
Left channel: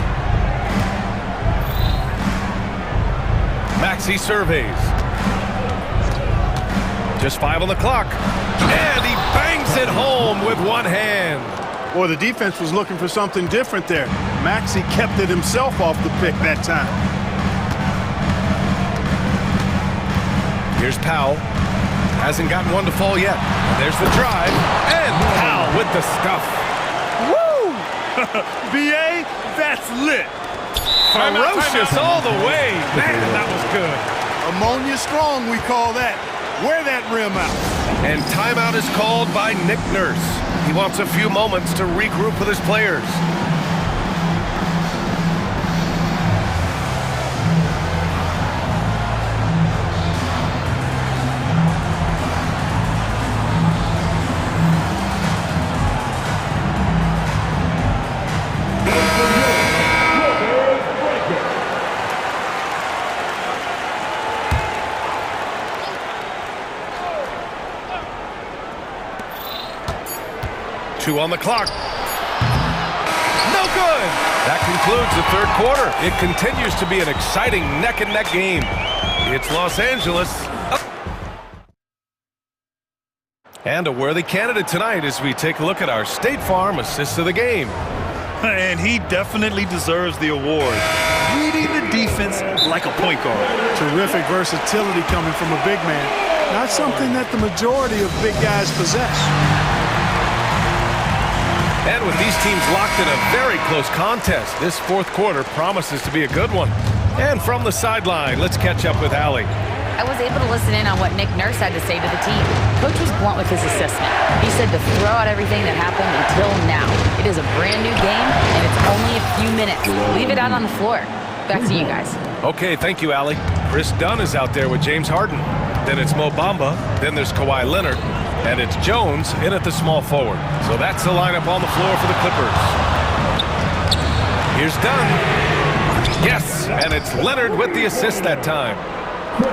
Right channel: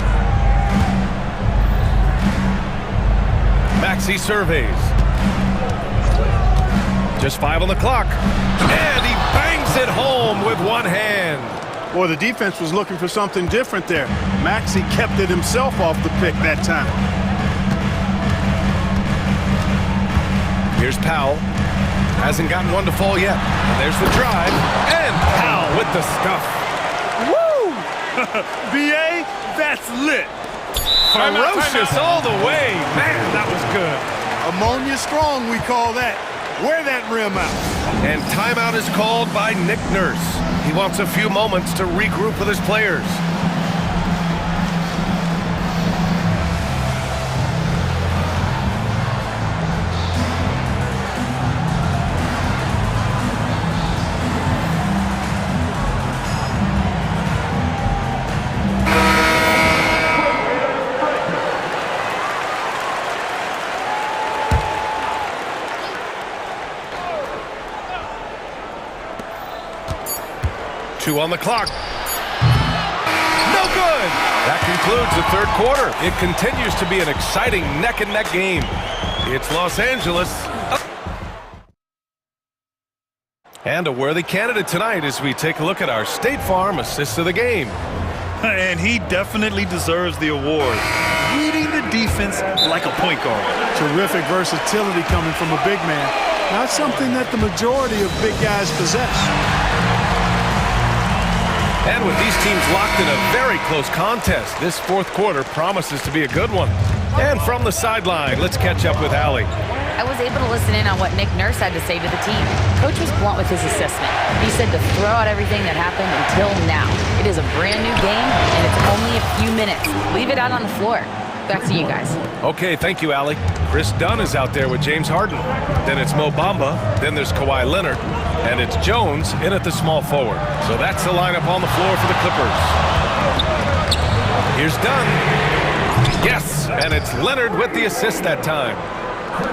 Maxey surveys. Just 5 on the clock. And he bangs it home with one hand. Boy, the defense was looking for something different there. Maxey kept it himself off the pick that time. Here's Powell. Hasn't gotten one to fall yet. And there's the drive. And Powell with the stuff. Woo! B.A., that's lit. Ferocious all the way. Man, that was good. Ammonia strong, we call that. Wear that rim out. And timeout is called by Nick Nurse. He wants a few moments to regroup with his players. Two on the clock. No good. That concludes the third quarter. It continues to be an exciting neck-and-neck game. It's Los Angeles. And a worthy candidate tonight as we take a look at our State Farm assist of the game. And he definitely deserves the award. Reading the defense like a point guard. Terrific versatility coming from a big man. Not something that the majority of big guys possess. And with these teams locked in a very close contest, this fourth quarter promises to be a good one. And from the sideline, let's catch up with Allie. I was able to listen in on what Nick Nurse had to say to the team. Coach was blunt with his assessment. He said to throw out everything that happened until now. It is a brand new game, and it's only a few minutes. Leave it out on the floor. Back to you guys. Okay, thank you, Allie. Chris Dunn is out there with James Harden. Then it's Mo Bamba. Then there's Kawhi Leonard. And it's Jones in at the small forward. So that's the lineup on the floor for the Clippers. Here's Dunn. Yes, and it's Leonard with the assist that time.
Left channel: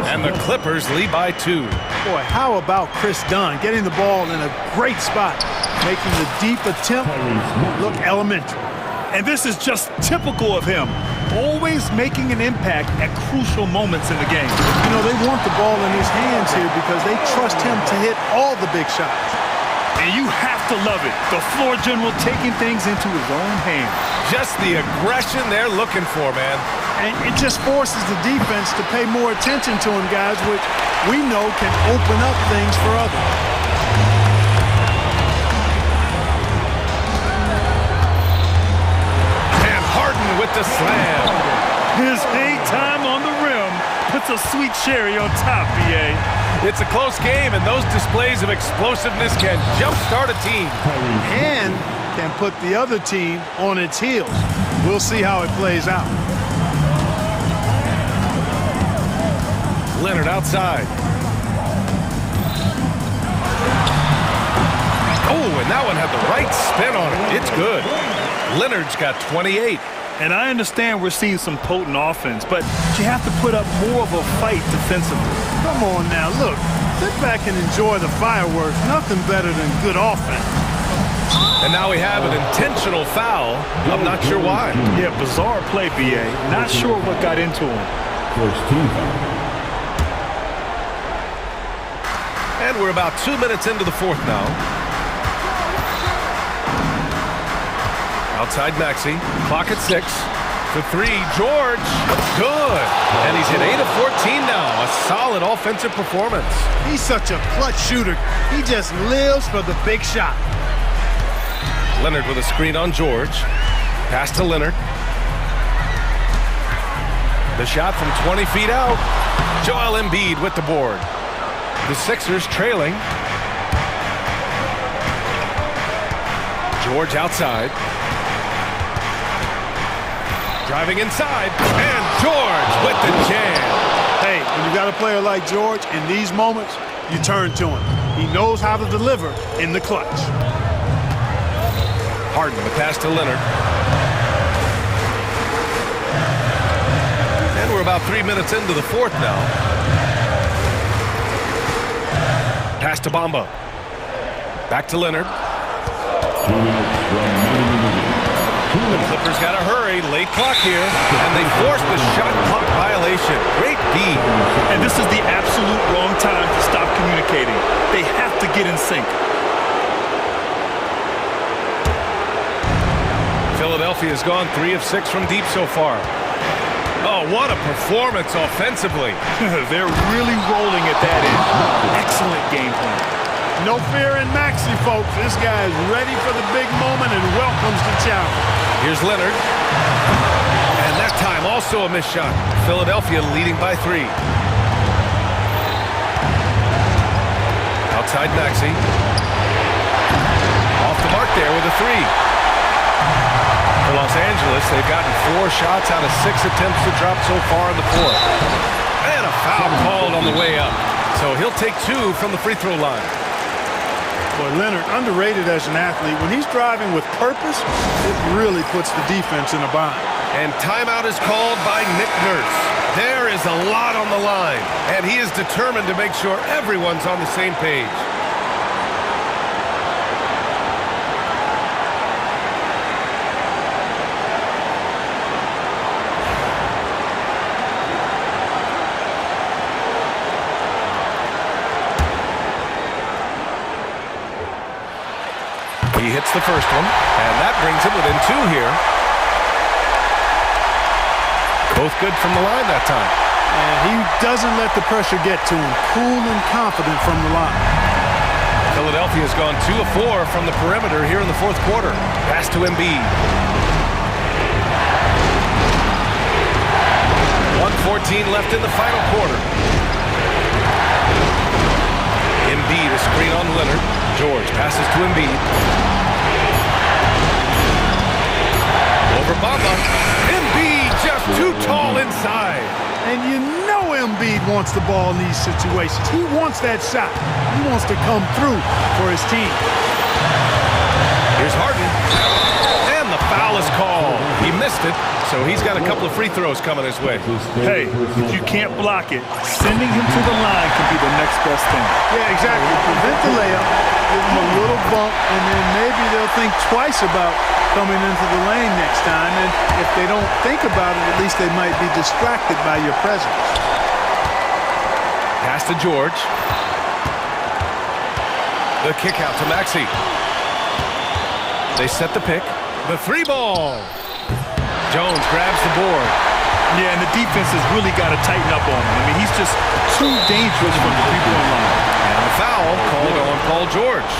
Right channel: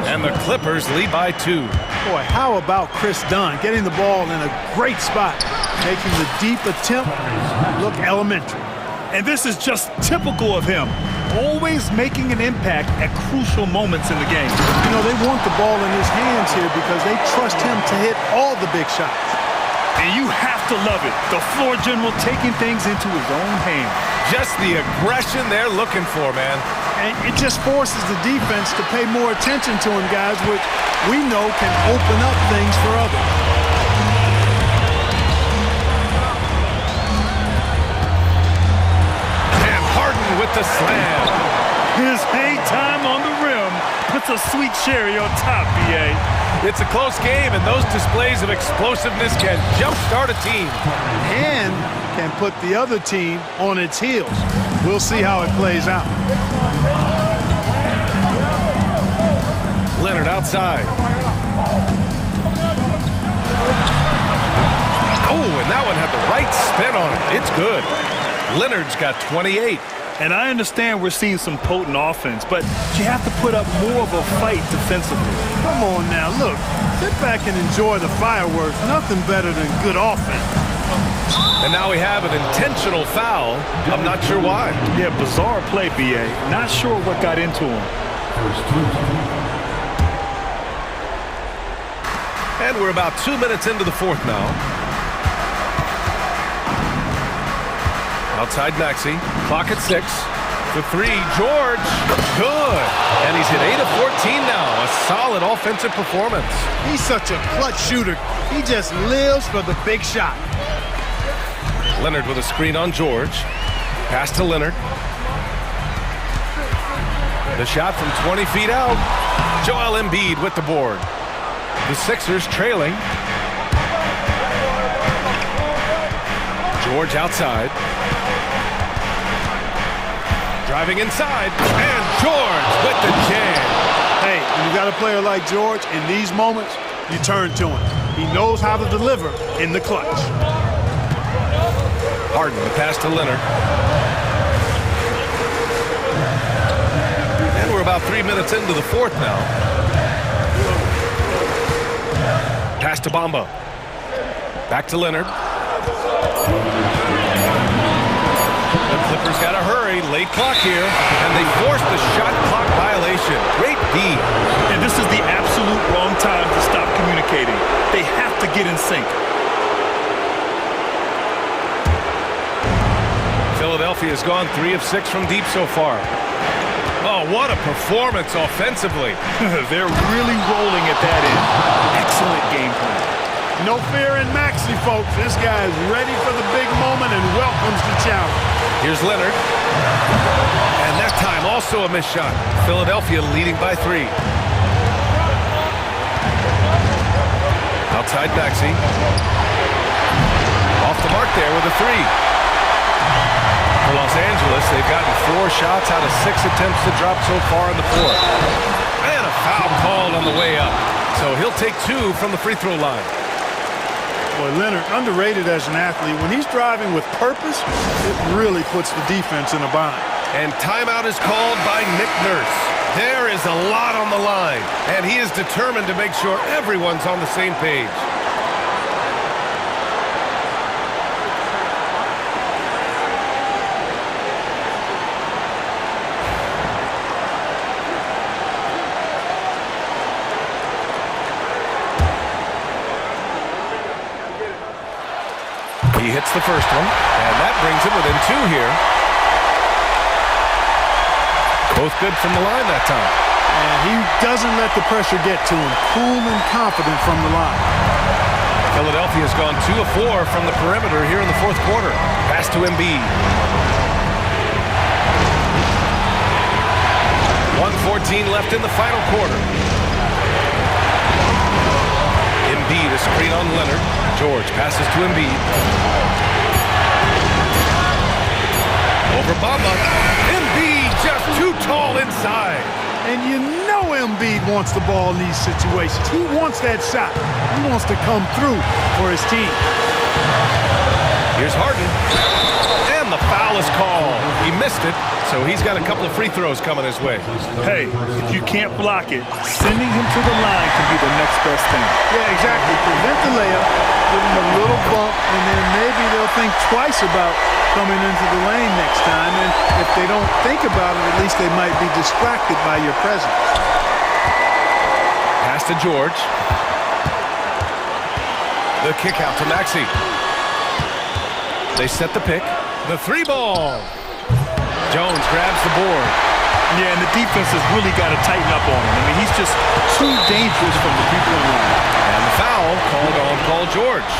And the Clippers lead by 2. Boy, how about Chris Dunn getting the ball in a great spot, making the deep attempt look elementary. And this is just typical of him. Always making an impact at crucial moments in the game. You know, they want the ball in his hands here because they trust him to hit all the big shots. And you have to love it. The floor general taking things into his own hands. Just the aggression they're looking for, man. And it just forces the defense to pay more attention to him, guys, which we know can open up things for others. Harden with the slam. His hang time on the rim puts a sweet cherry on top, B.A. It's a close game, and those displays of explosiveness can jumpstart a team. And can put the other team on its heels. We'll see how it plays out. Leonard outside. Oh, and that one had the right spin on it. It's good. Leonard's got 28. And I understand we're seeing some potent offense, but you have to put up more of a fight defensively. Come on now, look. Sit back and enjoy the fireworks. Nothing better than good offense. And now we have an intentional foul. I'm not sure why. Yeah, bizarre play, B.A. Not sure what got into him. And we're about 2 minutes into the fourth now. Outside Maxey, clock at 6. The 3, George, good. And he's hit 8 of 14 now, a solid offensive performance. He's such a clutch shooter. He just lives for the big shot. Leonard with a screen on George. Pass to Leonard. The shot from 20 feet out. Joel Embiid with the board. The Sixers trailing. George outside. Driving inside, and George with the jam. Hey, when you got a player like George, in these moments, you turn to him. He knows how to deliver in the clutch. Harden, the pass to Leonard. And we're about 3 minutes into the fourth now. Pass to Bamba. Back to Leonard. The Clippers got to hurry. Late clock here. And they forced the shot clock violation. Great D. And this is the absolute wrong time to stop communicating. They have to get in sync. Philadelphia's gone 3 of 6 from deep so far. Oh, what a performance offensively. They're really rolling at that end. Excellent game plan. No fear in Maxey, folks. This guy is ready for the big moment and welcomes the challenge. Here's Leonard. And that time also a missed shot. Philadelphia leading by 3. Outside Maxey. Off the mark there with a three. For Los Angeles, they've gotten 4 shots out of 6 attempts to drop so far in the fourth. And a foul called on the way up. So he'll take 2 from the free throw line. Boy, Leonard, underrated as an athlete. When he's driving with purpose, it really puts the defense in a bind. And timeout is called by Nick Nurse. There is a lot on the line, and he is determined to make sure everyone's on the same page. He hits the first one, and that brings him within 2 here. Both good from the line that time. And he doesn't let the pressure get to him. Cool and confident from the line. Philadelphia has gone 2 of 4 from the perimeter here in the fourth quarter. Pass to Embiid. 1:14 left in the final quarter. Embiid, a screen on Leonard. George passes to Embiid. Over Bamba. Embiid just too tall inside. And you know Embiid wants the ball in these situations. He wants that shot. He wants to come through for his team. Here's Harden. And the foul is called. He missed it, so he's got a couple of free throws coming his way. Hey, if you can't block it, sending him to the line can be the next best thing. Yeah, exactly. Prevent the layup, give him a little bump, and then maybe they'll think twice about coming into the lane next time. And if they don't think about it, at least they might be distracted by your presence. Pass to George. The kick out to Maxey. They set the pick. The 3 ball. Jones grabs the board. Yeah, and the defense has really got to tighten up on him. I mean, he's just too dangerous from the three-point line. And the foul called on Paul George.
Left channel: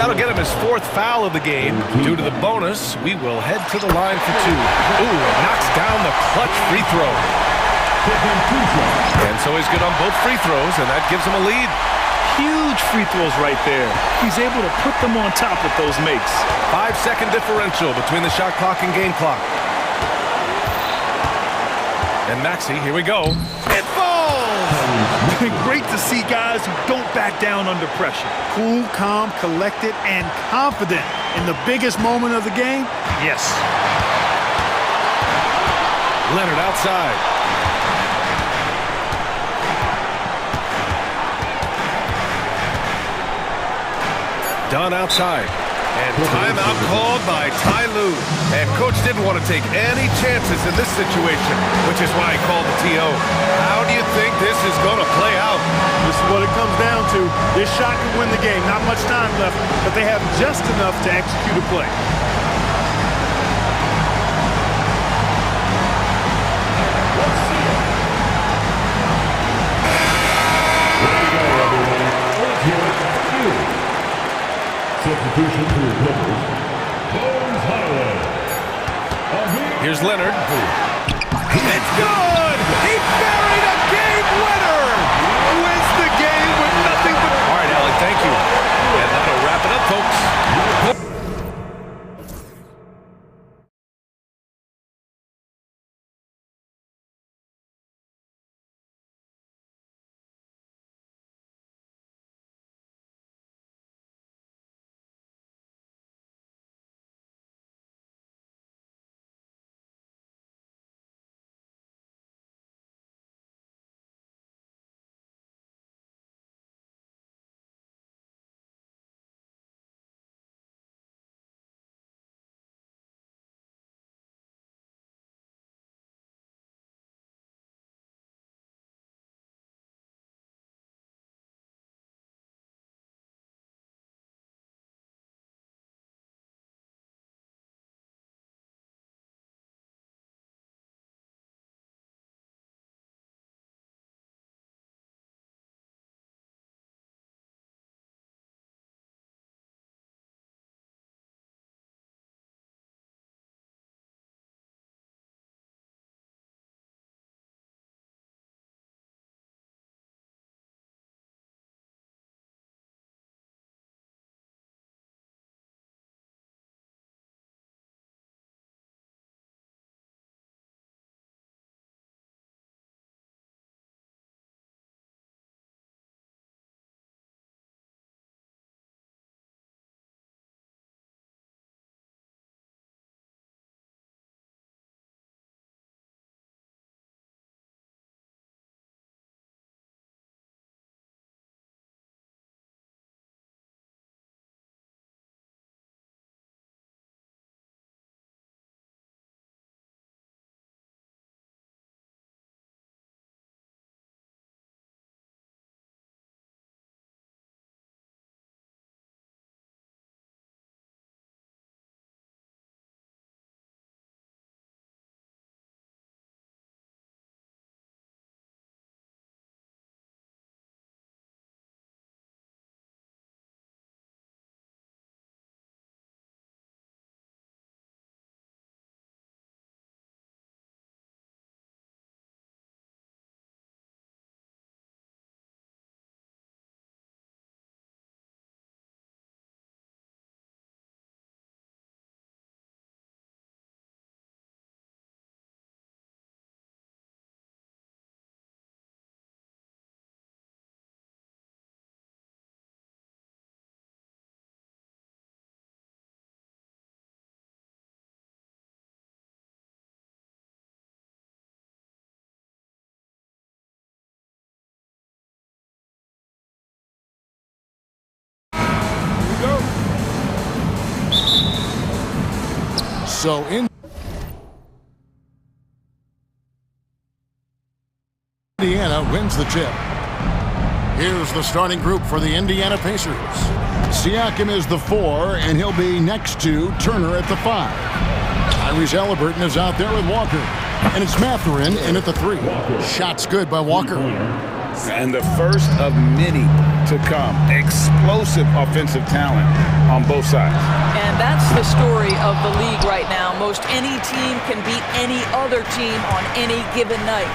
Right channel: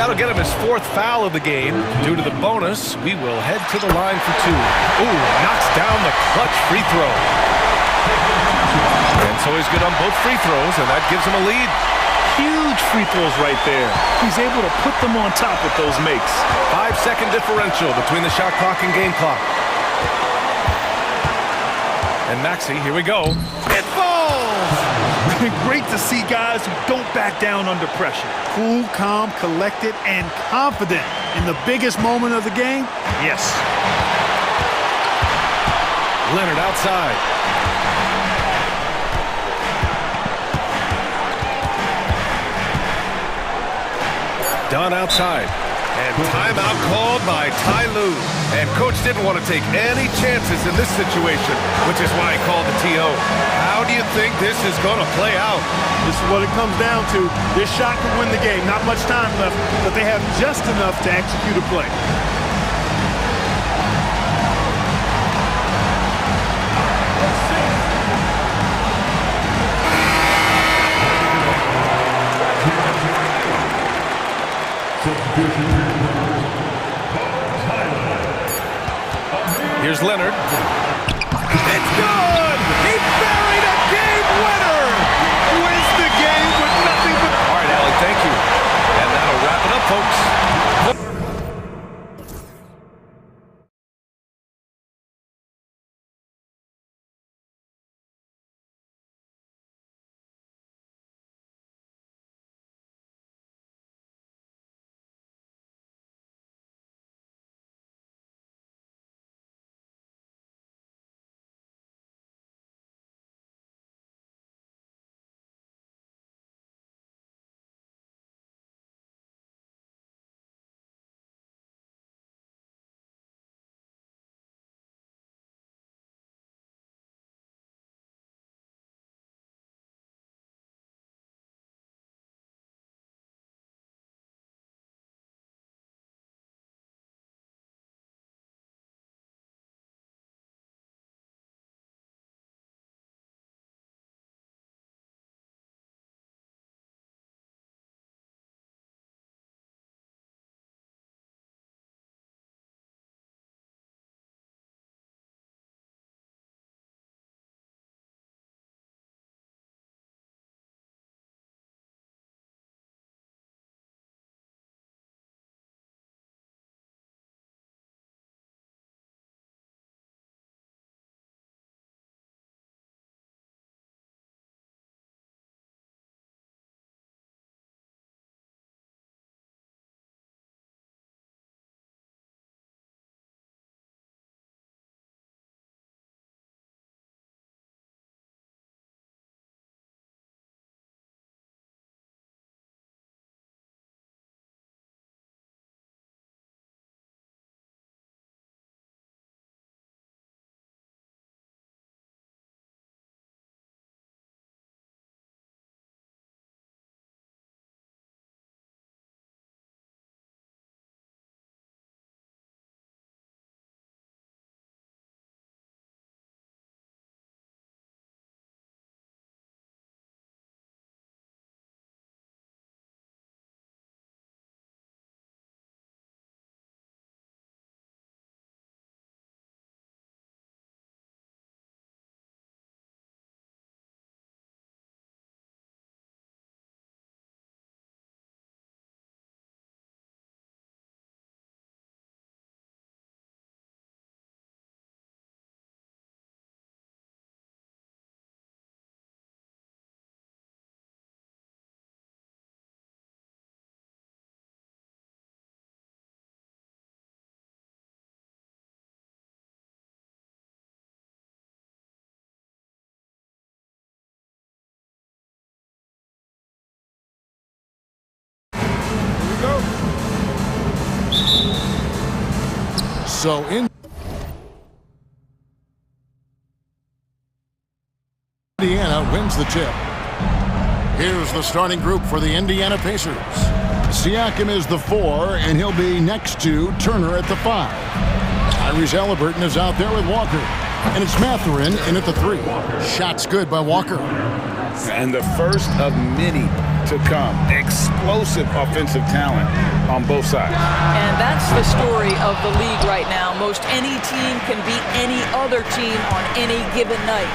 That'll get him his 4th foul of the game. Due to the bonus, we will head to the line for 2. Ooh, knocks down the clutch free throw. And so he's good on both free throws, and that gives him a lead. Huge free throws right there. He's able to put them on top with those makes. 5-second differential between the shot clock and game clock. And Maxey, here we go. It falls! Great to see guys who don't back down under pressure. Cool, calm, collected, and confident in the biggest moment of the game. Yes. Leonard outside. Dunn outside. And timeout called by Ty Lue. And coach didn't want to take any chances in this situation, which is why he called the TO. How do you think this is going to play out? This is what it comes down to. This shot could win the game. Not much time left, but they have just enough to execute a play. Substitution for your players. Bones Highland. Here's Leonard. It's good! He buried a game winner! Wins the game with nothing but... All right, Allie, thank you. And that'll wrap it up, folks. So Indiana wins the tip. Here's the starting group for the Indiana Pacers. Siakam is the 4, and he'll be next to Turner at the 5. Tyrese Halliburton is out there with Walker. And it's Mathurin in at the 3. Shots good by Walker. And the first of many to come. Explosive offensive talent on both sides. And that's the story of the league right now. Most any team can beat any other team on any given night.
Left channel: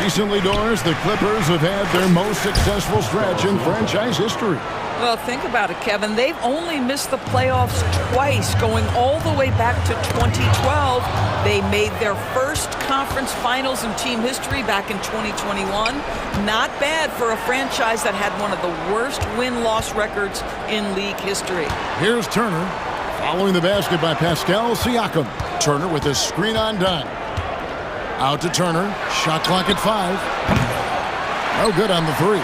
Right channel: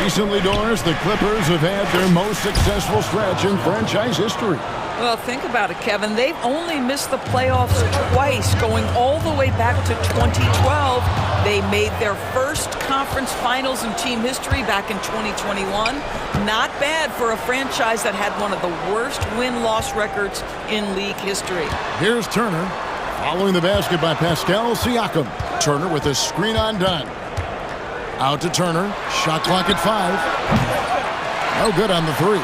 Recently, Doris, the Clippers have had their most successful stretch in franchise history. Well, think about it, Kevin. They've only missed the playoffs twice, going all the way back to 2012. They made their first conference finals in team history back in 2021. Not bad for a franchise that had one of the worst win-loss records in league history. Here's Turner, following the basket by Pascal Siakam. Turner with a screen on done. Out to Turner, shot clock at 5. No good on the 3.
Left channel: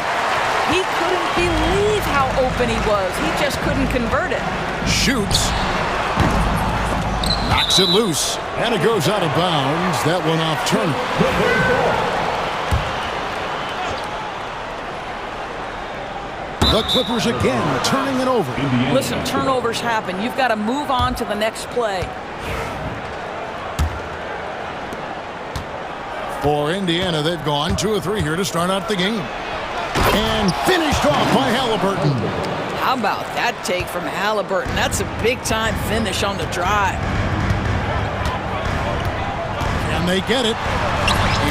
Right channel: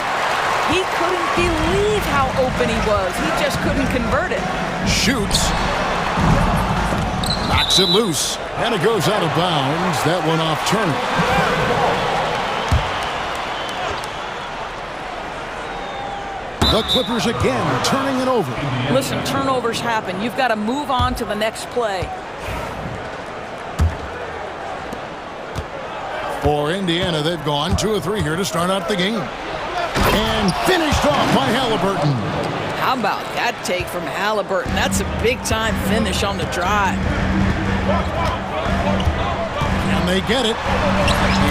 He couldn't believe how open he was. He just couldn't convert it. Shoots. Knocks it loose. And it goes out of bounds. That one off Turner. The Clippers again turning it over. Listen, turnovers happen. You've got to move on to the next play. For Indiana, they've gone 2 of 3 here to start out the game. And finished off by Halliburton. How about that take from Halliburton? That's a big-time finish on the drive. Can they get it?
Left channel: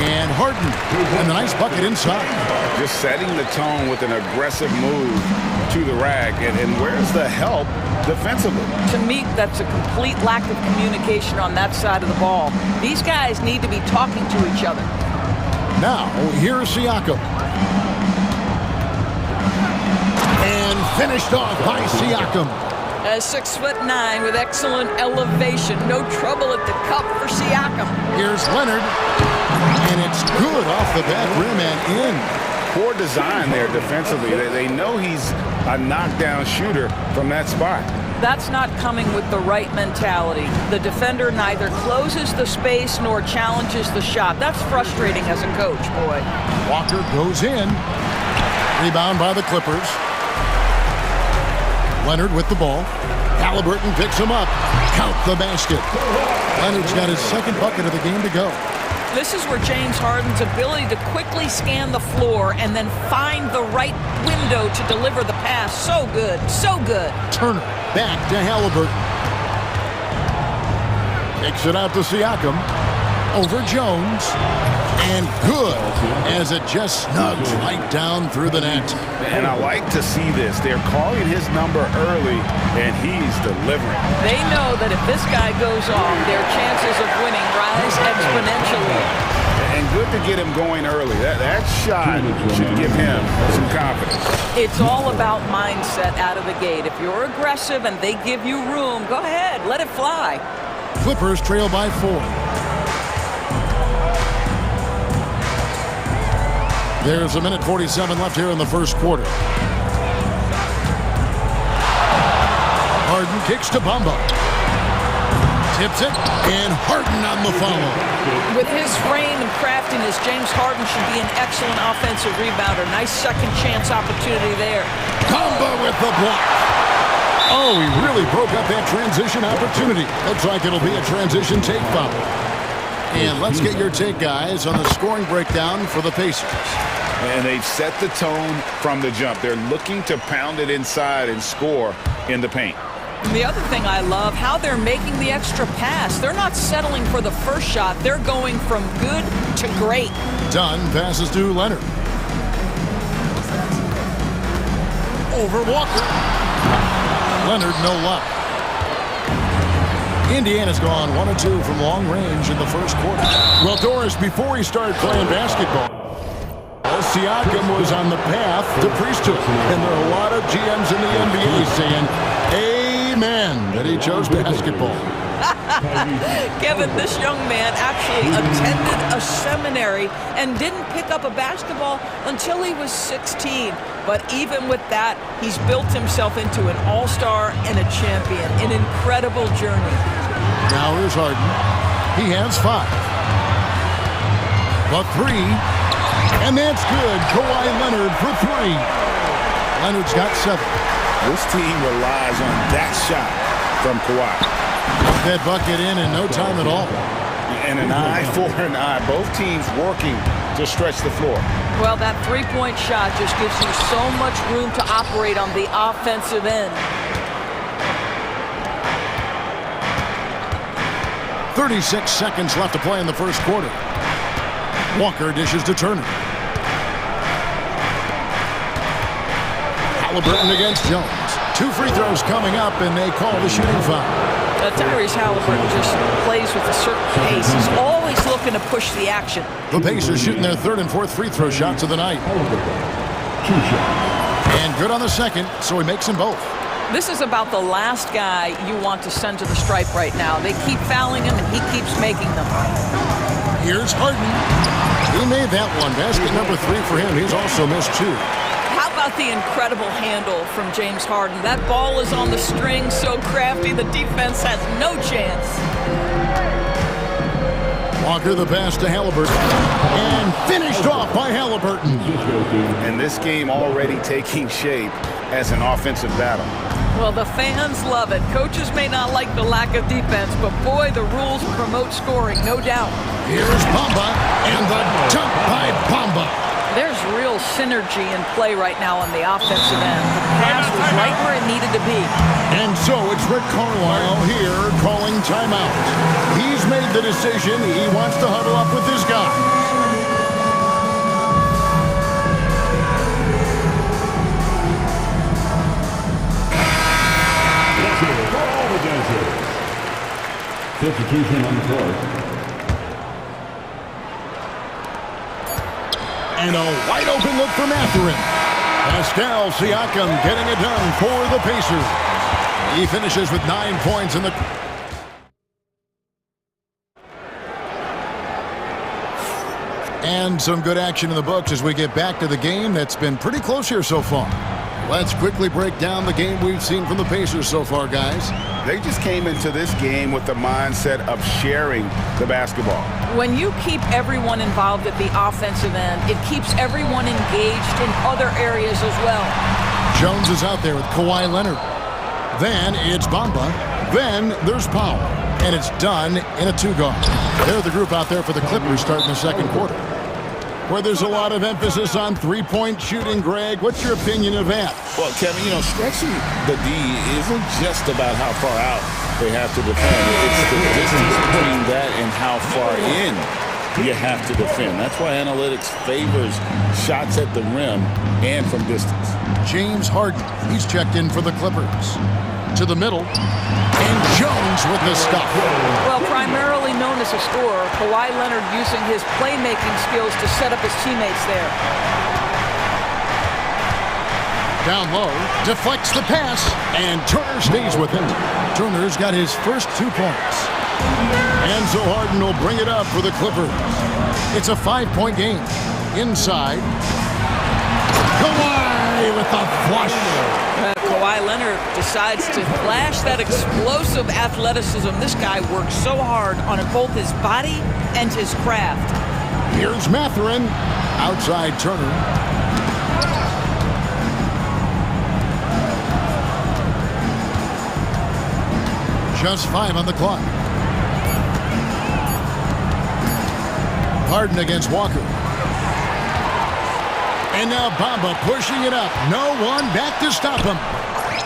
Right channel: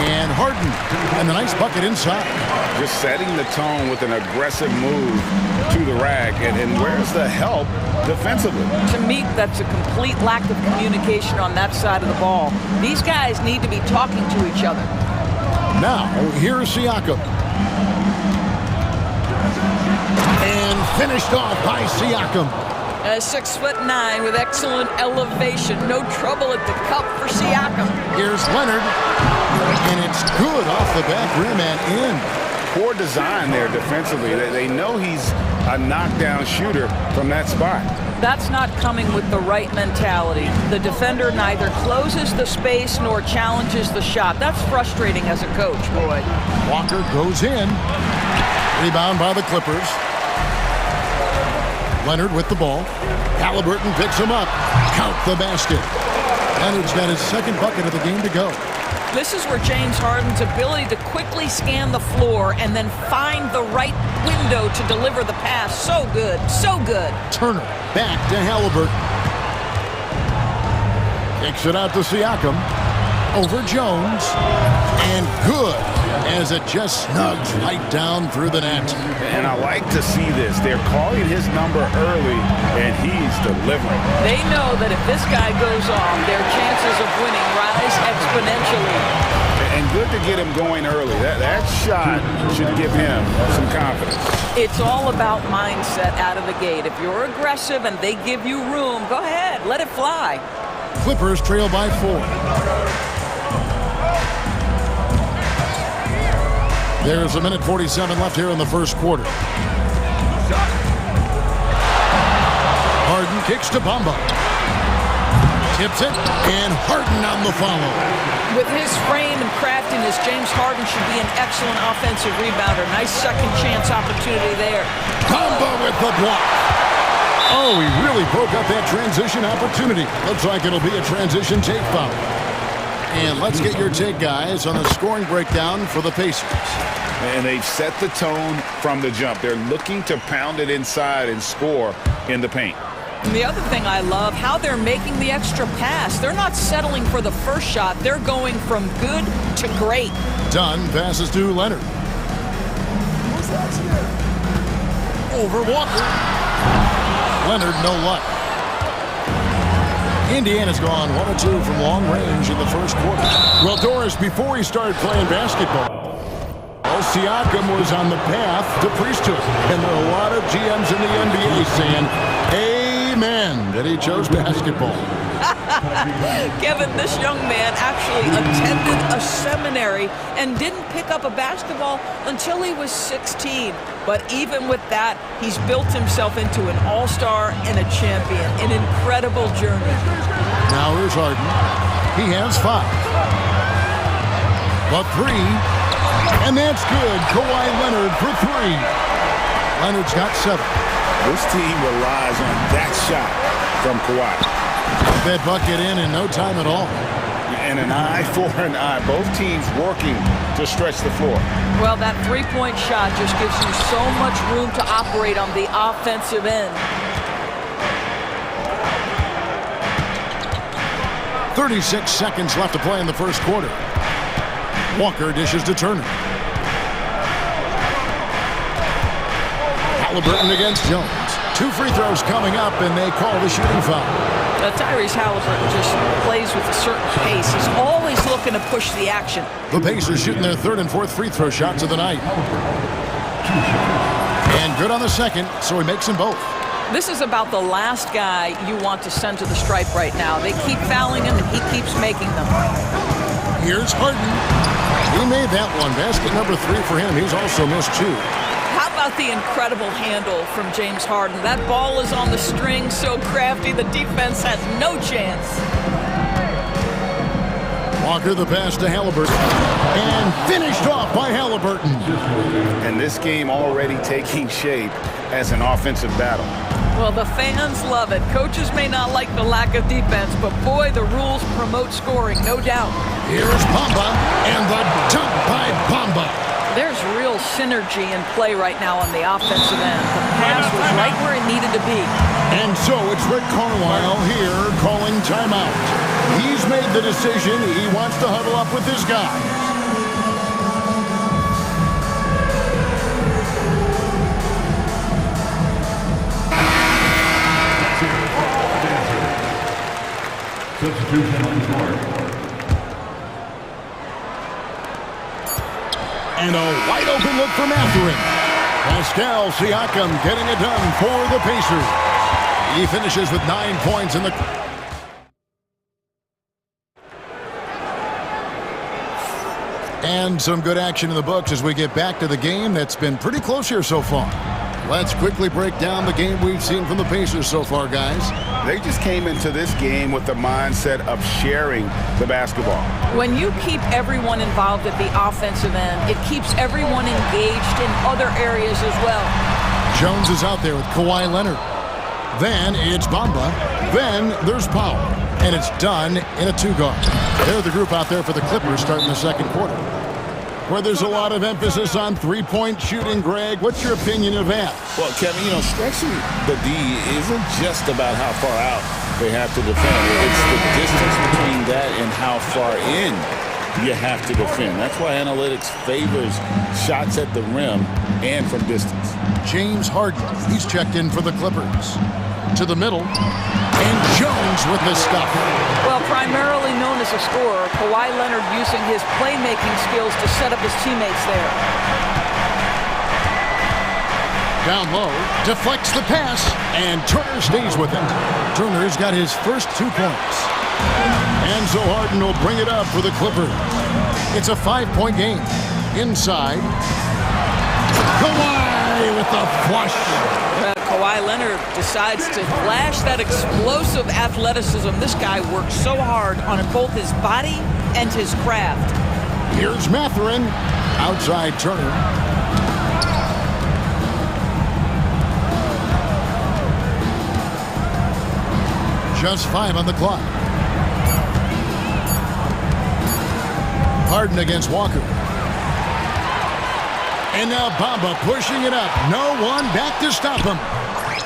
And Harden. And the nice bucket inside. Just setting the tone with an aggressive move to the rack. And where's the help defensively? To me, that's a complete lack of communication on that side of the ball. These guys need to be talking to each other. Now, here's Siakam. And finished off by Siakam. 6'9" with excellent elevation. No trouble at the cup for Siakam. Here's Leonard. And it's good off the back rim and in. Poor design there defensively. They know he's a knockdown shooter from that spot. That's not coming with the right mentality. The defender neither closes the space nor challenges the shot. That's frustrating as a coach, boy. Walker goes in. Rebound by the Clippers. Leonard with the ball. Halliburton picks him up. Count the basket. Leonard's got his second bucket of the game to go. This is where James Harden's ability to quickly scan the floor and then find the right window to deliver the pass. So good, so good. Turner back to Halliburton. Kicks it out to Siakam. Over Jones. And good as it just snugs right down through the net. And I like to see this. They're calling his number early, and he's delivering. They know that if this guy goes off, their chances of winning rise exponentially. And good to get him going early. That shot should give him some confidence. It's all about mindset out of the gate. If you're aggressive and they give you room, go ahead, let it fly. Clippers trail by 4. There's a minute 47 left here in the first quarter. Harden kicks to Bamba. Tips it, and Harden on the follow. With his frame and craftiness, James Harden should be an excellent offensive rebounder. Nice second chance opportunity there. Bamba with the block. Oh, he really broke up that transition opportunity. Looks like it'll be a transition take foul. And let's get your take, guys, on the scoring breakdown for the Pacers. And they've set the tone from the jump. They're looking to pound it inside and score in the paint. And the other thing I love, how they're making the extra pass. They're not settling for the first shot. They're going from good to great. Dunn passes to Leonard. Over Walker. Leonard, no luck. Indiana's gone 1 of 2 from long range in the first quarter. Well, Doris, before he started playing basketball, Siakam was on the path to priesthood. And there are a lot of GMs in the NBA saying, amen, that he chose basketball. Kevin, this young man actually attended a seminary and didn't pick up a basketball until he was 16. But even with that, he's built himself into an all-star and a champion. An incredible journey. Now here's Harden. He has 5. But 3. And that's good. Kawhi Leonard for 3. Leonard's got 7. This team relies on that shot from Kawhi. Got that bucket in no time at all. And an eye for an eye. Both teams working to stretch the floor. Well, that three-point shot just gives you so much room to operate on the offensive end. 36 seconds left to play in the first quarter. Walker dishes to Turner. Halliburton against Jones. 2 free throws coming up, and they call the shooting foul. Tyrese Halliburton just plays with a certain pace. He's always looking to push the action. The Pacers shooting their 3rd and 4th free throw shots of the night. And good on the second, so he makes them both. This is about the last guy you want to send to the stripe right now. They keep fouling him, and he keeps making them. Here's Harden. He made that one. Basket number 3 for him. He's also missed 2. How about the incredible handle from James Harden? That ball is on the string, so crafty, the defense has no chance. Walker the pass to Halliburton. And finished off by Halliburton. And this game already taking shape as an offensive battle. Well, the fans love it. Coaches may not like the lack of defense, but boy, the rules promote scoring, no doubt. Here's Bamba, and the dunk by Bamba. There's real synergy in play right now on the offensive end. The pass was right where it needed to be. And so it's Rick Carlisle here calling timeout. He's made the decision. He wants to huddle up with his guys. Let's hear it for all the dancers. Substitution on the court. And a wide open look for Mathurin. Pascal Siakam getting it done for the Pacers. He finishes with 9 points in the... And some good action in the books as we get back to the game that's been pretty close here so far. Let's quickly break down the game we've seen from the Pacers so far, guys. They just came into this game with the mindset of sharing the basketball. When you keep everyone involved at the offensive end, it keeps everyone engaged in other areas as well. Jones is out there with Kawhi Leonard. Then it's Bamba. Then there's Powell. And it's done in a 2-guard. They're the group out there for the Clippers starting the second quarter, where there's a lot of emphasis on three-point shooting. Greg, what's your opinion of that? Well, Kevin, you know, stretching the D isn't just about how far out they have to defend. It's the distance between that and how far in you have to defend. That's why analytics favors shots at the rim and from distance. James Harden, he's checked in for the Clippers. To the middle, and Jones with the stuff. Well, primarily known as a scorer, Kawhi Leonard using his playmaking skills to set up his teammates there. Down low, deflects the pass, and Turner stays with it. Turner's got his first 2 points. And so Harden will bring it up for the Clippers. It's a 5-point game. Inside, Kawhi with the flush. Kawhi Leonard decides to flash that explosive athleticism. This guy works so hard on both his body and his craft. Here's Mathurin. Outside Turner. Just 5 on the clock. Harden against Walker. And now Bamba pushing it up. No one back to stop him.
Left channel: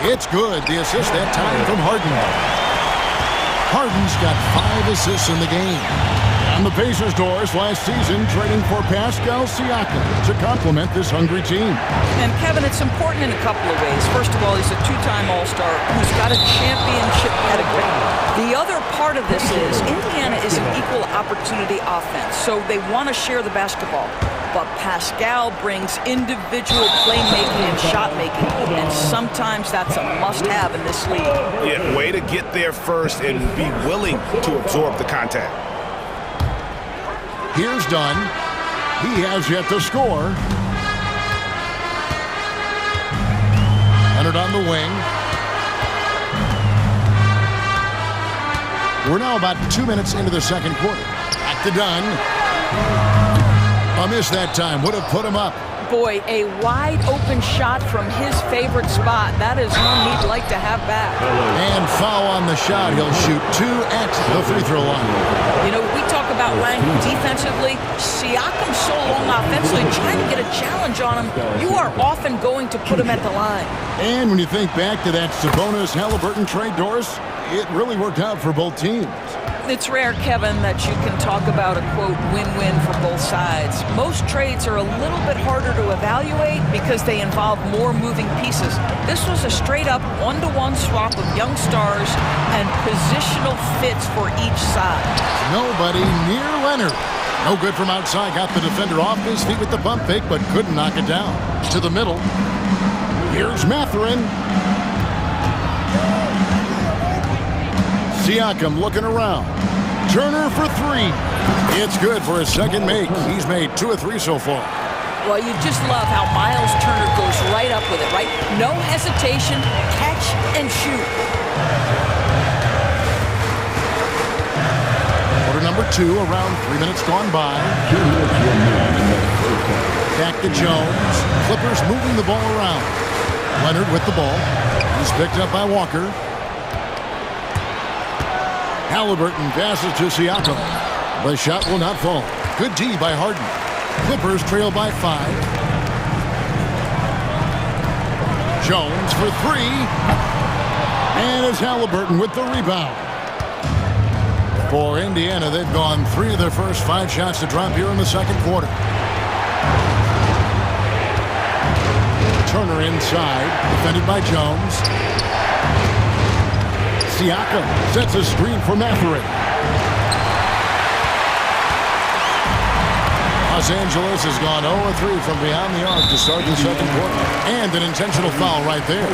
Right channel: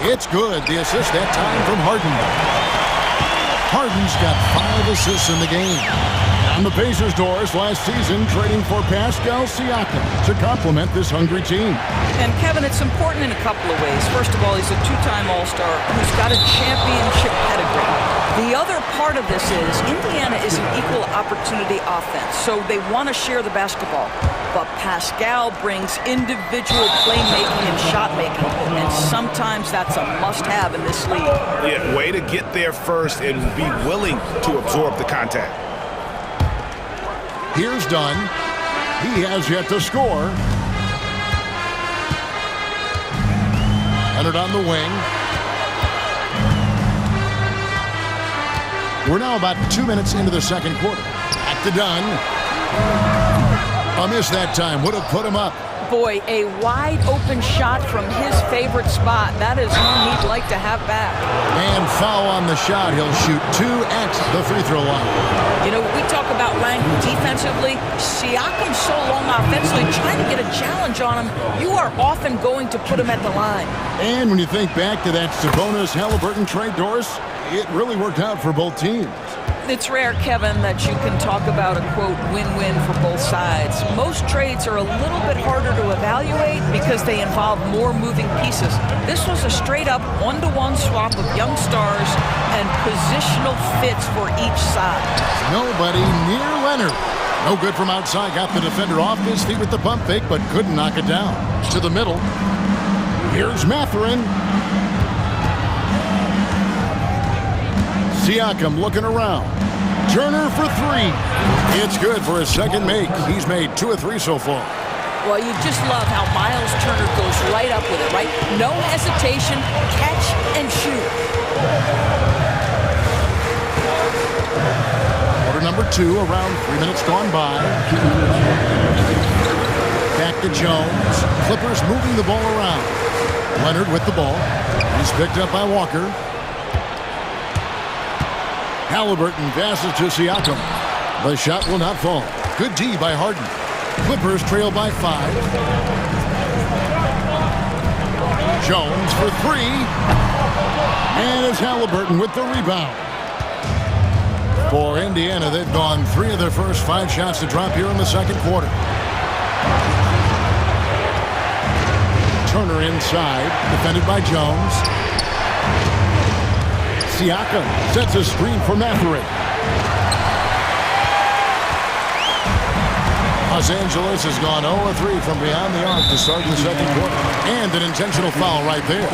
It's good. The assist that time from Harden. Harden's got 5 assists in the game. On the Pacers' doors last season, trading for Pascal Siakam to complement this hungry team. And Kevin, it's important in a couple of ways. First of all, he's a 2-time All-Star who's got a championship pedigree. The other part of this is Indiana is an equal opportunity offense, so they want to share the basketball. But Pascal brings individual playmaking and shot making, and sometimes that's a must-have in this league. Yeah, way to get there first and be willing to absorb the contact. Here's Dunn. He has yet to score. Leonard on the wing. We're now about 2 minutes into the second quarter. Back to Dunn. A miss that time. Would have put him up. Boy, a wide open shot from his favorite spot. That is one he'd like to have back. And foul on the shot. He'll shoot 2 at the free throw line. You know, we talk about Lang defensively. Siakam's so long offensively, trying to get a challenge on him. You are often going to put him at the line. And when you think back to that Sabonis-Halliburton trade, Doris, it really worked out for both teams. It's rare, Kevin, that you can talk about a, quote, win-win for both sides. Most trades are a little bit harder to evaluate because they involve more moving pieces. This was a straight-up one-to-one swap of young stars and positional fits for each side. Nobody near Leonard. No good from outside. Got the defender off his feet with the pump fake, but couldn't knock it down. To the middle. Here's Mathurin. Siakam looking around. Turner for 3. It's good for his second make. He's made 2 of 3 so far. Well, you just love how Miles Turner goes right up with it, right? No hesitation, catch and shoot. Quarter number 2, around 3 minutes gone by. Back to Jones. Clippers moving the ball around. Leonard with the ball. He's picked up by Walker. Halliburton passes to Siakam. The shot will not fall. Good D by Harden. Clippers trail by 5. Jones for 3. And it's Halliburton with the rebound. For Indiana, they've gone 3 of their first 5 shots to drop here in the second quarter. Turner inside, defended by Jones. Siakam sets a screen for Mathurin. Los Angeles has gone 0-3 from beyond the arc to start the second quarter. And an intentional foul right there.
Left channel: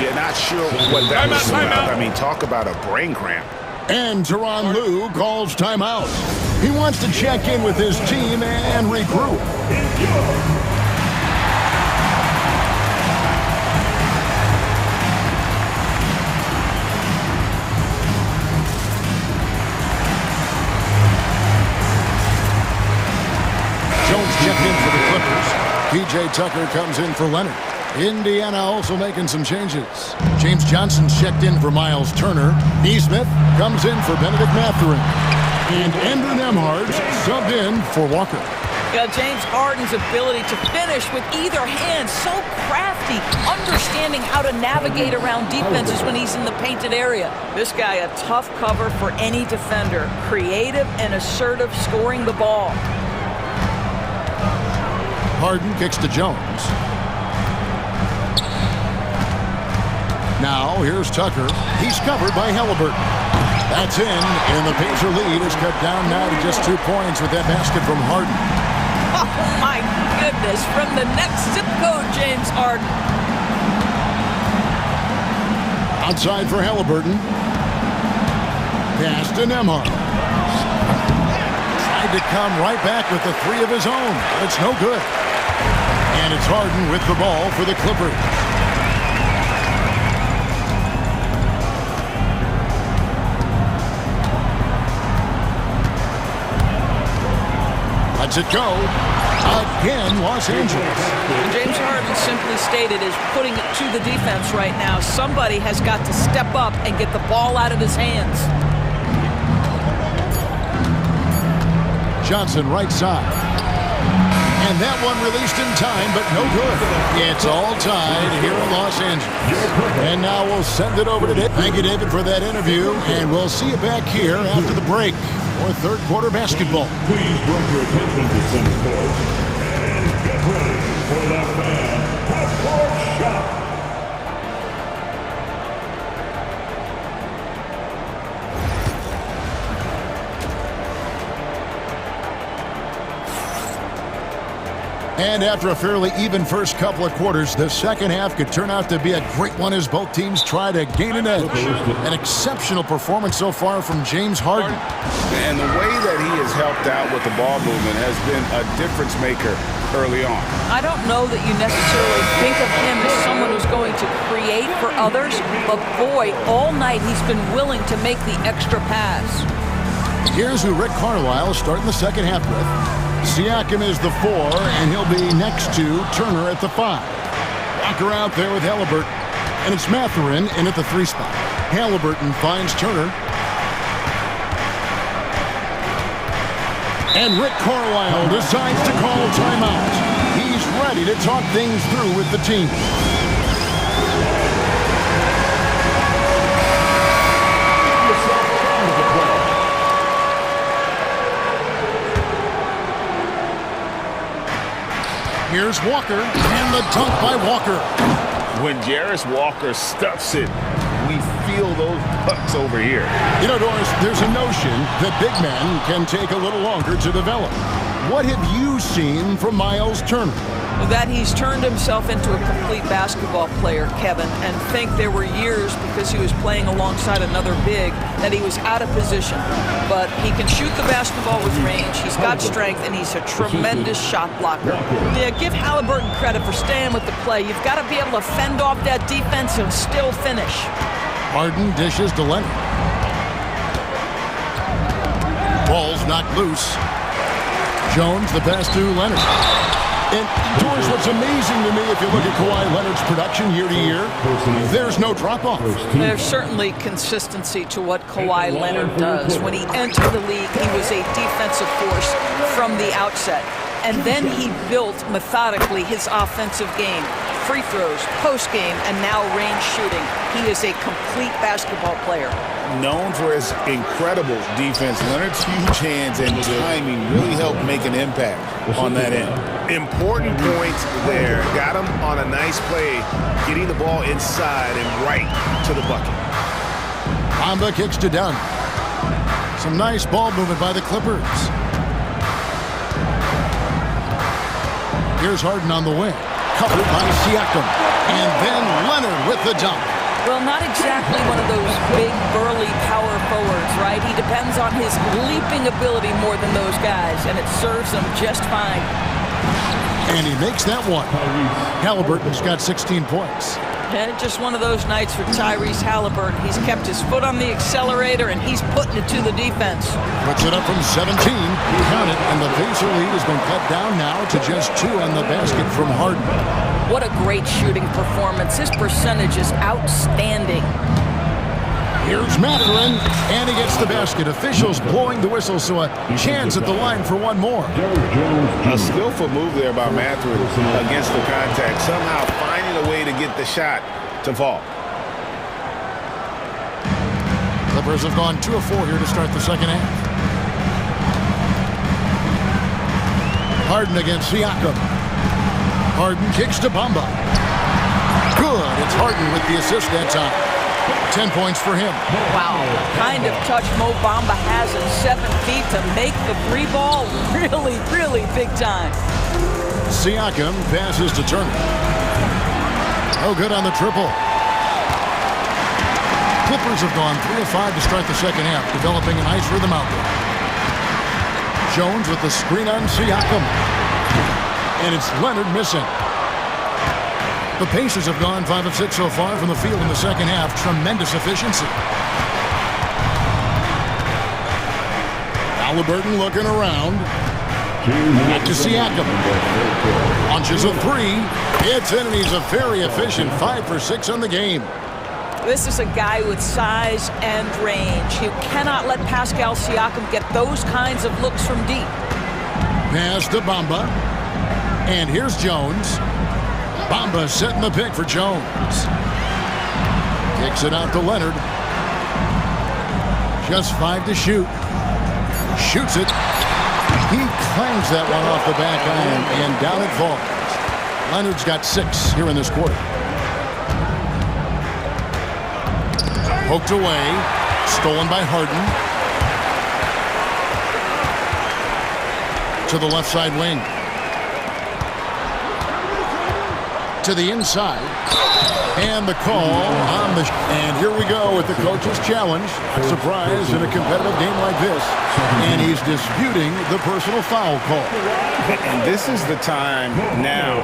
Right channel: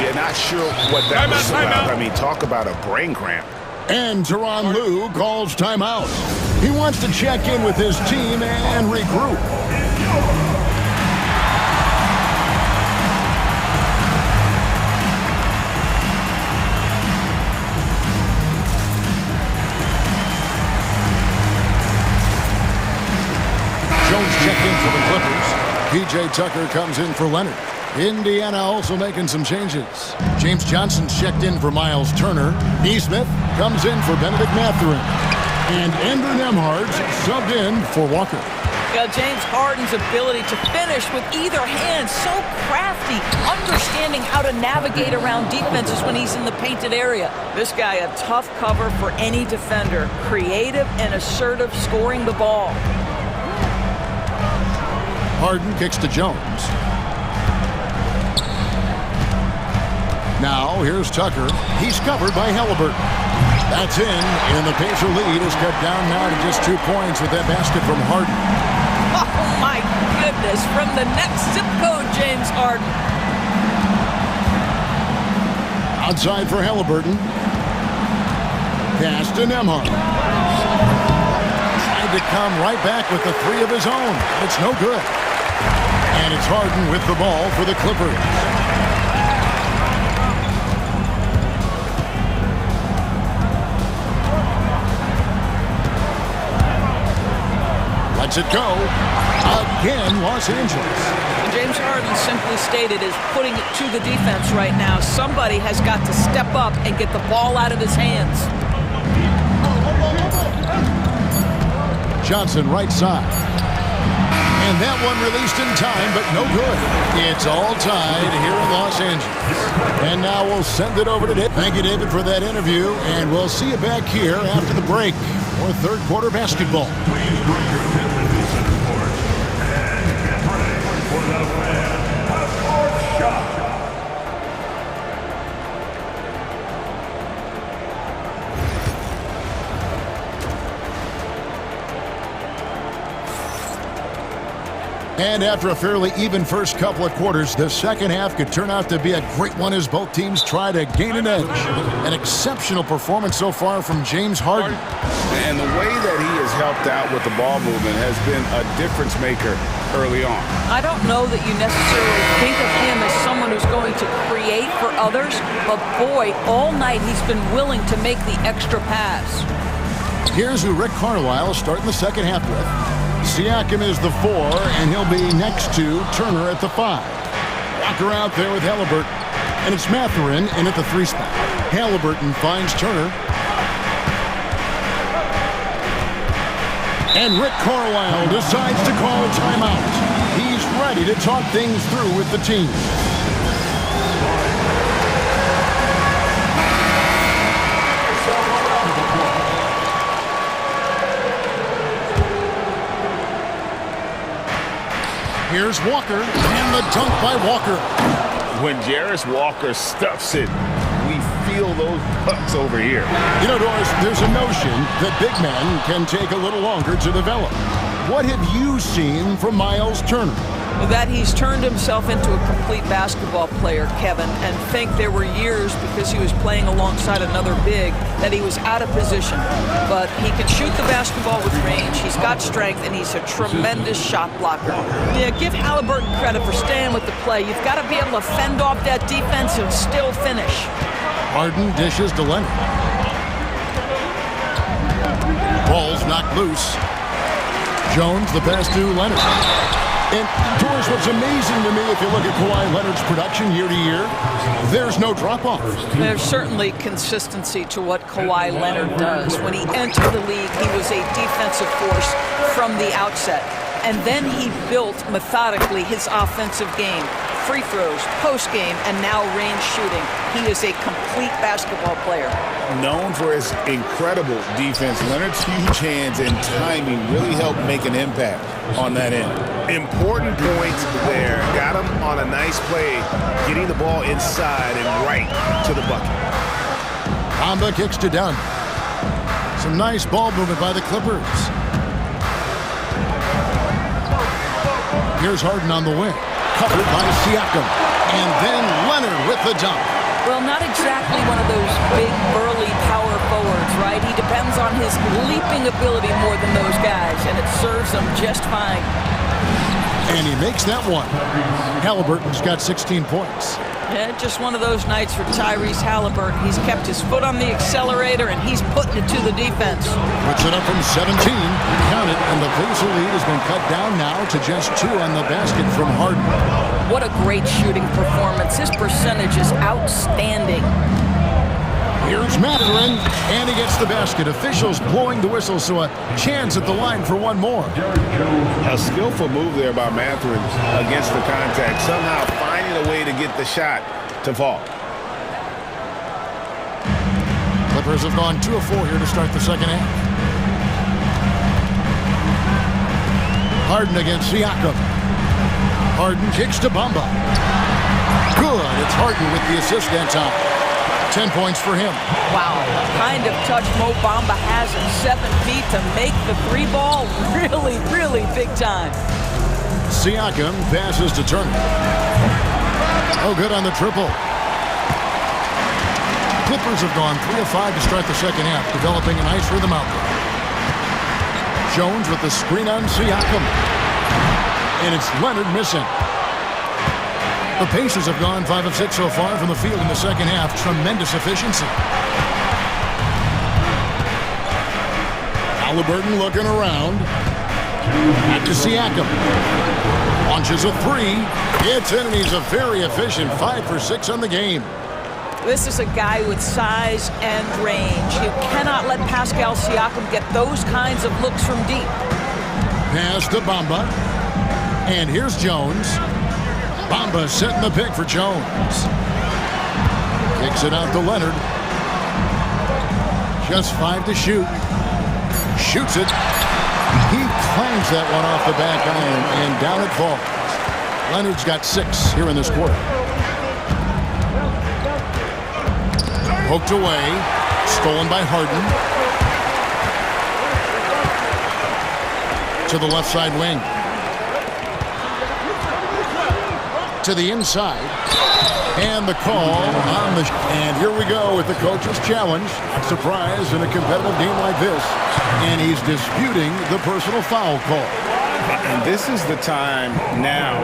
Yeah, not sure what that was about. I mean, talk about a brain cramp. And Tyronn Lue calls timeout. He wants to check in with his team and regroup. Jones checked in for the Clippers. P.J. Tucker comes in for Leonard. Indiana also making some changes. James Johnson's checked in for Miles Turner. Neesmith comes in for Benedict Mathurin. And Andrew Nembhard's subbed in for Walker. Yeah, James Harden's ability to finish with either hand, so crafty, understanding how to navigate around defenses when he's in the painted area. This guy, a tough cover for any defender. Creative and assertive scoring the ball. Harden kicks to Jones. Now, here's Tucker. He's covered by Halliburton. That's in, and the Pacer lead is cut down now to just 2 points with that basket from Harden. Oh, my goodness. From the next zip code, James Harden. Outside for Halliburton. Pass to Nembhard. Tried to come right back with the 3 of his own, but it's no good. And it's Harden with the ball for the Clippers. Lets it go. Again, Los Angeles. And James Harden simply stated is putting it to the defense right now. Somebody has got to step up and get the ball out of his hands. Johnson right side. And that one released in time, but no good. It's all tied here in Los Angeles. And now we'll send it over to David. Thank you, David, for that interview. And we'll see you back here after the break for third quarter basketball. Please bring your attention to Center Sports and get ready for the Fan Passport Shot. And after a fairly even first couple of quarters, the second half could turn out to be a great one as both teams try to gain an edge. An exceptional performance so far from James Harden. And the way that he has helped out with the ball movement has been a difference maker early on. I don't know that you necessarily think of him as someone who's going to create for others, but boy, all night he's been willing to make the extra pass. Here's who Rick Carlisle is starting the second half with. Siakam is the 4, and he'll be next to Turner at the 5. Walker out there with Halliburton, and it's Mathurin in at the 3 spot. Halliburton finds Turner. And Rick Carlisle decides to call timeout. He's ready to talk things through with the team. Here's Walker, and the dunk by Walker. When Jarris Walker stuffs it, we feel those pucks over here. You know, Doris, there's a notion that big men can take a little longer to develop. What have you seen from Miles Turner? That he's turned himself into a complete basketball player, Kevin, and think there were years because he was playing alongside another big that he was out of position. But he can shoot the basketball with range, he's got strength, and he's a tremendous shot blocker. Yeah, give Halliburton credit for staying with the play. You've got to be able to fend off that defense and still finish. Harden dishes to Leonard. Ball's knocked loose. Jones the pass to Leonard. And, Doris, what's amazing to me, if you look at Kawhi Leonard's production year to year, there's no drop-off. There's certainly consistency to what Kawhi Leonard does. When he entered the league, he was a defensive force from the outset. And then he built methodically his offensive game. Free throws, post-game, and now range shooting. He is a complete basketball player. Known for his incredible defense, Leonard's huge hands and timing really helped make an impact on that end. Important points there. Got him on a nice play, getting the ball inside and right to the bucket. Bamba kicks to Dunn. Some nice ball movement by the Clippers. Here's Harden on the wing. Covered by Siakam. And then Leonard with the dunk. Well, not exactly one of those big, burly power forwards, right? He depends on his leaping ability more than those guys, and it serves him just fine. And he makes that one. Halliburton's got 16 points. Yeah, just one of those nights for Tyrese Halliburton. He's kept his foot on the accelerator, and he's putting it to the defense. Puts it up from 17. Count it, and the Pacer lead has been cut down now to just 2 on the basket from Harden. What a great shooting performance. His percentage is outstanding. Here's Mathurin, and he gets the basket. Officials blowing the whistle, so a chance at the line for one more. A skillful move there by Mathurin against the contact, somehow finding a way to get the shot to fall. Clippers have gone 2 of 4 here to start the second half. Harden against Siakam. Harden kicks to Bamba. Good. It's Harden with the assist that time. 10 points for him. Wow, the kind of touch Mo Bamba has at 7 feet to make the 3 ball really, really big time. Siakam passes to Turner. Oh, good on the triple. Clippers have gone 3 of 5 to start the second half, developing a nice rhythm out there. Jones with the screen on Siakam. And it's Leonard missing. The Pacers have gone 5 of 6 so far from the field in the second half. Tremendous efficiency. Halliburton looking around. Back to Siakam. Launches a 3. It's in, and he's a very efficient 5 for 6 on the game. This is a guy with size and range. You cannot let Pascal Siakam get those kinds of looks from deep. Pass to Bamba. And here's Jones. Bamba setting the pick for Jones. Kicks it out to Leonard. Just 5 to shoot. Shoots it. He clangs that one off the back iron, and down it falls. Leonard's got 6 here in this quarter. Poked away. Stolen by Harden. To the left side wing. To the inside, and the call on the and here we go with the coach's challenge. Not surprised in a competitive game like this, and he's disputing the personal foul call. And this is the time now.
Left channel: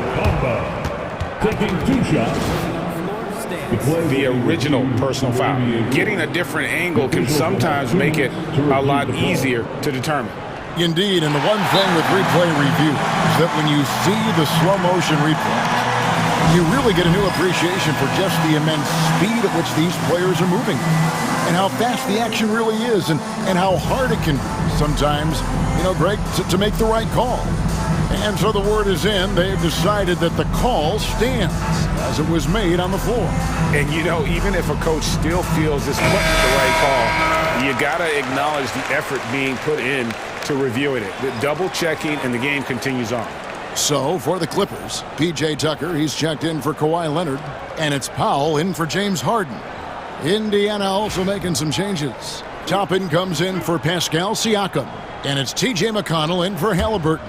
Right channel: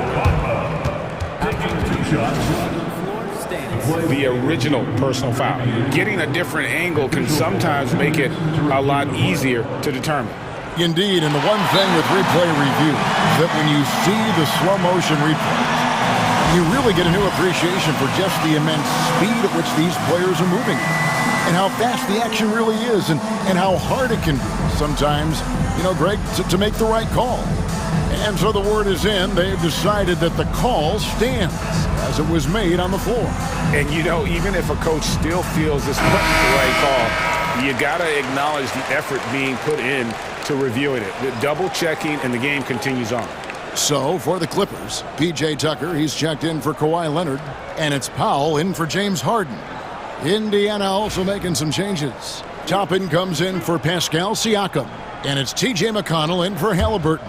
The original personal foul. Getting a different angle can sometimes make it a lot easier to determine. Indeed, and the one thing with replay review is that when you see the slow motion replays, you really get a new appreciation for just the immense speed at which these players are moving and how fast the action really is and how hard it can be sometimes, Greg, to make the right call. And so the word is in. They've decided that the call stands as it was made on the floor. And, even if a coach still feels this wasn't the right call, you got to acknowledge the effort being put in to reviewing it. The double checking, and the game continues on. So for the Clippers, P.J. Tucker, he's checked in for Kawhi Leonard, and it's Powell in for James Harden. Indiana also making some changes. Toppin comes in for Pascal Siakam, and it's T.J. McConnell in for Halliburton.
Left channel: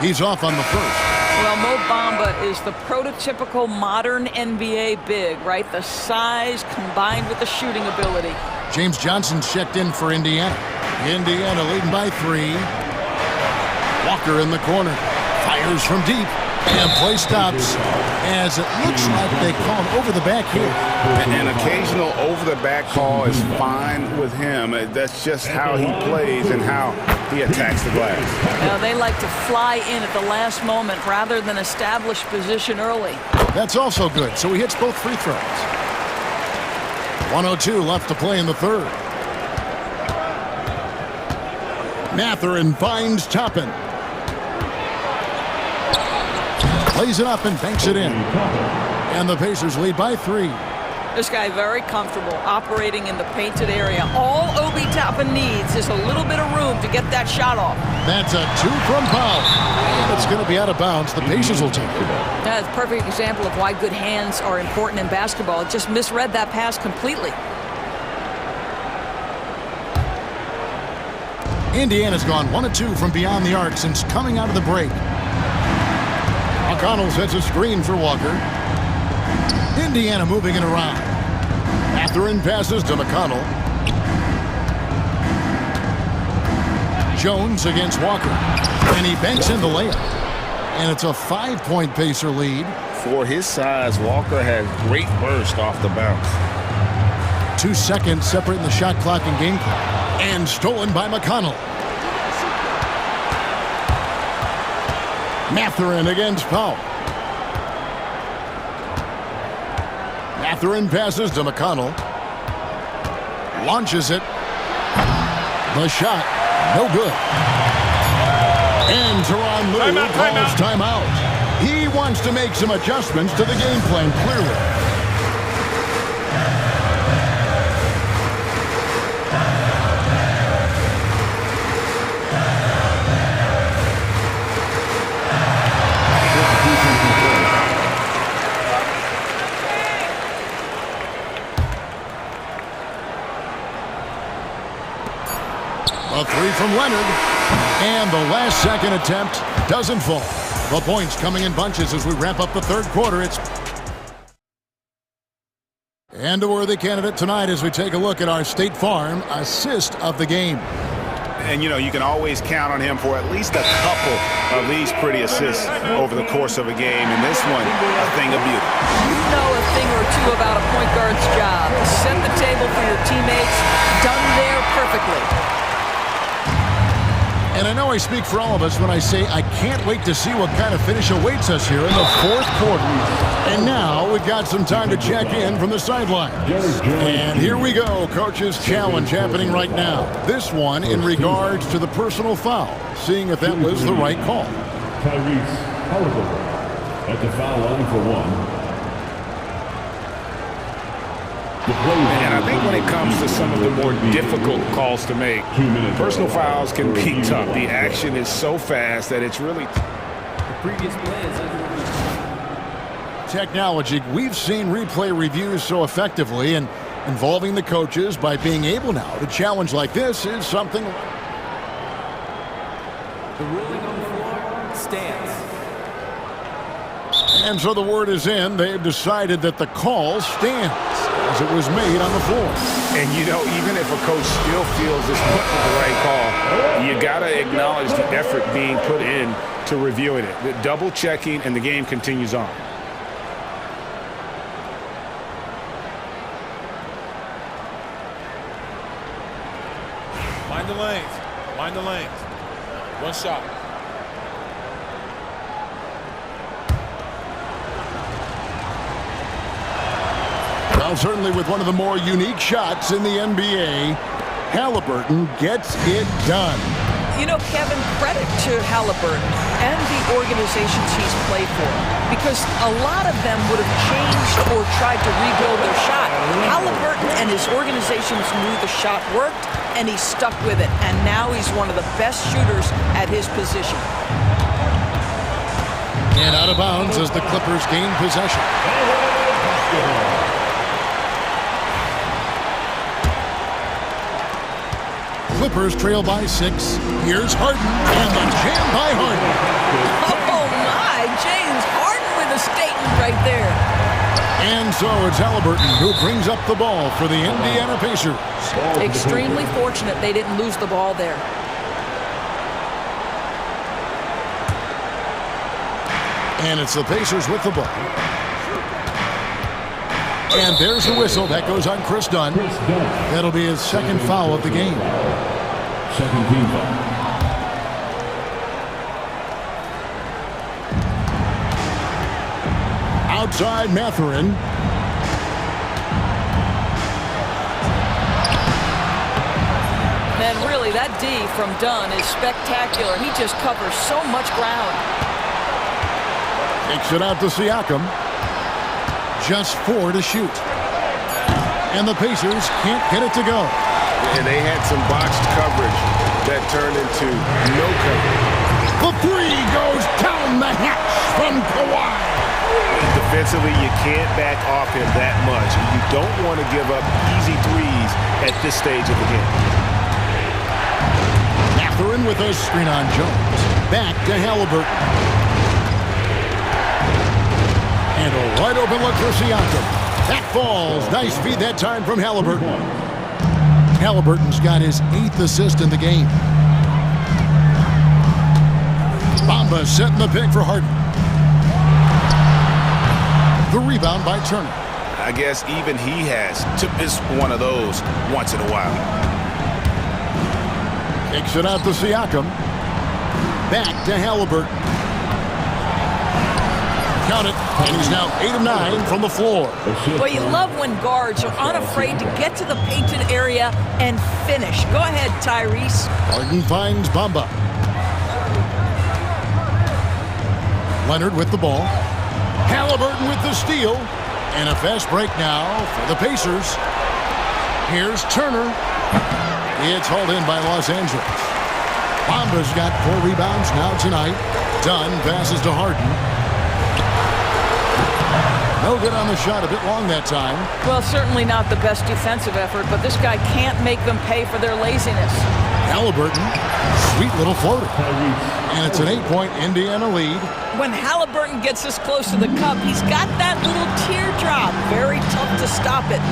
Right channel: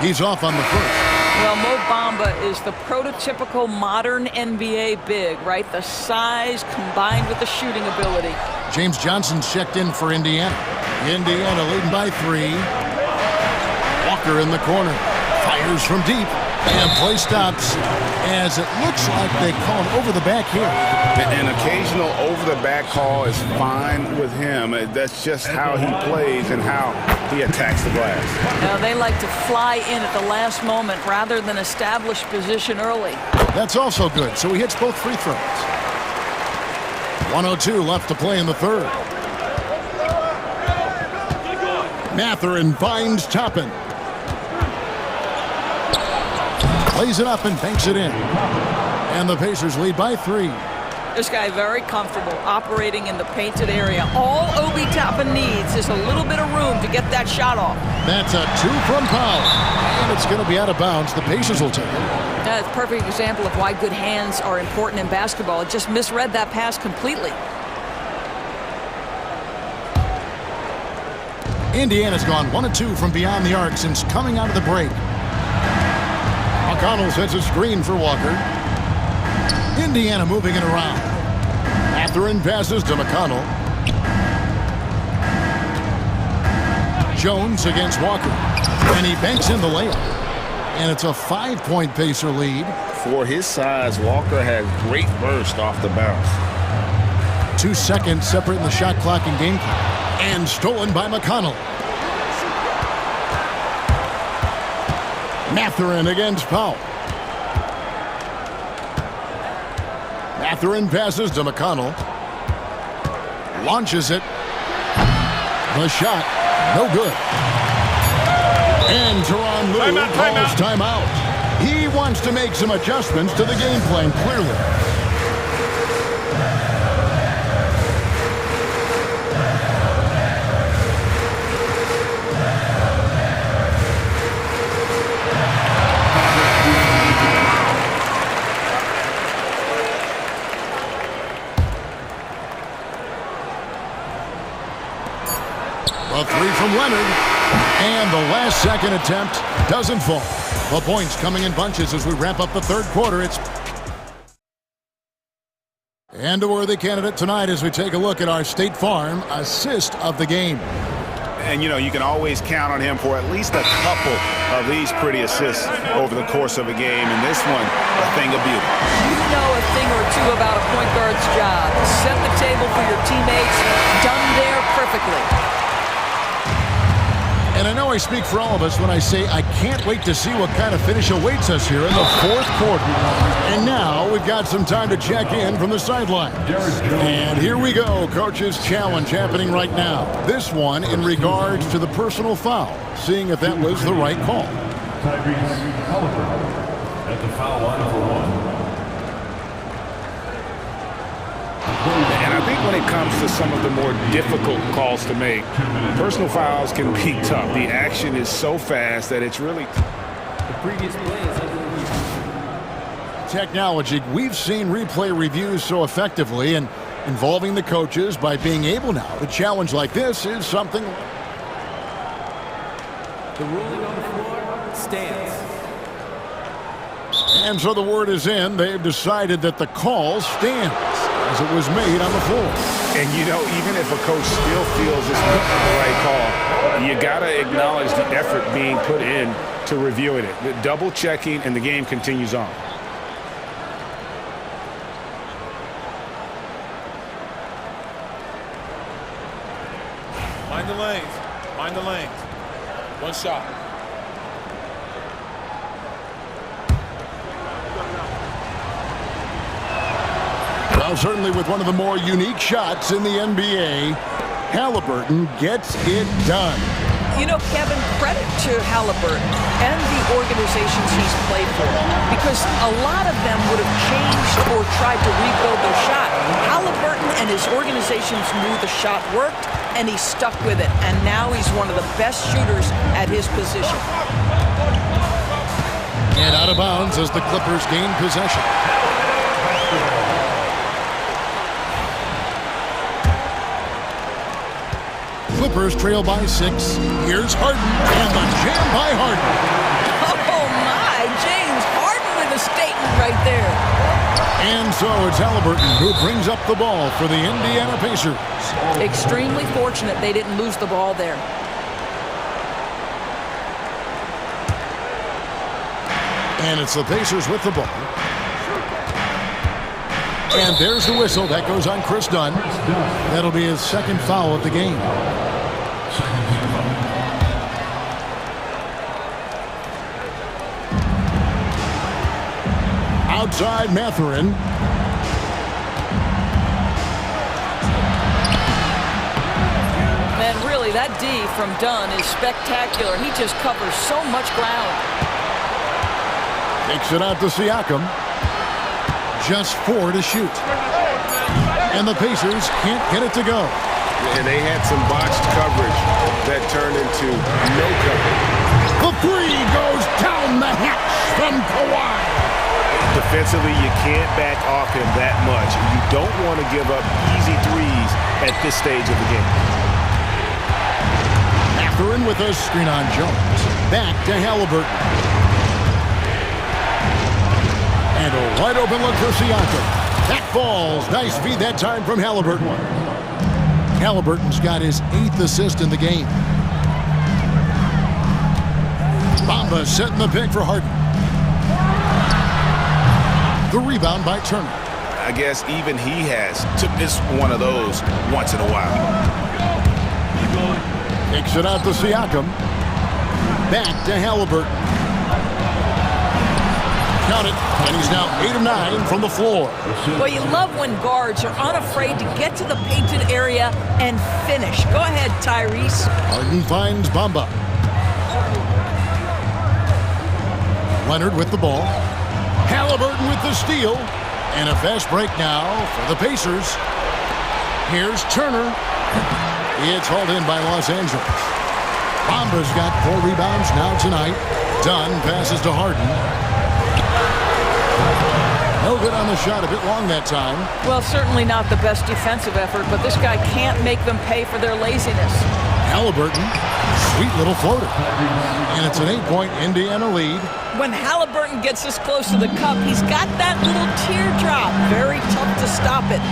He's off on the first. Well, Mo Bamba is the prototypical modern NBA big, right? The size combined with the shooting ability. James Johnson's checked in for Indiana. Indiana leading by 3. Walker in the corner. Fires from deep. And play stops as it looks like they call an over-the-back here. An occasional over-the-back call is fine with him. That's just how he plays and how he attacks the glass. Now, they like to fly in at the last moment rather than establish position early. That's also good, so he hits both free throws. 1:02 left to play in the third. Mathurin finds Toppin. Plays it up and banks it in. And the Pacers lead by 3. This guy very comfortable operating in the painted area. All Obi Toppin needs is a little bit of room to get that shot off. That's a 2 from Powell. And it's going to be out of bounds. The Pacers will take it. That's a perfect example of why good hands are important in basketball. It just misread that pass completely. Indiana's gone 1-2 from beyond the arc since coming out of the break. McConnell sets a screen for Walker. Indiana moving it around. Mathurin passes to McConnell. Jones against Walker. And he banks in the layup. And it's a 5-point Pacer lead. For his size, Walker has great burst off the bounce. 2 seconds separating the shot clock and game clock. And stolen by McConnell. Mathurin against Powell. Mathurin passes to McConnell. Launches it. The shot, no good. And Tyronn Lue calls timeout. He wants to make some adjustments to the game plan, clearly. A 3 from Leonard. And the last second attempt doesn't fall. The points coming in bunches as we wrap up the third quarter. And a worthy candidate tonight as we take a look at our State Farm assist of the game. And, you can always count on him for at least a couple of these pretty assists over the course of a game. And this one, a thing of beauty. You know a thing or two about a point guard's job. Set the table for your teammates. Done there perfectly. And I know I speak for all of us when I say I can't wait to see what kind of finish awaits us here in the fourth quarter. And now we've got some time to check in from the sideline. And here we go, Coach's Challenge happening right now. This one in regards to the personal foul, seeing if that was the right call. Tyrese Halliburton at the foul line for 1. And I think when it comes to some of the more difficult calls to make, personal fouls can be tough. The action is so fast that it's really... The previous play is under review. Technology. We've seen replay reviews so effectively, and involving the coaches by being able now to challenge like this is something... The ruling on the floor stands. And so the word is in. They've decided that the call stands as it was made on the floor. And, you know, even if a coach still feels this wasn't the right call, you got to acknowledge the effort being put in to reviewing it. The double checking, and the game continues on. Mind the lanes. Mind the lanes. One shot. Well, certainly with one of the more unique shots in the NBA, Halliburton gets it done. You know, Kevin, credit to Halliburton and the organizations he's played for, because a lot of them would have changed or tried to rebuild their shot. Halliburton and his organizations knew the shot worked, and he stuck with it, and now he's one of the best shooters at his position. And out of bounds as the Clippers gain possession. Clippers trail by 6. Here's Harden, and the jam by Harden. Oh, my. James Harden with a statement right there. And so it's Halliburton who brings up the ball for the Indiana Pacers. Extremely fortunate they didn't lose the ball there. And it's the Pacers with the ball. And there's the whistle. That goes on Chris Dunn. That'll be his second foul of the game. Second team foul. Outside Mathurin. Man, really, that D from Dunn is spectacular. He just covers so much ground. Takes it out to Siakam. Just 4 to shoot. And the Pacers can't get it to go. And they had some botched coverage that turned into no coverage. The 3 goes down the hatch from Kawhi. Defensively, you can't back off him that much. You don't want to give up easy threes at this stage of the game. Mathurin with a screen on Jones. Back to Halliburton. And a wide open look for Siakam. That falls. Nice feed that time from Halliburton. Halliburton's got his 8th assist in the game. Bamba setting the pick for Harden. The rebound by Turner. I guess even he has to miss one of those once in a while. Takes it out to Siakam. Back to Halliburton. Count it, and he's now 8 of 9 from the floor. Well, you love when guards are unafraid to get to the painted area and finish. Go ahead, Tyrese. Harden finds Bamba. Leonard with the ball. Halliburton with the steal. And a fast break now for the Pacers. Here's Turner. It's hauled in by Los Angeles. Bamba's got 4 rebounds now tonight. Dunn passes to Harden. No good on the shot, a bit long that time. Well, certainly not the best defensive effort, but this guy can't make them pay for their laziness. Halliburton, sweet little floater. And it's an 8-point Indiana lead. When Halliburton gets this close to the cup, he's got that little teardrop. Very tough to stop it.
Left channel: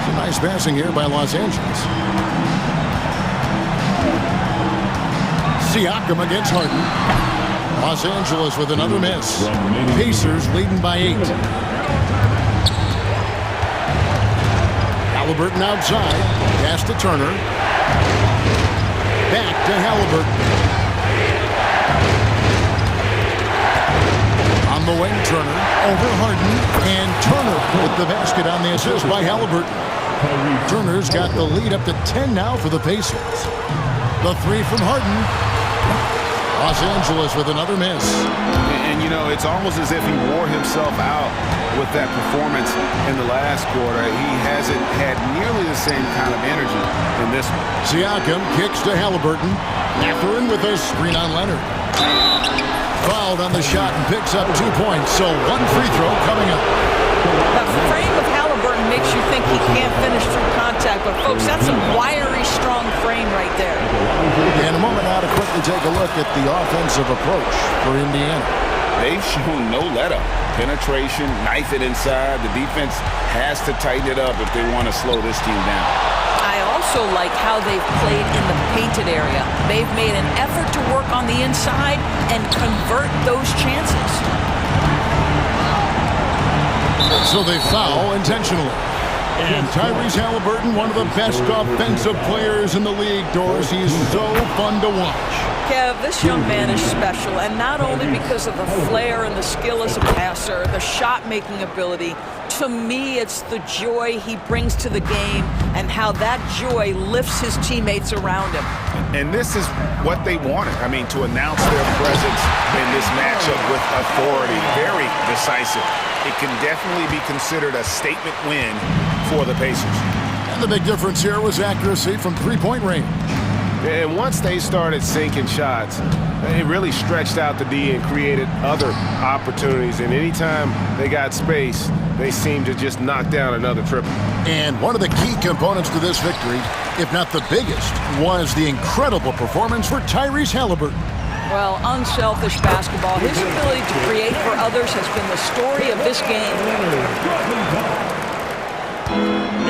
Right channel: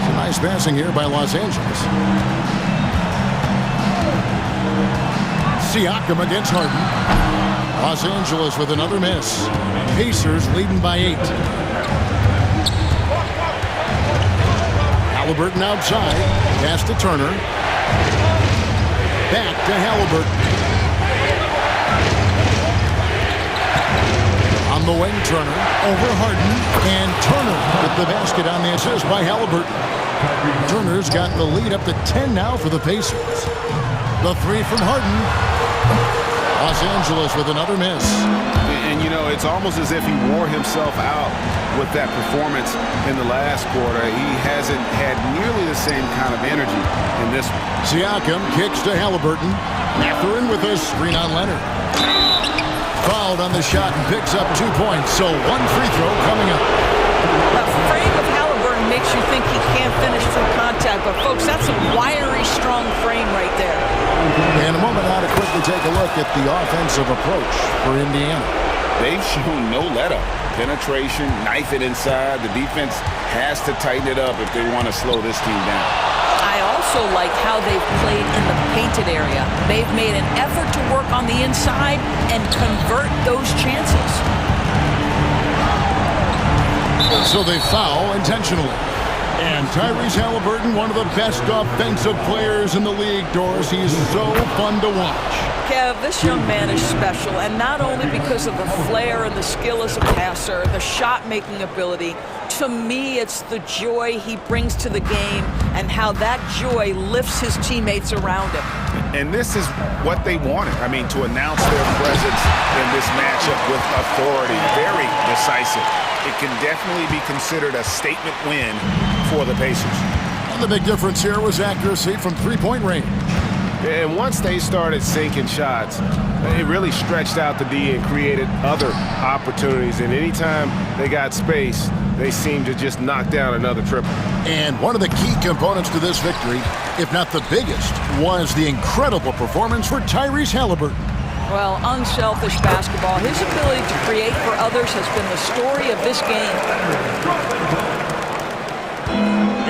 It's a nice passing here by Los Angeles. Siakam against Harden. Los Angeles with another miss. Pacers leading by 8. Halliburton outside. Pass to Turner. Back to Halliburton. On the wing, Turner. Over Harden. And Turner with the basket on the assist by Halliburton. Turner's got the lead up to 10 now for the Pacers. The 3 from Harden. Los Angeles with another miss. And, you know, it's almost as if he wore himself out with that performance in the last quarter. He hasn't had nearly the same kind of energy in this one. Siakam kicks to Halliburton. Mathurin with a screen on Leonard. Fouled on the shot and picks up 2 points. So 1 free throw coming up. The frame of Halliburton may makes you think he can't finish through contact. But, folks, that's a wiry, strong frame right there. In a moment now to quickly take a look at the offensive approach for Indiana. They've shown no let-up. Penetration, knife it inside. The defense has to tighten it up if they want to slow this team down. I also like how they've played in the painted area. They've made an effort to work on the inside and convert those chances. So they foul intentionally. And Tyrese Halliburton, one of the best offensive players in the league, Doris. He's so fun to watch. Kev, this young man is special, and not only because of the flair and the skill as a passer, the shot-making ability. To me, it's the joy he brings to the game and how that joy lifts his teammates around him. And this is what they wanted. I mean, to announce their presence in this matchup with authority. Very decisive. It can definitely be considered a statement win for the Pacers. And the big difference here was accuracy from three-point range. And once they started sinking shots, it really stretched out the D and created other opportunities. And anytime they got space, they seemed to just knock down another triple. And one of the key components to this victory, if not the biggest, was the incredible performance for Tyrese Halliburton. Well, unselfish basketball. His ability to create for others has been the story of this game.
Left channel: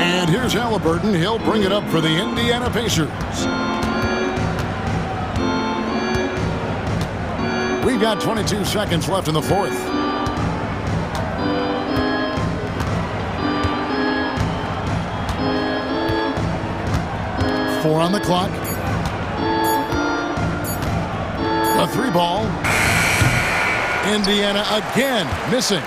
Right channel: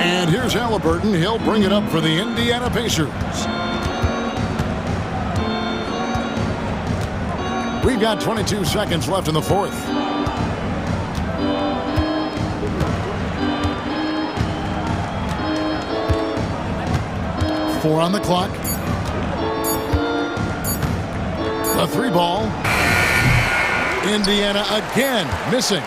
And here's Halliburton. He'll bring it up for the Indiana Pacers. We've got 22 seconds left in the fourth. Four on the clock. The three ball. Indiana again missing.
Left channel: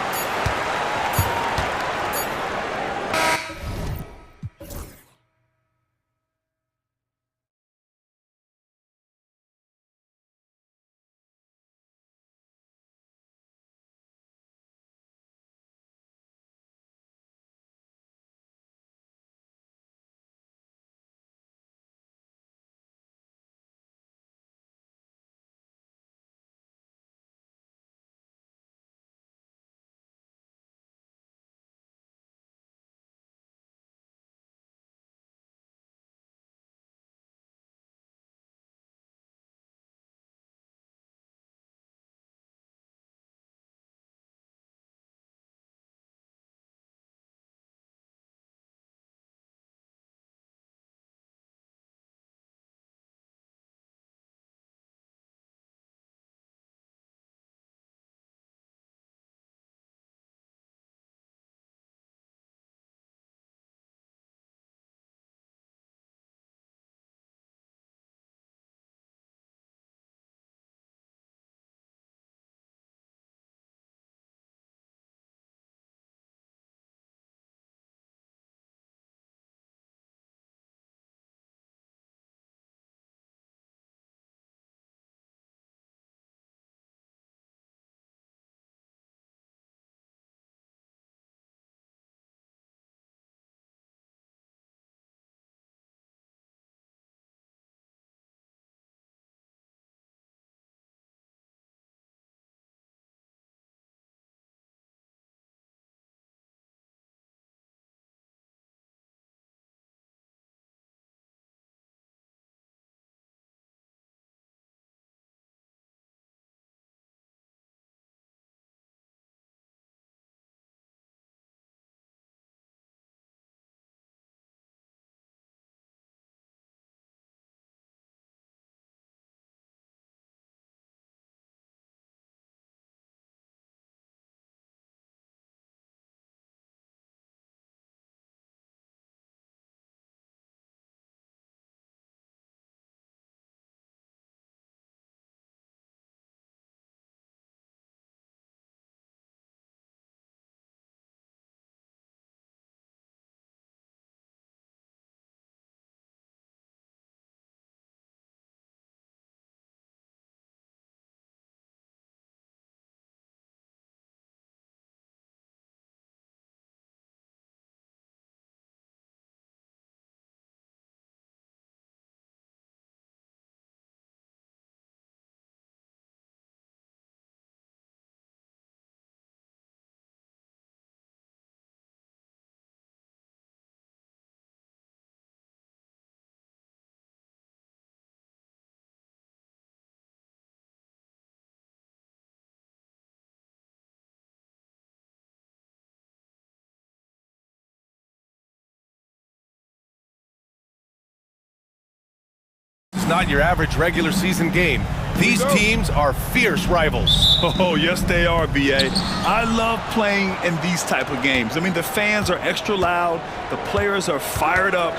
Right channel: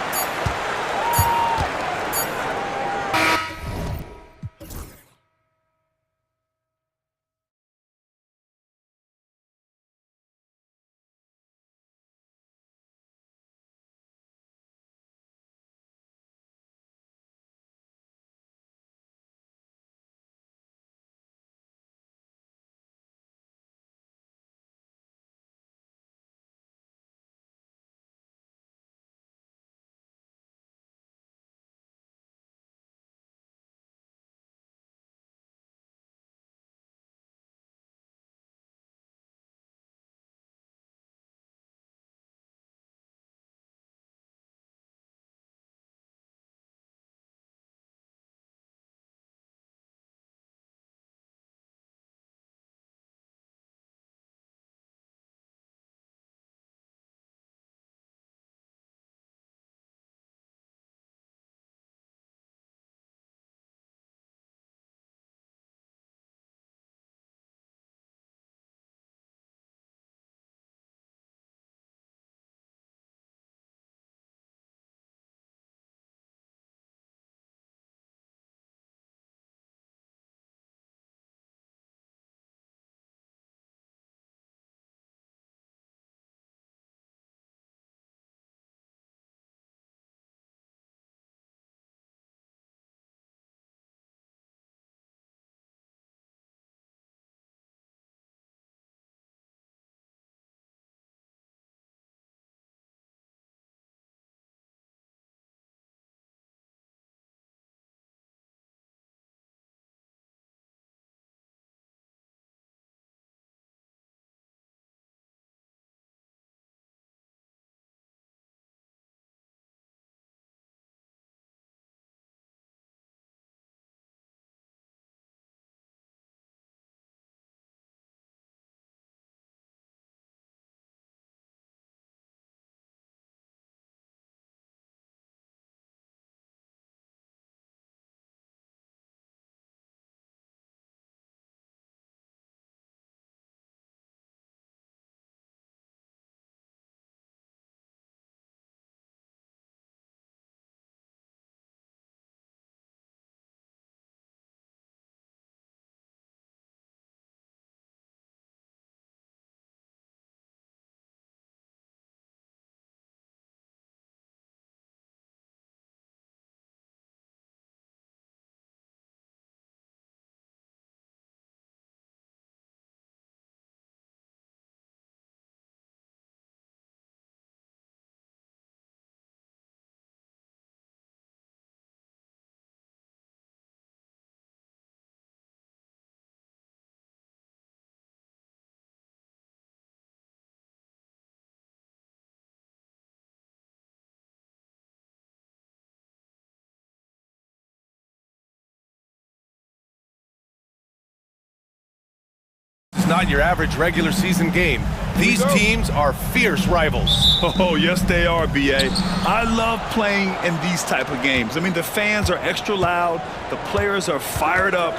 not your average regular season game. These teams are fierce rivals. Oh, yes, they are, B.A. I love playing in these type of games. I mean, the fans are extra loud. The players are fired up.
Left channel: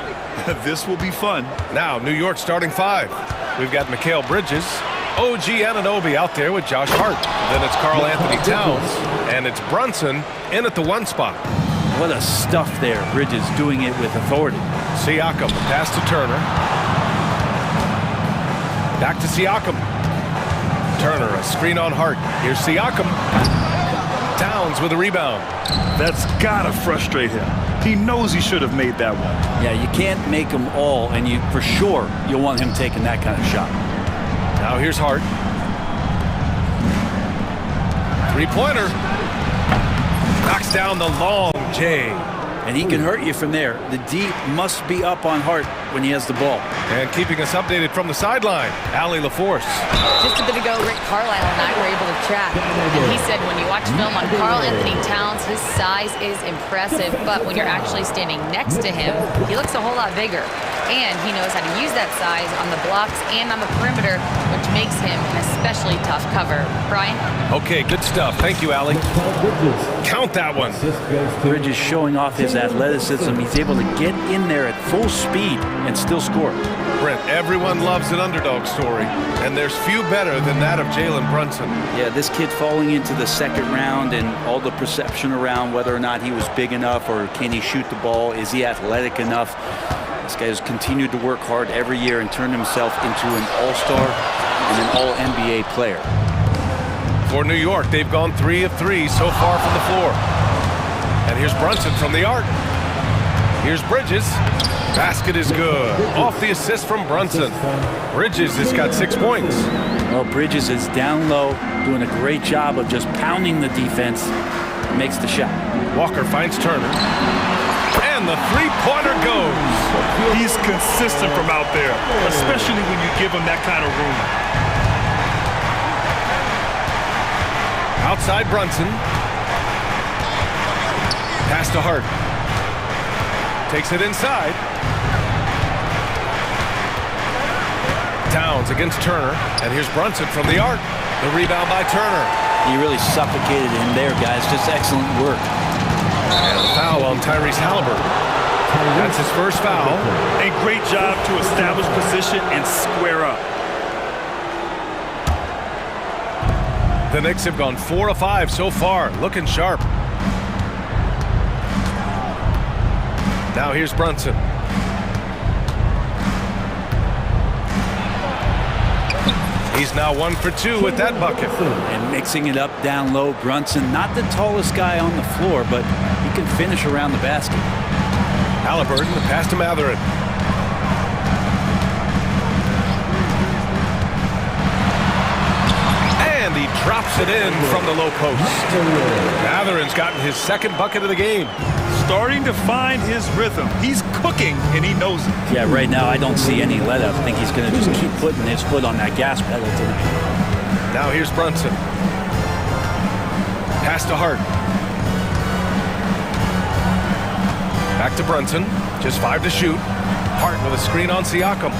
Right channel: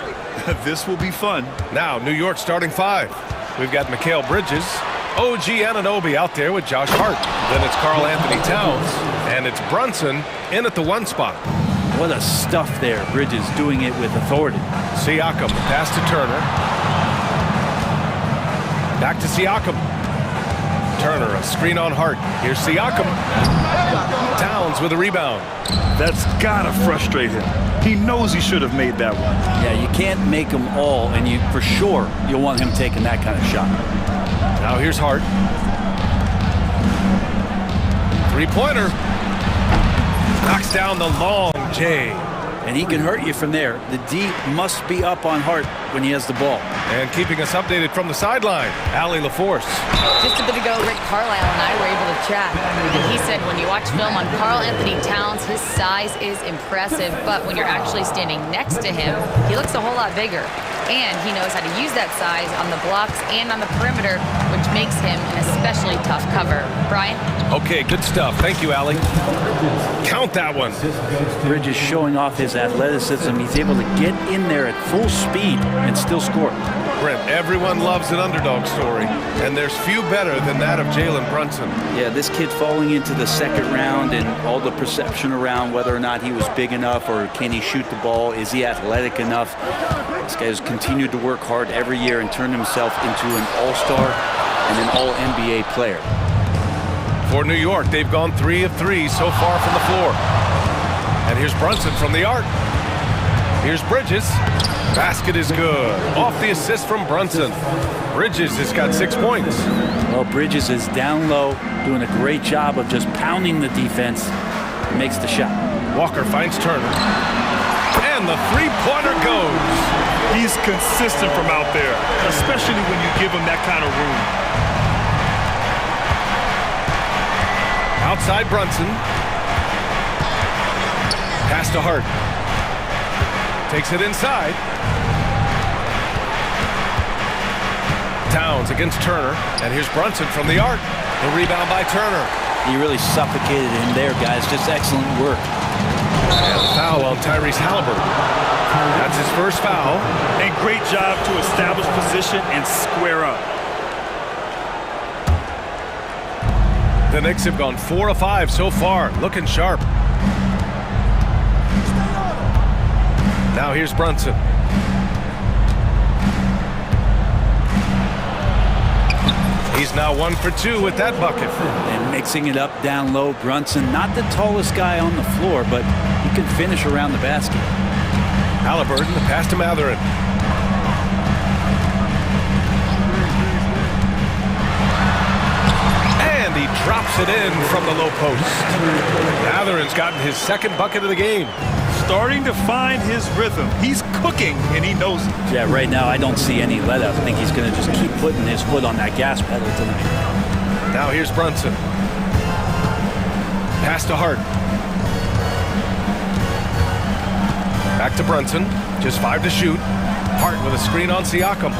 This will be fun. Now, New York starting 5. We've got Mikal Bridges, OG Anunoby out there with Josh Hart. Then it's Karl Anthony Towns, and it's Brunson in at the 1 spot. What a stuff there. Bridges doing it with authority. Siakam, the pass to Turner. Back to Siakam. Turner, a screen on Hart. Here's Siakam. Towns with a rebound. That's gotta frustrate him. He knows he should have made that one. Yeah, you can't make them all, and you for sure you'll want him taking that kind of shot. Now here's Hart. 3-pointer. Knocks down the long J. And he can hurt you from there. The D must be up on Hart when he has the ball. And keeping us updated from the sideline, Allie LaForce. Just a bit ago, Rick Carlisle and I were able to chat. And he said when you watch film on Karl Anthony Towns, his size is impressive. But when you're actually standing next to him, he looks a whole lot bigger. And he knows how to use that size on the blocks and on the perimeter, which makes him an especially tough cover. Brian? Okay, good stuff. Thank you, Allie. Count that one. Bridges showing off his athleticism. He's able to get in there at full speed and still score. Brent, everyone loves an underdog story, and there's few better than that of Jalen Brunson. Yeah, this kid falling into the 2nd round and all the perception around whether or not he was big enough or can he shoot the ball, is he athletic enough? This guy has continued to work hard every year and turned himself into an all-star and an all-NBA player. For New York, they've gone 3 of 3 so far from the floor. And here's Brunson from the arc. Here's Bridges. Basket is good. Off the assist from Brunson. Bridges has got 6 points. Well, Bridges is down low, doing a great job of just pounding the defense. Makes the shot. Walker finds Turner. And the 3-pointer goes. He's consistent from out there, especially when you give him that kind of room. Outside Brunson. Pass to Hart. Takes it inside. Towns against Turner. And here's Brunson from the arc. The rebound by Turner. He really suffocated him there, guys. Just excellent work. And the foul on Tyrese Halliburton. That's his first foul. And great job to establish position and square up. The Knicks have gone 4 of 5 so far, looking sharp. Now here's Brunson. He's now 1 for 2 with that bucket. And mixing it up down low, Brunson, not the tallest guy on the floor, but he can finish around the basket. Halliburton, the pass to Mathurin. And he drops it in from the low post. Mathurin's gotten his 2nd bucket of the game. Starting to find his rhythm. He's cooking, and he knows it. Yeah, right now I don't see any let up. I think he's going to just keep putting his foot on that gas pedal tonight. Now here's Brunson. Pass to Hart. Back to Brunson. Just 5 to shoot. Hart with a screen on Siakam.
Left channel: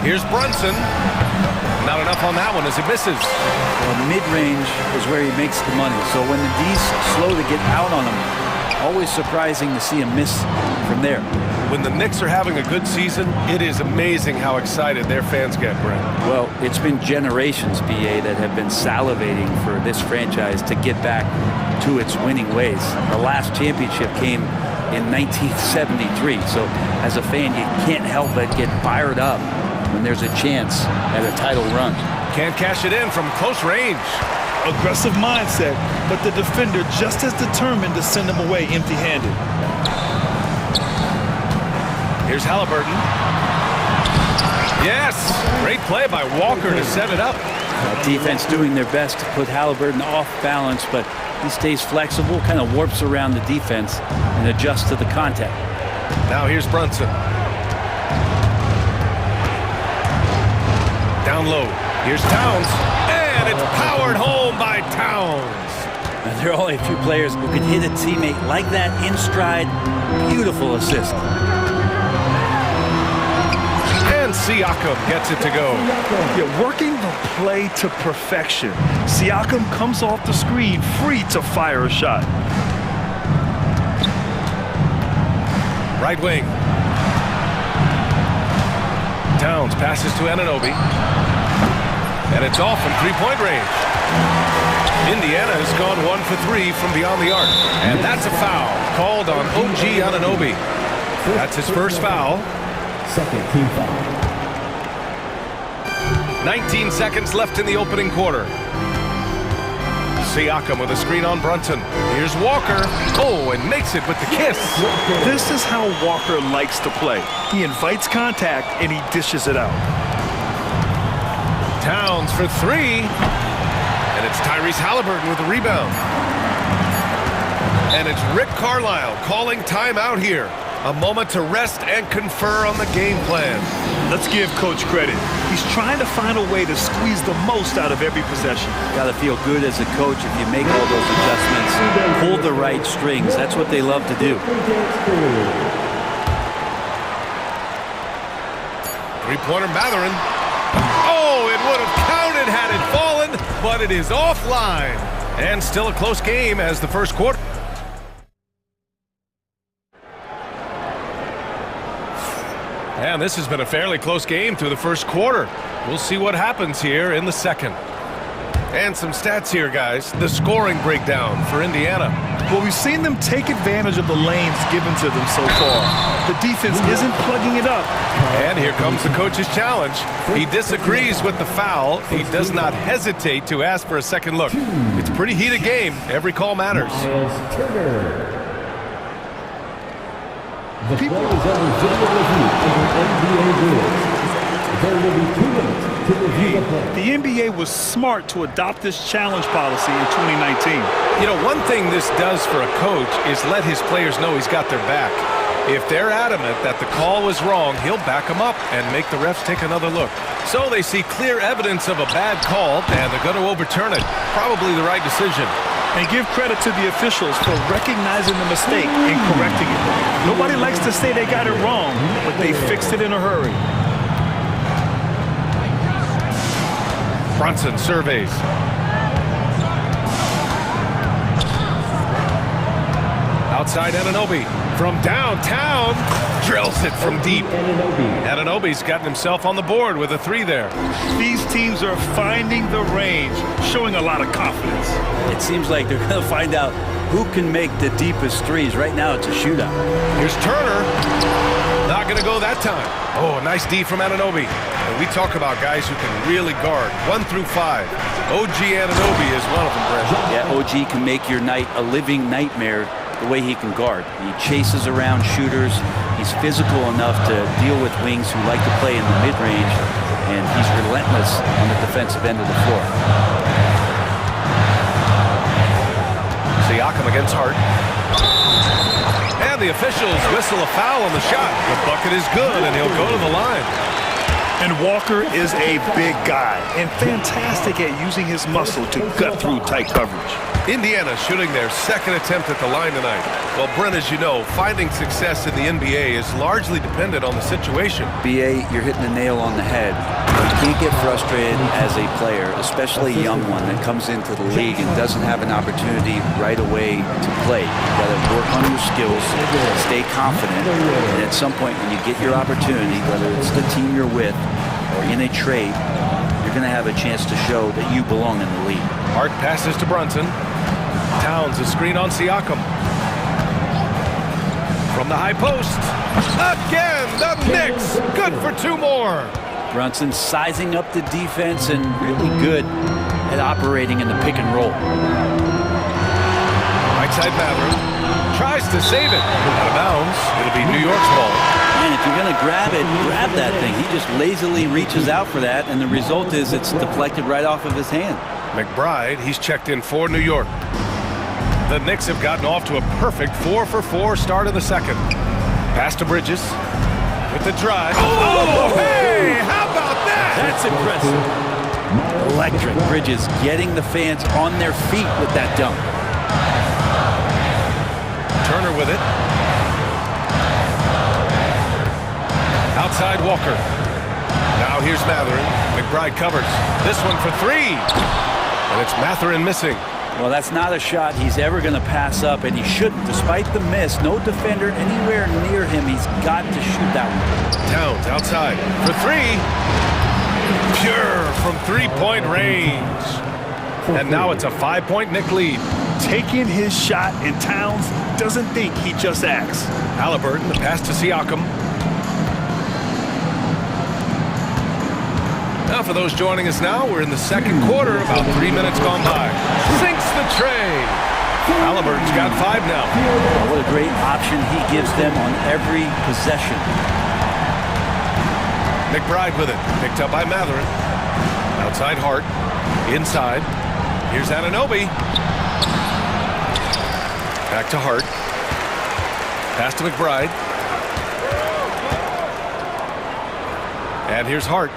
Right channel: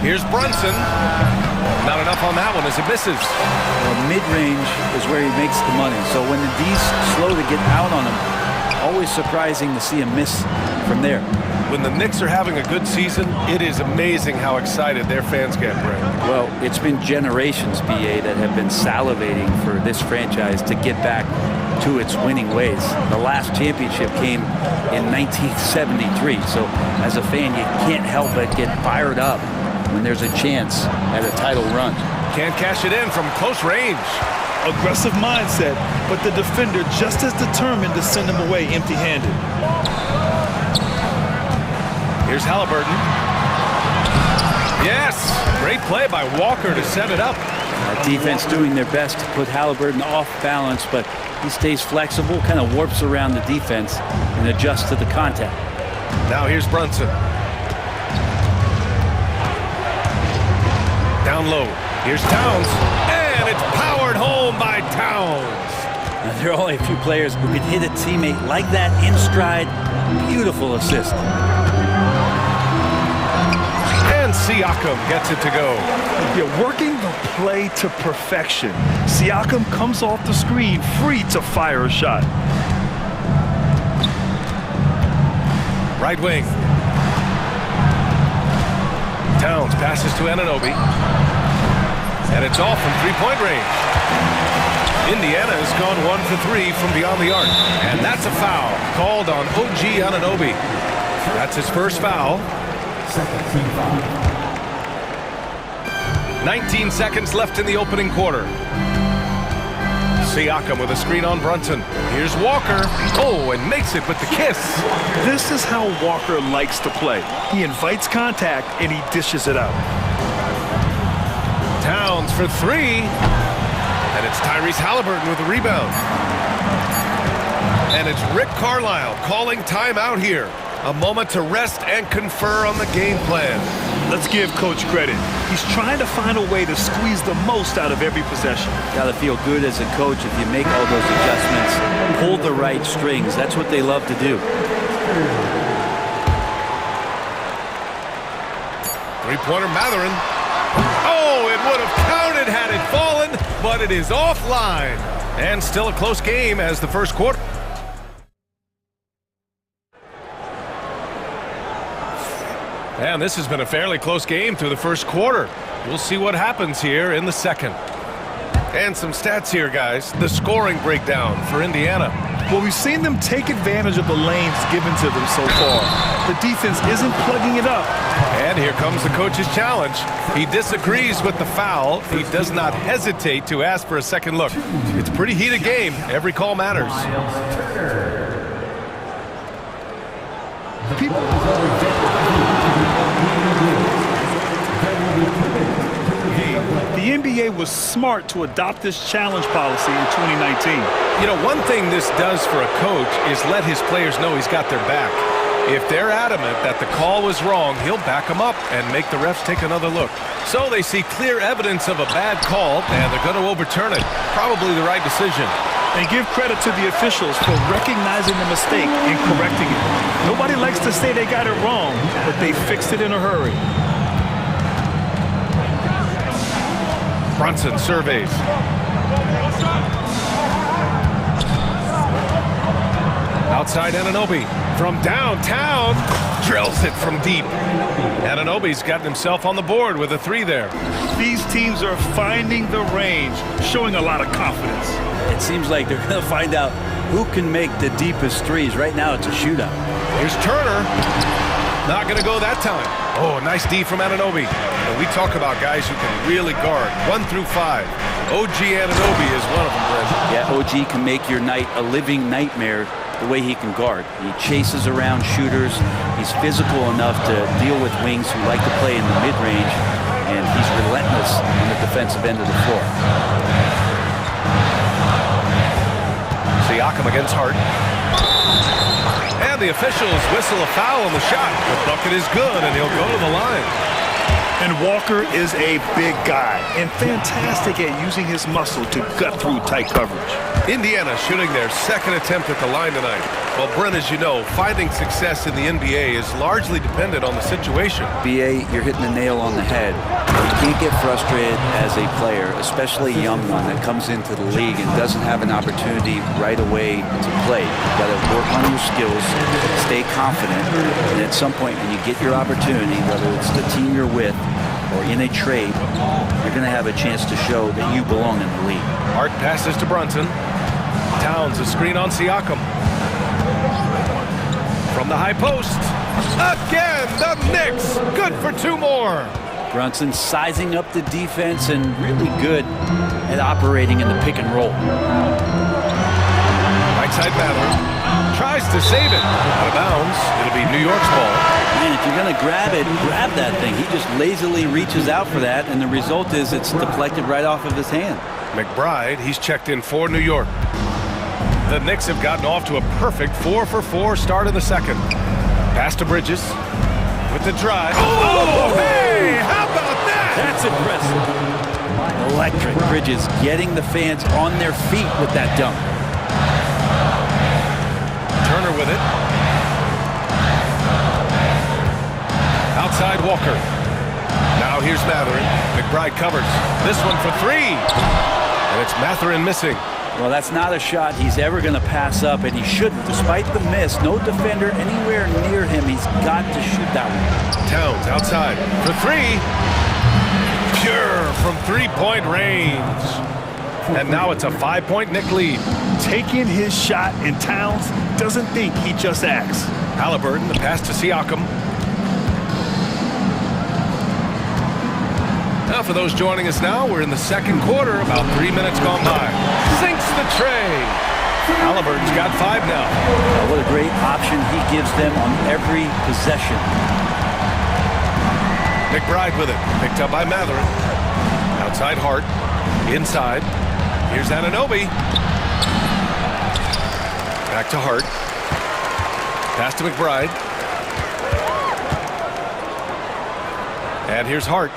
Here's Brunson. Not enough on that one as it misses. Well, mid-range is where he makes the money. So when the D's slow to get out on him, always surprising to see him miss from there. When the Knicks are having a good season, it is amazing how excited their fans get, Brent. Well, it's been generations, BA, that have been salivating for this franchise to get back to its winning ways. The last championship came in 1973. So as a fan, you can't help but get fired up when there's a chance at a title run. Can't cash it in from close range. Aggressive mindset, but the defender just as determined to send him away empty-handed. Here's Halliburton. Yes! Great play by Walker to set it up. Defense doing their best to put Halliburton off balance, but he stays flexible, kind of warps around the defense and adjusts to the contact. Now here's Brunson. Down low. Here's Towns. And it's powered home by Towns. Now, there are only a few players who can hit a teammate like that in stride. Beautiful assist. And Siakam gets it to go. Yeah, working the play to perfection. Siakam comes off the screen free to fire a shot. Right wing. Towns passes to Anunoby. And it's off from three-point range. Indiana has gone 1 for 3 from beyond the arc. And that's a foul called on OG Anunoby. That's his first foul. Second team foul. 19 seconds left in the opening quarter. Siakam with a screen on Brunson. Here's Walker. Oh, and makes it with the kiss. This is how Walker likes to play. He invites contact and he dishes it out. Towns for 3. And it's Tyrese Halliburton with the rebound. And it's Rick Carlisle calling timeout here. A moment to rest and confer on the game plan. Let's give Coach credit. He's trying to find a way to squeeze the most out of every possession. Got to feel good as a coach if you make all those adjustments, pull the right strings. That's what they love to do. Three-pointer Mathurin. Oh, it would have counted had it fallen, but it is offline. And still a close game as the first quarter. And this has been a fairly close game through the first quarter. We'll see what happens here in the second. And some stats here, guys. The scoring breakdown for Indiana. Well, we've seen them take advantage of the lanes given to them so far. The defense isn't plugging it up. And here comes the coach's challenge. He disagrees with the foul. He does not hesitate to ask for a second look. It's a pretty heated game. Every call matters. The play is under video review in NBA rules. There will be 2 minutes to review the play. The NBA was smart to adopt this challenge policy in 2019. You know, one thing this does for a coach is let his players know he's got their back. If they're adamant that the call was wrong, he'll back them up and make the refs take another look. So they see clear evidence of a bad call, and they're going to overturn it. Probably the right decision. And give credit to the officials for recognizing the mistake and correcting it. Nobody likes to say they got it wrong, but they fixed it in a hurry. Brunson surveys. Outside Anunoby from downtown, drills it from deep. Anunoby's gotten himself on the board with a 3 there. These teams are finding the range, showing a lot of confidence. It seems like they're going to find out who can make the deepest threes. Right now, it's a shootout. Here's Turner. Not going to go that time. Oh, nice D from Anunoby. And we talk about guys who can really guard 1 through 5. OG Anunoby is one of them, Brent. Yeah, OG can make your night a living nightmare the way he can guard. He chases around shooters. He's physical enough to deal with wings who like to play in the mid-range, and he's relentless on the defensive end of the floor. Siakam against Hart. And the officials whistle a foul on the shot. The bucket is good, and he'll go to the line. And Walker is a big guy and fantastic at using his muscle to gut through tight coverage. Indiana shooting their second attempt at the line tonight. Well, Brent, as you know, finding success in the NBA is largely dependent on the situation. BA, you're hitting the nail on the head. You can't get frustrated as a player, especially a young one that comes into the league and doesn't have an opportunity right away to play. You've got to work on your skills, stay confident, and at some point when you get your opportunity, whether it's the team you're with or in a trade, you're going to have a chance to show that you belong in the league. Hart passes to Brunson. Towns a screen on Siakam. From the high post. Again, the Knicks. Good for 2 more. Brunson sizing up the defense and really good at operating in the pick and roll. Right side Mathurin. Tries to save it. Out of bounds. It'll be New York's ball. Man, if you're going to grab it, grab that thing. He just lazily reaches out for that, and the result is it's deflected right off of his hand. McBride, he's checked in for New York. The Knicks have gotten off to a perfect 4-for-4 start in the second. Pass to Bridges with the drive. Oh, hey, how about that? That's impressive. Electric. Bridges getting the fans on their feet with that dunk. Turner with it. Outside Walker. Now here's Matherin. McBride covers. This one for three. And it's Matherin missing. Well, that's not a shot he's ever going to pass up, and he shouldn't. Despite the miss, no defender anywhere near him. He's got to shoot that one. Towns outside for three. Pure from three-point range. And now it's a 5-point Knick lead. Taking his shot, and Towns doesn't think, he just acts. Halliburton, the pass to Siakam. Now for those joining us now, we're in the second quarter, about 3 minutes gone by. Sinks the tray. Halliburton's got 5 now. What a great option he gives them on every possession. McBride with it, picked up by Matherin. Outside Hart, inside. Here's Anunoby. Back to Hart. Pass to McBride. And here's Hart.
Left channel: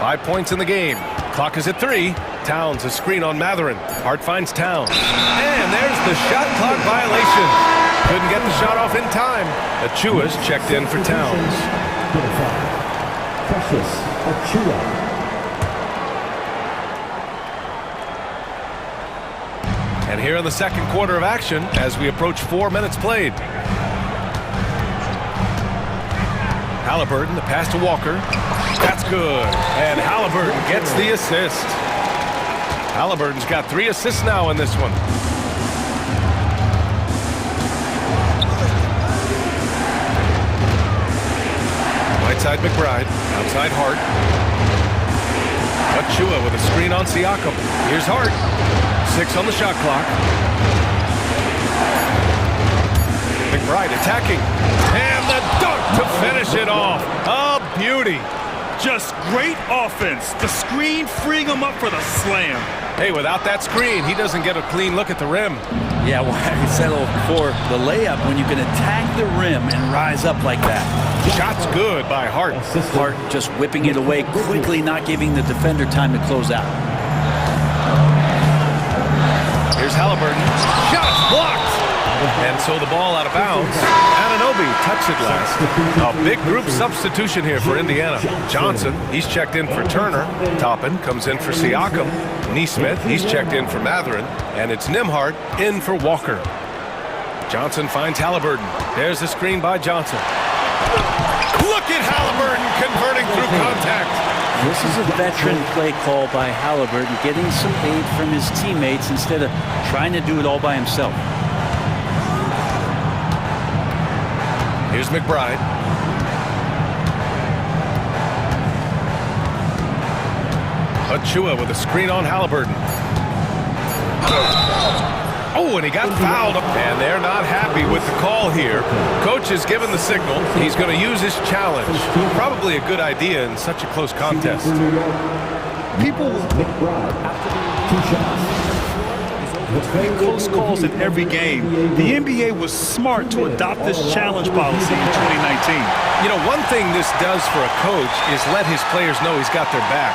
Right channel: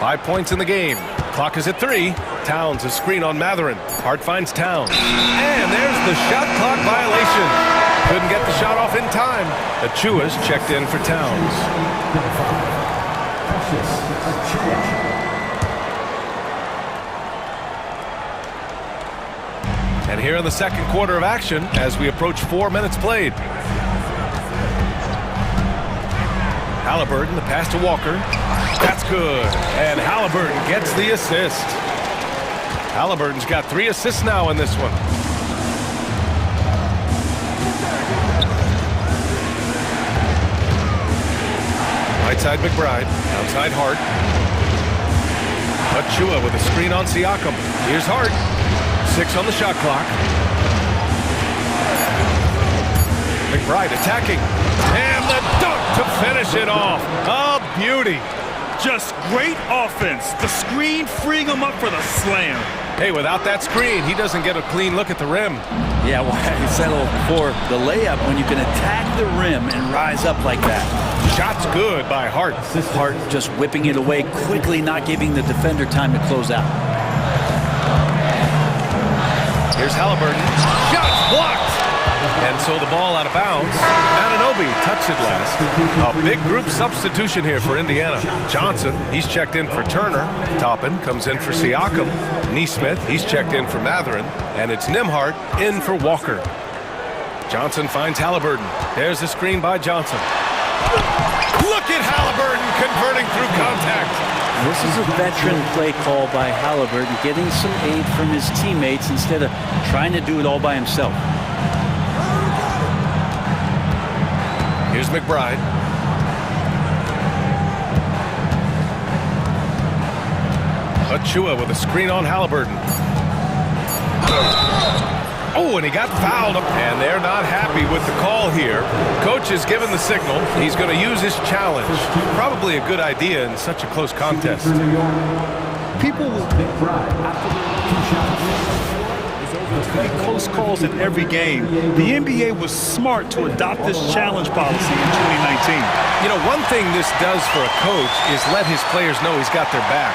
5 points in the game. Clock is at 3. Towns a screen on Matherin. Hart finds Towns. And there's the shot clock violation. Couldn't get the shot off in time. Achua's checked in for Towns. And here in the second quarter of action as we approach 4 minutes played. Halliburton, the pass to Walker. That's good. And Halliburton gets the assist. Halliburton's got 3 assists now in this one. Right side McBride. Outside Hart. Achua with a screen on Siakam. Here's Hart. 6 on the shot clock. McBride attacking. And the dunk to finish it off. A beauty. Just great offense. The screen freeing him up for the slam. Hey, without that screen, he doesn't get a clean look at the rim. Yeah, well, I settled for the layup when you can attack the rim and rise up like that. Shot's good by Hart. Hart just whipping it away quickly, not giving the defender time to close out. Here's Halliburton. Shot's blocked. And so the ball out of bounds. Anunoby touched it last. A big group substitution here for Indiana. Johnson, he's checked in for Turner. Toppin comes in for Siakam. Neesmith, he's checked in for Matherin. And it's Nembhard in for Walker. Johnson finds Halliburton. There's the screen by Johnson. Look at Halliburton converting through contact. This is a veteran play call by Halliburton, getting some aid from his teammates instead of trying to do it all by himself. Here's McBride. Achua with a screen on Halliburton. Oh, and he got fouled. And they're not happy with the call here. Coach has given the signal. He's going to use his challenge. Probably a good idea in such a close contest. People will close calls in every game. The NBA was smart to adopt this challenge policy in 2019. You know, one thing this does for a coach is let his players know he's got their back.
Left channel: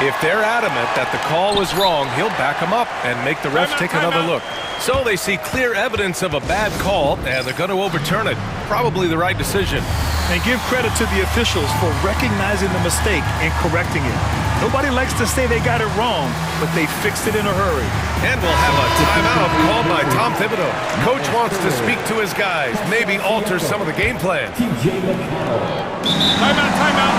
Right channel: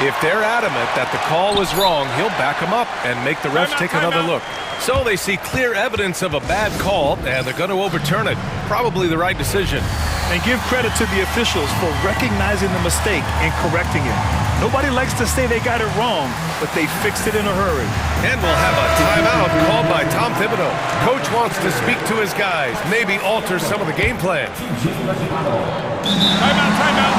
If they're adamant that the call was wrong, he'll back them up and make the refs take another look. So they see clear evidence of a bad call, and they're going to overturn it. Probably the right decision. And give credit to the officials for recognizing the mistake and correcting it. Nobody likes to say they got it wrong, but they fixed it in a hurry. And we'll have a timeout called by Tom Thibodeau. Coach wants to speak to his guys, maybe alter some of the game plan. Timeout, timeout.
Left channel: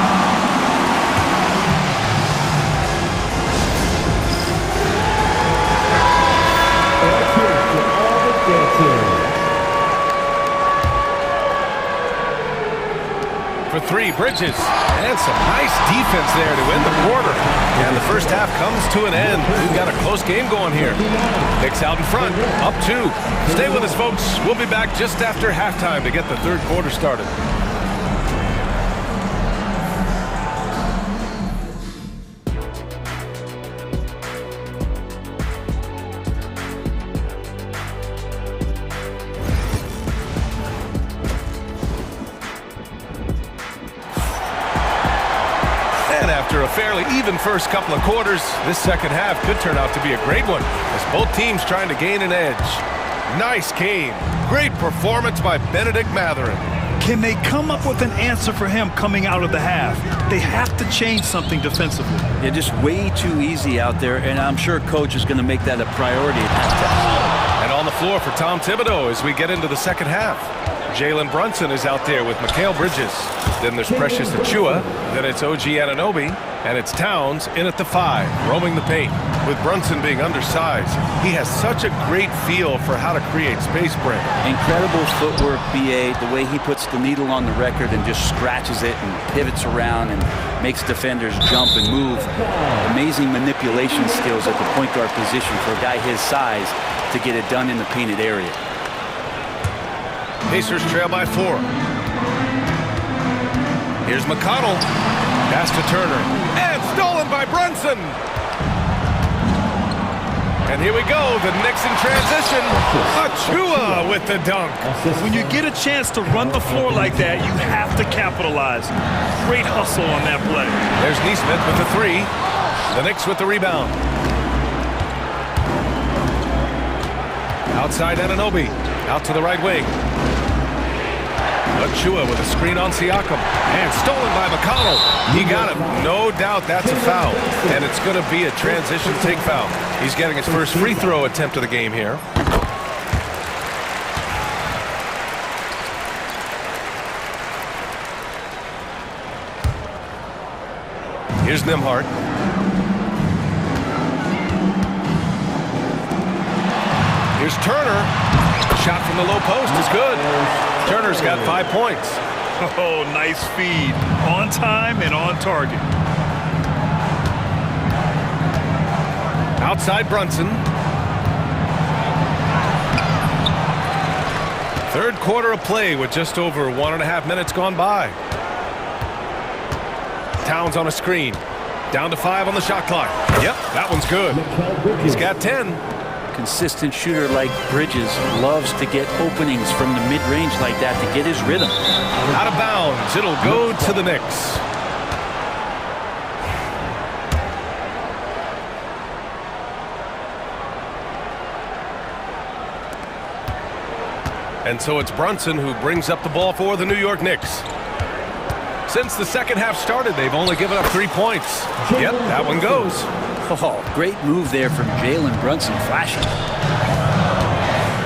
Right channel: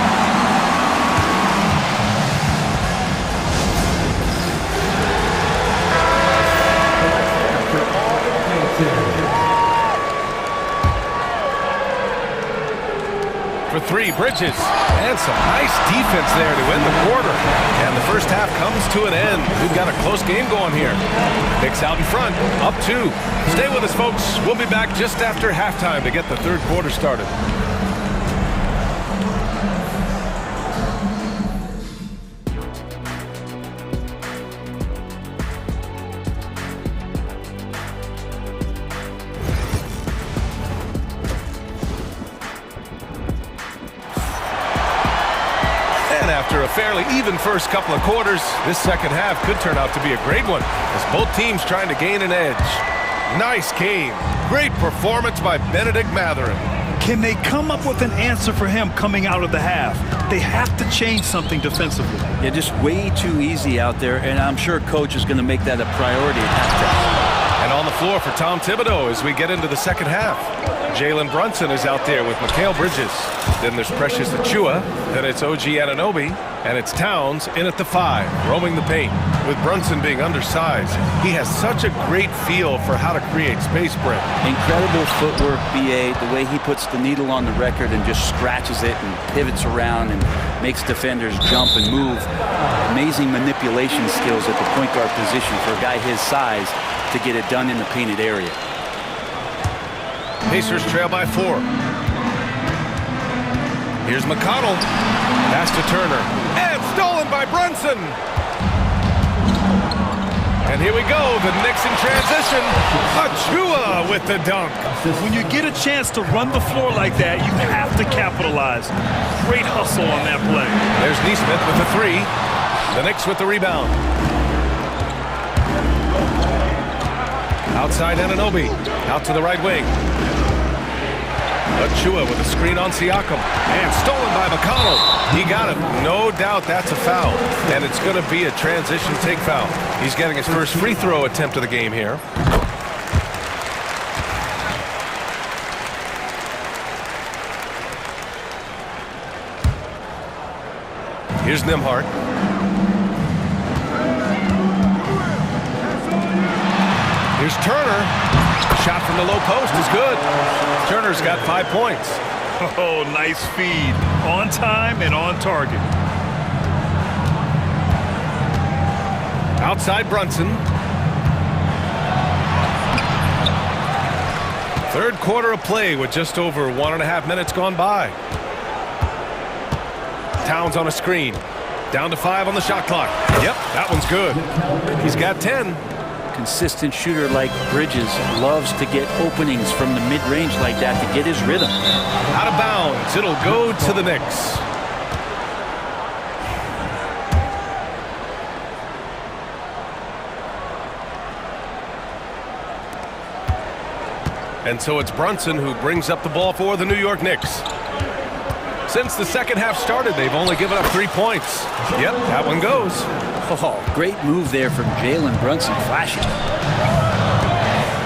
For 3, Bridges. And some nice defense there to end the quarter. And the first half comes to an end. We've got a close game going here. Knicks out in front, up 2. Stay with us, folks. We'll be back just after halftime to get the third quarter started. And after a fairly even first couple of quarters, this second half could turn out to be a great one as both teams trying to gain an edge. Nice game. Great performance by Benedict Matherin. Can they come up with an answer for him coming out of the half? They have to change something defensively. Yeah, just way too easy out there, and I'm sure coach is going to make that a priority at halftime. And on the floor for Tom Thibodeau as we get into the second half. Jalen Brunson is out there with Mikal Bridges. Then there's Precious Achiuwa. Then it's OG Anunoby. And it's Towns in at the 5, roaming the paint. With Brunson being undersized, he has such a great feel for how to create space, Brent. Incredible footwork, BA, the way he puts the needle on the record and just scratches it and pivots around and makes defenders jump and move. Amazing manipulation skills at the point guard position for a guy his size to get it done in the painted area. Pacers trail by 4. Here's McConnell. Pass to Turner. And stolen by Brunson. And here we go. The Knicks in transition. Achiuwa with the dunk. When you get a chance to run the floor like that, you have to capitalize. Great hustle on that play. There's Neesmith with the 3. The Knicks with the rebound. Outside Anunoby. Out to the right wing. Achiuwa with a screen on Siakam. And stolen by McConnell. He got it. No doubt that's a foul. And it's going to be a transition take foul. He's getting his first free throw attempt of the game here. Here's Nembhard. Here's Turner. Shot from the low post is good. Turner's got 5 points. Oh, nice feed. On time and on target. Outside Brunson. Third quarter of play with just over 1.5 minutes gone by. Towns on a screen. Down to 5 on the shot clock. Yep, that one's good. He's got 10. Consistent shooter like Bridges loves to get openings from the mid-range like that to get his rhythm. Out of bounds. It'll go to the Knicks. And so it's Brunson who brings up the ball for the New York Knicks. Since the second half started, they've only given up 3 points. Yep, that one goes. Oh, great move there from Jalen Brunson, flashing.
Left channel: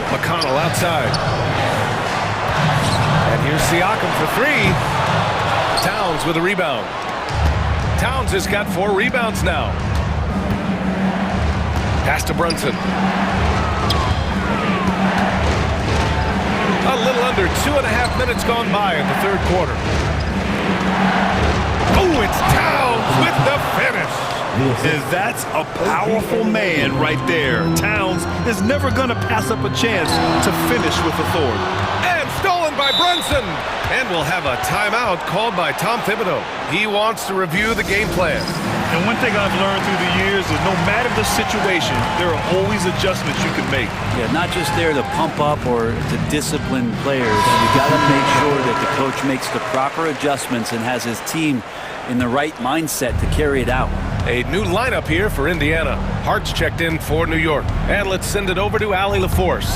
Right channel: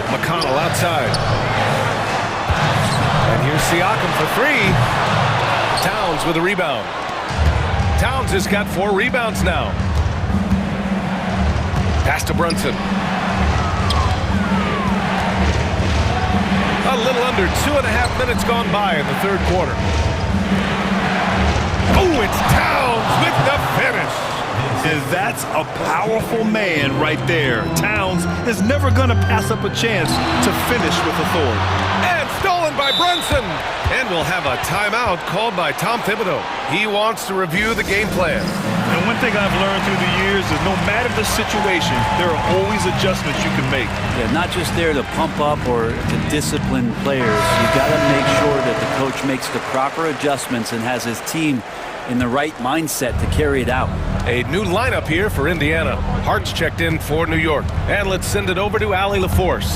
McConnell outside. And here's Siakam for 3. Towns with a rebound. Towns has got 4 rebounds now. Pass to Brunson. A little under 2.5 minutes gone by in the third quarter. Oh, it's Towns with the finish. And that's a powerful man right there. Towns is never going to pass up a chance to finish with authority. And stolen by Brunson. And we'll have a timeout called by Tom Thibodeau. He wants to review the game plan. And one thing I've learned through the years is no matter the situation, there are always adjustments you can make. Yeah, not just there to pump up or to discipline players. You got to make sure that the coach makes the proper adjustments and has his team in the right mindset to carry it out. A new lineup here for Indiana. Hart's checked in for New York. And let's send it over to Allie LaForce.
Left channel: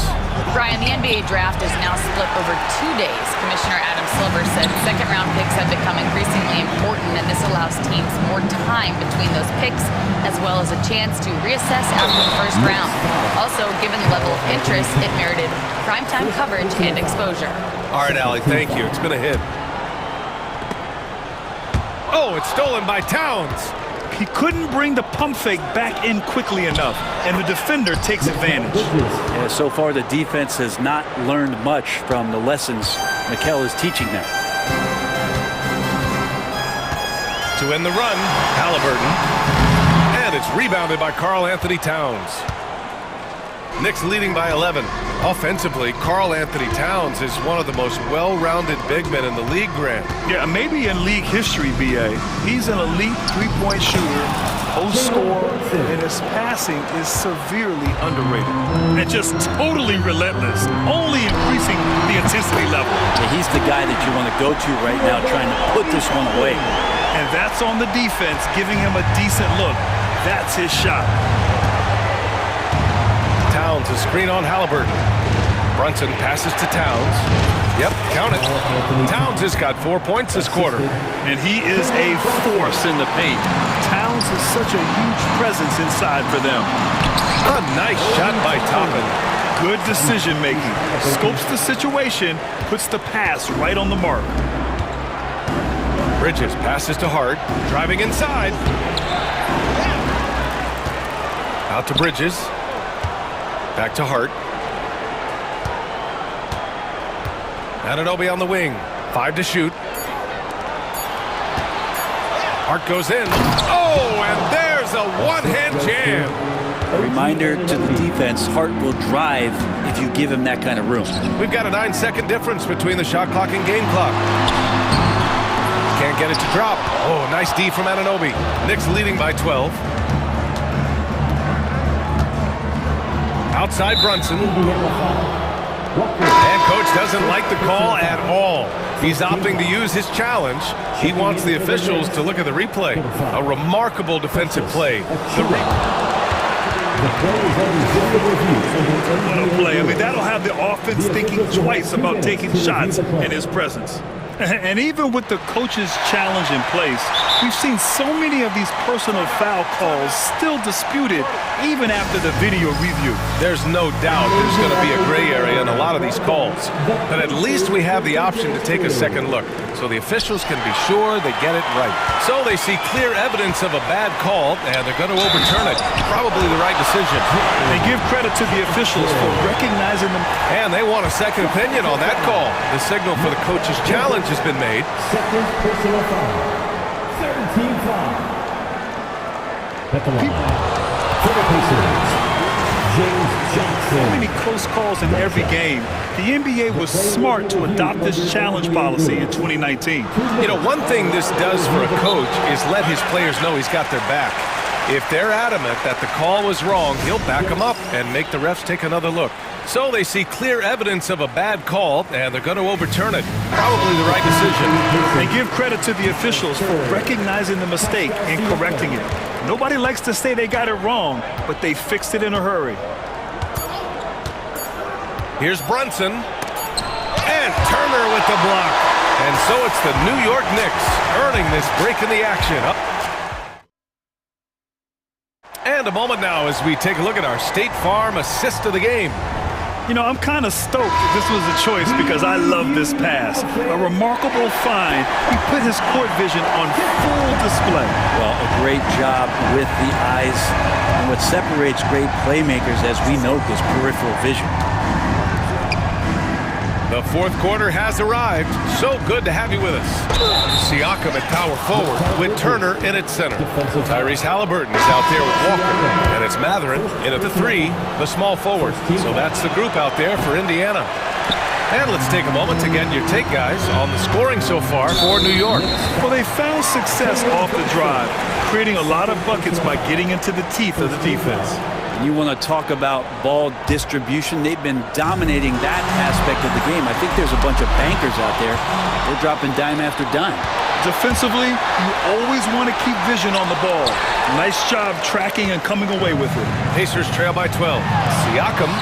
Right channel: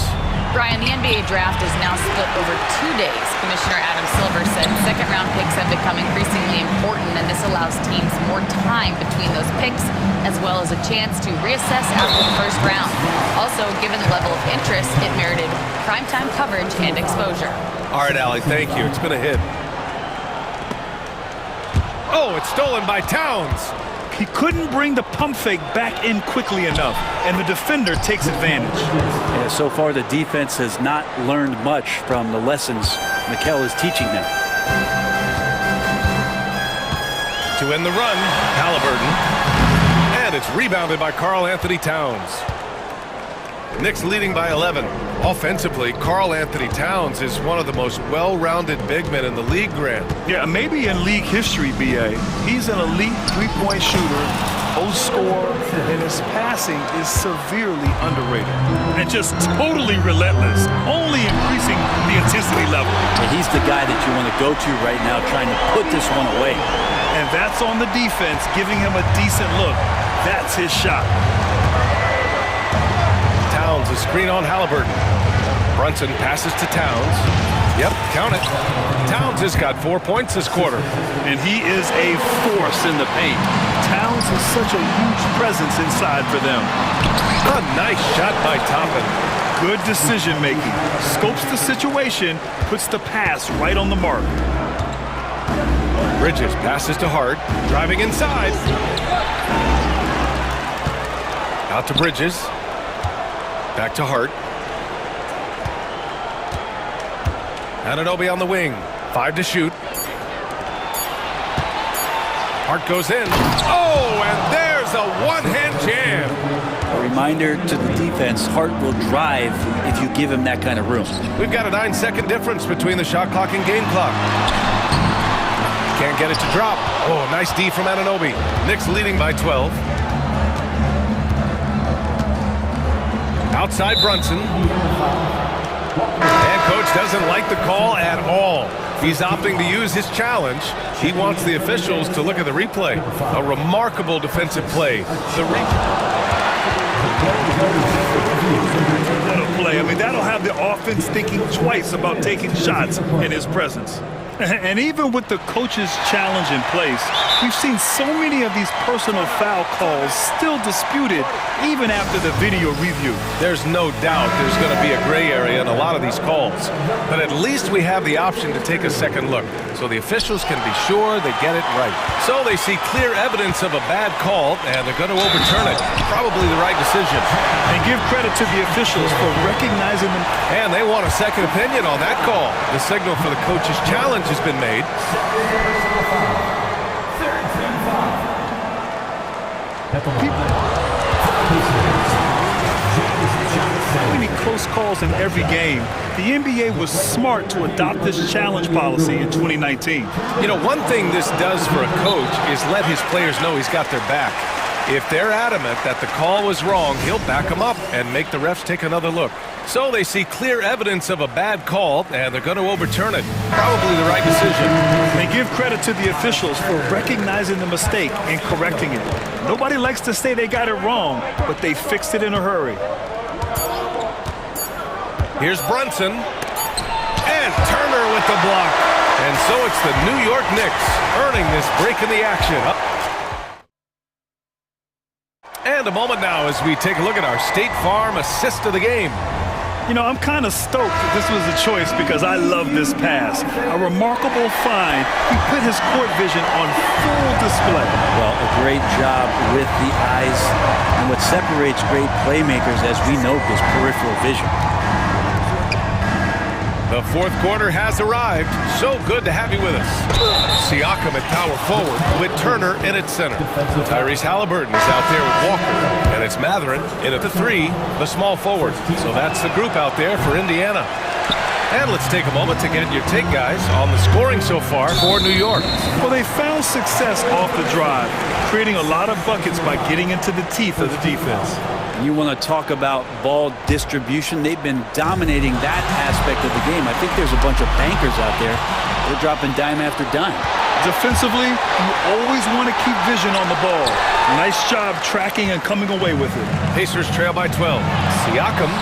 Brian, the NBA draft is now split over 2 days. Commissioner Adam Silver said second-round picks have become increasingly important, and this allows teams more time between those picks, as well as a chance to reassess after the first round. Also, given the level of interest, it merited primetime coverage and exposure. All right, Allie, thank you. It's been a hit. Oh, it's stolen by Towns. He couldn't bring the pump fake back in quickly enough, and the defender takes advantage. Yeah, so far the defense has not learned much from the lessons Mikal is teaching them. To end the run, Halliburton. And it's rebounded by Karl Anthony Towns. Knicks leading by 11. Offensively, Karl Anthony Towns is one of the most well-rounded big men in the league, Grant. Yeah, maybe in league history, B.A. He's an elite three-point shooter, post scorer, and his passing is severely underrated. And just totally relentless, only increasing the intensity level. Yeah, he's the guy that you want to go to right now, trying to put this one away. And that's on the defense, giving him a decent look. That's his shot. Towns, a screen on Halliburton. Brunson passes to Towns. Yep, count it. Towns has got 4 points this quarter. And he is a force in the paint. Towns is such a huge presence inside for them. A nice shot by Toppin. Good decision making. Scopes the situation, puts the pass right on the mark. Bridges passes to Hart, driving inside. Out to Bridges. Back to Hart. Anunoby on the wing. 5 to shoot. Hart goes in. Oh, and there's a one-hand jam. A reminder to the defense, Hart will drive if you give him that kind of room. We've got a 9-second difference between the shot clock and game clock. Can't get it to drop. Oh, nice D from Anunoby. Knicks leading by 12. Outside Brunson. And coach doesn't like the call at all. He's opting to use his challenge. He wants the officials to look at the replay. A remarkable defensive play. What a play. I mean, that'll have the offense thinking twice about taking shots in his presence. And even with the coach's challenge in place, we've seen so many of these personal foul calls still disputed even after the video review. There's no doubt there's going to be a gray area in a lot of these calls. But at least we have the option to take a second look, so the officials can be sure they get it right. So they see clear evidence of a bad call, and they're going to overturn it. Probably the right decision. They give credit to the officials for recognizing them. And they want a second opinion on that call. The signal for the coach's challenge has been made. Second personal foul. Third team foul. At the line. For the Pacers, James Johnson. So many close calls in every game. The NBA was smart to adopt this challenge policy in 2019. You know, one thing this does for a coach is let his players know he's got their back. If they're adamant that the call was wrong, he'll back them up and make the refs take another look. So they see clear evidence of a bad call, and they're going to overturn it. Probably the right decision. They give credit to the officials for recognizing the mistake and correcting it. Nobody likes to say they got it wrong, but they fixed it in a hurry. Here's Brunson. And Turner with the block. And so it's the New York Knicks earning this break in the action. And a moment now as we take a look at our State Farm assist of the game. You know, I'm kind of stoked that this was a choice because I love this pass. A remarkable find. He put his court vision on full display. Well, a great job with the eyes. And what separates great playmakers, as we know, is peripheral vision. The fourth quarter has arrived. So good to have you with us. Siakam at power forward with Turner in at center. Tyrese Halliburton is out there with Walker. And it's Mathurin in at the 3, the small forward. So that's the group out there for Indiana. And let's take a moment to get your take, guys, on the scoring so far for New York. Well, they found success off the drive, creating a lot of buckets by getting into the teeth of the defense. You want to talk about ball distribution. They've been dominating that aspect of the game. I think there's a bunch of bankers out there. They're dropping dime after dime. Defensively, you always want to keep vision on the ball. Nice job tracking and coming away with it. Pacers trail by 12. Siakam,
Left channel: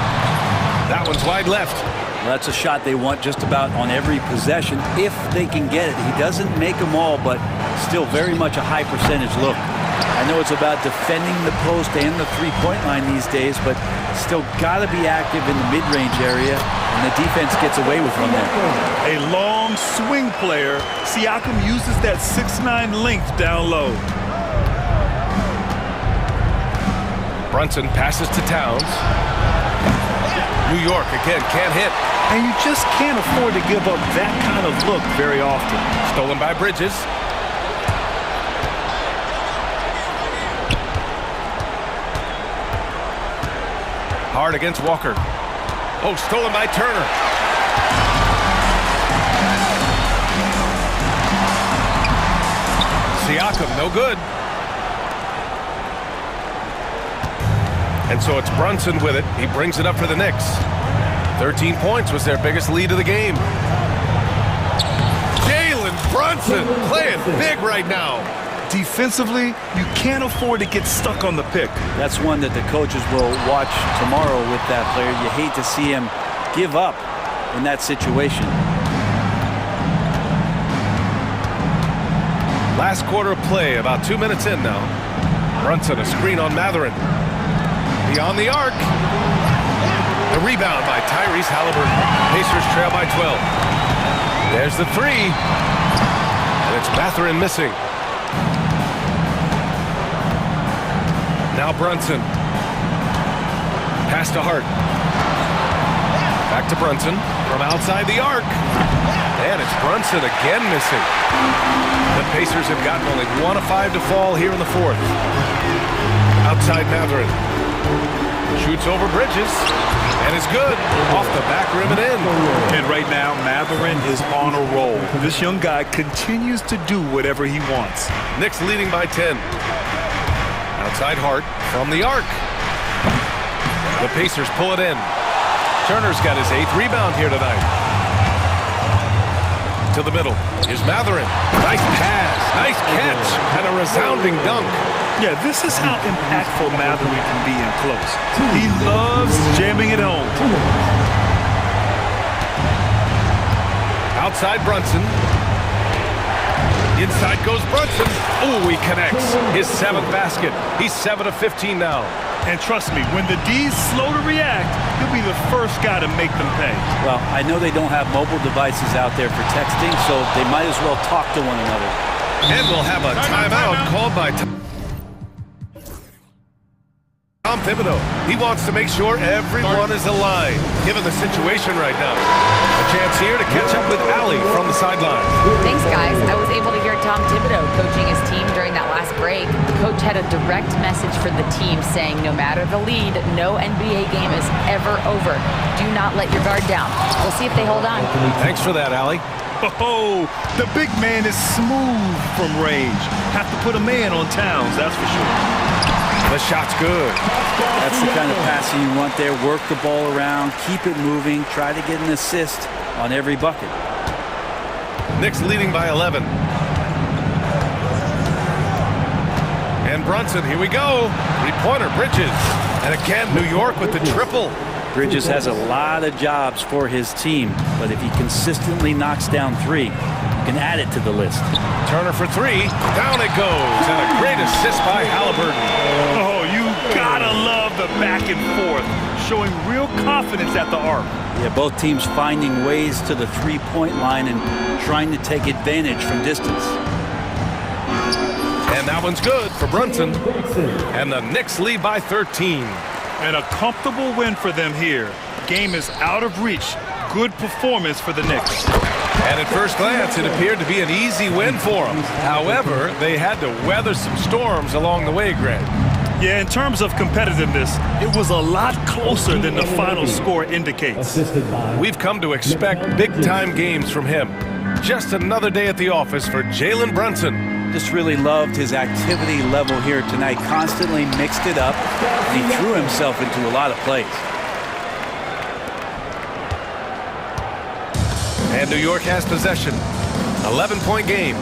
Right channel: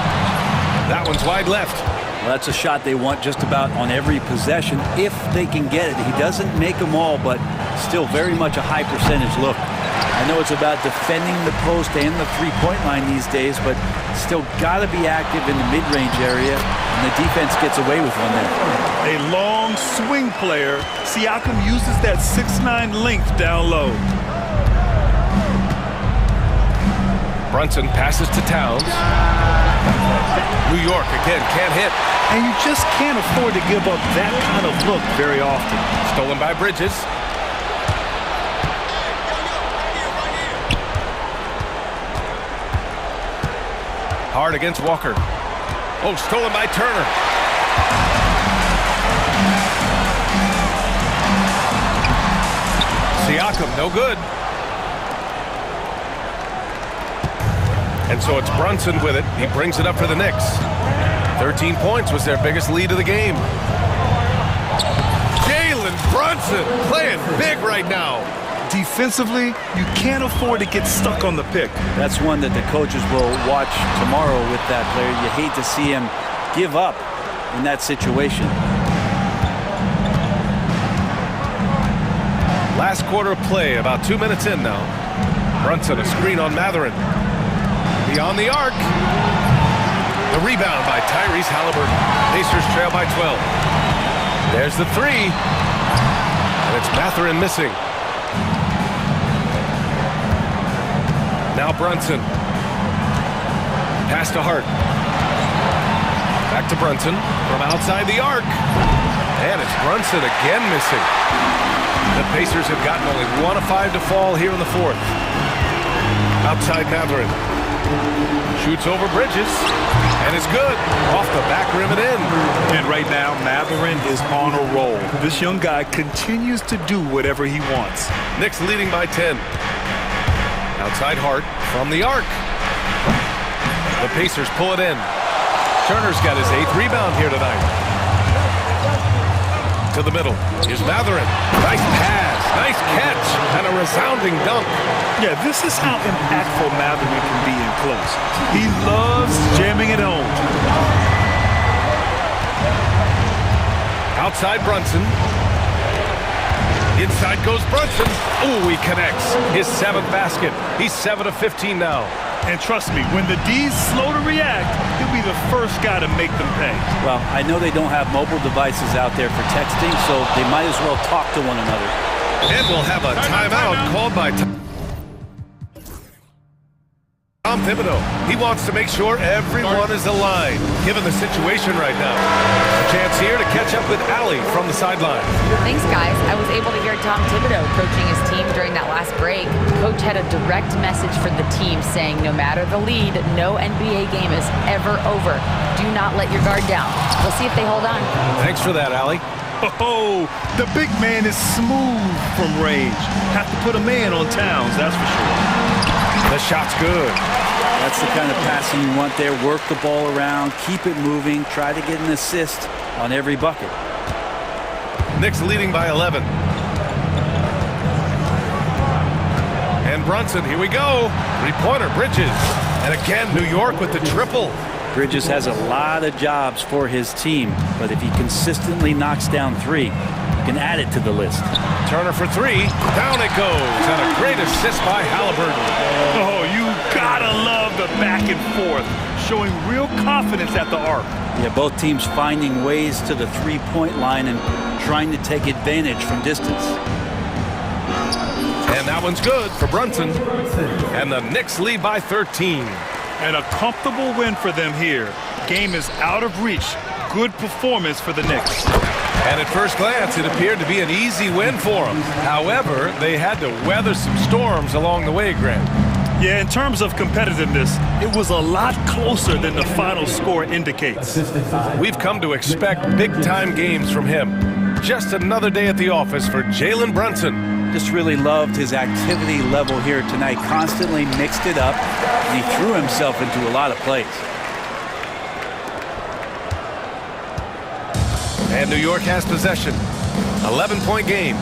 that one's wide left. Well, that's a shot they want just about on every possession if they can get it. He doesn't make them all, but still very much a high percentage look. I know it's about defending the post and the three-point line these days, but still got to be active in the mid-range area, and the defense gets away with one there. A long swing player. Siakam uses that 6'9" length down low. Brunson passes to Towns. New York again can't hit. And you just can't afford to give up that kind of look very often. Stolen by Bridges. Hard against Walker. Oh, stolen by Turner. Siakam, no good. And so it's Brunson with it. He brings it up for the Knicks. 13 points was their biggest lead of the game. Jalen Brunson playing big right now. Defensively, you can't afford to get stuck on the pick. That's one that the coaches will watch tomorrow with that player. You hate to see him give up in that situation. Last quarter of play, about 2 minutes in now. Brunson, a screen on Matherin. Beyond the arc. The rebound by Tyrese Halliburton. Pacers trail by 12. There's the three. And it's Matherin missing. Now Brunson. Pass to Hart. Back to Brunson from outside the arc. And it's Brunson again missing. The Pacers have gotten only 1 of 5 to fall here in the fourth. Outside Matherin. Shoots over Bridges. And it's good. Off the back rim and in. And right now, Matherin is on a roll. This young guy continues to do whatever he wants. Knicks leading by 10. Outside Hart from the arc. The Pacers pull it in. Turner's got his 8th rebound here tonight. To the middle. Here's Matherin. Nice pass. Nice catch. And a resounding dunk. Yeah, this is how impactful Matherin can be in close. He loves jamming it home. Outside Brunson. Inside goes Brunson. Ooh, he connects. His 7th basket. He's 7 of 15 now. And trust me, when the D's slow to react, he'll be the first guy to make them pay. Well, I know they don't have mobile devices out there for texting, so they might as well talk to one another. And we'll have a timeout called by Tom Thibodeau. He wants to make sure everyone is aligned, given the situation right now. A chance here to catch up with Allie from the sideline. Thanks, guys. I was able to hear Tom Thibodeau coaching his team during that last break. Coach had a direct message for the team saying no matter the lead, no NBA game is ever over. Do not let your guard down. We'll see if they hold on. Thanks for that, Allie. Oh, the big man is smooth from range. Have to put a man on Towns, that's for sure. The shot's good. That's the kind of passing you want there. Work the ball around, keep it moving, try to get an assist on every bucket. Knicks leading by 11. And Brunson, here we go. Three-pointer, Bridges. And again, New York with the triple. Bridges has a lot of jobs for his team, but if he consistently knocks down 3, you can add it to the list. Turner for 3. Down it goes. And a great assist by Halliburton. Oh, you gotta love the back and forth, showing real confidence at the arc. Yeah, both teams finding ways to the three-point line and trying to take advantage from distance. And that one's good for Brunson. And the Knicks lead by 13. And a comfortable win for them here. Game is out of reach. Good performance for the Knicks. And at first glance, it appeared to be an easy win for them. However, they had to weather some storms along the way, Grant. Yeah, in terms of competitiveness, it was a lot closer than the final score indicates. We've come to expect big-time games from him. Just another day at the office for Jalen Brunson. Just really loved his activity level here tonight. Constantly mixed it up, and he threw himself into a lot of plays. And New York has possession. 11-point game.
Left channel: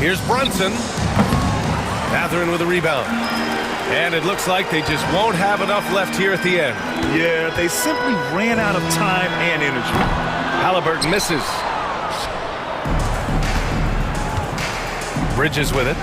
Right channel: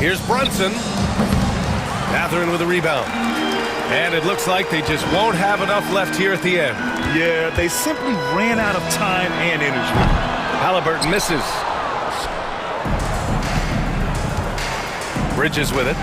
Here's Brunson. Matherin with a rebound. And it looks like they just won't have enough left here at the end. Yeah, they simply ran out of time and energy. Halliburton misses. Bridges with it.